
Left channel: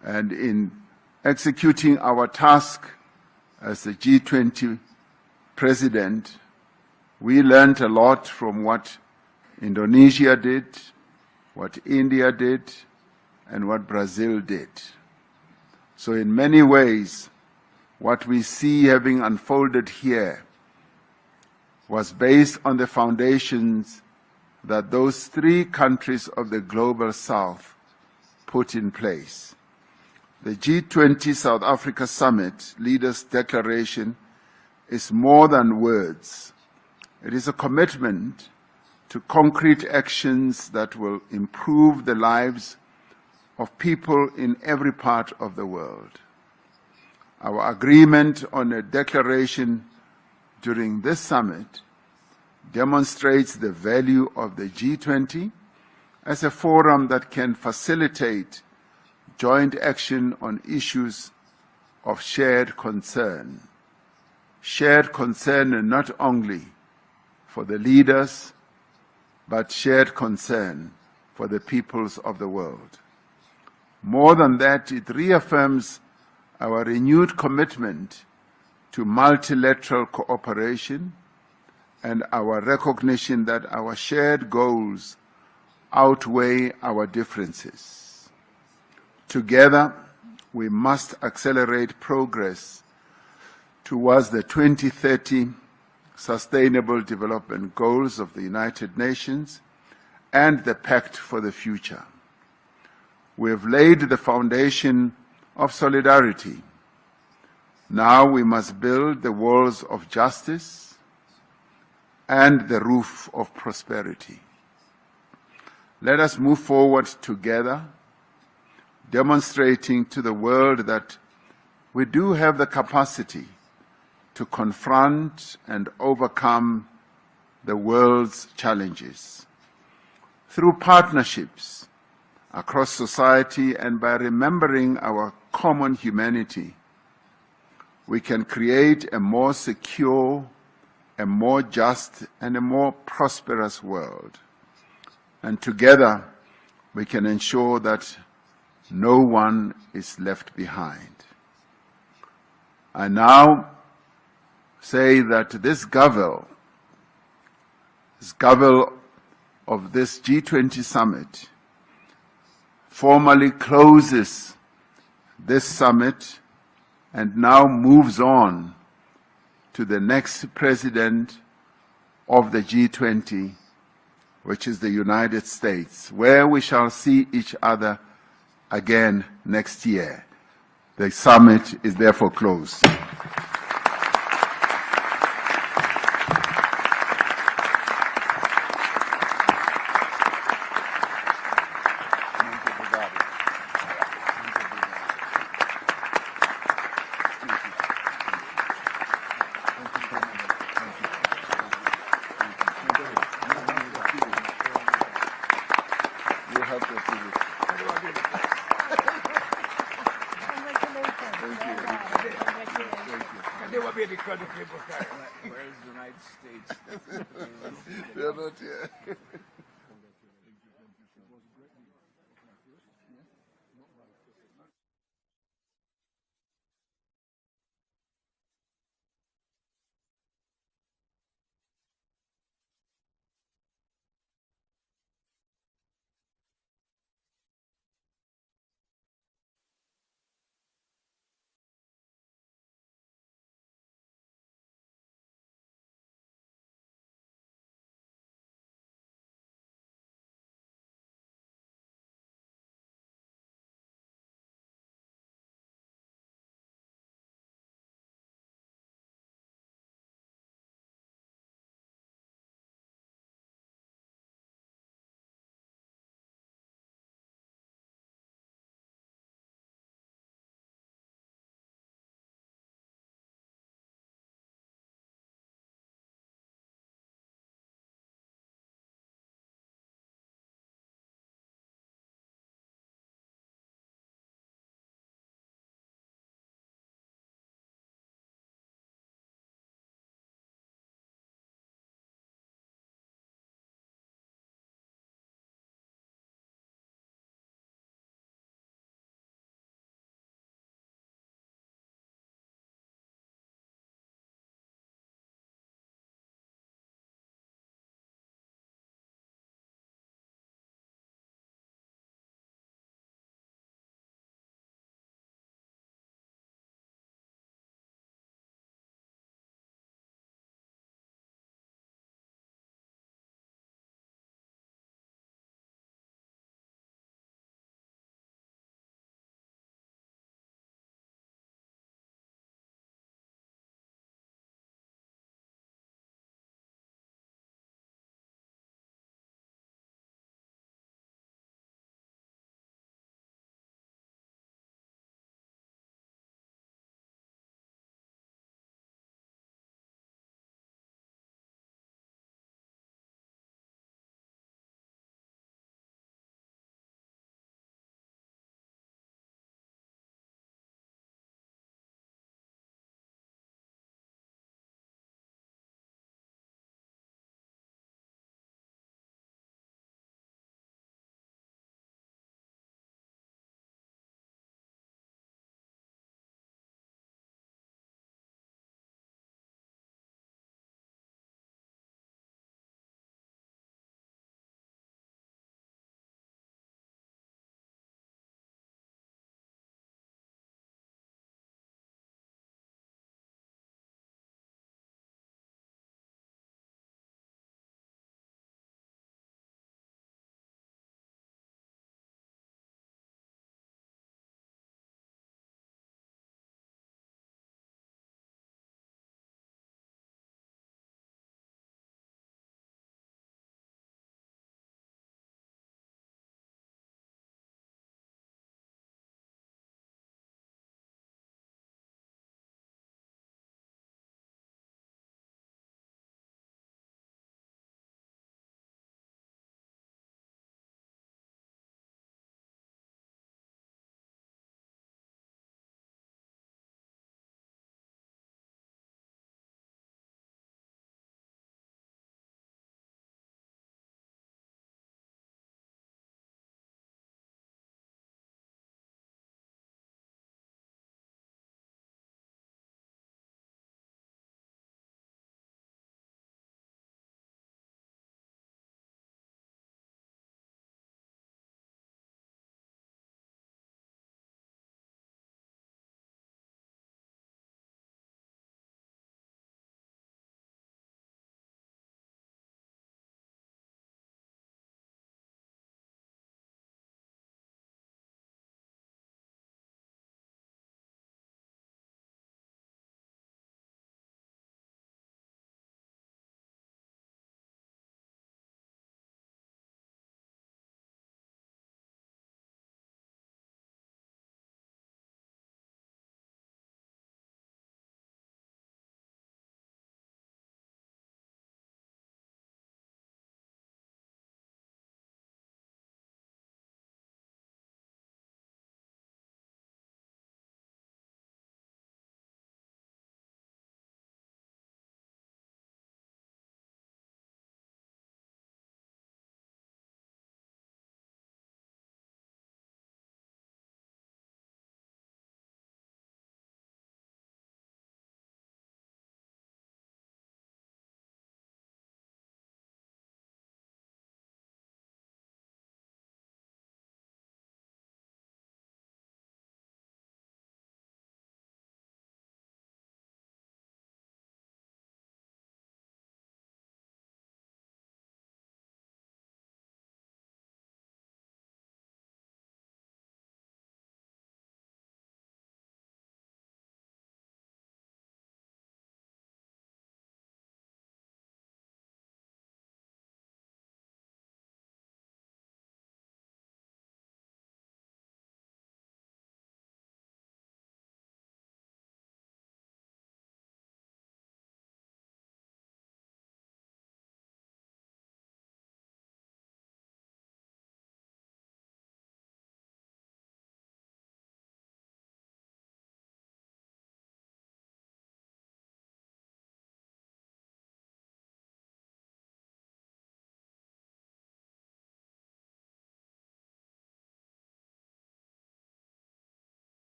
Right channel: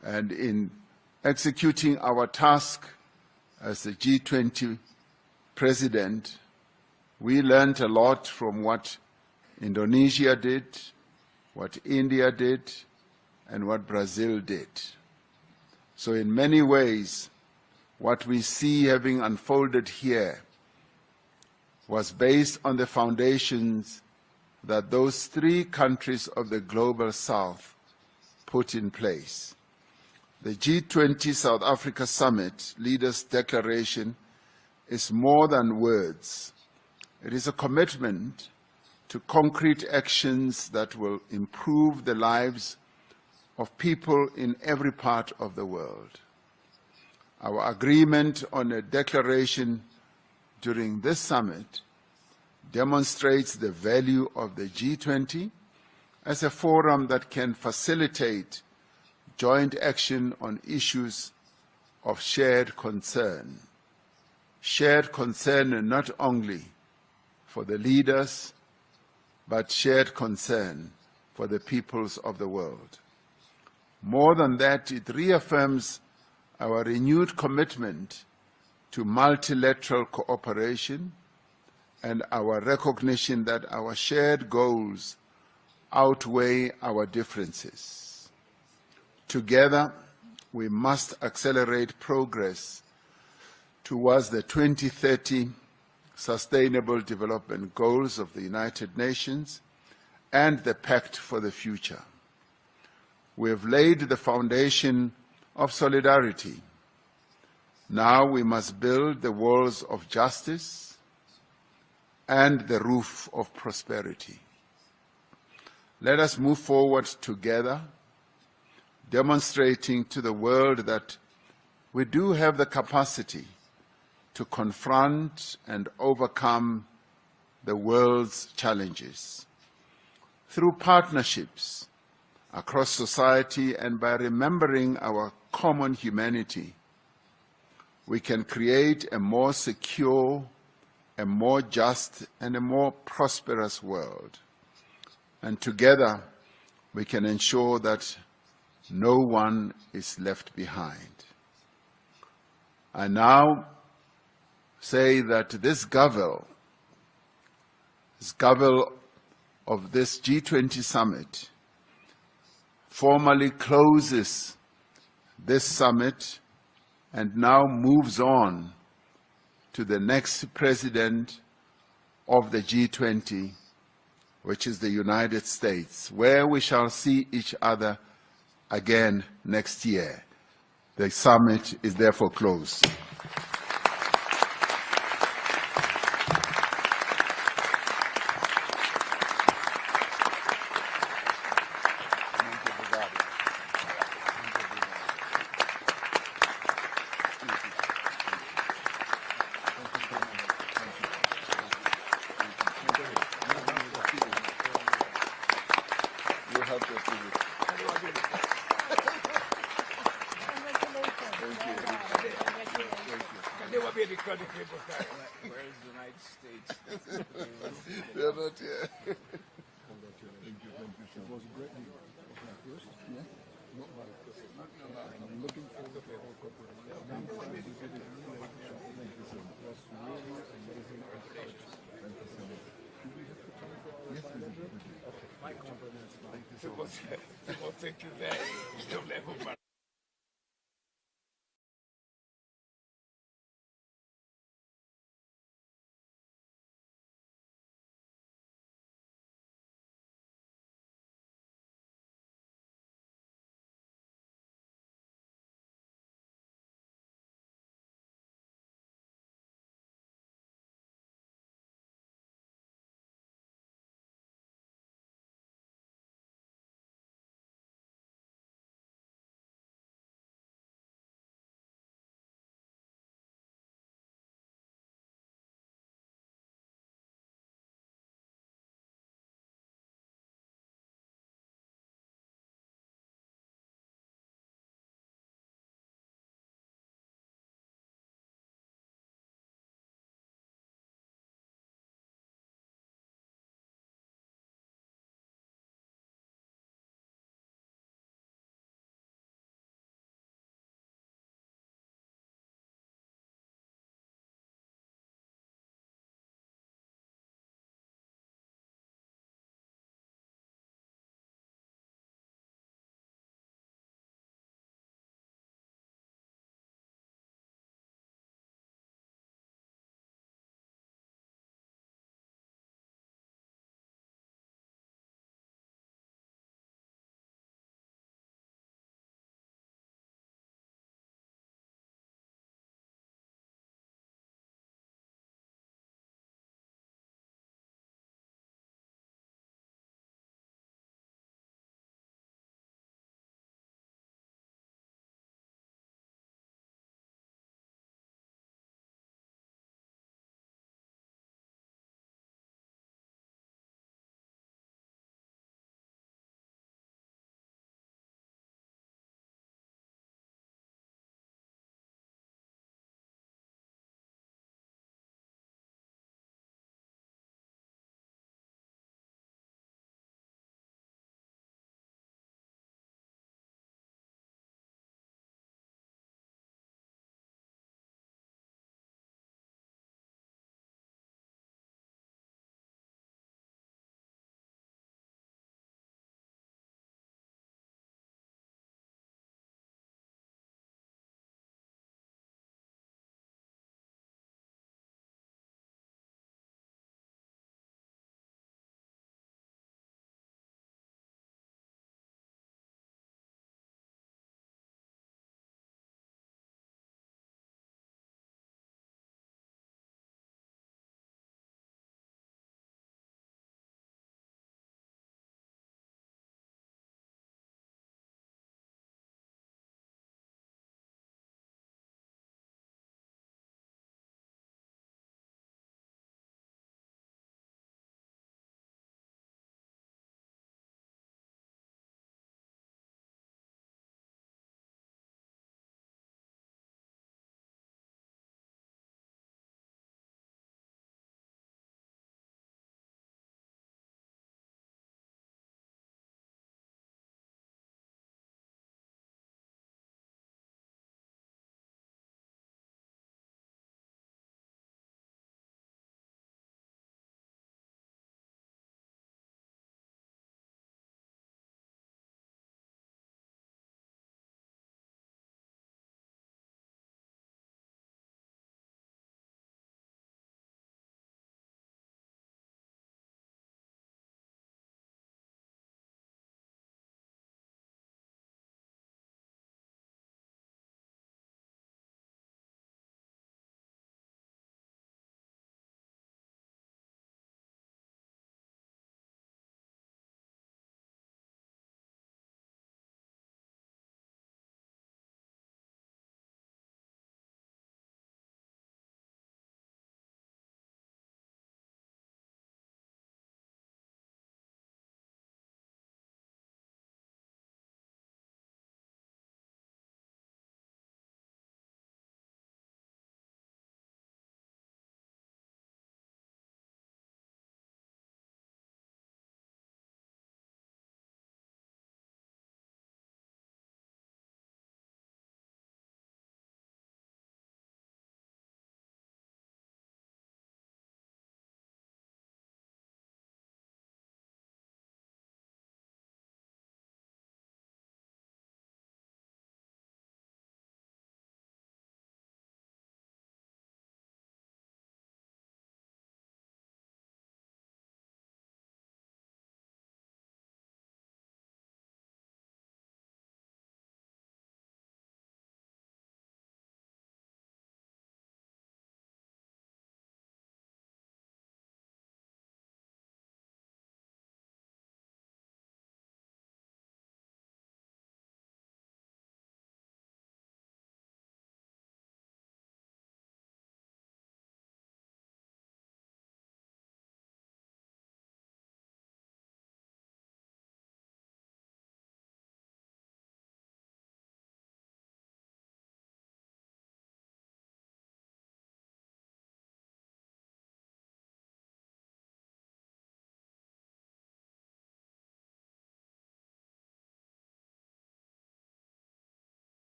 And in executing our task as the G20 president, we learned a lot from what Indonesia did, what India did, and what Brazil did. So in many ways, what we see having unfolded here was based on the foundations that those three countries of the Global South put in place. The G20 South Africa Summit Leaders' Declaration is more than words. It is a commitment to concrete actions that will improve the lives of people in every part of the world. Our agreement on a declaration during this summit demonstrates the value of the G20 as a forum that can facilitate joint action on issues of shared concern. Shared concern not only for the leaders, but shared concern for the peoples of the world. More than that, it reaffirms our renewed commitment to multilateral cooperation and our recognition that our shared goals outweigh our differences. Together, we must accelerate progress towards the 2030 Sustainable Development Goals of the United Nations and the Pact for the Future. We have laid the foundation of solidarity. Now we must build the walls of justice and the roof of prosperity. Let us move forward together, demonstrating to the world that we do have the capacity to confront and overcome the world's challenges. Through partnerships across society and by remembering our common humanity, we can create a more secure, a more just, and a more prosperous world. And together, we can ensure that no one is left behind. I now say that this Gavel of this G20 summit formally closes this summit and now moves on to the next president of the G20, which is the United States, where we shall see each other again next year. The summit is therefore closed. They were being because of people where is the United States? They're not here. Thank you very much.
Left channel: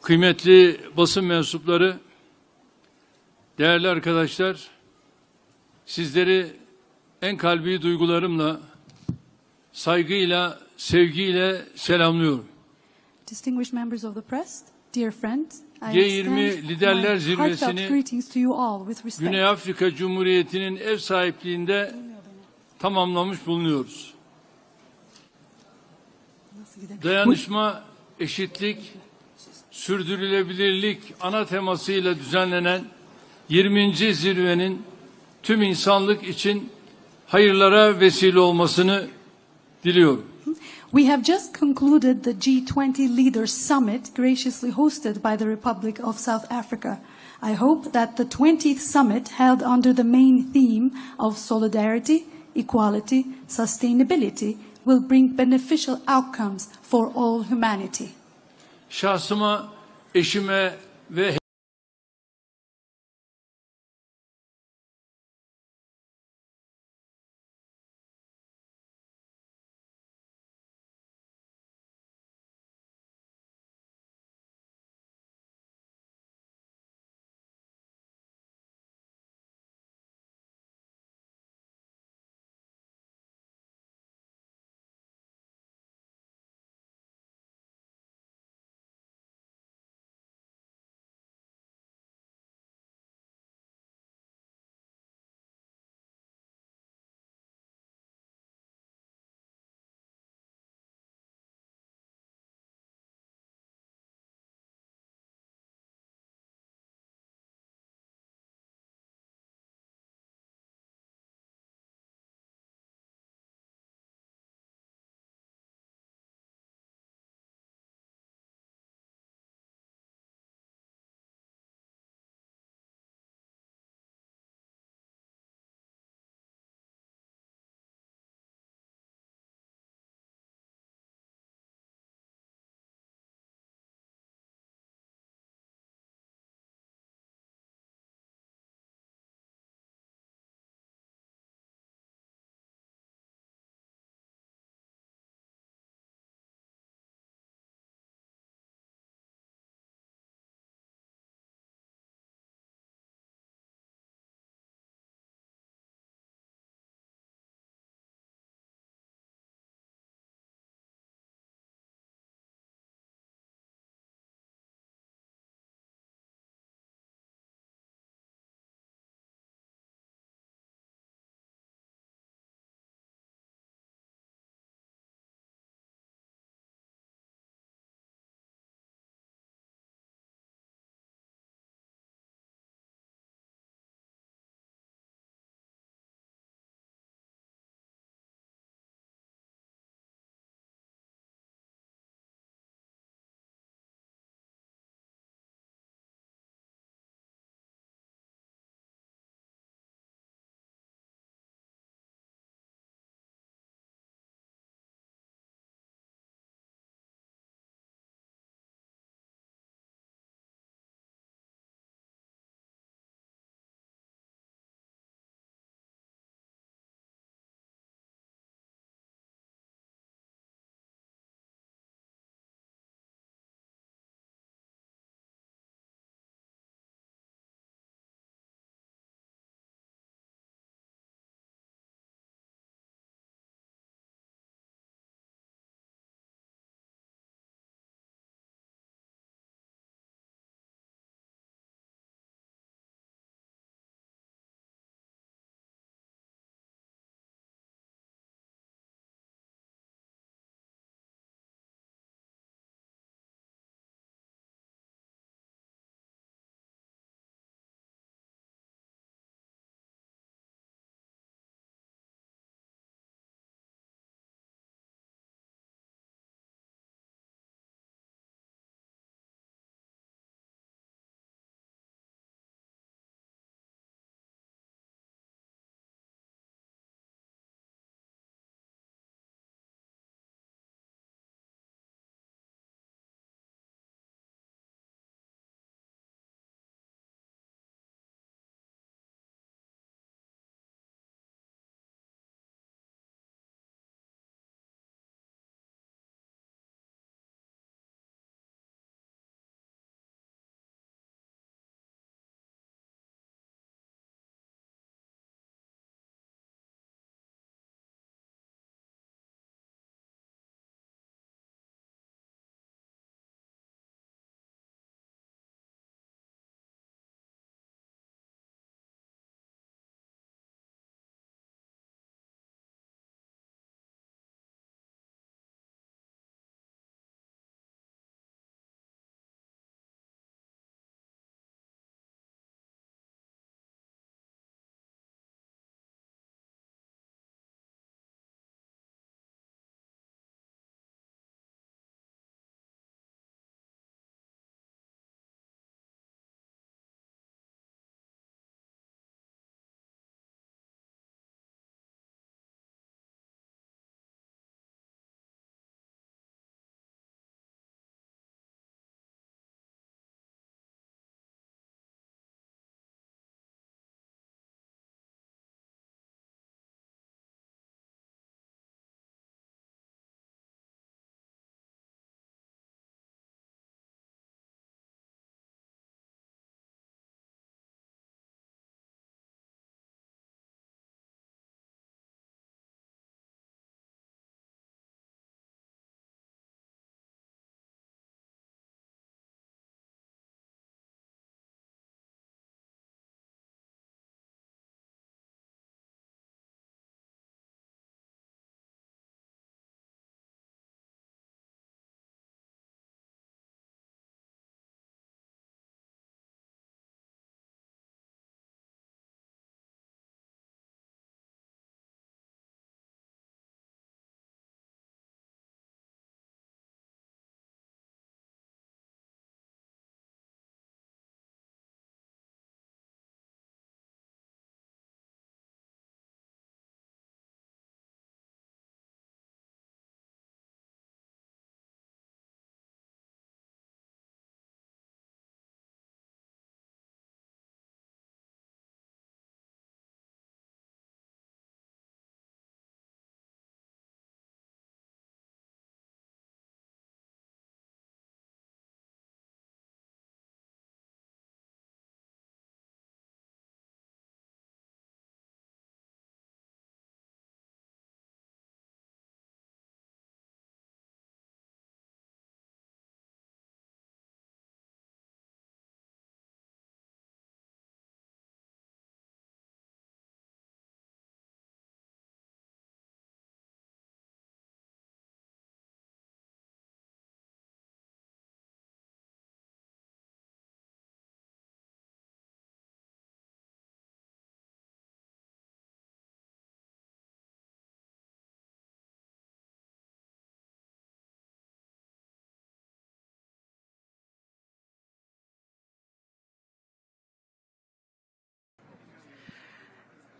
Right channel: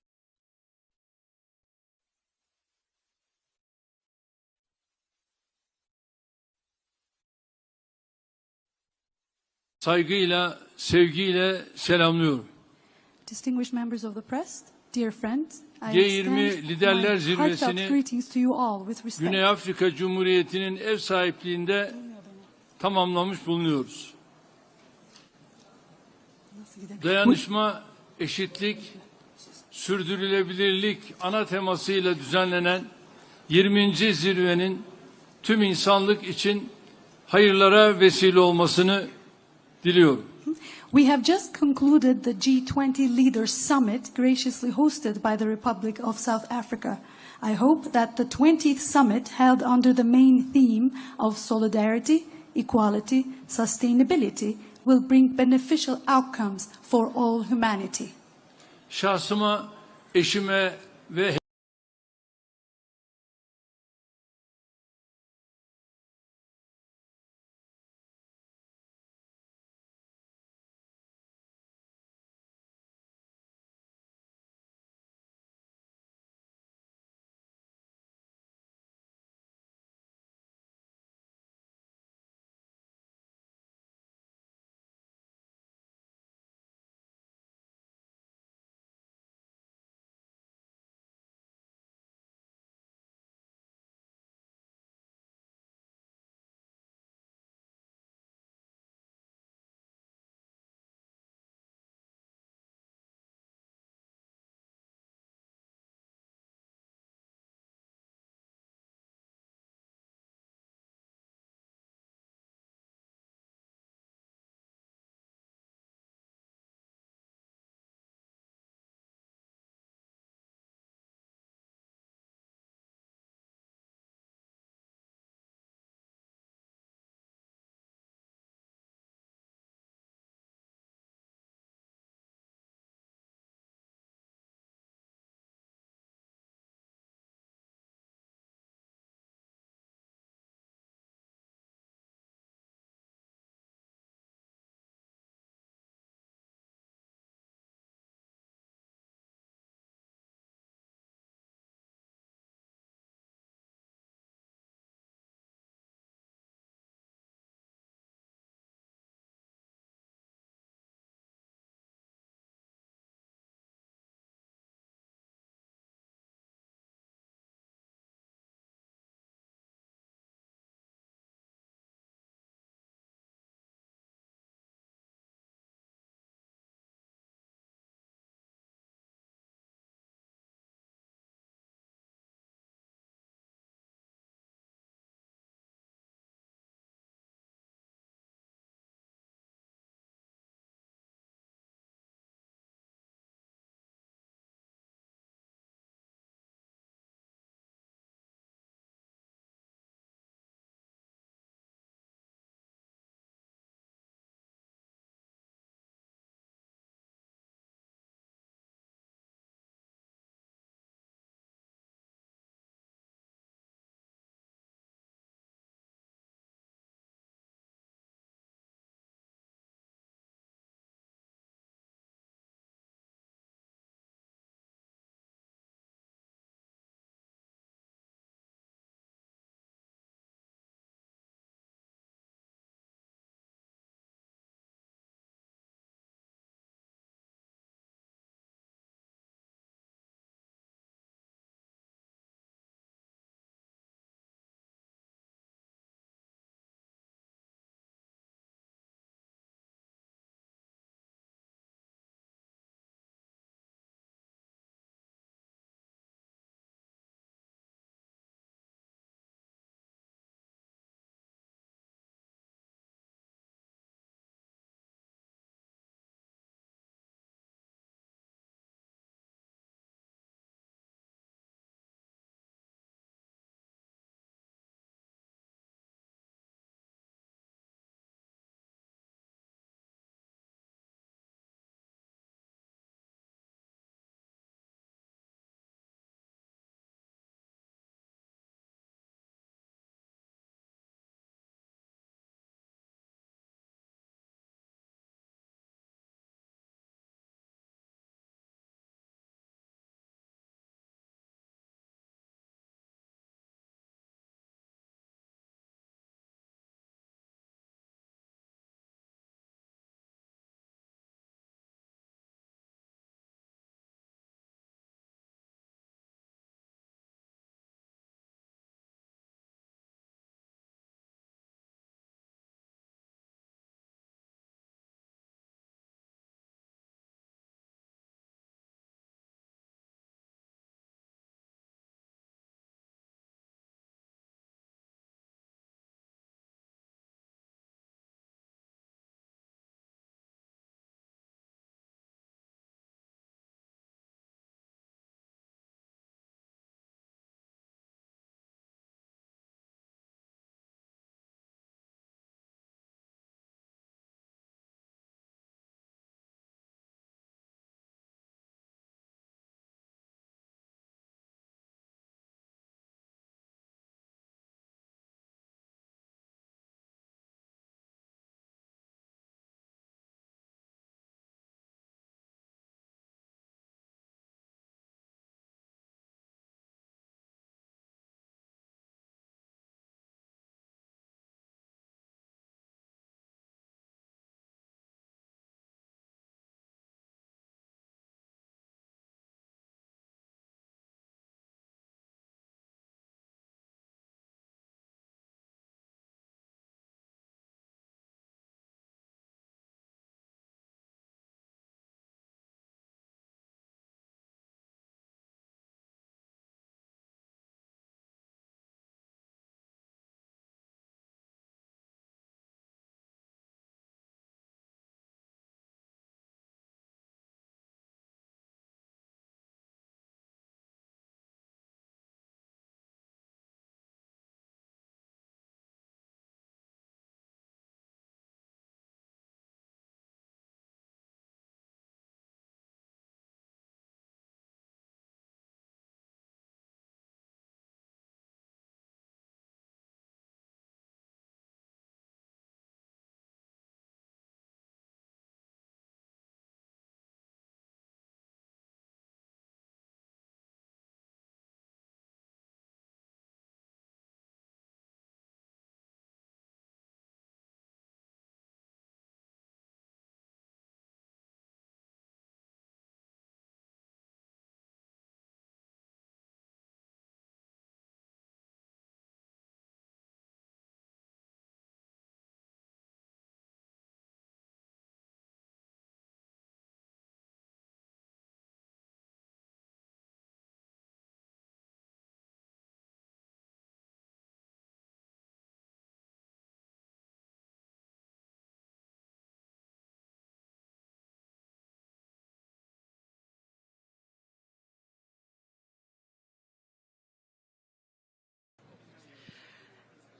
kıymetli basın mensupları, değerli arkadaşlar, sizleri en kalbi duygularımla, saygıyla, sevgiyle selamlıyorum. Distinguished members of the press, dear friends, I G20 extend Liderler my heartfelt Zirvesi'ni greetings to you all with respect. Güney Afrika Cumhuriyeti'nin ev sahipliğinde tamamlamış bulunuyoruz. Dayanışma, eşitlik, sürdürülebilirlik ana temasıyla düzenlenen 20. zirvenin tüm insanlık için hayırlara vesile olmasını diliyorum. We have just concluded the G20 Leaders Summit, graciously hosted by the Republic of South Africa. I hope that the 20th summit, held under the main theme of solidarity, equality, sustainability, will bring beneficial outcomes for all humanity. Şahsıma, eşime ve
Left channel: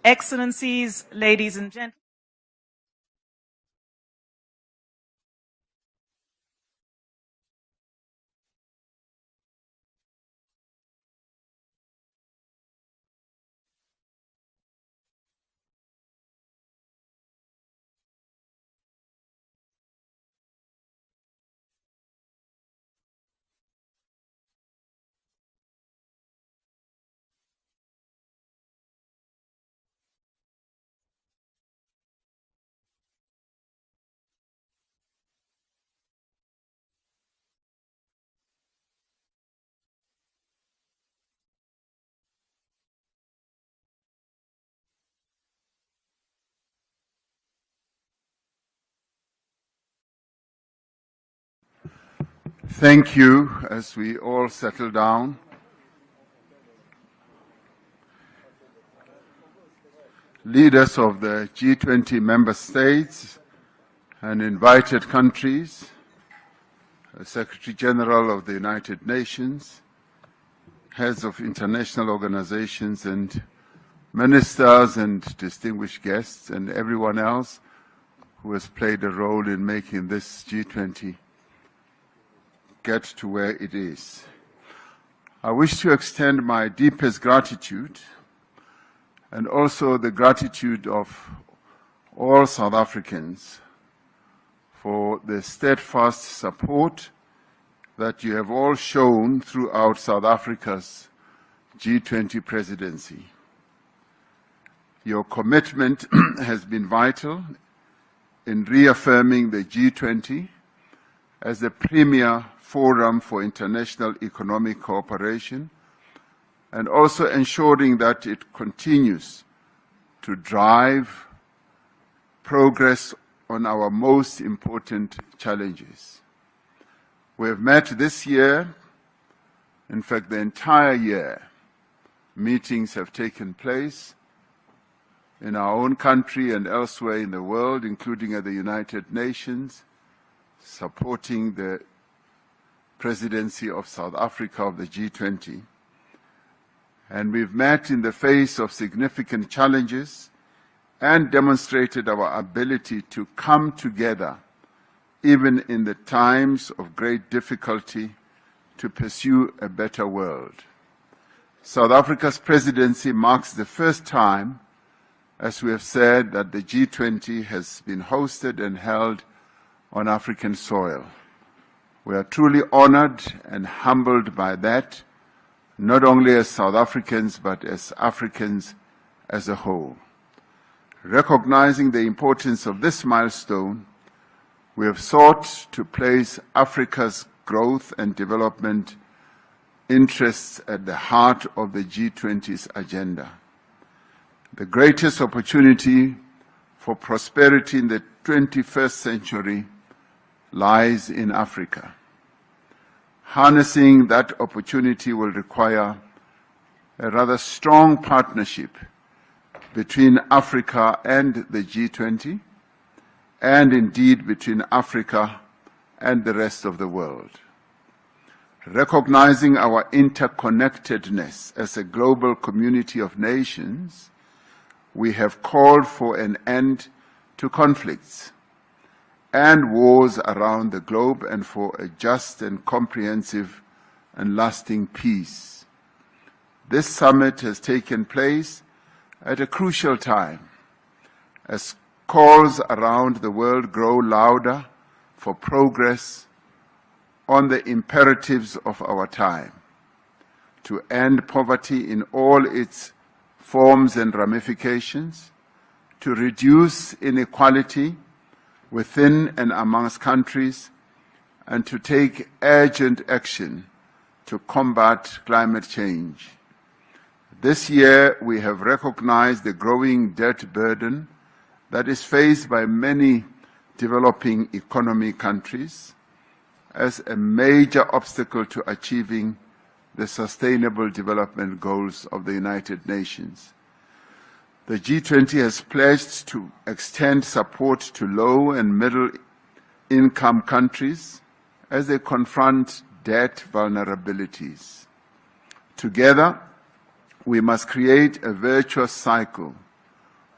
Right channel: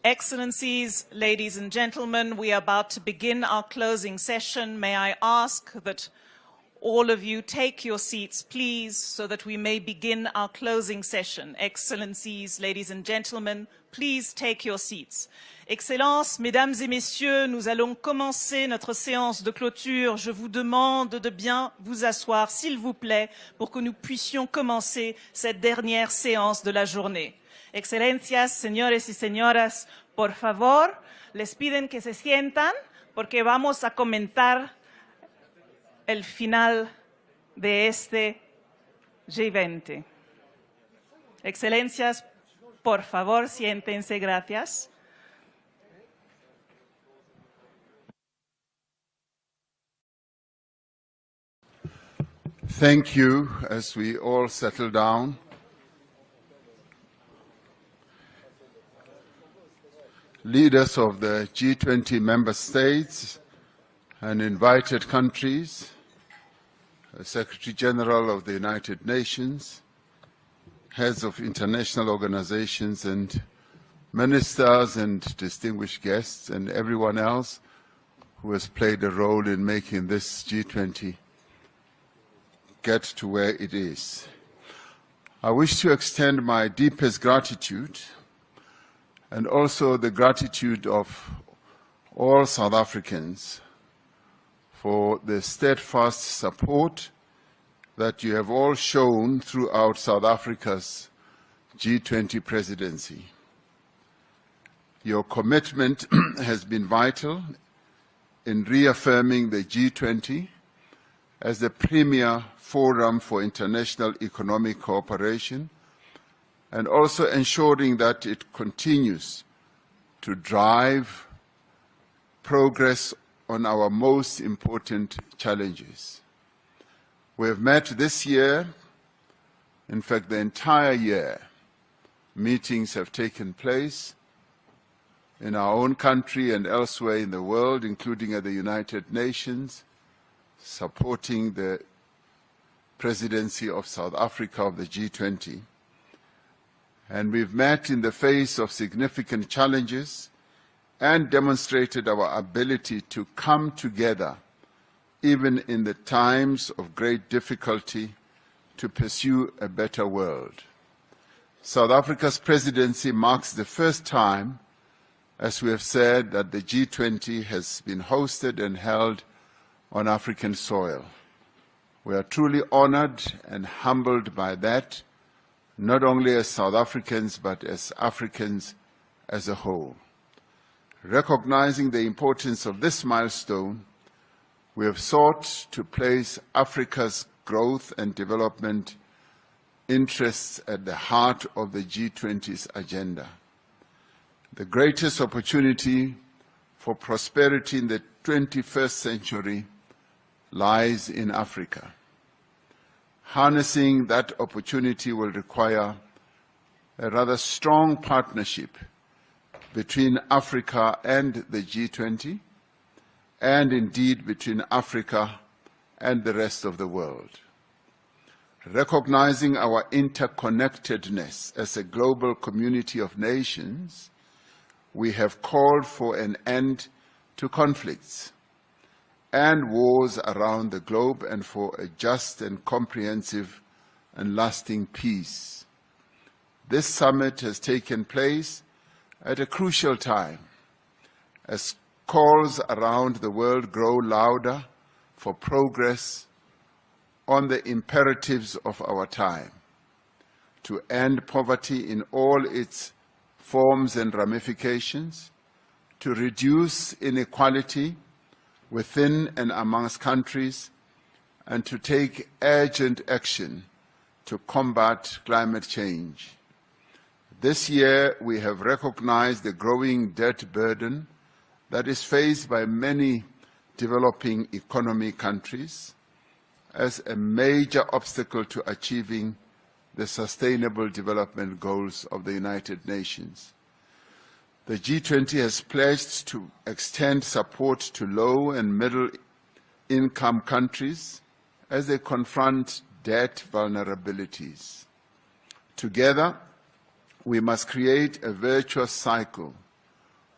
Excellencies, ladies and gentlemen, we are about to begin our closing session. May I ask that all of you take your seats, please, so that we may begin our closing session. Excellencies, ladies and gentlemen, please take your seats. Excellences, Mesdames et Messieurs, nous allons commencer notre séance de clôture. Je vous demande de bien vous asseoir, s'il vous plaît, pour que nous puissions commencer cette dernière séance de la journée. Excelencias, señores y señoras, por favor, les piden que se sientan porque vamos a comentar el final de este G20. Excelencias, por favor, siéntense, gracias. Thank you. As we all settle down, leaders of the G20 member states and invited countries, the Secretary General of the United Nations, heads of international organizations and ministers and distinguished guests, and everyone else who has played a role in making this G20 get to where it is. I wish to extend my deepest gratitude and also the gratitude of all South Africans for the steadfast support that you have all shown throughout South Africa's G20 presidency. Your commitment has been vital in reaffirming the G20 as the premier forum for international economic cooperation, and also ensuring that it continues to drive progress on our most important challenges. We have met this year, in fact the entire year, meetings have taken place in our own country and elsewhere in the world, including at the United Nations, supporting the presidency of South Africa of the G20. And we've met in the face of significant challenges and demonstrated our ability to come together, even in the times of great difficulty, to pursue a better world. South Africa's presidency marks the first time, as we have said, that the G20 has been hosted and held on African soil. We are truly honored and humbled by that, not only as South Africans, but as Africans as a whole. Recognizing the importance of this milestone, we have sought to place Africa's growth and development interests at the heart of the G20's agenda. The greatest opportunity for prosperity in the 21st century lies in Africa. Harnessing that opportunity will require a rather strong partnership between Africa and the G20, and indeed between Africa and the rest of the world. Recognizing our interconnectedness as a global community of nations, we have called for an end to conflicts and wars around the globe, and for a just and comprehensive and lasting peace. This summit has taken place at a crucial time, as calls around the world grow louder for progress on the imperatives of our time, to end poverty in all its forms and ramifications, to reduce inequality within and amongst countries, and to take urgent action to combat climate change. This year, we have recognized the growing debt burden that is faced by many developing economy countries as a major obstacle to achieving the Sustainable Development Goals of the United Nations. The G20 has pledged to extend support to low and middle-income countries as they confront debt vulnerabilities. Together, we must create a virtuous cycle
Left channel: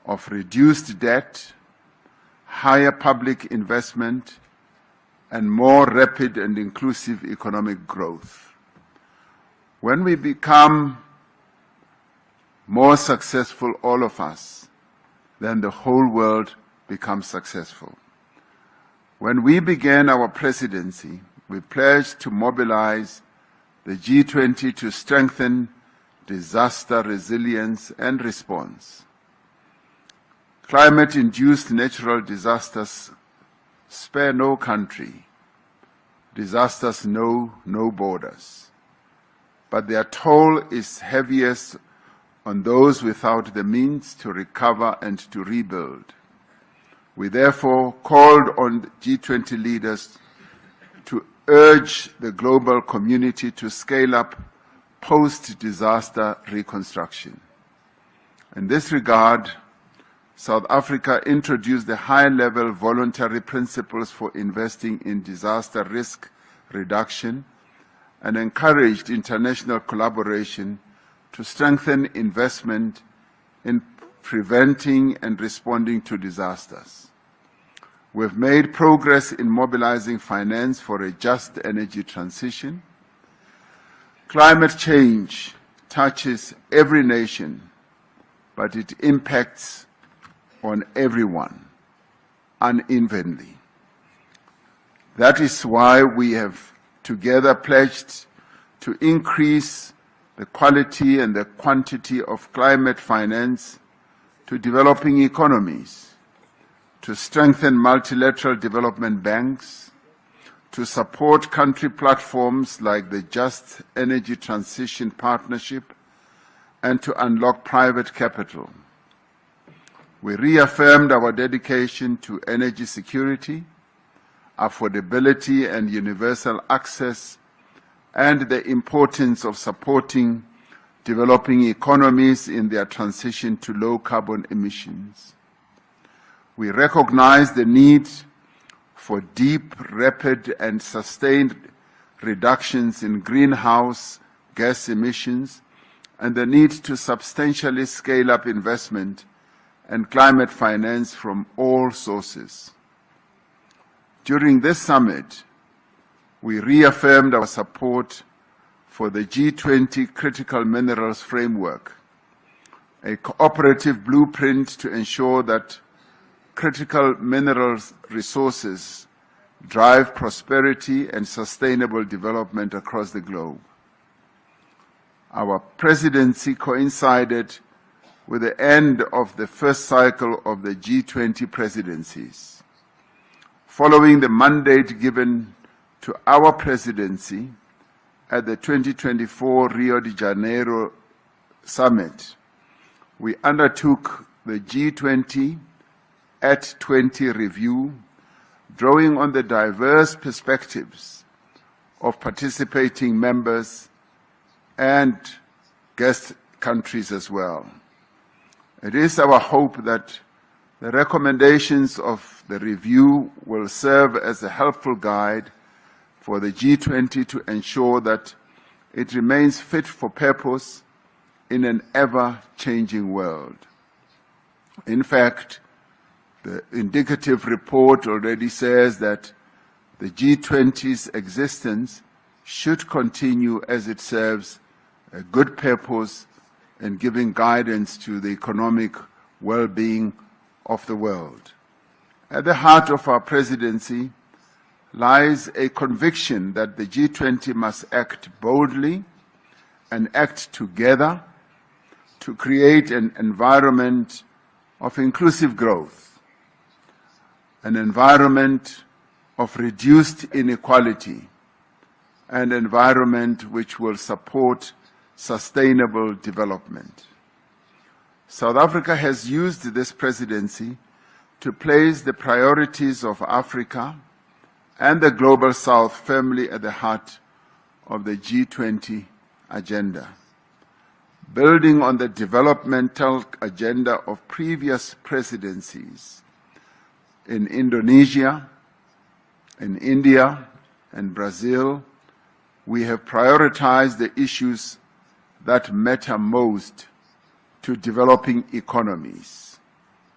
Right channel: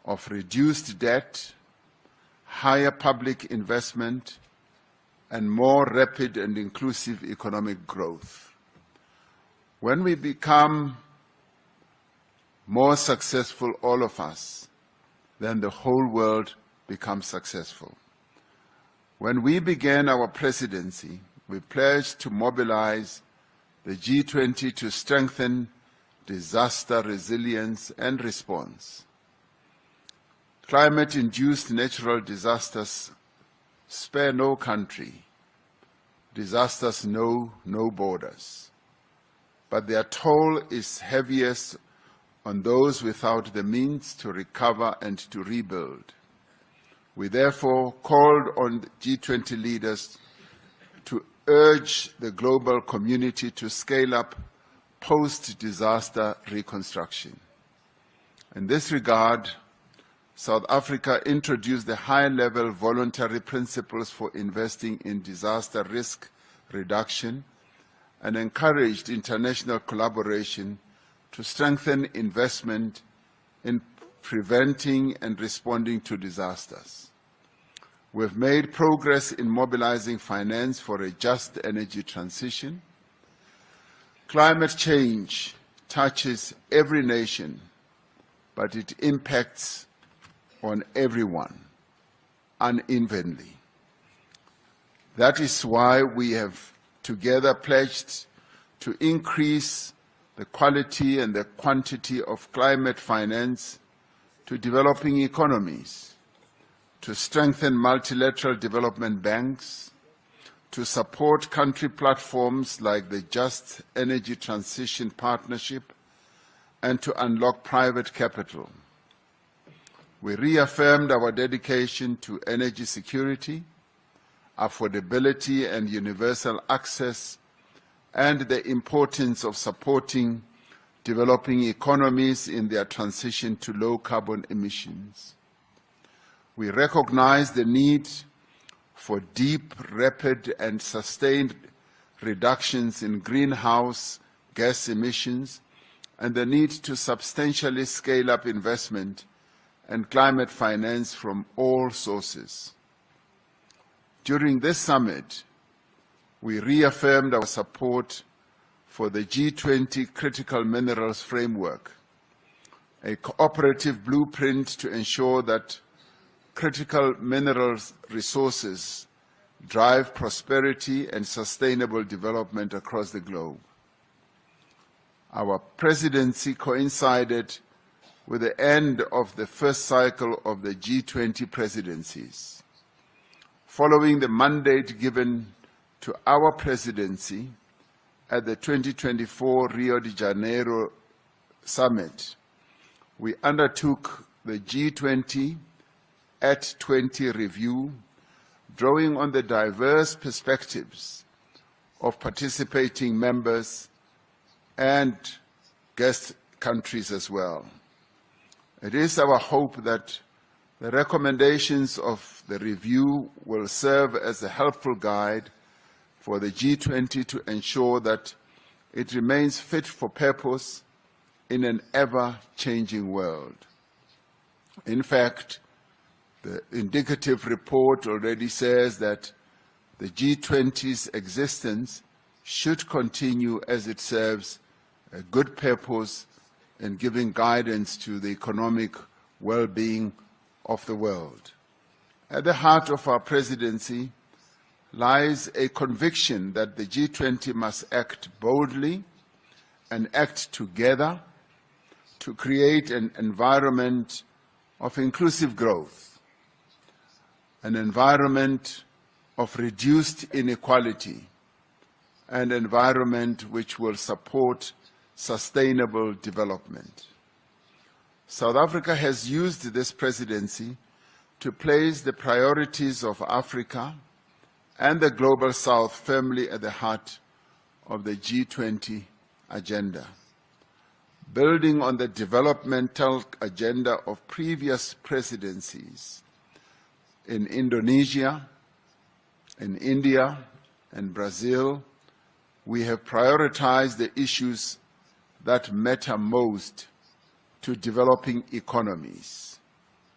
of reduced debt, higher public investment, and more rapid and inclusive economic growth. When we become more successful, all of us, then the whole world becomes successful. When we began our presidency, we pledged to mobilize the G20 to strengthen disaster resilience and response. Climate-induced natural disasters spare no country. Disasters know no borders. But their toll is heaviest on those without the means to recover and to rebuild. We therefore called on G20 leaders to urge the global community to scale up post-disaster reconstruction. In this regard, South Africa introduced the high-level voluntary principles for investing in disaster risk reduction and encouraged international collaboration to strengthen investment in preventing and responding to disasters. We've made progress in mobilizing finance for a just energy transition. Climate change touches every nation, but it impacts on everyone unevenly. That is why we have together pledged to increase the quality and the quantity of climate finance to developing economies, to strengthen multilateral development banks, to support country platforms like the Just Energy Transition Partnership, and to unlock private capital. We reaffirmed our dedication to energy security, affordability and universal access, and the importance of supporting developing economies in their transition to low carbon emissions. We recognize the need for deep, rapid, and sustained reductions in greenhouse gas emissions and the need to substantially scale up investment and climate finance from all sources. During this summit, we reaffirmed our support for the G20 Critical Minerals Framework, a cooperative blueprint to ensure that critical minerals resources drive prosperity and sustainable development across the globe. Our presidency coincided with the end of the first cycle of the G20 presidencies. Following the mandate given to our presidency at the 2024 Rio de Janeiro Summit, we undertook the G20 at 20 review, drawing on the diverse perspectives of participating members and guest countries as well. It is our hope that the recommendations of the review will serve as a helpful guide for the G20 to ensure that it remains fit for purpose in an ever-changing world. In fact, the indicative report already says that the G20's existence should continue as it serves a good purpose in giving guidance to the economic well-being of the world. At the heart of our presidency lies a conviction that the G20 must act boldly and act together to create an environment of inclusive growth, an environment of reduced inequality, an environment which will support sustainable development. South Africa has used this presidency to place the priorities of Africa and the Global South firmly at the heart of the G20 agenda. Building on the developmental agenda of previous presidencies in Indonesia, in India, and Brazil, we have prioritized the issues that matter most to developing economies:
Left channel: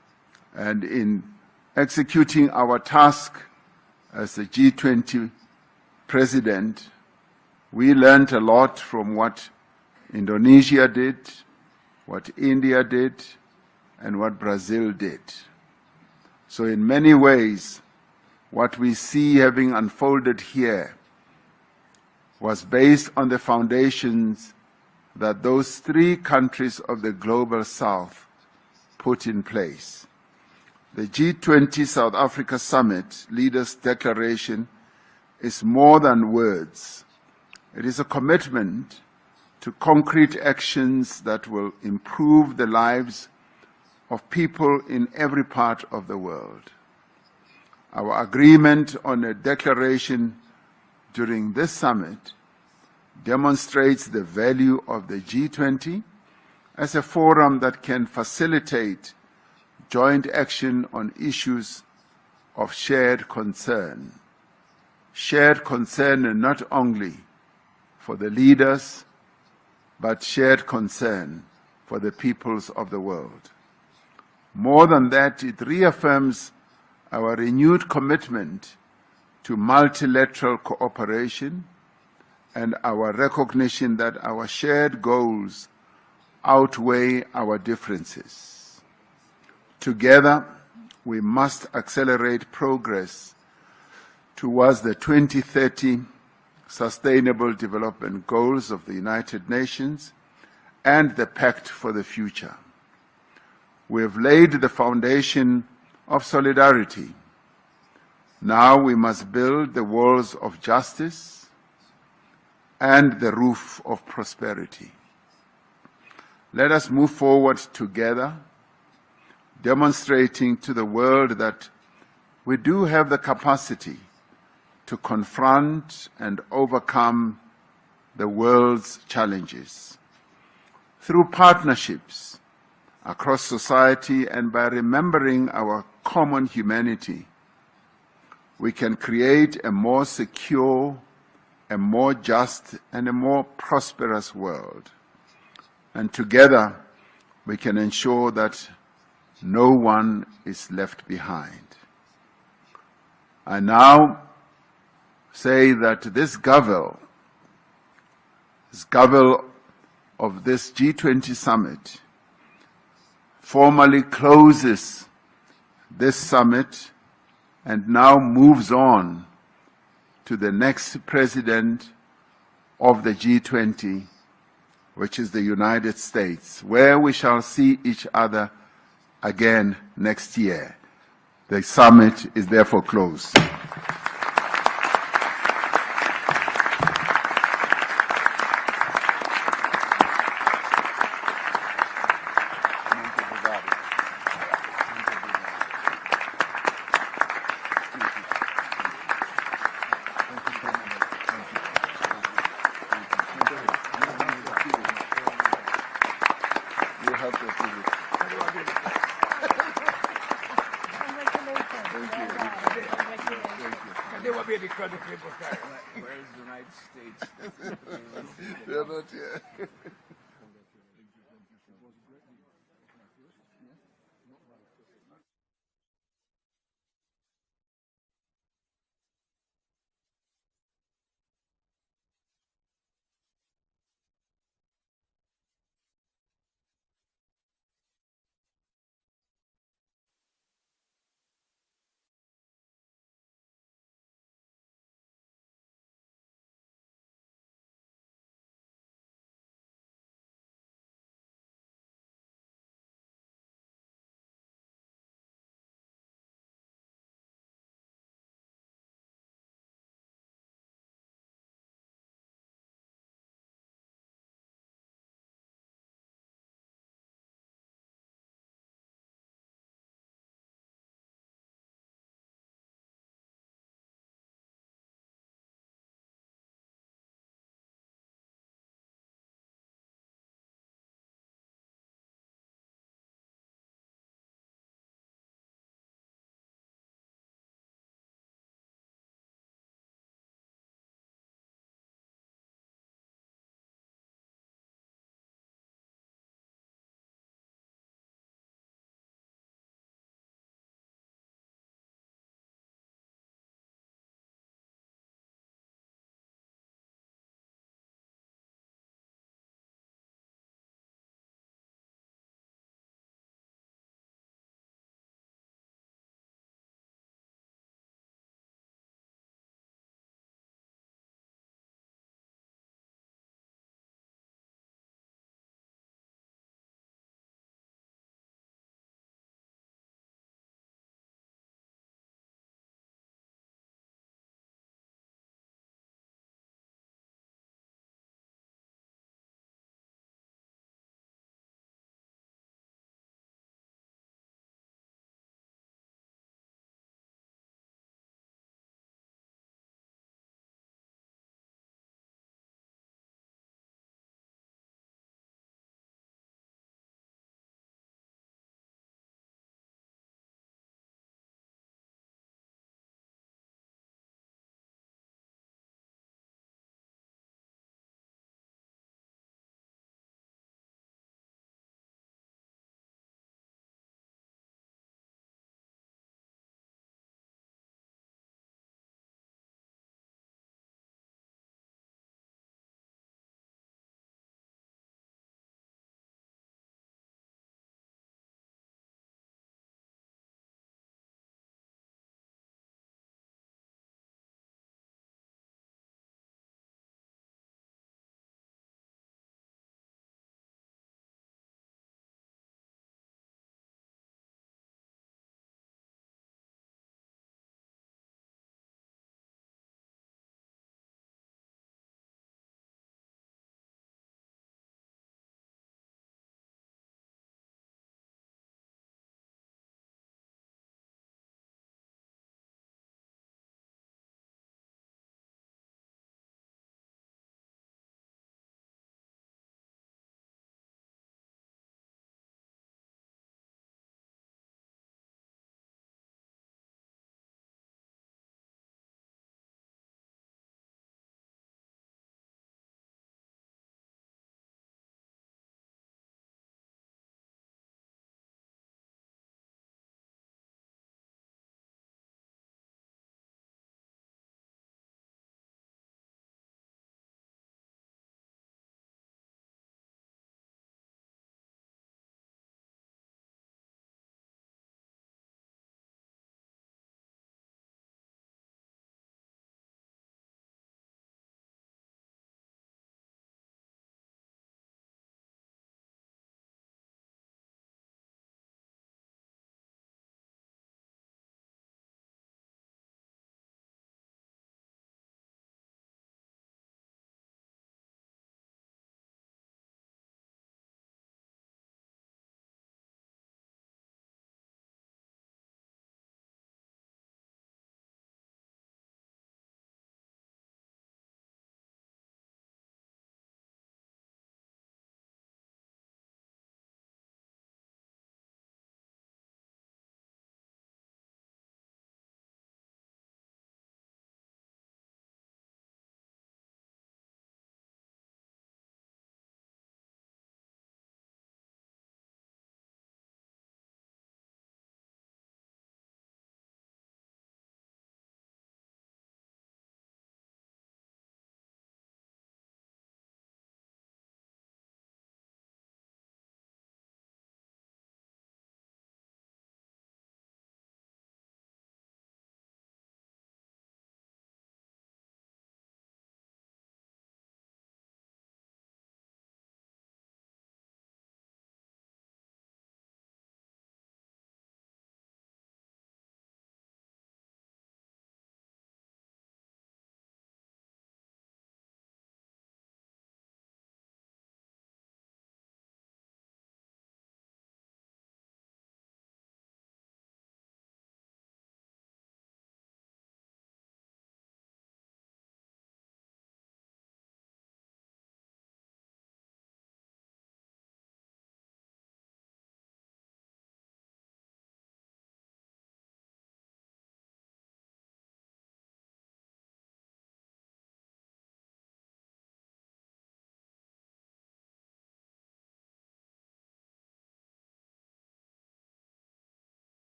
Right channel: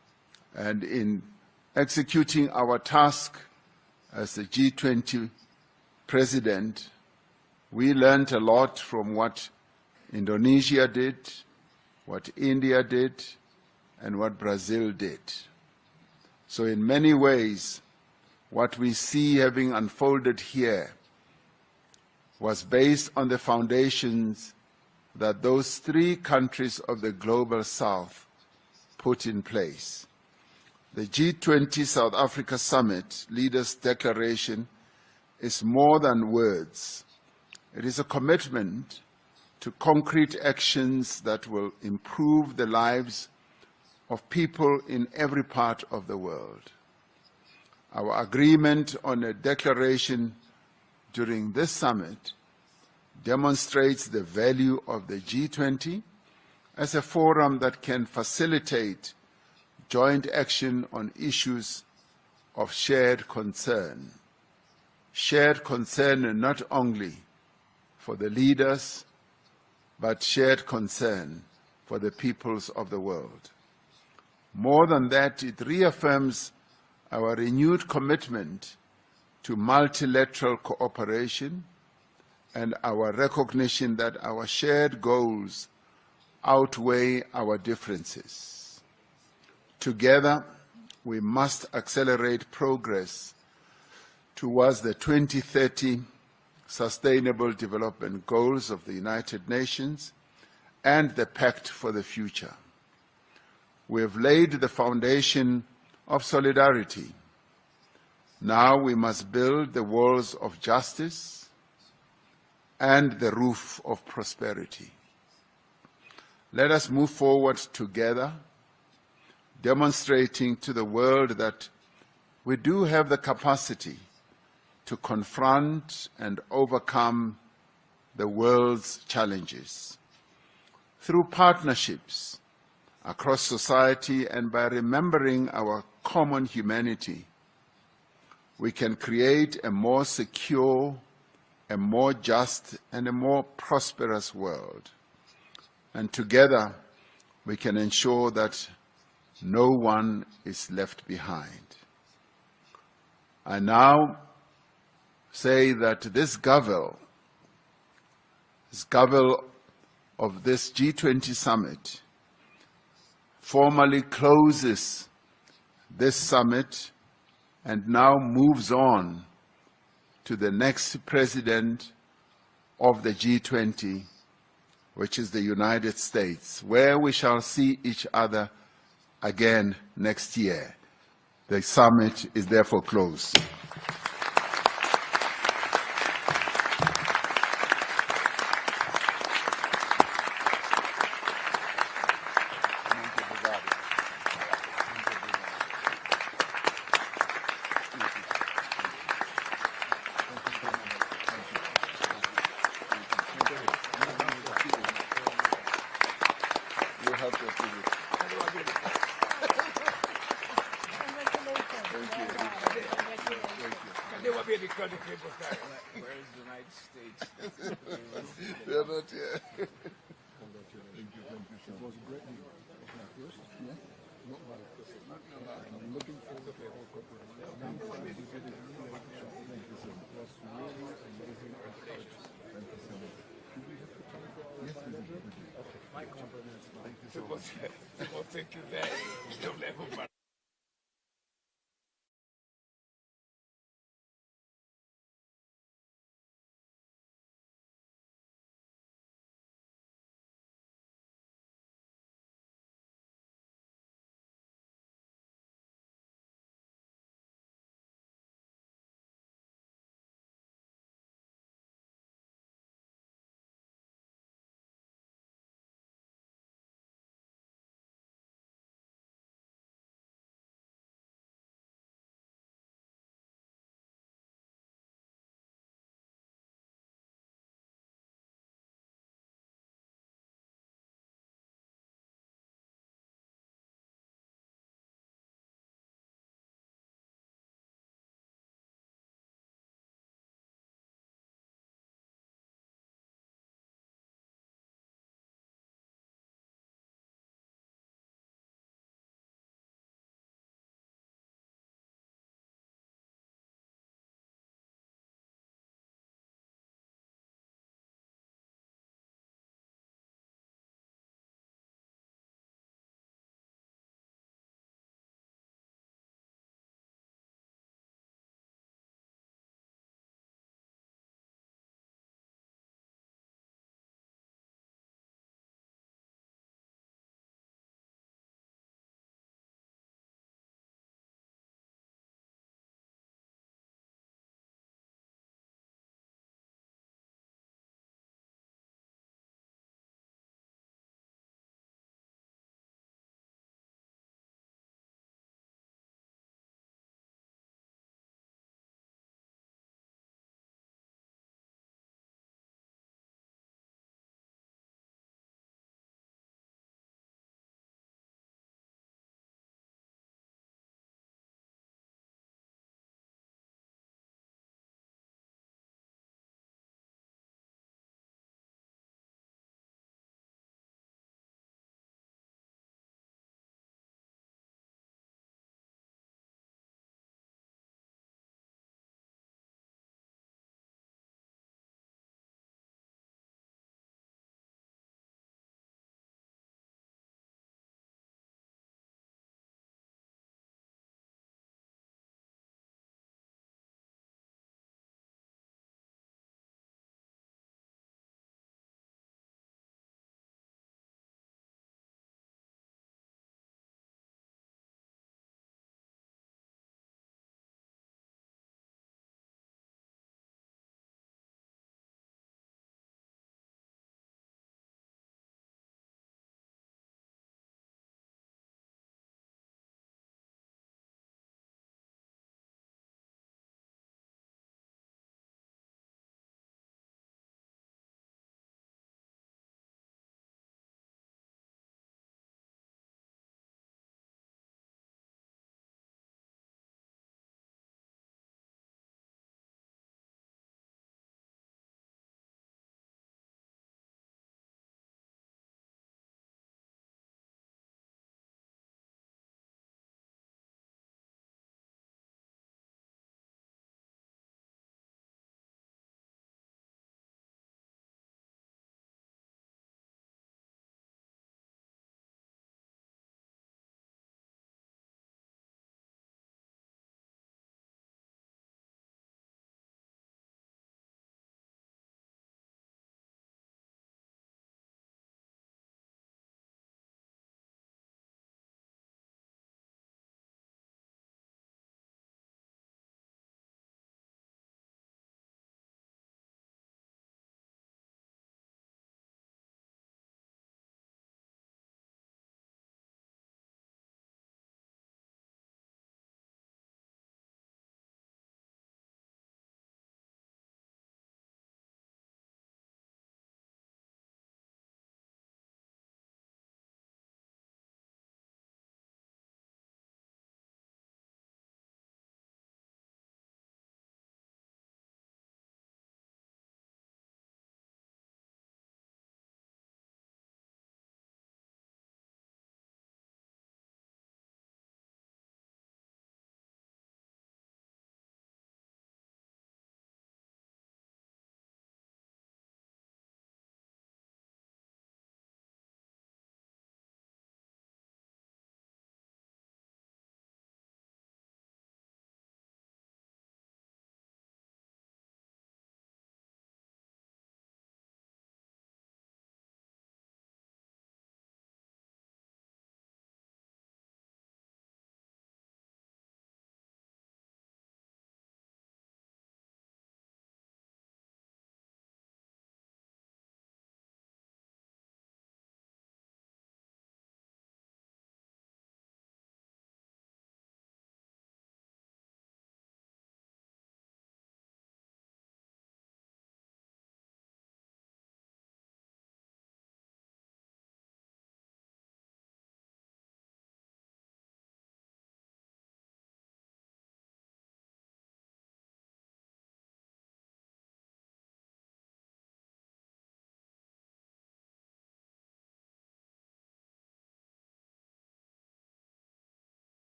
And in executing our task as the G20 president, we learned a lot from what Indonesia did, what India did, and what Brazil did. So in many ways, what we see having unfolded here was based on the foundations that those three countries of the Global South put in place. The G20 South Africa Summit Leaders' Declaration is more than words. It is a commitment to concrete actions that will improve the lives of people in every part of the world. Our agreement on a declaration during this summit demonstrates the value of the G20 as a forum that can facilitate joint action on issues of shared concern. Shared concern not only for the leaders, but shared concern for the peoples of the world. More than that, it reaffirms our renewed commitment to multilateral cooperation and our recognition that our shared goals outweigh our differences. Together, we must accelerate progress towards the 2030 Sustainable Development Goals of the United Nations and the Pact for the Future. We have laid the foundation of solidarity. Now we must build the walls of justice and the roof of prosperity. Let us move forward together, demonstrating to the world that we do have the capacity to confront and overcome the world's challenges. Through partnerships across society and by remembering our common humanity, we can create a more secure, a more just, and a more prosperous world. And together, we can ensure that no one is left behind. I now say that this Gavel of this G20 summit formally closes this summit and now moves on to the next president of the G20, which is the United States, where we shall see each other again next year. The summit is therefore closed. They will be because of people carry. Where is the United States? They're not here. People think that you'll never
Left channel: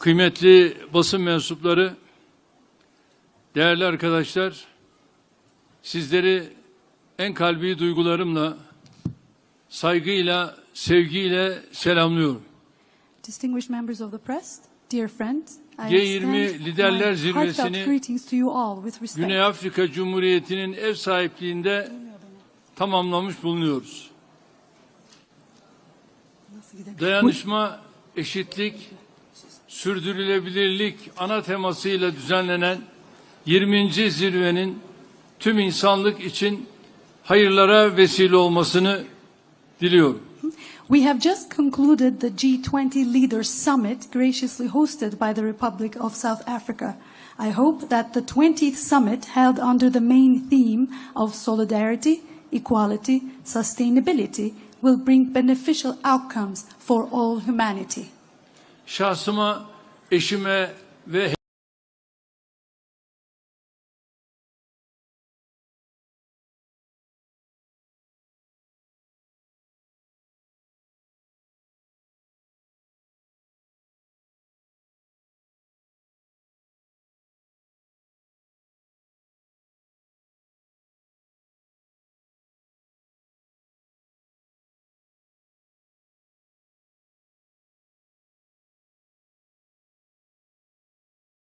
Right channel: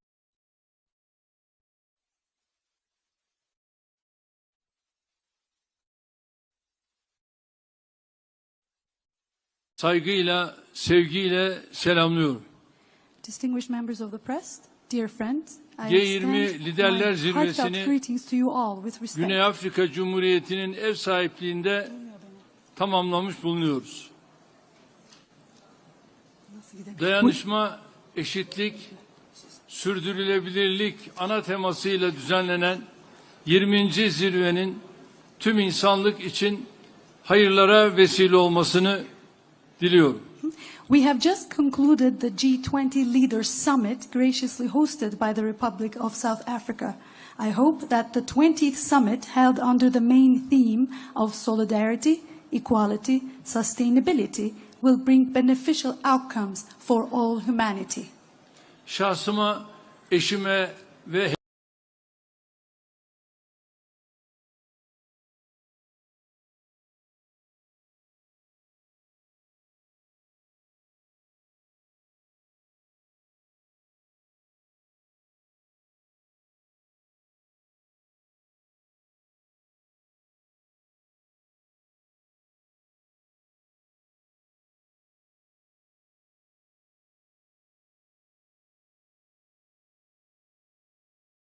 kıymetli basın mensupları, değerli arkadaşlar, sizleri en kalbi duygularımla, saygıyla, sevgiyle selamlıyorum. Distinguished members of the press, dear friends, I G20 extend Liderler my Zirvesi'ni heartfelt greetings to you all with respect. Güney Afrika Cumhuriyeti'nin ev sahipliğinde tamamlamış bulunuyoruz. Dayanışma, eşitlik, sürdürülebilirlik ana temasıyla düzenlenen 20. zirvenin tüm insanlık için hayırlara vesile olmasını diliyorum. We have just concluded the G20 Leaders Summit graciously hosted by the Republic of South Africa. I hope that the 20th summit held under the main theme of solidarity, equality, sustainability will bring beneficial outcomes for all humanity. Şahsıma, eşime ve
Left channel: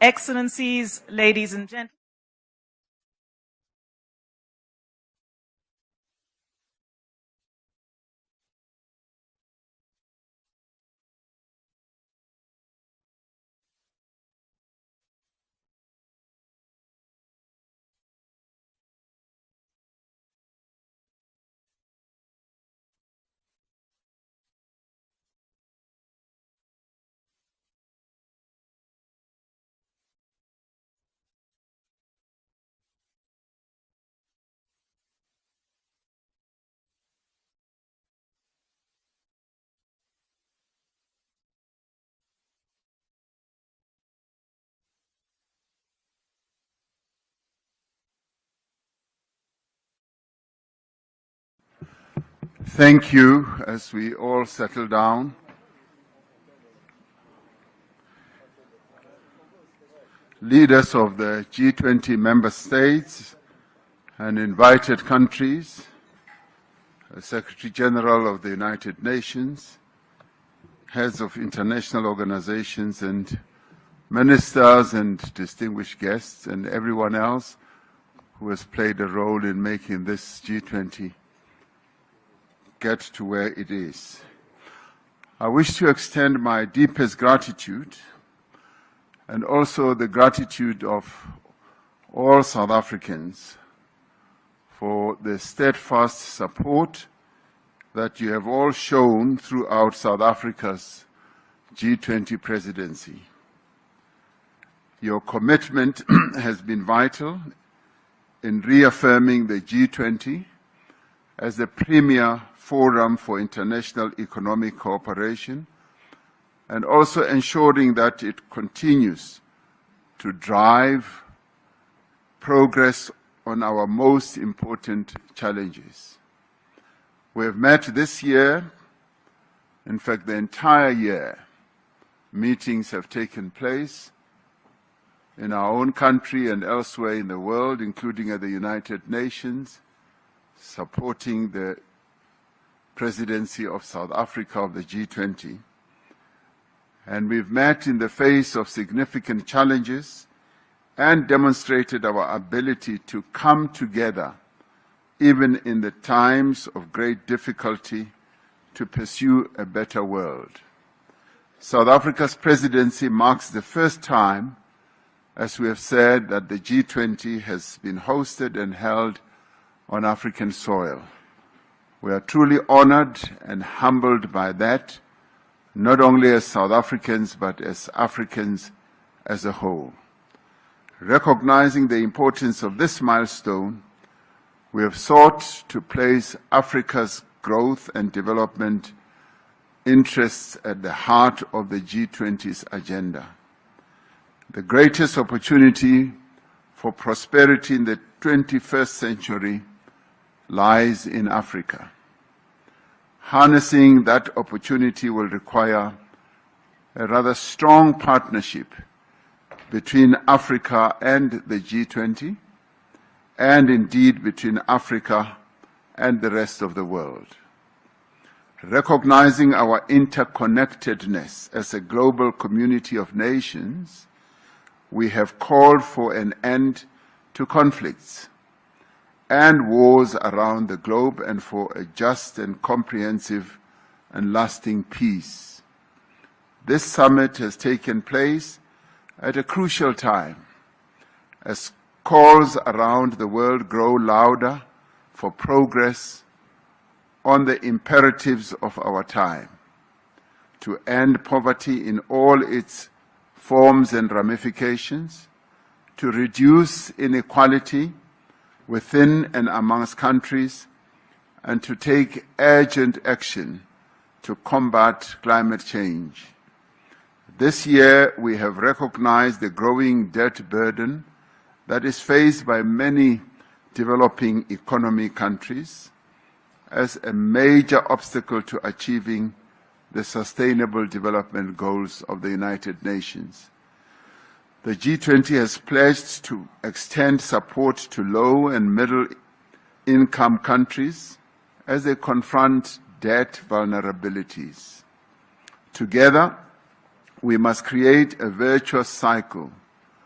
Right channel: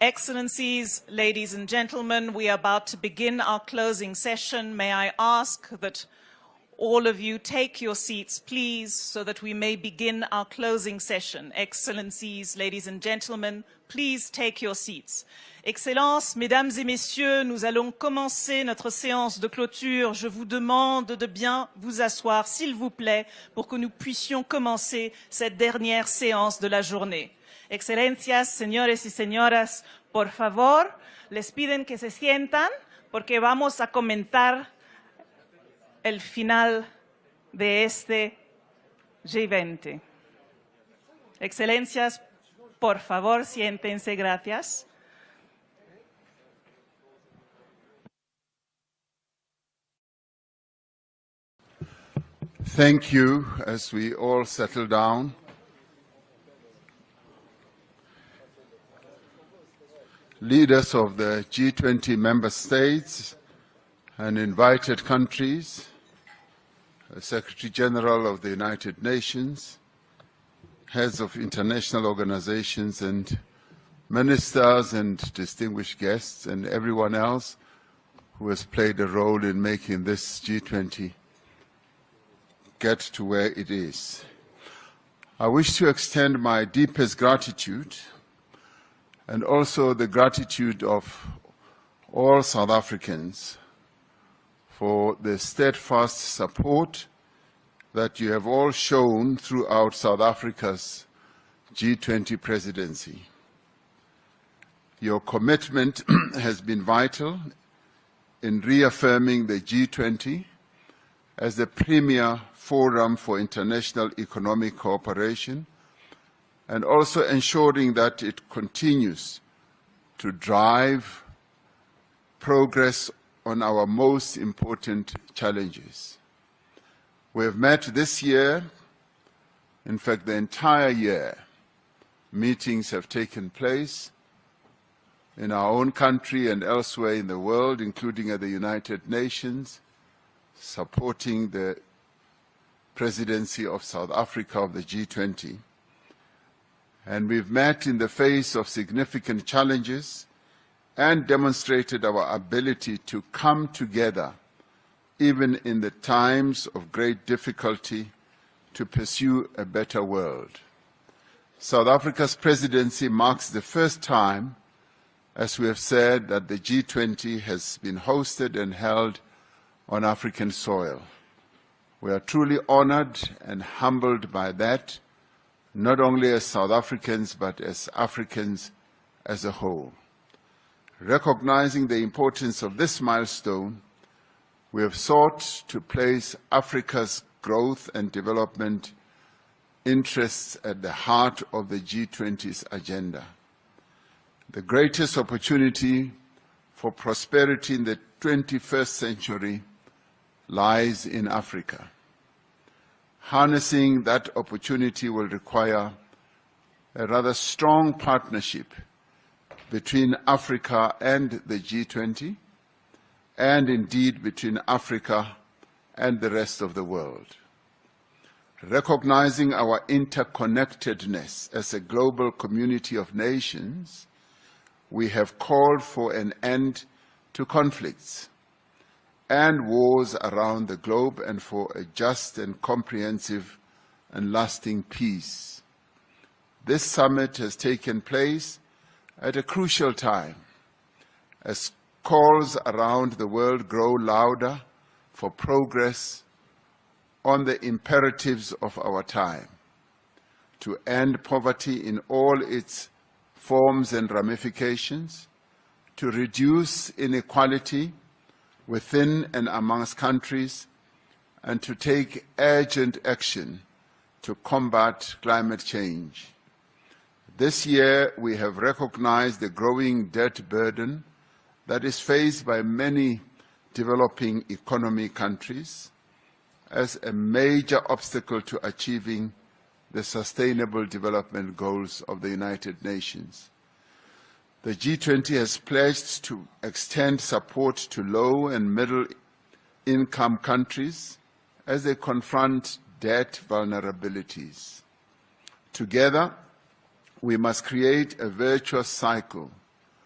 Excellencies, ladies and gentlemen, we are about to begin our closing session. May I ask that all of you take your seats, please, so that we may begin our closing session. Excellencies, ladies and gentlemen, please take your seats. Excellences, mesdames et messieurs, nous allons commencer notre séance de clôture. Je vous demande de bien vous asseoir, s'il vous plaît, pour que nous puissions commencer cette dernière séance de la journée. Excelencias, señores y señoras, por favor, les piden que se sientan porque vamos a comentar el final de este G20. Excelencias, por favor, siéntense, gracias. Thank you. As we all settle down, leaders of the G20 member states and invited countries, Secretary General of the United Nations, heads of international organizations and ministers and distinguished guests and everyone else who has played a role in making this G20 get to where it is. I wish to extend my deepest gratitude and also the gratitude of all South Africans for the steadfast support that you have all shown throughout South Africa's G20 presidency. Your commitment has been vital in reaffirming the G20 as the premier forum for international economic cooperation and also ensuring that it continues to drive progress on our most important challenges. We have met this year, in fact the entire year, meetings have taken place in our own country and elsewhere in the world, including at the United Nations, supporting the presidency of South Africa of the G20. And we've met in the face of significant challenges and demonstrated our ability to come together, even in the times of great difficulty, to pursue a better world. South Africa's presidency marks the first time, as we have said, that the G20 has been hosted and held on African soil. We are truly honored and humbled by that, not only as South Africans, but as Africans as a whole. Recognizing the importance of this milestone, we have sought to place Africa's growth and development interests at the heart of the G20's agenda. The greatest opportunity for prosperity in the 21st century lies in Africa. Harnessing that opportunity will require a rather strong partnership between Africa and the G20, and indeed between Africa and the rest of the world. Recognizing our interconnectedness as a global community of nations, we have called for an end to conflicts and wars around the globe and for a just and comprehensive and lasting peace. This summit has taken place at a crucial time as calls around the world grow louder for progress on the imperatives of our time, to end poverty in all its forms and ramifications, to reduce inequality within and amongst countries, and to take urgent action to combat climate change. This year, we have recognized the growing debt burden that is faced by many developing economy countries as a major obstacle to achieving the Sustainable Development Goals of the United Nations. The G20 has pledged to extend support to low and middle income countries as they confront debt vulnerabilities. Together, we must create a virtuous cycle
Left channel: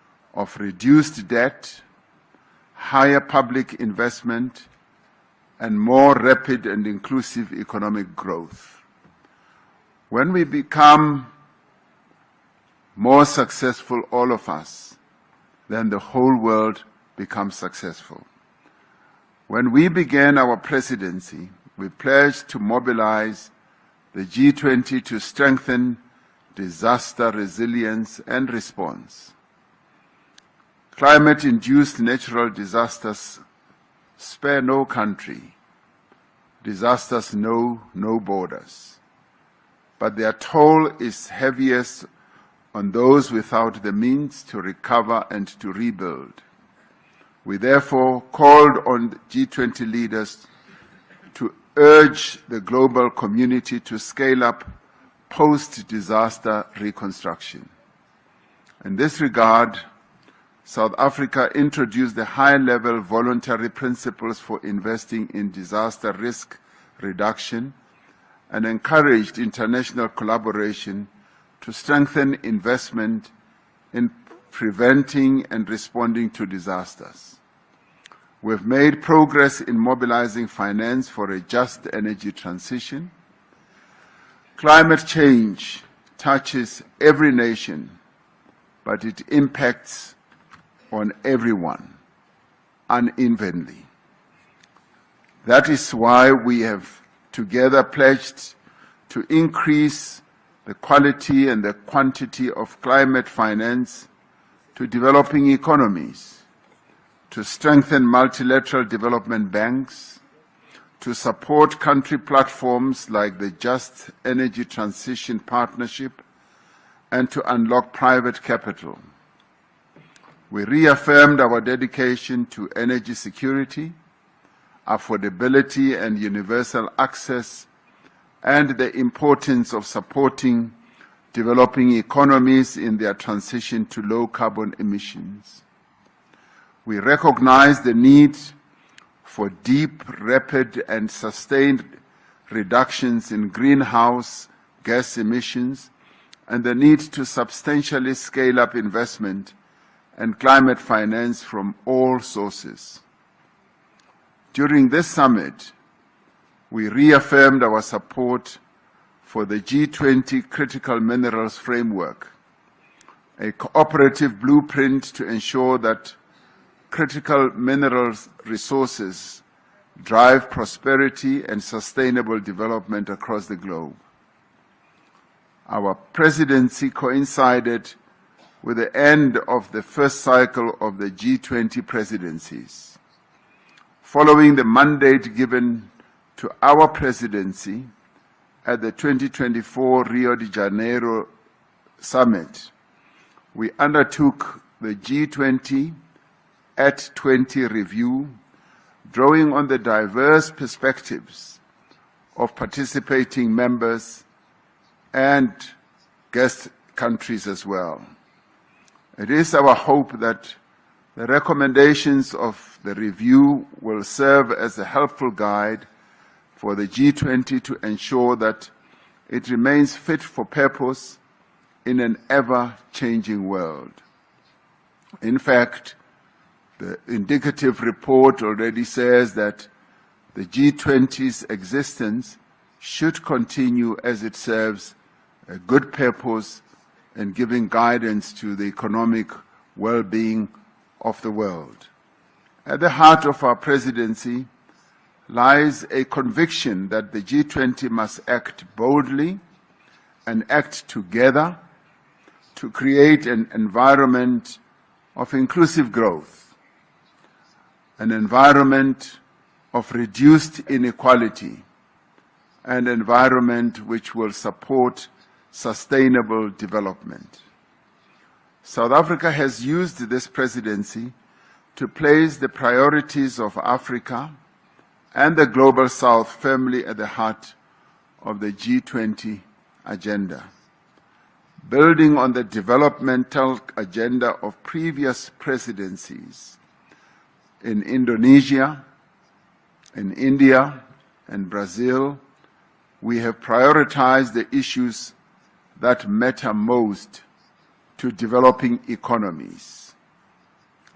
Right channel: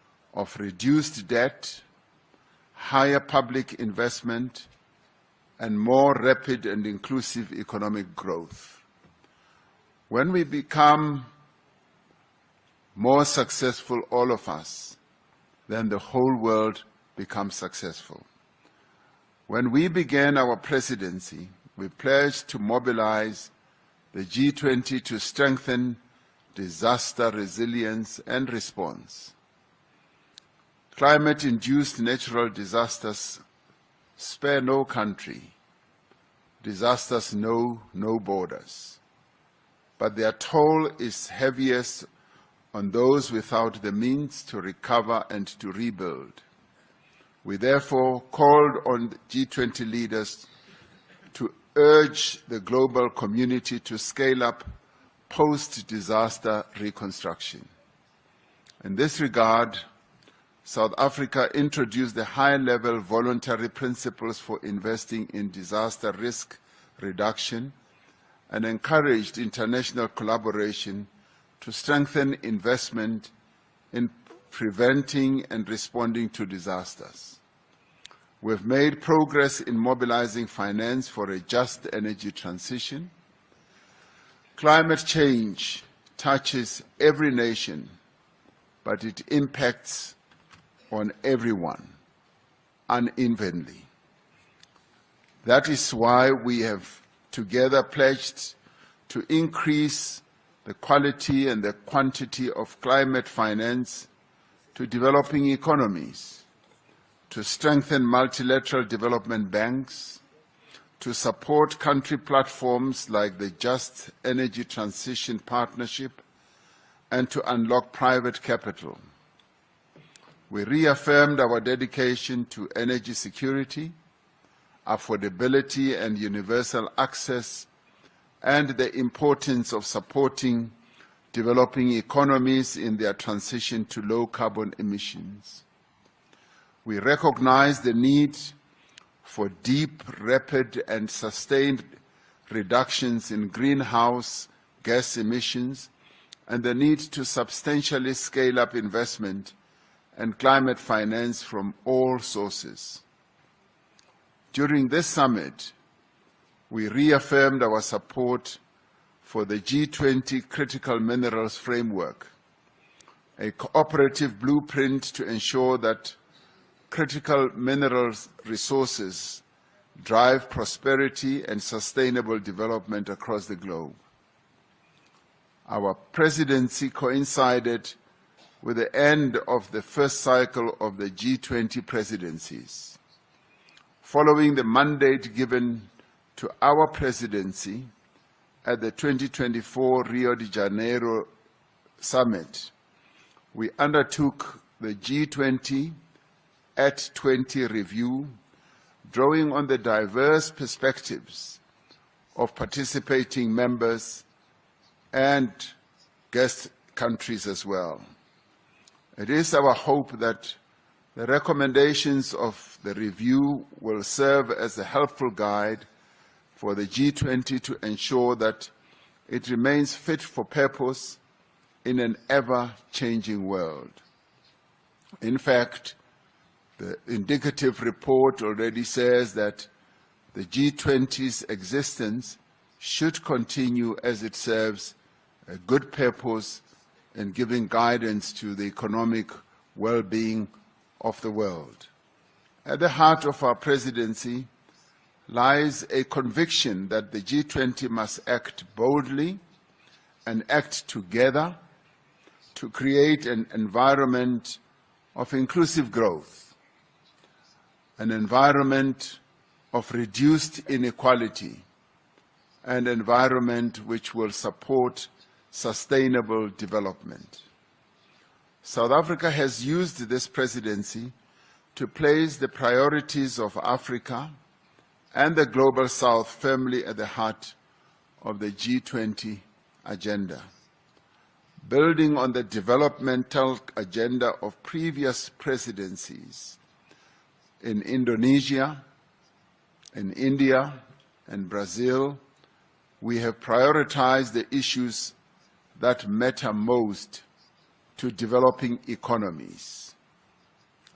of reduced debt, higher public investment, and more rapid and inclusive economic growth. When we become more successful, all of us, then the whole world becomes successful. When we began our presidency, we pledged to mobilize the G20 to strengthen disaster resilience and response. Climate-induced natural disasters spare no country. Disasters know no borders. But their toll is heaviest on those without the means to recover and to rebuild. We therefore called on G20 leaders to urge the global community to scale up post-disaster reconstruction. In this regard, South Africa introduced the high-level voluntary principles for investing in disaster risk reduction and encouraged international collaboration to strengthen investment in preventing and responding to disasters. We've made progress in mobilizing finance for a just energy transition. Climate change touches every nation, but it impacts on everyone unevenly. That is why we have together pledged to increase the quality and the quantity of climate finance to developing economies, to strengthen multilateral development banks, to support country platforms like the Just Energy Transition Partnership, and to unlock private capital. We reaffirmed our dedication to energy security, affordability and universal access, and the importance of supporting developing economies in their transition to low carbon emissions. We recognize the need for deep, rapid, and sustained reductions in greenhouse gas emissions and the need to substantially scale up investment and climate finance from all sources. During this summit, we reaffirmed our support for the G20 Critical Minerals Framework, a cooperative blueprint to ensure that critical minerals resources drive prosperity and sustainable development across the globe. Our presidency coincided with the end of the first cycle of the G20 presidencies. Following the mandate given to our presidency at the 2024 Rio de Janeiro Summit, we undertook the G20 at 20 review, drawing on the diverse perspectives of participating members and guest countries as well. It is our hope that the recommendations of the review will serve as a helpful guide for the G20 to ensure that it remains fit for purpose in an ever-changing world. In fact, the indicative report already says that the G20's existence should continue as it serves a good purpose in giving guidance to the economic well-being of the world. At the heart of our presidency lies a conviction that the G20 must act boldly and act together to create an environment of inclusive growth, an environment of reduced inequality, an environment which will support sustainable development. South Africa has used this presidency to place the priorities of Africa and the Global South firmly at the heart of the G20 agenda. Building on the developmental agenda of previous presidencies in Indonesia, in India, and Brazil, we have prioritized the issues that matter most to developing economies:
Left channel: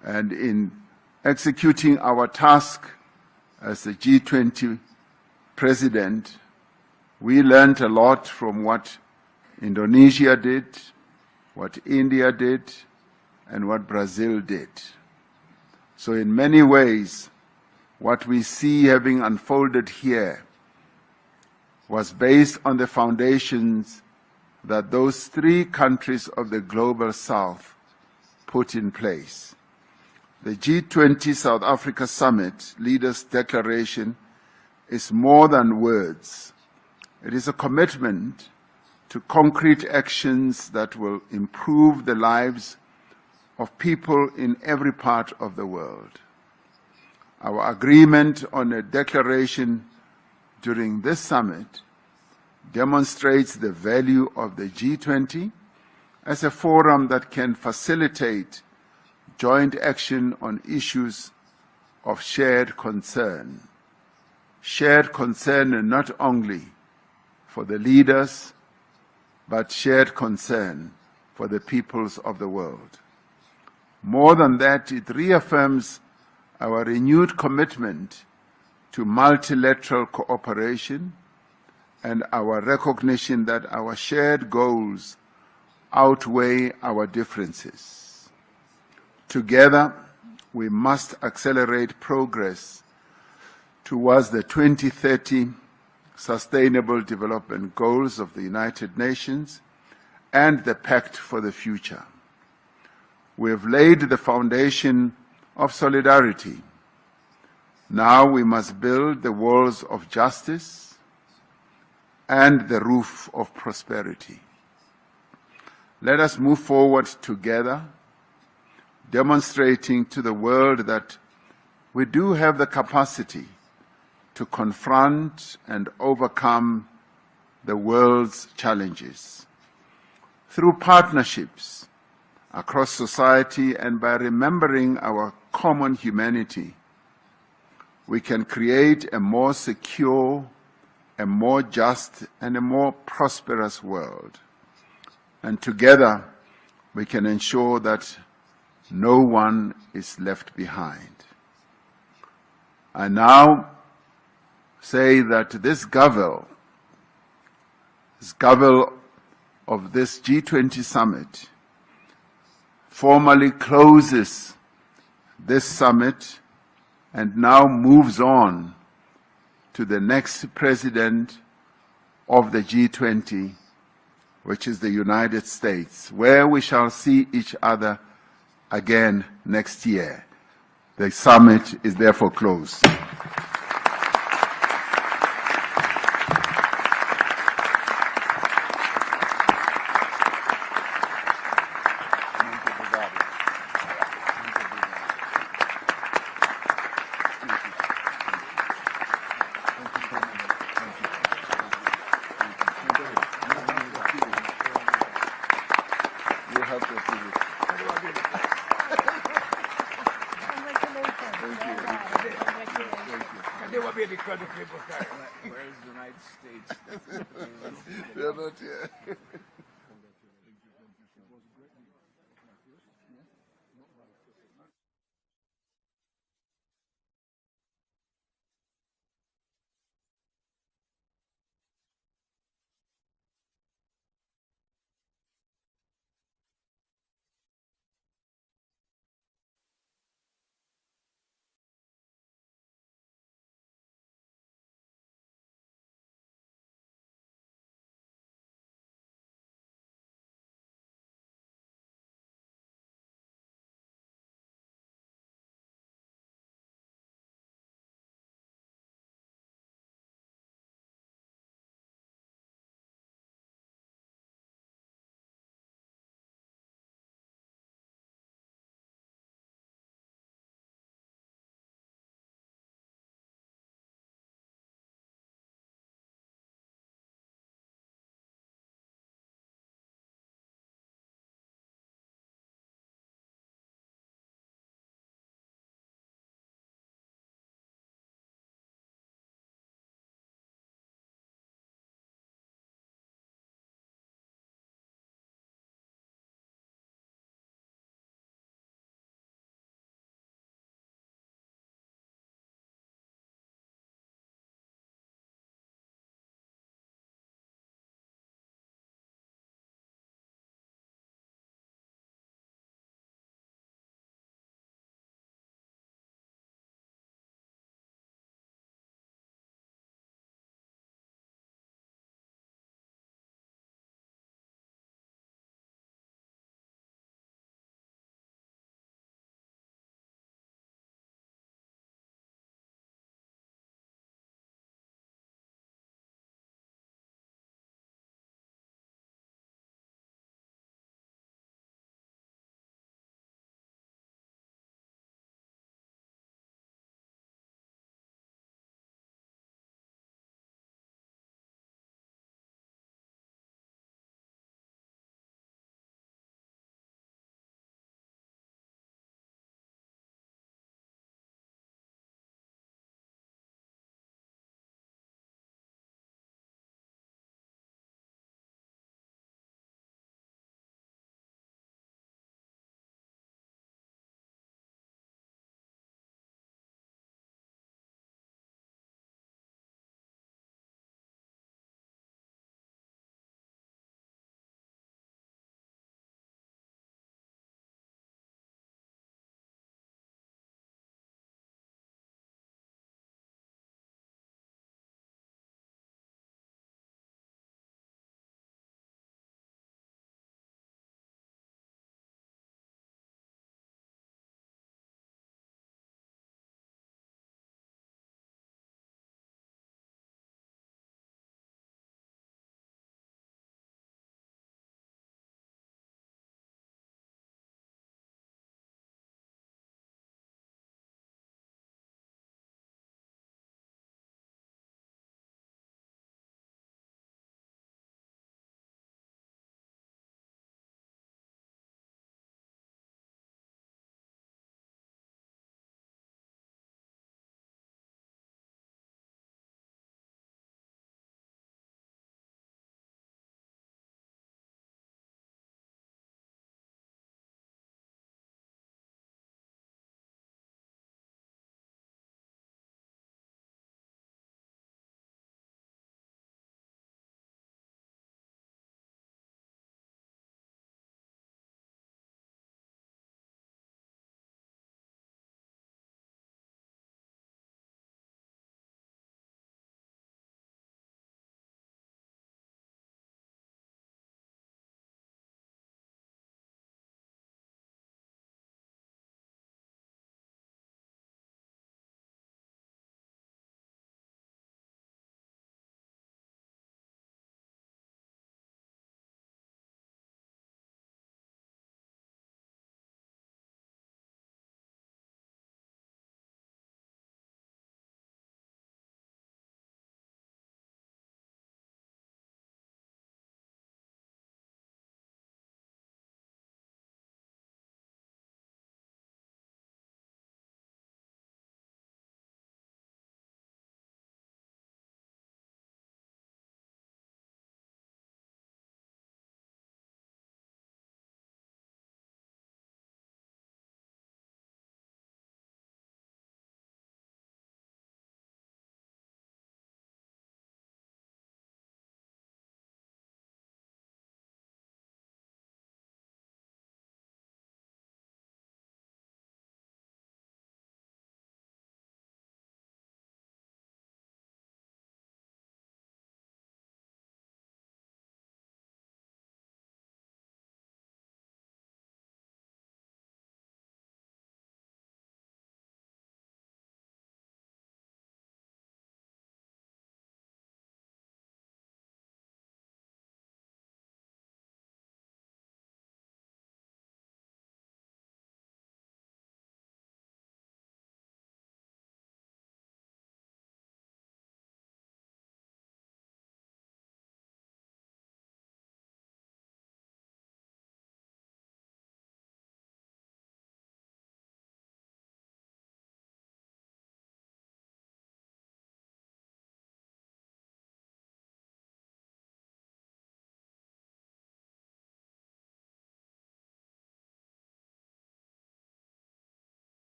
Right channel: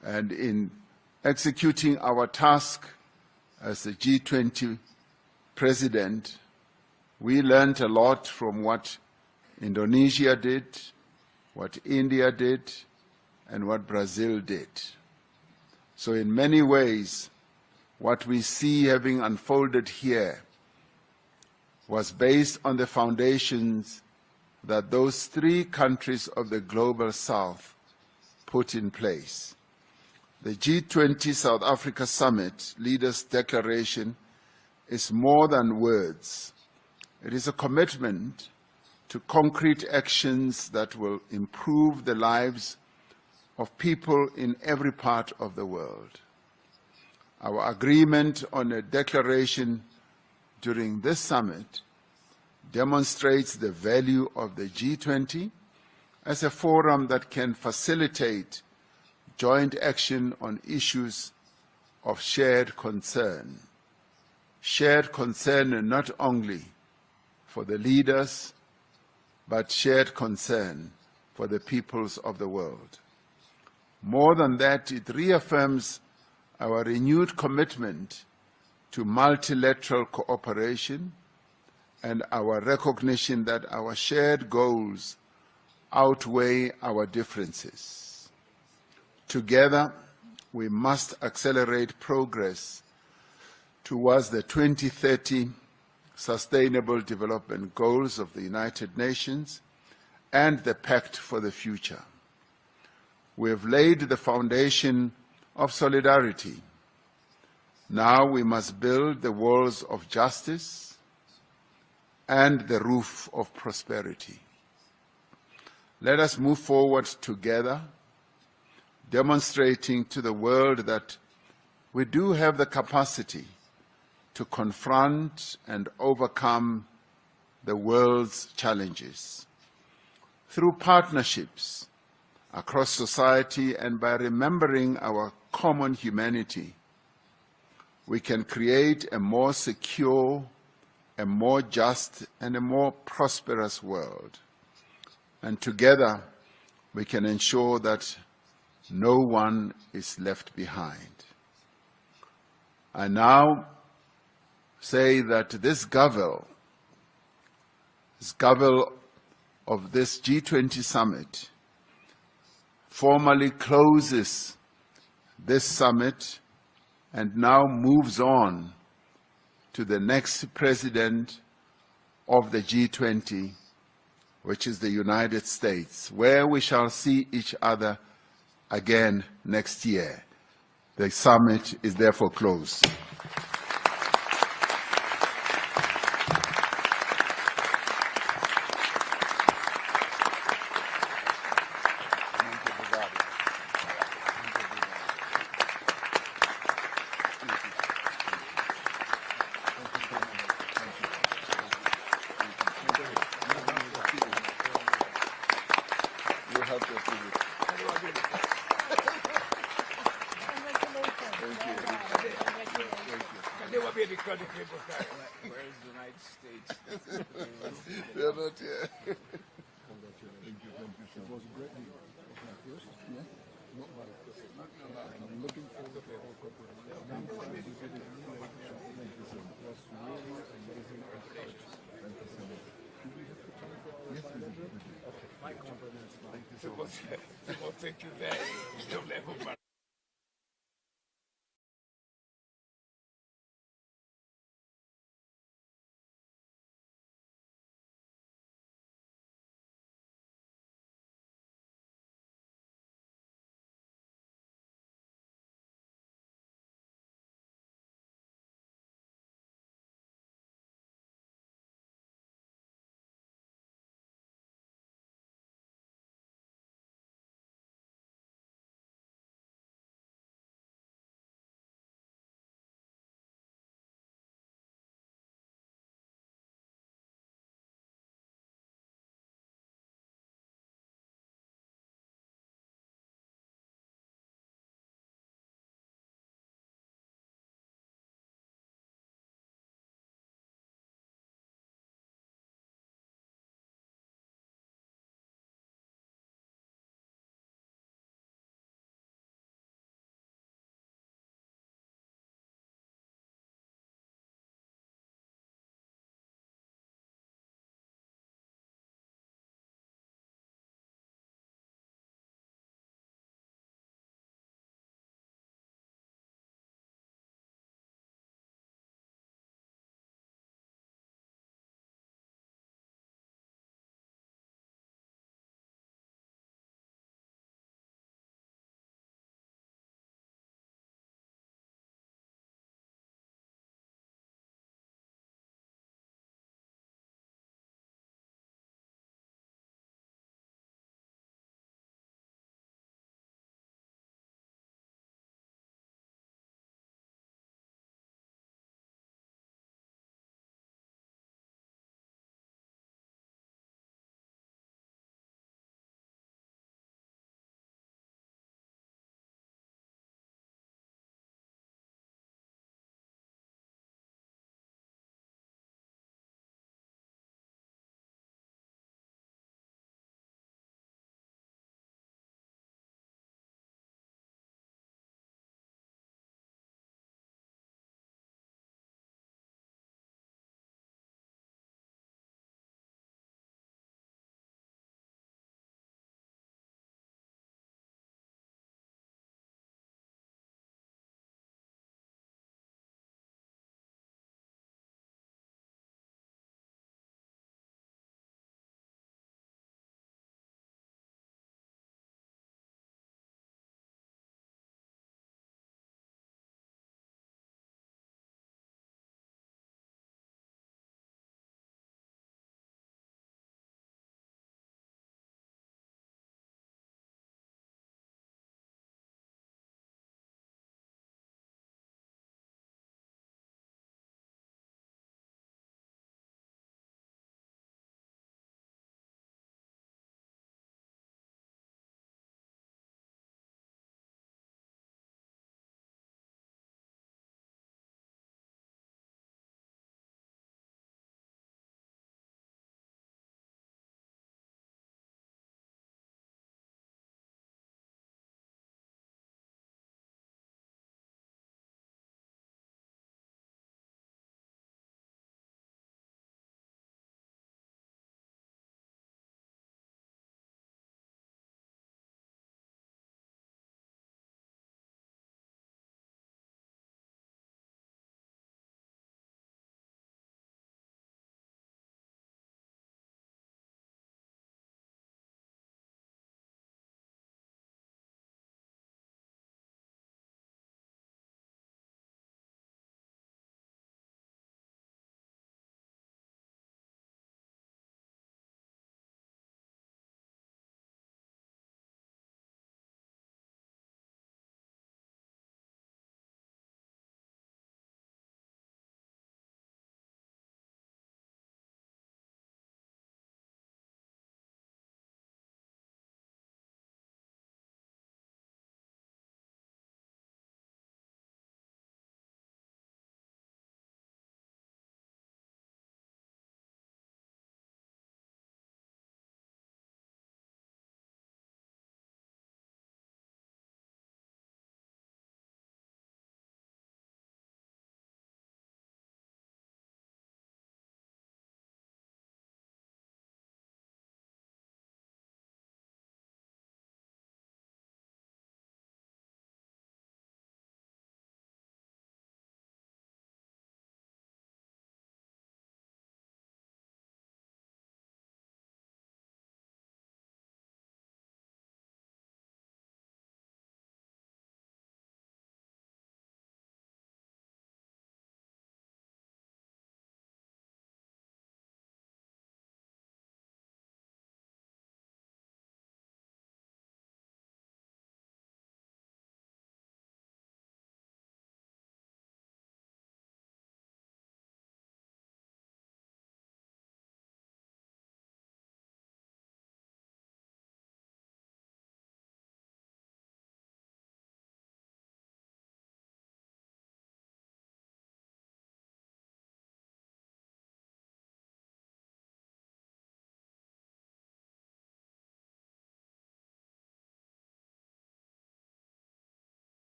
And in executing our task as the G20 president, we learned a lot from what Indonesia did, what India did, and what Brazil did. So in many ways, what we see having unfolded here was based on the foundations that those three countries of the Global South put in place. The G20 South Africa Summit Leaders' Declaration is more than words. It is a commitment to concrete actions that will improve the lives of people in every part of the world. Our agreement on a declaration during this summit demonstrates the value of the G20 as a forum that can facilitate joint action on issues of shared concern. Shared concern not only for the leaders, but shared concern for the peoples of the world. More than that, it reaffirms our renewed commitment to multilateral cooperation and our recognition that our shared goals outweigh our differences. Together, we must accelerate progress towards the 2030 Sustainable Development Goals of the United Nations and the Pact for the Future. We have laid the foundation of solidarity. Now we must build the walls of justice and the roof of prosperity. Let us move forward together, demonstrating to the world that we do have the capacity to confront and overcome the world's challenges. Through partnerships across society and by remembering our common humanity, we can create a more secure, a more just, and a more prosperous world. And together, we can ensure that no one is left behind. I now say that this Gavel of this G20 summit formally closes this summit and now moves on to the next president of the G20, which is the United States, where we shall see each other again next year. The summit is therefore closed. They will be because of people where is the United States? They're not here. Thank you very much.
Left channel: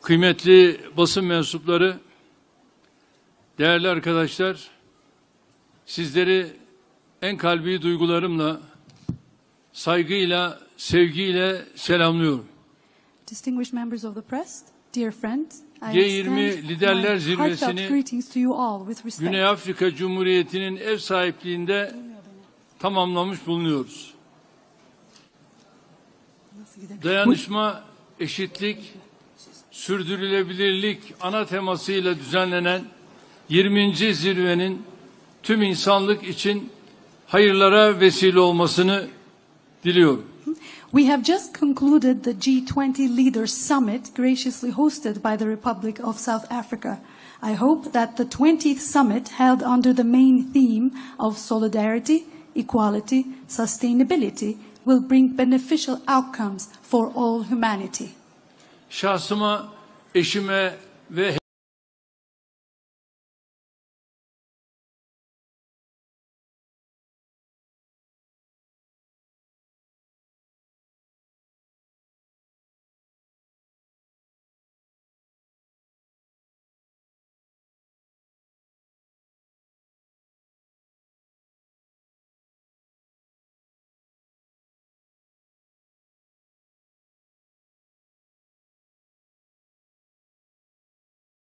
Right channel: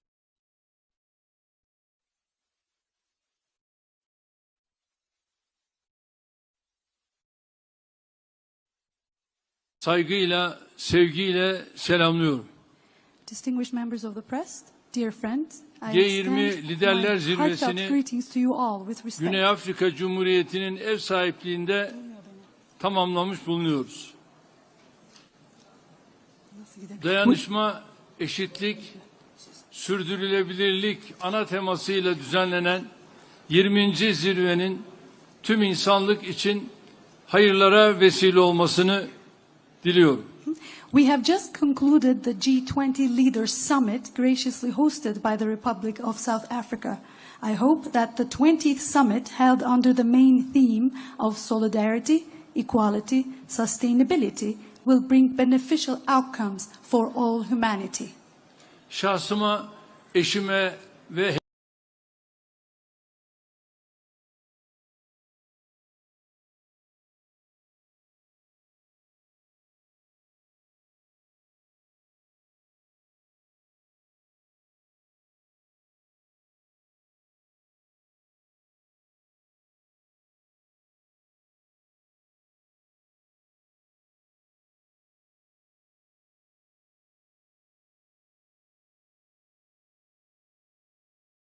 kıymetli basın mensupları, değerli arkadaşlar, sizleri en kalbi duygularımla, saygıyla, sevgiyle selamlıyorum. Distinguished members of the press, dear friends, I G20 extend Liderler my heartfelt Zirvesi'ni greetings to you all with respect. Güney Afrika Cumhuriyeti'nin ev sahipliğinde tamamlamış bulunuyoruz. Dayanışma, eşitlik, sürdürülebilirlik ana temasıyla düzenlenen 20. zirvenin tüm insanlık için hayırlara vesile olmasını diliyorum. We have just concluded the G20 Leaders Summit graciously hosted by the Republic of South Africa. I hope that the 20th summit held under the main theme of solidarity, equality, sustainability will bring beneficial outcomes for all humanity. Şahsıma, eşime ve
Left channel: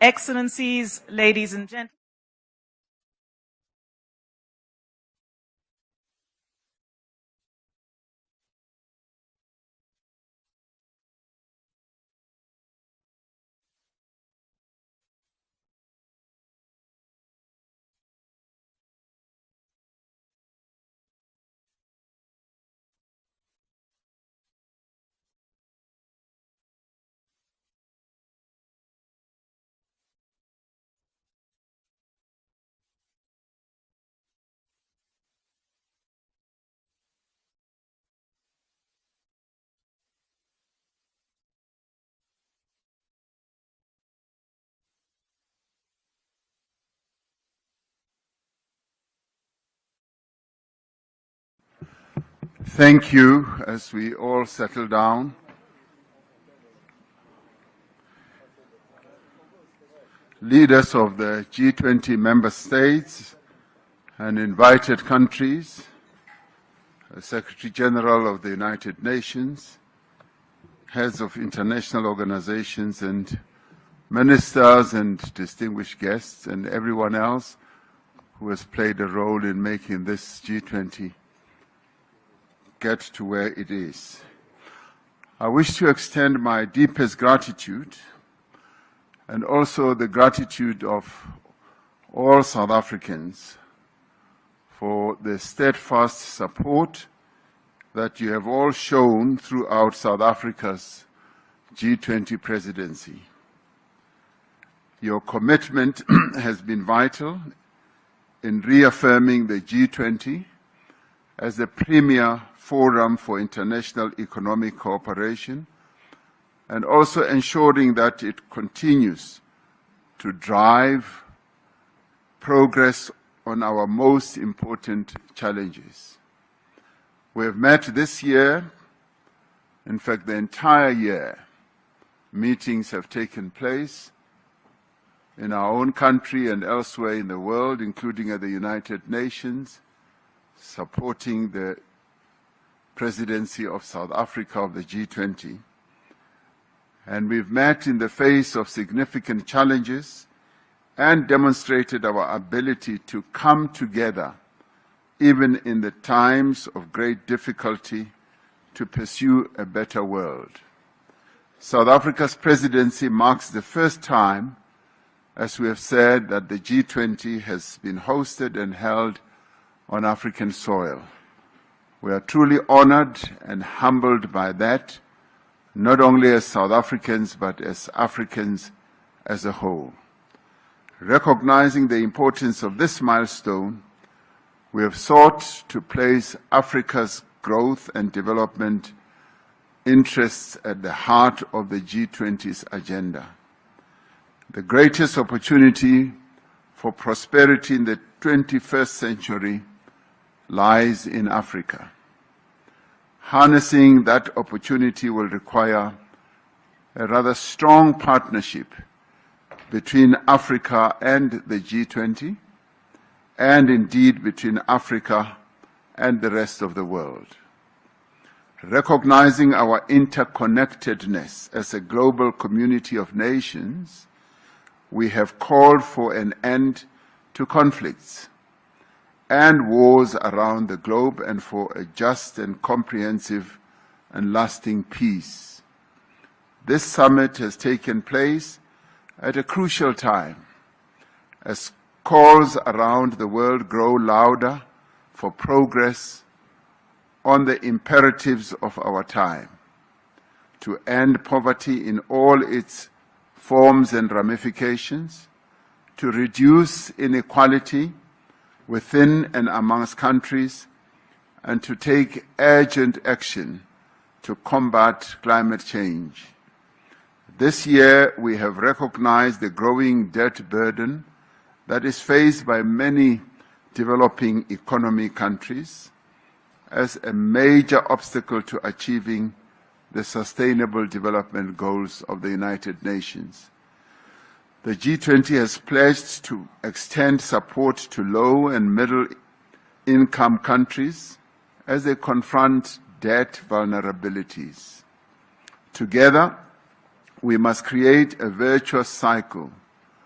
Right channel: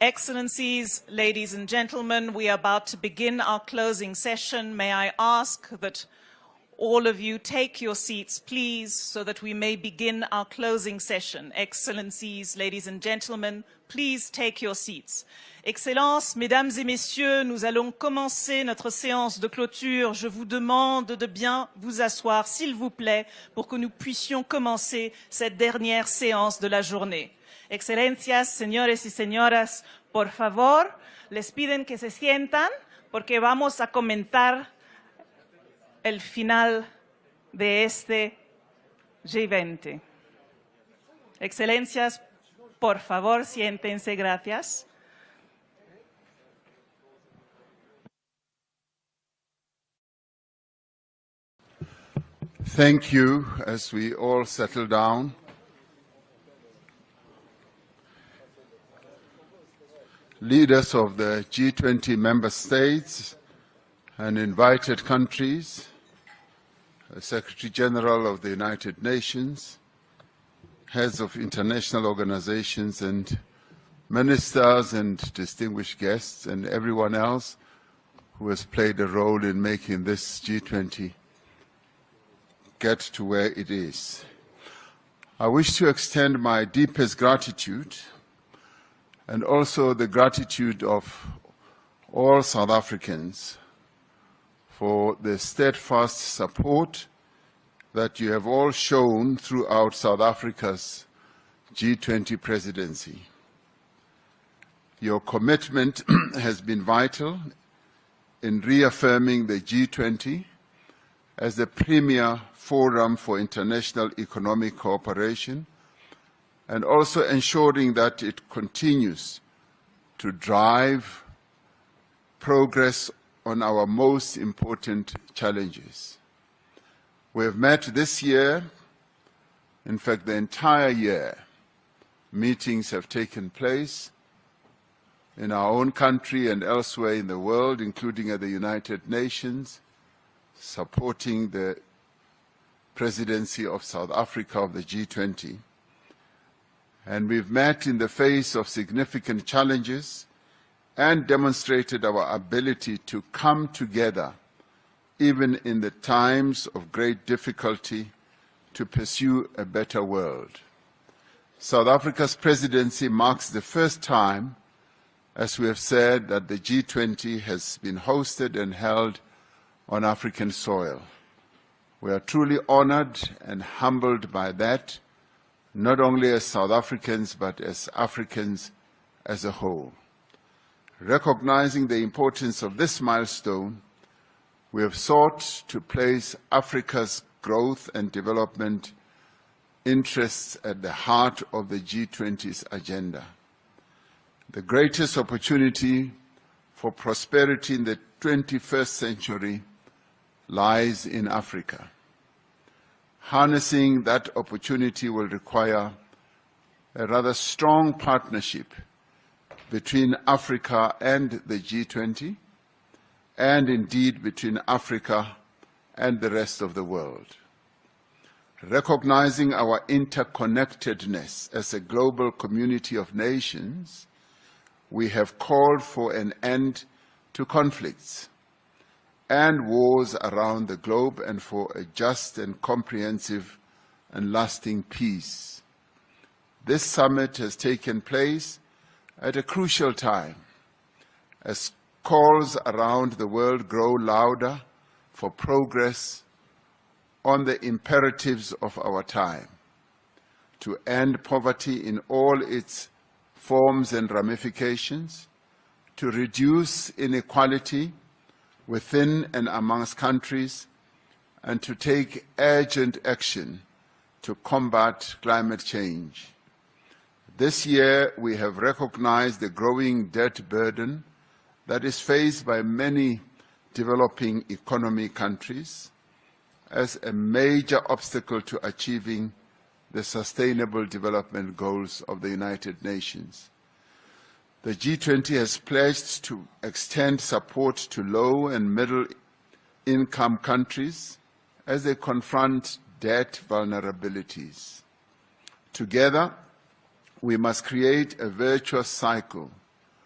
Excellencies, ladies and gentlemen, we are about to begin our closing session. May I ask that all of you take your seats, please, so that we may begin our closing session. Excellencies, ladies and gentlemen, please take your seats. Excellences, mesdames et messieurs, nous allons commencer notre séance de clôture. Je vous demande de bien vous asseoir, s'il vous plaît, pour que nous puissions commencer cette dernière séance de la journée. Excelencias, señores y señoras, por favor, les piden que se sientan porque vamos a comentar el final de este G20. Excelencias, por favor, siéntense, gracias. Thank you. As we all settle down, leaders of the G20 member states and invited countries, Secretary General of the United Nations, heads of international organizations and ministers and distinguished guests and everyone else who has played a role in making this G20 get to where it is. I wish to extend my deepest gratitude and also the gratitude of all South Africans for the steadfast support that you have all shown throughout South Africa's G20 presidency. Your commitment has been vital in reaffirming the G20 as the premier forum for international economic cooperation and also ensuring that it continues to drive progress on our most important challenges. We have met this year, in fact the entire year. Meetings have taken place in our own country and elsewhere in the world, including at the United Nations, supporting the presidency of South Africa of the G20. And we've met in the face of significant challenges and demonstrated our ability to come together, even in the times of great difficulty, to pursue a better world. South Africa's presidency marks the first time, as we have said, that the G20 has been hosted and held on African soil. We are truly honored and humbled by that, not only as South Africans, but as Africans as a whole. Recognizing the importance of this milestone, we have sought to place Africa's growth and development interests at the heart of the G20's agenda. The greatest opportunity for prosperity in the 21st century lies in Africa. Harnessing that opportunity will require a rather strong partnership between Africa and the G20, and indeed between Africa and the rest of the world. Recognizing our interconnectedness as a global community of nations, we have called for an end to conflicts and wars around the globe and for a just and comprehensive and lasting peace. This summit has taken place at a crucial time as calls around the world grow louder for progress on the imperatives of our time, to end poverty in all its forms and ramifications, to reduce inequality within and amongst countries, and to take urgent action to combat climate change. This year, we have recognized the growing debt burden that is faced by many developing economy countries as a major obstacle to achieving the Sustainable Development Goals of the United Nations. The G20 has pledged to extend support to low and middle income countries as they confront debt vulnerabilities. Together, we must create a virtuous cycle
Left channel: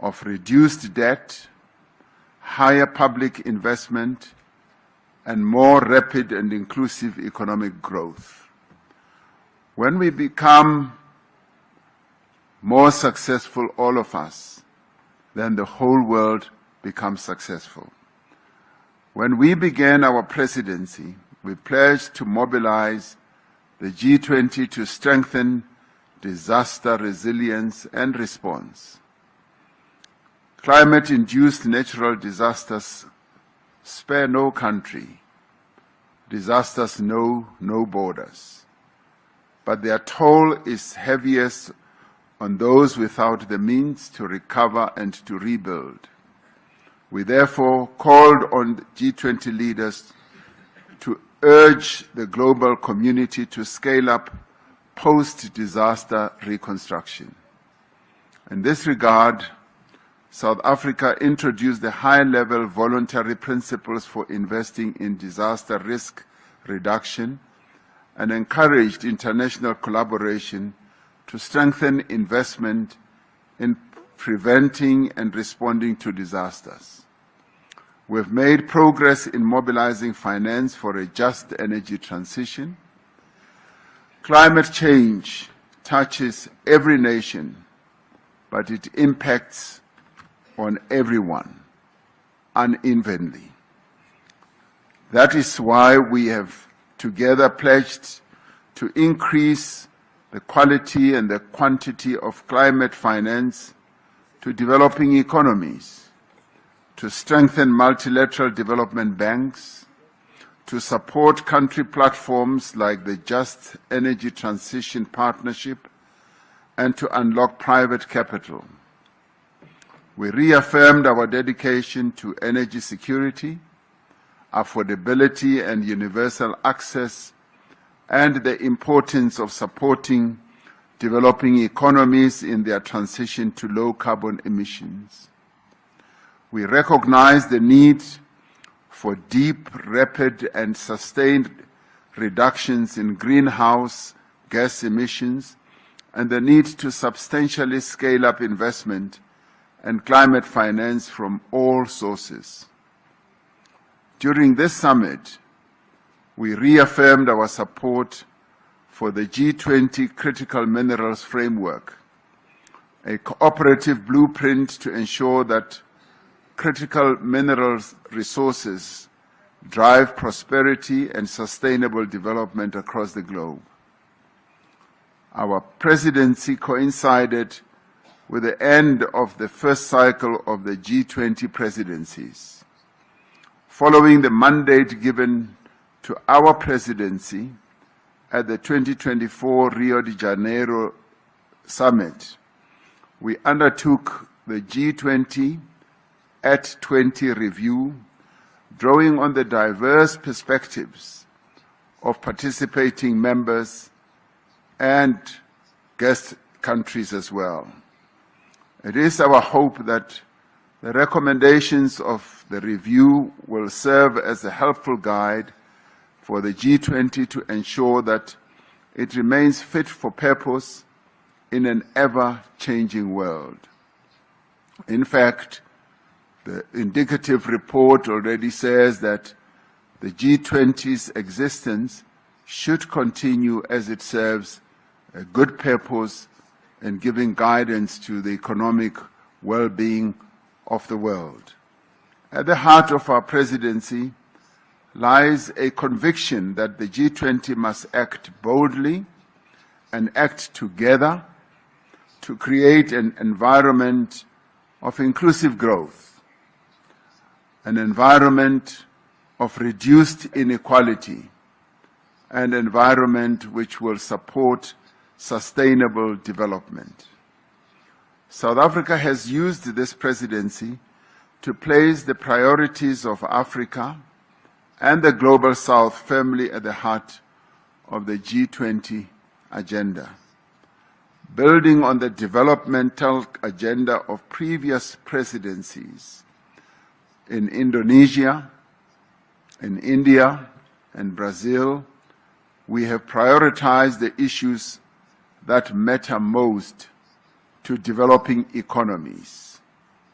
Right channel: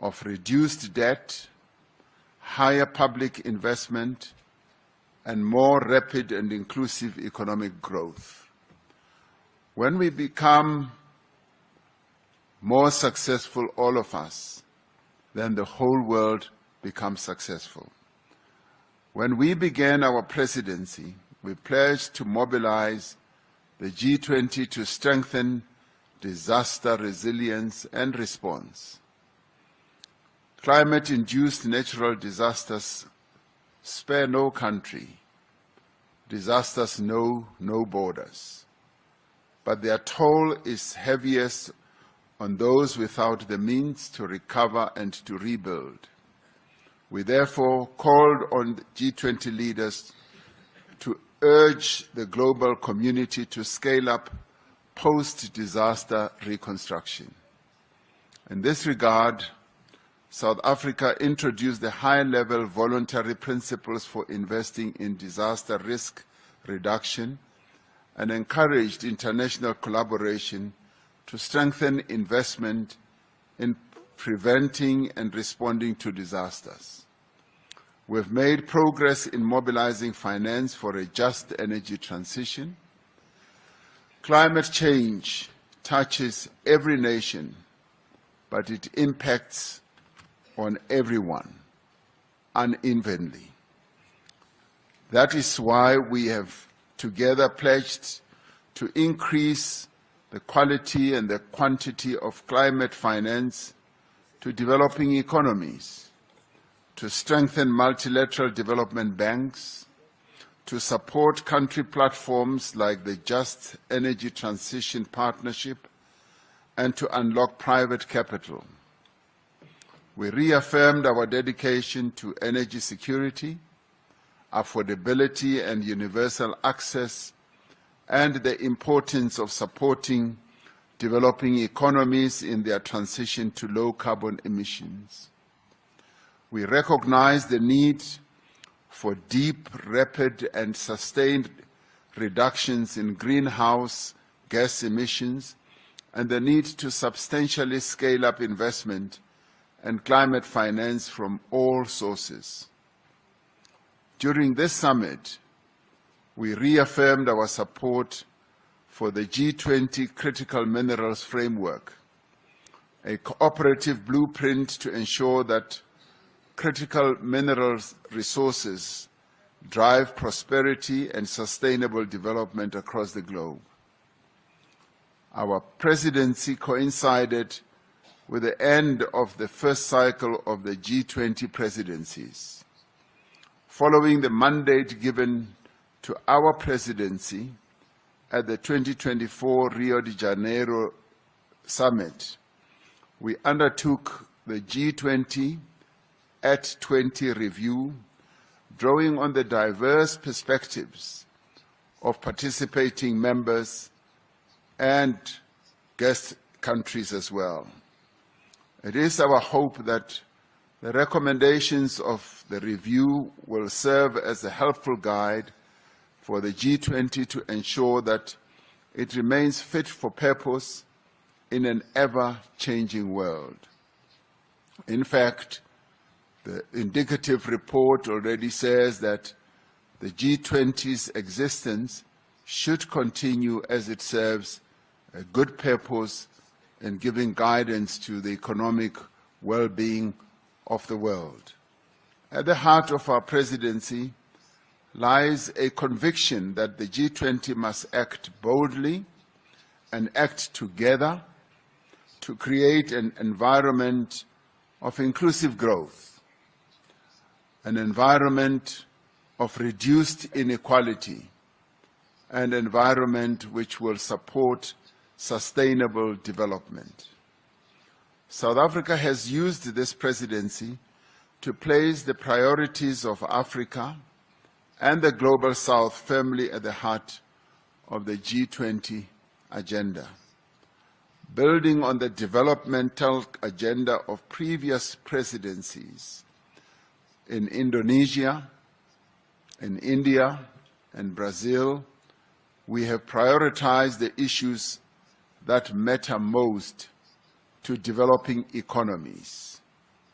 of reduced debt, higher public investment, and more rapid and inclusive economic growth. When we become more successful, all of us, then the whole world becomes successful. When we began our presidency, we pledged to mobilize the G20 to strengthen disaster resilience and response. Climate-induced natural disasters spare no country. Disasters know no borders. But their toll is heaviest on those without the means to recover and to rebuild. We therefore called on G20 leaders to urge the global community to scale up post-disaster reconstruction. In this regard, South Africa introduced the high-level voluntary principles for investing in disaster risk reduction and encouraged international collaboration to strengthen investment in preventing and responding to disasters. We've made progress in mobilizing finance for a just energy transition. Climate change touches every nation, but it impacts on everyone unevenly. That is why we have together pledged to increase the quality and the quantity of climate finance to developing economies, to strengthen multilateral development banks, to support country platforms like the Just Energy Transition Partnership, and to unlock private capital. We reaffirmed our dedication to energy security, affordability and universal access, and the importance of supporting developing economies in their transition to low carbon emissions. We recognize the need for deep, rapid, and sustained reductions in greenhouse gas emissions and the need to substantially scale up investment and climate finance from all sources. During this summit, we reaffirmed our support for the G20 Critical Minerals Framework, a cooperative blueprint to ensure that critical minerals resources drive prosperity and sustainable development across the globe. Our presidency coincided with the end of the first cycle of the G20 presidencies. Following the mandate given to our presidency at the 2024 Rio de Janeiro Summit, we undertook the G20 at 20 review, drawing on the diverse perspectives of participating members and guest countries as well. It is our hope that the recommendations of the review will serve as a helpful guide for the G20 to ensure that it remains fit for purpose in an ever-changing world. In fact, the indicative report already says that the G20's existence should continue as it serves a good purpose in giving guidance to the economic well-being of the world. At the heart of our presidency lies a conviction that the G20 must act boldly and act together to create an environment of inclusive growth, an environment of reduced inequality, an environment which will support sustainable development. South Africa has used this presidency to place the priorities of Africa and the Global South firmly at the heart of the G20 agenda. Building on the developmental agenda of previous presidencies in Indonesia, in India, and Brazil, we have prioritized the issues that matter most to developing economies:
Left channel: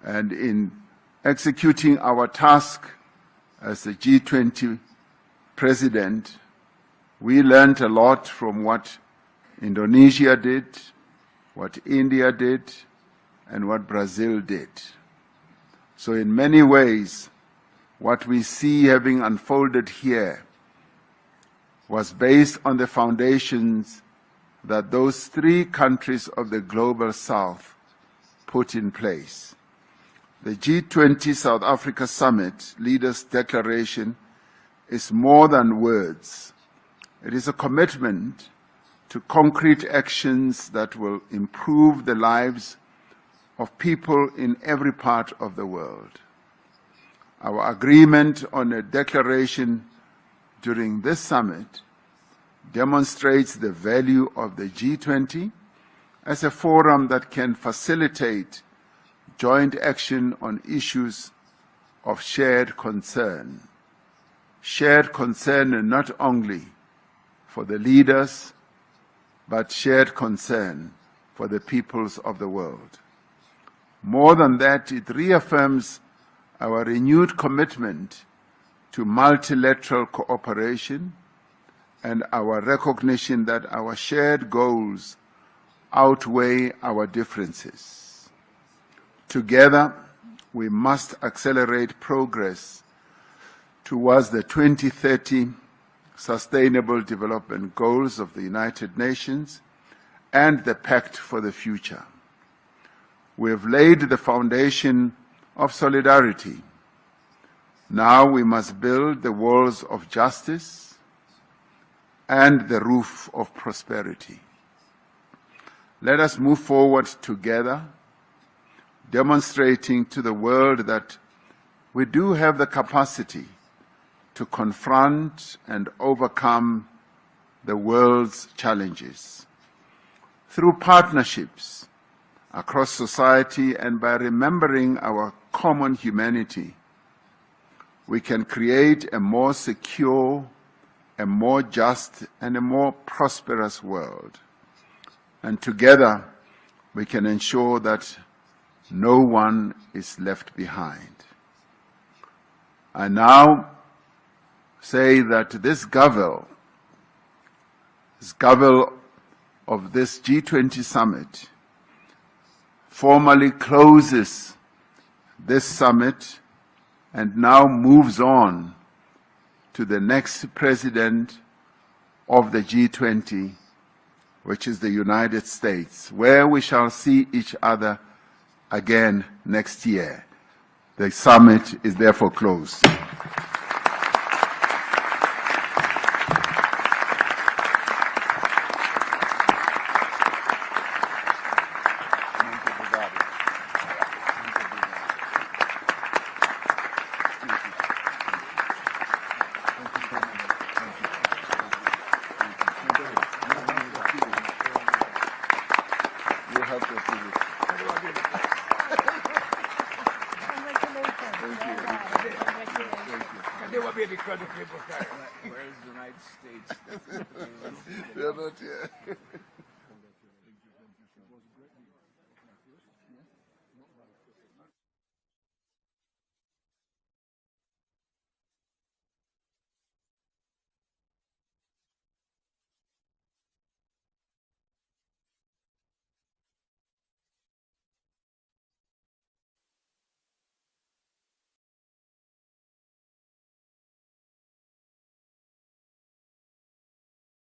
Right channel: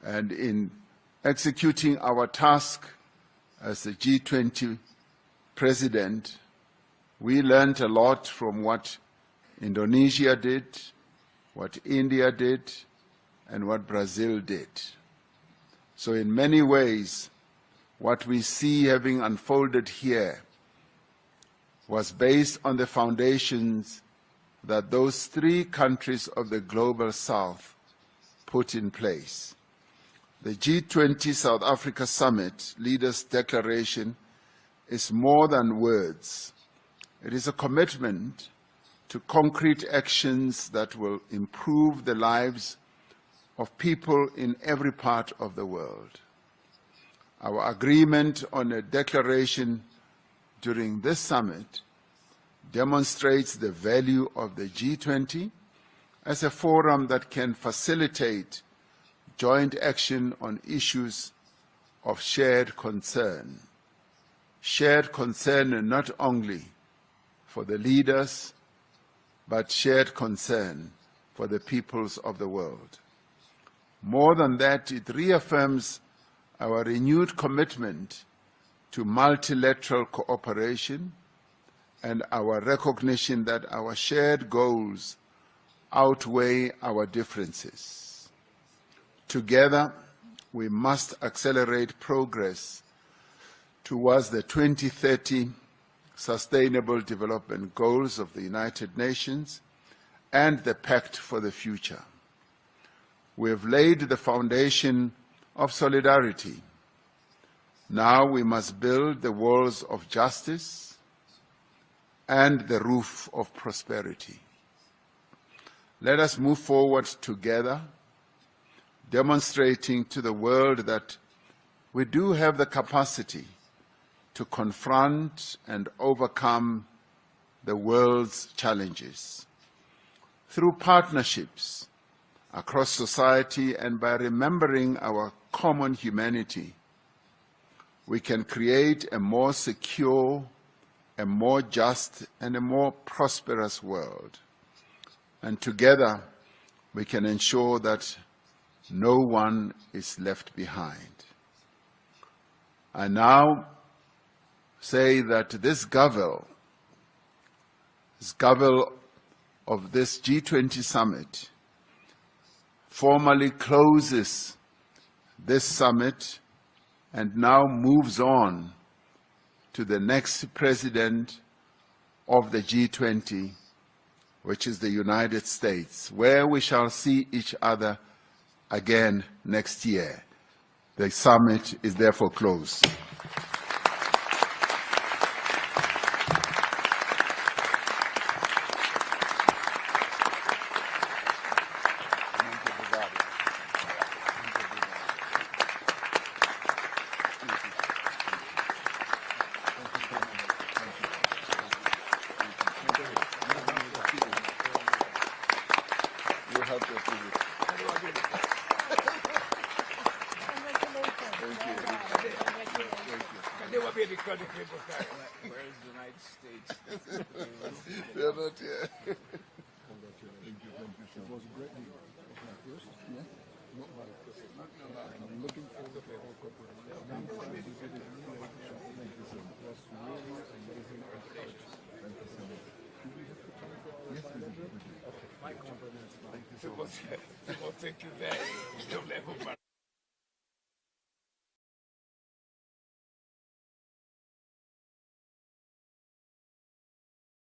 And in executing our task as the G20 president, we learned a lot from what Indonesia did, what India did, and what Brazil did. So in many ways, what we see having unfolded here was based on the foundations that those three countries of the Global South put in place. The G20 South Africa Summit Leaders' Declaration is more than words. It is a commitment to concrete actions that will improve the lives of people in every part of the world. Our agreement on a declaration during this summit demonstrates the value of the G20 as a forum that can facilitate joint action on issues of shared concern. Shared concern not only for the leaders, but shared concern for the peoples of the world. More than that, it reaffirms our renewed commitment to multilateral cooperation and our recognition that our shared goals outweigh our differences. Together, we must accelerate progress towards the 2030 Sustainable Development Goals of the United Nations and the Pact for the Future. We have laid the foundation of solidarity. Now we must build the walls of justice and the roof of prosperity. Let us move forward together, demonstrating to the world that we do have the capacity to confront and overcome the world's challenges. Through partnerships across society and by remembering our common humanity, we can create a more secure, a more just, and a more prosperous world. And together, we can ensure that no one is left behind. I now say that this Gavel of this G20 summit formally closes this summit and now moves on to the next president of the G20, which is the United States, where we shall see each other again next year. The summit is therefore closed. They will be because of people carry. Where is the United States? They're not here. People think you there.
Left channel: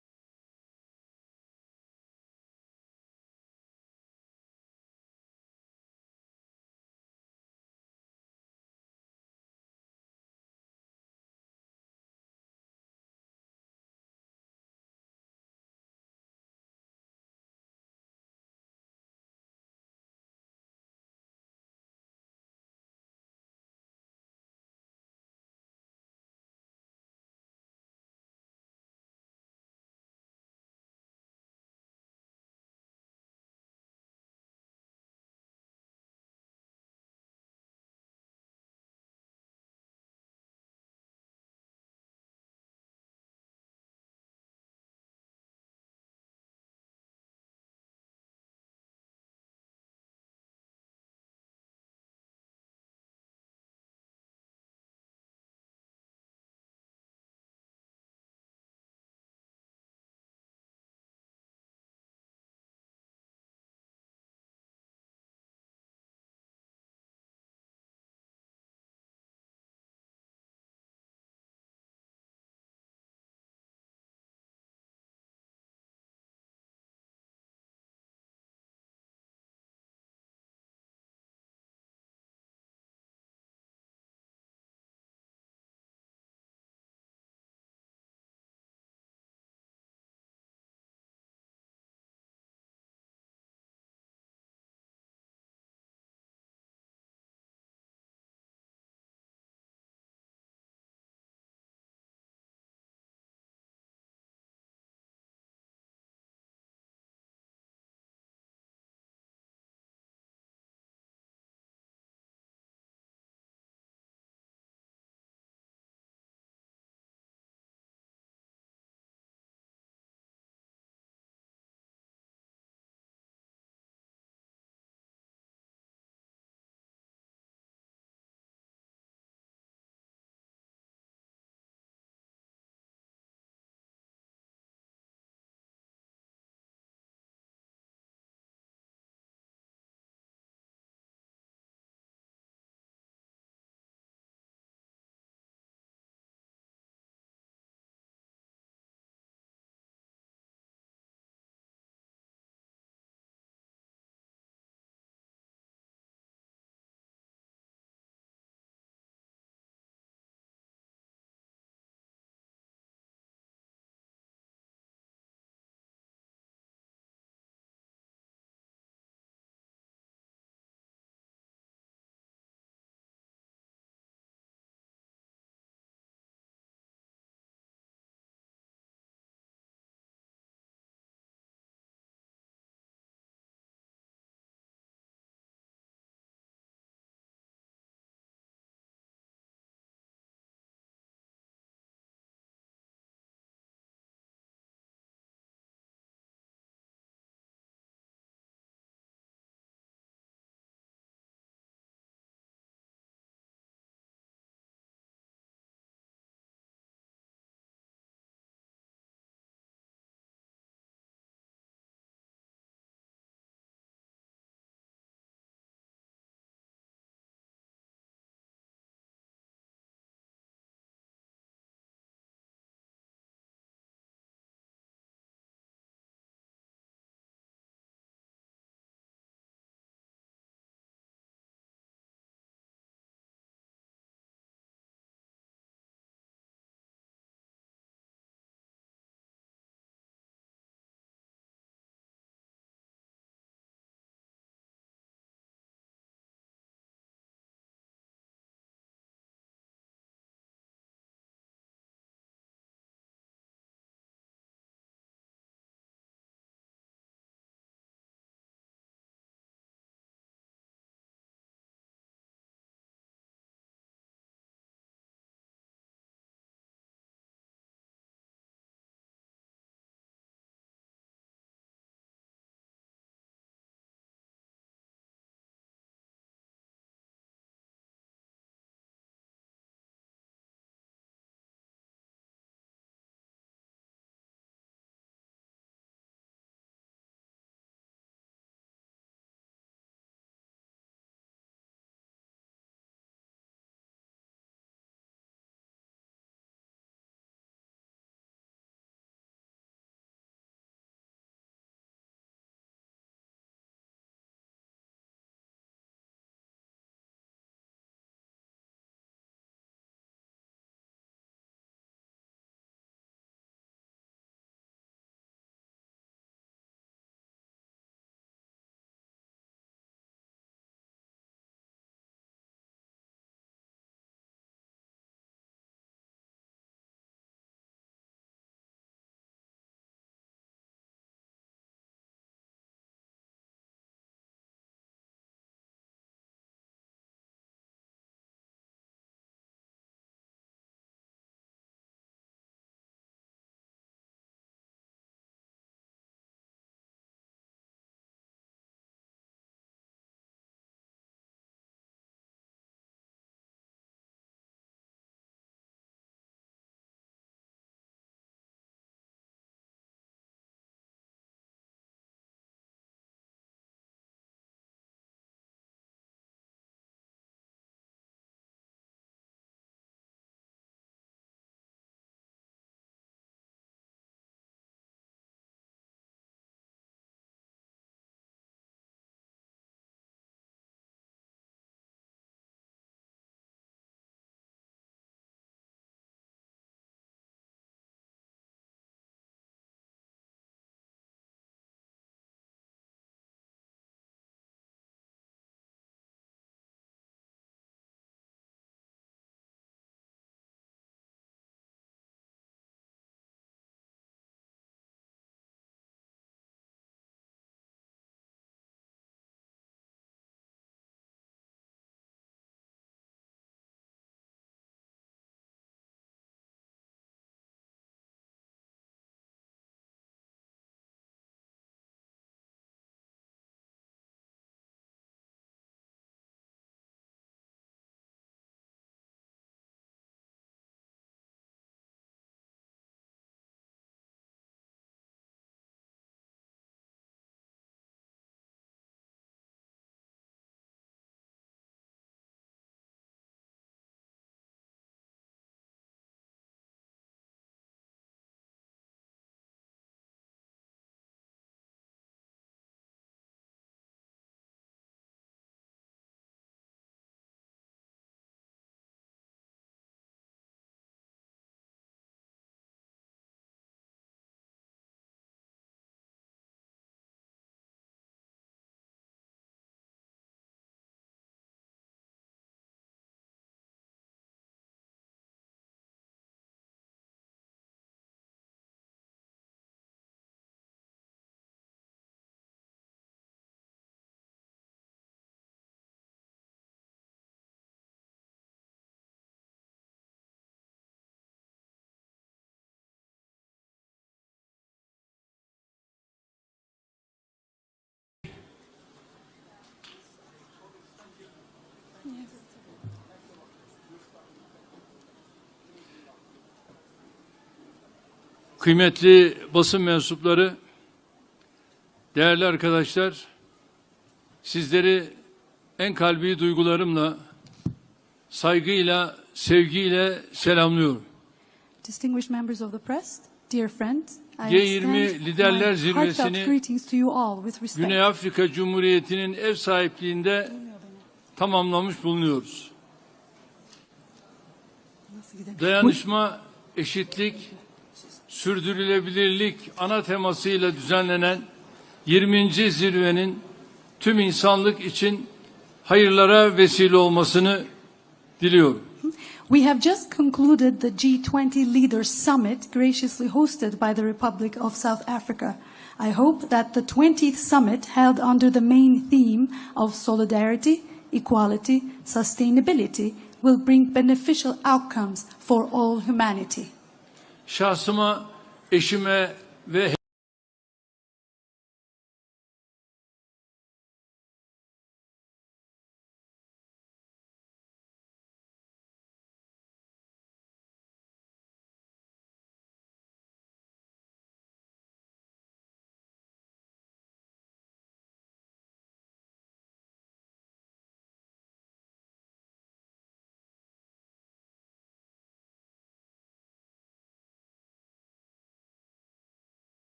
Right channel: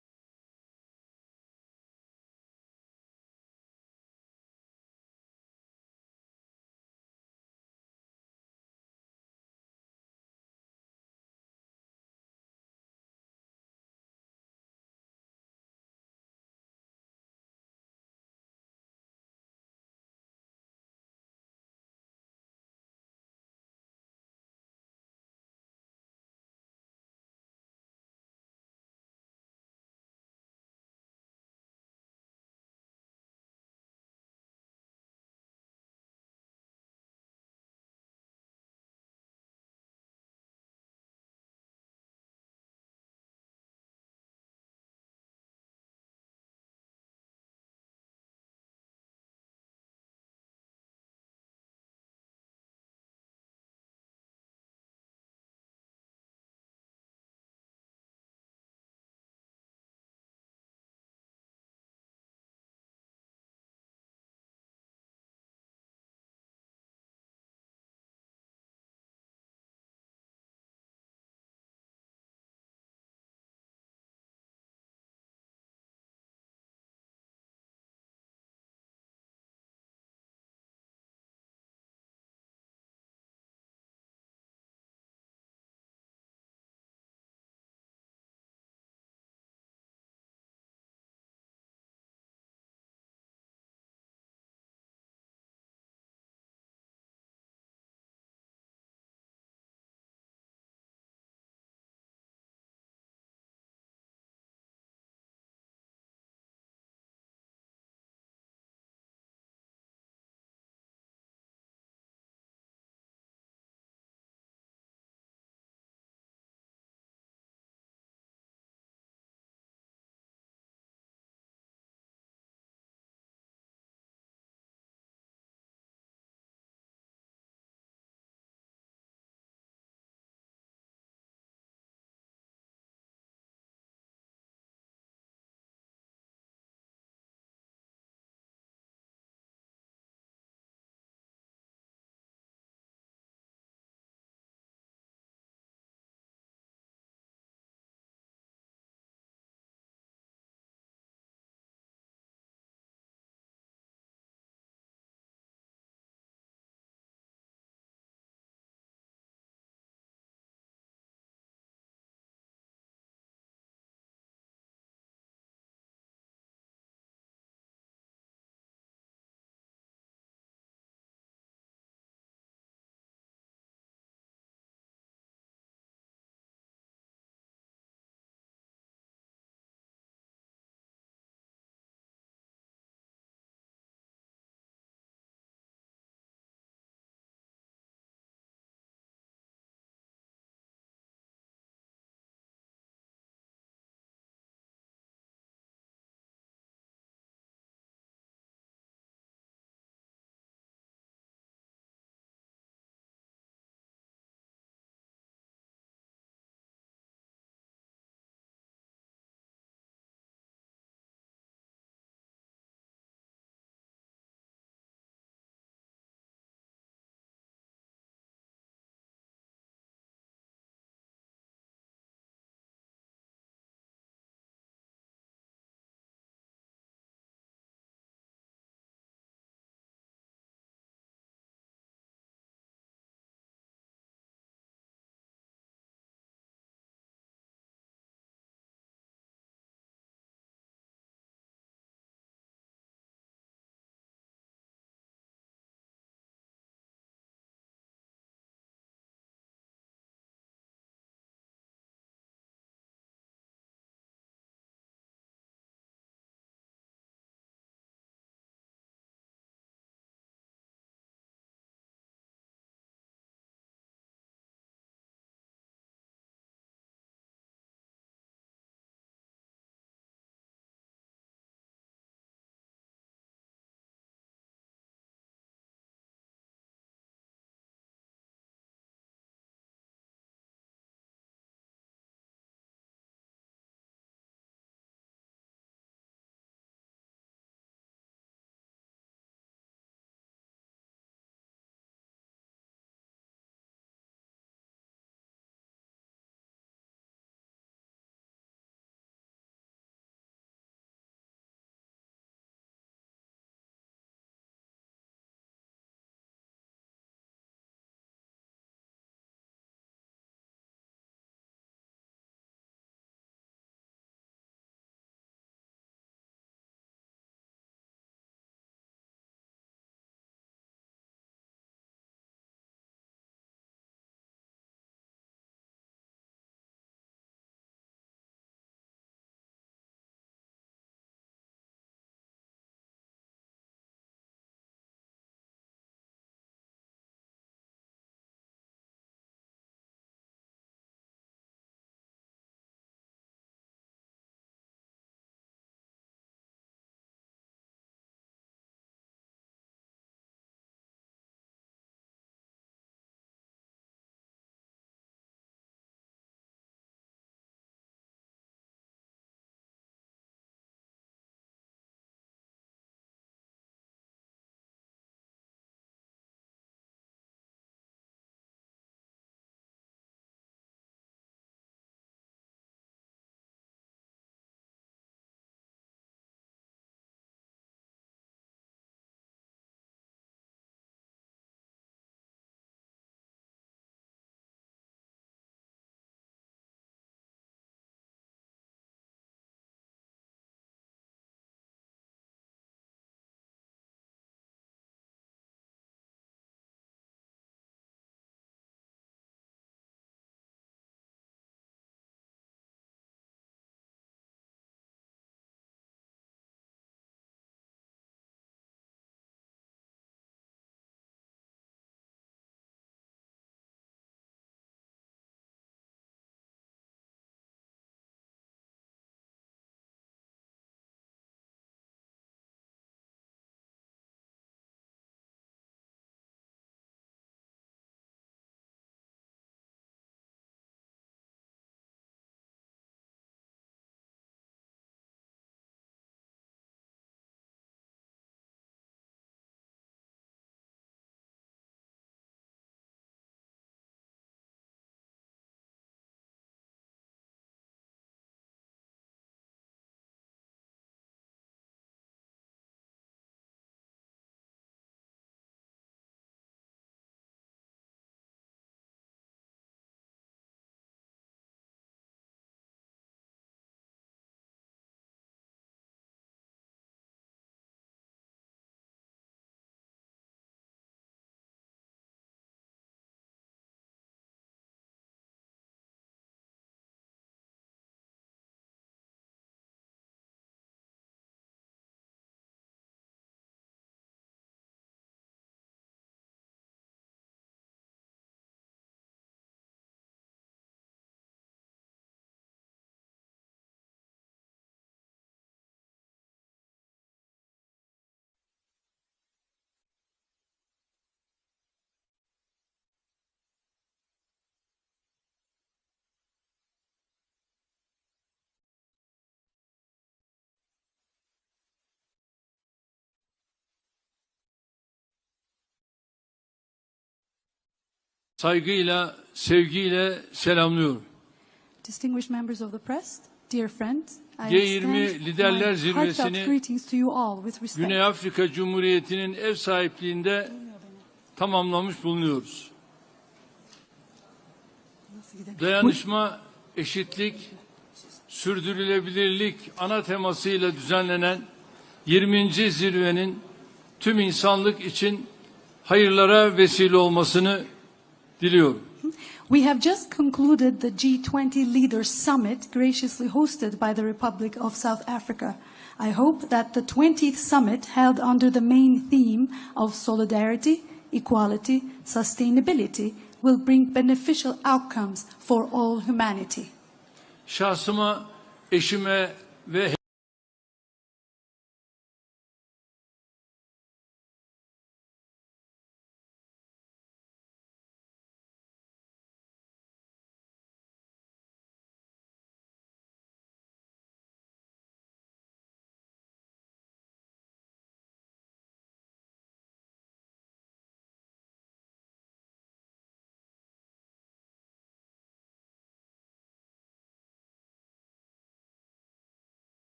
kıymetli basın mensupları, değerli arkadaşlar, sizleri en kalbi duygularımla, saygıyla, sevgiyle selamlıyorum. Distinguished members of the press, dear friends, I G20 extend Liderler my Zirvesi'ni heartfelt greetings to you all with respect. Güney Afrika Cumhuriyeti'nin ev sahipliğinde tamamlamış bulunuyoruz. Dayanışma, eşitlik, sürdürülebilirlik ana temasıyla düzenlenen 20. zirvenin tüm insanlık için hayırlara vesile olmasını diliyorum. We have just concluded the G20 Leaders Summit graciously hosted by the Republic of South Africa. I hope that the 20th summit held under the main theme of solidarity, equality, sustainability will bring beneficial outcomes for all humanity. Şahsıma, eşime ve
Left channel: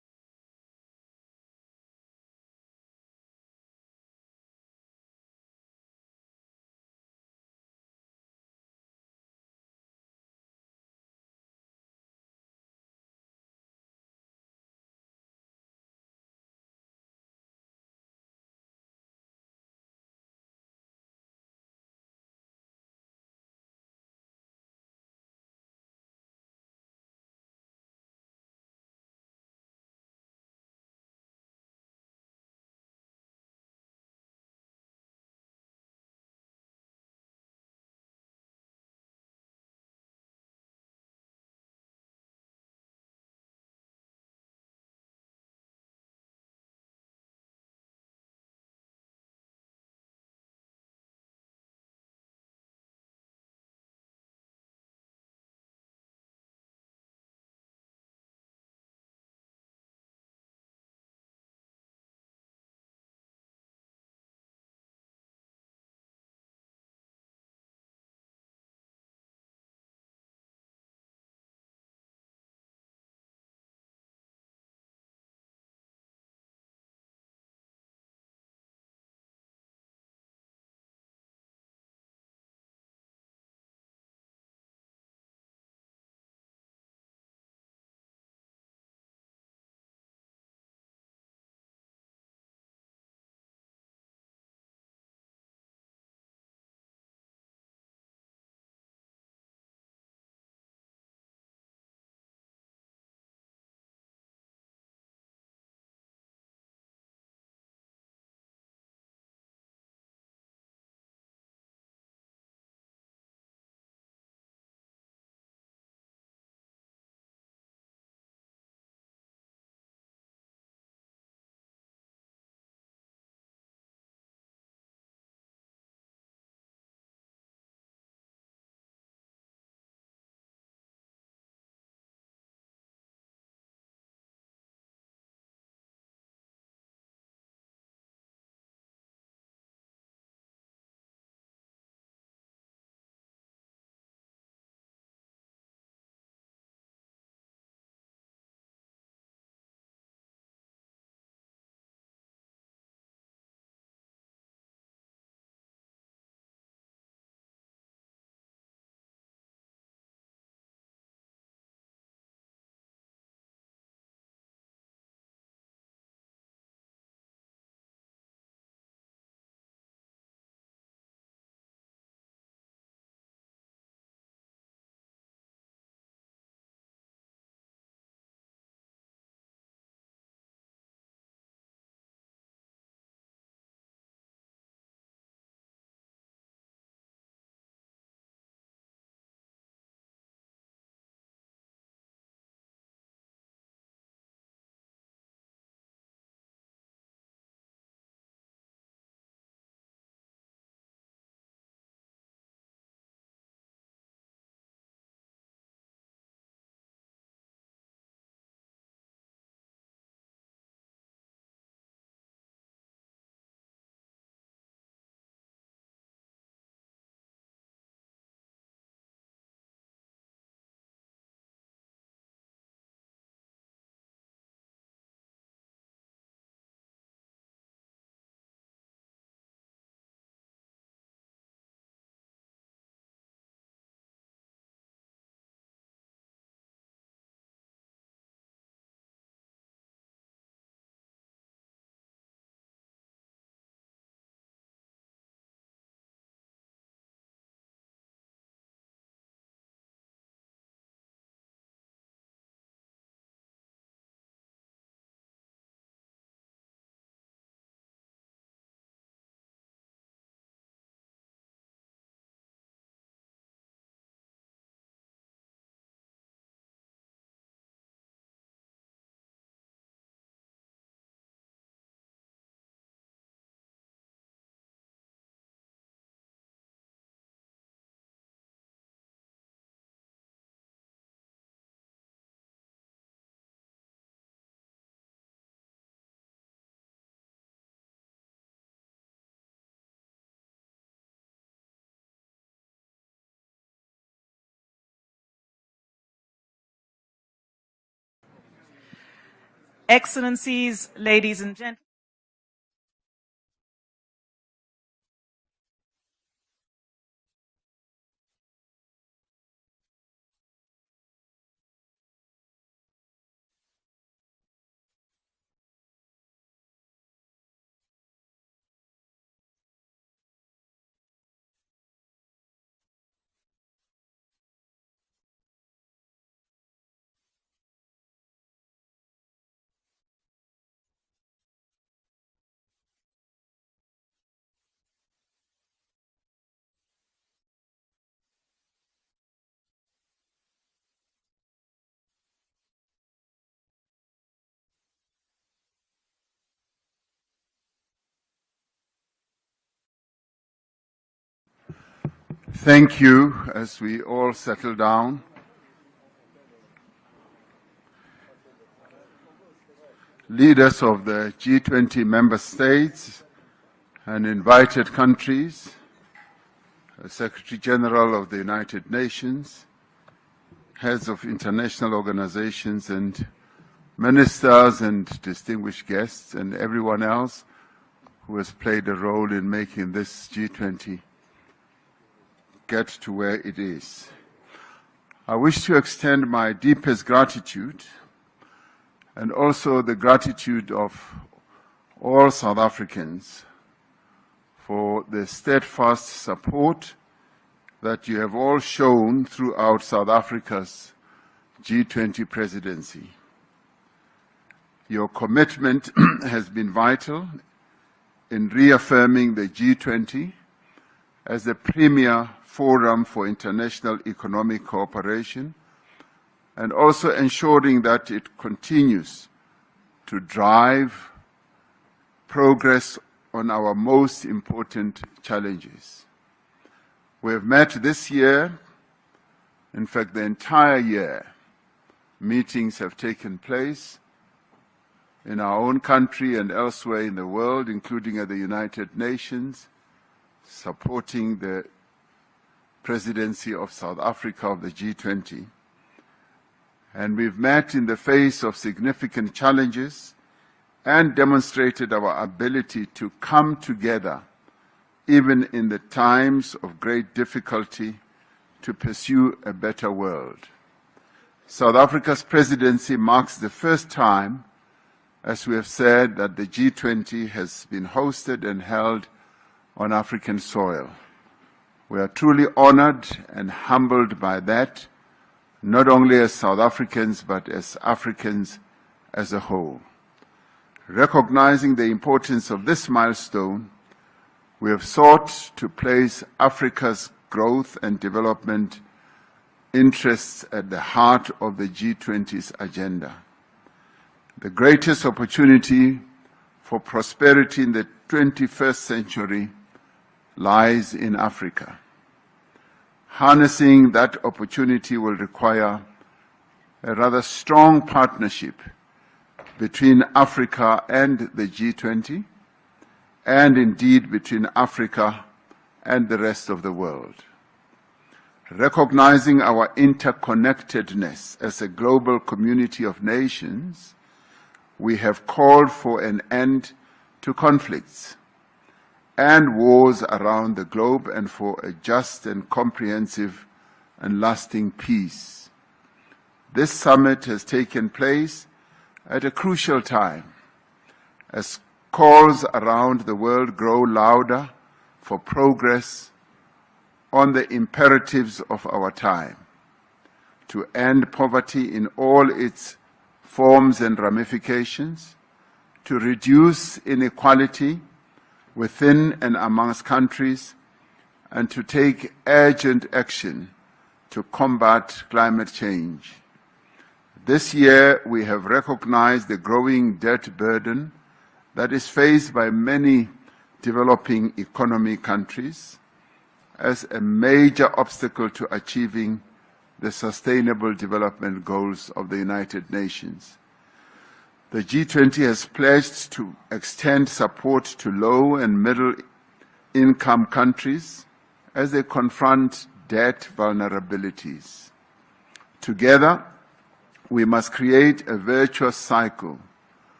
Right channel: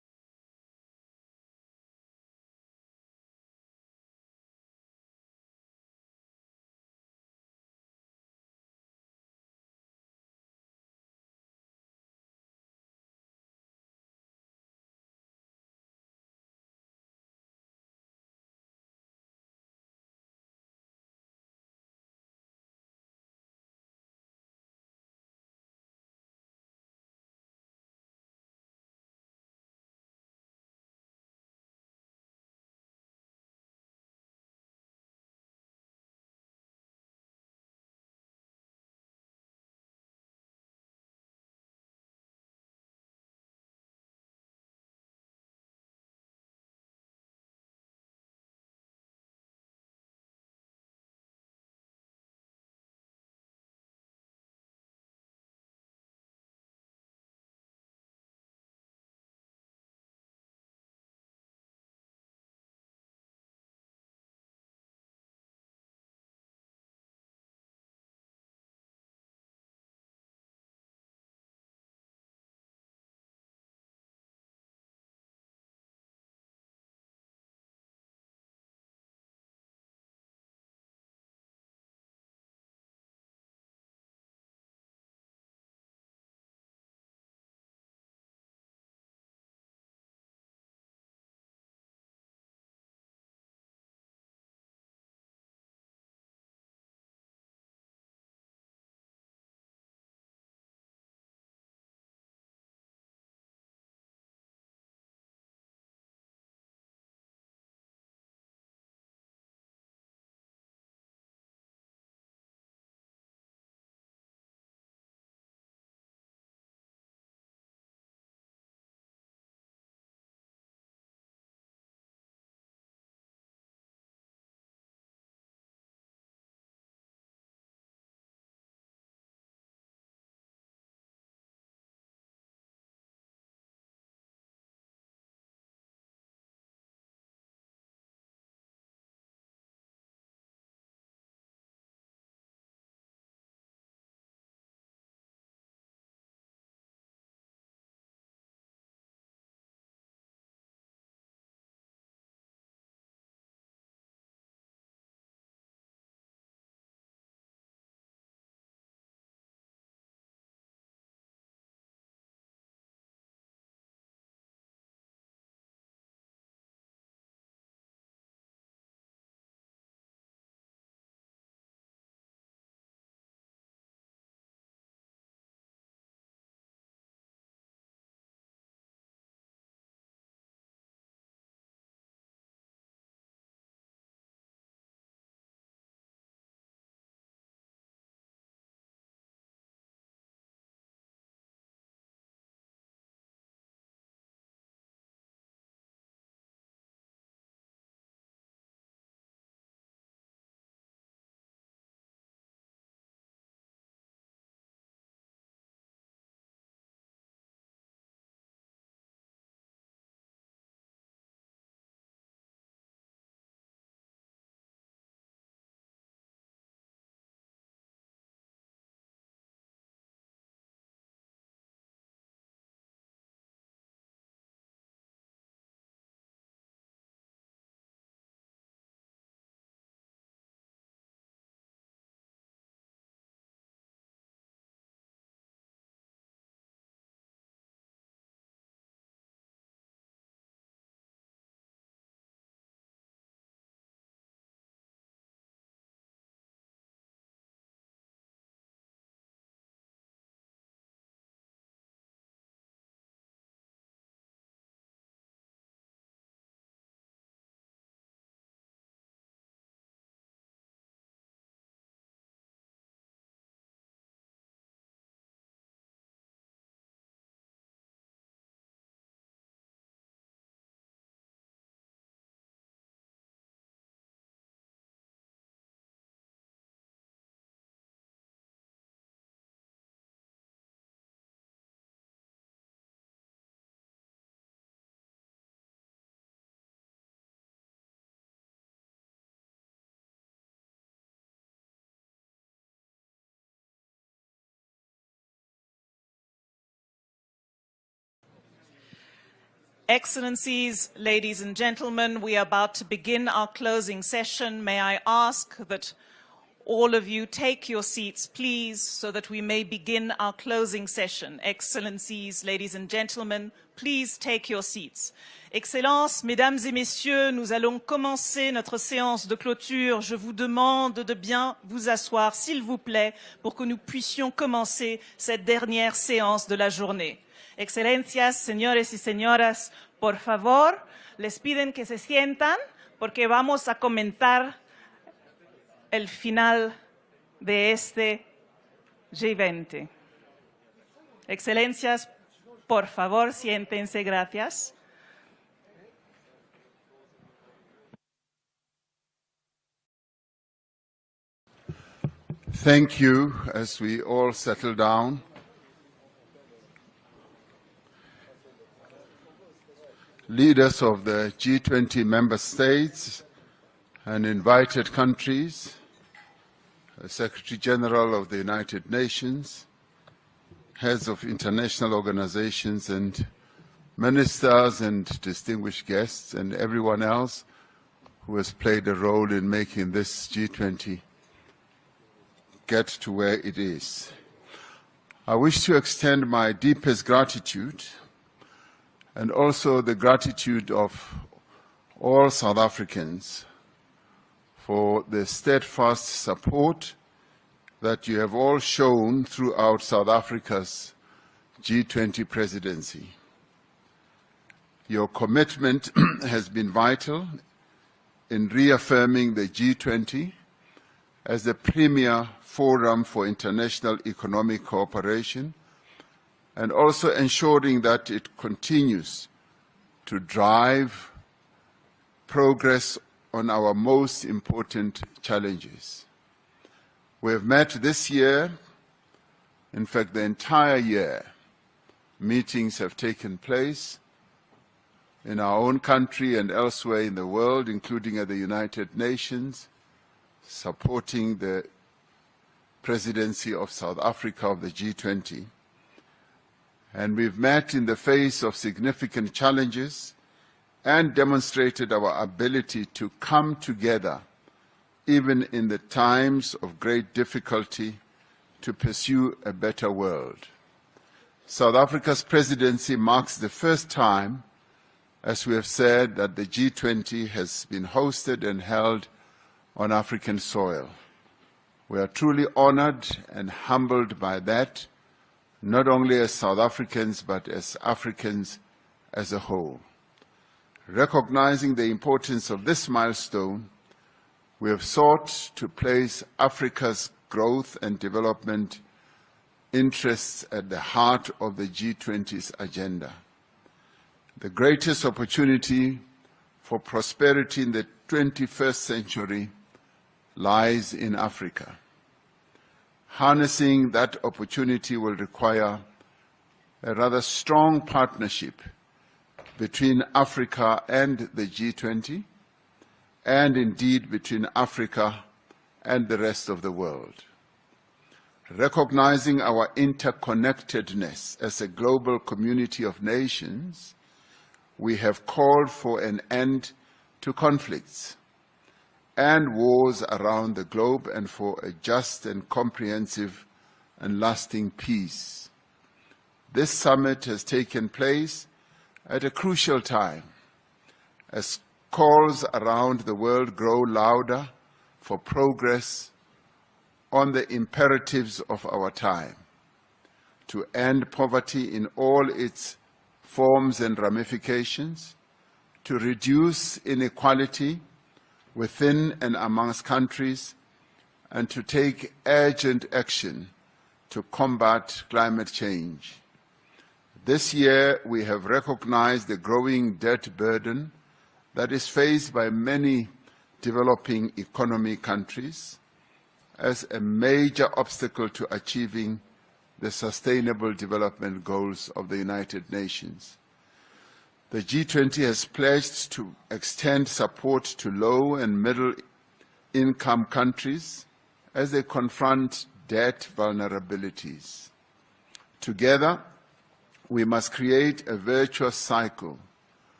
Excellencies, ladies and gentlemen, we are about to begin our closing session. May I ask that all of you take your seats, please, so that we may begin our closing session. Excellencies, ladies and gentlemen, please take your seats. Excellences, mesdames et messieurs, nous allons commencer notre séance de clôture. Je vous demande de bien vous asseoir, s'il vous plaît, pour que nous puissions commencer cette dernière séance de la journée. Excelencias, señores y señoras, por favor, les piden que se sientan porque vamos a comentar el final de este G20. Excelencias, por favor, siéntense, gracias. Thank you. As we all settle down, leaders of the G20 member states and invited countries, Secretary General of the United Nations, heads of international organizations and ministers and distinguished guests, and everyone else who has played a role in making this G20 get to where it is. I wish to extend my deepest gratitude and also the gratitude of all South Africans for the steadfast support that you have all shown throughout South Africa's G20 presidency. Your commitment has been vital in reaffirming the G20 as the premier forum for international economic cooperation and also ensuring that it continues to drive progress on our most important challenges. We have met this year, in fact the entire year, meetings have taken place in our own country and elsewhere in the world, including at the United Nations, supporting the presidency of South Africa of the G20. And we've met in the face of significant challenges and demonstrated our ability to come together, even in the times of great difficulty, to pursue a better world. South Africa's presidency marks the first time, as we have said, that the G20 has been hosted and held on African soil. We are truly honored and humbled by that, not only as South Africans, but as Africans as a whole. Recognizing the importance of this milestone, we have sought to place Africa's growth and development interests at the heart of the G20's agenda. The greatest opportunity for prosperity in the 21st century lies in Africa. Harnessing that opportunity will require a rather strong partnership between Africa and the G20, and indeed between Africa and the rest of the world. Recognizing our interconnectedness as a global community of nations, we have called for an end to conflicts and wars around the globe and for a just and comprehensive and lasting peace. This summit has taken place at a crucial time as calls around the world grow louder for progress on the imperatives of our time, to end poverty in all its forms and ramifications, to reduce inequality within and amongst countries, and to take urgent action to combat climate change. This year, we have recognized the growing debt burden that is faced by many developing economy countries as a major obstacle to achieving the Sustainable Development Goals of the United Nations. The G20 has pledged to extend support to low and middle-income countries as they confront debt vulnerabilities. Together, we must create a virtuous cycle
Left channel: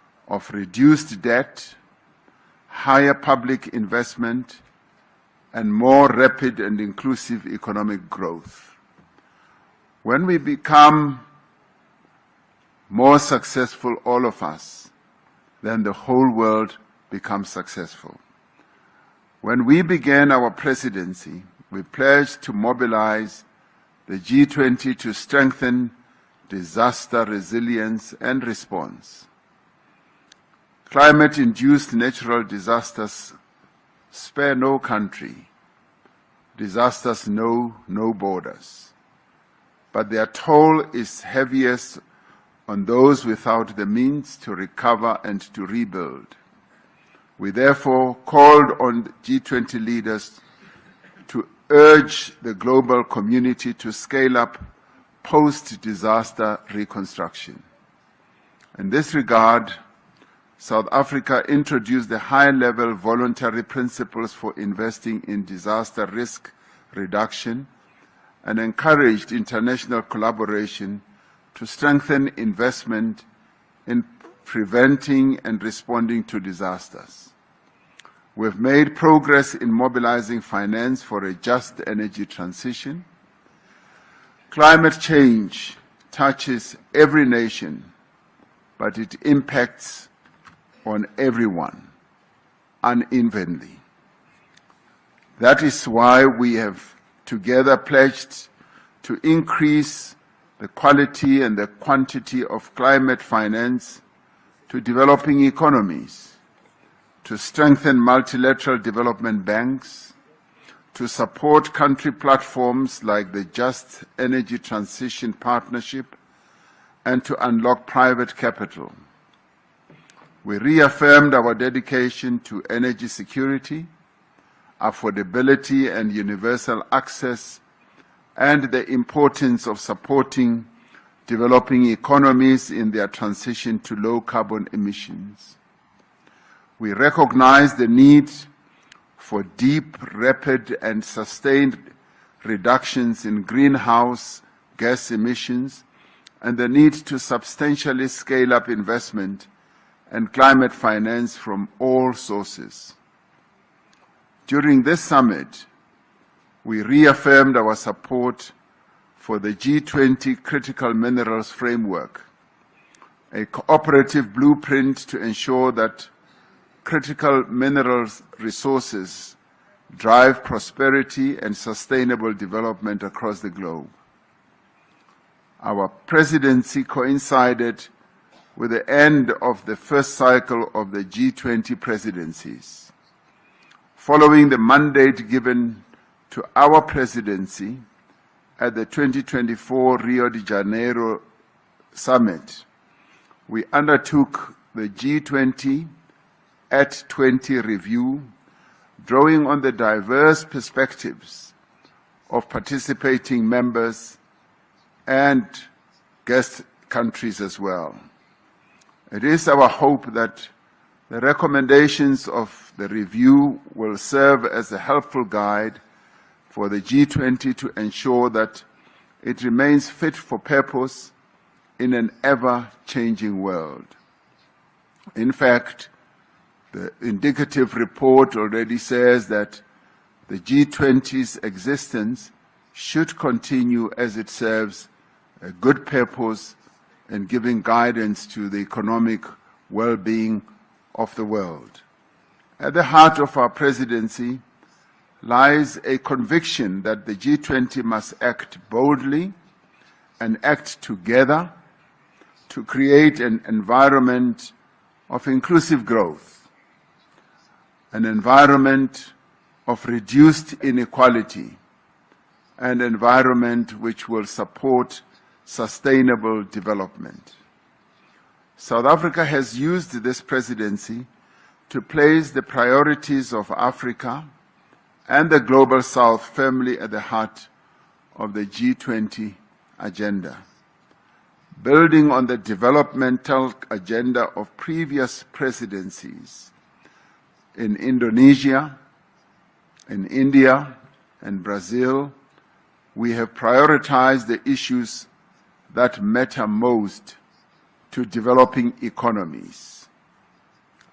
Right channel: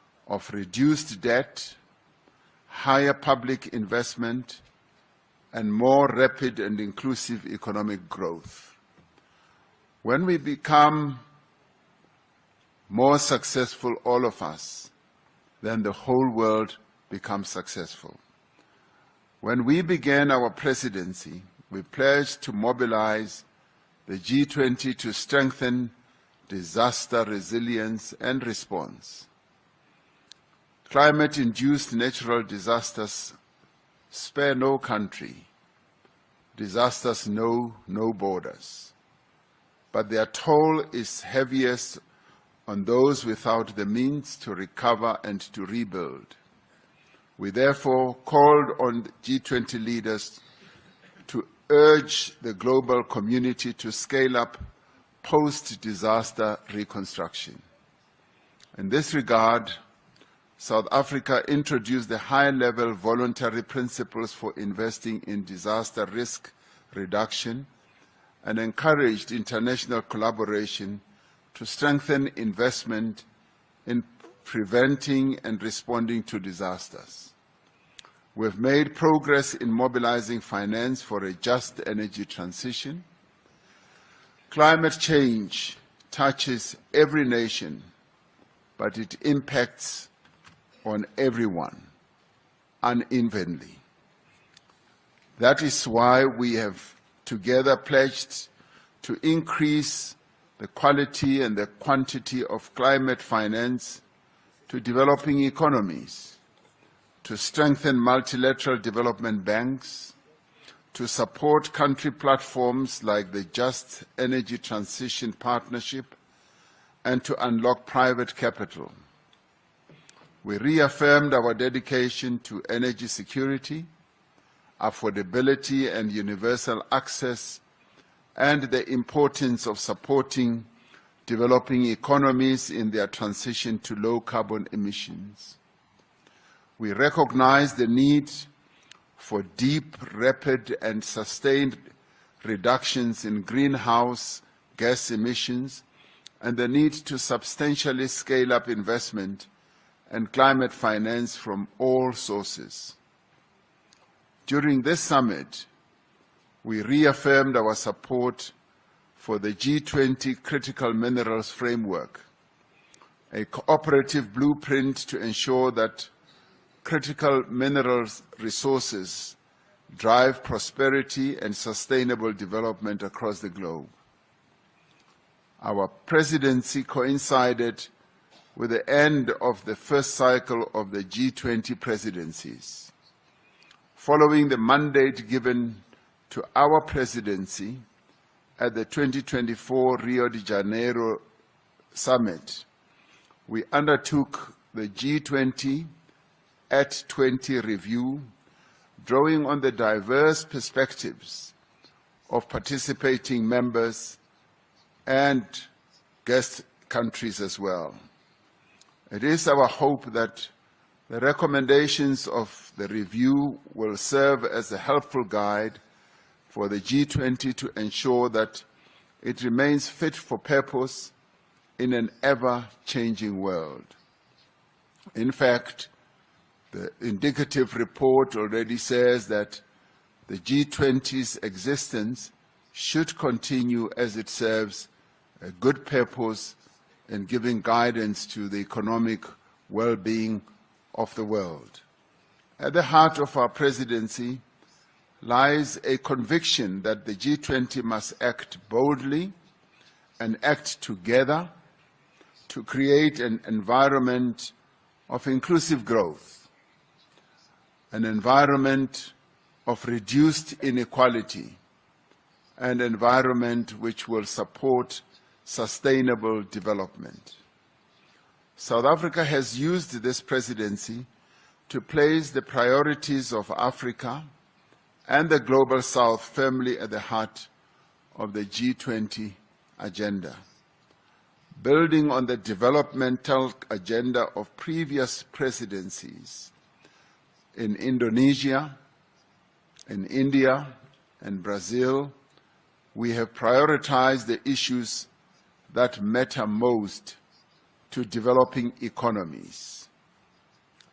of reduced debt, higher public investment, and more rapid and inclusive economic growth. When we become more successful, all of us, then the whole world becomes successful. When we began our presidency, we pledged to mobilize the G20 to strengthen disaster resilience and response. Climate-induced natural disasters spare no country. Disasters know no borders. But their toll is heaviest on those without the means to recover and to rebuild. We therefore called on G20 leaders to urge the global community to scale up post-disaster reconstruction. In this regard, South Africa introduced the high-level voluntary principles for investing in disaster risk reduction and encouraged international collaboration to strengthen investment in preventing and responding to disasters. We've made progress in mobilizing finance for a just energy transition. Climate change touches every nation, but it impacts on everyone unevenly. That is why we have together pledged to increase the quality and the quantity of climate finance to developing economies, to strengthen multilateral development banks, to support country platforms like the Just Energy Transition Partnership, and to unlock private capital. We reaffirmed our dedication to energy security, affordability and universal access, and the importance of supporting developing economies in their transition to low carbon emissions. We recognize the need for deep, rapid, and sustained reductions in greenhouse gas emissions and the need to substantially scale up investment and climate finance from all sources. During this summit, we reaffirmed our support for the G20 Critical Minerals Framework, a cooperative blueprint to ensure that critical minerals resources drive prosperity and sustainable development across the globe. Our presidency coincided with the end of the first cycle of the G20 presidencies. Following the mandate given to our presidency at the 2024 Rio de Janeiro Summit, we undertook the G20 at 20 review, drawing on the diverse perspectives of participating members and guest countries as well. It is our hope that the recommendations of the review will serve as a helpful guide for the G20 to ensure that it remains fit for purpose in an ever-changing world. In fact, the indicative report already says that the G20's existence should continue as it serves a good purpose in giving guidance to the economic well-being of the world. At the heart of our presidency lies a conviction that the G20 must act boldly and act together to create an environment of inclusive growth, an environment of reduced inequality, an environment which will support sustainable development. South Africa has used this presidency to place the priorities of Africa and the Global South firmly at the heart of the G20 agenda. Building on the developmental agenda of previous presidencies in Indonesia, in India, and Brazil, we have prioritized the issues that matter most to developing economies:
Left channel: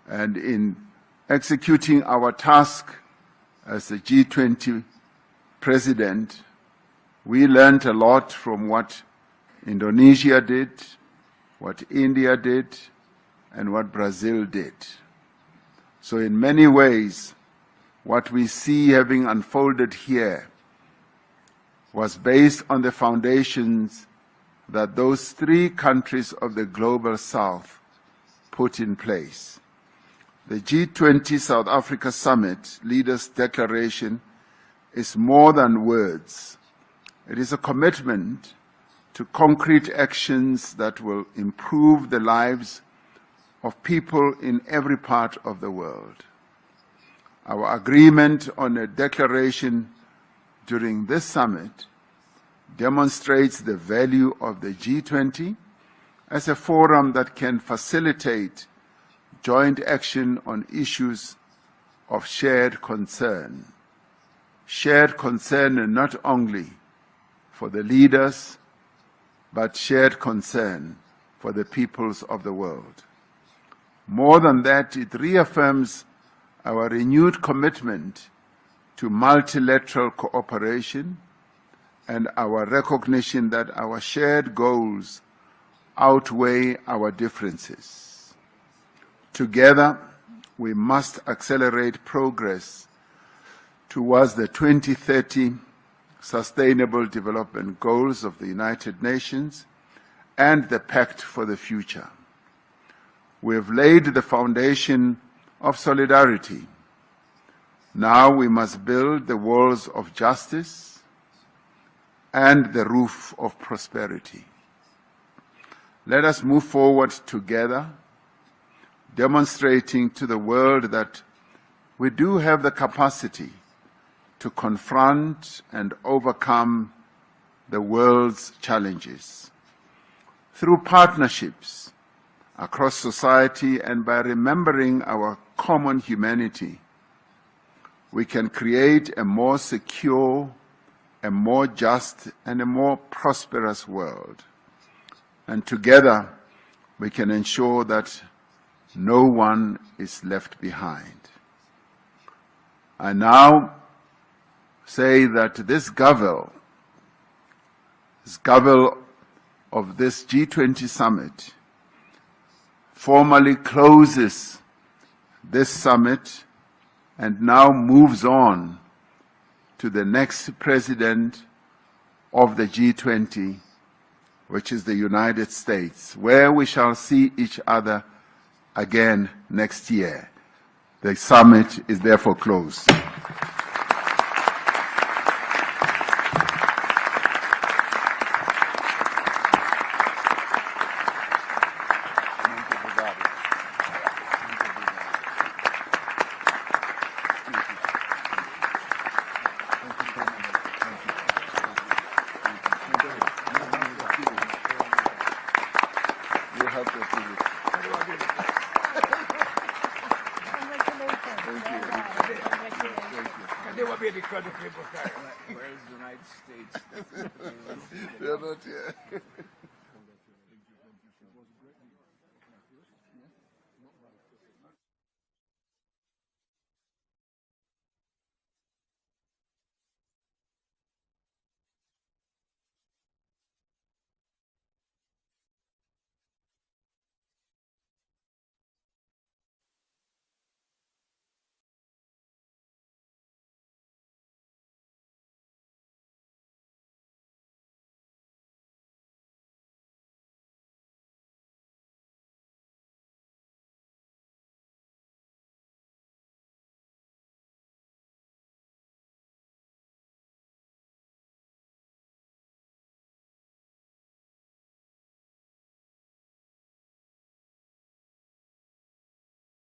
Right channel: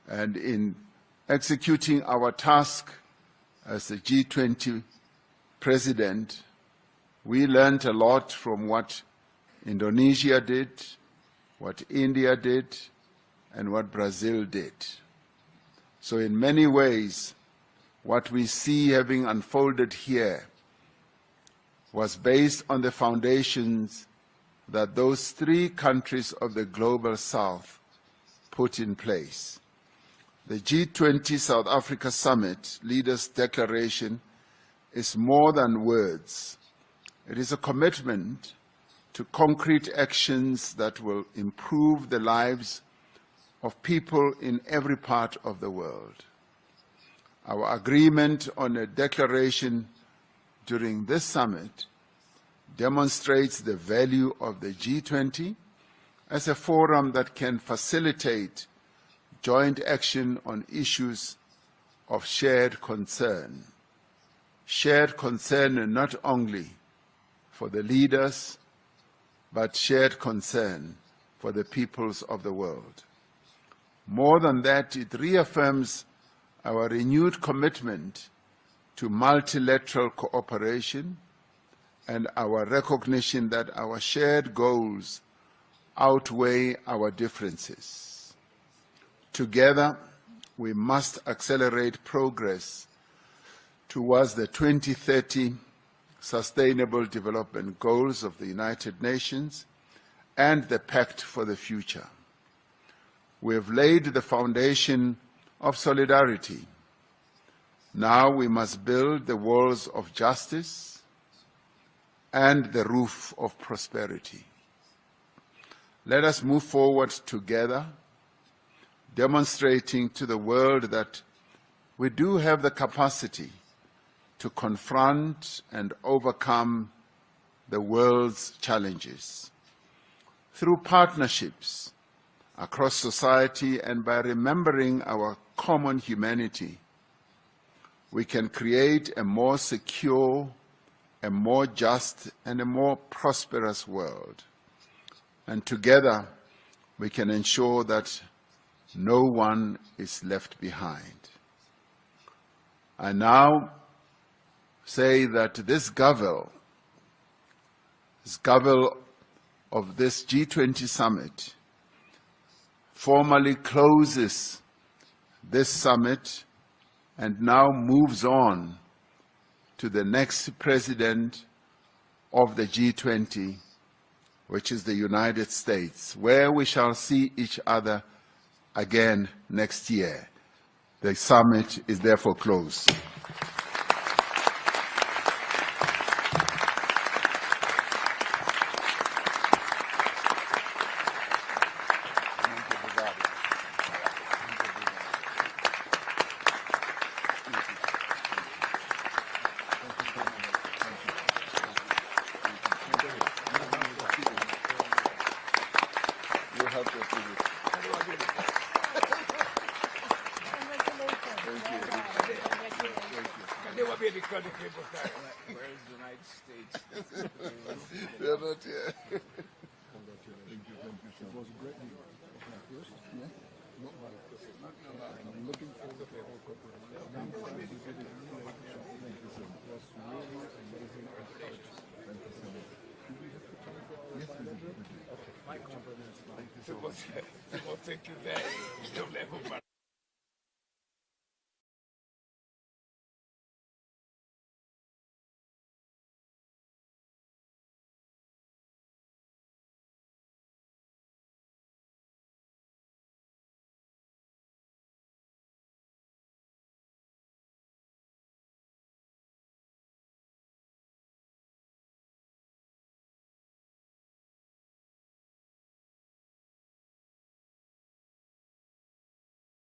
And in executing our task as the G20 president, we learned a lot from what Indonesia did, what India did, and what Brazil did. So in many ways, what we see having unfolded here was based on the foundations that those three countries of the Global South put in place. The G20 South Africa Summit Leaders' Declaration is more than words. It is a commitment to concrete actions that will improve the lives of people in every part of the world. Our agreement on a declaration during this summit demonstrates the value of the G20 as a forum that can facilitate joint action on issues of shared concern. Shared concern not only for the leaders, but shared concern for the peoples of the world. More than that, it reaffirms our renewed commitment to multilateral cooperation and our recognition that our shared goals outweigh our differences. Together, we must accelerate progress towards the 2030 Sustainable Development Goals of the United Nations and the Pact for the Future. We have laid the foundation of solidarity. Now we must build the walls of justice and the roof of prosperity. Let us move forward together, demonstrating to the world that we do have the capacity to confront and overcome the world's challenges. Through partnerships across society and by remembering our common humanity, we can create a more secure, a more just, and a more prosperous world. And together, we can ensure that no one is left behind. I now say that this Gavel of this G20 summit formally closes this summit and now moves on to the next president of the G20, which is the United States, where we shall see each other again next year. The summit is therefore closed. They will be because of people carry. Where is the United States? They're not here. People think that you'll never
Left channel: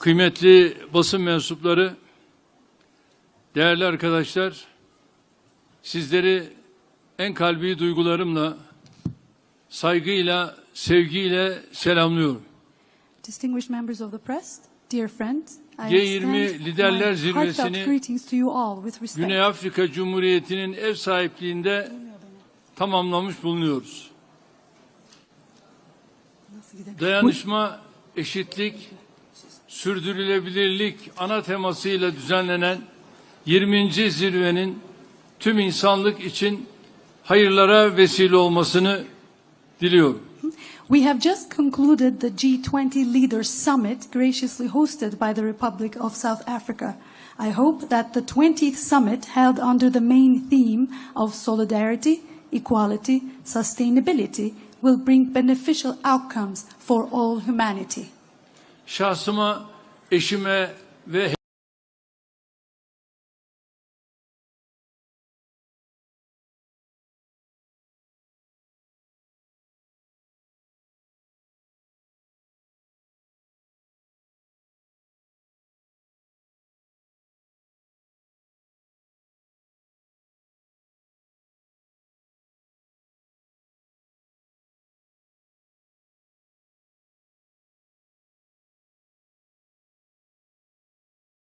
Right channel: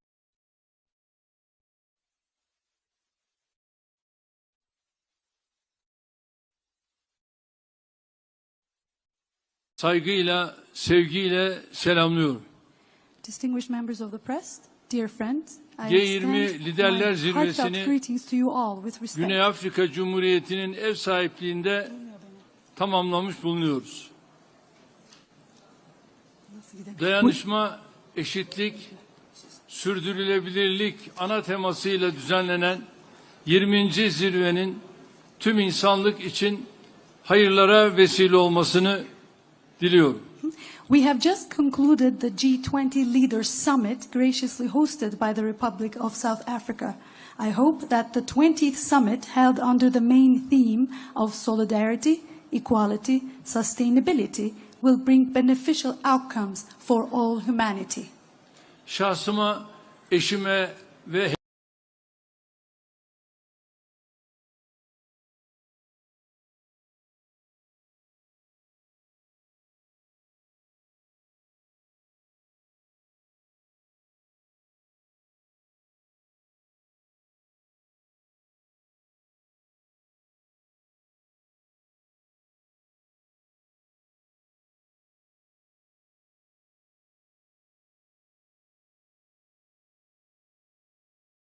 kıymetli basın mensupları, değerli arkadaşlar, sizleri en kalbi duygularımla, saygıyla, sevgiyle selamlıyorum. Distinguished members of the press, dear friends, I G20 extend Liderler my Zirvesi'ni heartfelt greetings to you all with respect. Güney Afrika Cumhuriyeti'nin ev sahipliğinde tamamlamış bulunuyoruz. Dayanışma, eşitlik, sürdürülebilirlik ana temasıyla düzenlenen 20. zirvenin tüm insanlık için hayırlara vesile olmasını diliyorum. We have just concluded the G20 Leaders Summit graciously hosted by the Republic of South Africa. I hope that the 20th summit held under the main theme of solidarity, equality, sustainability will bring beneficial outcomes for all humanity. Şahsıma, eşime ve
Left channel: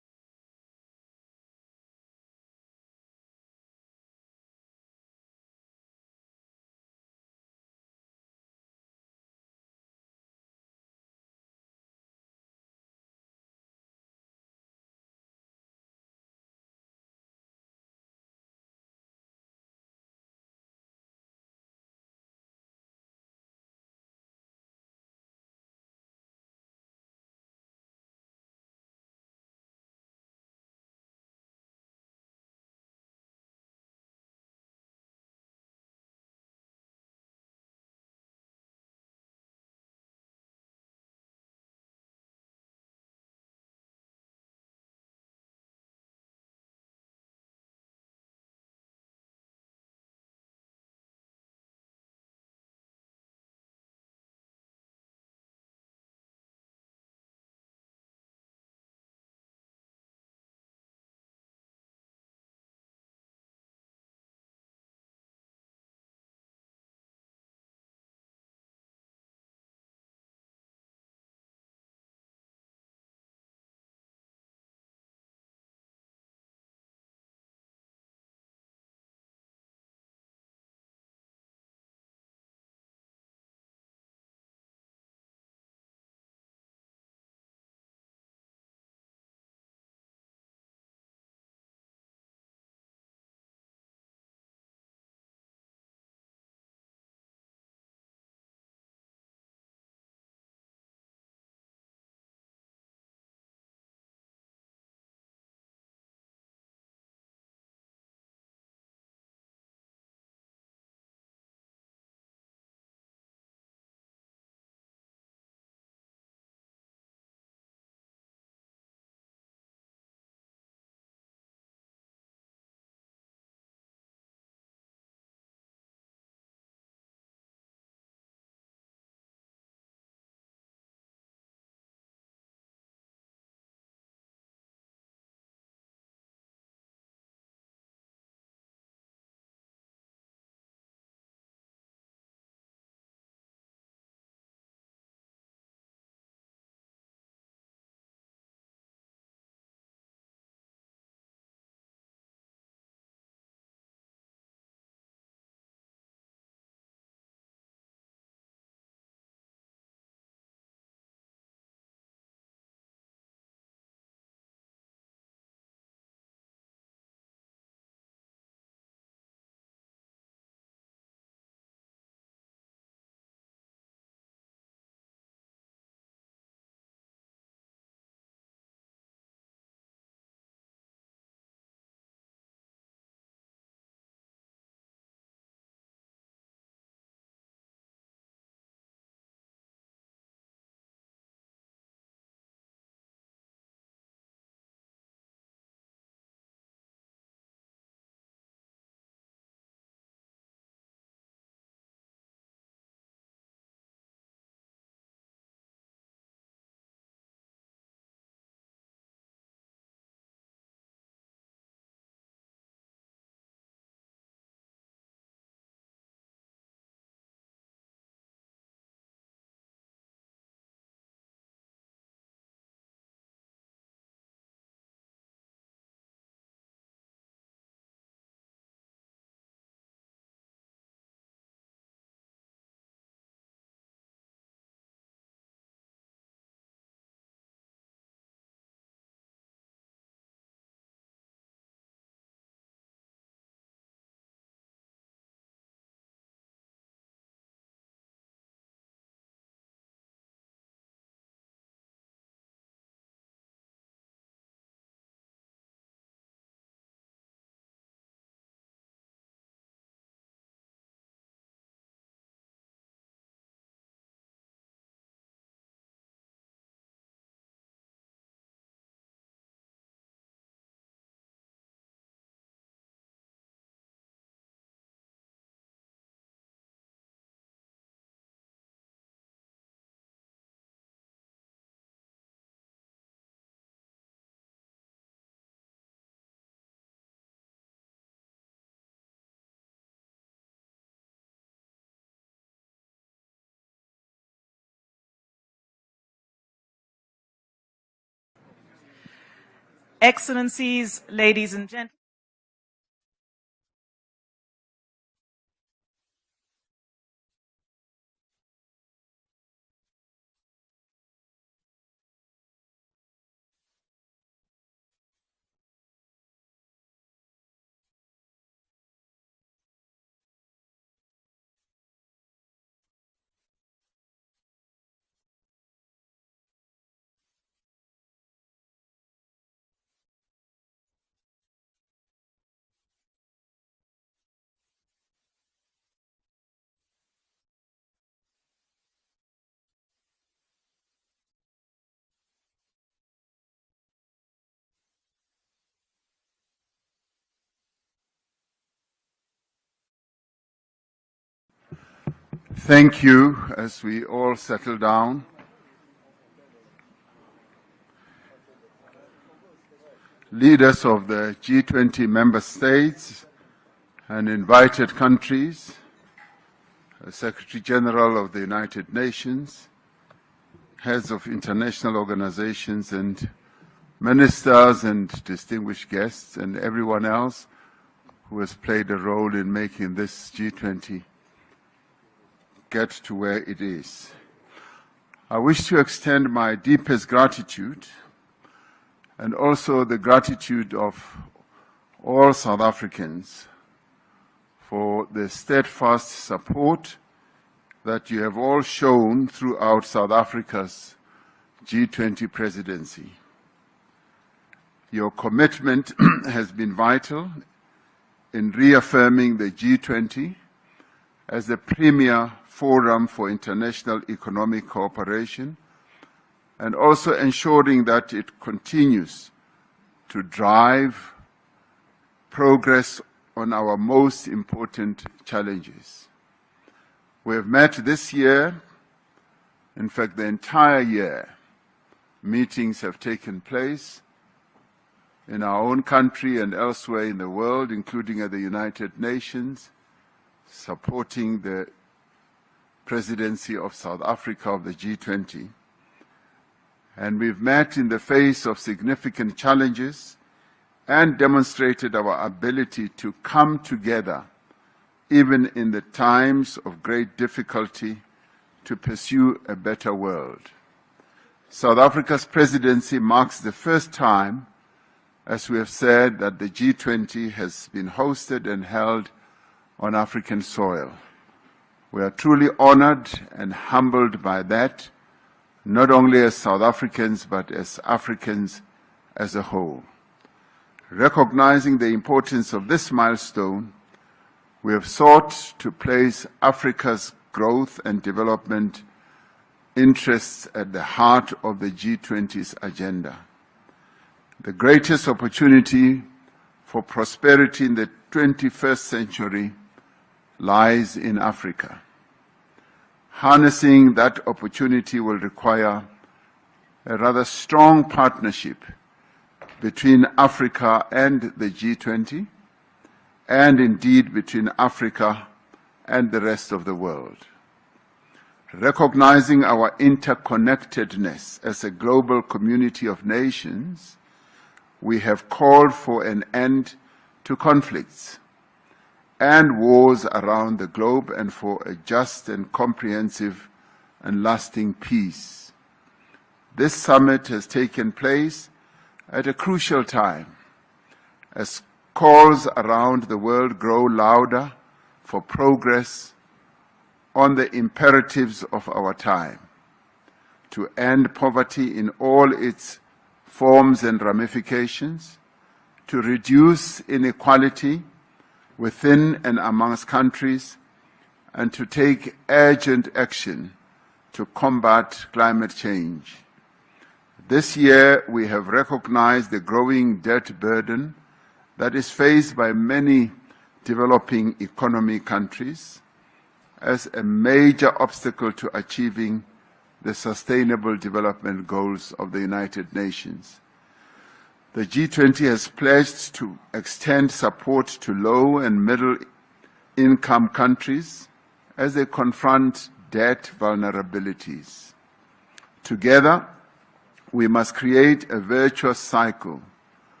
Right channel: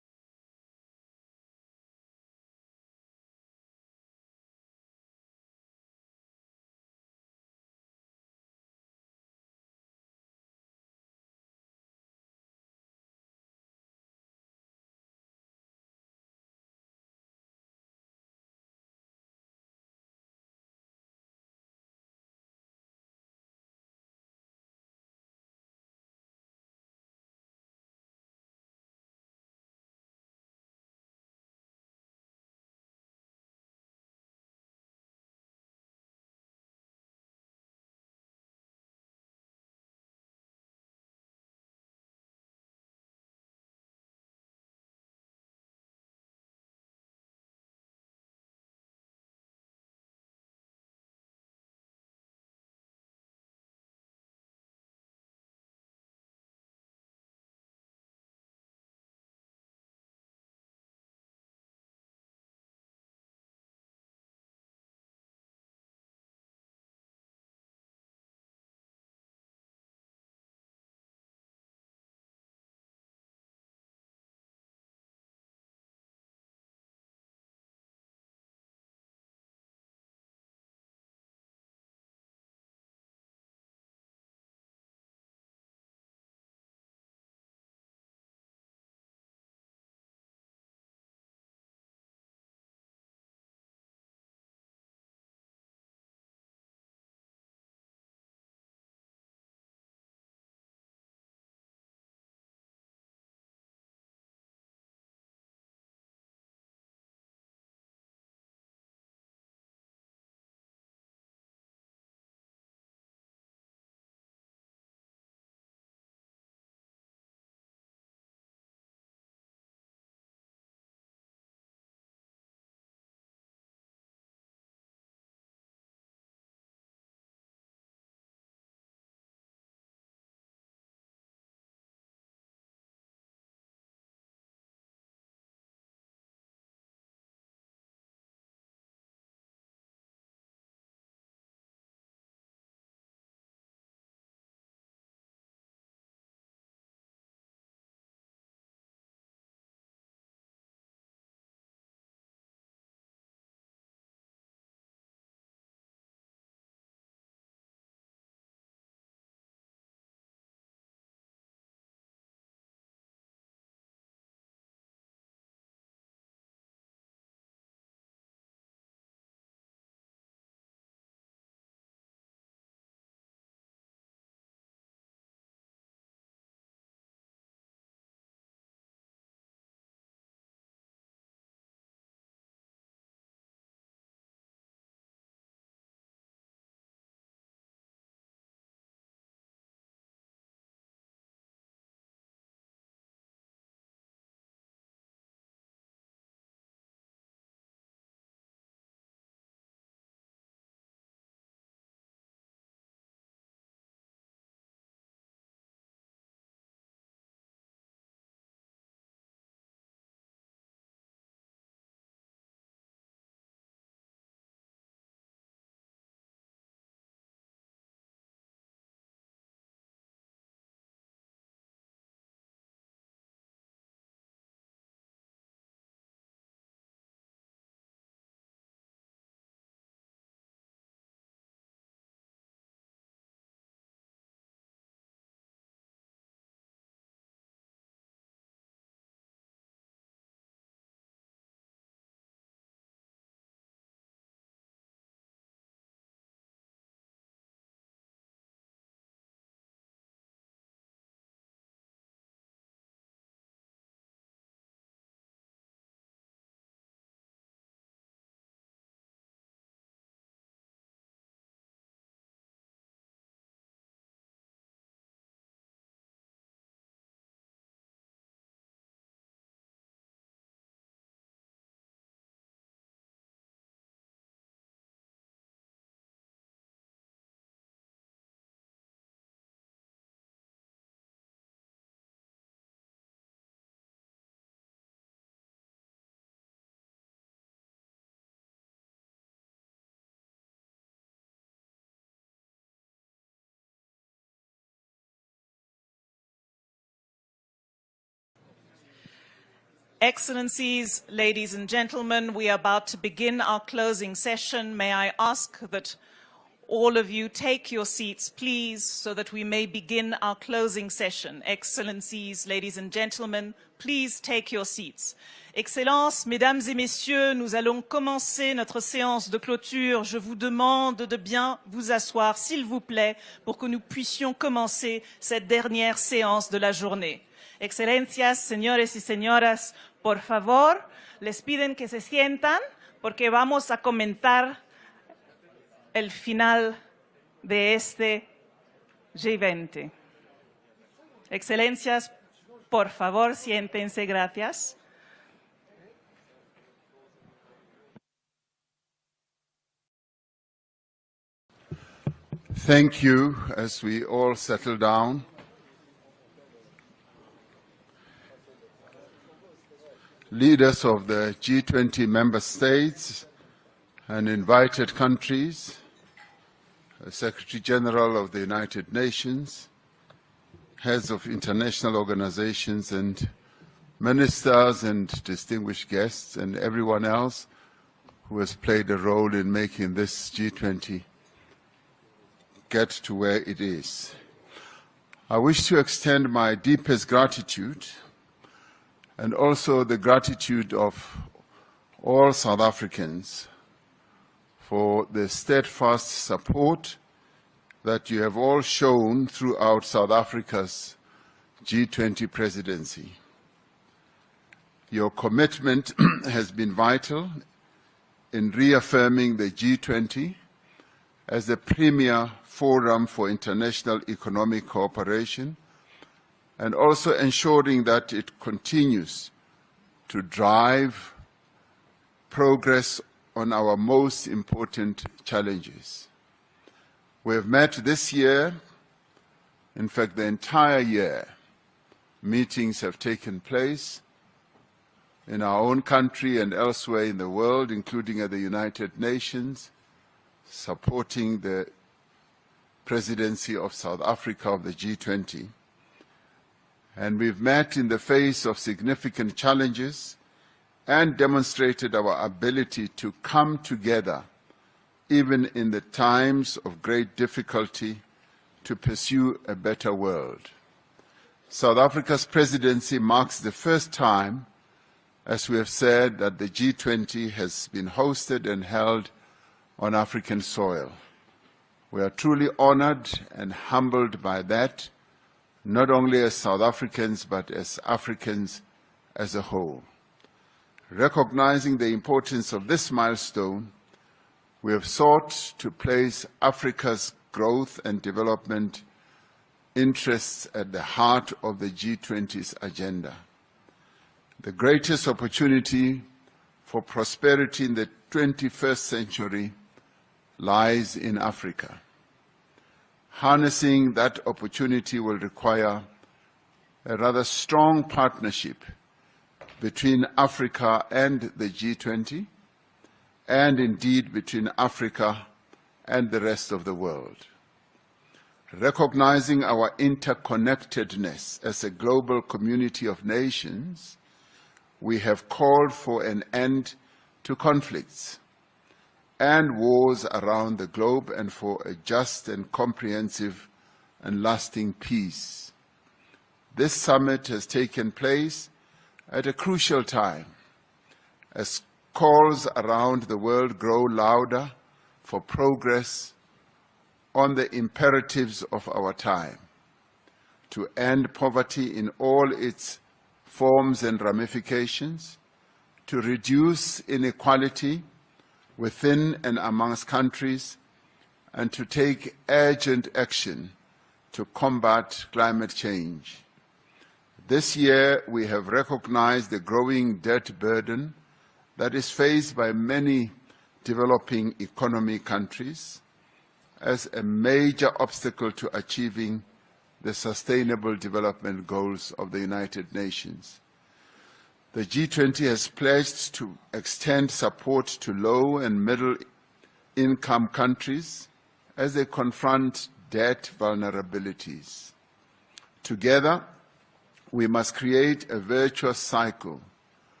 Excellencies, ladies and gentlemen, we are about to begin our closing session. May I ask that all of you take your seats, please, so that we may begin our closing session. Excellencies, ladies and gentlemen, please take your seats. Excellences, Mesdames et Messieurs, nous allons commencer notre séance de clôture. Je vous demande de bien vous asseoir, s'il vous plaît, pour que nous puissions commencer cette dernière séance de la journée. Excelencias, señores y señoras, por favor, les piden que se sientan porque vamos a comentar el final de este G20. Excelencias, por favor, siéntense, gracias. Thank you. As we all settle down, leaders of the G20 member states and invited countries, the Secretary General of the United Nations, heads of international organizations and ministers and distinguished guests, and everyone else who has played a role in making this G20 get to where it is. I wish to extend my deepest gratitude and also the gratitude of all South Africans for the steadfast support that you have all shown throughout South Africa's G20 presidency. Your commitment has been vital in reaffirming the G20 as the premier forum for international economic cooperation, and also ensuring that it continues to drive progress on our most important challenges. We have met this year, in fact the entire year, meetings have taken place in our own country and elsewhere in the world, including at the United Nations, supporting the presidency of South Africa of the G20. And we've met in the face of significant challenges and demonstrated our ability to come together, even in the times of great difficulty, to pursue a better world. South Africa's presidency marks the first time, as we have said, that the G20 has been hosted and held on African soil. We are truly honored and humbled by that, not only as South Africans, but as Africans as a whole. Recognizing the importance of this milestone, we have sought to place Africa's growth and development interests at the heart of the G20's agenda. The greatest opportunity for prosperity in the 21st century lies in Africa. Harnessing that opportunity will require a rather strong partnership between Africa and the G20, and indeed between Africa and the rest of the world. Recognizing our interconnectedness as a global community of nations, we have called for an end to conflicts and wars around the globe, and for a just and comprehensive and lasting peace. This summit has taken place at a crucial time, as calls around the world grow louder for progress on the imperatives of our time, to end poverty in all its forms and ramifications, to reduce inequality within and amongst countries, and to take urgent action to combat climate change. This year, we have recognized the growing debt burden that is faced by many developing economy countries as a major obstacle to achieving the Sustainable Development Goals of the United Nations. The G20 has pledged to extend support to low and middle-income countries as they confront debt vulnerabilities. Together, we must create a virtuous cycle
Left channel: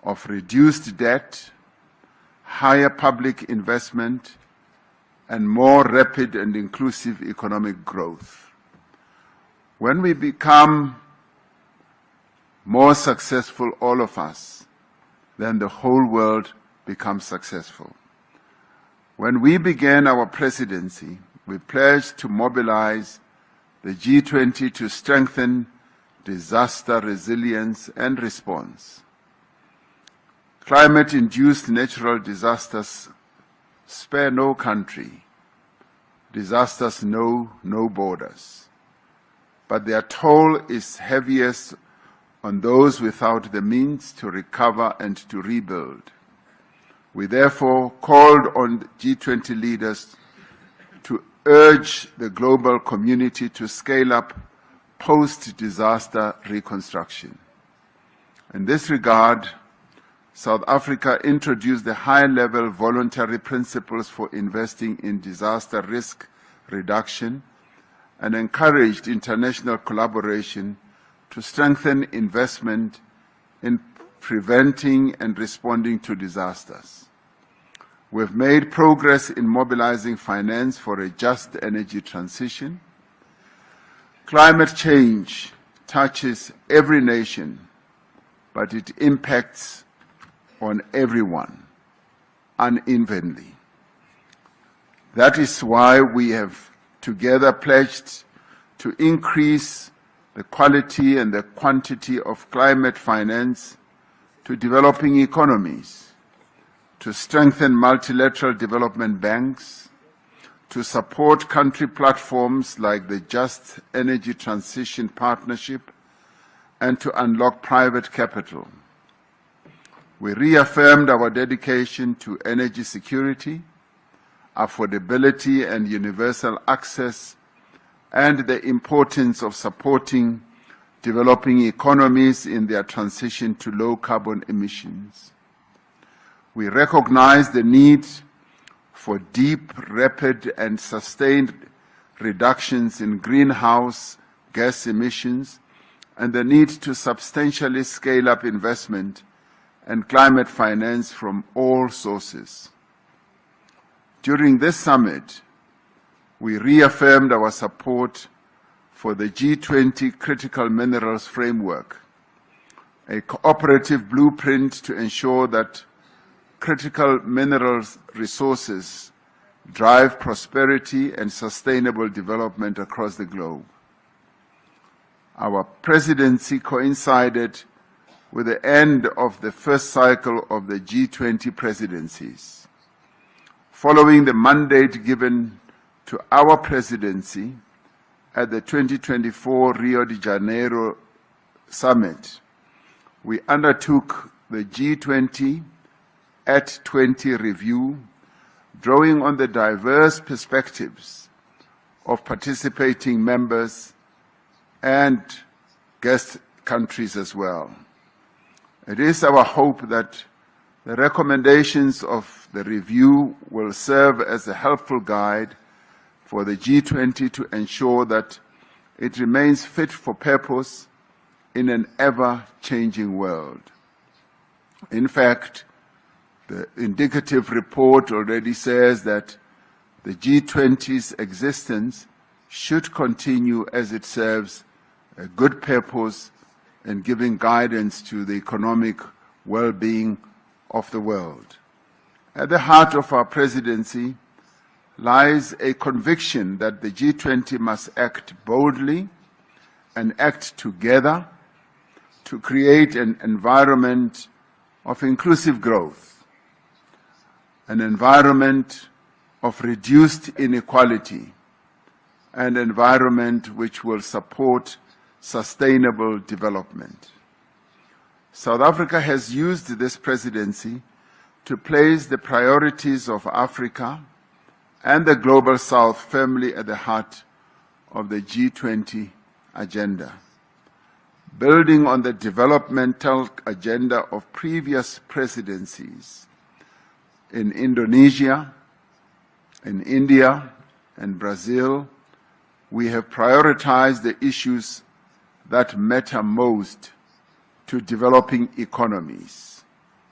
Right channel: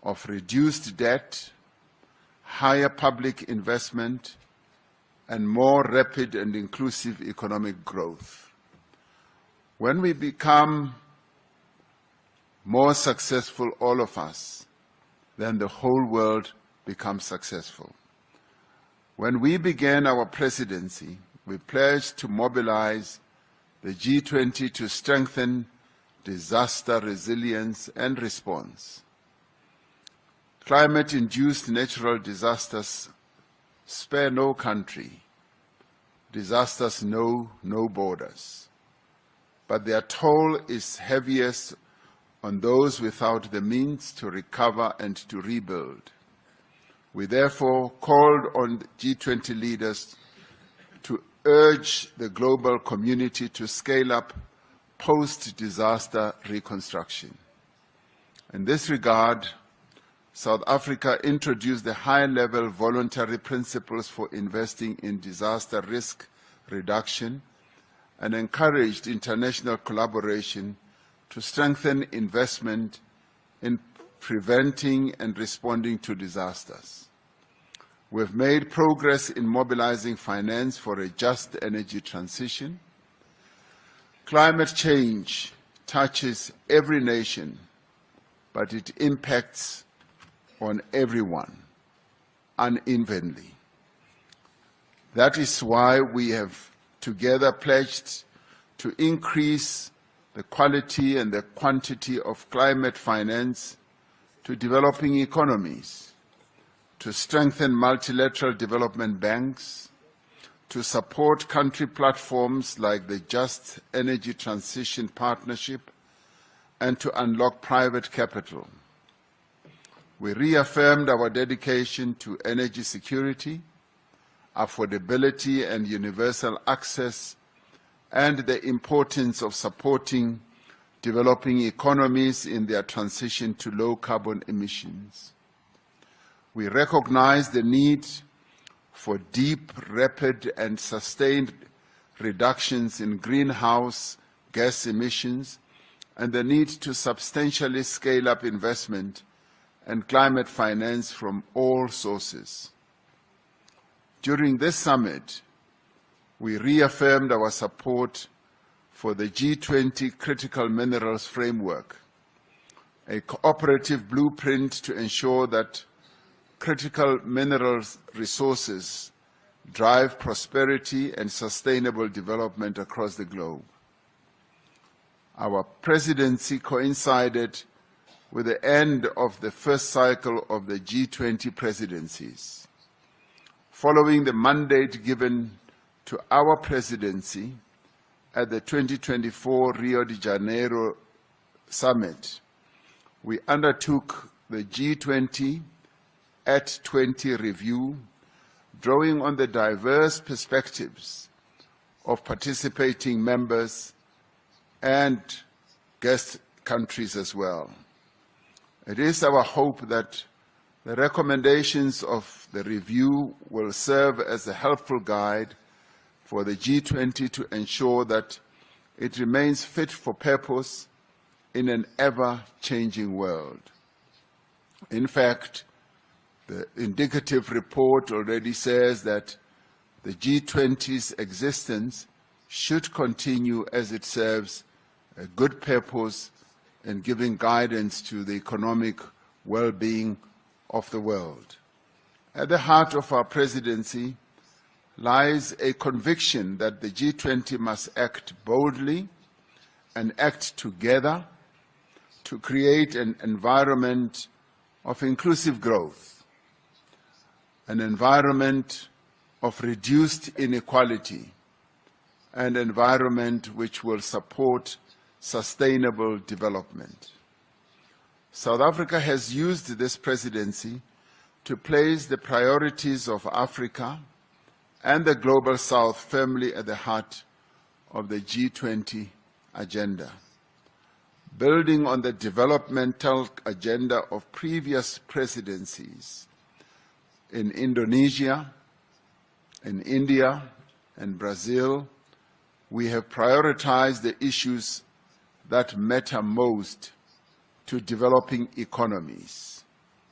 of reduced debt, higher public investment, and more rapid and inclusive economic growth. When we become more successful, all of us, then the whole world becomes successful. When we began our presidency, we pledged to mobilize the G20 to strengthen disaster resilience and response. Climate-induced natural disasters spare no country. Disasters know no borders. But their toll is heaviest on those without the means to recover and to rebuild. We therefore called on G20 leaders to urge the global community to scale up post-disaster reconstruction. In this regard, South Africa introduced the high-level voluntary principles for investing in disaster risk reduction and encouraged international collaboration to strengthen investment in preventing and responding to disasters. We've made progress in mobilizing finance for a just energy transition. Climate change touches every nation, but it impacts on everyone unevenly. That is why we have together pledged to increase the quality and the quantity of climate finance to developing economies, to strengthen multilateral development banks, to support country platforms like the Just Energy Transition Partnership, and to unlock private capital. We reaffirmed our dedication to energy security, affordability and universal access, and the importance of supporting developing economies in their transition to low carbon emissions. We recognize the need for deep, rapid, and sustained reductions in greenhouse gas emissions and the need to substantially scale up investment and climate finance from all sources. During this summit, we reaffirmed our support for the G20 Critical Minerals Framework, a cooperative blueprint to ensure that critical minerals resources drive prosperity and sustainable development across the globe. Our presidency coincided with the end of the first cycle of the G20 presidencies. Following the mandate given to our presidency at the 2024 Rio de Janeiro Summit, we undertook the G20 at 20 review, drawing on the diverse perspectives of participating members and guest countries as well. It is our hope that the recommendations of the review will serve as a helpful guide for the G20 to ensure that it remains fit for purpose in an ever-changing world. In fact, the indicative report already says that the G20's existence should continue as it serves a good purpose in giving guidance to the economic well-being of the world. At the heart of our presidency lies a conviction that the G20 must act boldly and act together to create an environment of inclusive growth, an environment of reduced inequality, an environment which will support sustainable development. South Africa has used this presidency to place the priorities of Africa and the Global South firmly at the heart of the G20 agenda. Building on the developmental agenda of previous presidencies in Indonesia, in India, and Brazil, we have prioritized the issues that matter most to developing economies:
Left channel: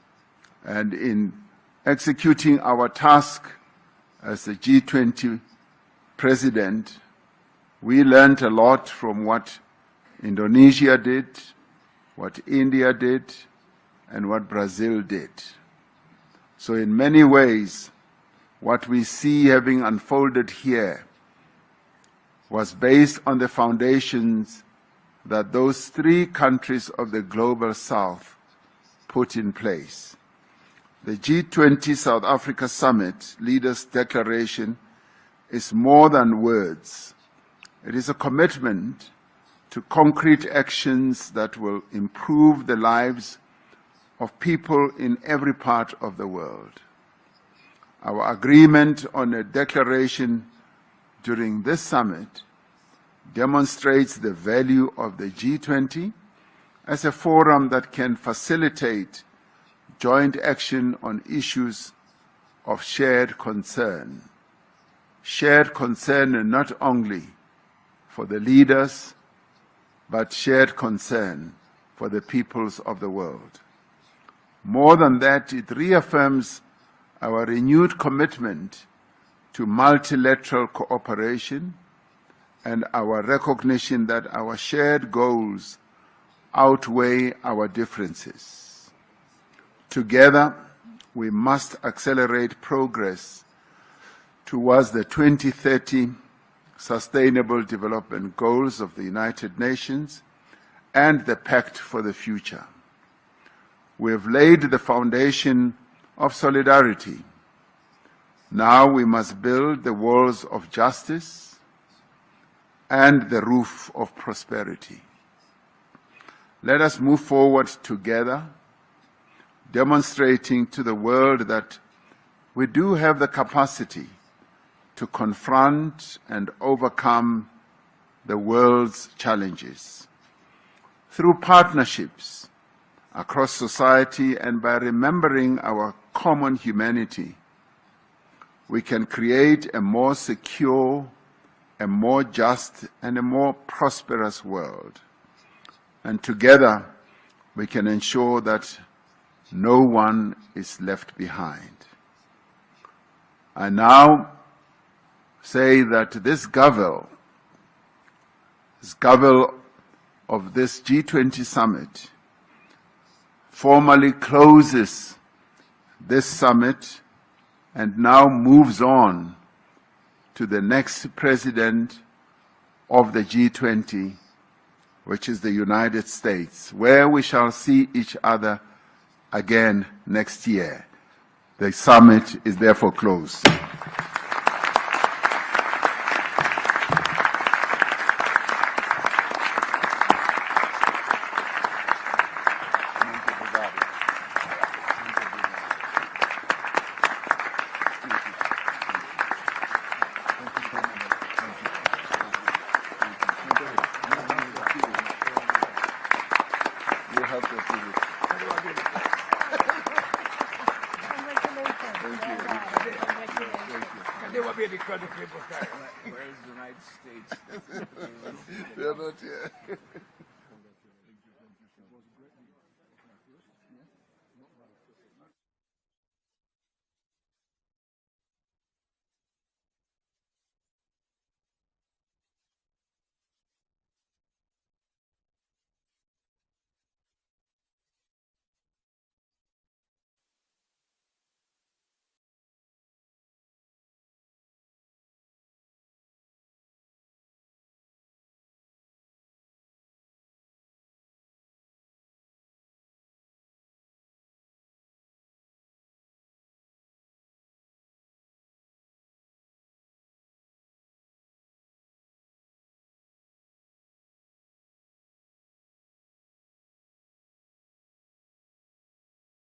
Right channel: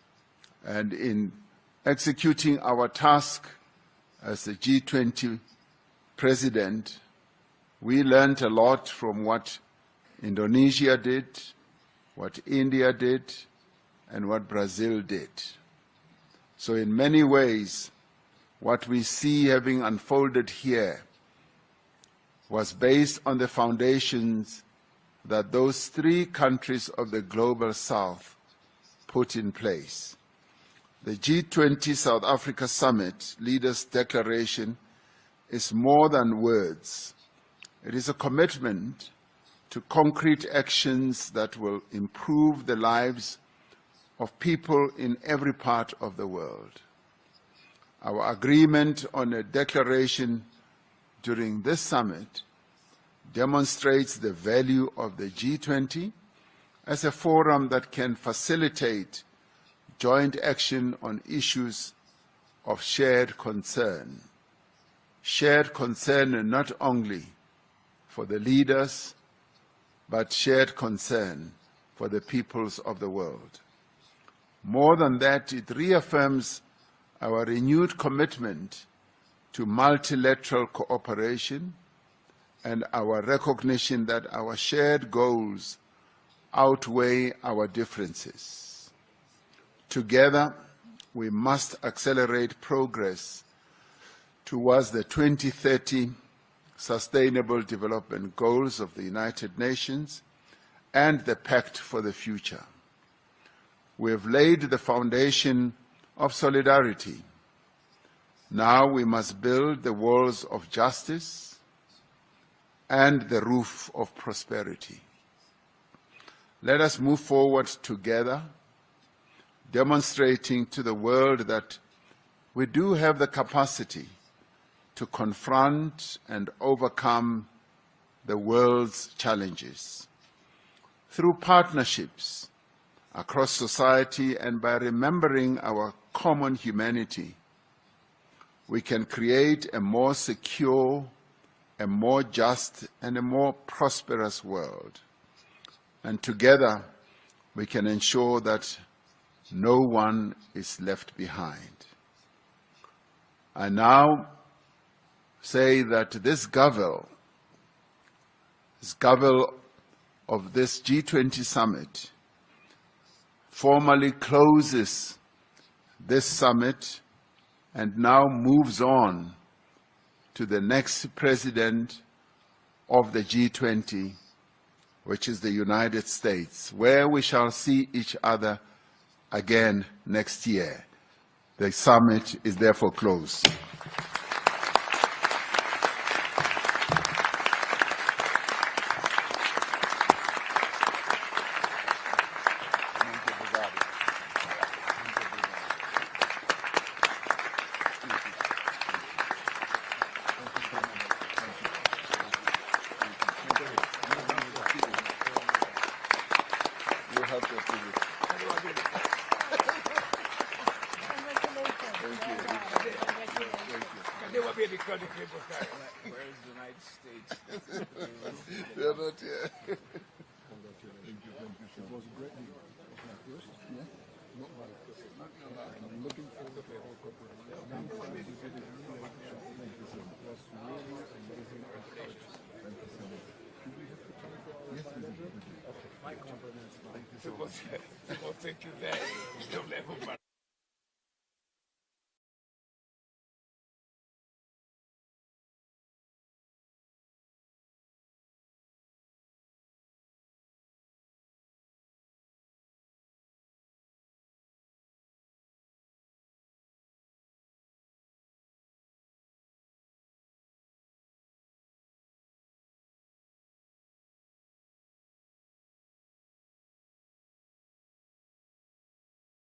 And in executing our task as the G20 president, we learned a lot from what Indonesia did, what India did, and what Brazil did. So in many ways, what we see having unfolded here was based on the foundations that those three countries of the Global South put in place. The G20 South Africa Summit Leaders' Declaration is more than words. It is a commitment to concrete actions that will improve the lives of people in every part of the world. Our agreement on a declaration during this summit demonstrates the value of the G20 as a forum that can facilitate joint action on issues of shared concern. Shared concern not only for the leaders, but shared concern for the peoples of the world. More than that, it reaffirms our renewed commitment to multilateral cooperation and our recognition that our shared goals outweigh our differences. Together, we must accelerate progress towards the 2030 Sustainable Development Goals of the United Nations and the Pact for the Future. We have laid the foundation of solidarity. Now we must build the walls of justice and the roof of prosperity. Let us move forward together, demonstrating to the world that we do have the capacity to confront and overcome the world's challenges. Through partnerships across society and by remembering our common humanity, we can create a more secure, a more just, and a more prosperous world. And together, we can ensure that no one is left behind. I now say that this Gavel of this G20 summit formally closes this summit and now moves on to the next president of the G20, which is the United States, where we shall see each other again next year. The summit is therefore closed. They will be the crowd of people carrying it. Where is the United States? They're not here. People think you there. Don't let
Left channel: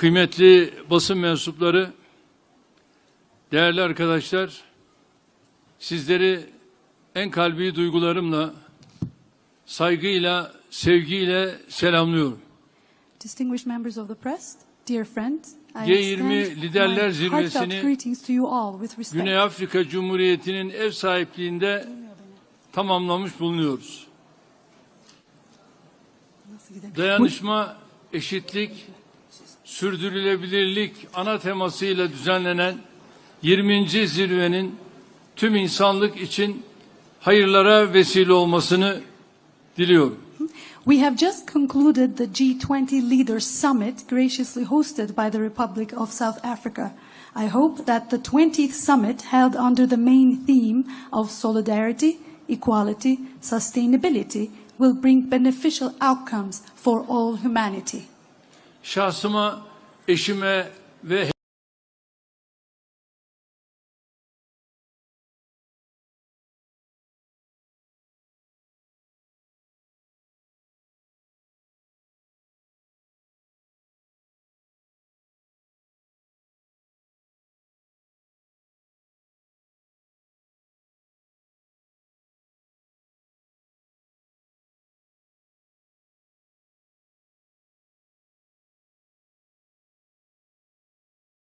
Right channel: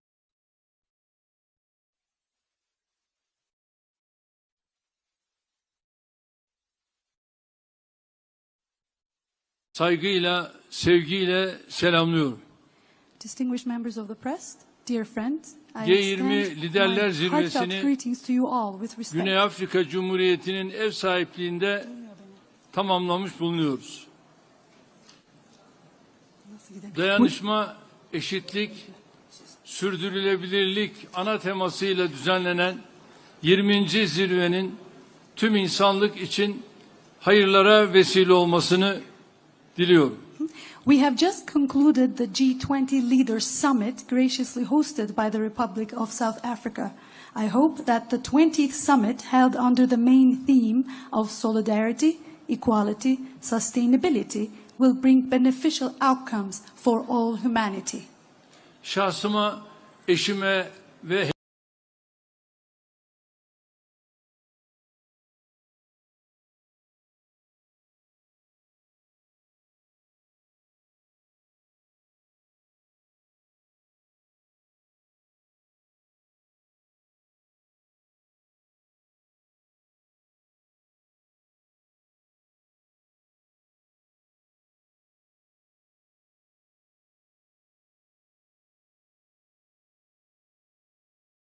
kıymetli basın mensupları, değerli arkadaşlar, sizleri en kalbi duygularımla, saygıyla, sevgiyle selamlıyorum. Distinguished members of the press, dear friends, I G20 extend Liderler my Zirvesi'ni heartfelt greetings to you all with respect. Güney Afrika Cumhuriyeti'nin ev sahipliğinde tamamlamış bulunuyoruz. Dayanışma, eşitlik, sürdürülebilirlik ana temasıyla düzenlenen 20. zirvenin tüm insanlık için hayırlara vesile olmasını diliyorum. We have just concluded the G20 Leaders Summit, graciously hosted by the Republic of South Africa. I hope that the 20th summit, held under the main theme of solidarity, equality, sustainability, will bring beneficial outcomes for all humanity. Şahsıma, eşime ve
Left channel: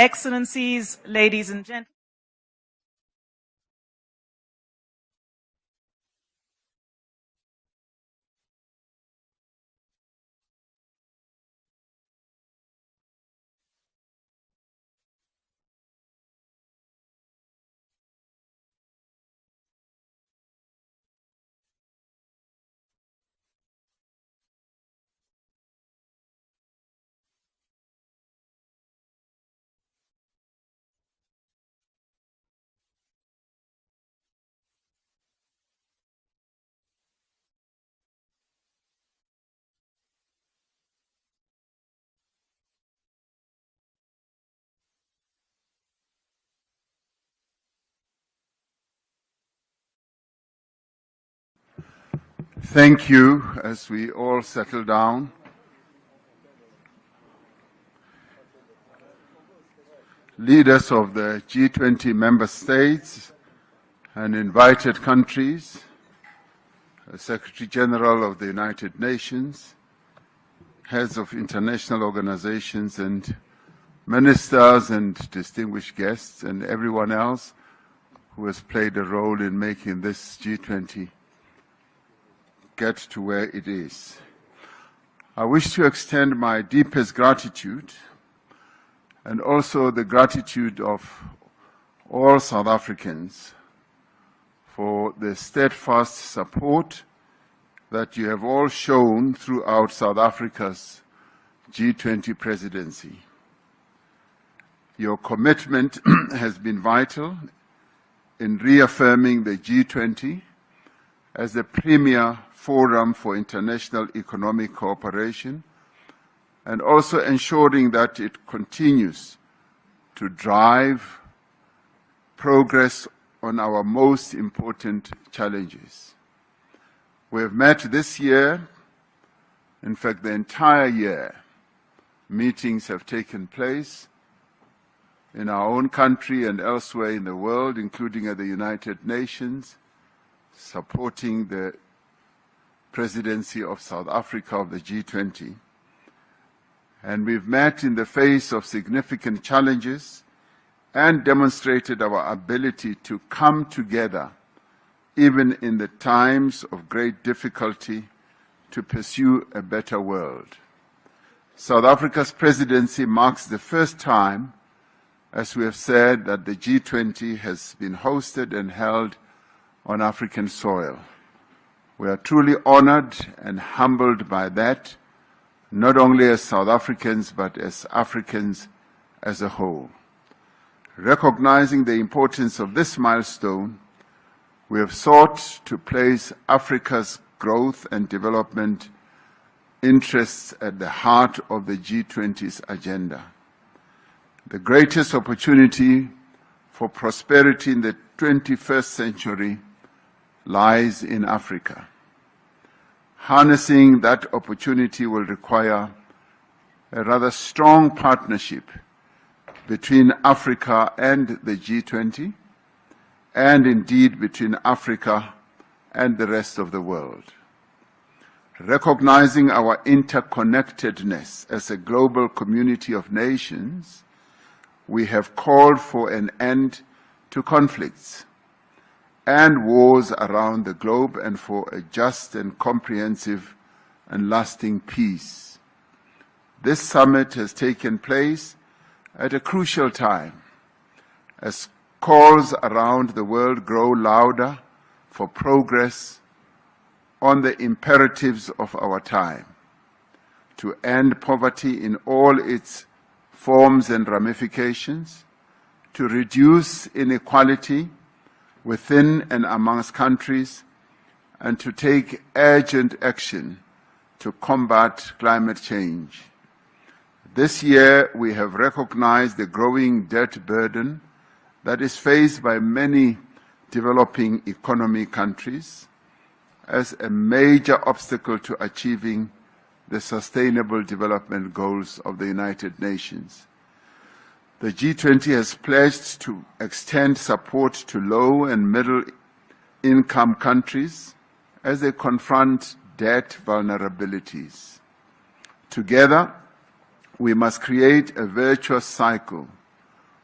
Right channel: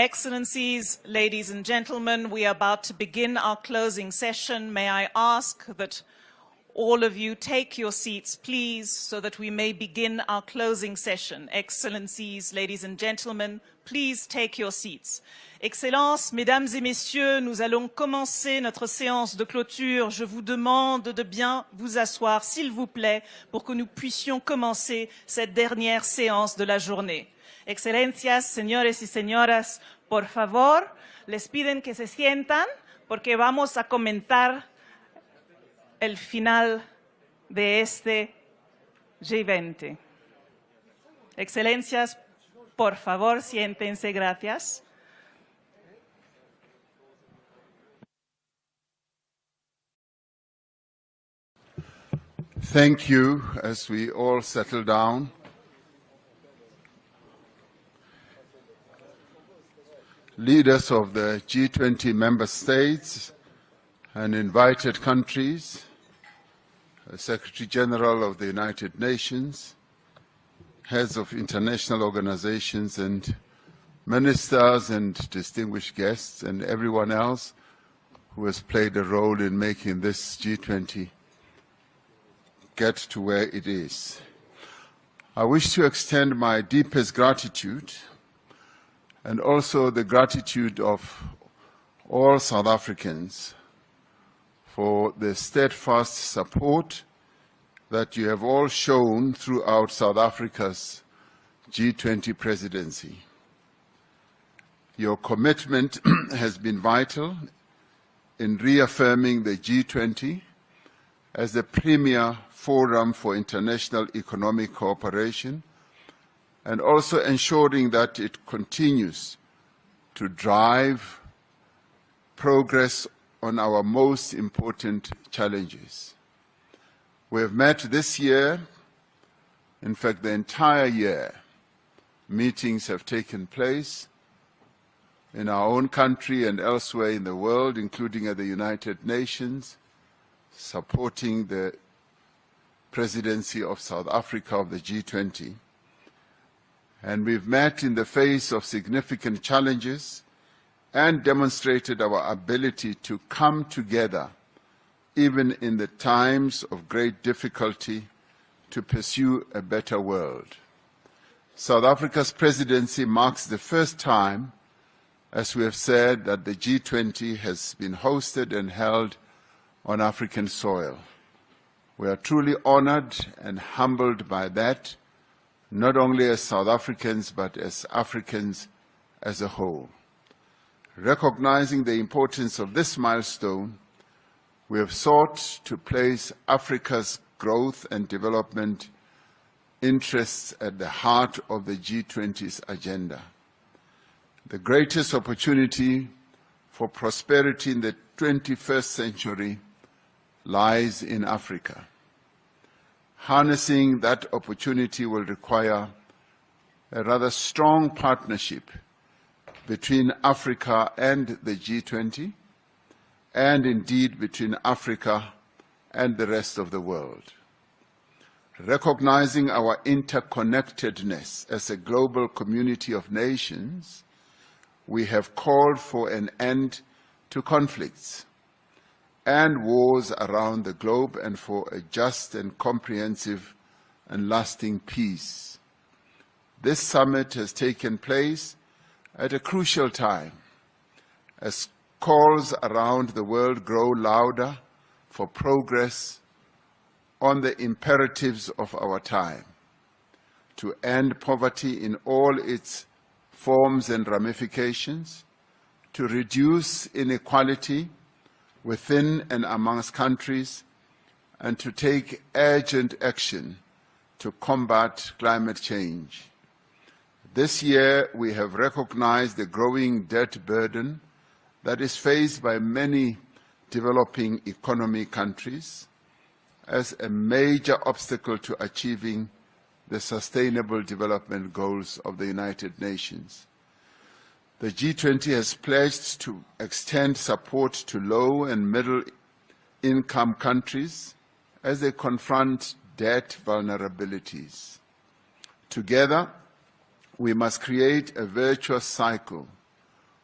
Excellencies, ladies and gentlemen, we are about to begin our closing session. May I ask that all of you take your seats, please, so that we may begin our closing session. Excellencies, ladies and gentlemen, please take your seats. Excellences, mesdames et messieurs, nous allons commencer notre séance de clôture. Je vous demande de bien vous asseoir, s'il vous plaît, pour que nous puissions commencer cette dernière séance de la journée. Excelencias, señores y señoras, por favor, les piden que se sientan porque vamos a comentar el final de este G20. Excelencias, por favor, siéntense, gracias. Thank you. As we all settle down, leaders of the G20 member states and invited countries, Secretary General of the United Nations, heads of international organizations and ministers and distinguished guests and everyone else who has played a role in making this G20 get to where it is. I wish to extend my deepest gratitude and also the gratitude of all South Africans for the steadfast support that you have all shown throughout South Africa's G20 presidency. Your commitment has been vital in reaffirming the G20 as the premier forum for international economic cooperation and also ensuring that it continues to drive progress on our most important challenges. We have met this year, in fact the entire year, meetings have taken place in our own country and elsewhere in the world, including at the United Nations, supporting the presidency of South Africa of the G20. And we've met in the face of significant challenges and demonstrated our ability to come together, even in the times of great difficulty, to pursue a better world. South Africa's presidency marks the first time, as we have said, that the G20 has been hosted and held on African soil. We are truly honored and humbled by that, not only as South Africans, but as Africans as a whole. Recognizing the importance of this milestone, we have sought to place Africa's growth and development interests at the heart of the G20's agenda. The greatest opportunity for prosperity in the 21st century lies in Africa. Harnessing that opportunity will require a rather strong partnership between Africa and the G20, and indeed between Africa and the rest of the world. Recognizing our interconnectedness as a global community of nations, we have called for an end to conflicts and wars around the globe and for a just and comprehensive and lasting peace. This summit has taken place at a crucial time as calls around the world grow louder for progress on the imperatives of our time, to end poverty in all its forms and ramifications, to reduce inequality within and amongst countries, and to take urgent action to combat climate change. This year, we have recognized the growing debt burden that is faced by many developing economy countries as a major obstacle to achieving the Sustainable Development Goals of the United Nations. The G20 has pledged to extend support to low and middle-income countries as they confront debt vulnerabilities. Together, we must create a virtuous cycle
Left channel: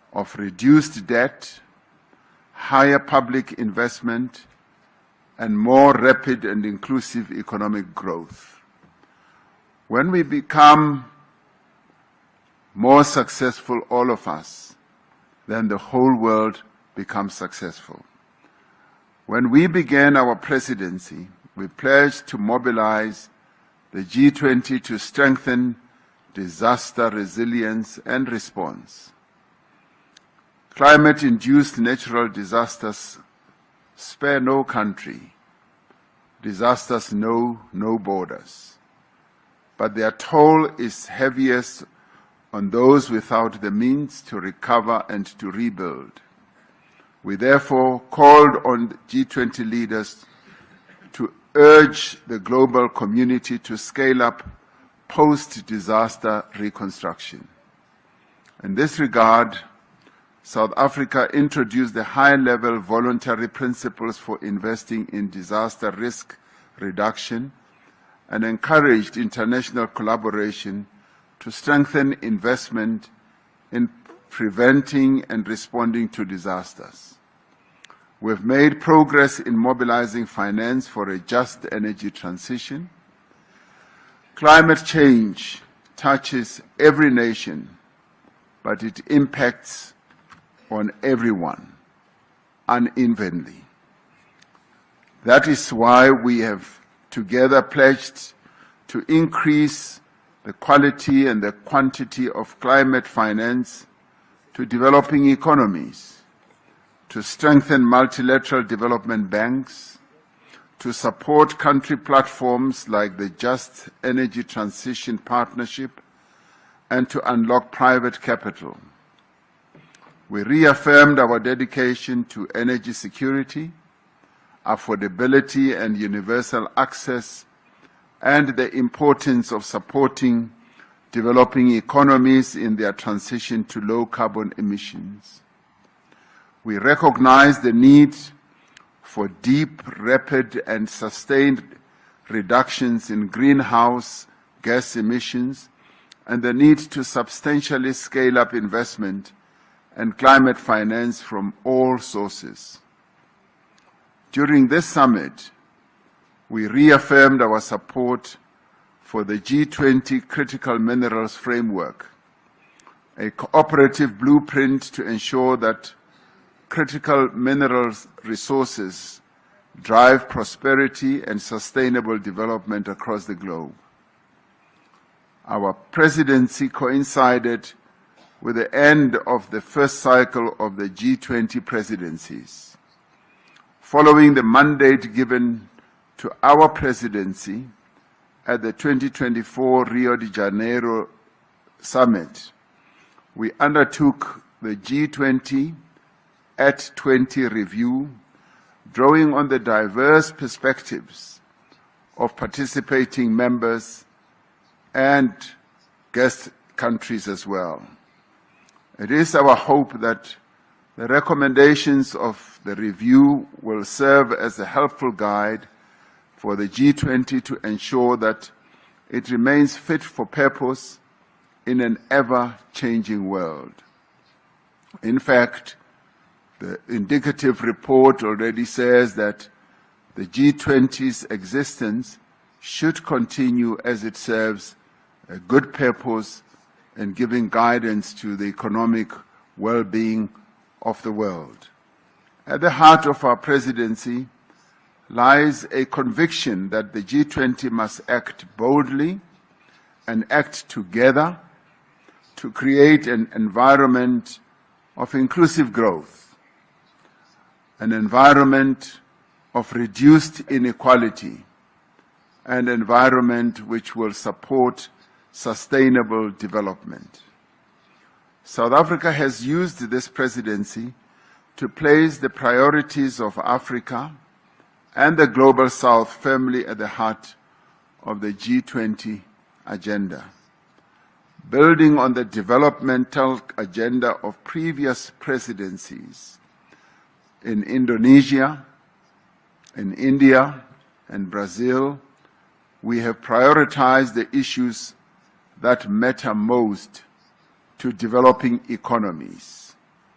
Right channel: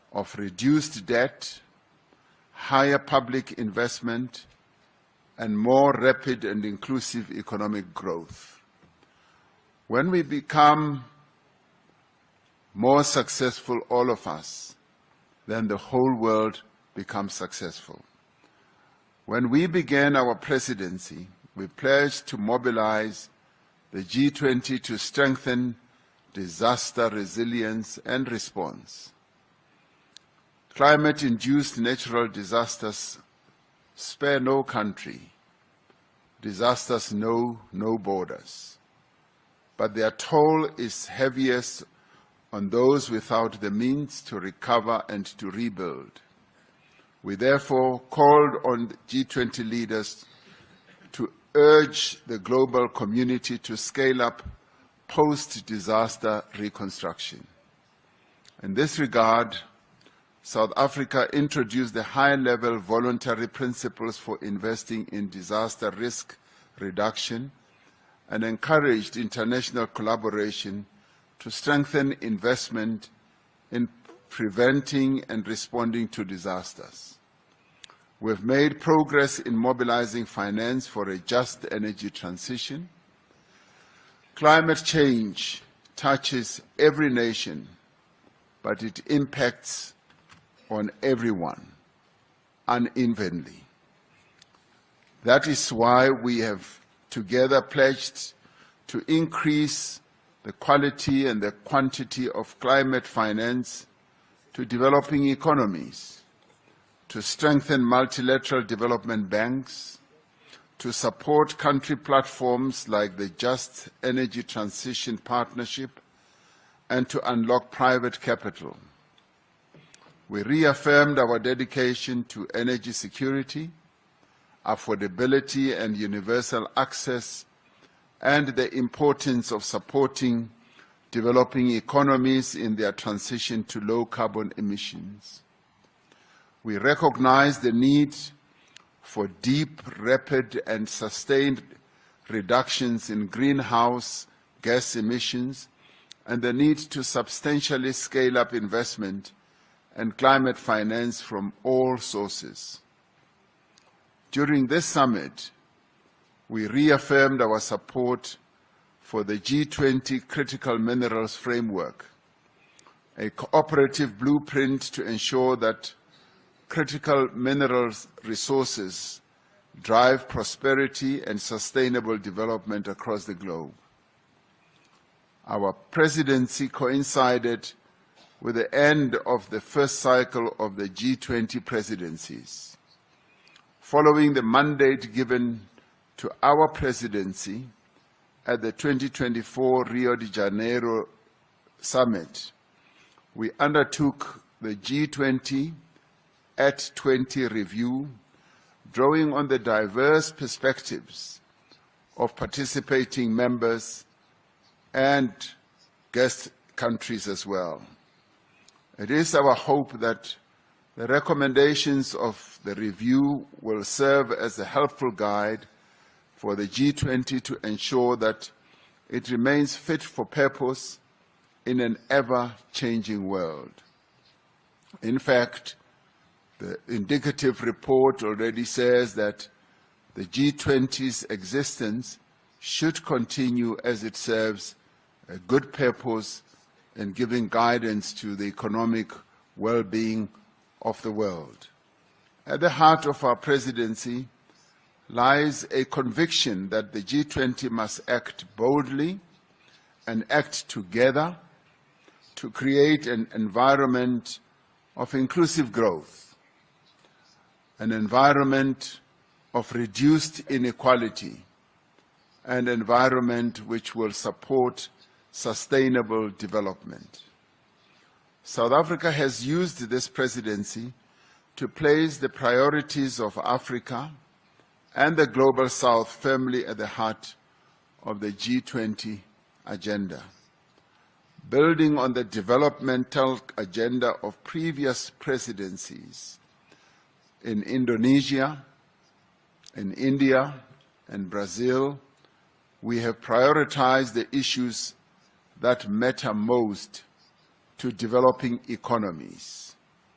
of reduced debt, higher public investment, and more rapid and inclusive economic growth. When we become more successful, all of us, then the whole world becomes successful. When we began our presidency, we pledged to mobilize the G20 to strengthen disaster resilience and response. Climate-induced natural disasters spare no country. Disasters know no borders. But their toll is heaviest on those without the means to recover and to rebuild. We therefore called on G20 leaders to urge the global community to scale up post-disaster reconstruction. In this regard, South Africa introduced the high-level voluntary principles for investing in disaster risk reduction and encouraged international collaboration to strengthen investment in preventing and responding to disasters. We've made progress in mobilizing finance for a just energy transition. Climate change touches every nation, but it impacts on everyone unevenly. That is why we have together pledged to increase the quality and the quantity of climate finance to developing economies, to strengthen multilateral development banks, to support country platforms like the Just Energy Transition Partnership, and to unlock private capital. We reaffirmed our dedication to energy security, affordability and universal access, and the importance of supporting developing economies in their transition to low carbon emissions. We recognize the need for deep, rapid, and sustained reductions in greenhouse gas emissions and the need to substantially scale up investment and climate finance from all sources. During this summit, we reaffirmed our support for the G20 Critical Minerals Framework, a cooperative blueprint to ensure that critical minerals resources drive prosperity and sustainable development across the globe. Our presidency coincided with the end of the first cycle of the G20 presidencies. Following the mandate given to our presidency at the 2024 Rio de Janeiro Summit, we undertook the G20 at 20 review, drawing on the diverse perspectives of participating members and guest countries as well. It is our hope that the recommendations of the review will serve as a helpful guide for the G20 to ensure that it remains fit for purpose in an ever-changing world. In fact, the indicative report already says that the G20's existence should continue as it serves a good purpose in giving guidance to the economic well-being of the world. At the heart of our presidency lies a conviction that the G20 must act boldly and act together to create an environment of inclusive growth, an environment of reduced inequality, an environment which will support sustainable development. South Africa has used this presidency to place the priorities of Africa and the Global South firmly at the heart of the G20 agenda. Building on the developmental agenda of previous presidencies in Indonesia, in India, and Brazil, we have prioritized the issues that matter most to developing economies:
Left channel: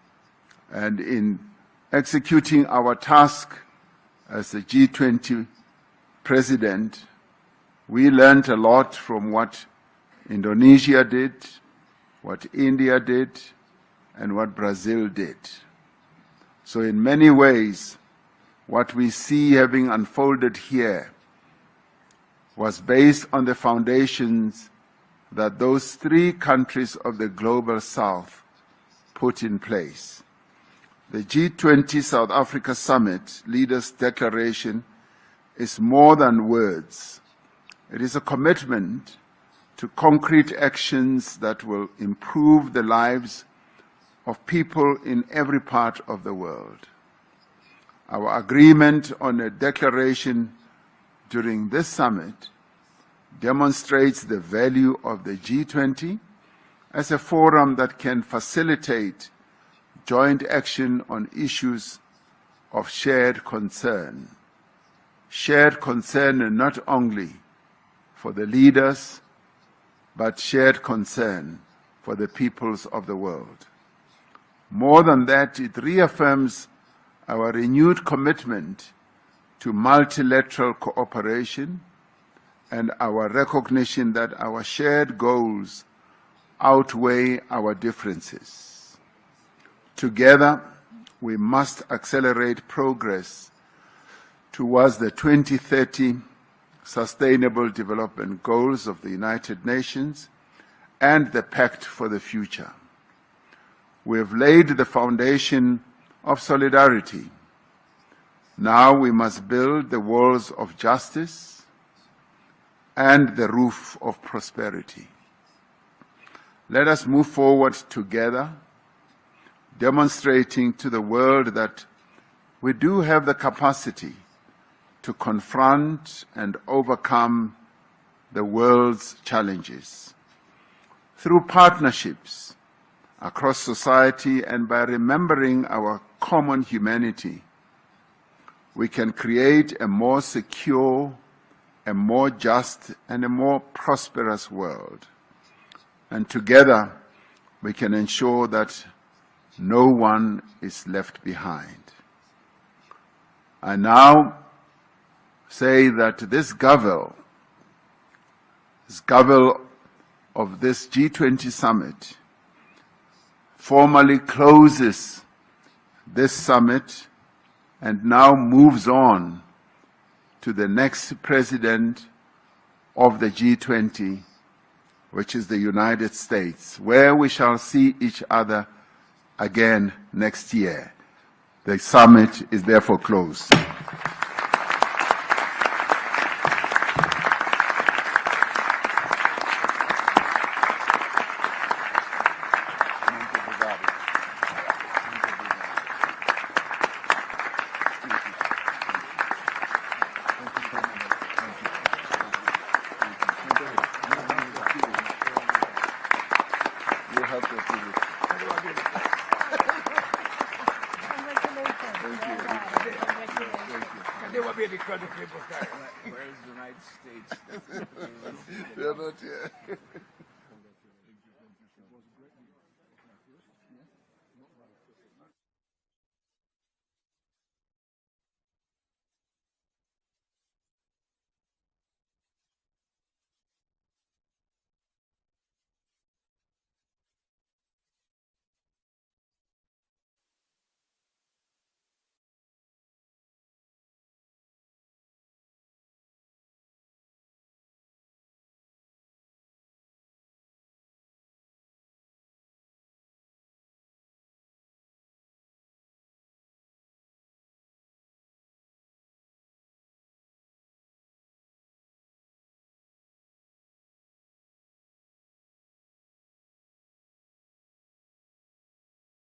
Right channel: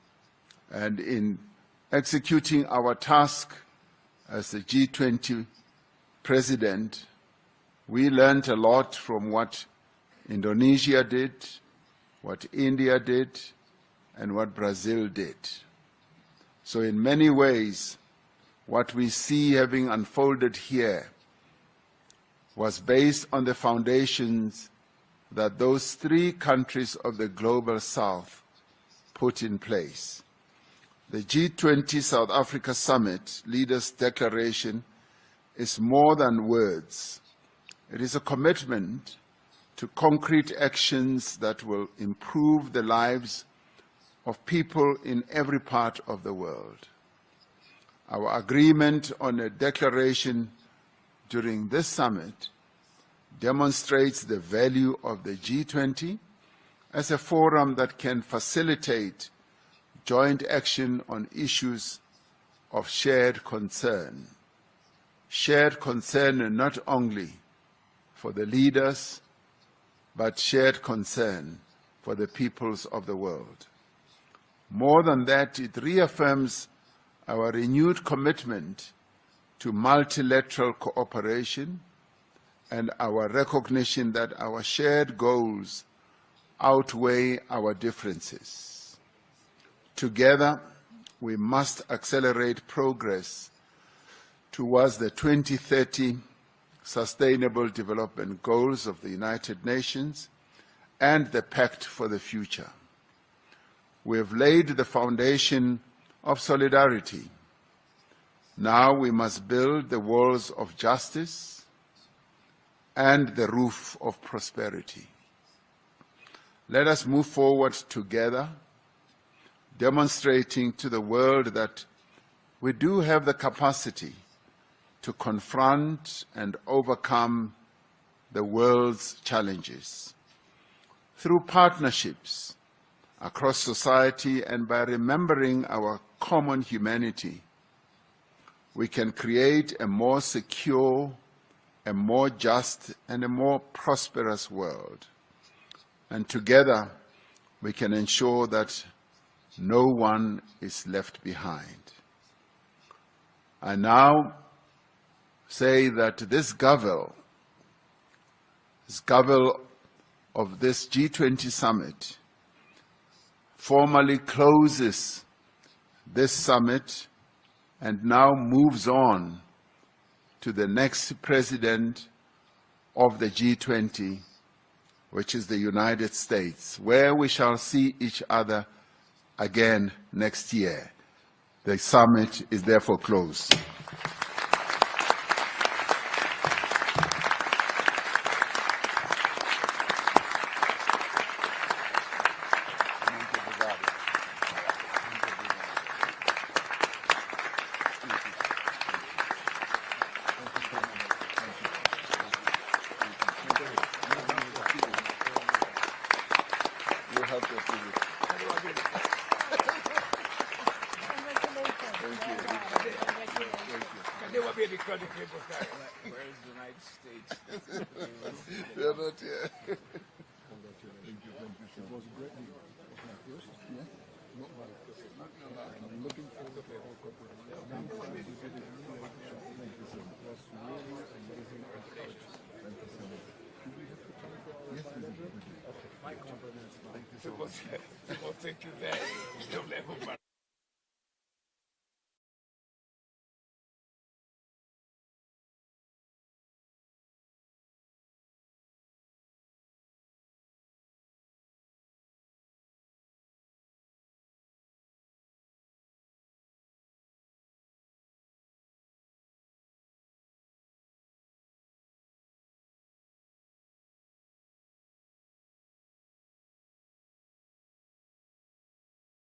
And in executing our task as the G20 president, we learned a lot from what Indonesia did, what India did, and what Brazil did. So in many ways, what we see having unfolded here was based on the foundations that those three countries of the Global South put in place. The G20 South Africa Summit Leaders' Declaration is more than words. It is a commitment to concrete actions that will improve the lives of people in every part of the world. Our agreement on a declaration during this summit demonstrates the value of the G20 as a forum that can facilitate joint action on issues of shared concern. Shared concern not only for the leaders, but shared concern for the peoples of the world. More than that, it reaffirms our renewed commitment to multilateral cooperation and our recognition that our shared goals outweigh our differences. Together, we must accelerate progress towards the 2030 Sustainable Development Goals of the United Nations and the Pact for the Future. We have laid the foundation of solidarity. Now we must build the walls of justice and the roof of prosperity. Let us move forward together, demonstrating to the world that we do have the capacity to confront and overcome the world's challenges. Through partnerships across society and by remembering our common humanity, we can create a more secure, a more just, and a more prosperous world. And together, we can ensure that no one is left behind. I now say that this Gavel of this G20 summit formally closes this summit and now moves on to the next president of the G20, which is the United States, where we shall see each other again next year. The summit is therefore closed. Can they will be because of people where is the United States? They're not here. People think you there. They'll never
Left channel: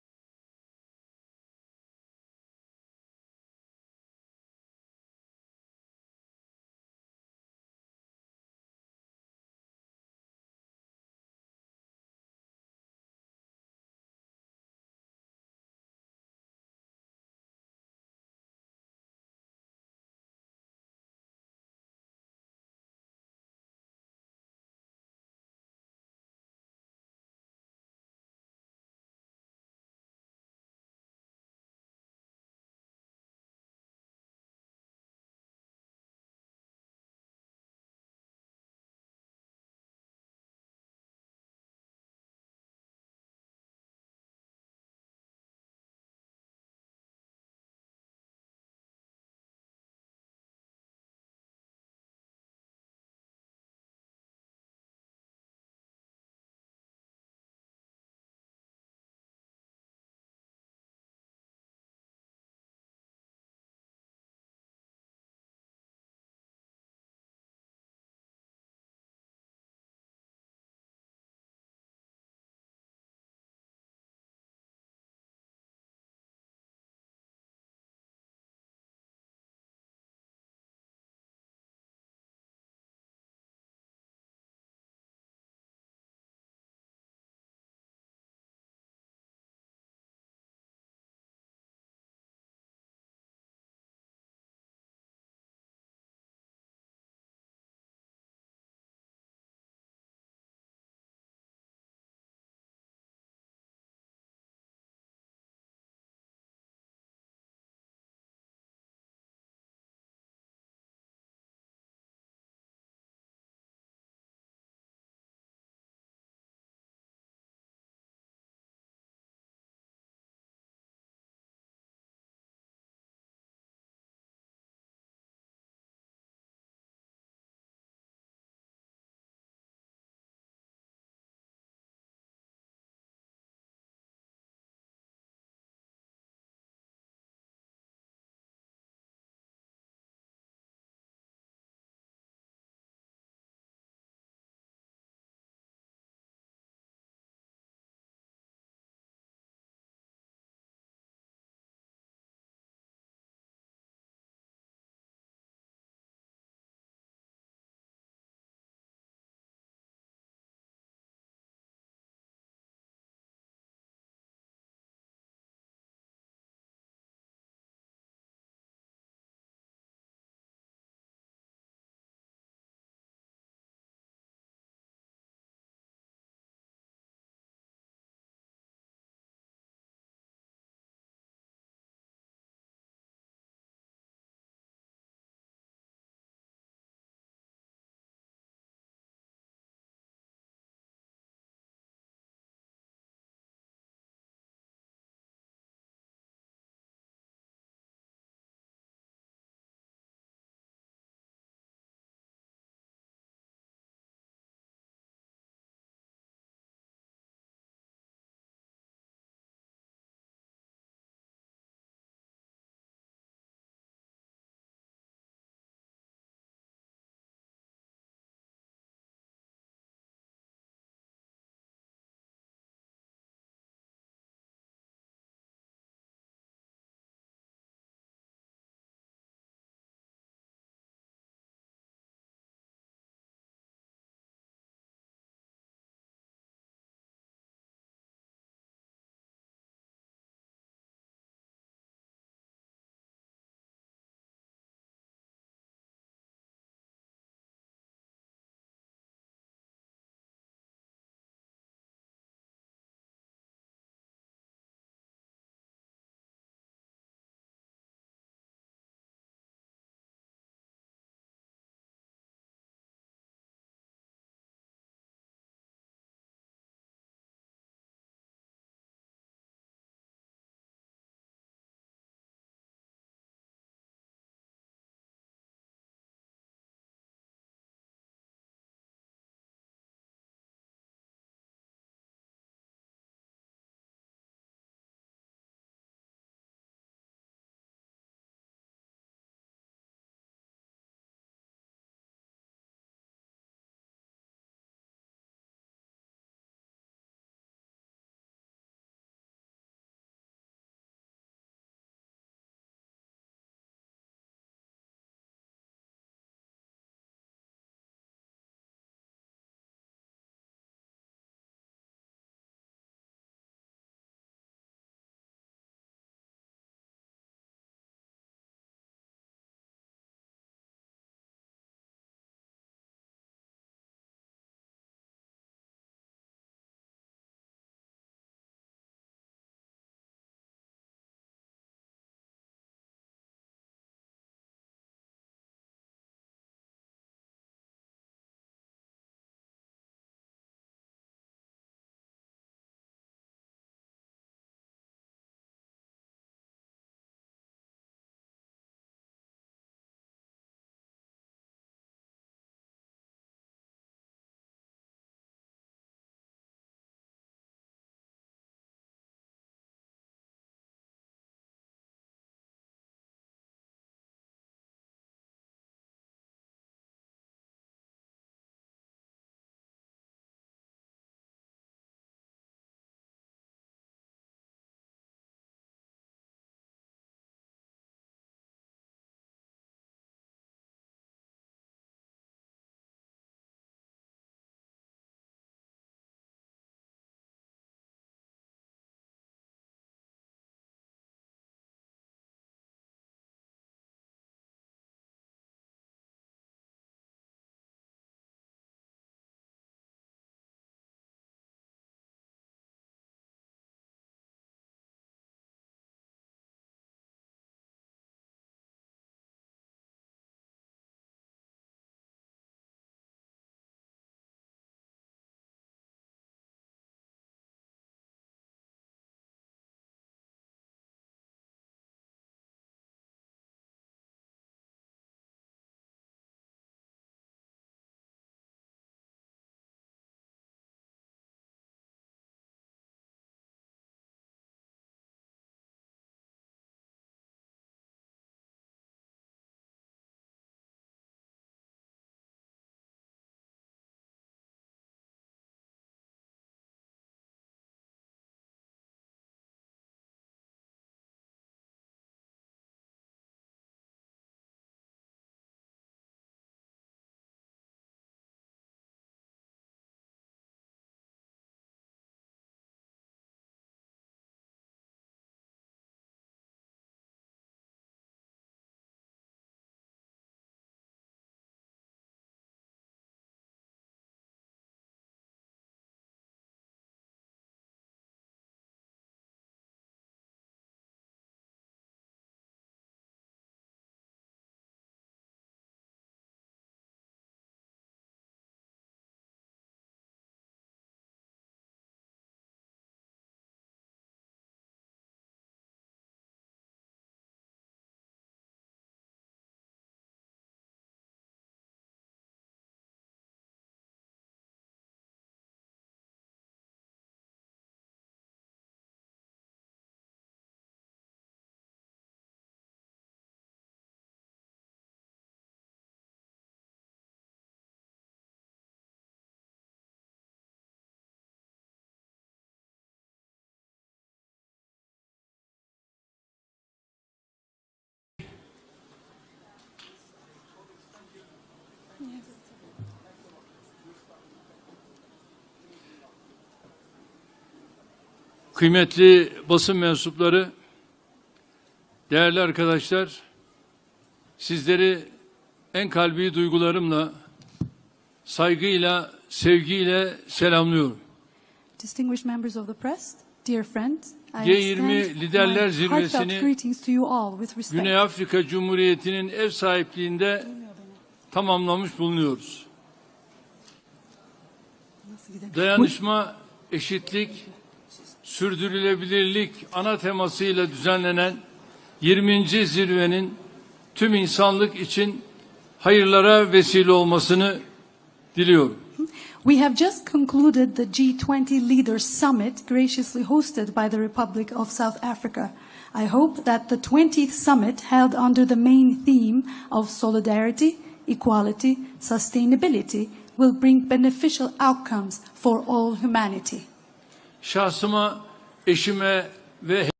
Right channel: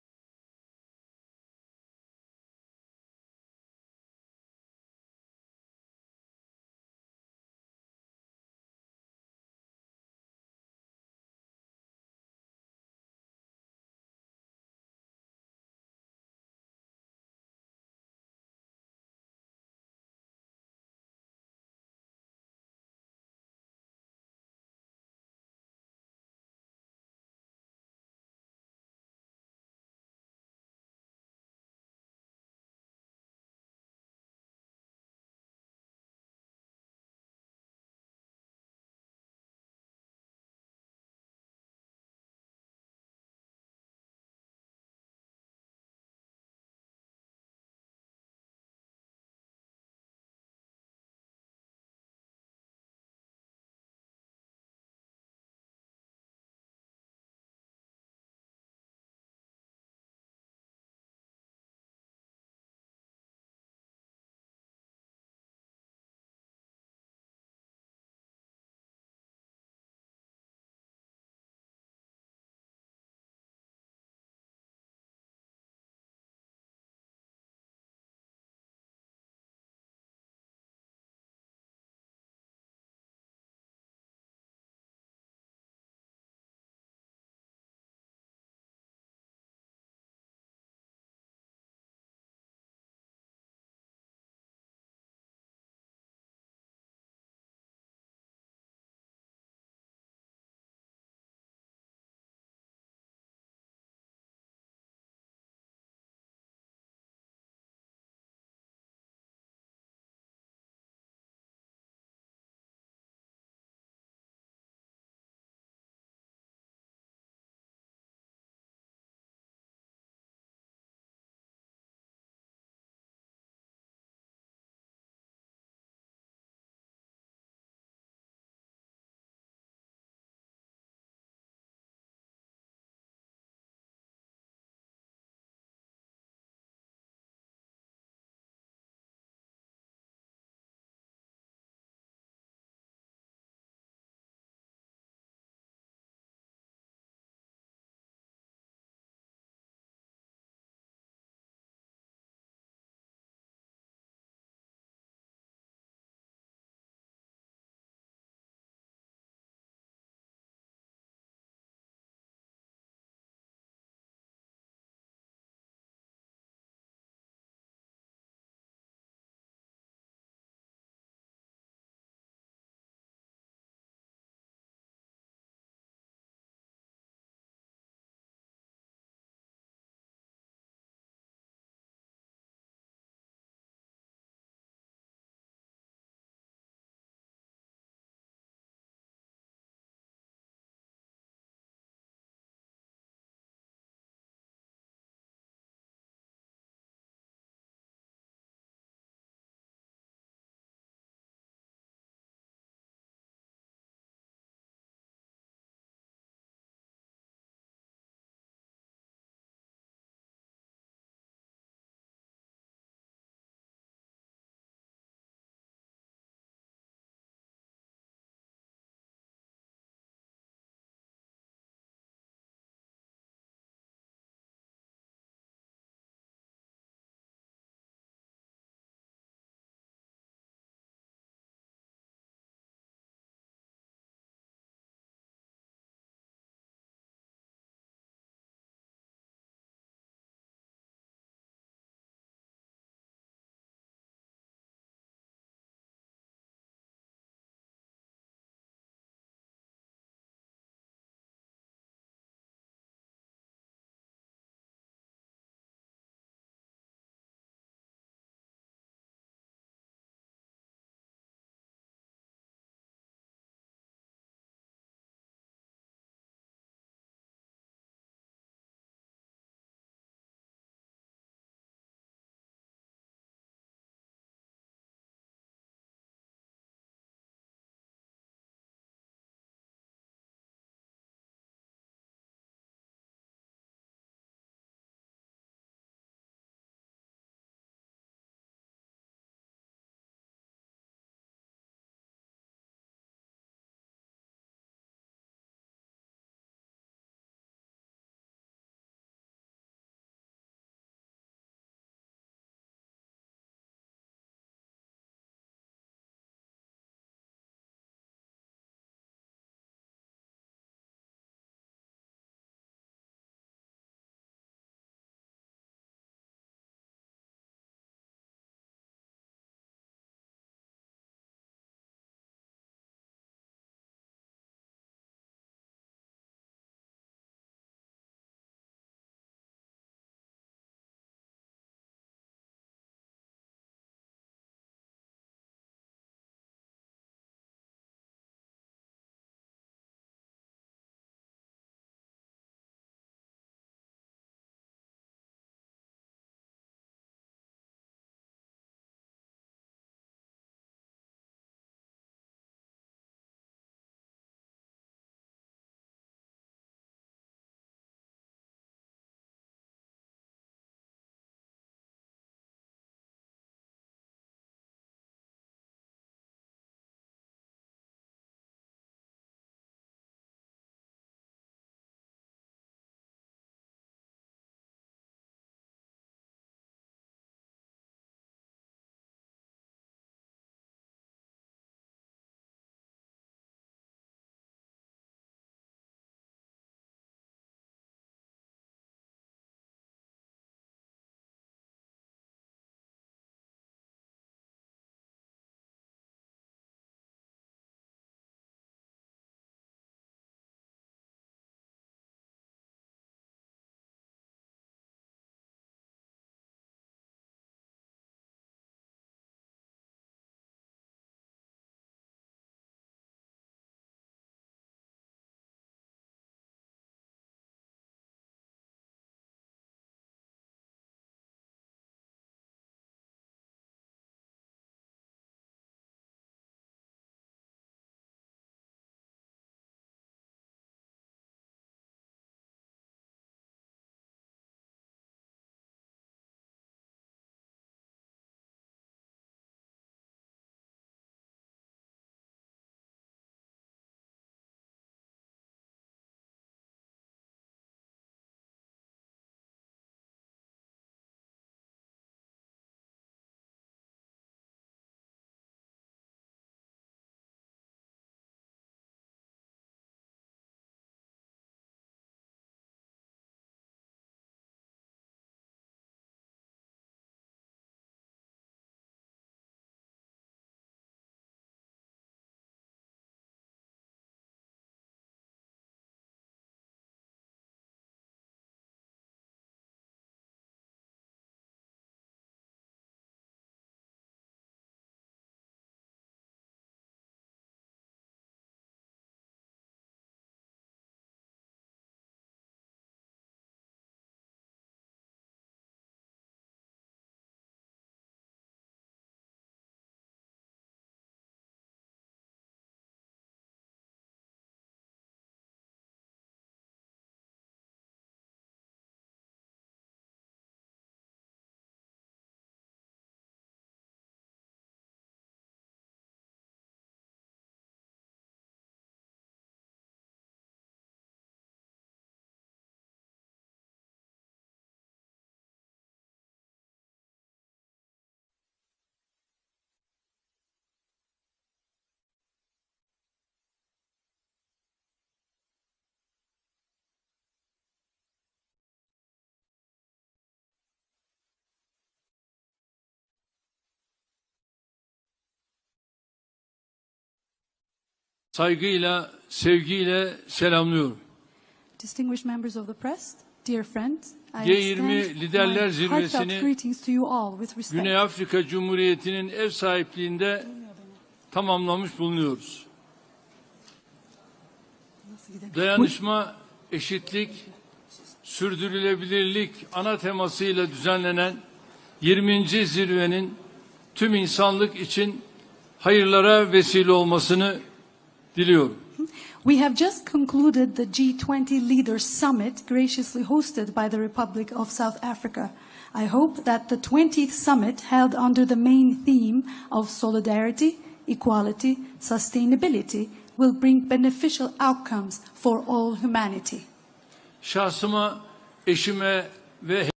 kıymetli basın mensupları, değerli arkadaşlar, sizleri en kalbi duygularımla, saygıyla, sevgiyle selamlıyorum. Distinguished members of the press, dear friends, I G20 extend Liderler my Zirvesi'ni heartfelt greetings to you all with respect. Güney Afrika Cumhuriyeti'nin ev sahipliğinde tamamlamış bulunuyoruz. Dayanışma, eşitlik, sürdürülebilirlik ana temasıyla düzenlenen 20. zirvenin tüm insanlık için hayırlara vesile olmasını diliyorum. We have just concluded the G20 Leaders Summit graciously hosted by the Republic of South Africa. I hope that the 20th summit held under the main theme of solidarity, equality, sustainability will bring beneficial outcomes for all humanity. Şahsıma, eşime ve